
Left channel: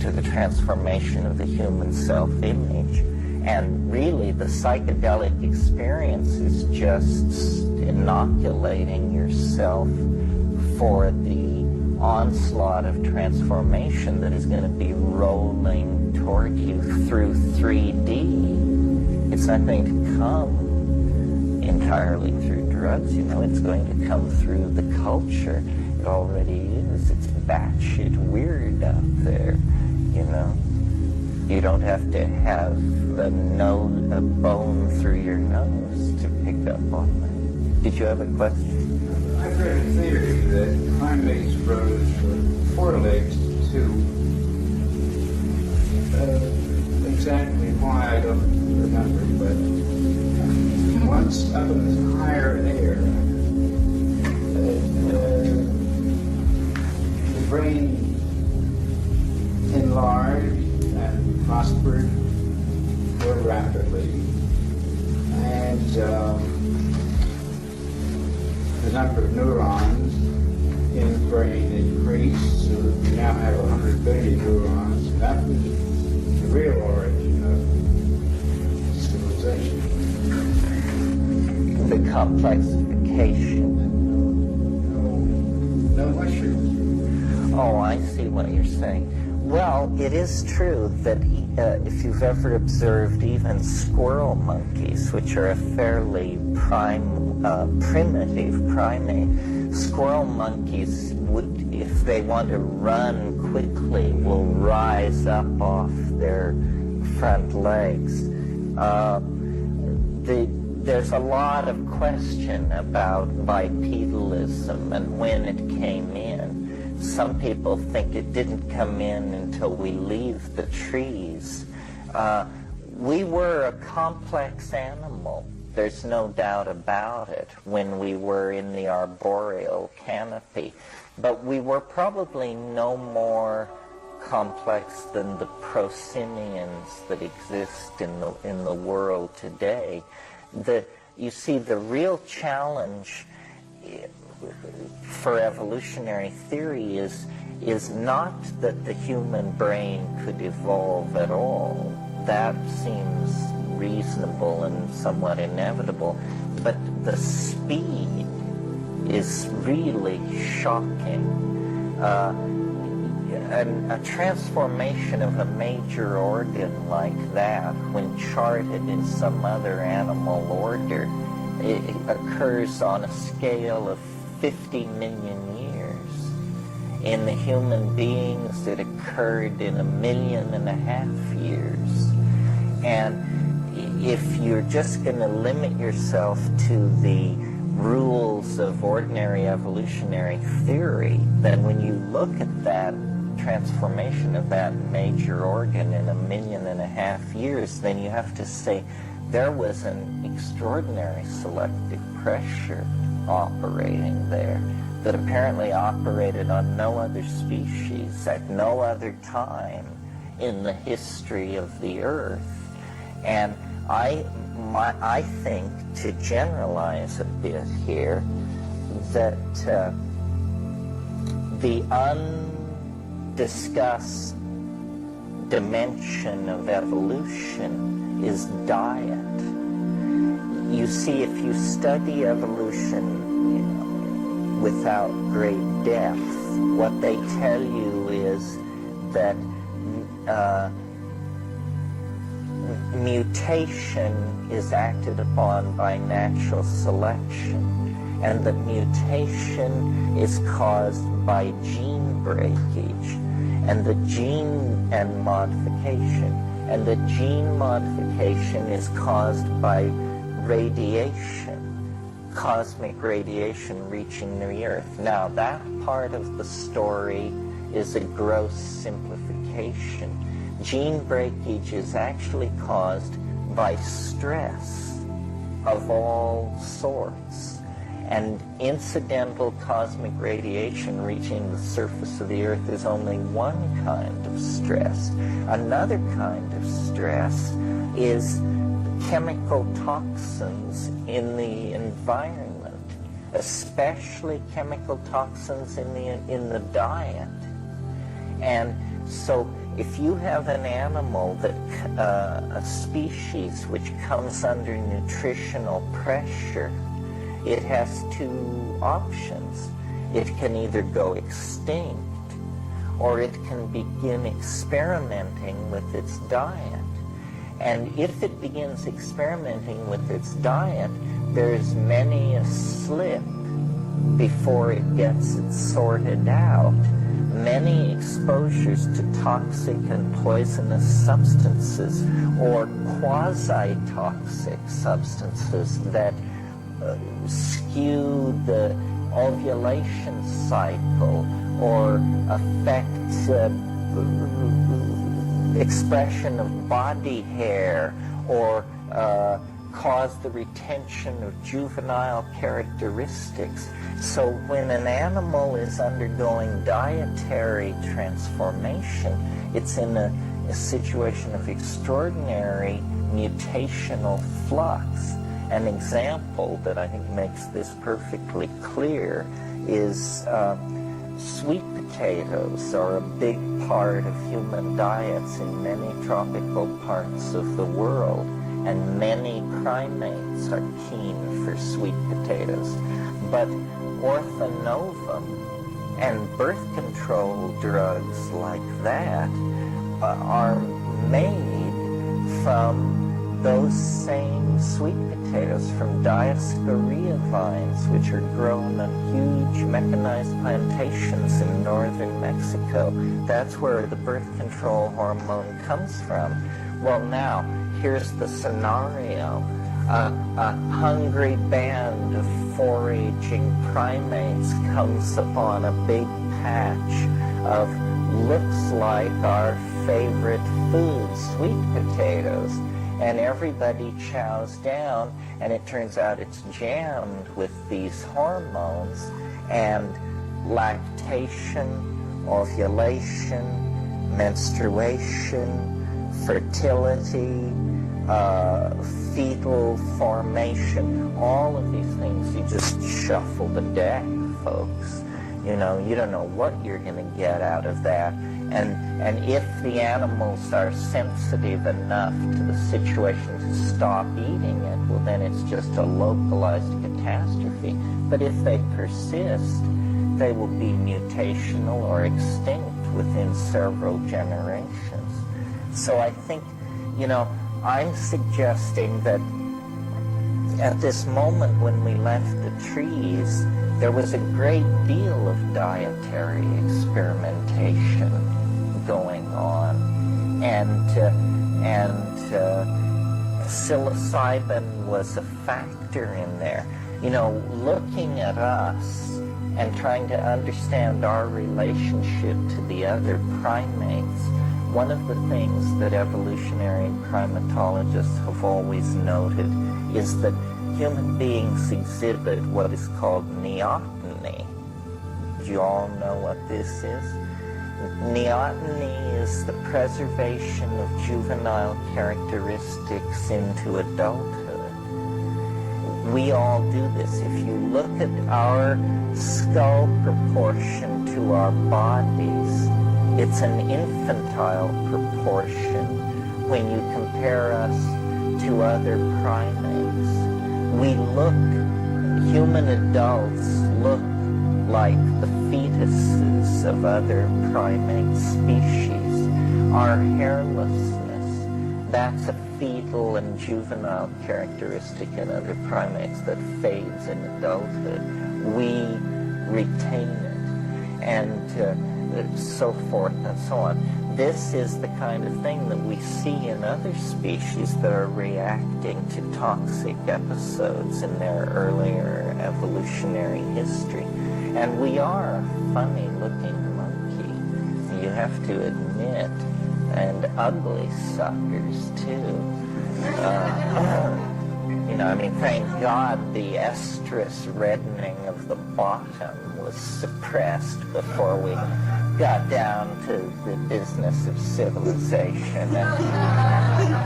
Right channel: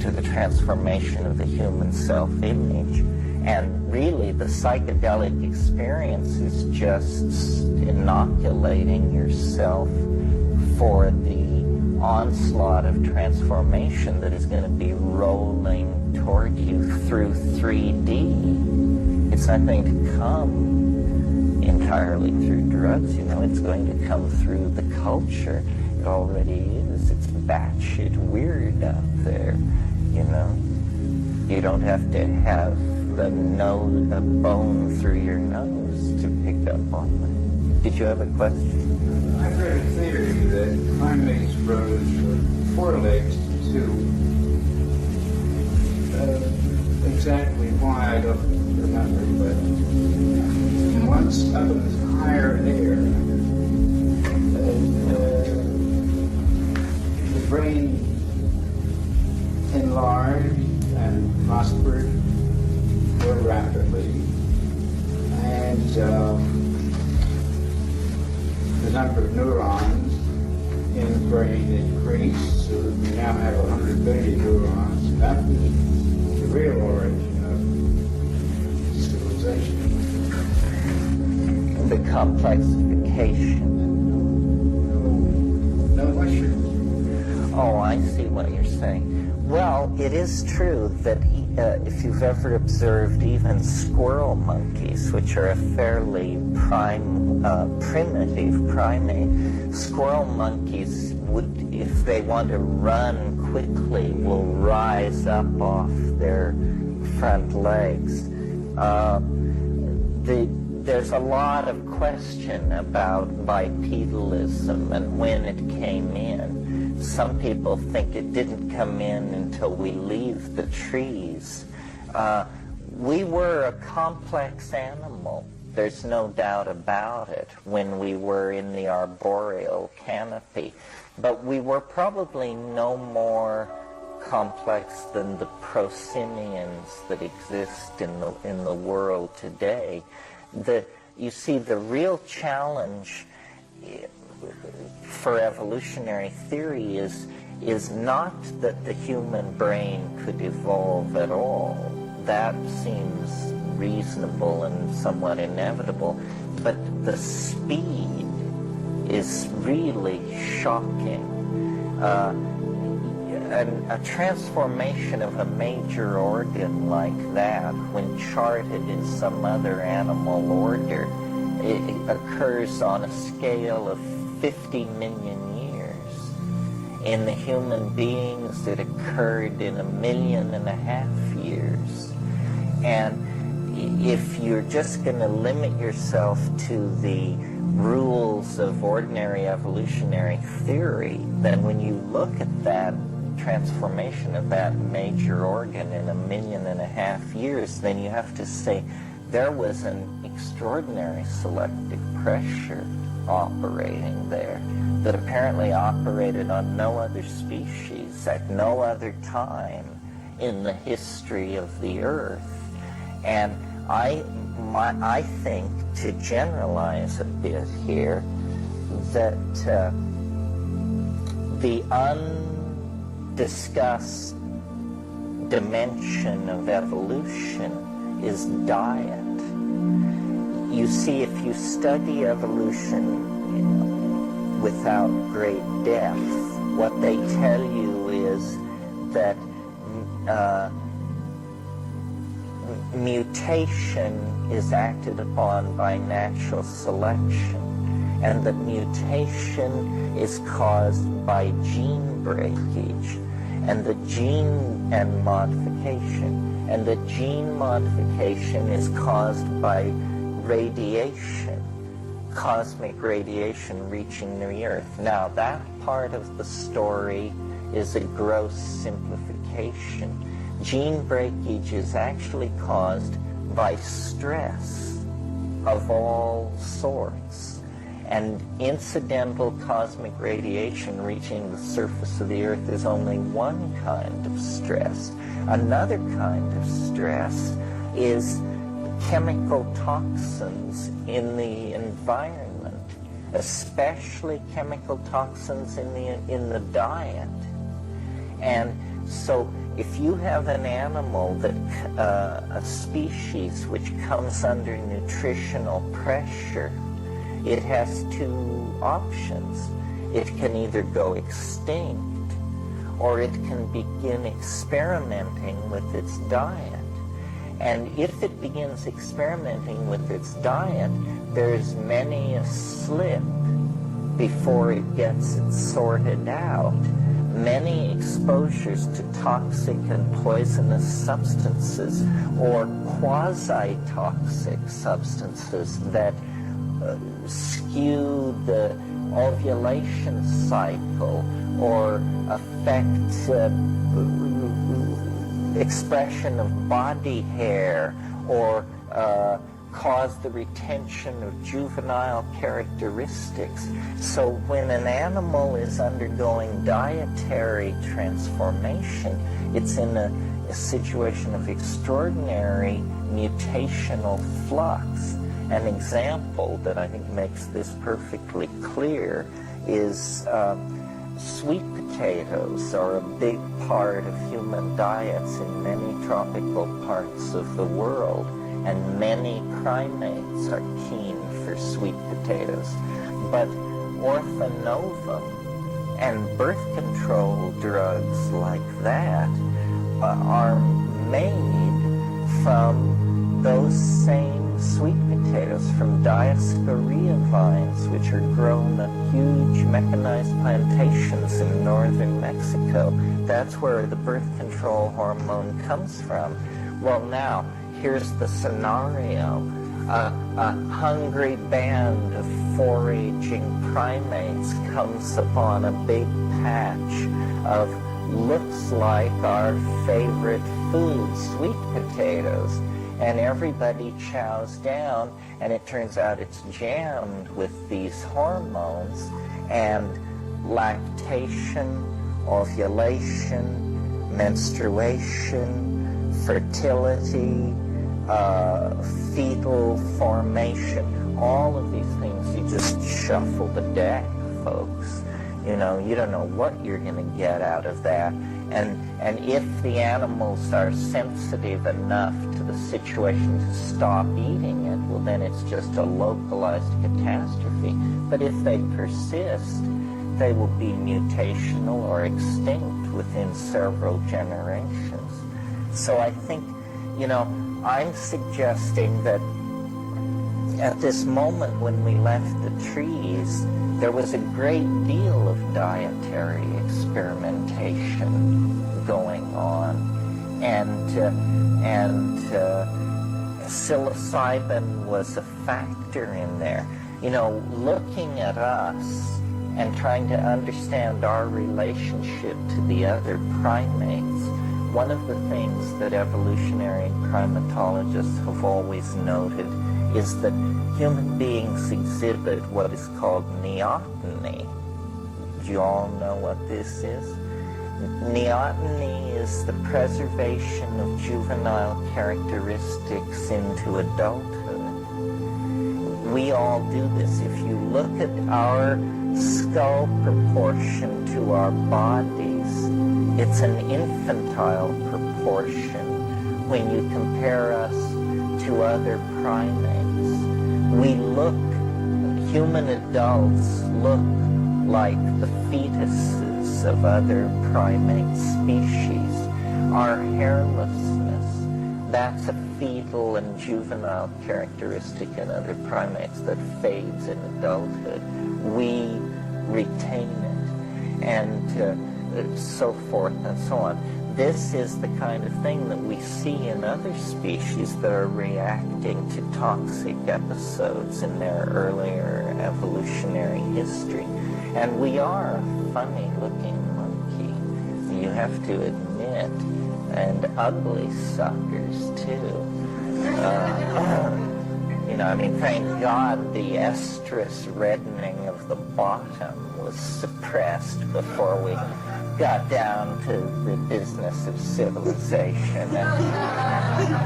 to the transformation of the human self-image. And really, the psychedelic experience is just inoculating yourself for the onslaught of transformation that is going to be rolling toward you through 3D. It's not going to come entirely through drugs, it's going to come through the culture. It already is. It's batshit weird out there, You don't have to have a bone through your nose to pick up on that. Did you have a question? I've read a theory that primates rose from 4 legs to 2. Exactly why I don't remember, but once up in this higher air, the brain enlarged and prospered more rapidly, and the number of neurons in the brain increased, so that we now have 100 billion neurons, and that was the real origin of civilization. The complexification. No mushrooms. Oh, I see what you're saying. Well, it is true that if you've ever observed even squirrel monkeys, which are a fairly primitive primate, squirrel monkeys would, if they want to run quickly, will rise up off their front legs. There's a lot of question about bipedalism and when it came in. Some people think it didn't come in until we leave the trees. We were a complex animal. There's no doubt about it when we were in the arboreal canopy. But we were probably no more complex than the prosimians that exist in the world today. You see, the real challenge for evolutionary theory is not that the human brain could evolve at all. That seems reasonable and somewhat inevitable, but the speed is really shocking. A transformation of a major organ like that, when charted in some other animal order, it occurs on a scale of 50 million years. In the human beings, it occurred in 1.5 million years. And if you're just going to limit yourself to the rules of ordinary evolutionary theory, then when you look at that transformation of that major organ in 1.5 million years, then you have to say there was an extraordinary selective pressure operating there that apparently operated on no other species at no other time in the history of the Earth. And I think, to generalize a bit here, that the undiscussed dimension of evolution is diet. You see, if you study evolution without great depth, what they tell you is that mutation is acted upon by natural selection, and that mutation is caused by gene breakage and the gene and modification, and the gene modification is caused by radiation, cosmic radiation reaching the Earth. Now, that part of the story is a gross simplification. Gene breakage is actually caused by stress of all sorts, and incidental cosmic radiation reaching the surface of the Earth is only one kind of stress. Another kind of stress is chemical toxins in the environment, especially chemical toxins in the diet. And so if you have an animal that, a species which comes under nutritional pressure, it has two options. It can either go extinct, or it can begin experimenting with its diet. And if it begins experimenting with its diet, there's many a slip before it gets it sorted out. Many exposures to toxic and poisonous substances or quasi-toxic substances that skew the ovulation cycle or affect expression of body hair or cause the retention of juvenile characteristics. So when an animal is undergoing dietary transformation, it's in a situation of extraordinary mutational flux. An example that I think makes this perfectly clear is sweet potatoes are a big part of human diets in many tropical parts of the world, and many primates are keen for sweet potatoes. But orphanovum and birth control drugs like that are made from those same sweet potatoes, from Dioscorea vines, which are grown on huge mechanized plantations in northern Mexico. That's where the birth control hormone comes from. Well, now, here's the scenario. A hungry band of foraging primates comes upon a big patch of looks like our favorite food, sweet potatoes. And everybody chows down, and it turns out it's jammed with these hormones, and lactation, ovulation, menstruation, fertility, fetal formation, all of these things, you just shuffle the deck, folks. You know, you don't know what you're going to get out of that. And if the animals are sensitive enough to the situation to stop eating it, well, then it's just a localized catastrophe. But if they persist, they will be mutational or extinct within several generations. So I think, you know, I'm suggesting that at this moment when we left the trees, there was a great deal of dietary experimentation going on, and psilocybin was a factor in there. You know, looking at us and trying to understand our relationship to the other primates, one of the things that evolutionary primatologists have always noted is that human beings exhibit what is called neoteny. Do you all know what this is? Neoteny is the preservation of juvenile characteristics into adulthood. We all do this. If you look at our skull proportion to our bodies, it's an infantile proportion when you compare us to other primates. Human adults look like the fetuses of other primate species. Our hairlessness, that's a fetal and juvenile characteristic in other primates that fades in adulthood. We retain it, and so forth and so on. This is the kind of thing that we see in other species that are reacting to toxic episodes in their earlier evolutionary history. And we are a funny-looking monkey, you have to admit, and ugly suckers, too. Thank God the estrus reddening of the bottom was suppressed before we got down to the business of civilization. And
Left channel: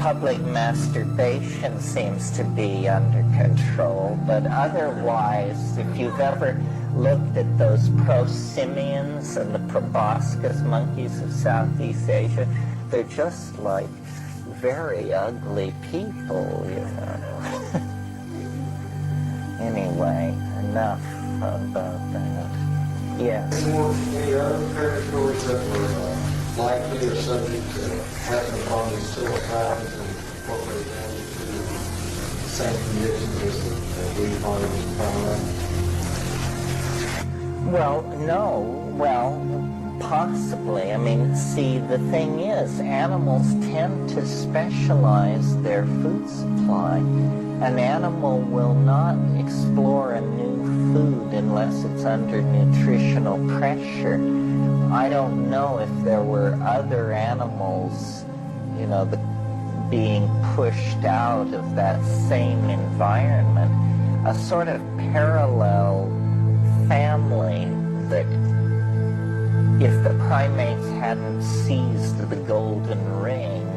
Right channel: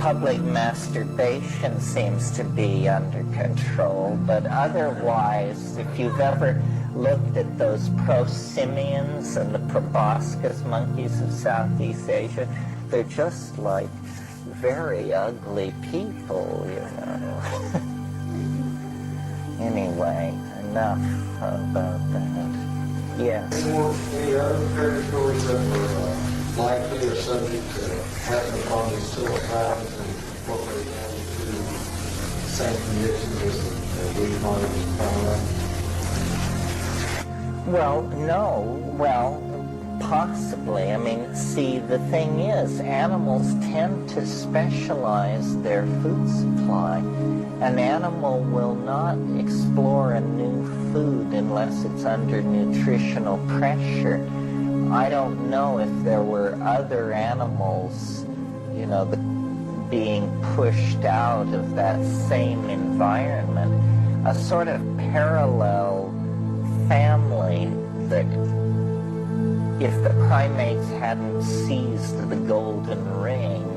public masturbation seems to be under control, but otherwise, if you've ever looked at those prosimians and the proboscis monkeys of Southeast Asia, they're just like very ugly people, Anyway, enough about that. Yes. Any other predators that were likely or subject to happen upon these psilocybins and incorporate them into the same conditions as we find in Kramden? Well, no. Well, possibly. See, the thing is, animals tend to specialize their food supply. An animal will not explore a new food unless it's under nutritional pressure. I don't know if there were other animals, being pushed out of that same environment. A sort of parallel family that, if the primates hadn't seized the golden ring,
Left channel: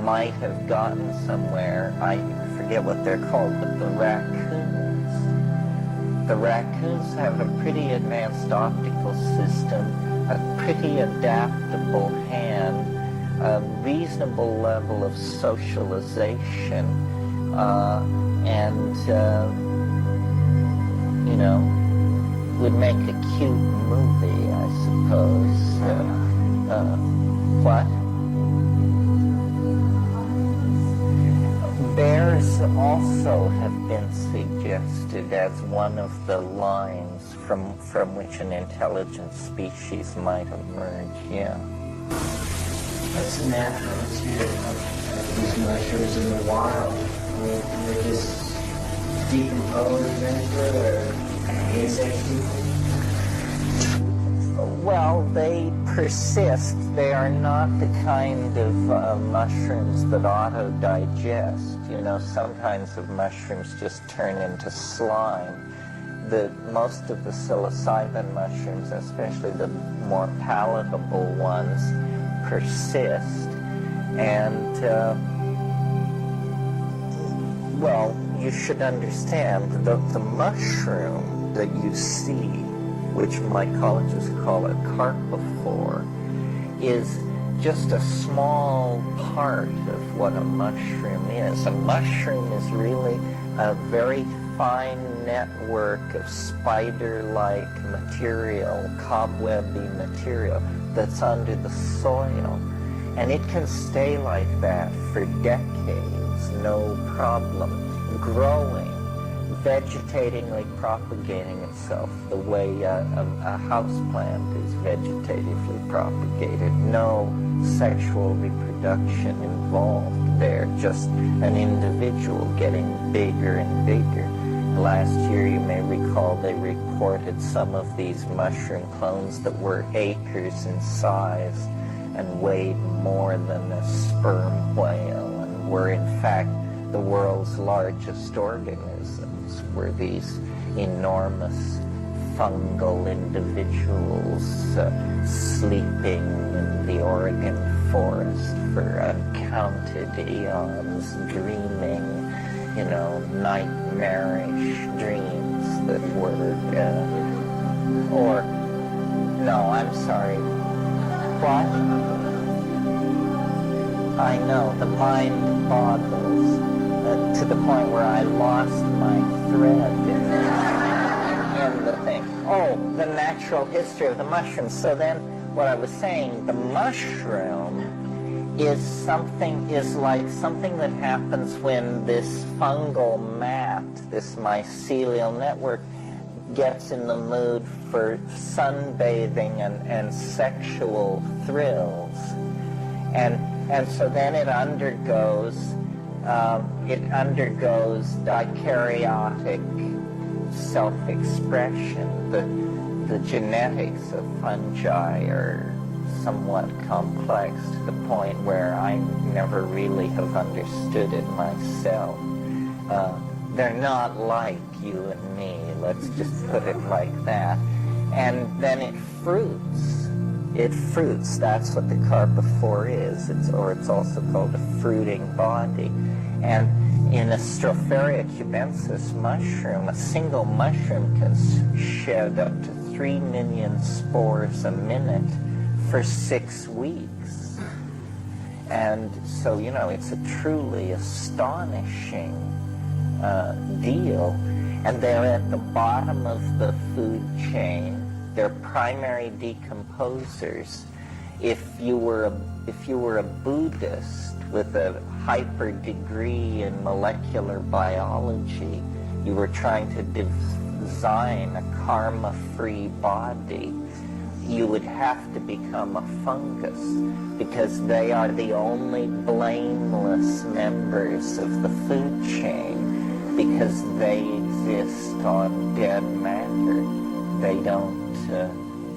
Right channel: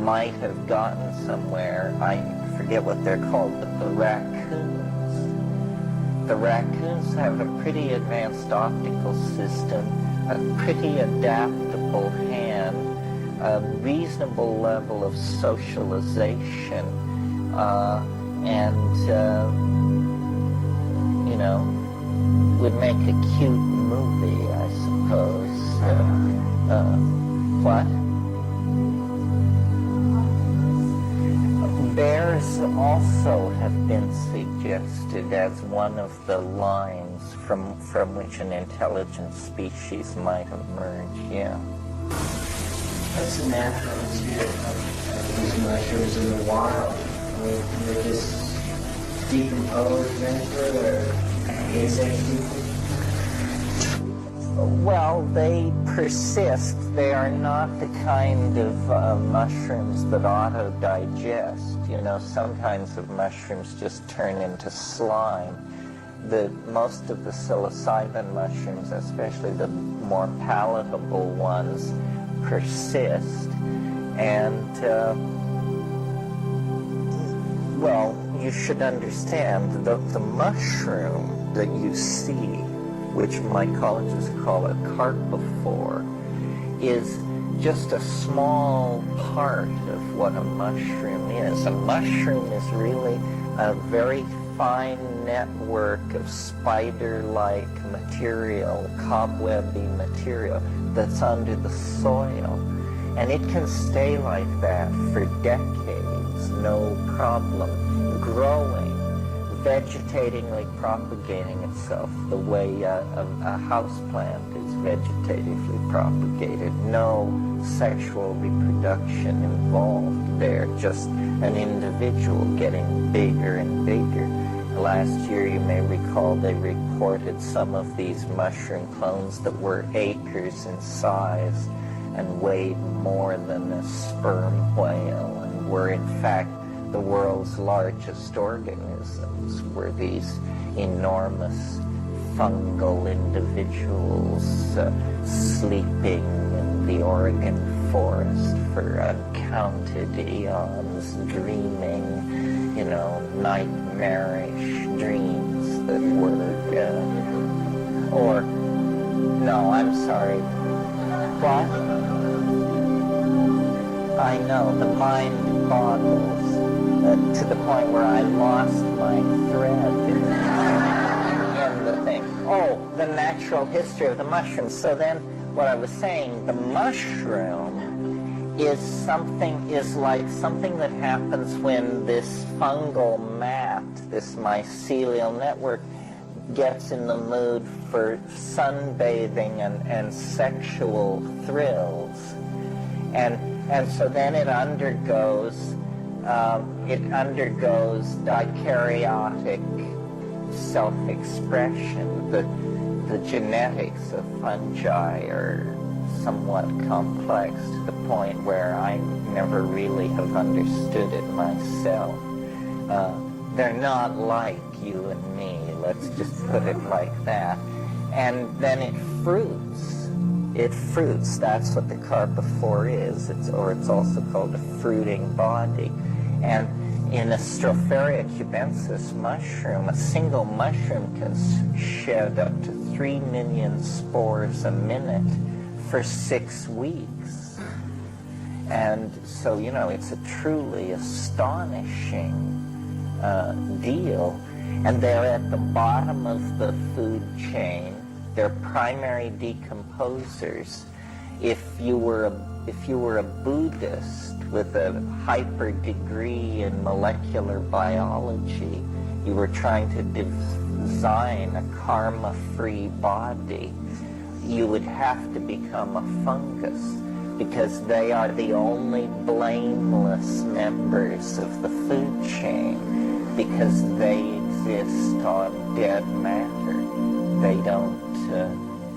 might have gotten somewhere. I forget what they're called, but the raccoons. The raccoons have a pretty advanced optical system, a pretty adaptable hand, a reasonable level of socialization, would make a cute movie, I suppose. What? Bears also have been suggested as one of the lines from which an intelligent species might emerge, yeah. What's the natural history of these mushrooms in the wild? Can they just decompose eventually, or insects decompose? Well, they persist. They are not the kind of mushrooms that auto-digest. Some kinds of mushrooms just turn into slime. Most of the psilocybin mushrooms, especially the more palatable ones, persist. And, you should understand the mushroom that you see, which mycologists call a carpophore, is just a small part of what a mushroom is. A mushroom is really a very fine network of spider-like material, cobwebby material that's under the soil. And it can stay like that for decades, no problem, growing, vegetatingly propagating itself the way a houseplant is vegetatively propagated. No sexual reproduction involved there, just an individual getting bigger and bigger. Last year, you may recall, they reported some of these mushroom clones that were acres in size and weighed more than a sperm whale, and were in fact the world's largest organisms, were these enormous fungal individuals sleeping in the Oregon forest for uncounted eons, dreaming, nightmarish dreams that were, or, no, I'm sorry. What? I know, the mind boggles to the point where I lost my thread in the thing. Oh, the natural history of the mushroom. So then, what I was saying, the mushroom is like something that happens when this fungal mat, this mycelial network, gets in the mood for sunbathing and sexual thrills. And so then it undergoes dikaryotic self-expression. The genetics of fungi are somewhat complex to the point where I never really have understood it myself. They're not like you and me, let's just put it like that. And then it fruits. That's what the carpophore is. It's also called a fruiting body. And in a Stropharia cubensis mushroom, a single mushroom can shed up to 3 million spores a minute for 6 weeks. And so, it's a truly astonishing deal. And they're at the bottom of the food chain. They're primary decomposers. If you were a Buddhist with a hyper degree in molecular biology, you were trying to design a karma-free body, you would have to become a fungus, because they are the only blameless members of the food chain, because they exist on dead matter. They don't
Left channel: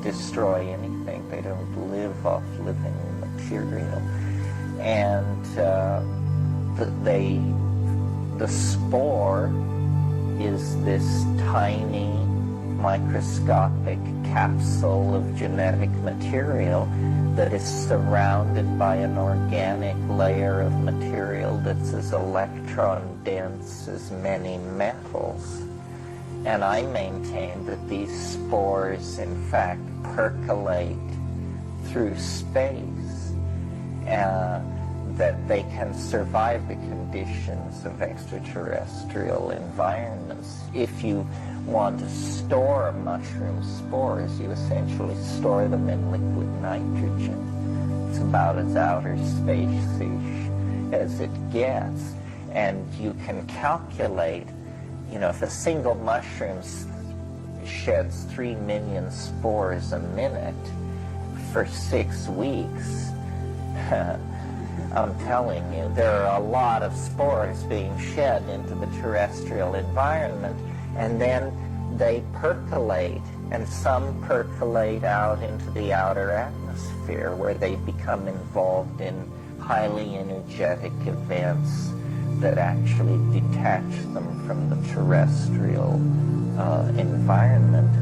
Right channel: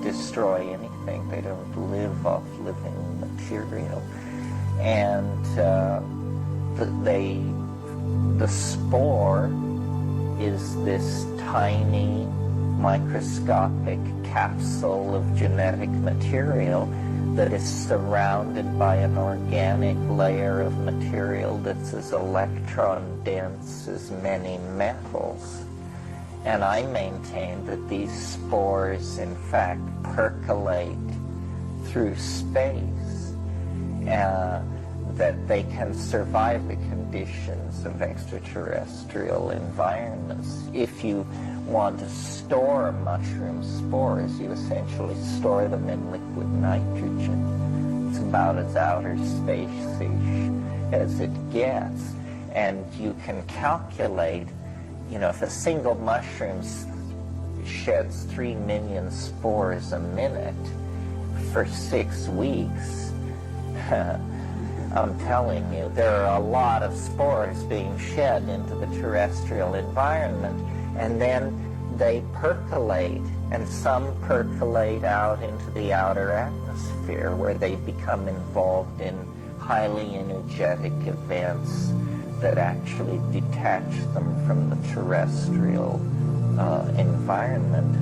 destroy anything. They don't live off living material. And the spore is this tiny microscopic capsule of genetic material that is surrounded by an organic layer of material that's as electron dense as many metals. And I maintain that these spores, in fact, percolate through space, that they can survive the conditions of extraterrestrial environments. If you want to store mushroom spores, you essentially store them in liquid nitrogen. It's about as outer space-ish as it gets. And you can calculate, if a single mushroom sheds 3 million spores a minute for 6 weeks, I'm telling you, there are a lot of spores being shed into the terrestrial environment, and then they percolate, and some percolate out into the outer atmosphere, where they become involved in highly energetic events that actually detach them from the terrestrial environment.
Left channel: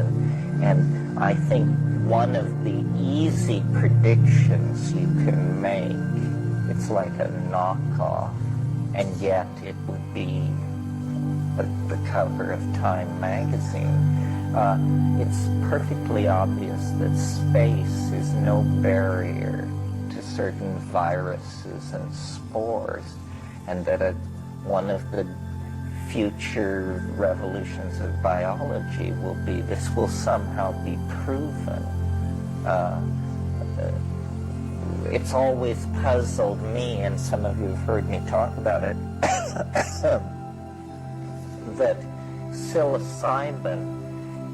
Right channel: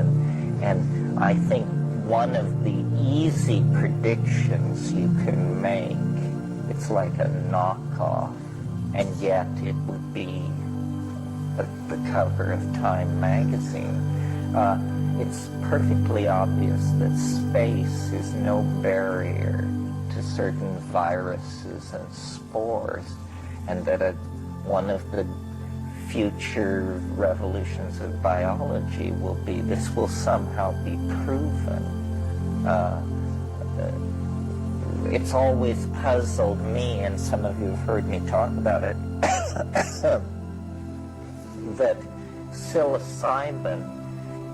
And I think one of the easy predictions you can make, it's like a knockoff, and yet it would be the cover of Time magazine. It's perfectly obvious that space is no barrier to certain viruses and spores, and that one of the future revolutions of biology will be, this will somehow be proven. It's always puzzled me, and some of you have heard me talk about it, that psilocybin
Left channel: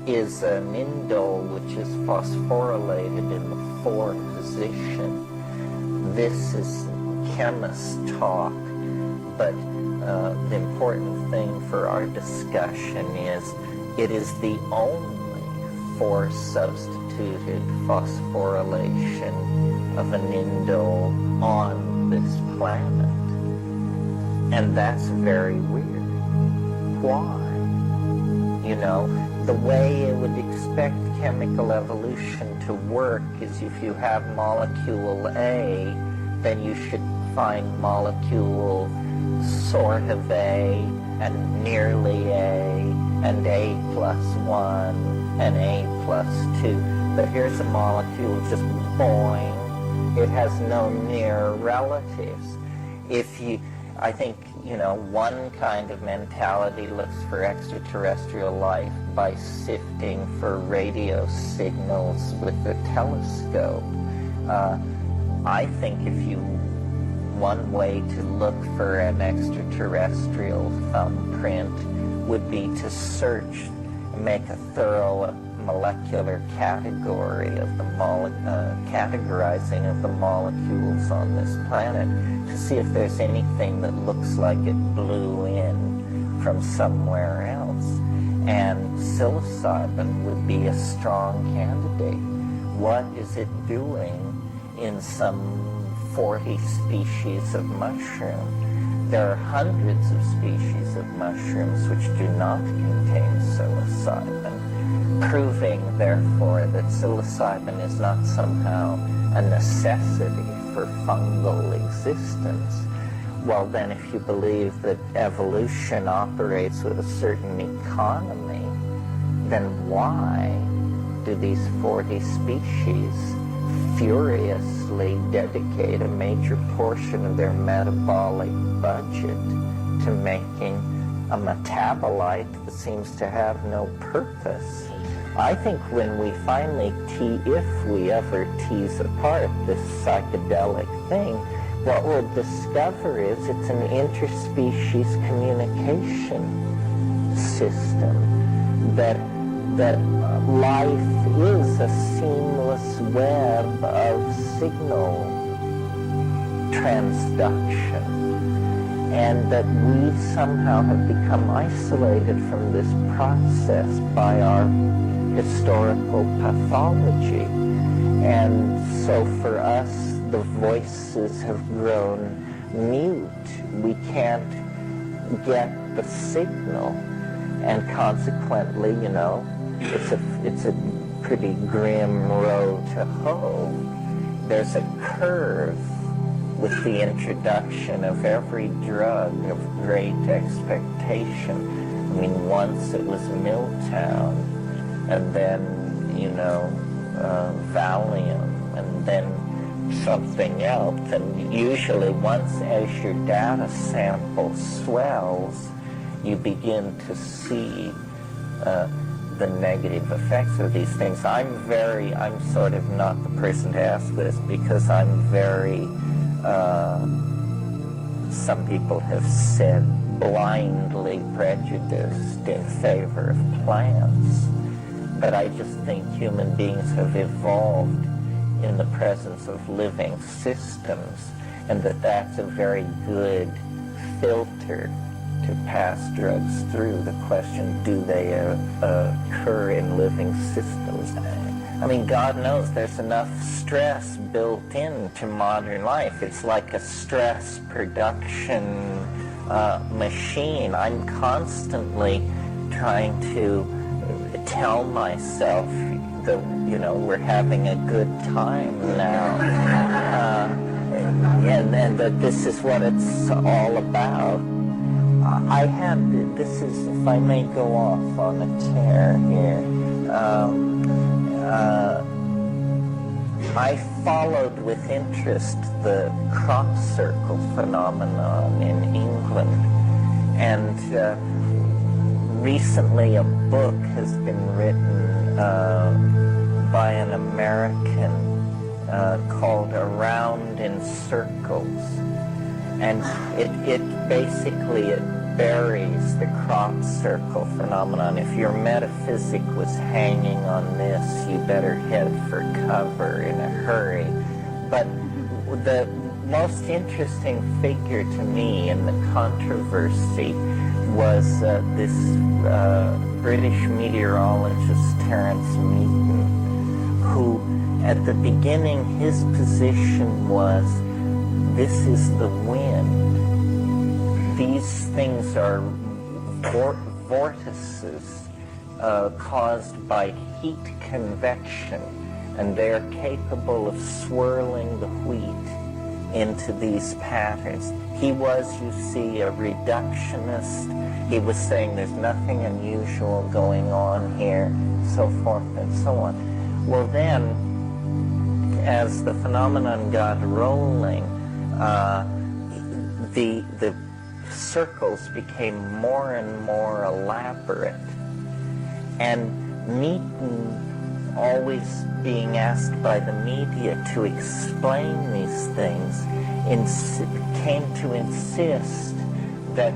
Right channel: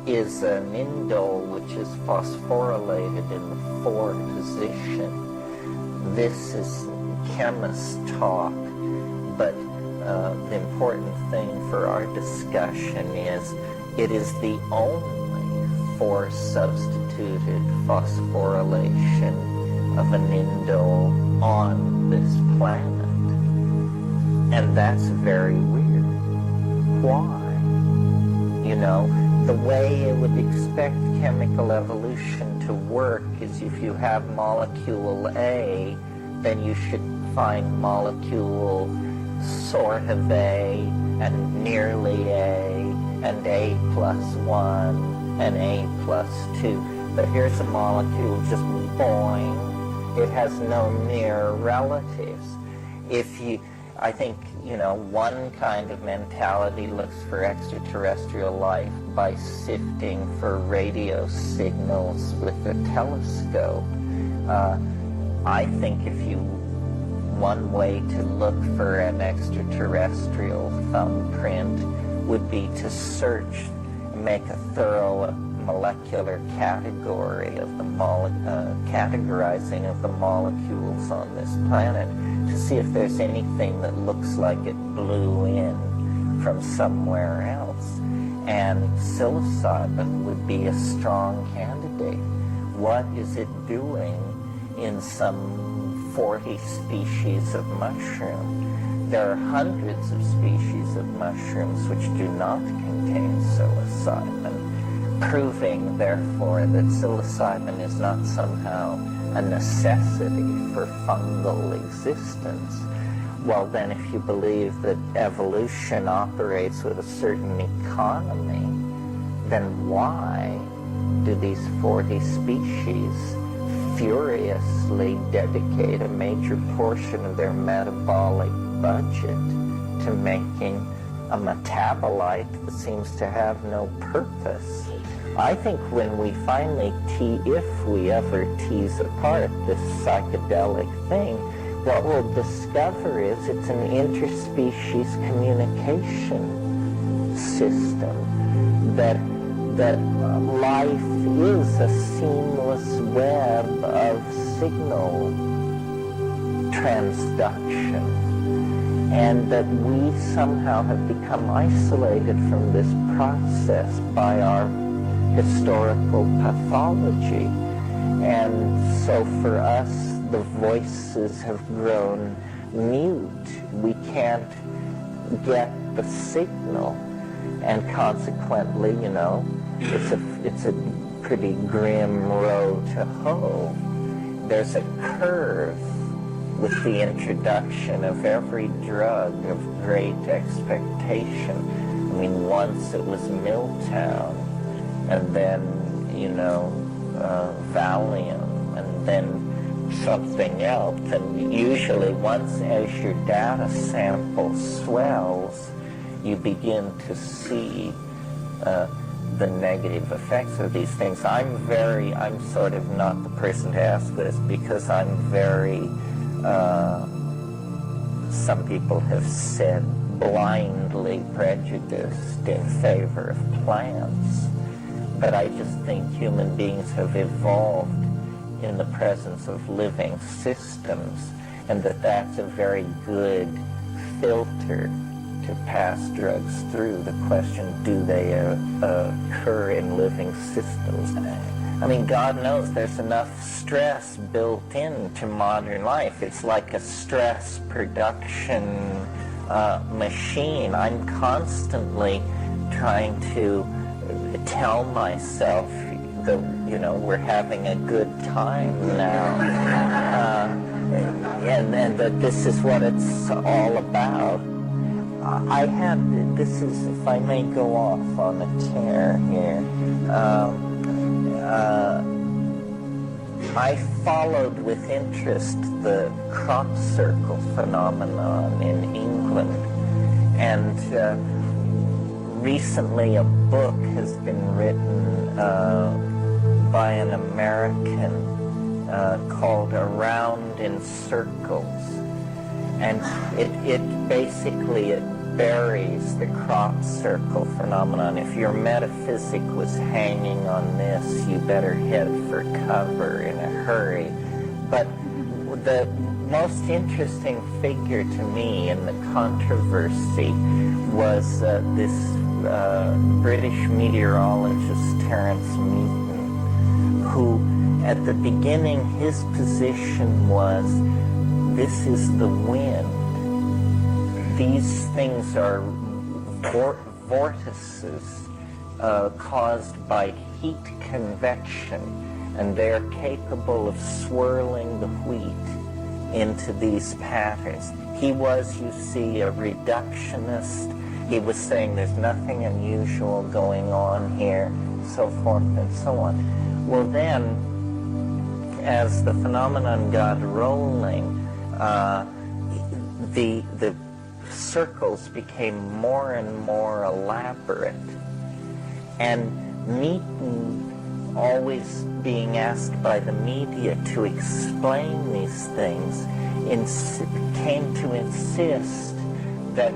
is an indole which is phosphorylated in the 4 position. This is chemist talk, but the important thing for our discussion is it is the only 4-substituted phosphorylation of an indole on this planet. And that's very weird. Why? the way it would expect chemical evolution to work is if you have molecule A, then you should find molecule sort of A, and nearly A, and A plus 1, and A plus 2. But here's a molecule just boing. It has no near relatives. I think, one kind of mentality looks for extraterrestrial life by sifting for radio signals with a telescope. I think one way to look for an extraterrestrial thumbprint would be to search and make a thorough molecular category of the categorizing of the molecules on this planet to see if there's anything that looks like it blew in from somewhere else. And psilocybin would be a strong candidate. What is it doing in some 40 species of mushroom? There are hundreds of species of mushrooms which do not contain psilocybin, proving, therefore, that psilocybin is not somehow a necessity for fungal existence. Well, then, if you believe that evolution operates with a certain economy, then why do these 40 species furiously dedicate a major portion of their metabolic budget to making a metabolite that seems to have no purpose? I think when we finally if we ever tease apart this psychedelic thing, what we'll discover is it's an interspecies communication system, that life is a seamless web of signal transduction, and that we somehow have become isolated from this process by our historical pathology. And so for us, the voices have grown mute. We can't get the signal, and consequently, it's a pretty grim road to hoe. There's a curve with the introduction of every drug of great expectation. I mean, once it was Milltown, and then, Valium, and then something else. And usually once as your data sample swells, you begin to see the negative effects of these things. I'm sort of not the person to ask this because I'm very, some people have said, blindly prejudiced in favor of plants. But I just think human beings have evolved in the presence of living systems, and that's a very good filter to pass drugs through. The question, do they occur in living systems? I mean, God knows there's enough stress built into modern life. It's like a stress production machine. I'm constantly trying to tell myself that, we're having a good time now, and that this is what it's all about. If I may go off on a tear here, I followed with interest the crop circle phenomenon in England, and recently a book has been written by an American called Around in Circles, and it basically buries the crop circle phenomenon. If your metaphysic was hanging on this, you better head for cover in a hurry. But the most interesting figure to me in the controversy was this British meteorologist Terence Meaton, who at the beginning his position was, this is the wind. These things are vortices caused by heat convection, and they're capable of swirling the wheat into these patterns. He was, you see, a reductionist. He was saying there's nothing unusual going on here, so forth and so on. Well then, as the phenomenon got rolling, the circles became more and more elaborate. And Meaton, always being asked by the media to explain these things, came to insist that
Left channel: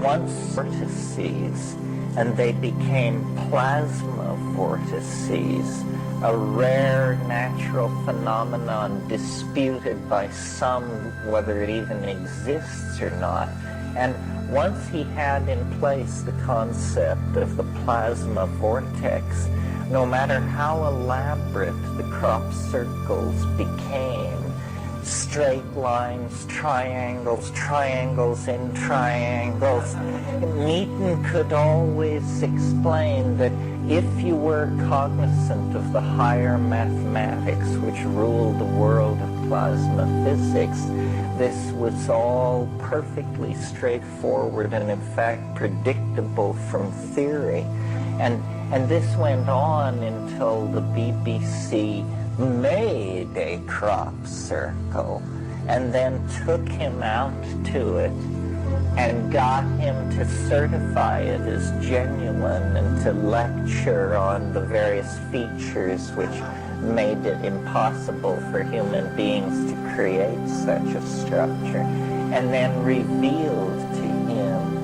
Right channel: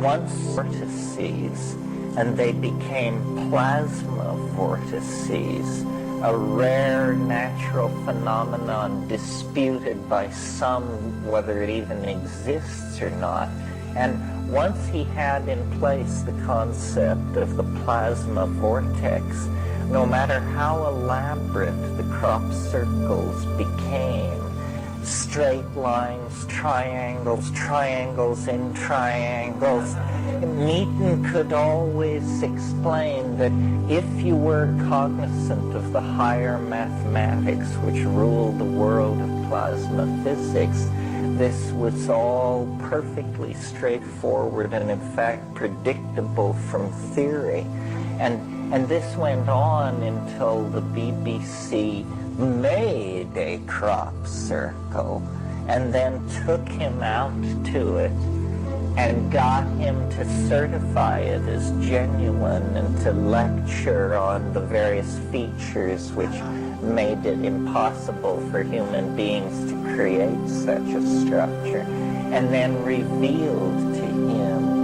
once vortices, and they became plasma vortices, a rare natural phenomenon disputed by some whether it even exists or not. And once he had in place the concept of the plasma vortex, no matter how elaborate the crop circles became, straight lines, triangles, triangles in triangles, Meaton could always explain that if you were cognizant of the higher mathematics which ruled the world of plasma physics, this was all perfectly straightforward and in fact predictable from theory. And this went on until the BBC made a crop circle and then took him out to it and got him to certify it as genuine and to lecture on the various features which made it impossible for human beings to create such a structure, and then revealed to him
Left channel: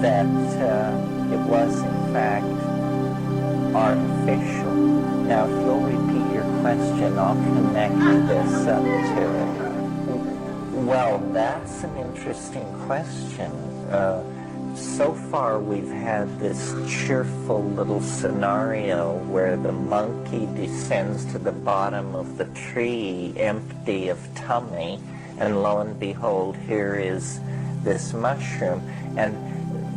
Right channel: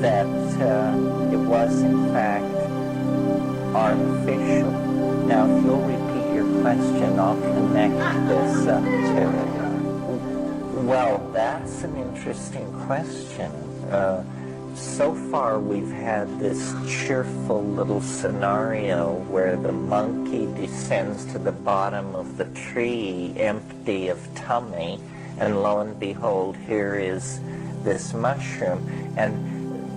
that it was in fact artificial. Now, if you'll repeat your question, I'll connect this up to it. Well, that's an interesting question. So far, we've had this cheerful little scenario where the monkey descends to the bottom of the tree empty of tummy, and lo and behold, here is this mushroom. And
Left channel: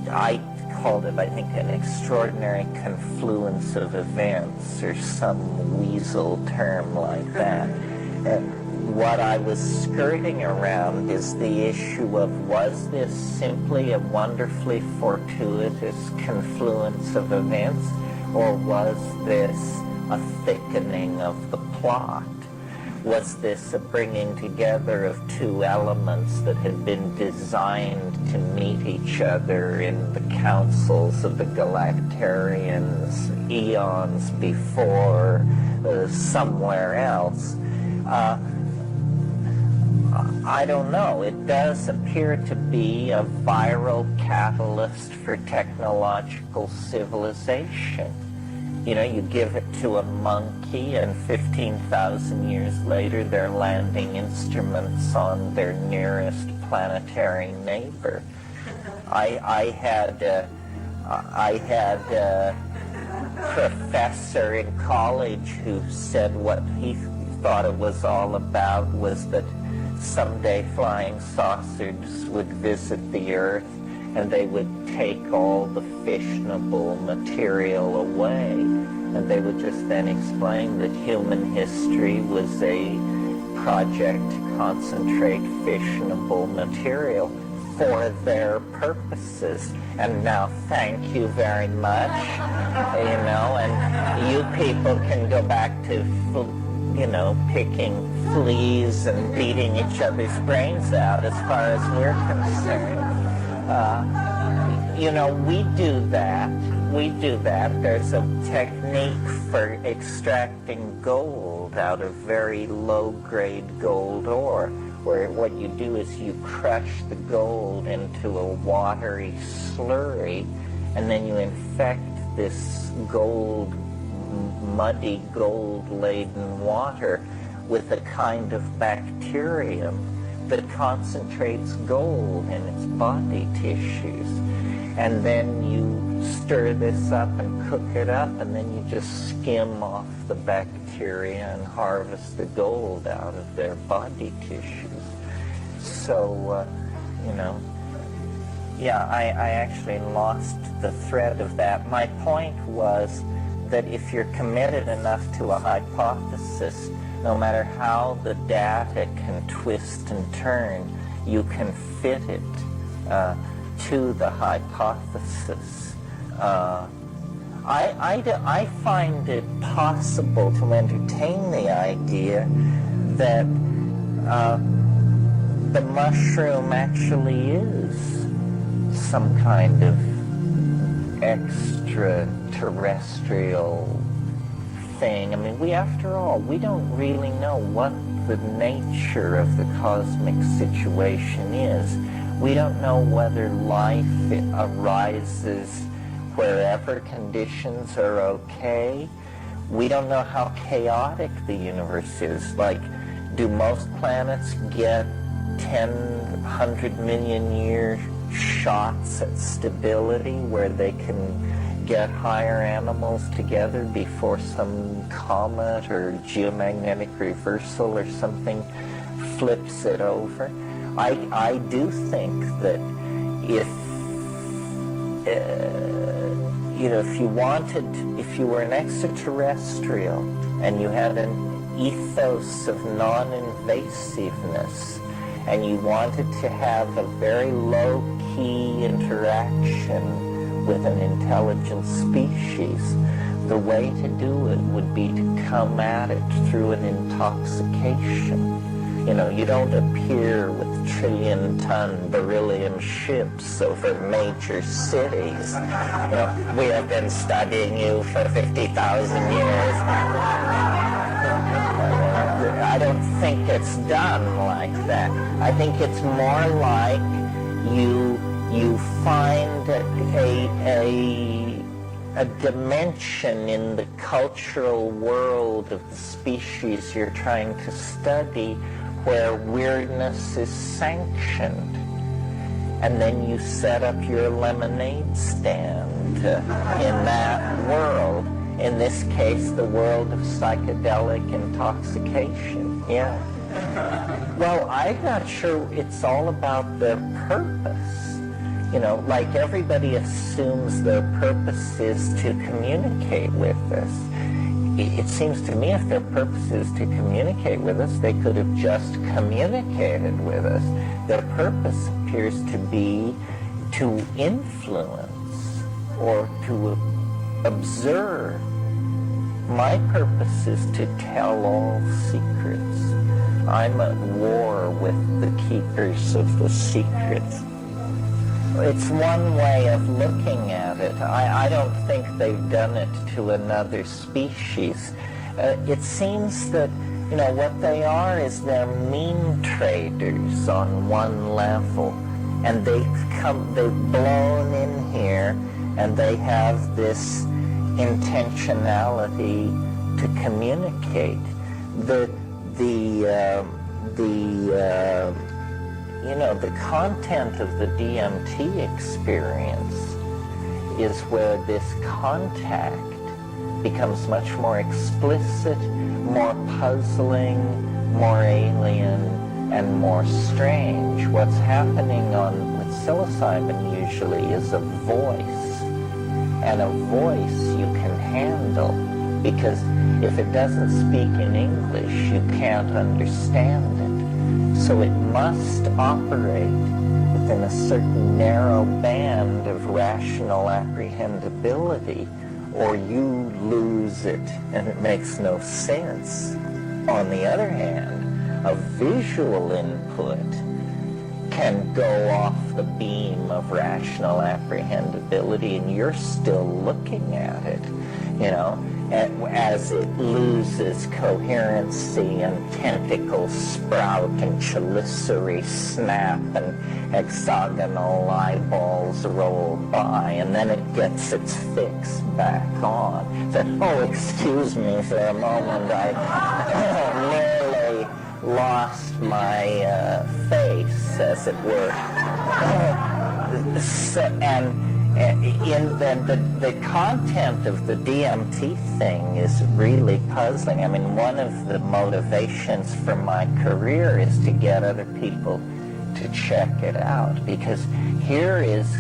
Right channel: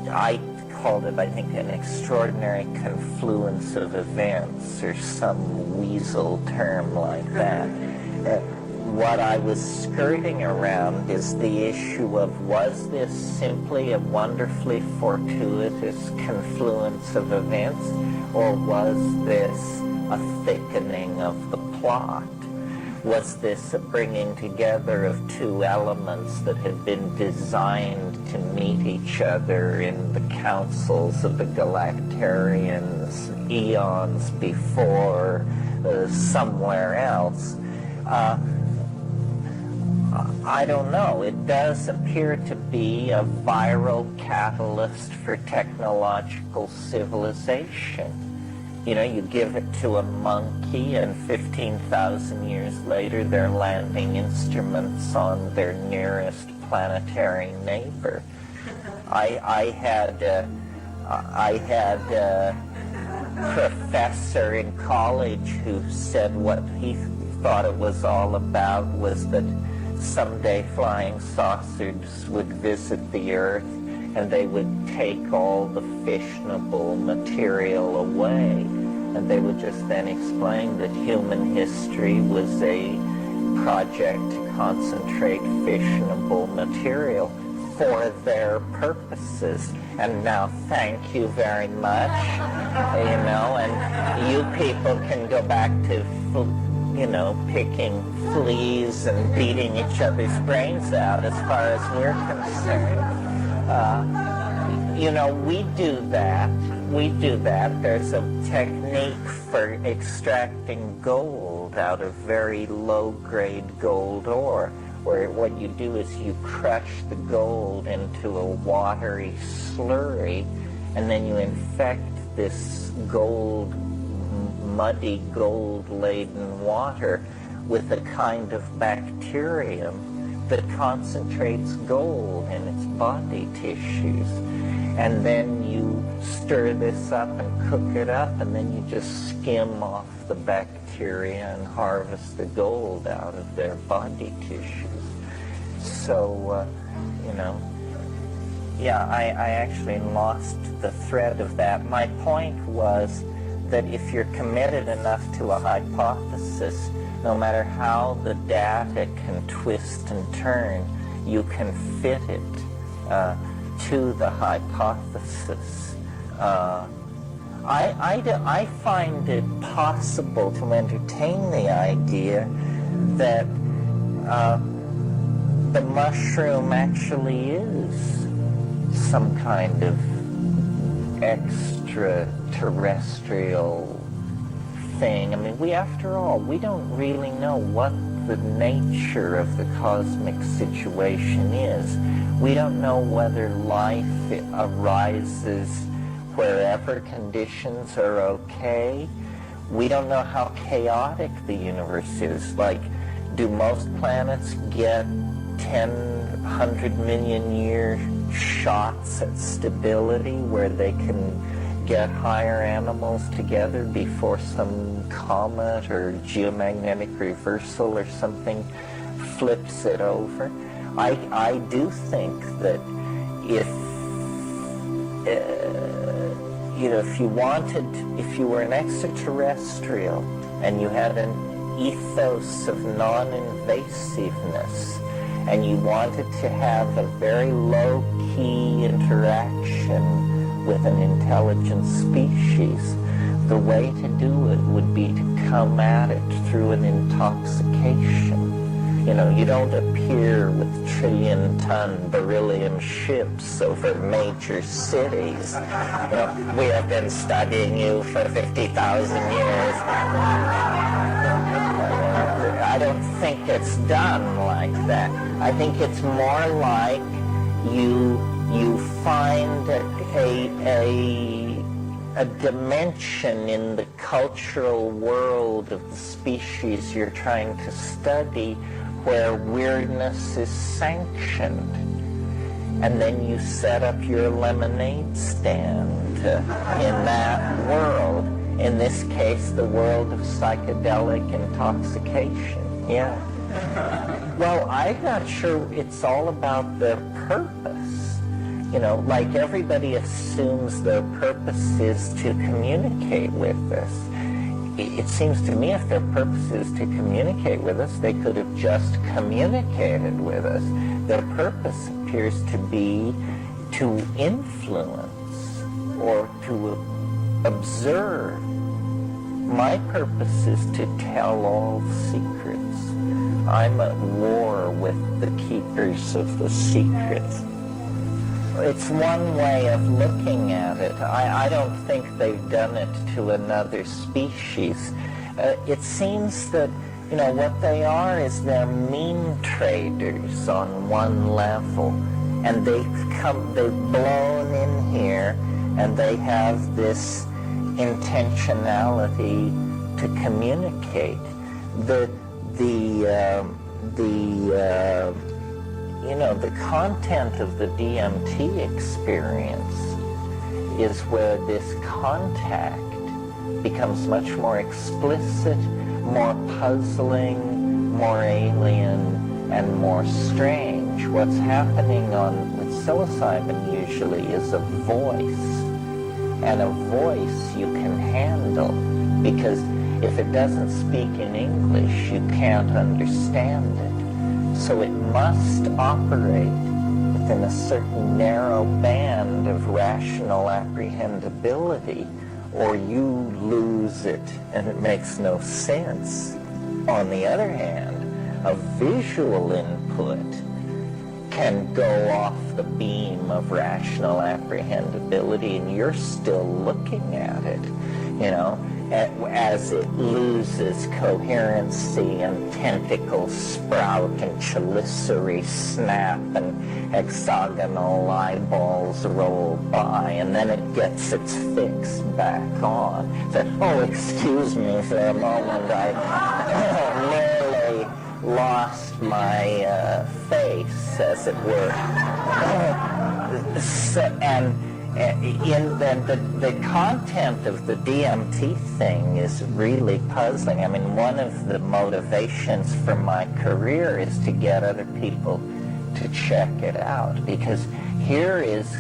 I called it, I think, an extraordinary confluence of events, or some weasel term like that. What I was skirting around is the issue of, was this simply a wonderfully fortuitous confluence of events, or was this a thickening of the plot? Was this a bringing together of two elements that had been designed to meet each other in the councils of the Galactarians eons before, somewhere else? I don't know. It does appear to be a viral catalyst for technological civilization. You know, you give it to a monkey, and 15,000 years later, they're landing instruments on their nearest planetary neighbor. I had a professor in college who said what he thought it was all about was that someday flying saucers would visit the Earth and they would take all the fissionable material away, and they would just then explain that human history was a project to concentrate fissionable material for their purposes. And now, thank you very much, you know, and you people can go back to, you know, picking fleas and beating each other's brains out as far as we're concerned. You know, we do that. There's a technique for extracting gold out of very low-grade gold ore, where what you do is you crush the gold into a watery slurry, and then you infect this muddy gold-laden water with a kind of bacterium that concentrates gold in its body tissues. And then you stir this up and cook it up, and then you just skim off the bacteria and harvest the gold out of their body tissues. So, you know, Yeah, I actually lost the thread of that. My point was that if you're committed enough to a hypothesis, no matter how the data can twist and turn, you can fit it to the hypothesis. I find it possible to entertain the idea that the mushroom actually is some kind of extraterrestrial thing. I mean, after all, we don't really know what the nature of the cosmic situation is. We don't know whether life arises wherever conditions are okay. We don't know how chaotic the universe is. Like, do most planets get 100 million year shots at stability where they can get higher animals together before some comet or geomagnetic reversal or something flips it over? I do think that if if you were an extraterrestrial and you had an ethos of non-invasiveness and you wanted to have a very low-key interaction with an intelligent species, the way to do it would be to come at it through an intoxication. You know, you don't appear with trillion-ton beryllium ships over major cities. You know, we have been studying you for 50,000 years. I don't think it's done like that. I think it's more like you find a dimension in the cultural world of the species you're trying to study where weirdness is sanctioned. And then you set up your lemonade stand in that world. In this case, the world of psychedelic intoxication. Yeah. Well, I'm not sure it's all about their purpose. You know, like everybody assumes their purpose is to communicate with us. It seems to me if their purpose is to communicate with us, they could have just communicated with us. Their purpose appears to be to influence or to observe. My purpose is to tell all secrets. I'm at war with the keepers of the secrets. It's one way of looking at it. I don't think they've done it to another species. It seems that, you know, what they are is they're mean traders on one level. And they've blown in here, and they have this intentionality to communicate. The content of the DMT experience is where this contact becomes much more explicit, more puzzling, more alien, and more strange. What's happening with psilocybin usually is a voice, and a voice you can handle, because if it doesn't speak in English, you can't understand it. So it must operate within a certain narrow band of rational apprehendability, or you lose it and it makes no sense. On the other hand, a visual input can go off the beam of rational apprehendability and you're still looking at it, you know, as it loses coherency and tentacles sprout and chelicerae snap and hexagonal eyeballs roll by, and then it gets its fix back on. So, oh, excuse me for a moment, I nearly lost my face, as it were. The content of the DMT thing is really puzzling. I mean, one of the motivations for my career is to get other people to check it out, because here is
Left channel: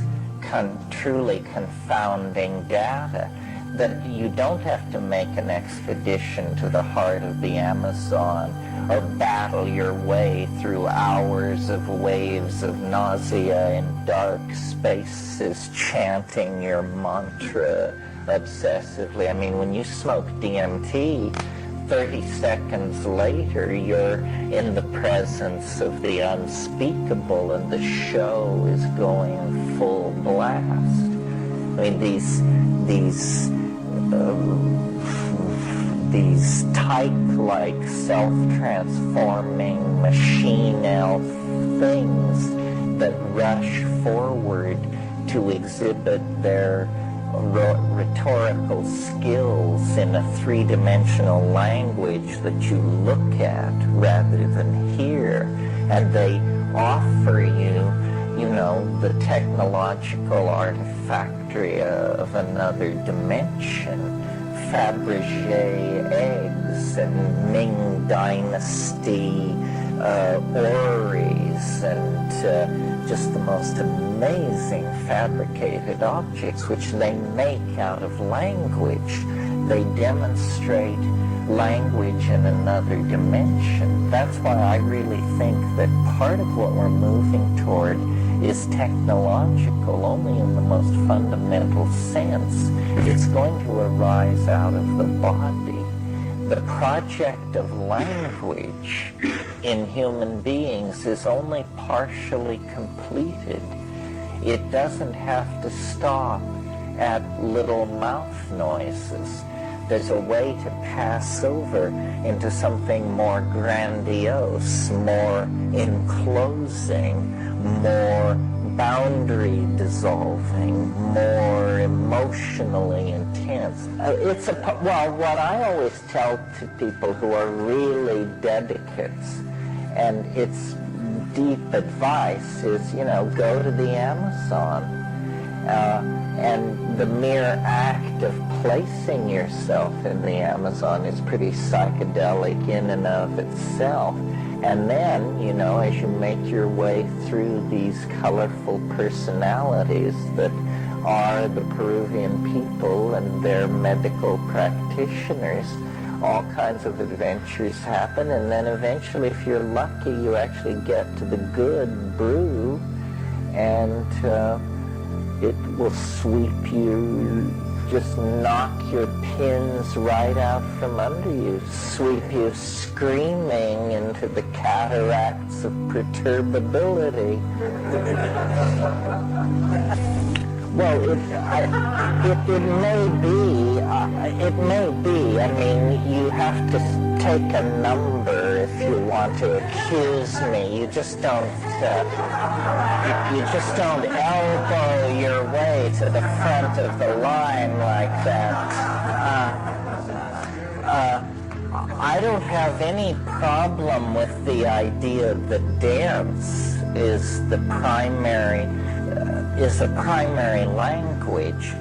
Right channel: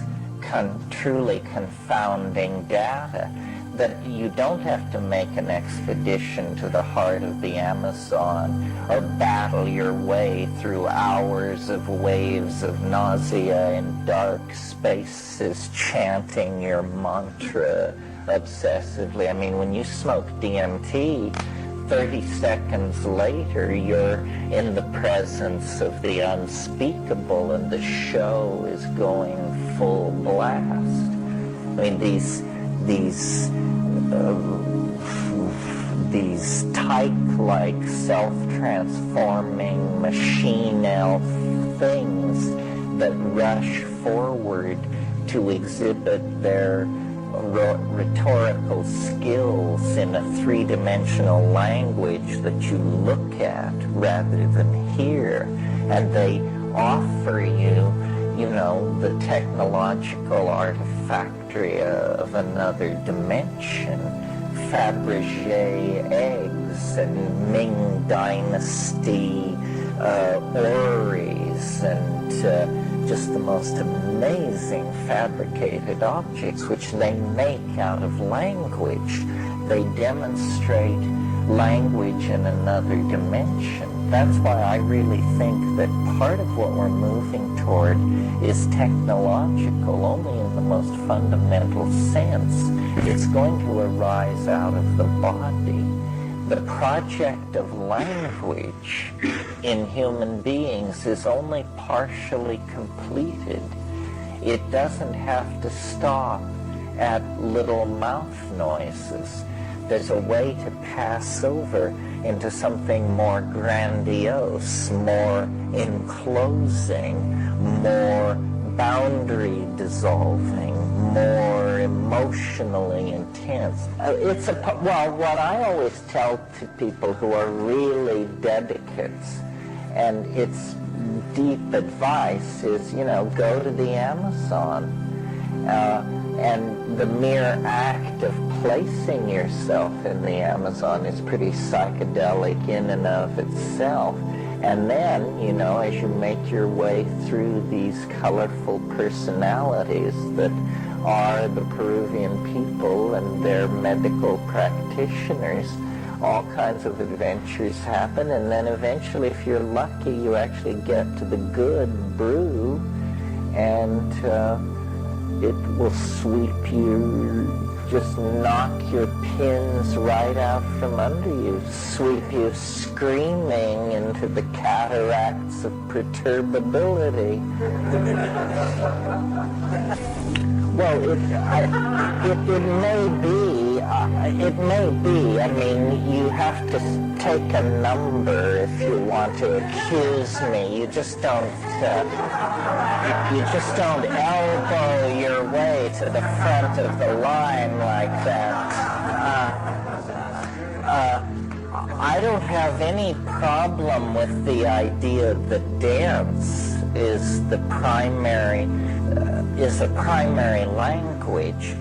truly confounding data that you don't have to make an expedition to the heart of the Amazon or battle your way through hours of waves of nausea in dark spaces chanting your mantra obsessively. I mean, when you smoke DMT, 30 seconds later, you're in the presence of the unspeakable and the show is going full blast. I mean, these type-like, self-transforming machine elf things that rush forward to exhibit their rhetorical skills in a three-dimensional language that you look at rather than hear, and they offer you, you know, the technological artifactory of another dimension, Fabergé eggs and Ming Dynasty orreries and just the most amazing fabricated objects which they make out of language. They demonstrate language in another dimension. That's why I really think that part of what we're moving toward is technological, only in the most fundamental sense. It's going to arise out of the body. The project of language in human beings is only partially completed. It doesn't have to stop at little mouth noises. There's a way to pass over into something more grandiose, more enclosing, more boundary dissolving, more emotionally intense. Well, what I always tell to people who are really dedicates, and it's deep advice, is, you know, go to the Amazon. And the mere act of placing yourself in the Amazon is pretty psychedelic in and of itself. And then, you know, as you make your way through these colorful personalities that are the Peruvian people and their medical practitioners, all kinds of adventures happen. And then eventually, if you're lucky, you actually get to the good brew, and it will sweep you, just knock your pins right out from under you, sweep you screaming into the cataracts of perturbability. Well, it may be. I mean, you have to take a number if you want to accuse me. You just don't elbow your way to the front of the line like that. I don't have any problem with the idea that dance is a primary language.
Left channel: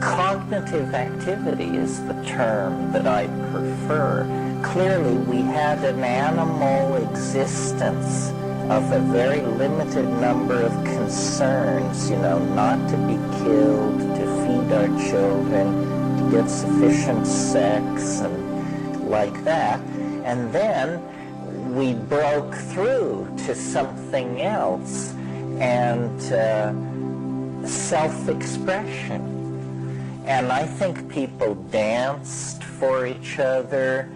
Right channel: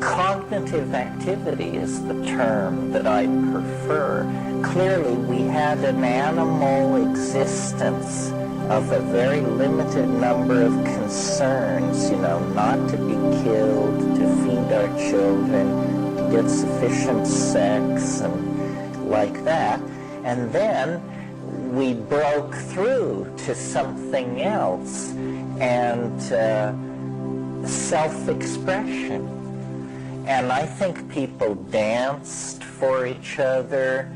Cognitive activity is the term that I prefer. Clearly, we had an animal existence of a very limited number of concerns, you know, not to be killed, to feed our children, to get sufficient sex, and like that. And then we broke through to something else, and self-expression. And I think people danced for each other,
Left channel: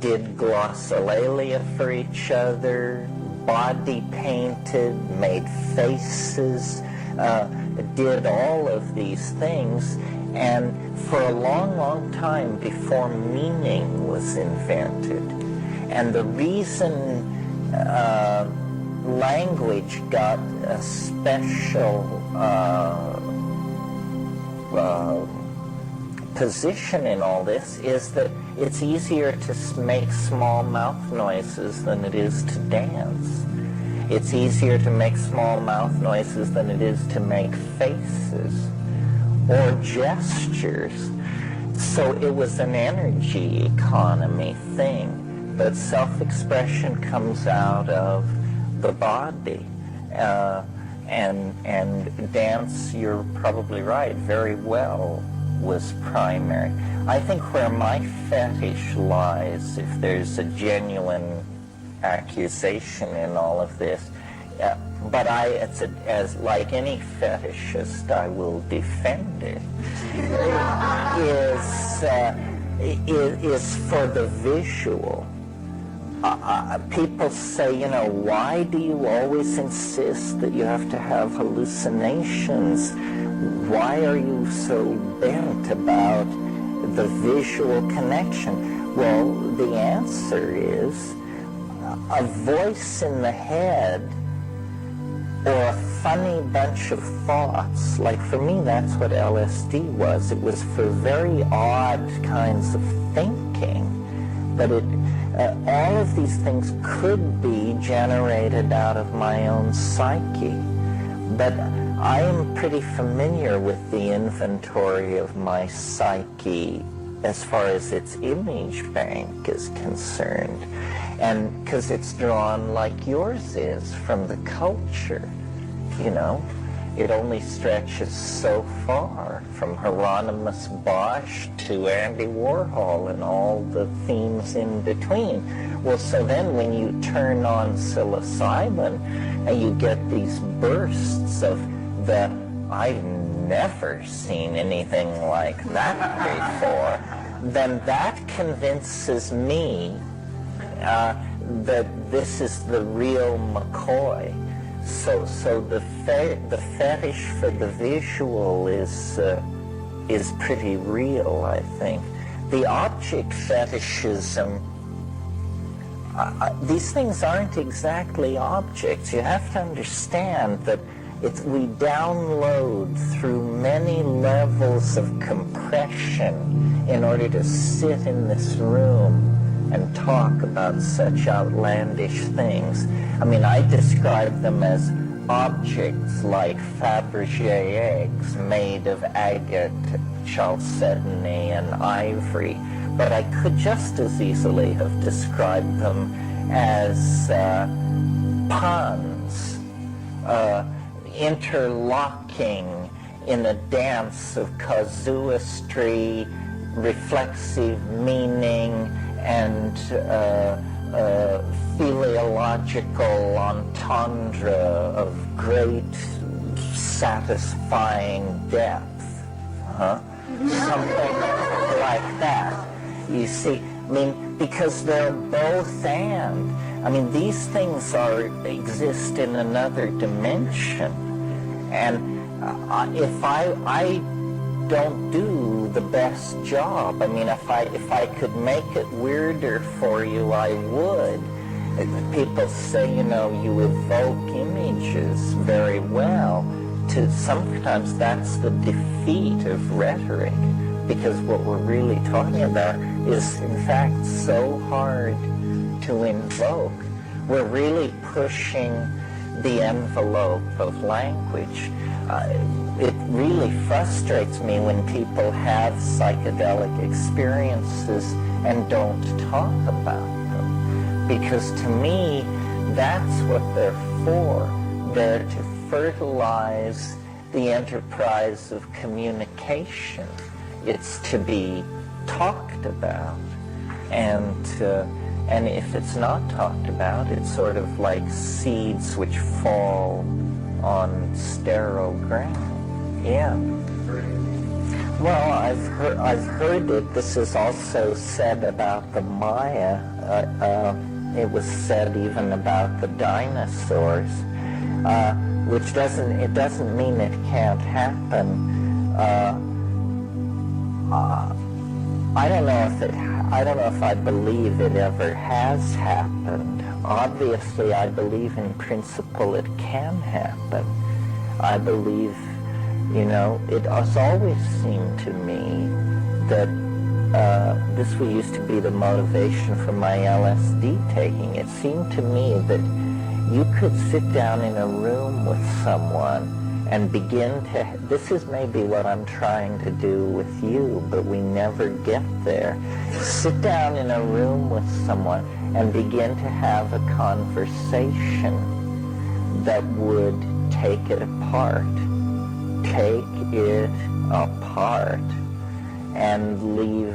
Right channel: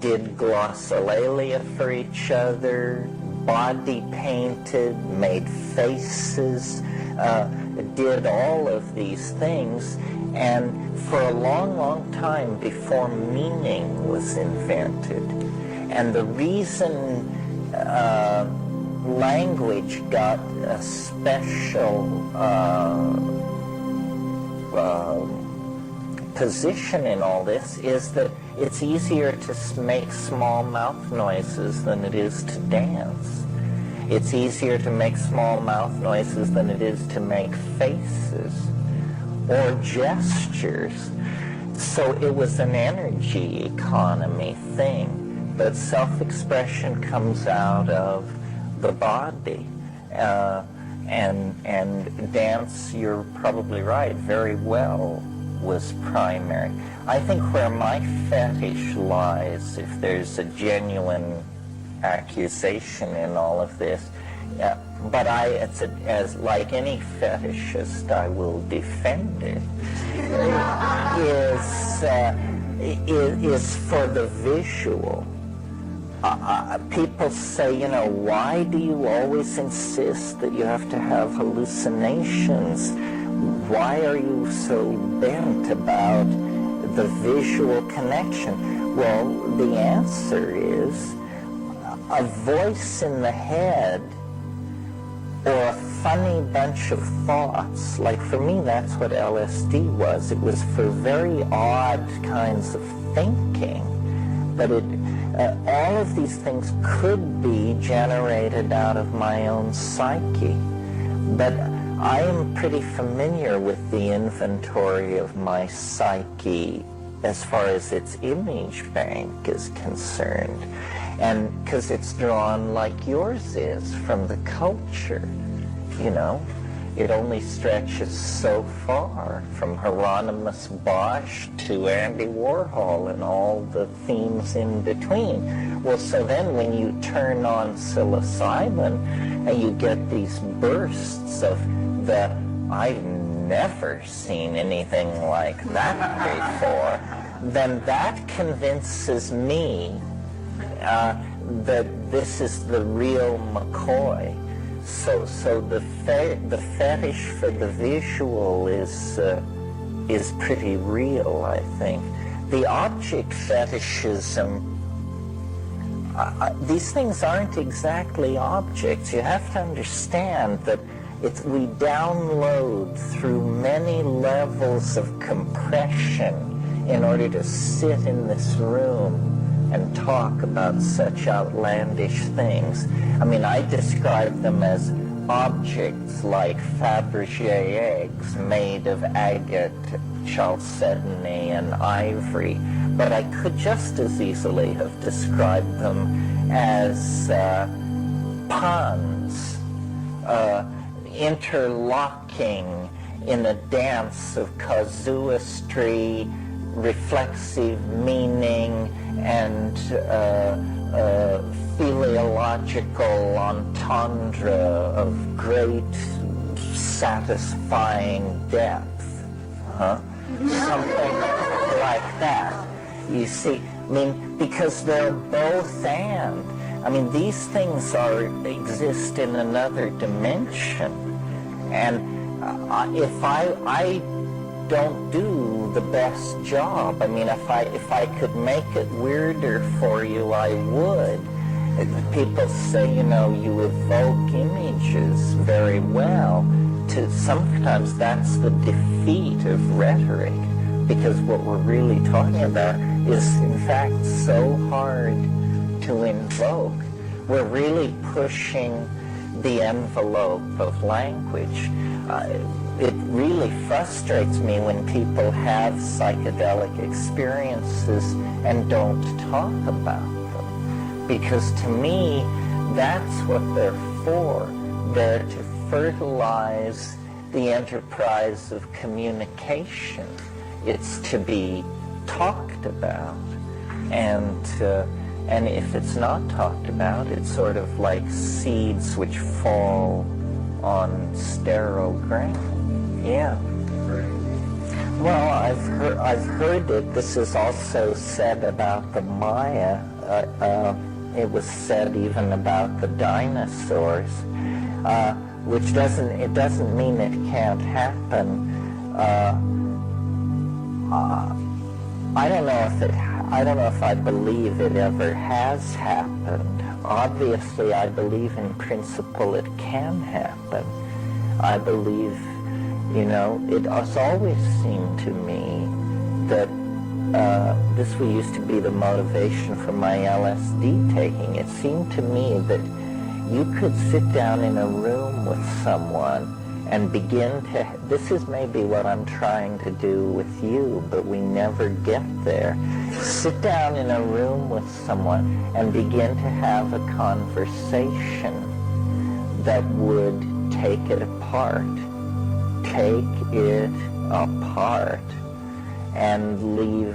did glossolalia for each other, body painted, made faces, did all of these things. And for a long, long time before meaning was invented. And the reason language got a special position in all this is that it's easier to make small mouth noises than it is to dance. It's easier to make small mouth noises than it is to make faces or gestures. So it was an energy economy thing. but self-expression comes out of the body. And dance, you're probably right, very well was primary. I think where my fetish lies, if there's a genuine accusation in all of this, but as like any fetishist, I will defend it, is for the visual. People say, why do you always insist that you have to have hallucinations? Why are you so bent about the visual connection? Well, the answer is a voice in the head or a funny bunch of thoughts. Like for me, that's what LSD was. It was for very odd kinds of thinking. But all of these things could be generated out of my own psyche. But I am pretty familiar with the inventory of my psyche as far as its image bank is concerned. And because it's drawn like yours is from the culture, It only stretches so far, from Hieronymus Bosch to Andy Warhol and all the themes in between. Well, so then when you turn on psilocybin and you get these bursts of I've never seen anything like that before, then that convinces me that this is the real McCoy. So the fetish for the visual is pretty real, I think. The object fetishism, these things aren't exactly objects. You have to understand that we download through many levels of compression in order to sit in this room and talk about such outlandish things. I mean, I describe them as objects like Fabergé eggs made of agate, chalcedony, and ivory. But I could just as easily have described them as puns, interlocking in a dance of casuistry, reflexive meaning, and teleological entendre of great satisfying depth. Something like that. You see, I mean, because they're both and. I mean, these things exist in another dimension. And if I don't do the best job. I mean, if I could make it weirder for you, I would. People say, you evoke images very well. Sometimes that's the defeat of rhetoric, because what we're really talking about is, in fact, so hard to invoke. We're really pushing the envelope of language. It really frustrates me when people have psychedelic experiences and don't talk about them. Because to me, that's what they're for. They're to fertilize the enterprise of communication. It's to be talked about. And if it's not talked about, it's sort of like seeds which fall on sterile ground. Yeah. Well, I've heard it. This is also said about the Maya. It was said even about the dinosaurs, which doesn't mean it can't happen. I don't know if I believe it ever has happened. Obviously, I believe in principle it can happen. I believe, it has always seemed to me that this used to be the motivation for my LSD taking. It seemed to me that you could sit down in a room with someone and begin to, this is maybe what I'm trying to do with you, but we never get there. Sit down in a room with someone and begin to have a conversation that would take it apart, and leave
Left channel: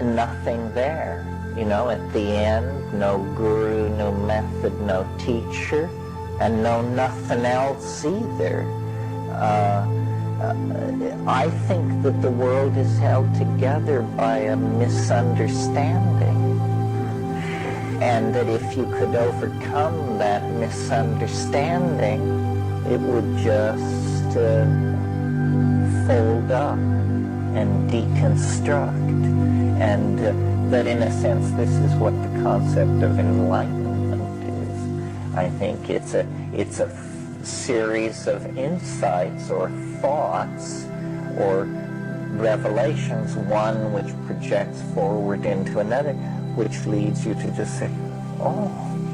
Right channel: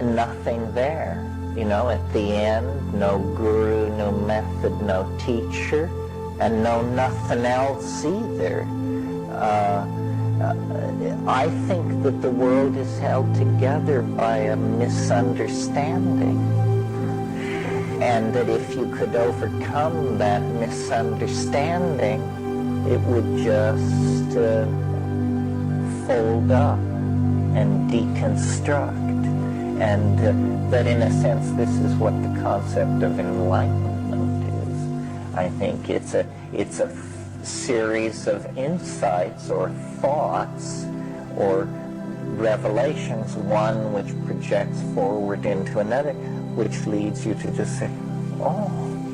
nothing there. You know, at the end, no guru, no method, no teacher, and no nothing else either. I think that the world is held together by a misunderstanding, and that if you could overcome that misunderstanding, it would just fold up and deconstruct, and that in a sense this is what the concept of enlightenment is. I think it's a series of insights or thoughts or revelations, one which projects forward into another, which leads you to just say, oh,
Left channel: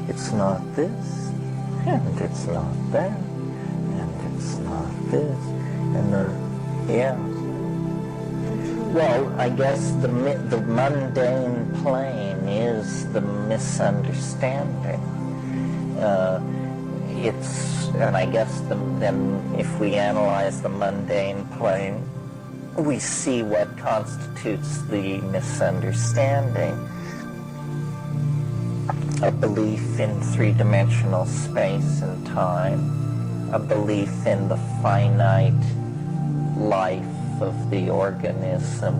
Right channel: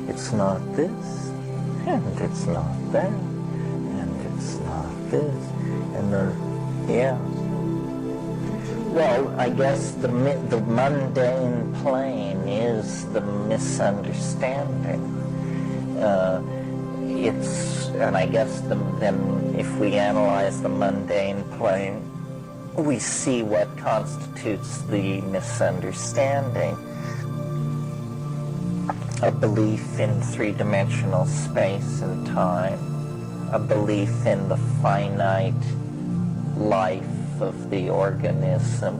it's not this, and it's not that, and it's not this, and yeah. Well, I guess the mundane plane is the misunderstanding. And I guess then if we analyze the mundane plane, we see what constitutes the misunderstanding. A belief in three-dimensional space and time, a belief in the finite life of the organism,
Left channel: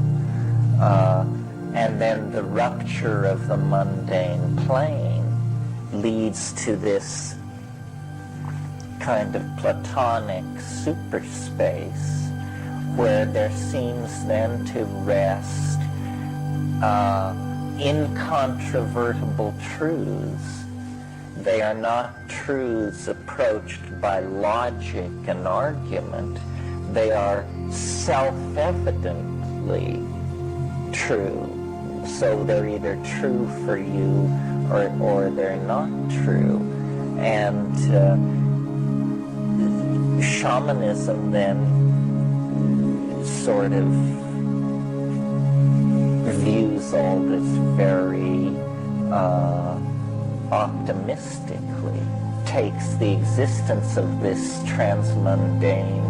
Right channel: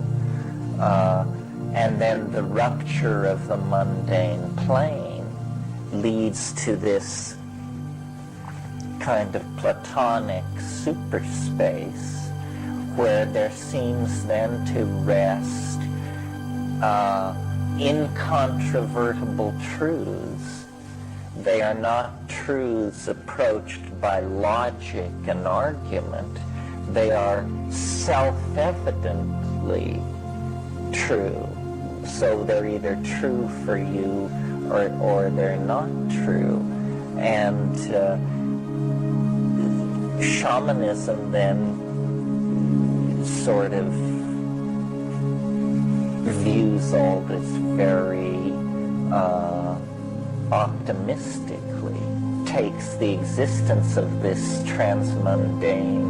and then the rupture of the mundane plane leads to this kind of Platonic superspace where there seems then to rest incontrovertible truths. They are not truths approached by logic and argument. They are self-evidently true. So they're either true for you or they're not true. And shamanism then sort of views all this very optimistically, takes the existence of this transmundane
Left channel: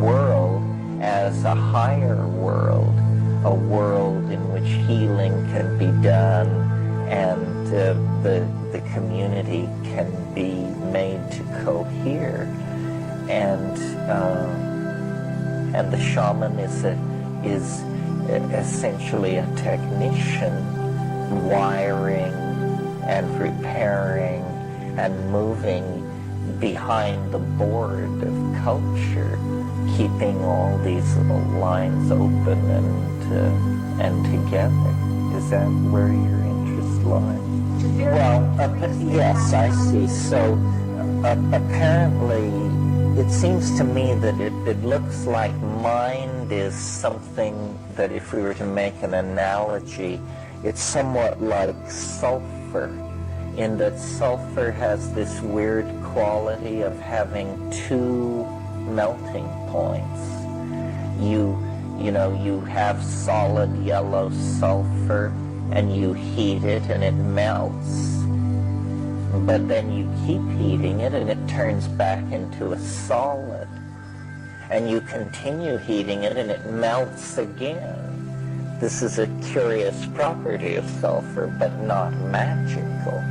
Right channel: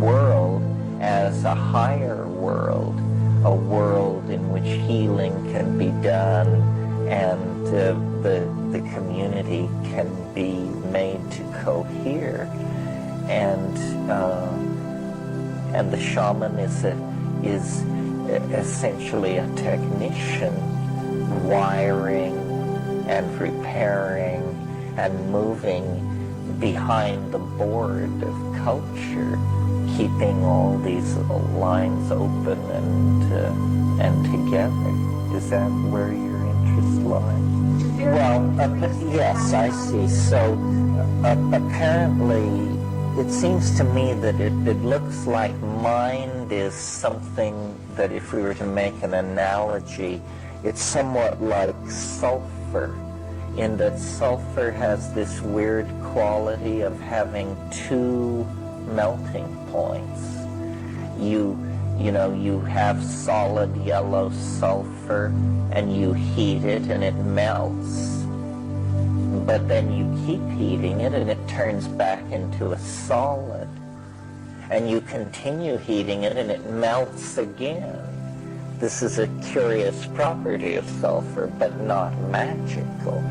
world as a higher world, a world in which healing can be done and the community can be made to cohere. And the shaman is essentially a technician, wiring and repairing and moving behind the board of culture, keeping all these lines open and together. Is that where your interest lies? Well, yes, I see. So apparently, it seems to me that it looks like mind is something that, if we were to make an analogy, it's somewhat like sulfur, in that sulfur has this weird quality of having two melting points. You have solid yellow sulfur and you heat it and it melts. But then you keep heating it and it turns back into a solid. And you continue heating it and it melts again. This is a curious property of sulfur, but not magical.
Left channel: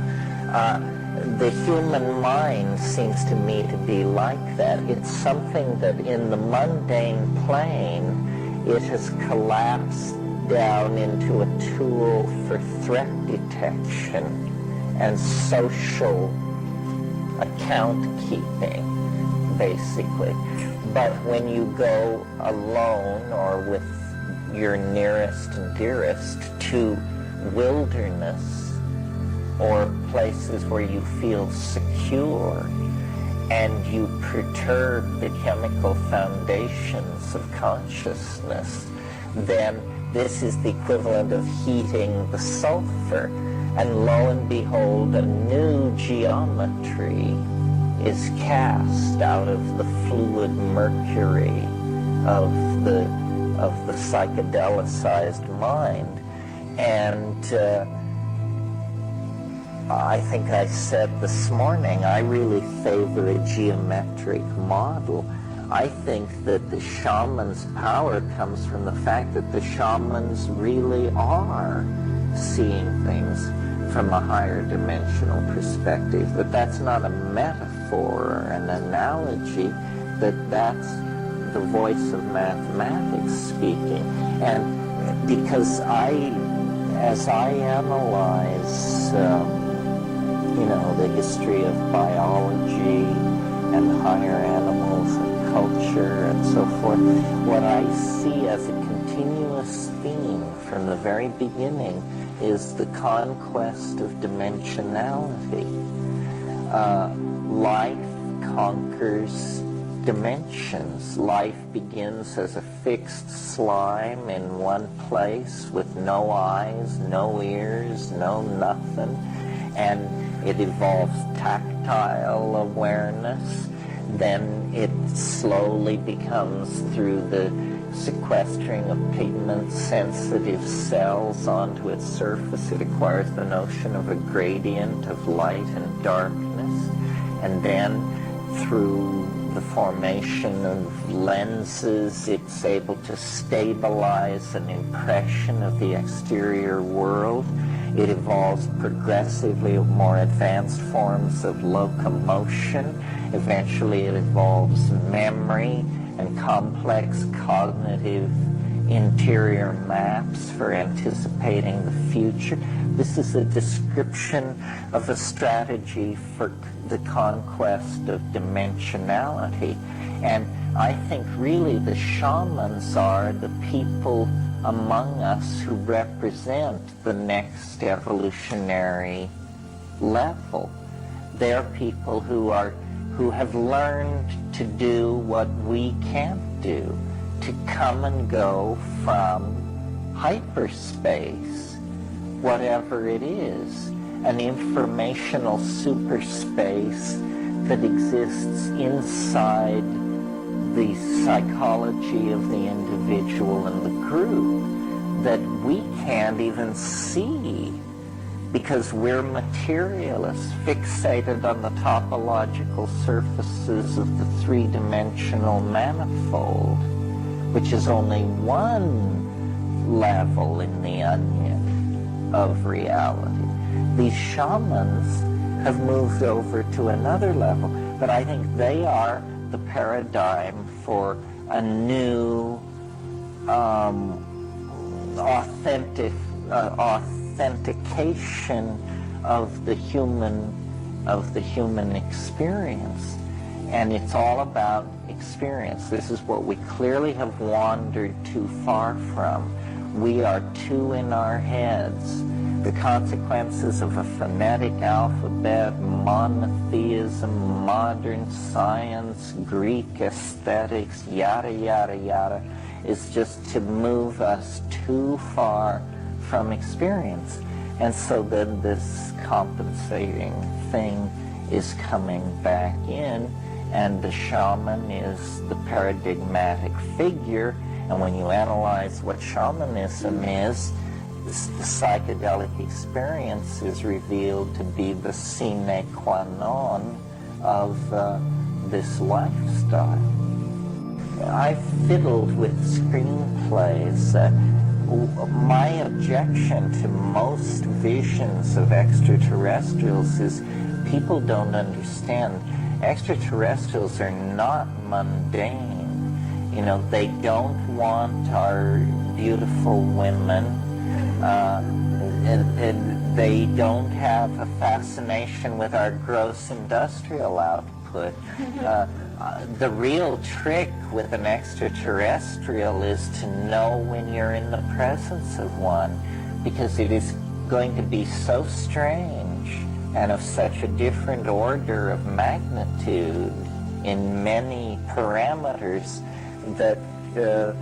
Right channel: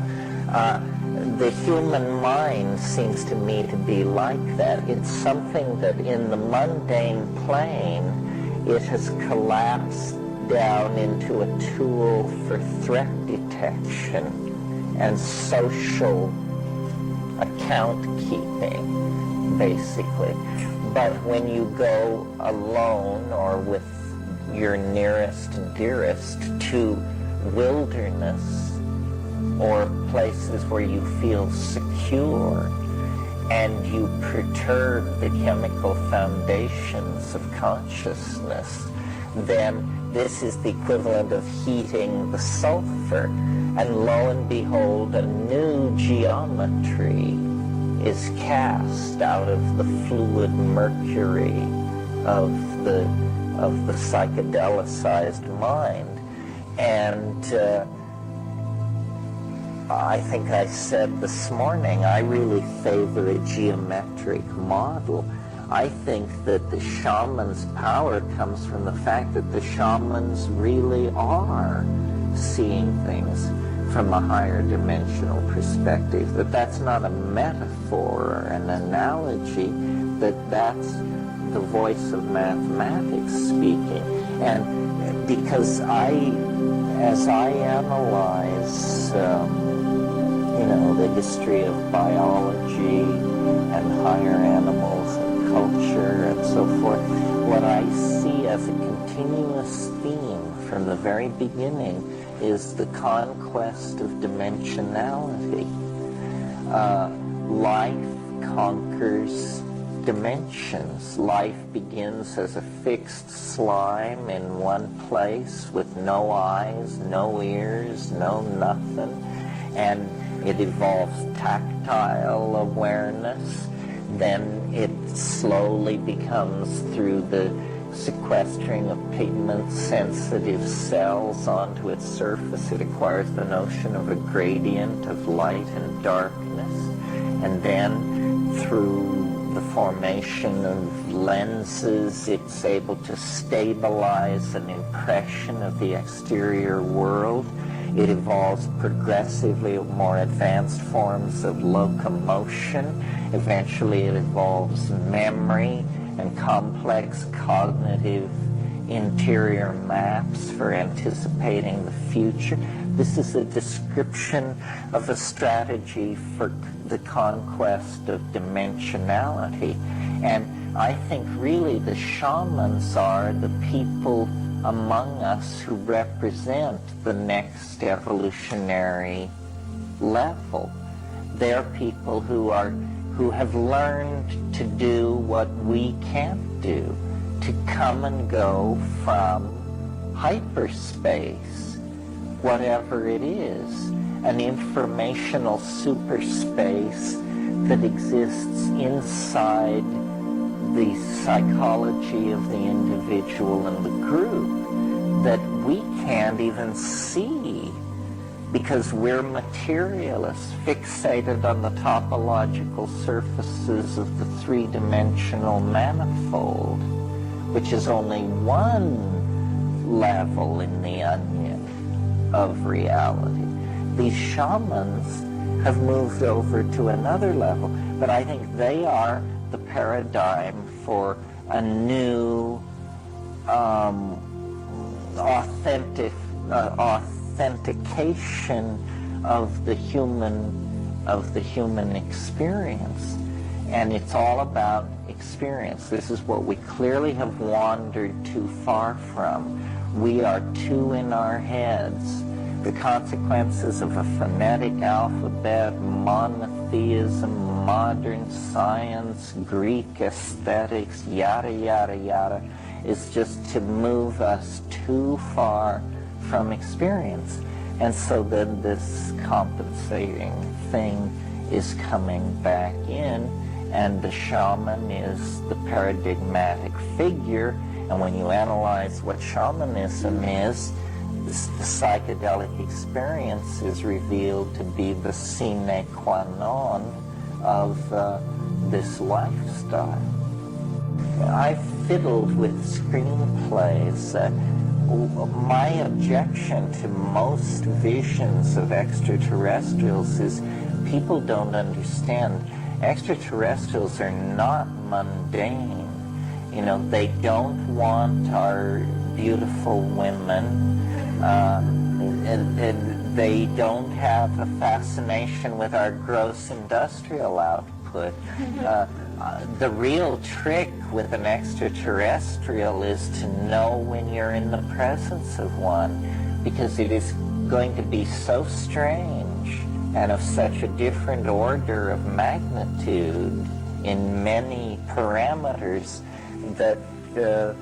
The human mind seems to me to be like that. It's something that in the mundane plane, it has collapsed down into a tool for threat detection and social account keeping, basically. But when you go alone or with your nearest and dearest to wilderness or places where you feel secure and you perturb the chemical foundations of consciousness, then this is the equivalent of heating the sulfur. And lo and behold, a new geometry is cast out of the fluid mercury of the psychedelicized mind. And I think I said this morning, I really favor a geometric model. I think that the shaman's power comes from the fact that the shamans really are seeing things from a higher dimensional perspective, that that's not a metaphor or an analogy, that that's the voice of mathematics speaking. And because as I analyze, the history of biology and higher animals and culture and so forth, what I see as a continuous theme from the very beginning is the conquest of dimensionality. Life conquers dimensions. Life begins as a fixed slime in one place with no eyes, no ears, no nothing, and it evolves tactile awareness. Then it slowly becomes, through the sequestering of pigment-sensitive cells onto its surface, it acquires the notion of a gradient of light and darkness. And then through the formation of lenses, it's able to stabilize an impression of the exterior world. It evolves progressively more advanced forms of locomotion. Eventually it evolves memory and complex cognitive interior maps for anticipating the future. This is a description of a strategy for the conquest of dimensionality. And I think really the shamans are the people among us who represent the next evolutionary level. They're people who have learned to do what we can't do, to come and go from hyperspace, whatever it is, an informational superspace that exists inside the psychology of the individual and the group that we can't even see because we're materialists fixated on the topological surfaces of the three-dimensional manifold, which is only one level in the onion of reality. These shamans have moved over to another level, but I think they are the paradigm for a new authentication of the human experience. And it's all about experience. This is what we clearly have wandered too far from. We are too in our heads. The consequences of a phonetic alphabet, monotheism, modern science, Greek aesthetics, yada, yada, yada, is just to move us too far from experience. And so then this compensating thing is coming back in, and the shaman is the paradigmatic figure. And when you analyze what shamanism is, the psychedelic experience is revealed to be the sine qua non of this lifestyle. I've fiddled with screenplays. My objection to most visions of extraterrestrials is people don't understand. Extraterrestrials are not mundane. You know, they don't want our beautiful women. And they don't have a fascination with our gross industrial output. The real trick with an extraterrestrial is to know when you're in the presence of one, because it is going to be so strange and of such a different order of magnitude in many parameters that the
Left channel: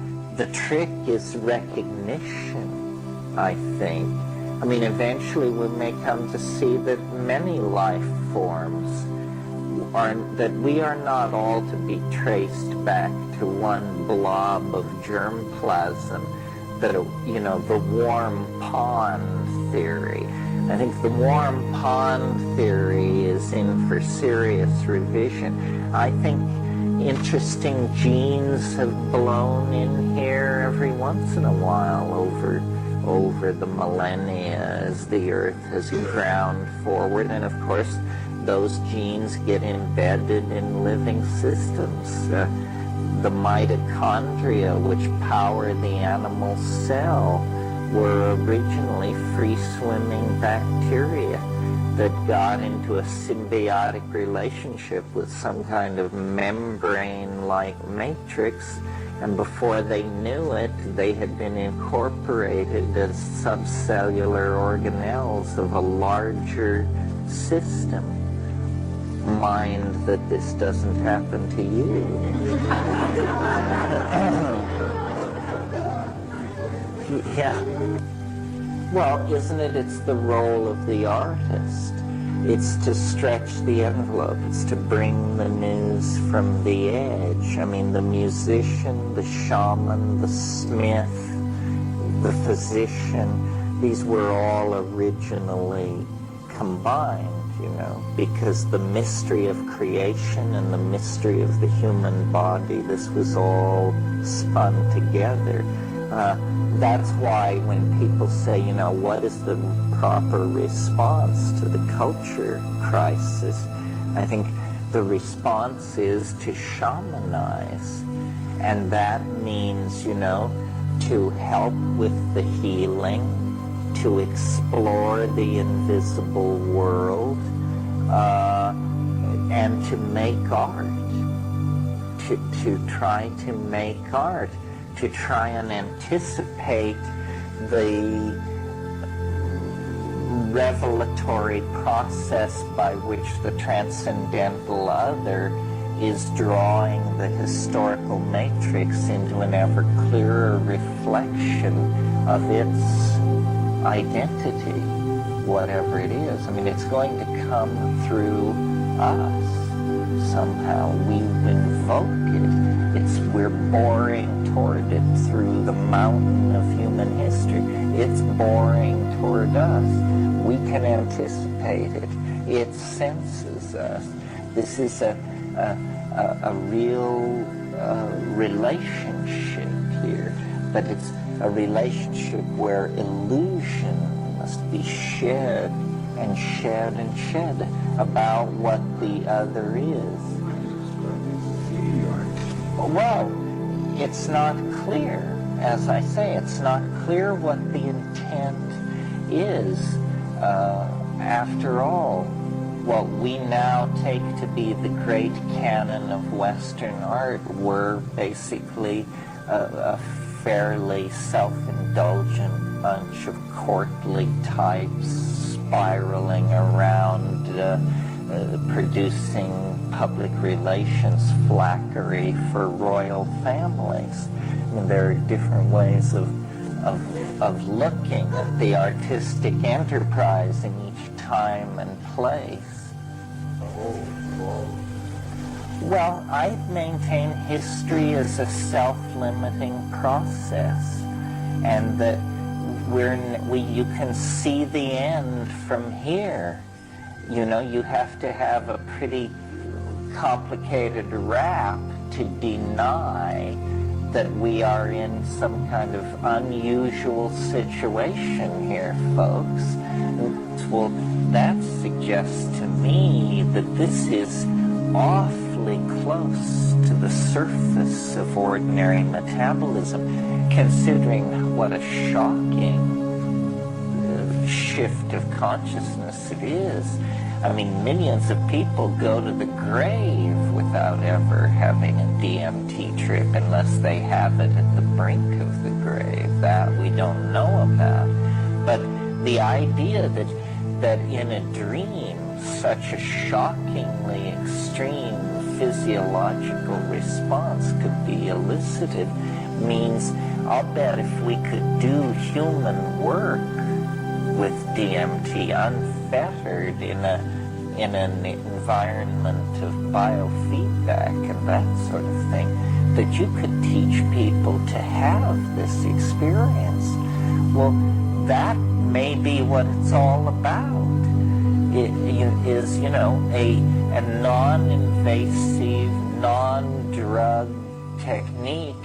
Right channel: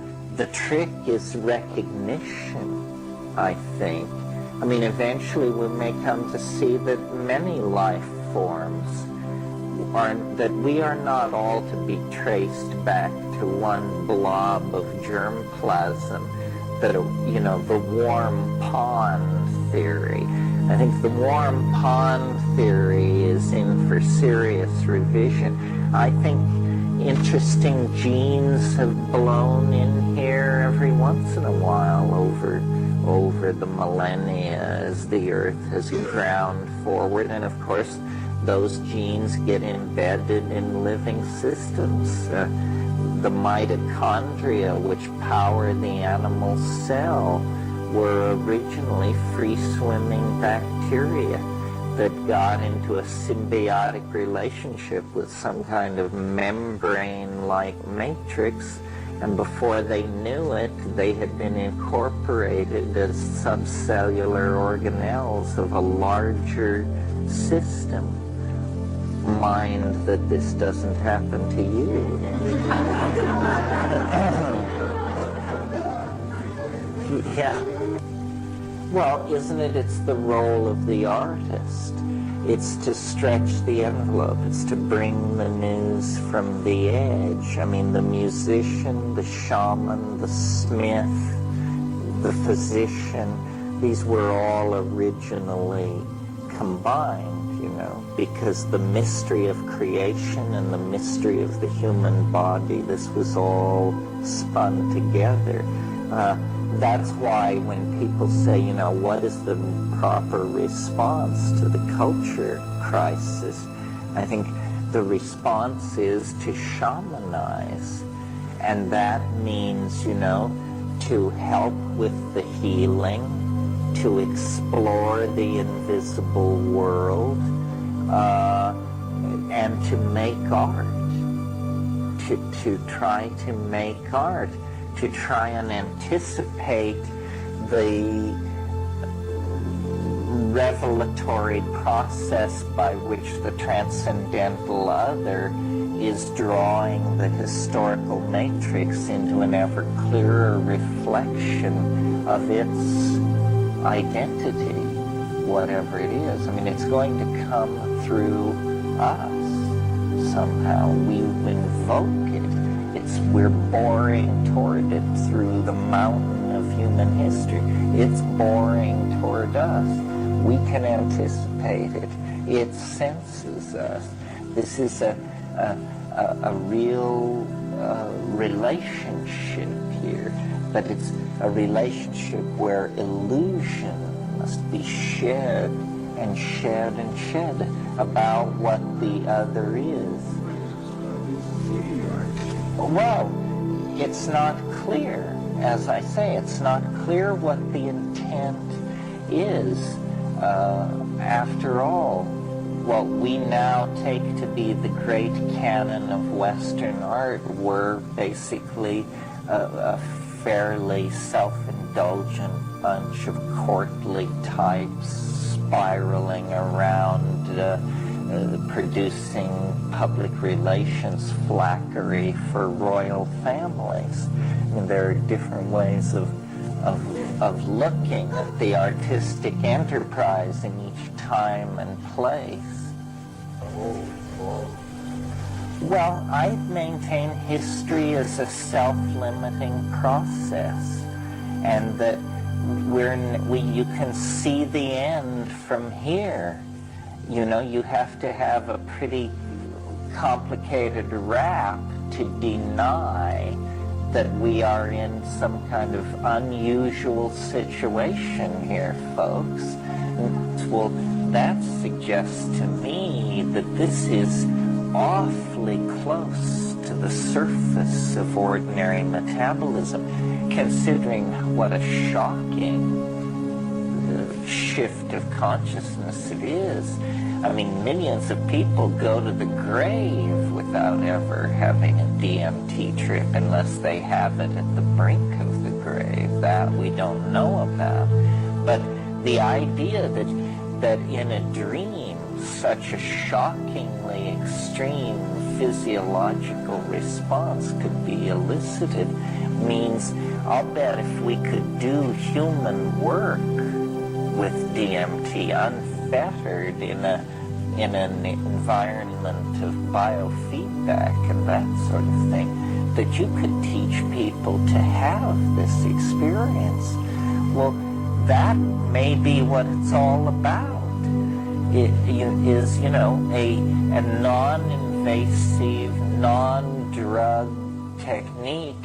trick is recognition, I think. I mean, eventually we may come to see that many life forms that we are not all to be traced back to one blob of germplasm, that, you know, the warm pond theory. I think the warm pond theory is in for serious revision. I think interesting genes have blown in here every once in a while over the millennia as the Earth has ground forward. And of course, those genes get embedded in living systems. The mitochondria, which power the animal cell, were originally free-swimming bacteria that got into a symbiotic relationship with some kind of membrane-like matrix, and before they knew it, they had been incorporated as subcellular organelles of a larger system. Mind that this doesn't happen to you. Yeah. Well, isn't it? It's the role of the artist. It's to stretch the envelope. It's to bring the news from the edge. I mean, the musician, the shaman, the smith, the physician, these were all originally combined, you know, because the mystery of creation and the mystery of the human body, this was all spun together. That's why when people say, you know, what is the proper response to the culture crisis, I think the response is to shamanize. And that means, you know, to help with the healing, to explore the invisible world, and to make art, to try to make art, to try and anticipate the revelatory process by which the transcendental other is drawing the historical matrix into an ever clearer reflection of its identity, whatever it is. I mean, it's going to come through us somehow. We invoke it. We're boring toward it through the mountain of human history. It's boring toward us. We can anticipate it. It senses us. This is a real relationship here, but it's a relationship where illusion must be shed and shed and shed about what the other is. Well, it's not clear. As I say, it's not clear what the intent is. After all, what we now take to be the great canon of Western art were basically a fairly self-indulgent bunch of courtly types spiraling around producing public relations flackery for royal families. I mean, there are different ways of looking at the artistic enterprise in each time and place. Well, I maintain history is a self-limiting process, and that you can see the end from here. You know, you have to have a pretty complicated rap to deny that we are in some kind of unusual situation here, folks. Well, that suggests to me that this is awfully close to the surface of ordinary metabolism, considering what a shocking shift of consciousness it is. I mean, millions of people go to the grave without ever having a DMT trip unless they have it at the brink of the grave. That we don't know about. But the idea that in a dream such a shockingly extreme physiological response could be elicited means I'll bet if we could do human work with DMT unfettered in an environment of biofeedback and that sort of thing, that you could teach people to have this experience. Well, that may be what it's all about. It is, you know, a non-invasive, non-drug technique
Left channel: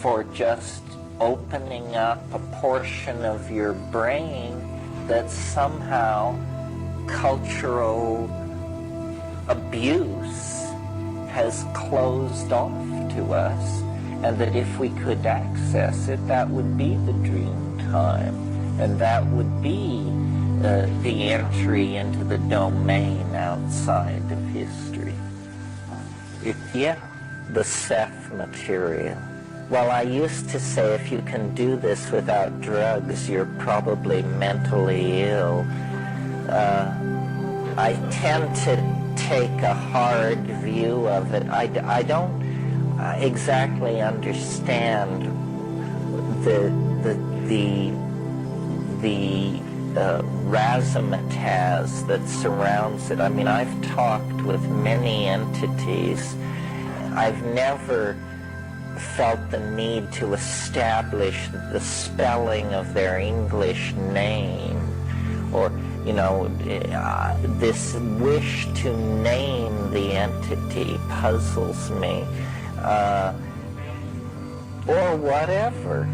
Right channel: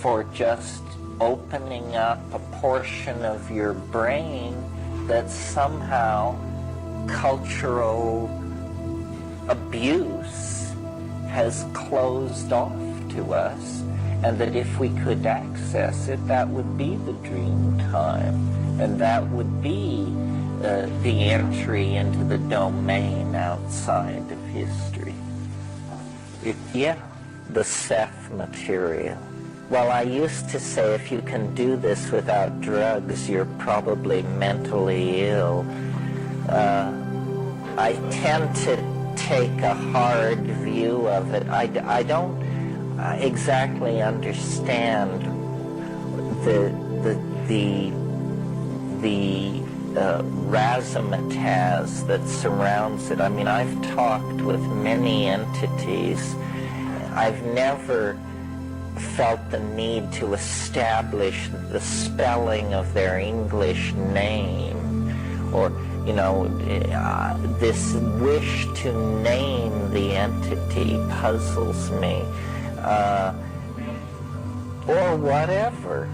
for just opening up a portion of your brain that somehow cultural abuse has closed off to us, and that if we could access it, that would be the dream time, and that would be the entry into the domain outside of history. The Seth material. Well, I used to say if you can do this without drugs, you're probably mentally ill. I tend to take a hard view of it. I don't exactly understand the razzmatazz that surrounds it. I mean, I've talked with many entities. I've never felt the need to establish the spelling of their English name, or, you know, this wish to name the entity puzzles me, or whatever.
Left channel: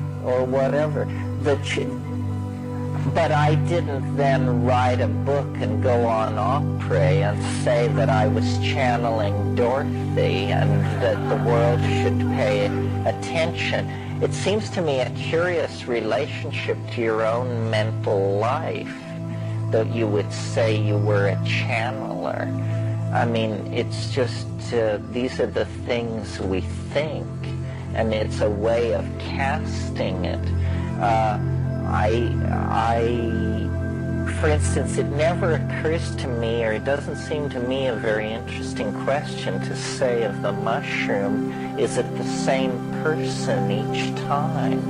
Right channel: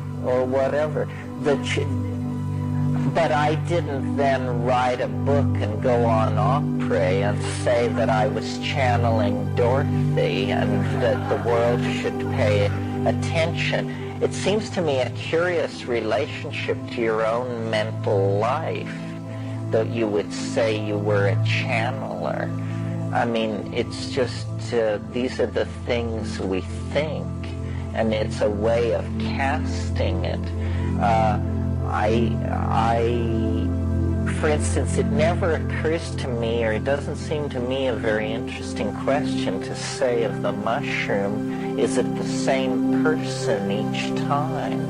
But I didn't then write a book and go on opera and say that I was channeling Dorothy and that the world should pay attention. It seems to me a curious relationship to your own mental life that you would say you were a channeler. I mean, it's just, these are the things we think, and it's a way of casting it. For instance, it never occurs to me, or it doesn't seem to me a very interesting question to say of the mushroom, is it the same person each time?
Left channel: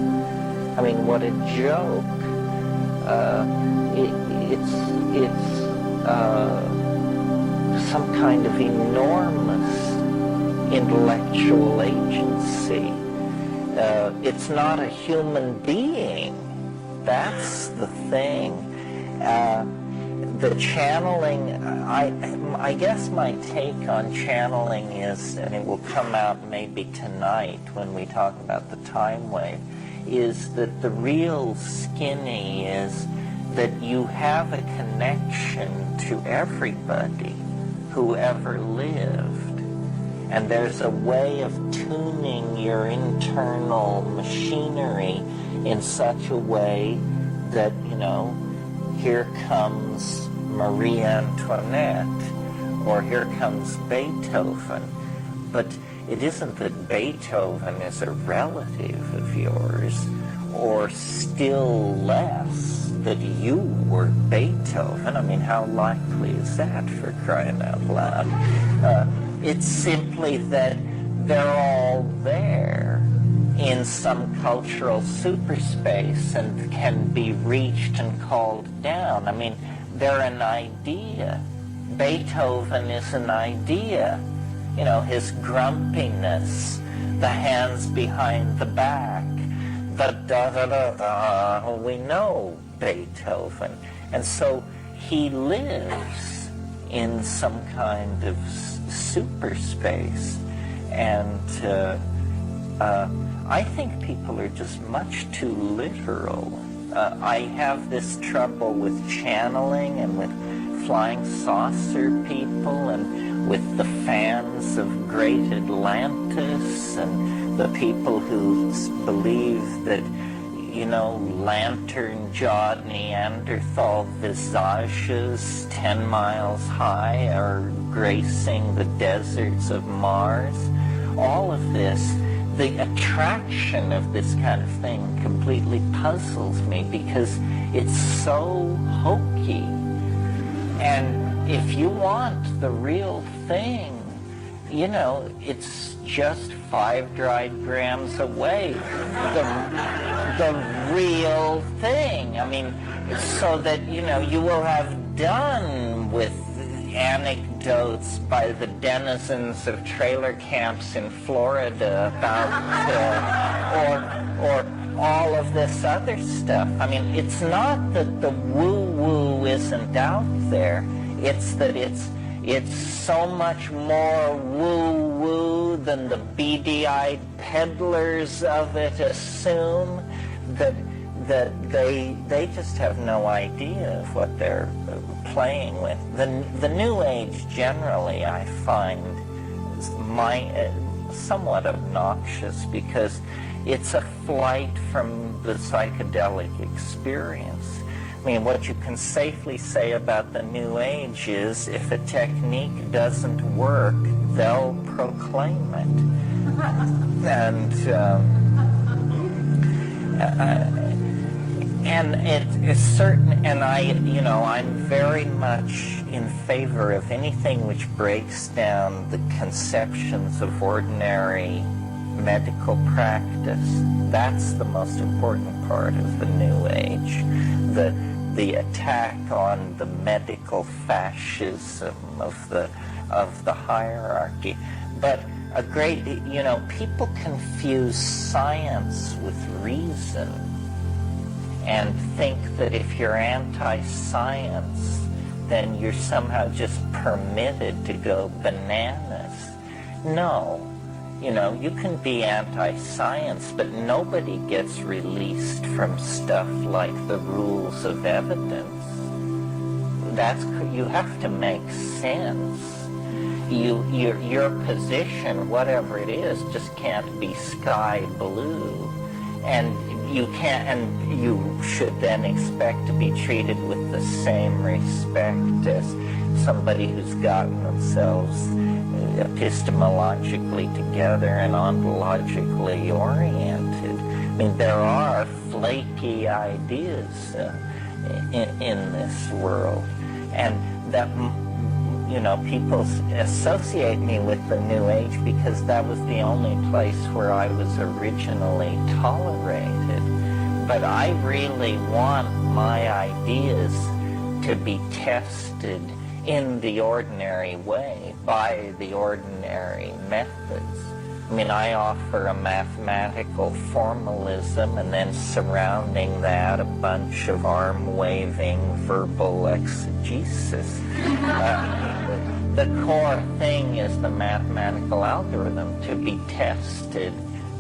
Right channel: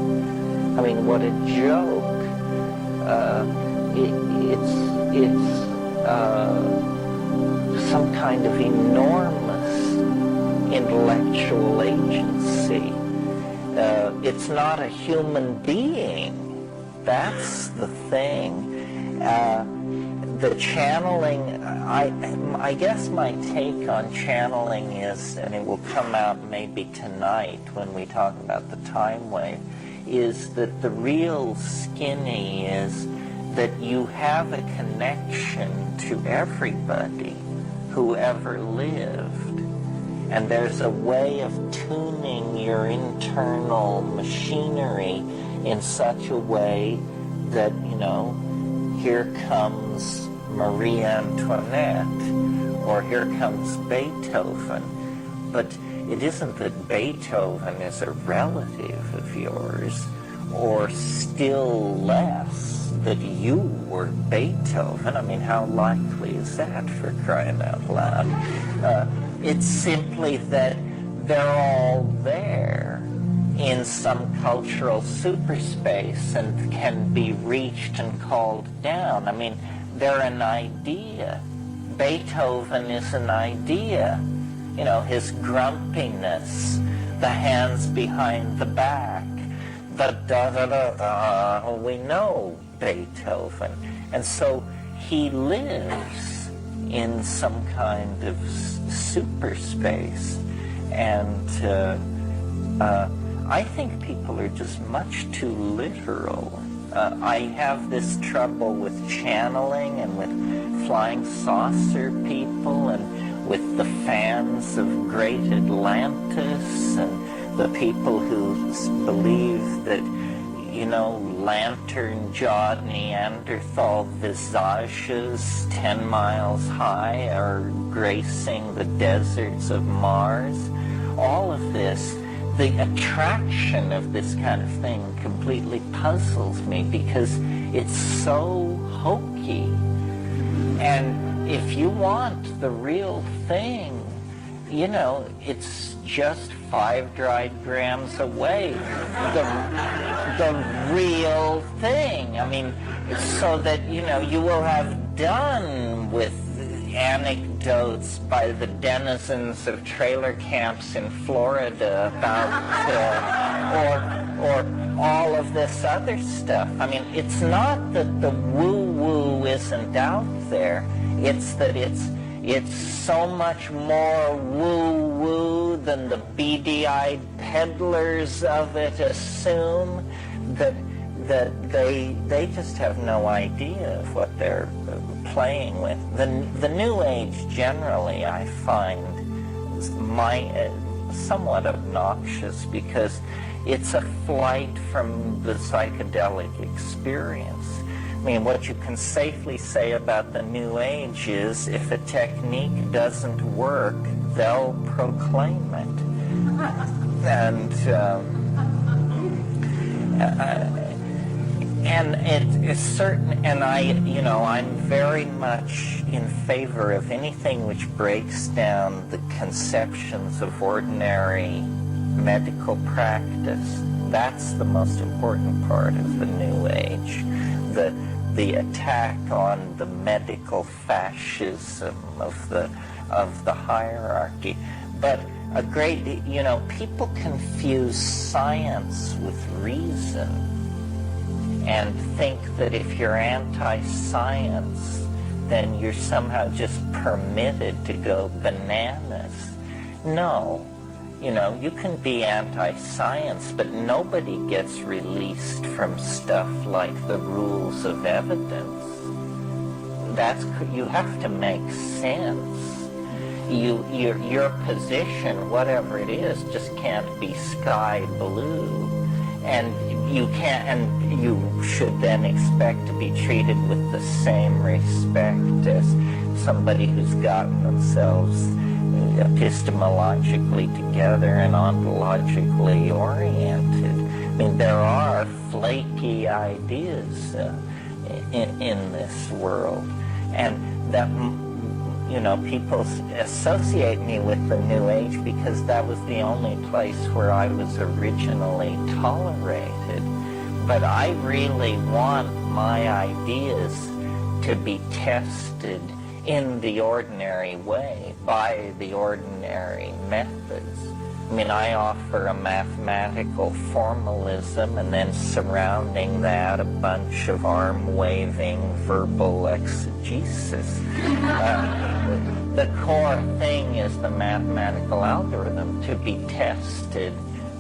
I mean, what a joke. It's some kind of enormous intellectual agency. It's not a human being. That's the thing. The channeling, I guess my take on channeling is, and it will come out maybe tonight when we talk about the time wave, is that the real skinny is that you have a connection to everybody who ever lived. And there's a way of tuning your internal machinery in such a way that, you know, here comes Marie Antoinette, or here comes Beethoven. But it isn't that Beethoven is a relative of yours, or still less that you were Beethoven. I mean, how likely is that, for crying out loud? It's simply that they're all there in some cultural superspace and can be reached and called down. I mean, they're an idea. Beethoven is an idea. You know, his grumpiness, the hands behind the back, the da-da-da-da, we know Beethoven. And so he lives in some kind of superspace. And I think people are just much too literal. I have this trouble with channeling and with flying saucer people and with the fans of Great Atlantis and the people who believe that, you know, lantern-jawed Neanderthal visages 10 miles high are gracing the deserts of Mars. All of this, the attraction of this kind of thing completely puzzles me because it's so hokey. And if you want the real thing, you know, it's just 5 dried grams away. The real thing. I mean, so that, you know, you will have done with anecdotes by the denizens of trailer camps in Florida about, all of this other stuff. I mean, it's not that the woo-woo isn't out there. It's that it's so much more woo-woo than the beady-eyed peddlers of it assume, that they just have no idea of what they're playing with. The New Age generally, I find, is somewhat obnoxious because it's a flight from the psychedelic experience. I mean, what you can safely say about the New Age is if a technique doesn't work, they'll proclaim it. And it's certain, and I'm very much in favor of anything which breaks down the conceptions of ordinary medical practice. That's the most important part of the New Age. The attack on the medical fascism of the hierarchy. But people confuse science with reason and think that if you're anti-science, then you're somehow just permitted to go bananas. No. You can be anti-science, but nobody gets released from stuff like the rules of evidence. You have to make sense. Your position, whatever it is, just can't be sky blue. And you should then expect to be treated with the same respect as somebody who's gotten themselves epistemologically together and ontologically oriented. I mean, there are flaky ideas in this world, and that people associate me with the New Age because that was the only place where I was originally tolerated. But I really want my ideas to be tested in the ordinary way, by the ordinary methods. I mean, I offer a mathematical formalism and then surrounding that a bunch of arm-waving verbal exegesis. The core thing is the mathematical algorithm to be tested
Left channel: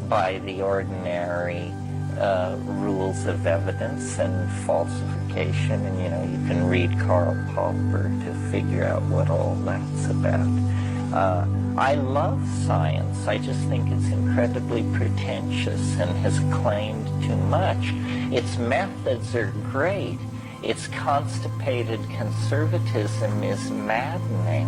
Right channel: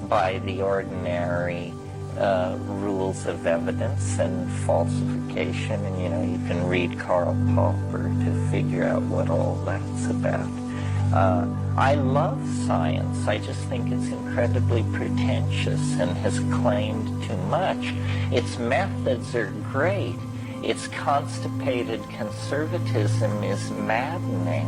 by the ordinary rules of evidence and falsification, and you can read Karl Popper to figure out what all that's about. I love science. I just think it's incredibly pretentious and has claimed too much. Its methods are great. Its constipated conservatism is maddening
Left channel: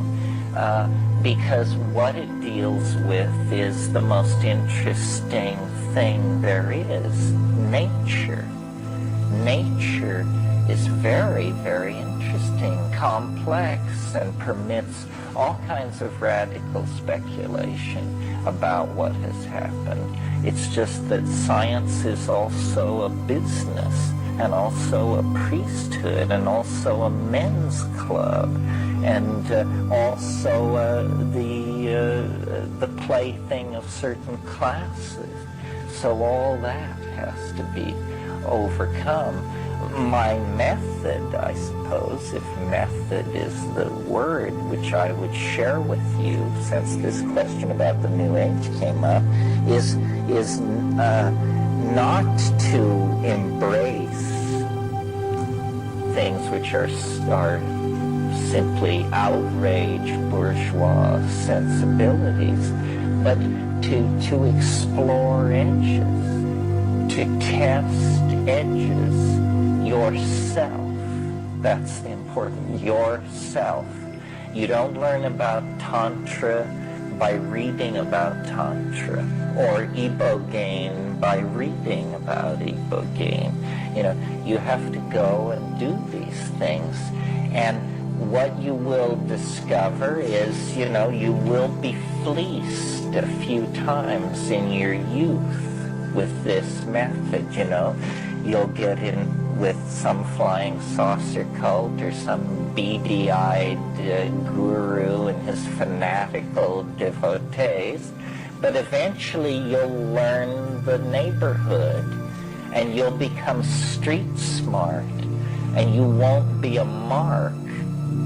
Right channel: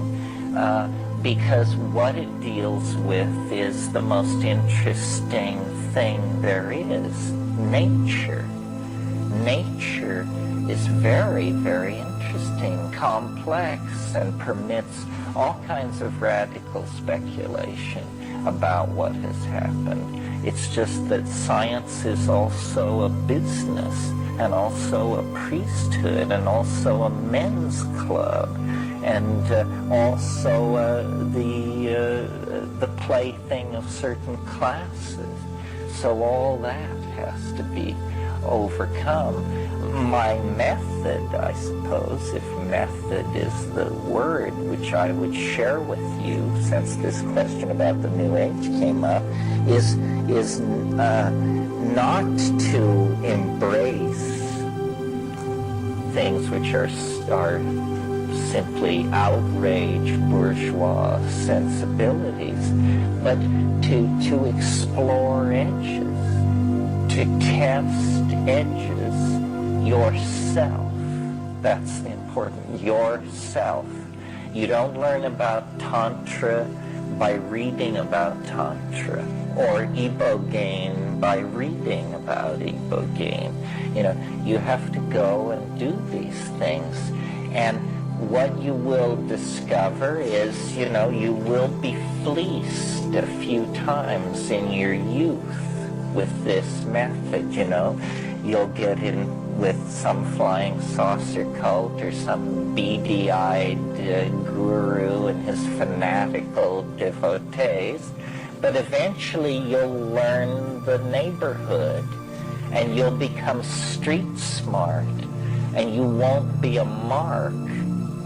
because what it deals with is the most interesting thing there is, nature. Nature is very, very interesting, complex, and permits all kinds of radical speculation about what has happened. It's just that science is also a business, and also a priesthood, and also a men's club, and also the plaything of certain classes. So all that has to be overcome. My method, I suppose, if method is the word which I would share with you, since this question about the New Age came up, is not to embrace things which are simply outrage bourgeois sensibilities, but to explore edges, to test edges yourself. That's the important, yourself. You don't learn about Tantra by reading about Tantra, or Ibogaine by reading about Ibogaine. You have to go and do these things. And what you will discover is, you will be fleeced a few times in your youth with this method, You'll get in with some flying saucer cult or some beady-eyed guru and his fanatical devotees, but eventually you'll learn the neighborhood. and you'll become street smart, and you won't be a mark.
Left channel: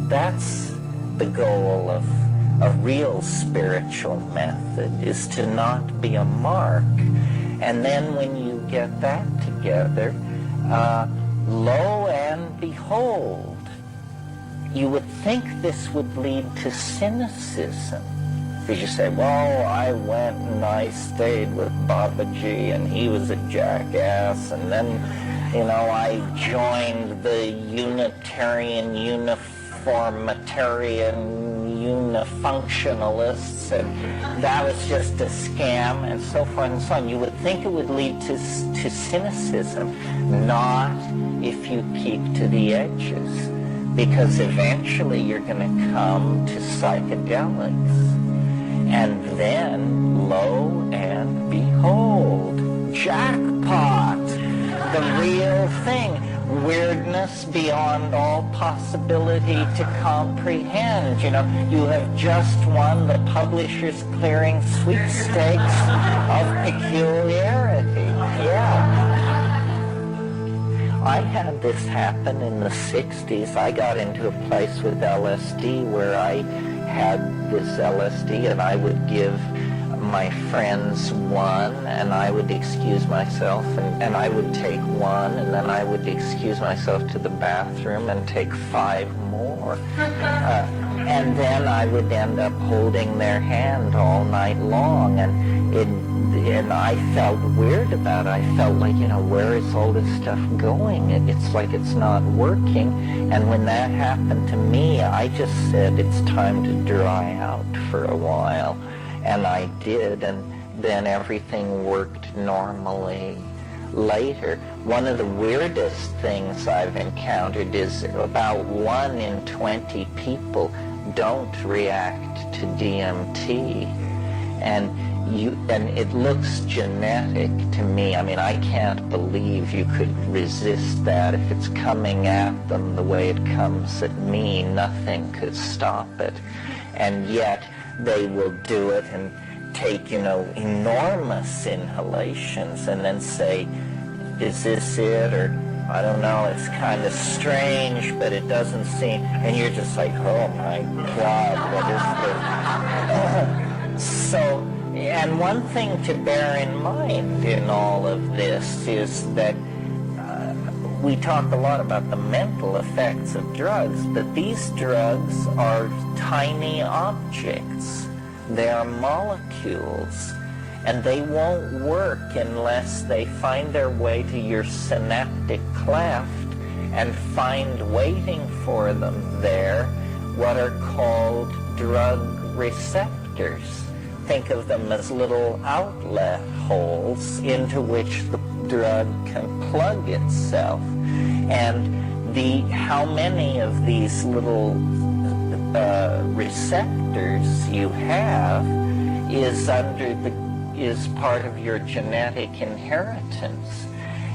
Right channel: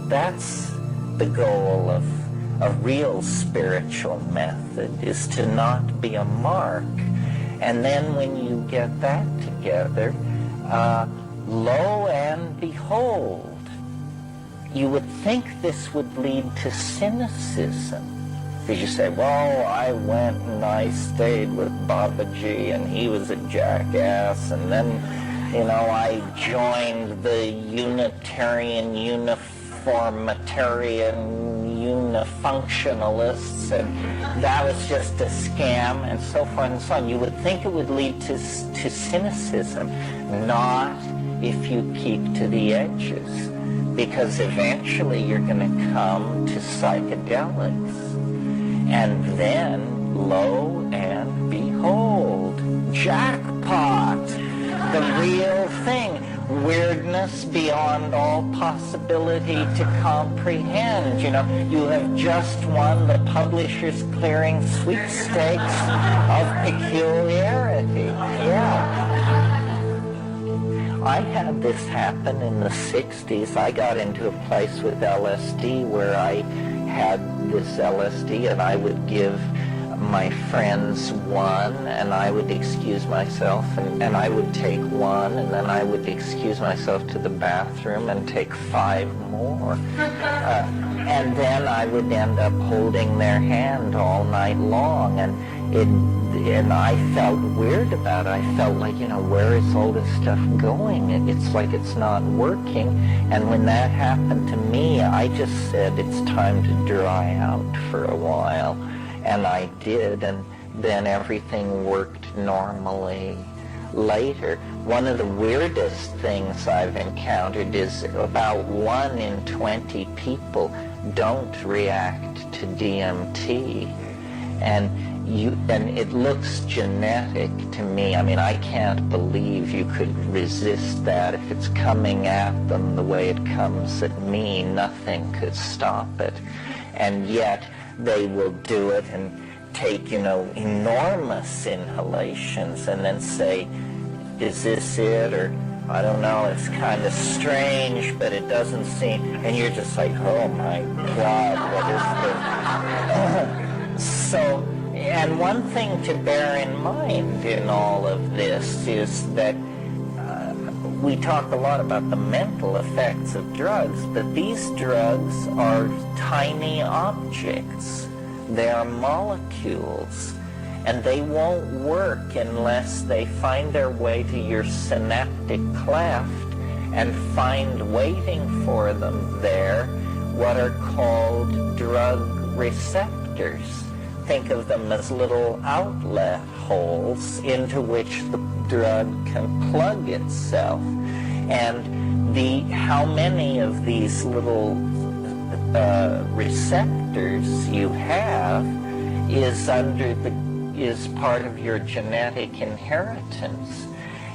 That's the goal of a real spiritual method, is to not be a mark. And then when you get that together, lo and behold, you would think this would lead to cynicism. Because you say, well, I went and I stayed with Babaji and he was a jackass, and then, you know, I joined the Unitarian, Uniformitarian, Unifunctionalists, and that was just a scam, and so forth and so on. You would think it would lead to cynicism, not if you keep to the edges, because eventually you're going to come to psychedelics. And then, lo and behold, jackpot, the real thing. Weirdness beyond all possibility to comprehend. You know, you have just won the Publishers Clearing sweepstakes of peculiarity. Yeah. I had this happen in the 60s. I got into a place with LSD where I had this LSD, and I would give my friends one, and I would excuse myself, and I would take one, and then I would excuse myself to the bathroom and take 5 more. And then I would end up holding their hand all night long, and I felt weird about it. I felt like, you know, where is all this stuff going? It's like it's not working. And when that happened to me, I just said it's time to dry out for a while. And I did, and then everything worked normally later. One of the weirdest things I've encountered is about 1 in 20 people don't react to DMT. And it looks genetic to me. I mean, I can't believe you could resist that. If it's coming at them the way it comes at me, nothing could stop it. And yet they will do it and take, you know, enormous inhalations and then say, is this it? Or, I don't know, it's kind of strange, but it doesn't seem, and you're just like, oh my God, what is this? So, and one thing to bear in mind in all of this is that we talk a lot about the mental effects of drugs, but these drugs are tiny objects. They are molecules, and they won't work unless they find their way to your synaptic cleft and find waiting for them there what are called drug receptors. Think of them as little outlet holes into which the drug can plug itself. And how many of these little receptors you have is part of your genetic inheritance.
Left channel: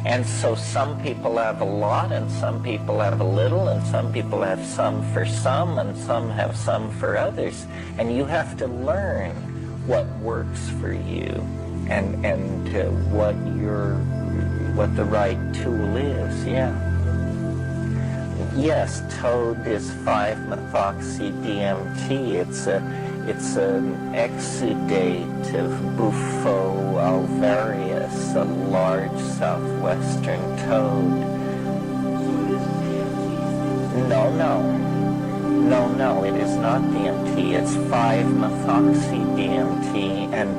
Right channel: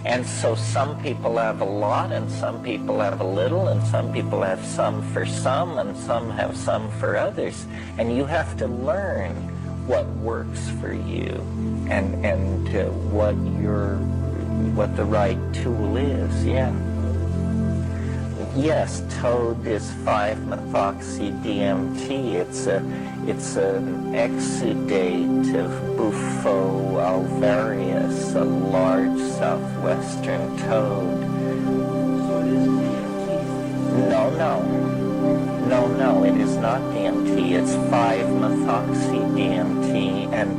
And so some people have a lot, and some people have a little, and some people have some for some, and some have some for others. And you have to learn what works for you, and what the right tool is. Yeah. Yes, toad is 5-methoxy-DMT. It's an exudate of Bufo alvarius, a large southwestern toad. So it is DMT? No, it is not DMT. It's 5-methoxy-DMT, and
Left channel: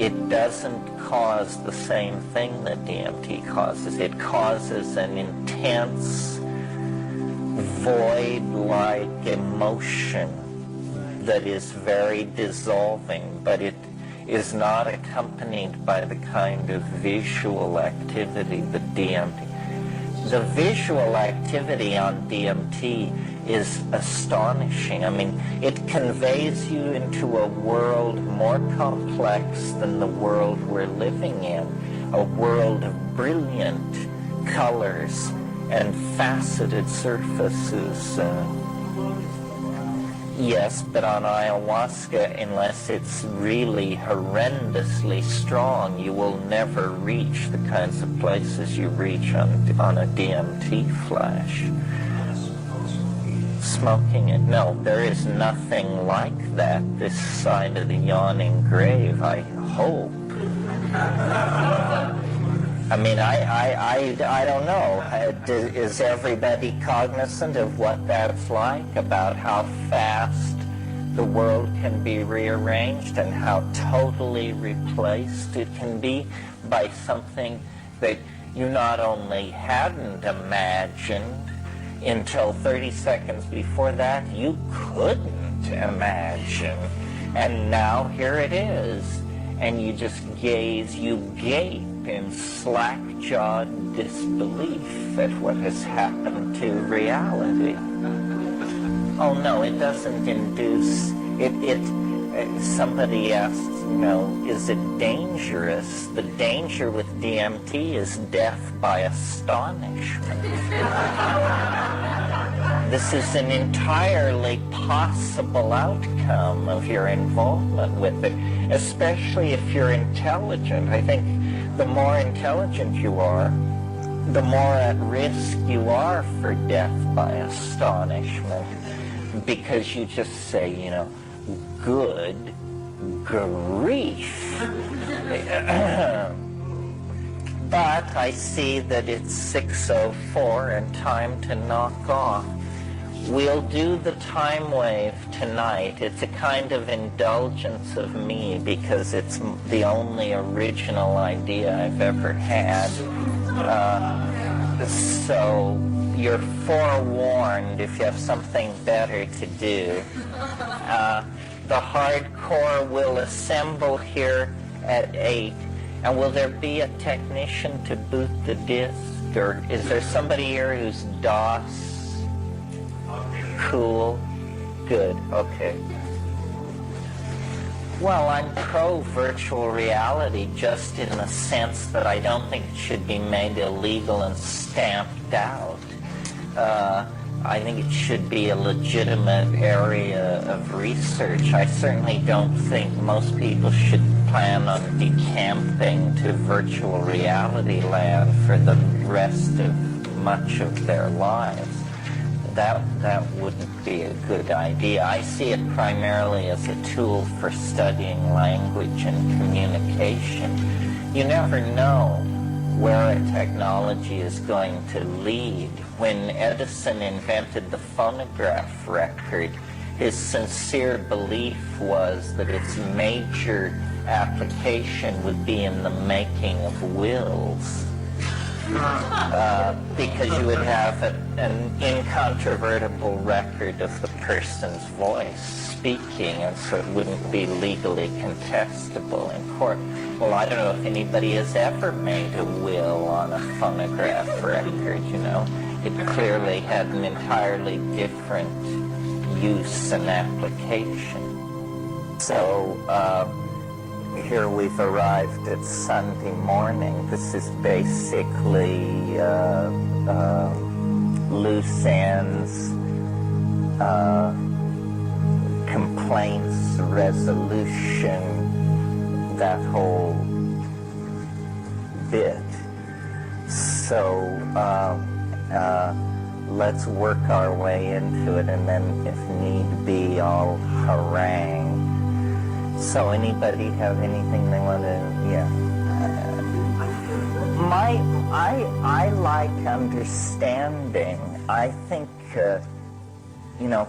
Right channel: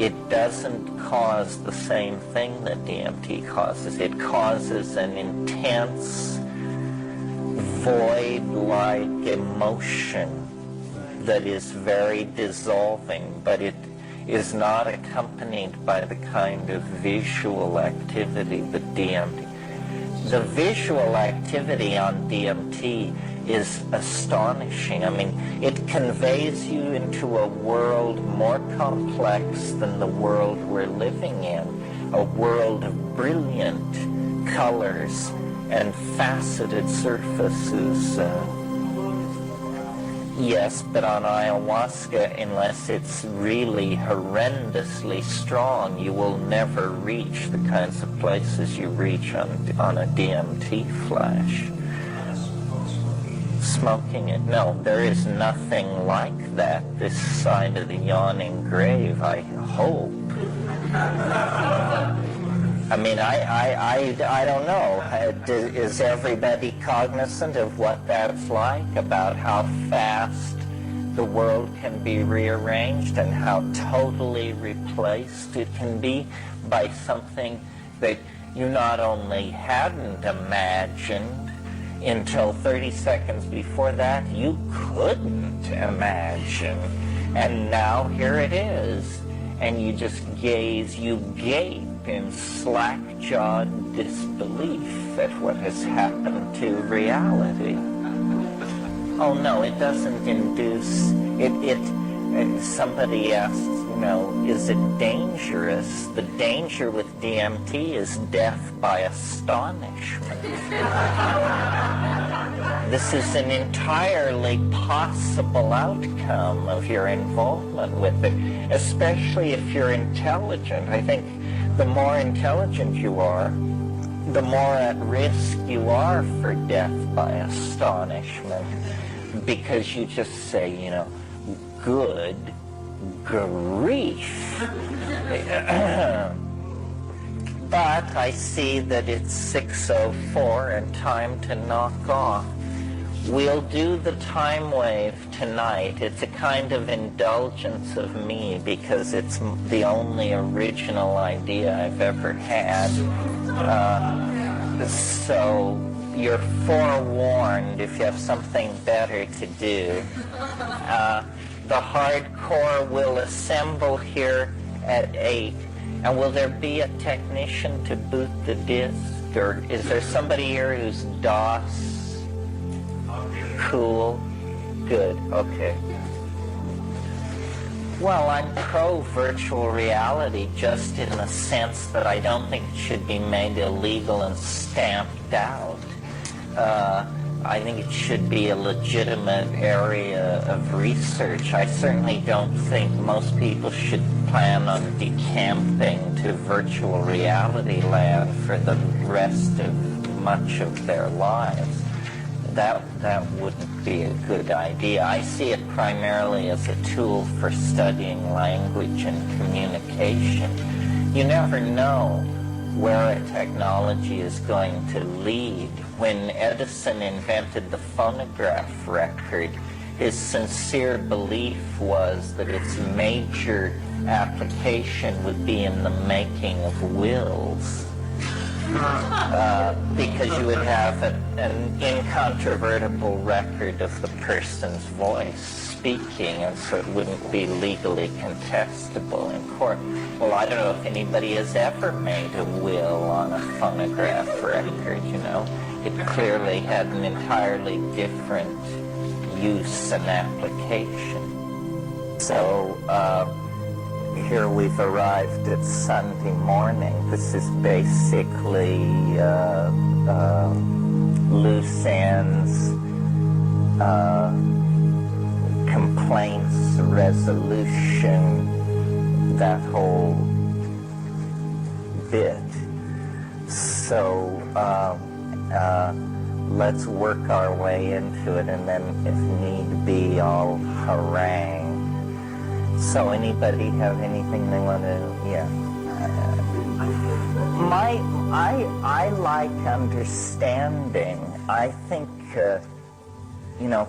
it doesn't cause the same thing that DMT causes. It causes an intense, void-like emotion that is very dissolving, but it is not accompanied by the kind of visual activity that DMT. The visual activity on DMT is astonishing. I mean, it conveys you into a world more complex than the world we're living in, a world of brilliant colors and faceted surfaces. Yes, but on ayahuasca, unless it's really horrendously strong, you will never reach the kinds of places you reach on a DMT flash. Smoking it? No, there is nothing like that this side of the yawning grave, I hope. I mean, I don't know. Is everybody cognizant of what that's like, about how fast the world can be rearranged and how totally replaced it can be by something that you not only hadn't imagined until 30 seconds before that, you couldn't imagine. And now here it is. And you just you gape in slack-jawed disbelief at what has happened to reality. Oh no, it doesn't induce, somebody asked, is it dangerous? The danger with DMT is death by astonishment. This is an entirely possible outcome of your involvement with it, especially if you're intelligent. I think the more intelligent you are, the more at risk you are for death by astonishment, because you just say, good grief. But I see that it's 6:04 and time to knock off. We'll do the time wave tonight. It's a kind of indulgence of me because it's the only original idea I've ever had. So you're forewarned if you have something better to do. The hardcore will assemble here at 8. And will there be a technician to boot the disc? Or is there somebody here who's DOS? Cool. Good. Okay. Well, I'm pro-virtual reality just in the sense that I don't think it should be made illegal and stamped out. I think it should be a legitimate area of research. I certainly don't think most people should plan on decamping to virtual reality land for the rest of much of their lives. That wouldn't be a good idea. I see it primarily as a tool for studying language and communication. You never know where a technology is going to lead. When Edison invented the phonograph record, his sincere belief was that its major application would be in the making of wills. Because you would have an incontrovertible record of the person's voice speaking, and so it wouldn't be legally contestable in court. Well, I don't know if anybody has ever made a will on a phonograph record, It clearly had an entirely different use and application. So, here we've arrived at Sunday morning. This is basically loose ends, complaints, resolution, that whole bit. So let's work our way into it, and then if need be, I'll harangue. So anybody have anything they want to, I like understanding. I think,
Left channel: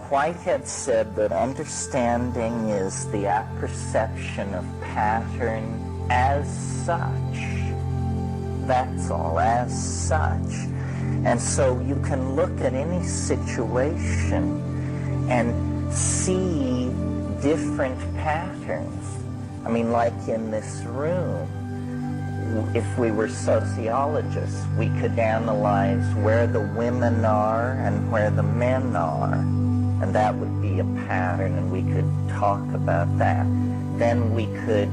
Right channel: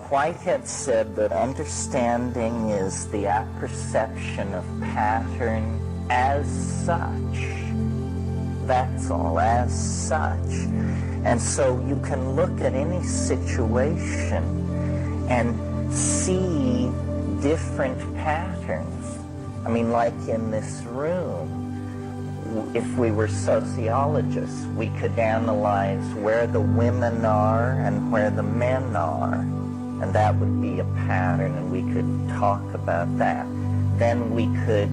Whitehead said that understanding is the apperception of pattern as such. That's all, as such. And so you can look at any situation and see different patterns. I mean, like in this room, if we were sociologists, we could analyze where the women are and where the men are, and that would be a pattern, and we could talk about that. Then we could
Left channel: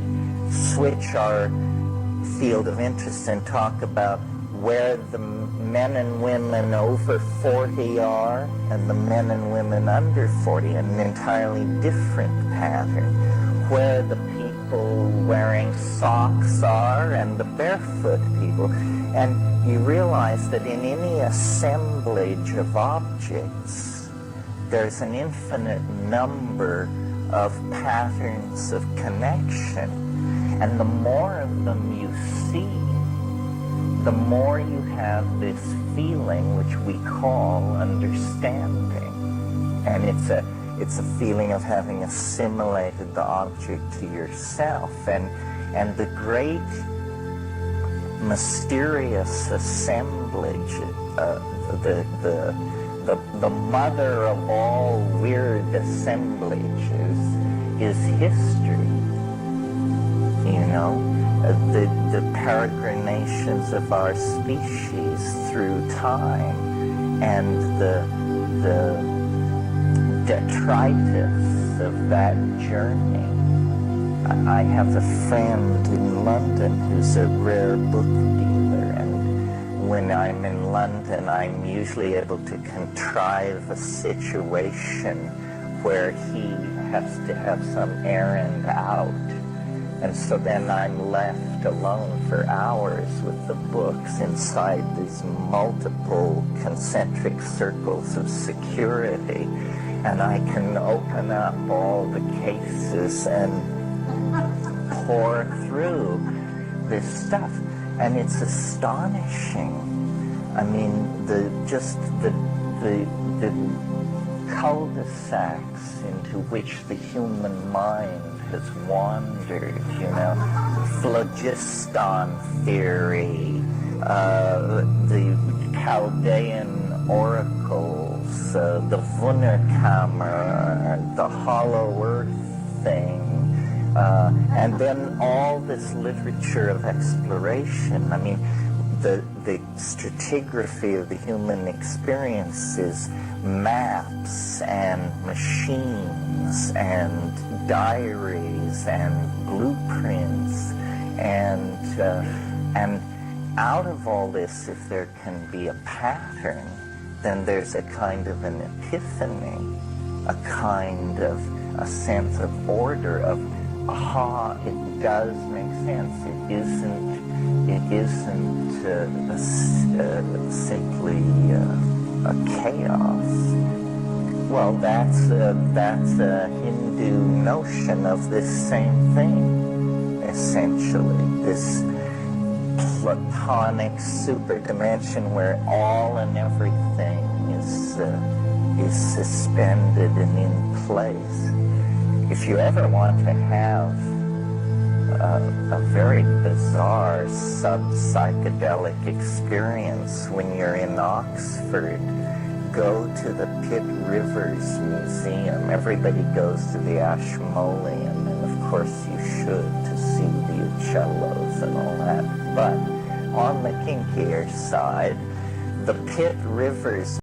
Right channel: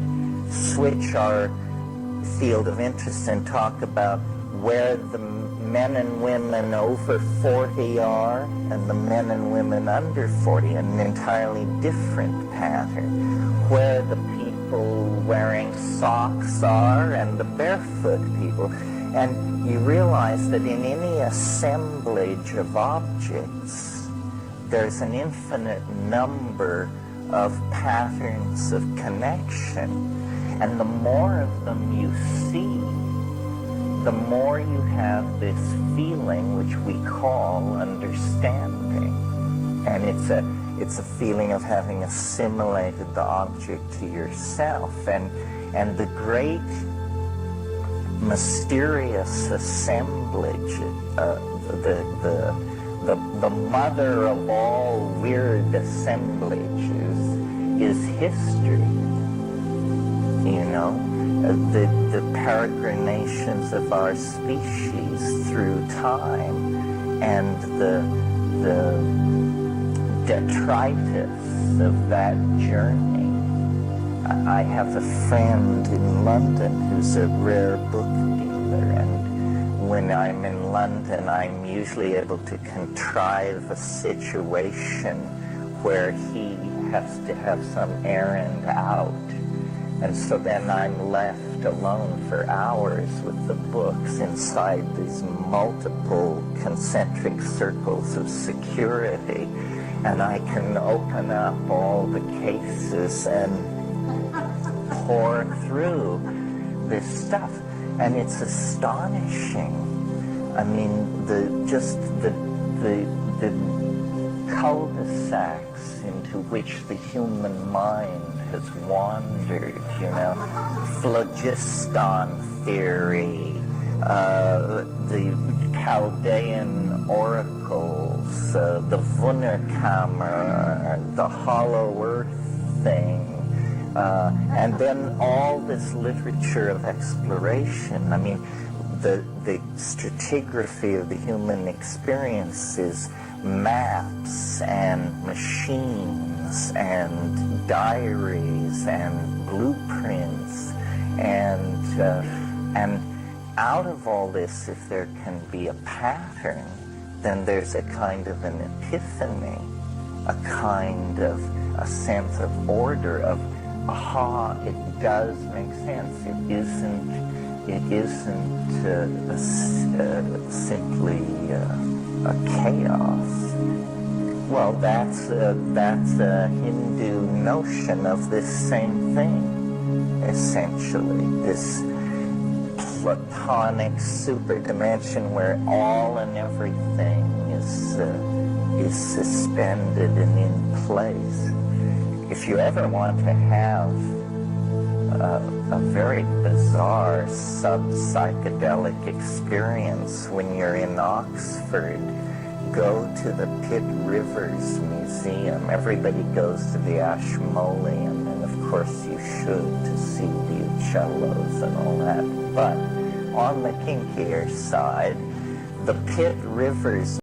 switch our field of interest and talk about where the men and women over 40 are and the men and women under 40, an entirely different pattern. Where the people wearing socks are and the barefoot people. And you realize that in any assemblage of objects, there's an infinite number of patterns of connection. And the more of them you see, the more you have this feeling which we call understanding. And it's a feeling of having assimilated the object to yourself. And the great mysterious assemblage, the mother of all weird assemblages is history. You know, the peregrinations of our species through time, and the detritus of that journey. I have a friend in London who's a rare book dealer, and when I'm in London, I'm usually able to contrive a situation where he has to have some errand out. And so then I'm left alone for hours with the books inside these multiple concentric circles of security. And I can open up all the cases and pour through this stuff. And it's astonishing. I mean, the cul-de-sacs into which the human mind has wandered, you know, phlogiston theory, the Chaldean oracles, the Wunderkammer, the hollow earth thing, and then all this literature of exploration. I mean, the stratigraphy of the human experience is maps and machines and diaries and blueprints, and out of all this, if there can be a pattern, then there's a kind of an epiphany, a kind of a sense of order, of aha, it does make sense. It isn't simply a chaos. Well, that's a Hindu notion of this same thing, essentially. This Platonic superdimension where all and everything is suspended and in place. If you ever want to have a very bizarre sub-psychedelic experience when you're in Oxford, go to the Pitt Rivers Museum. Everybody goes to the Ashmolean, and of course you should, to see the Uccellos and all that. But on the kinkier side, the Pitt Rivers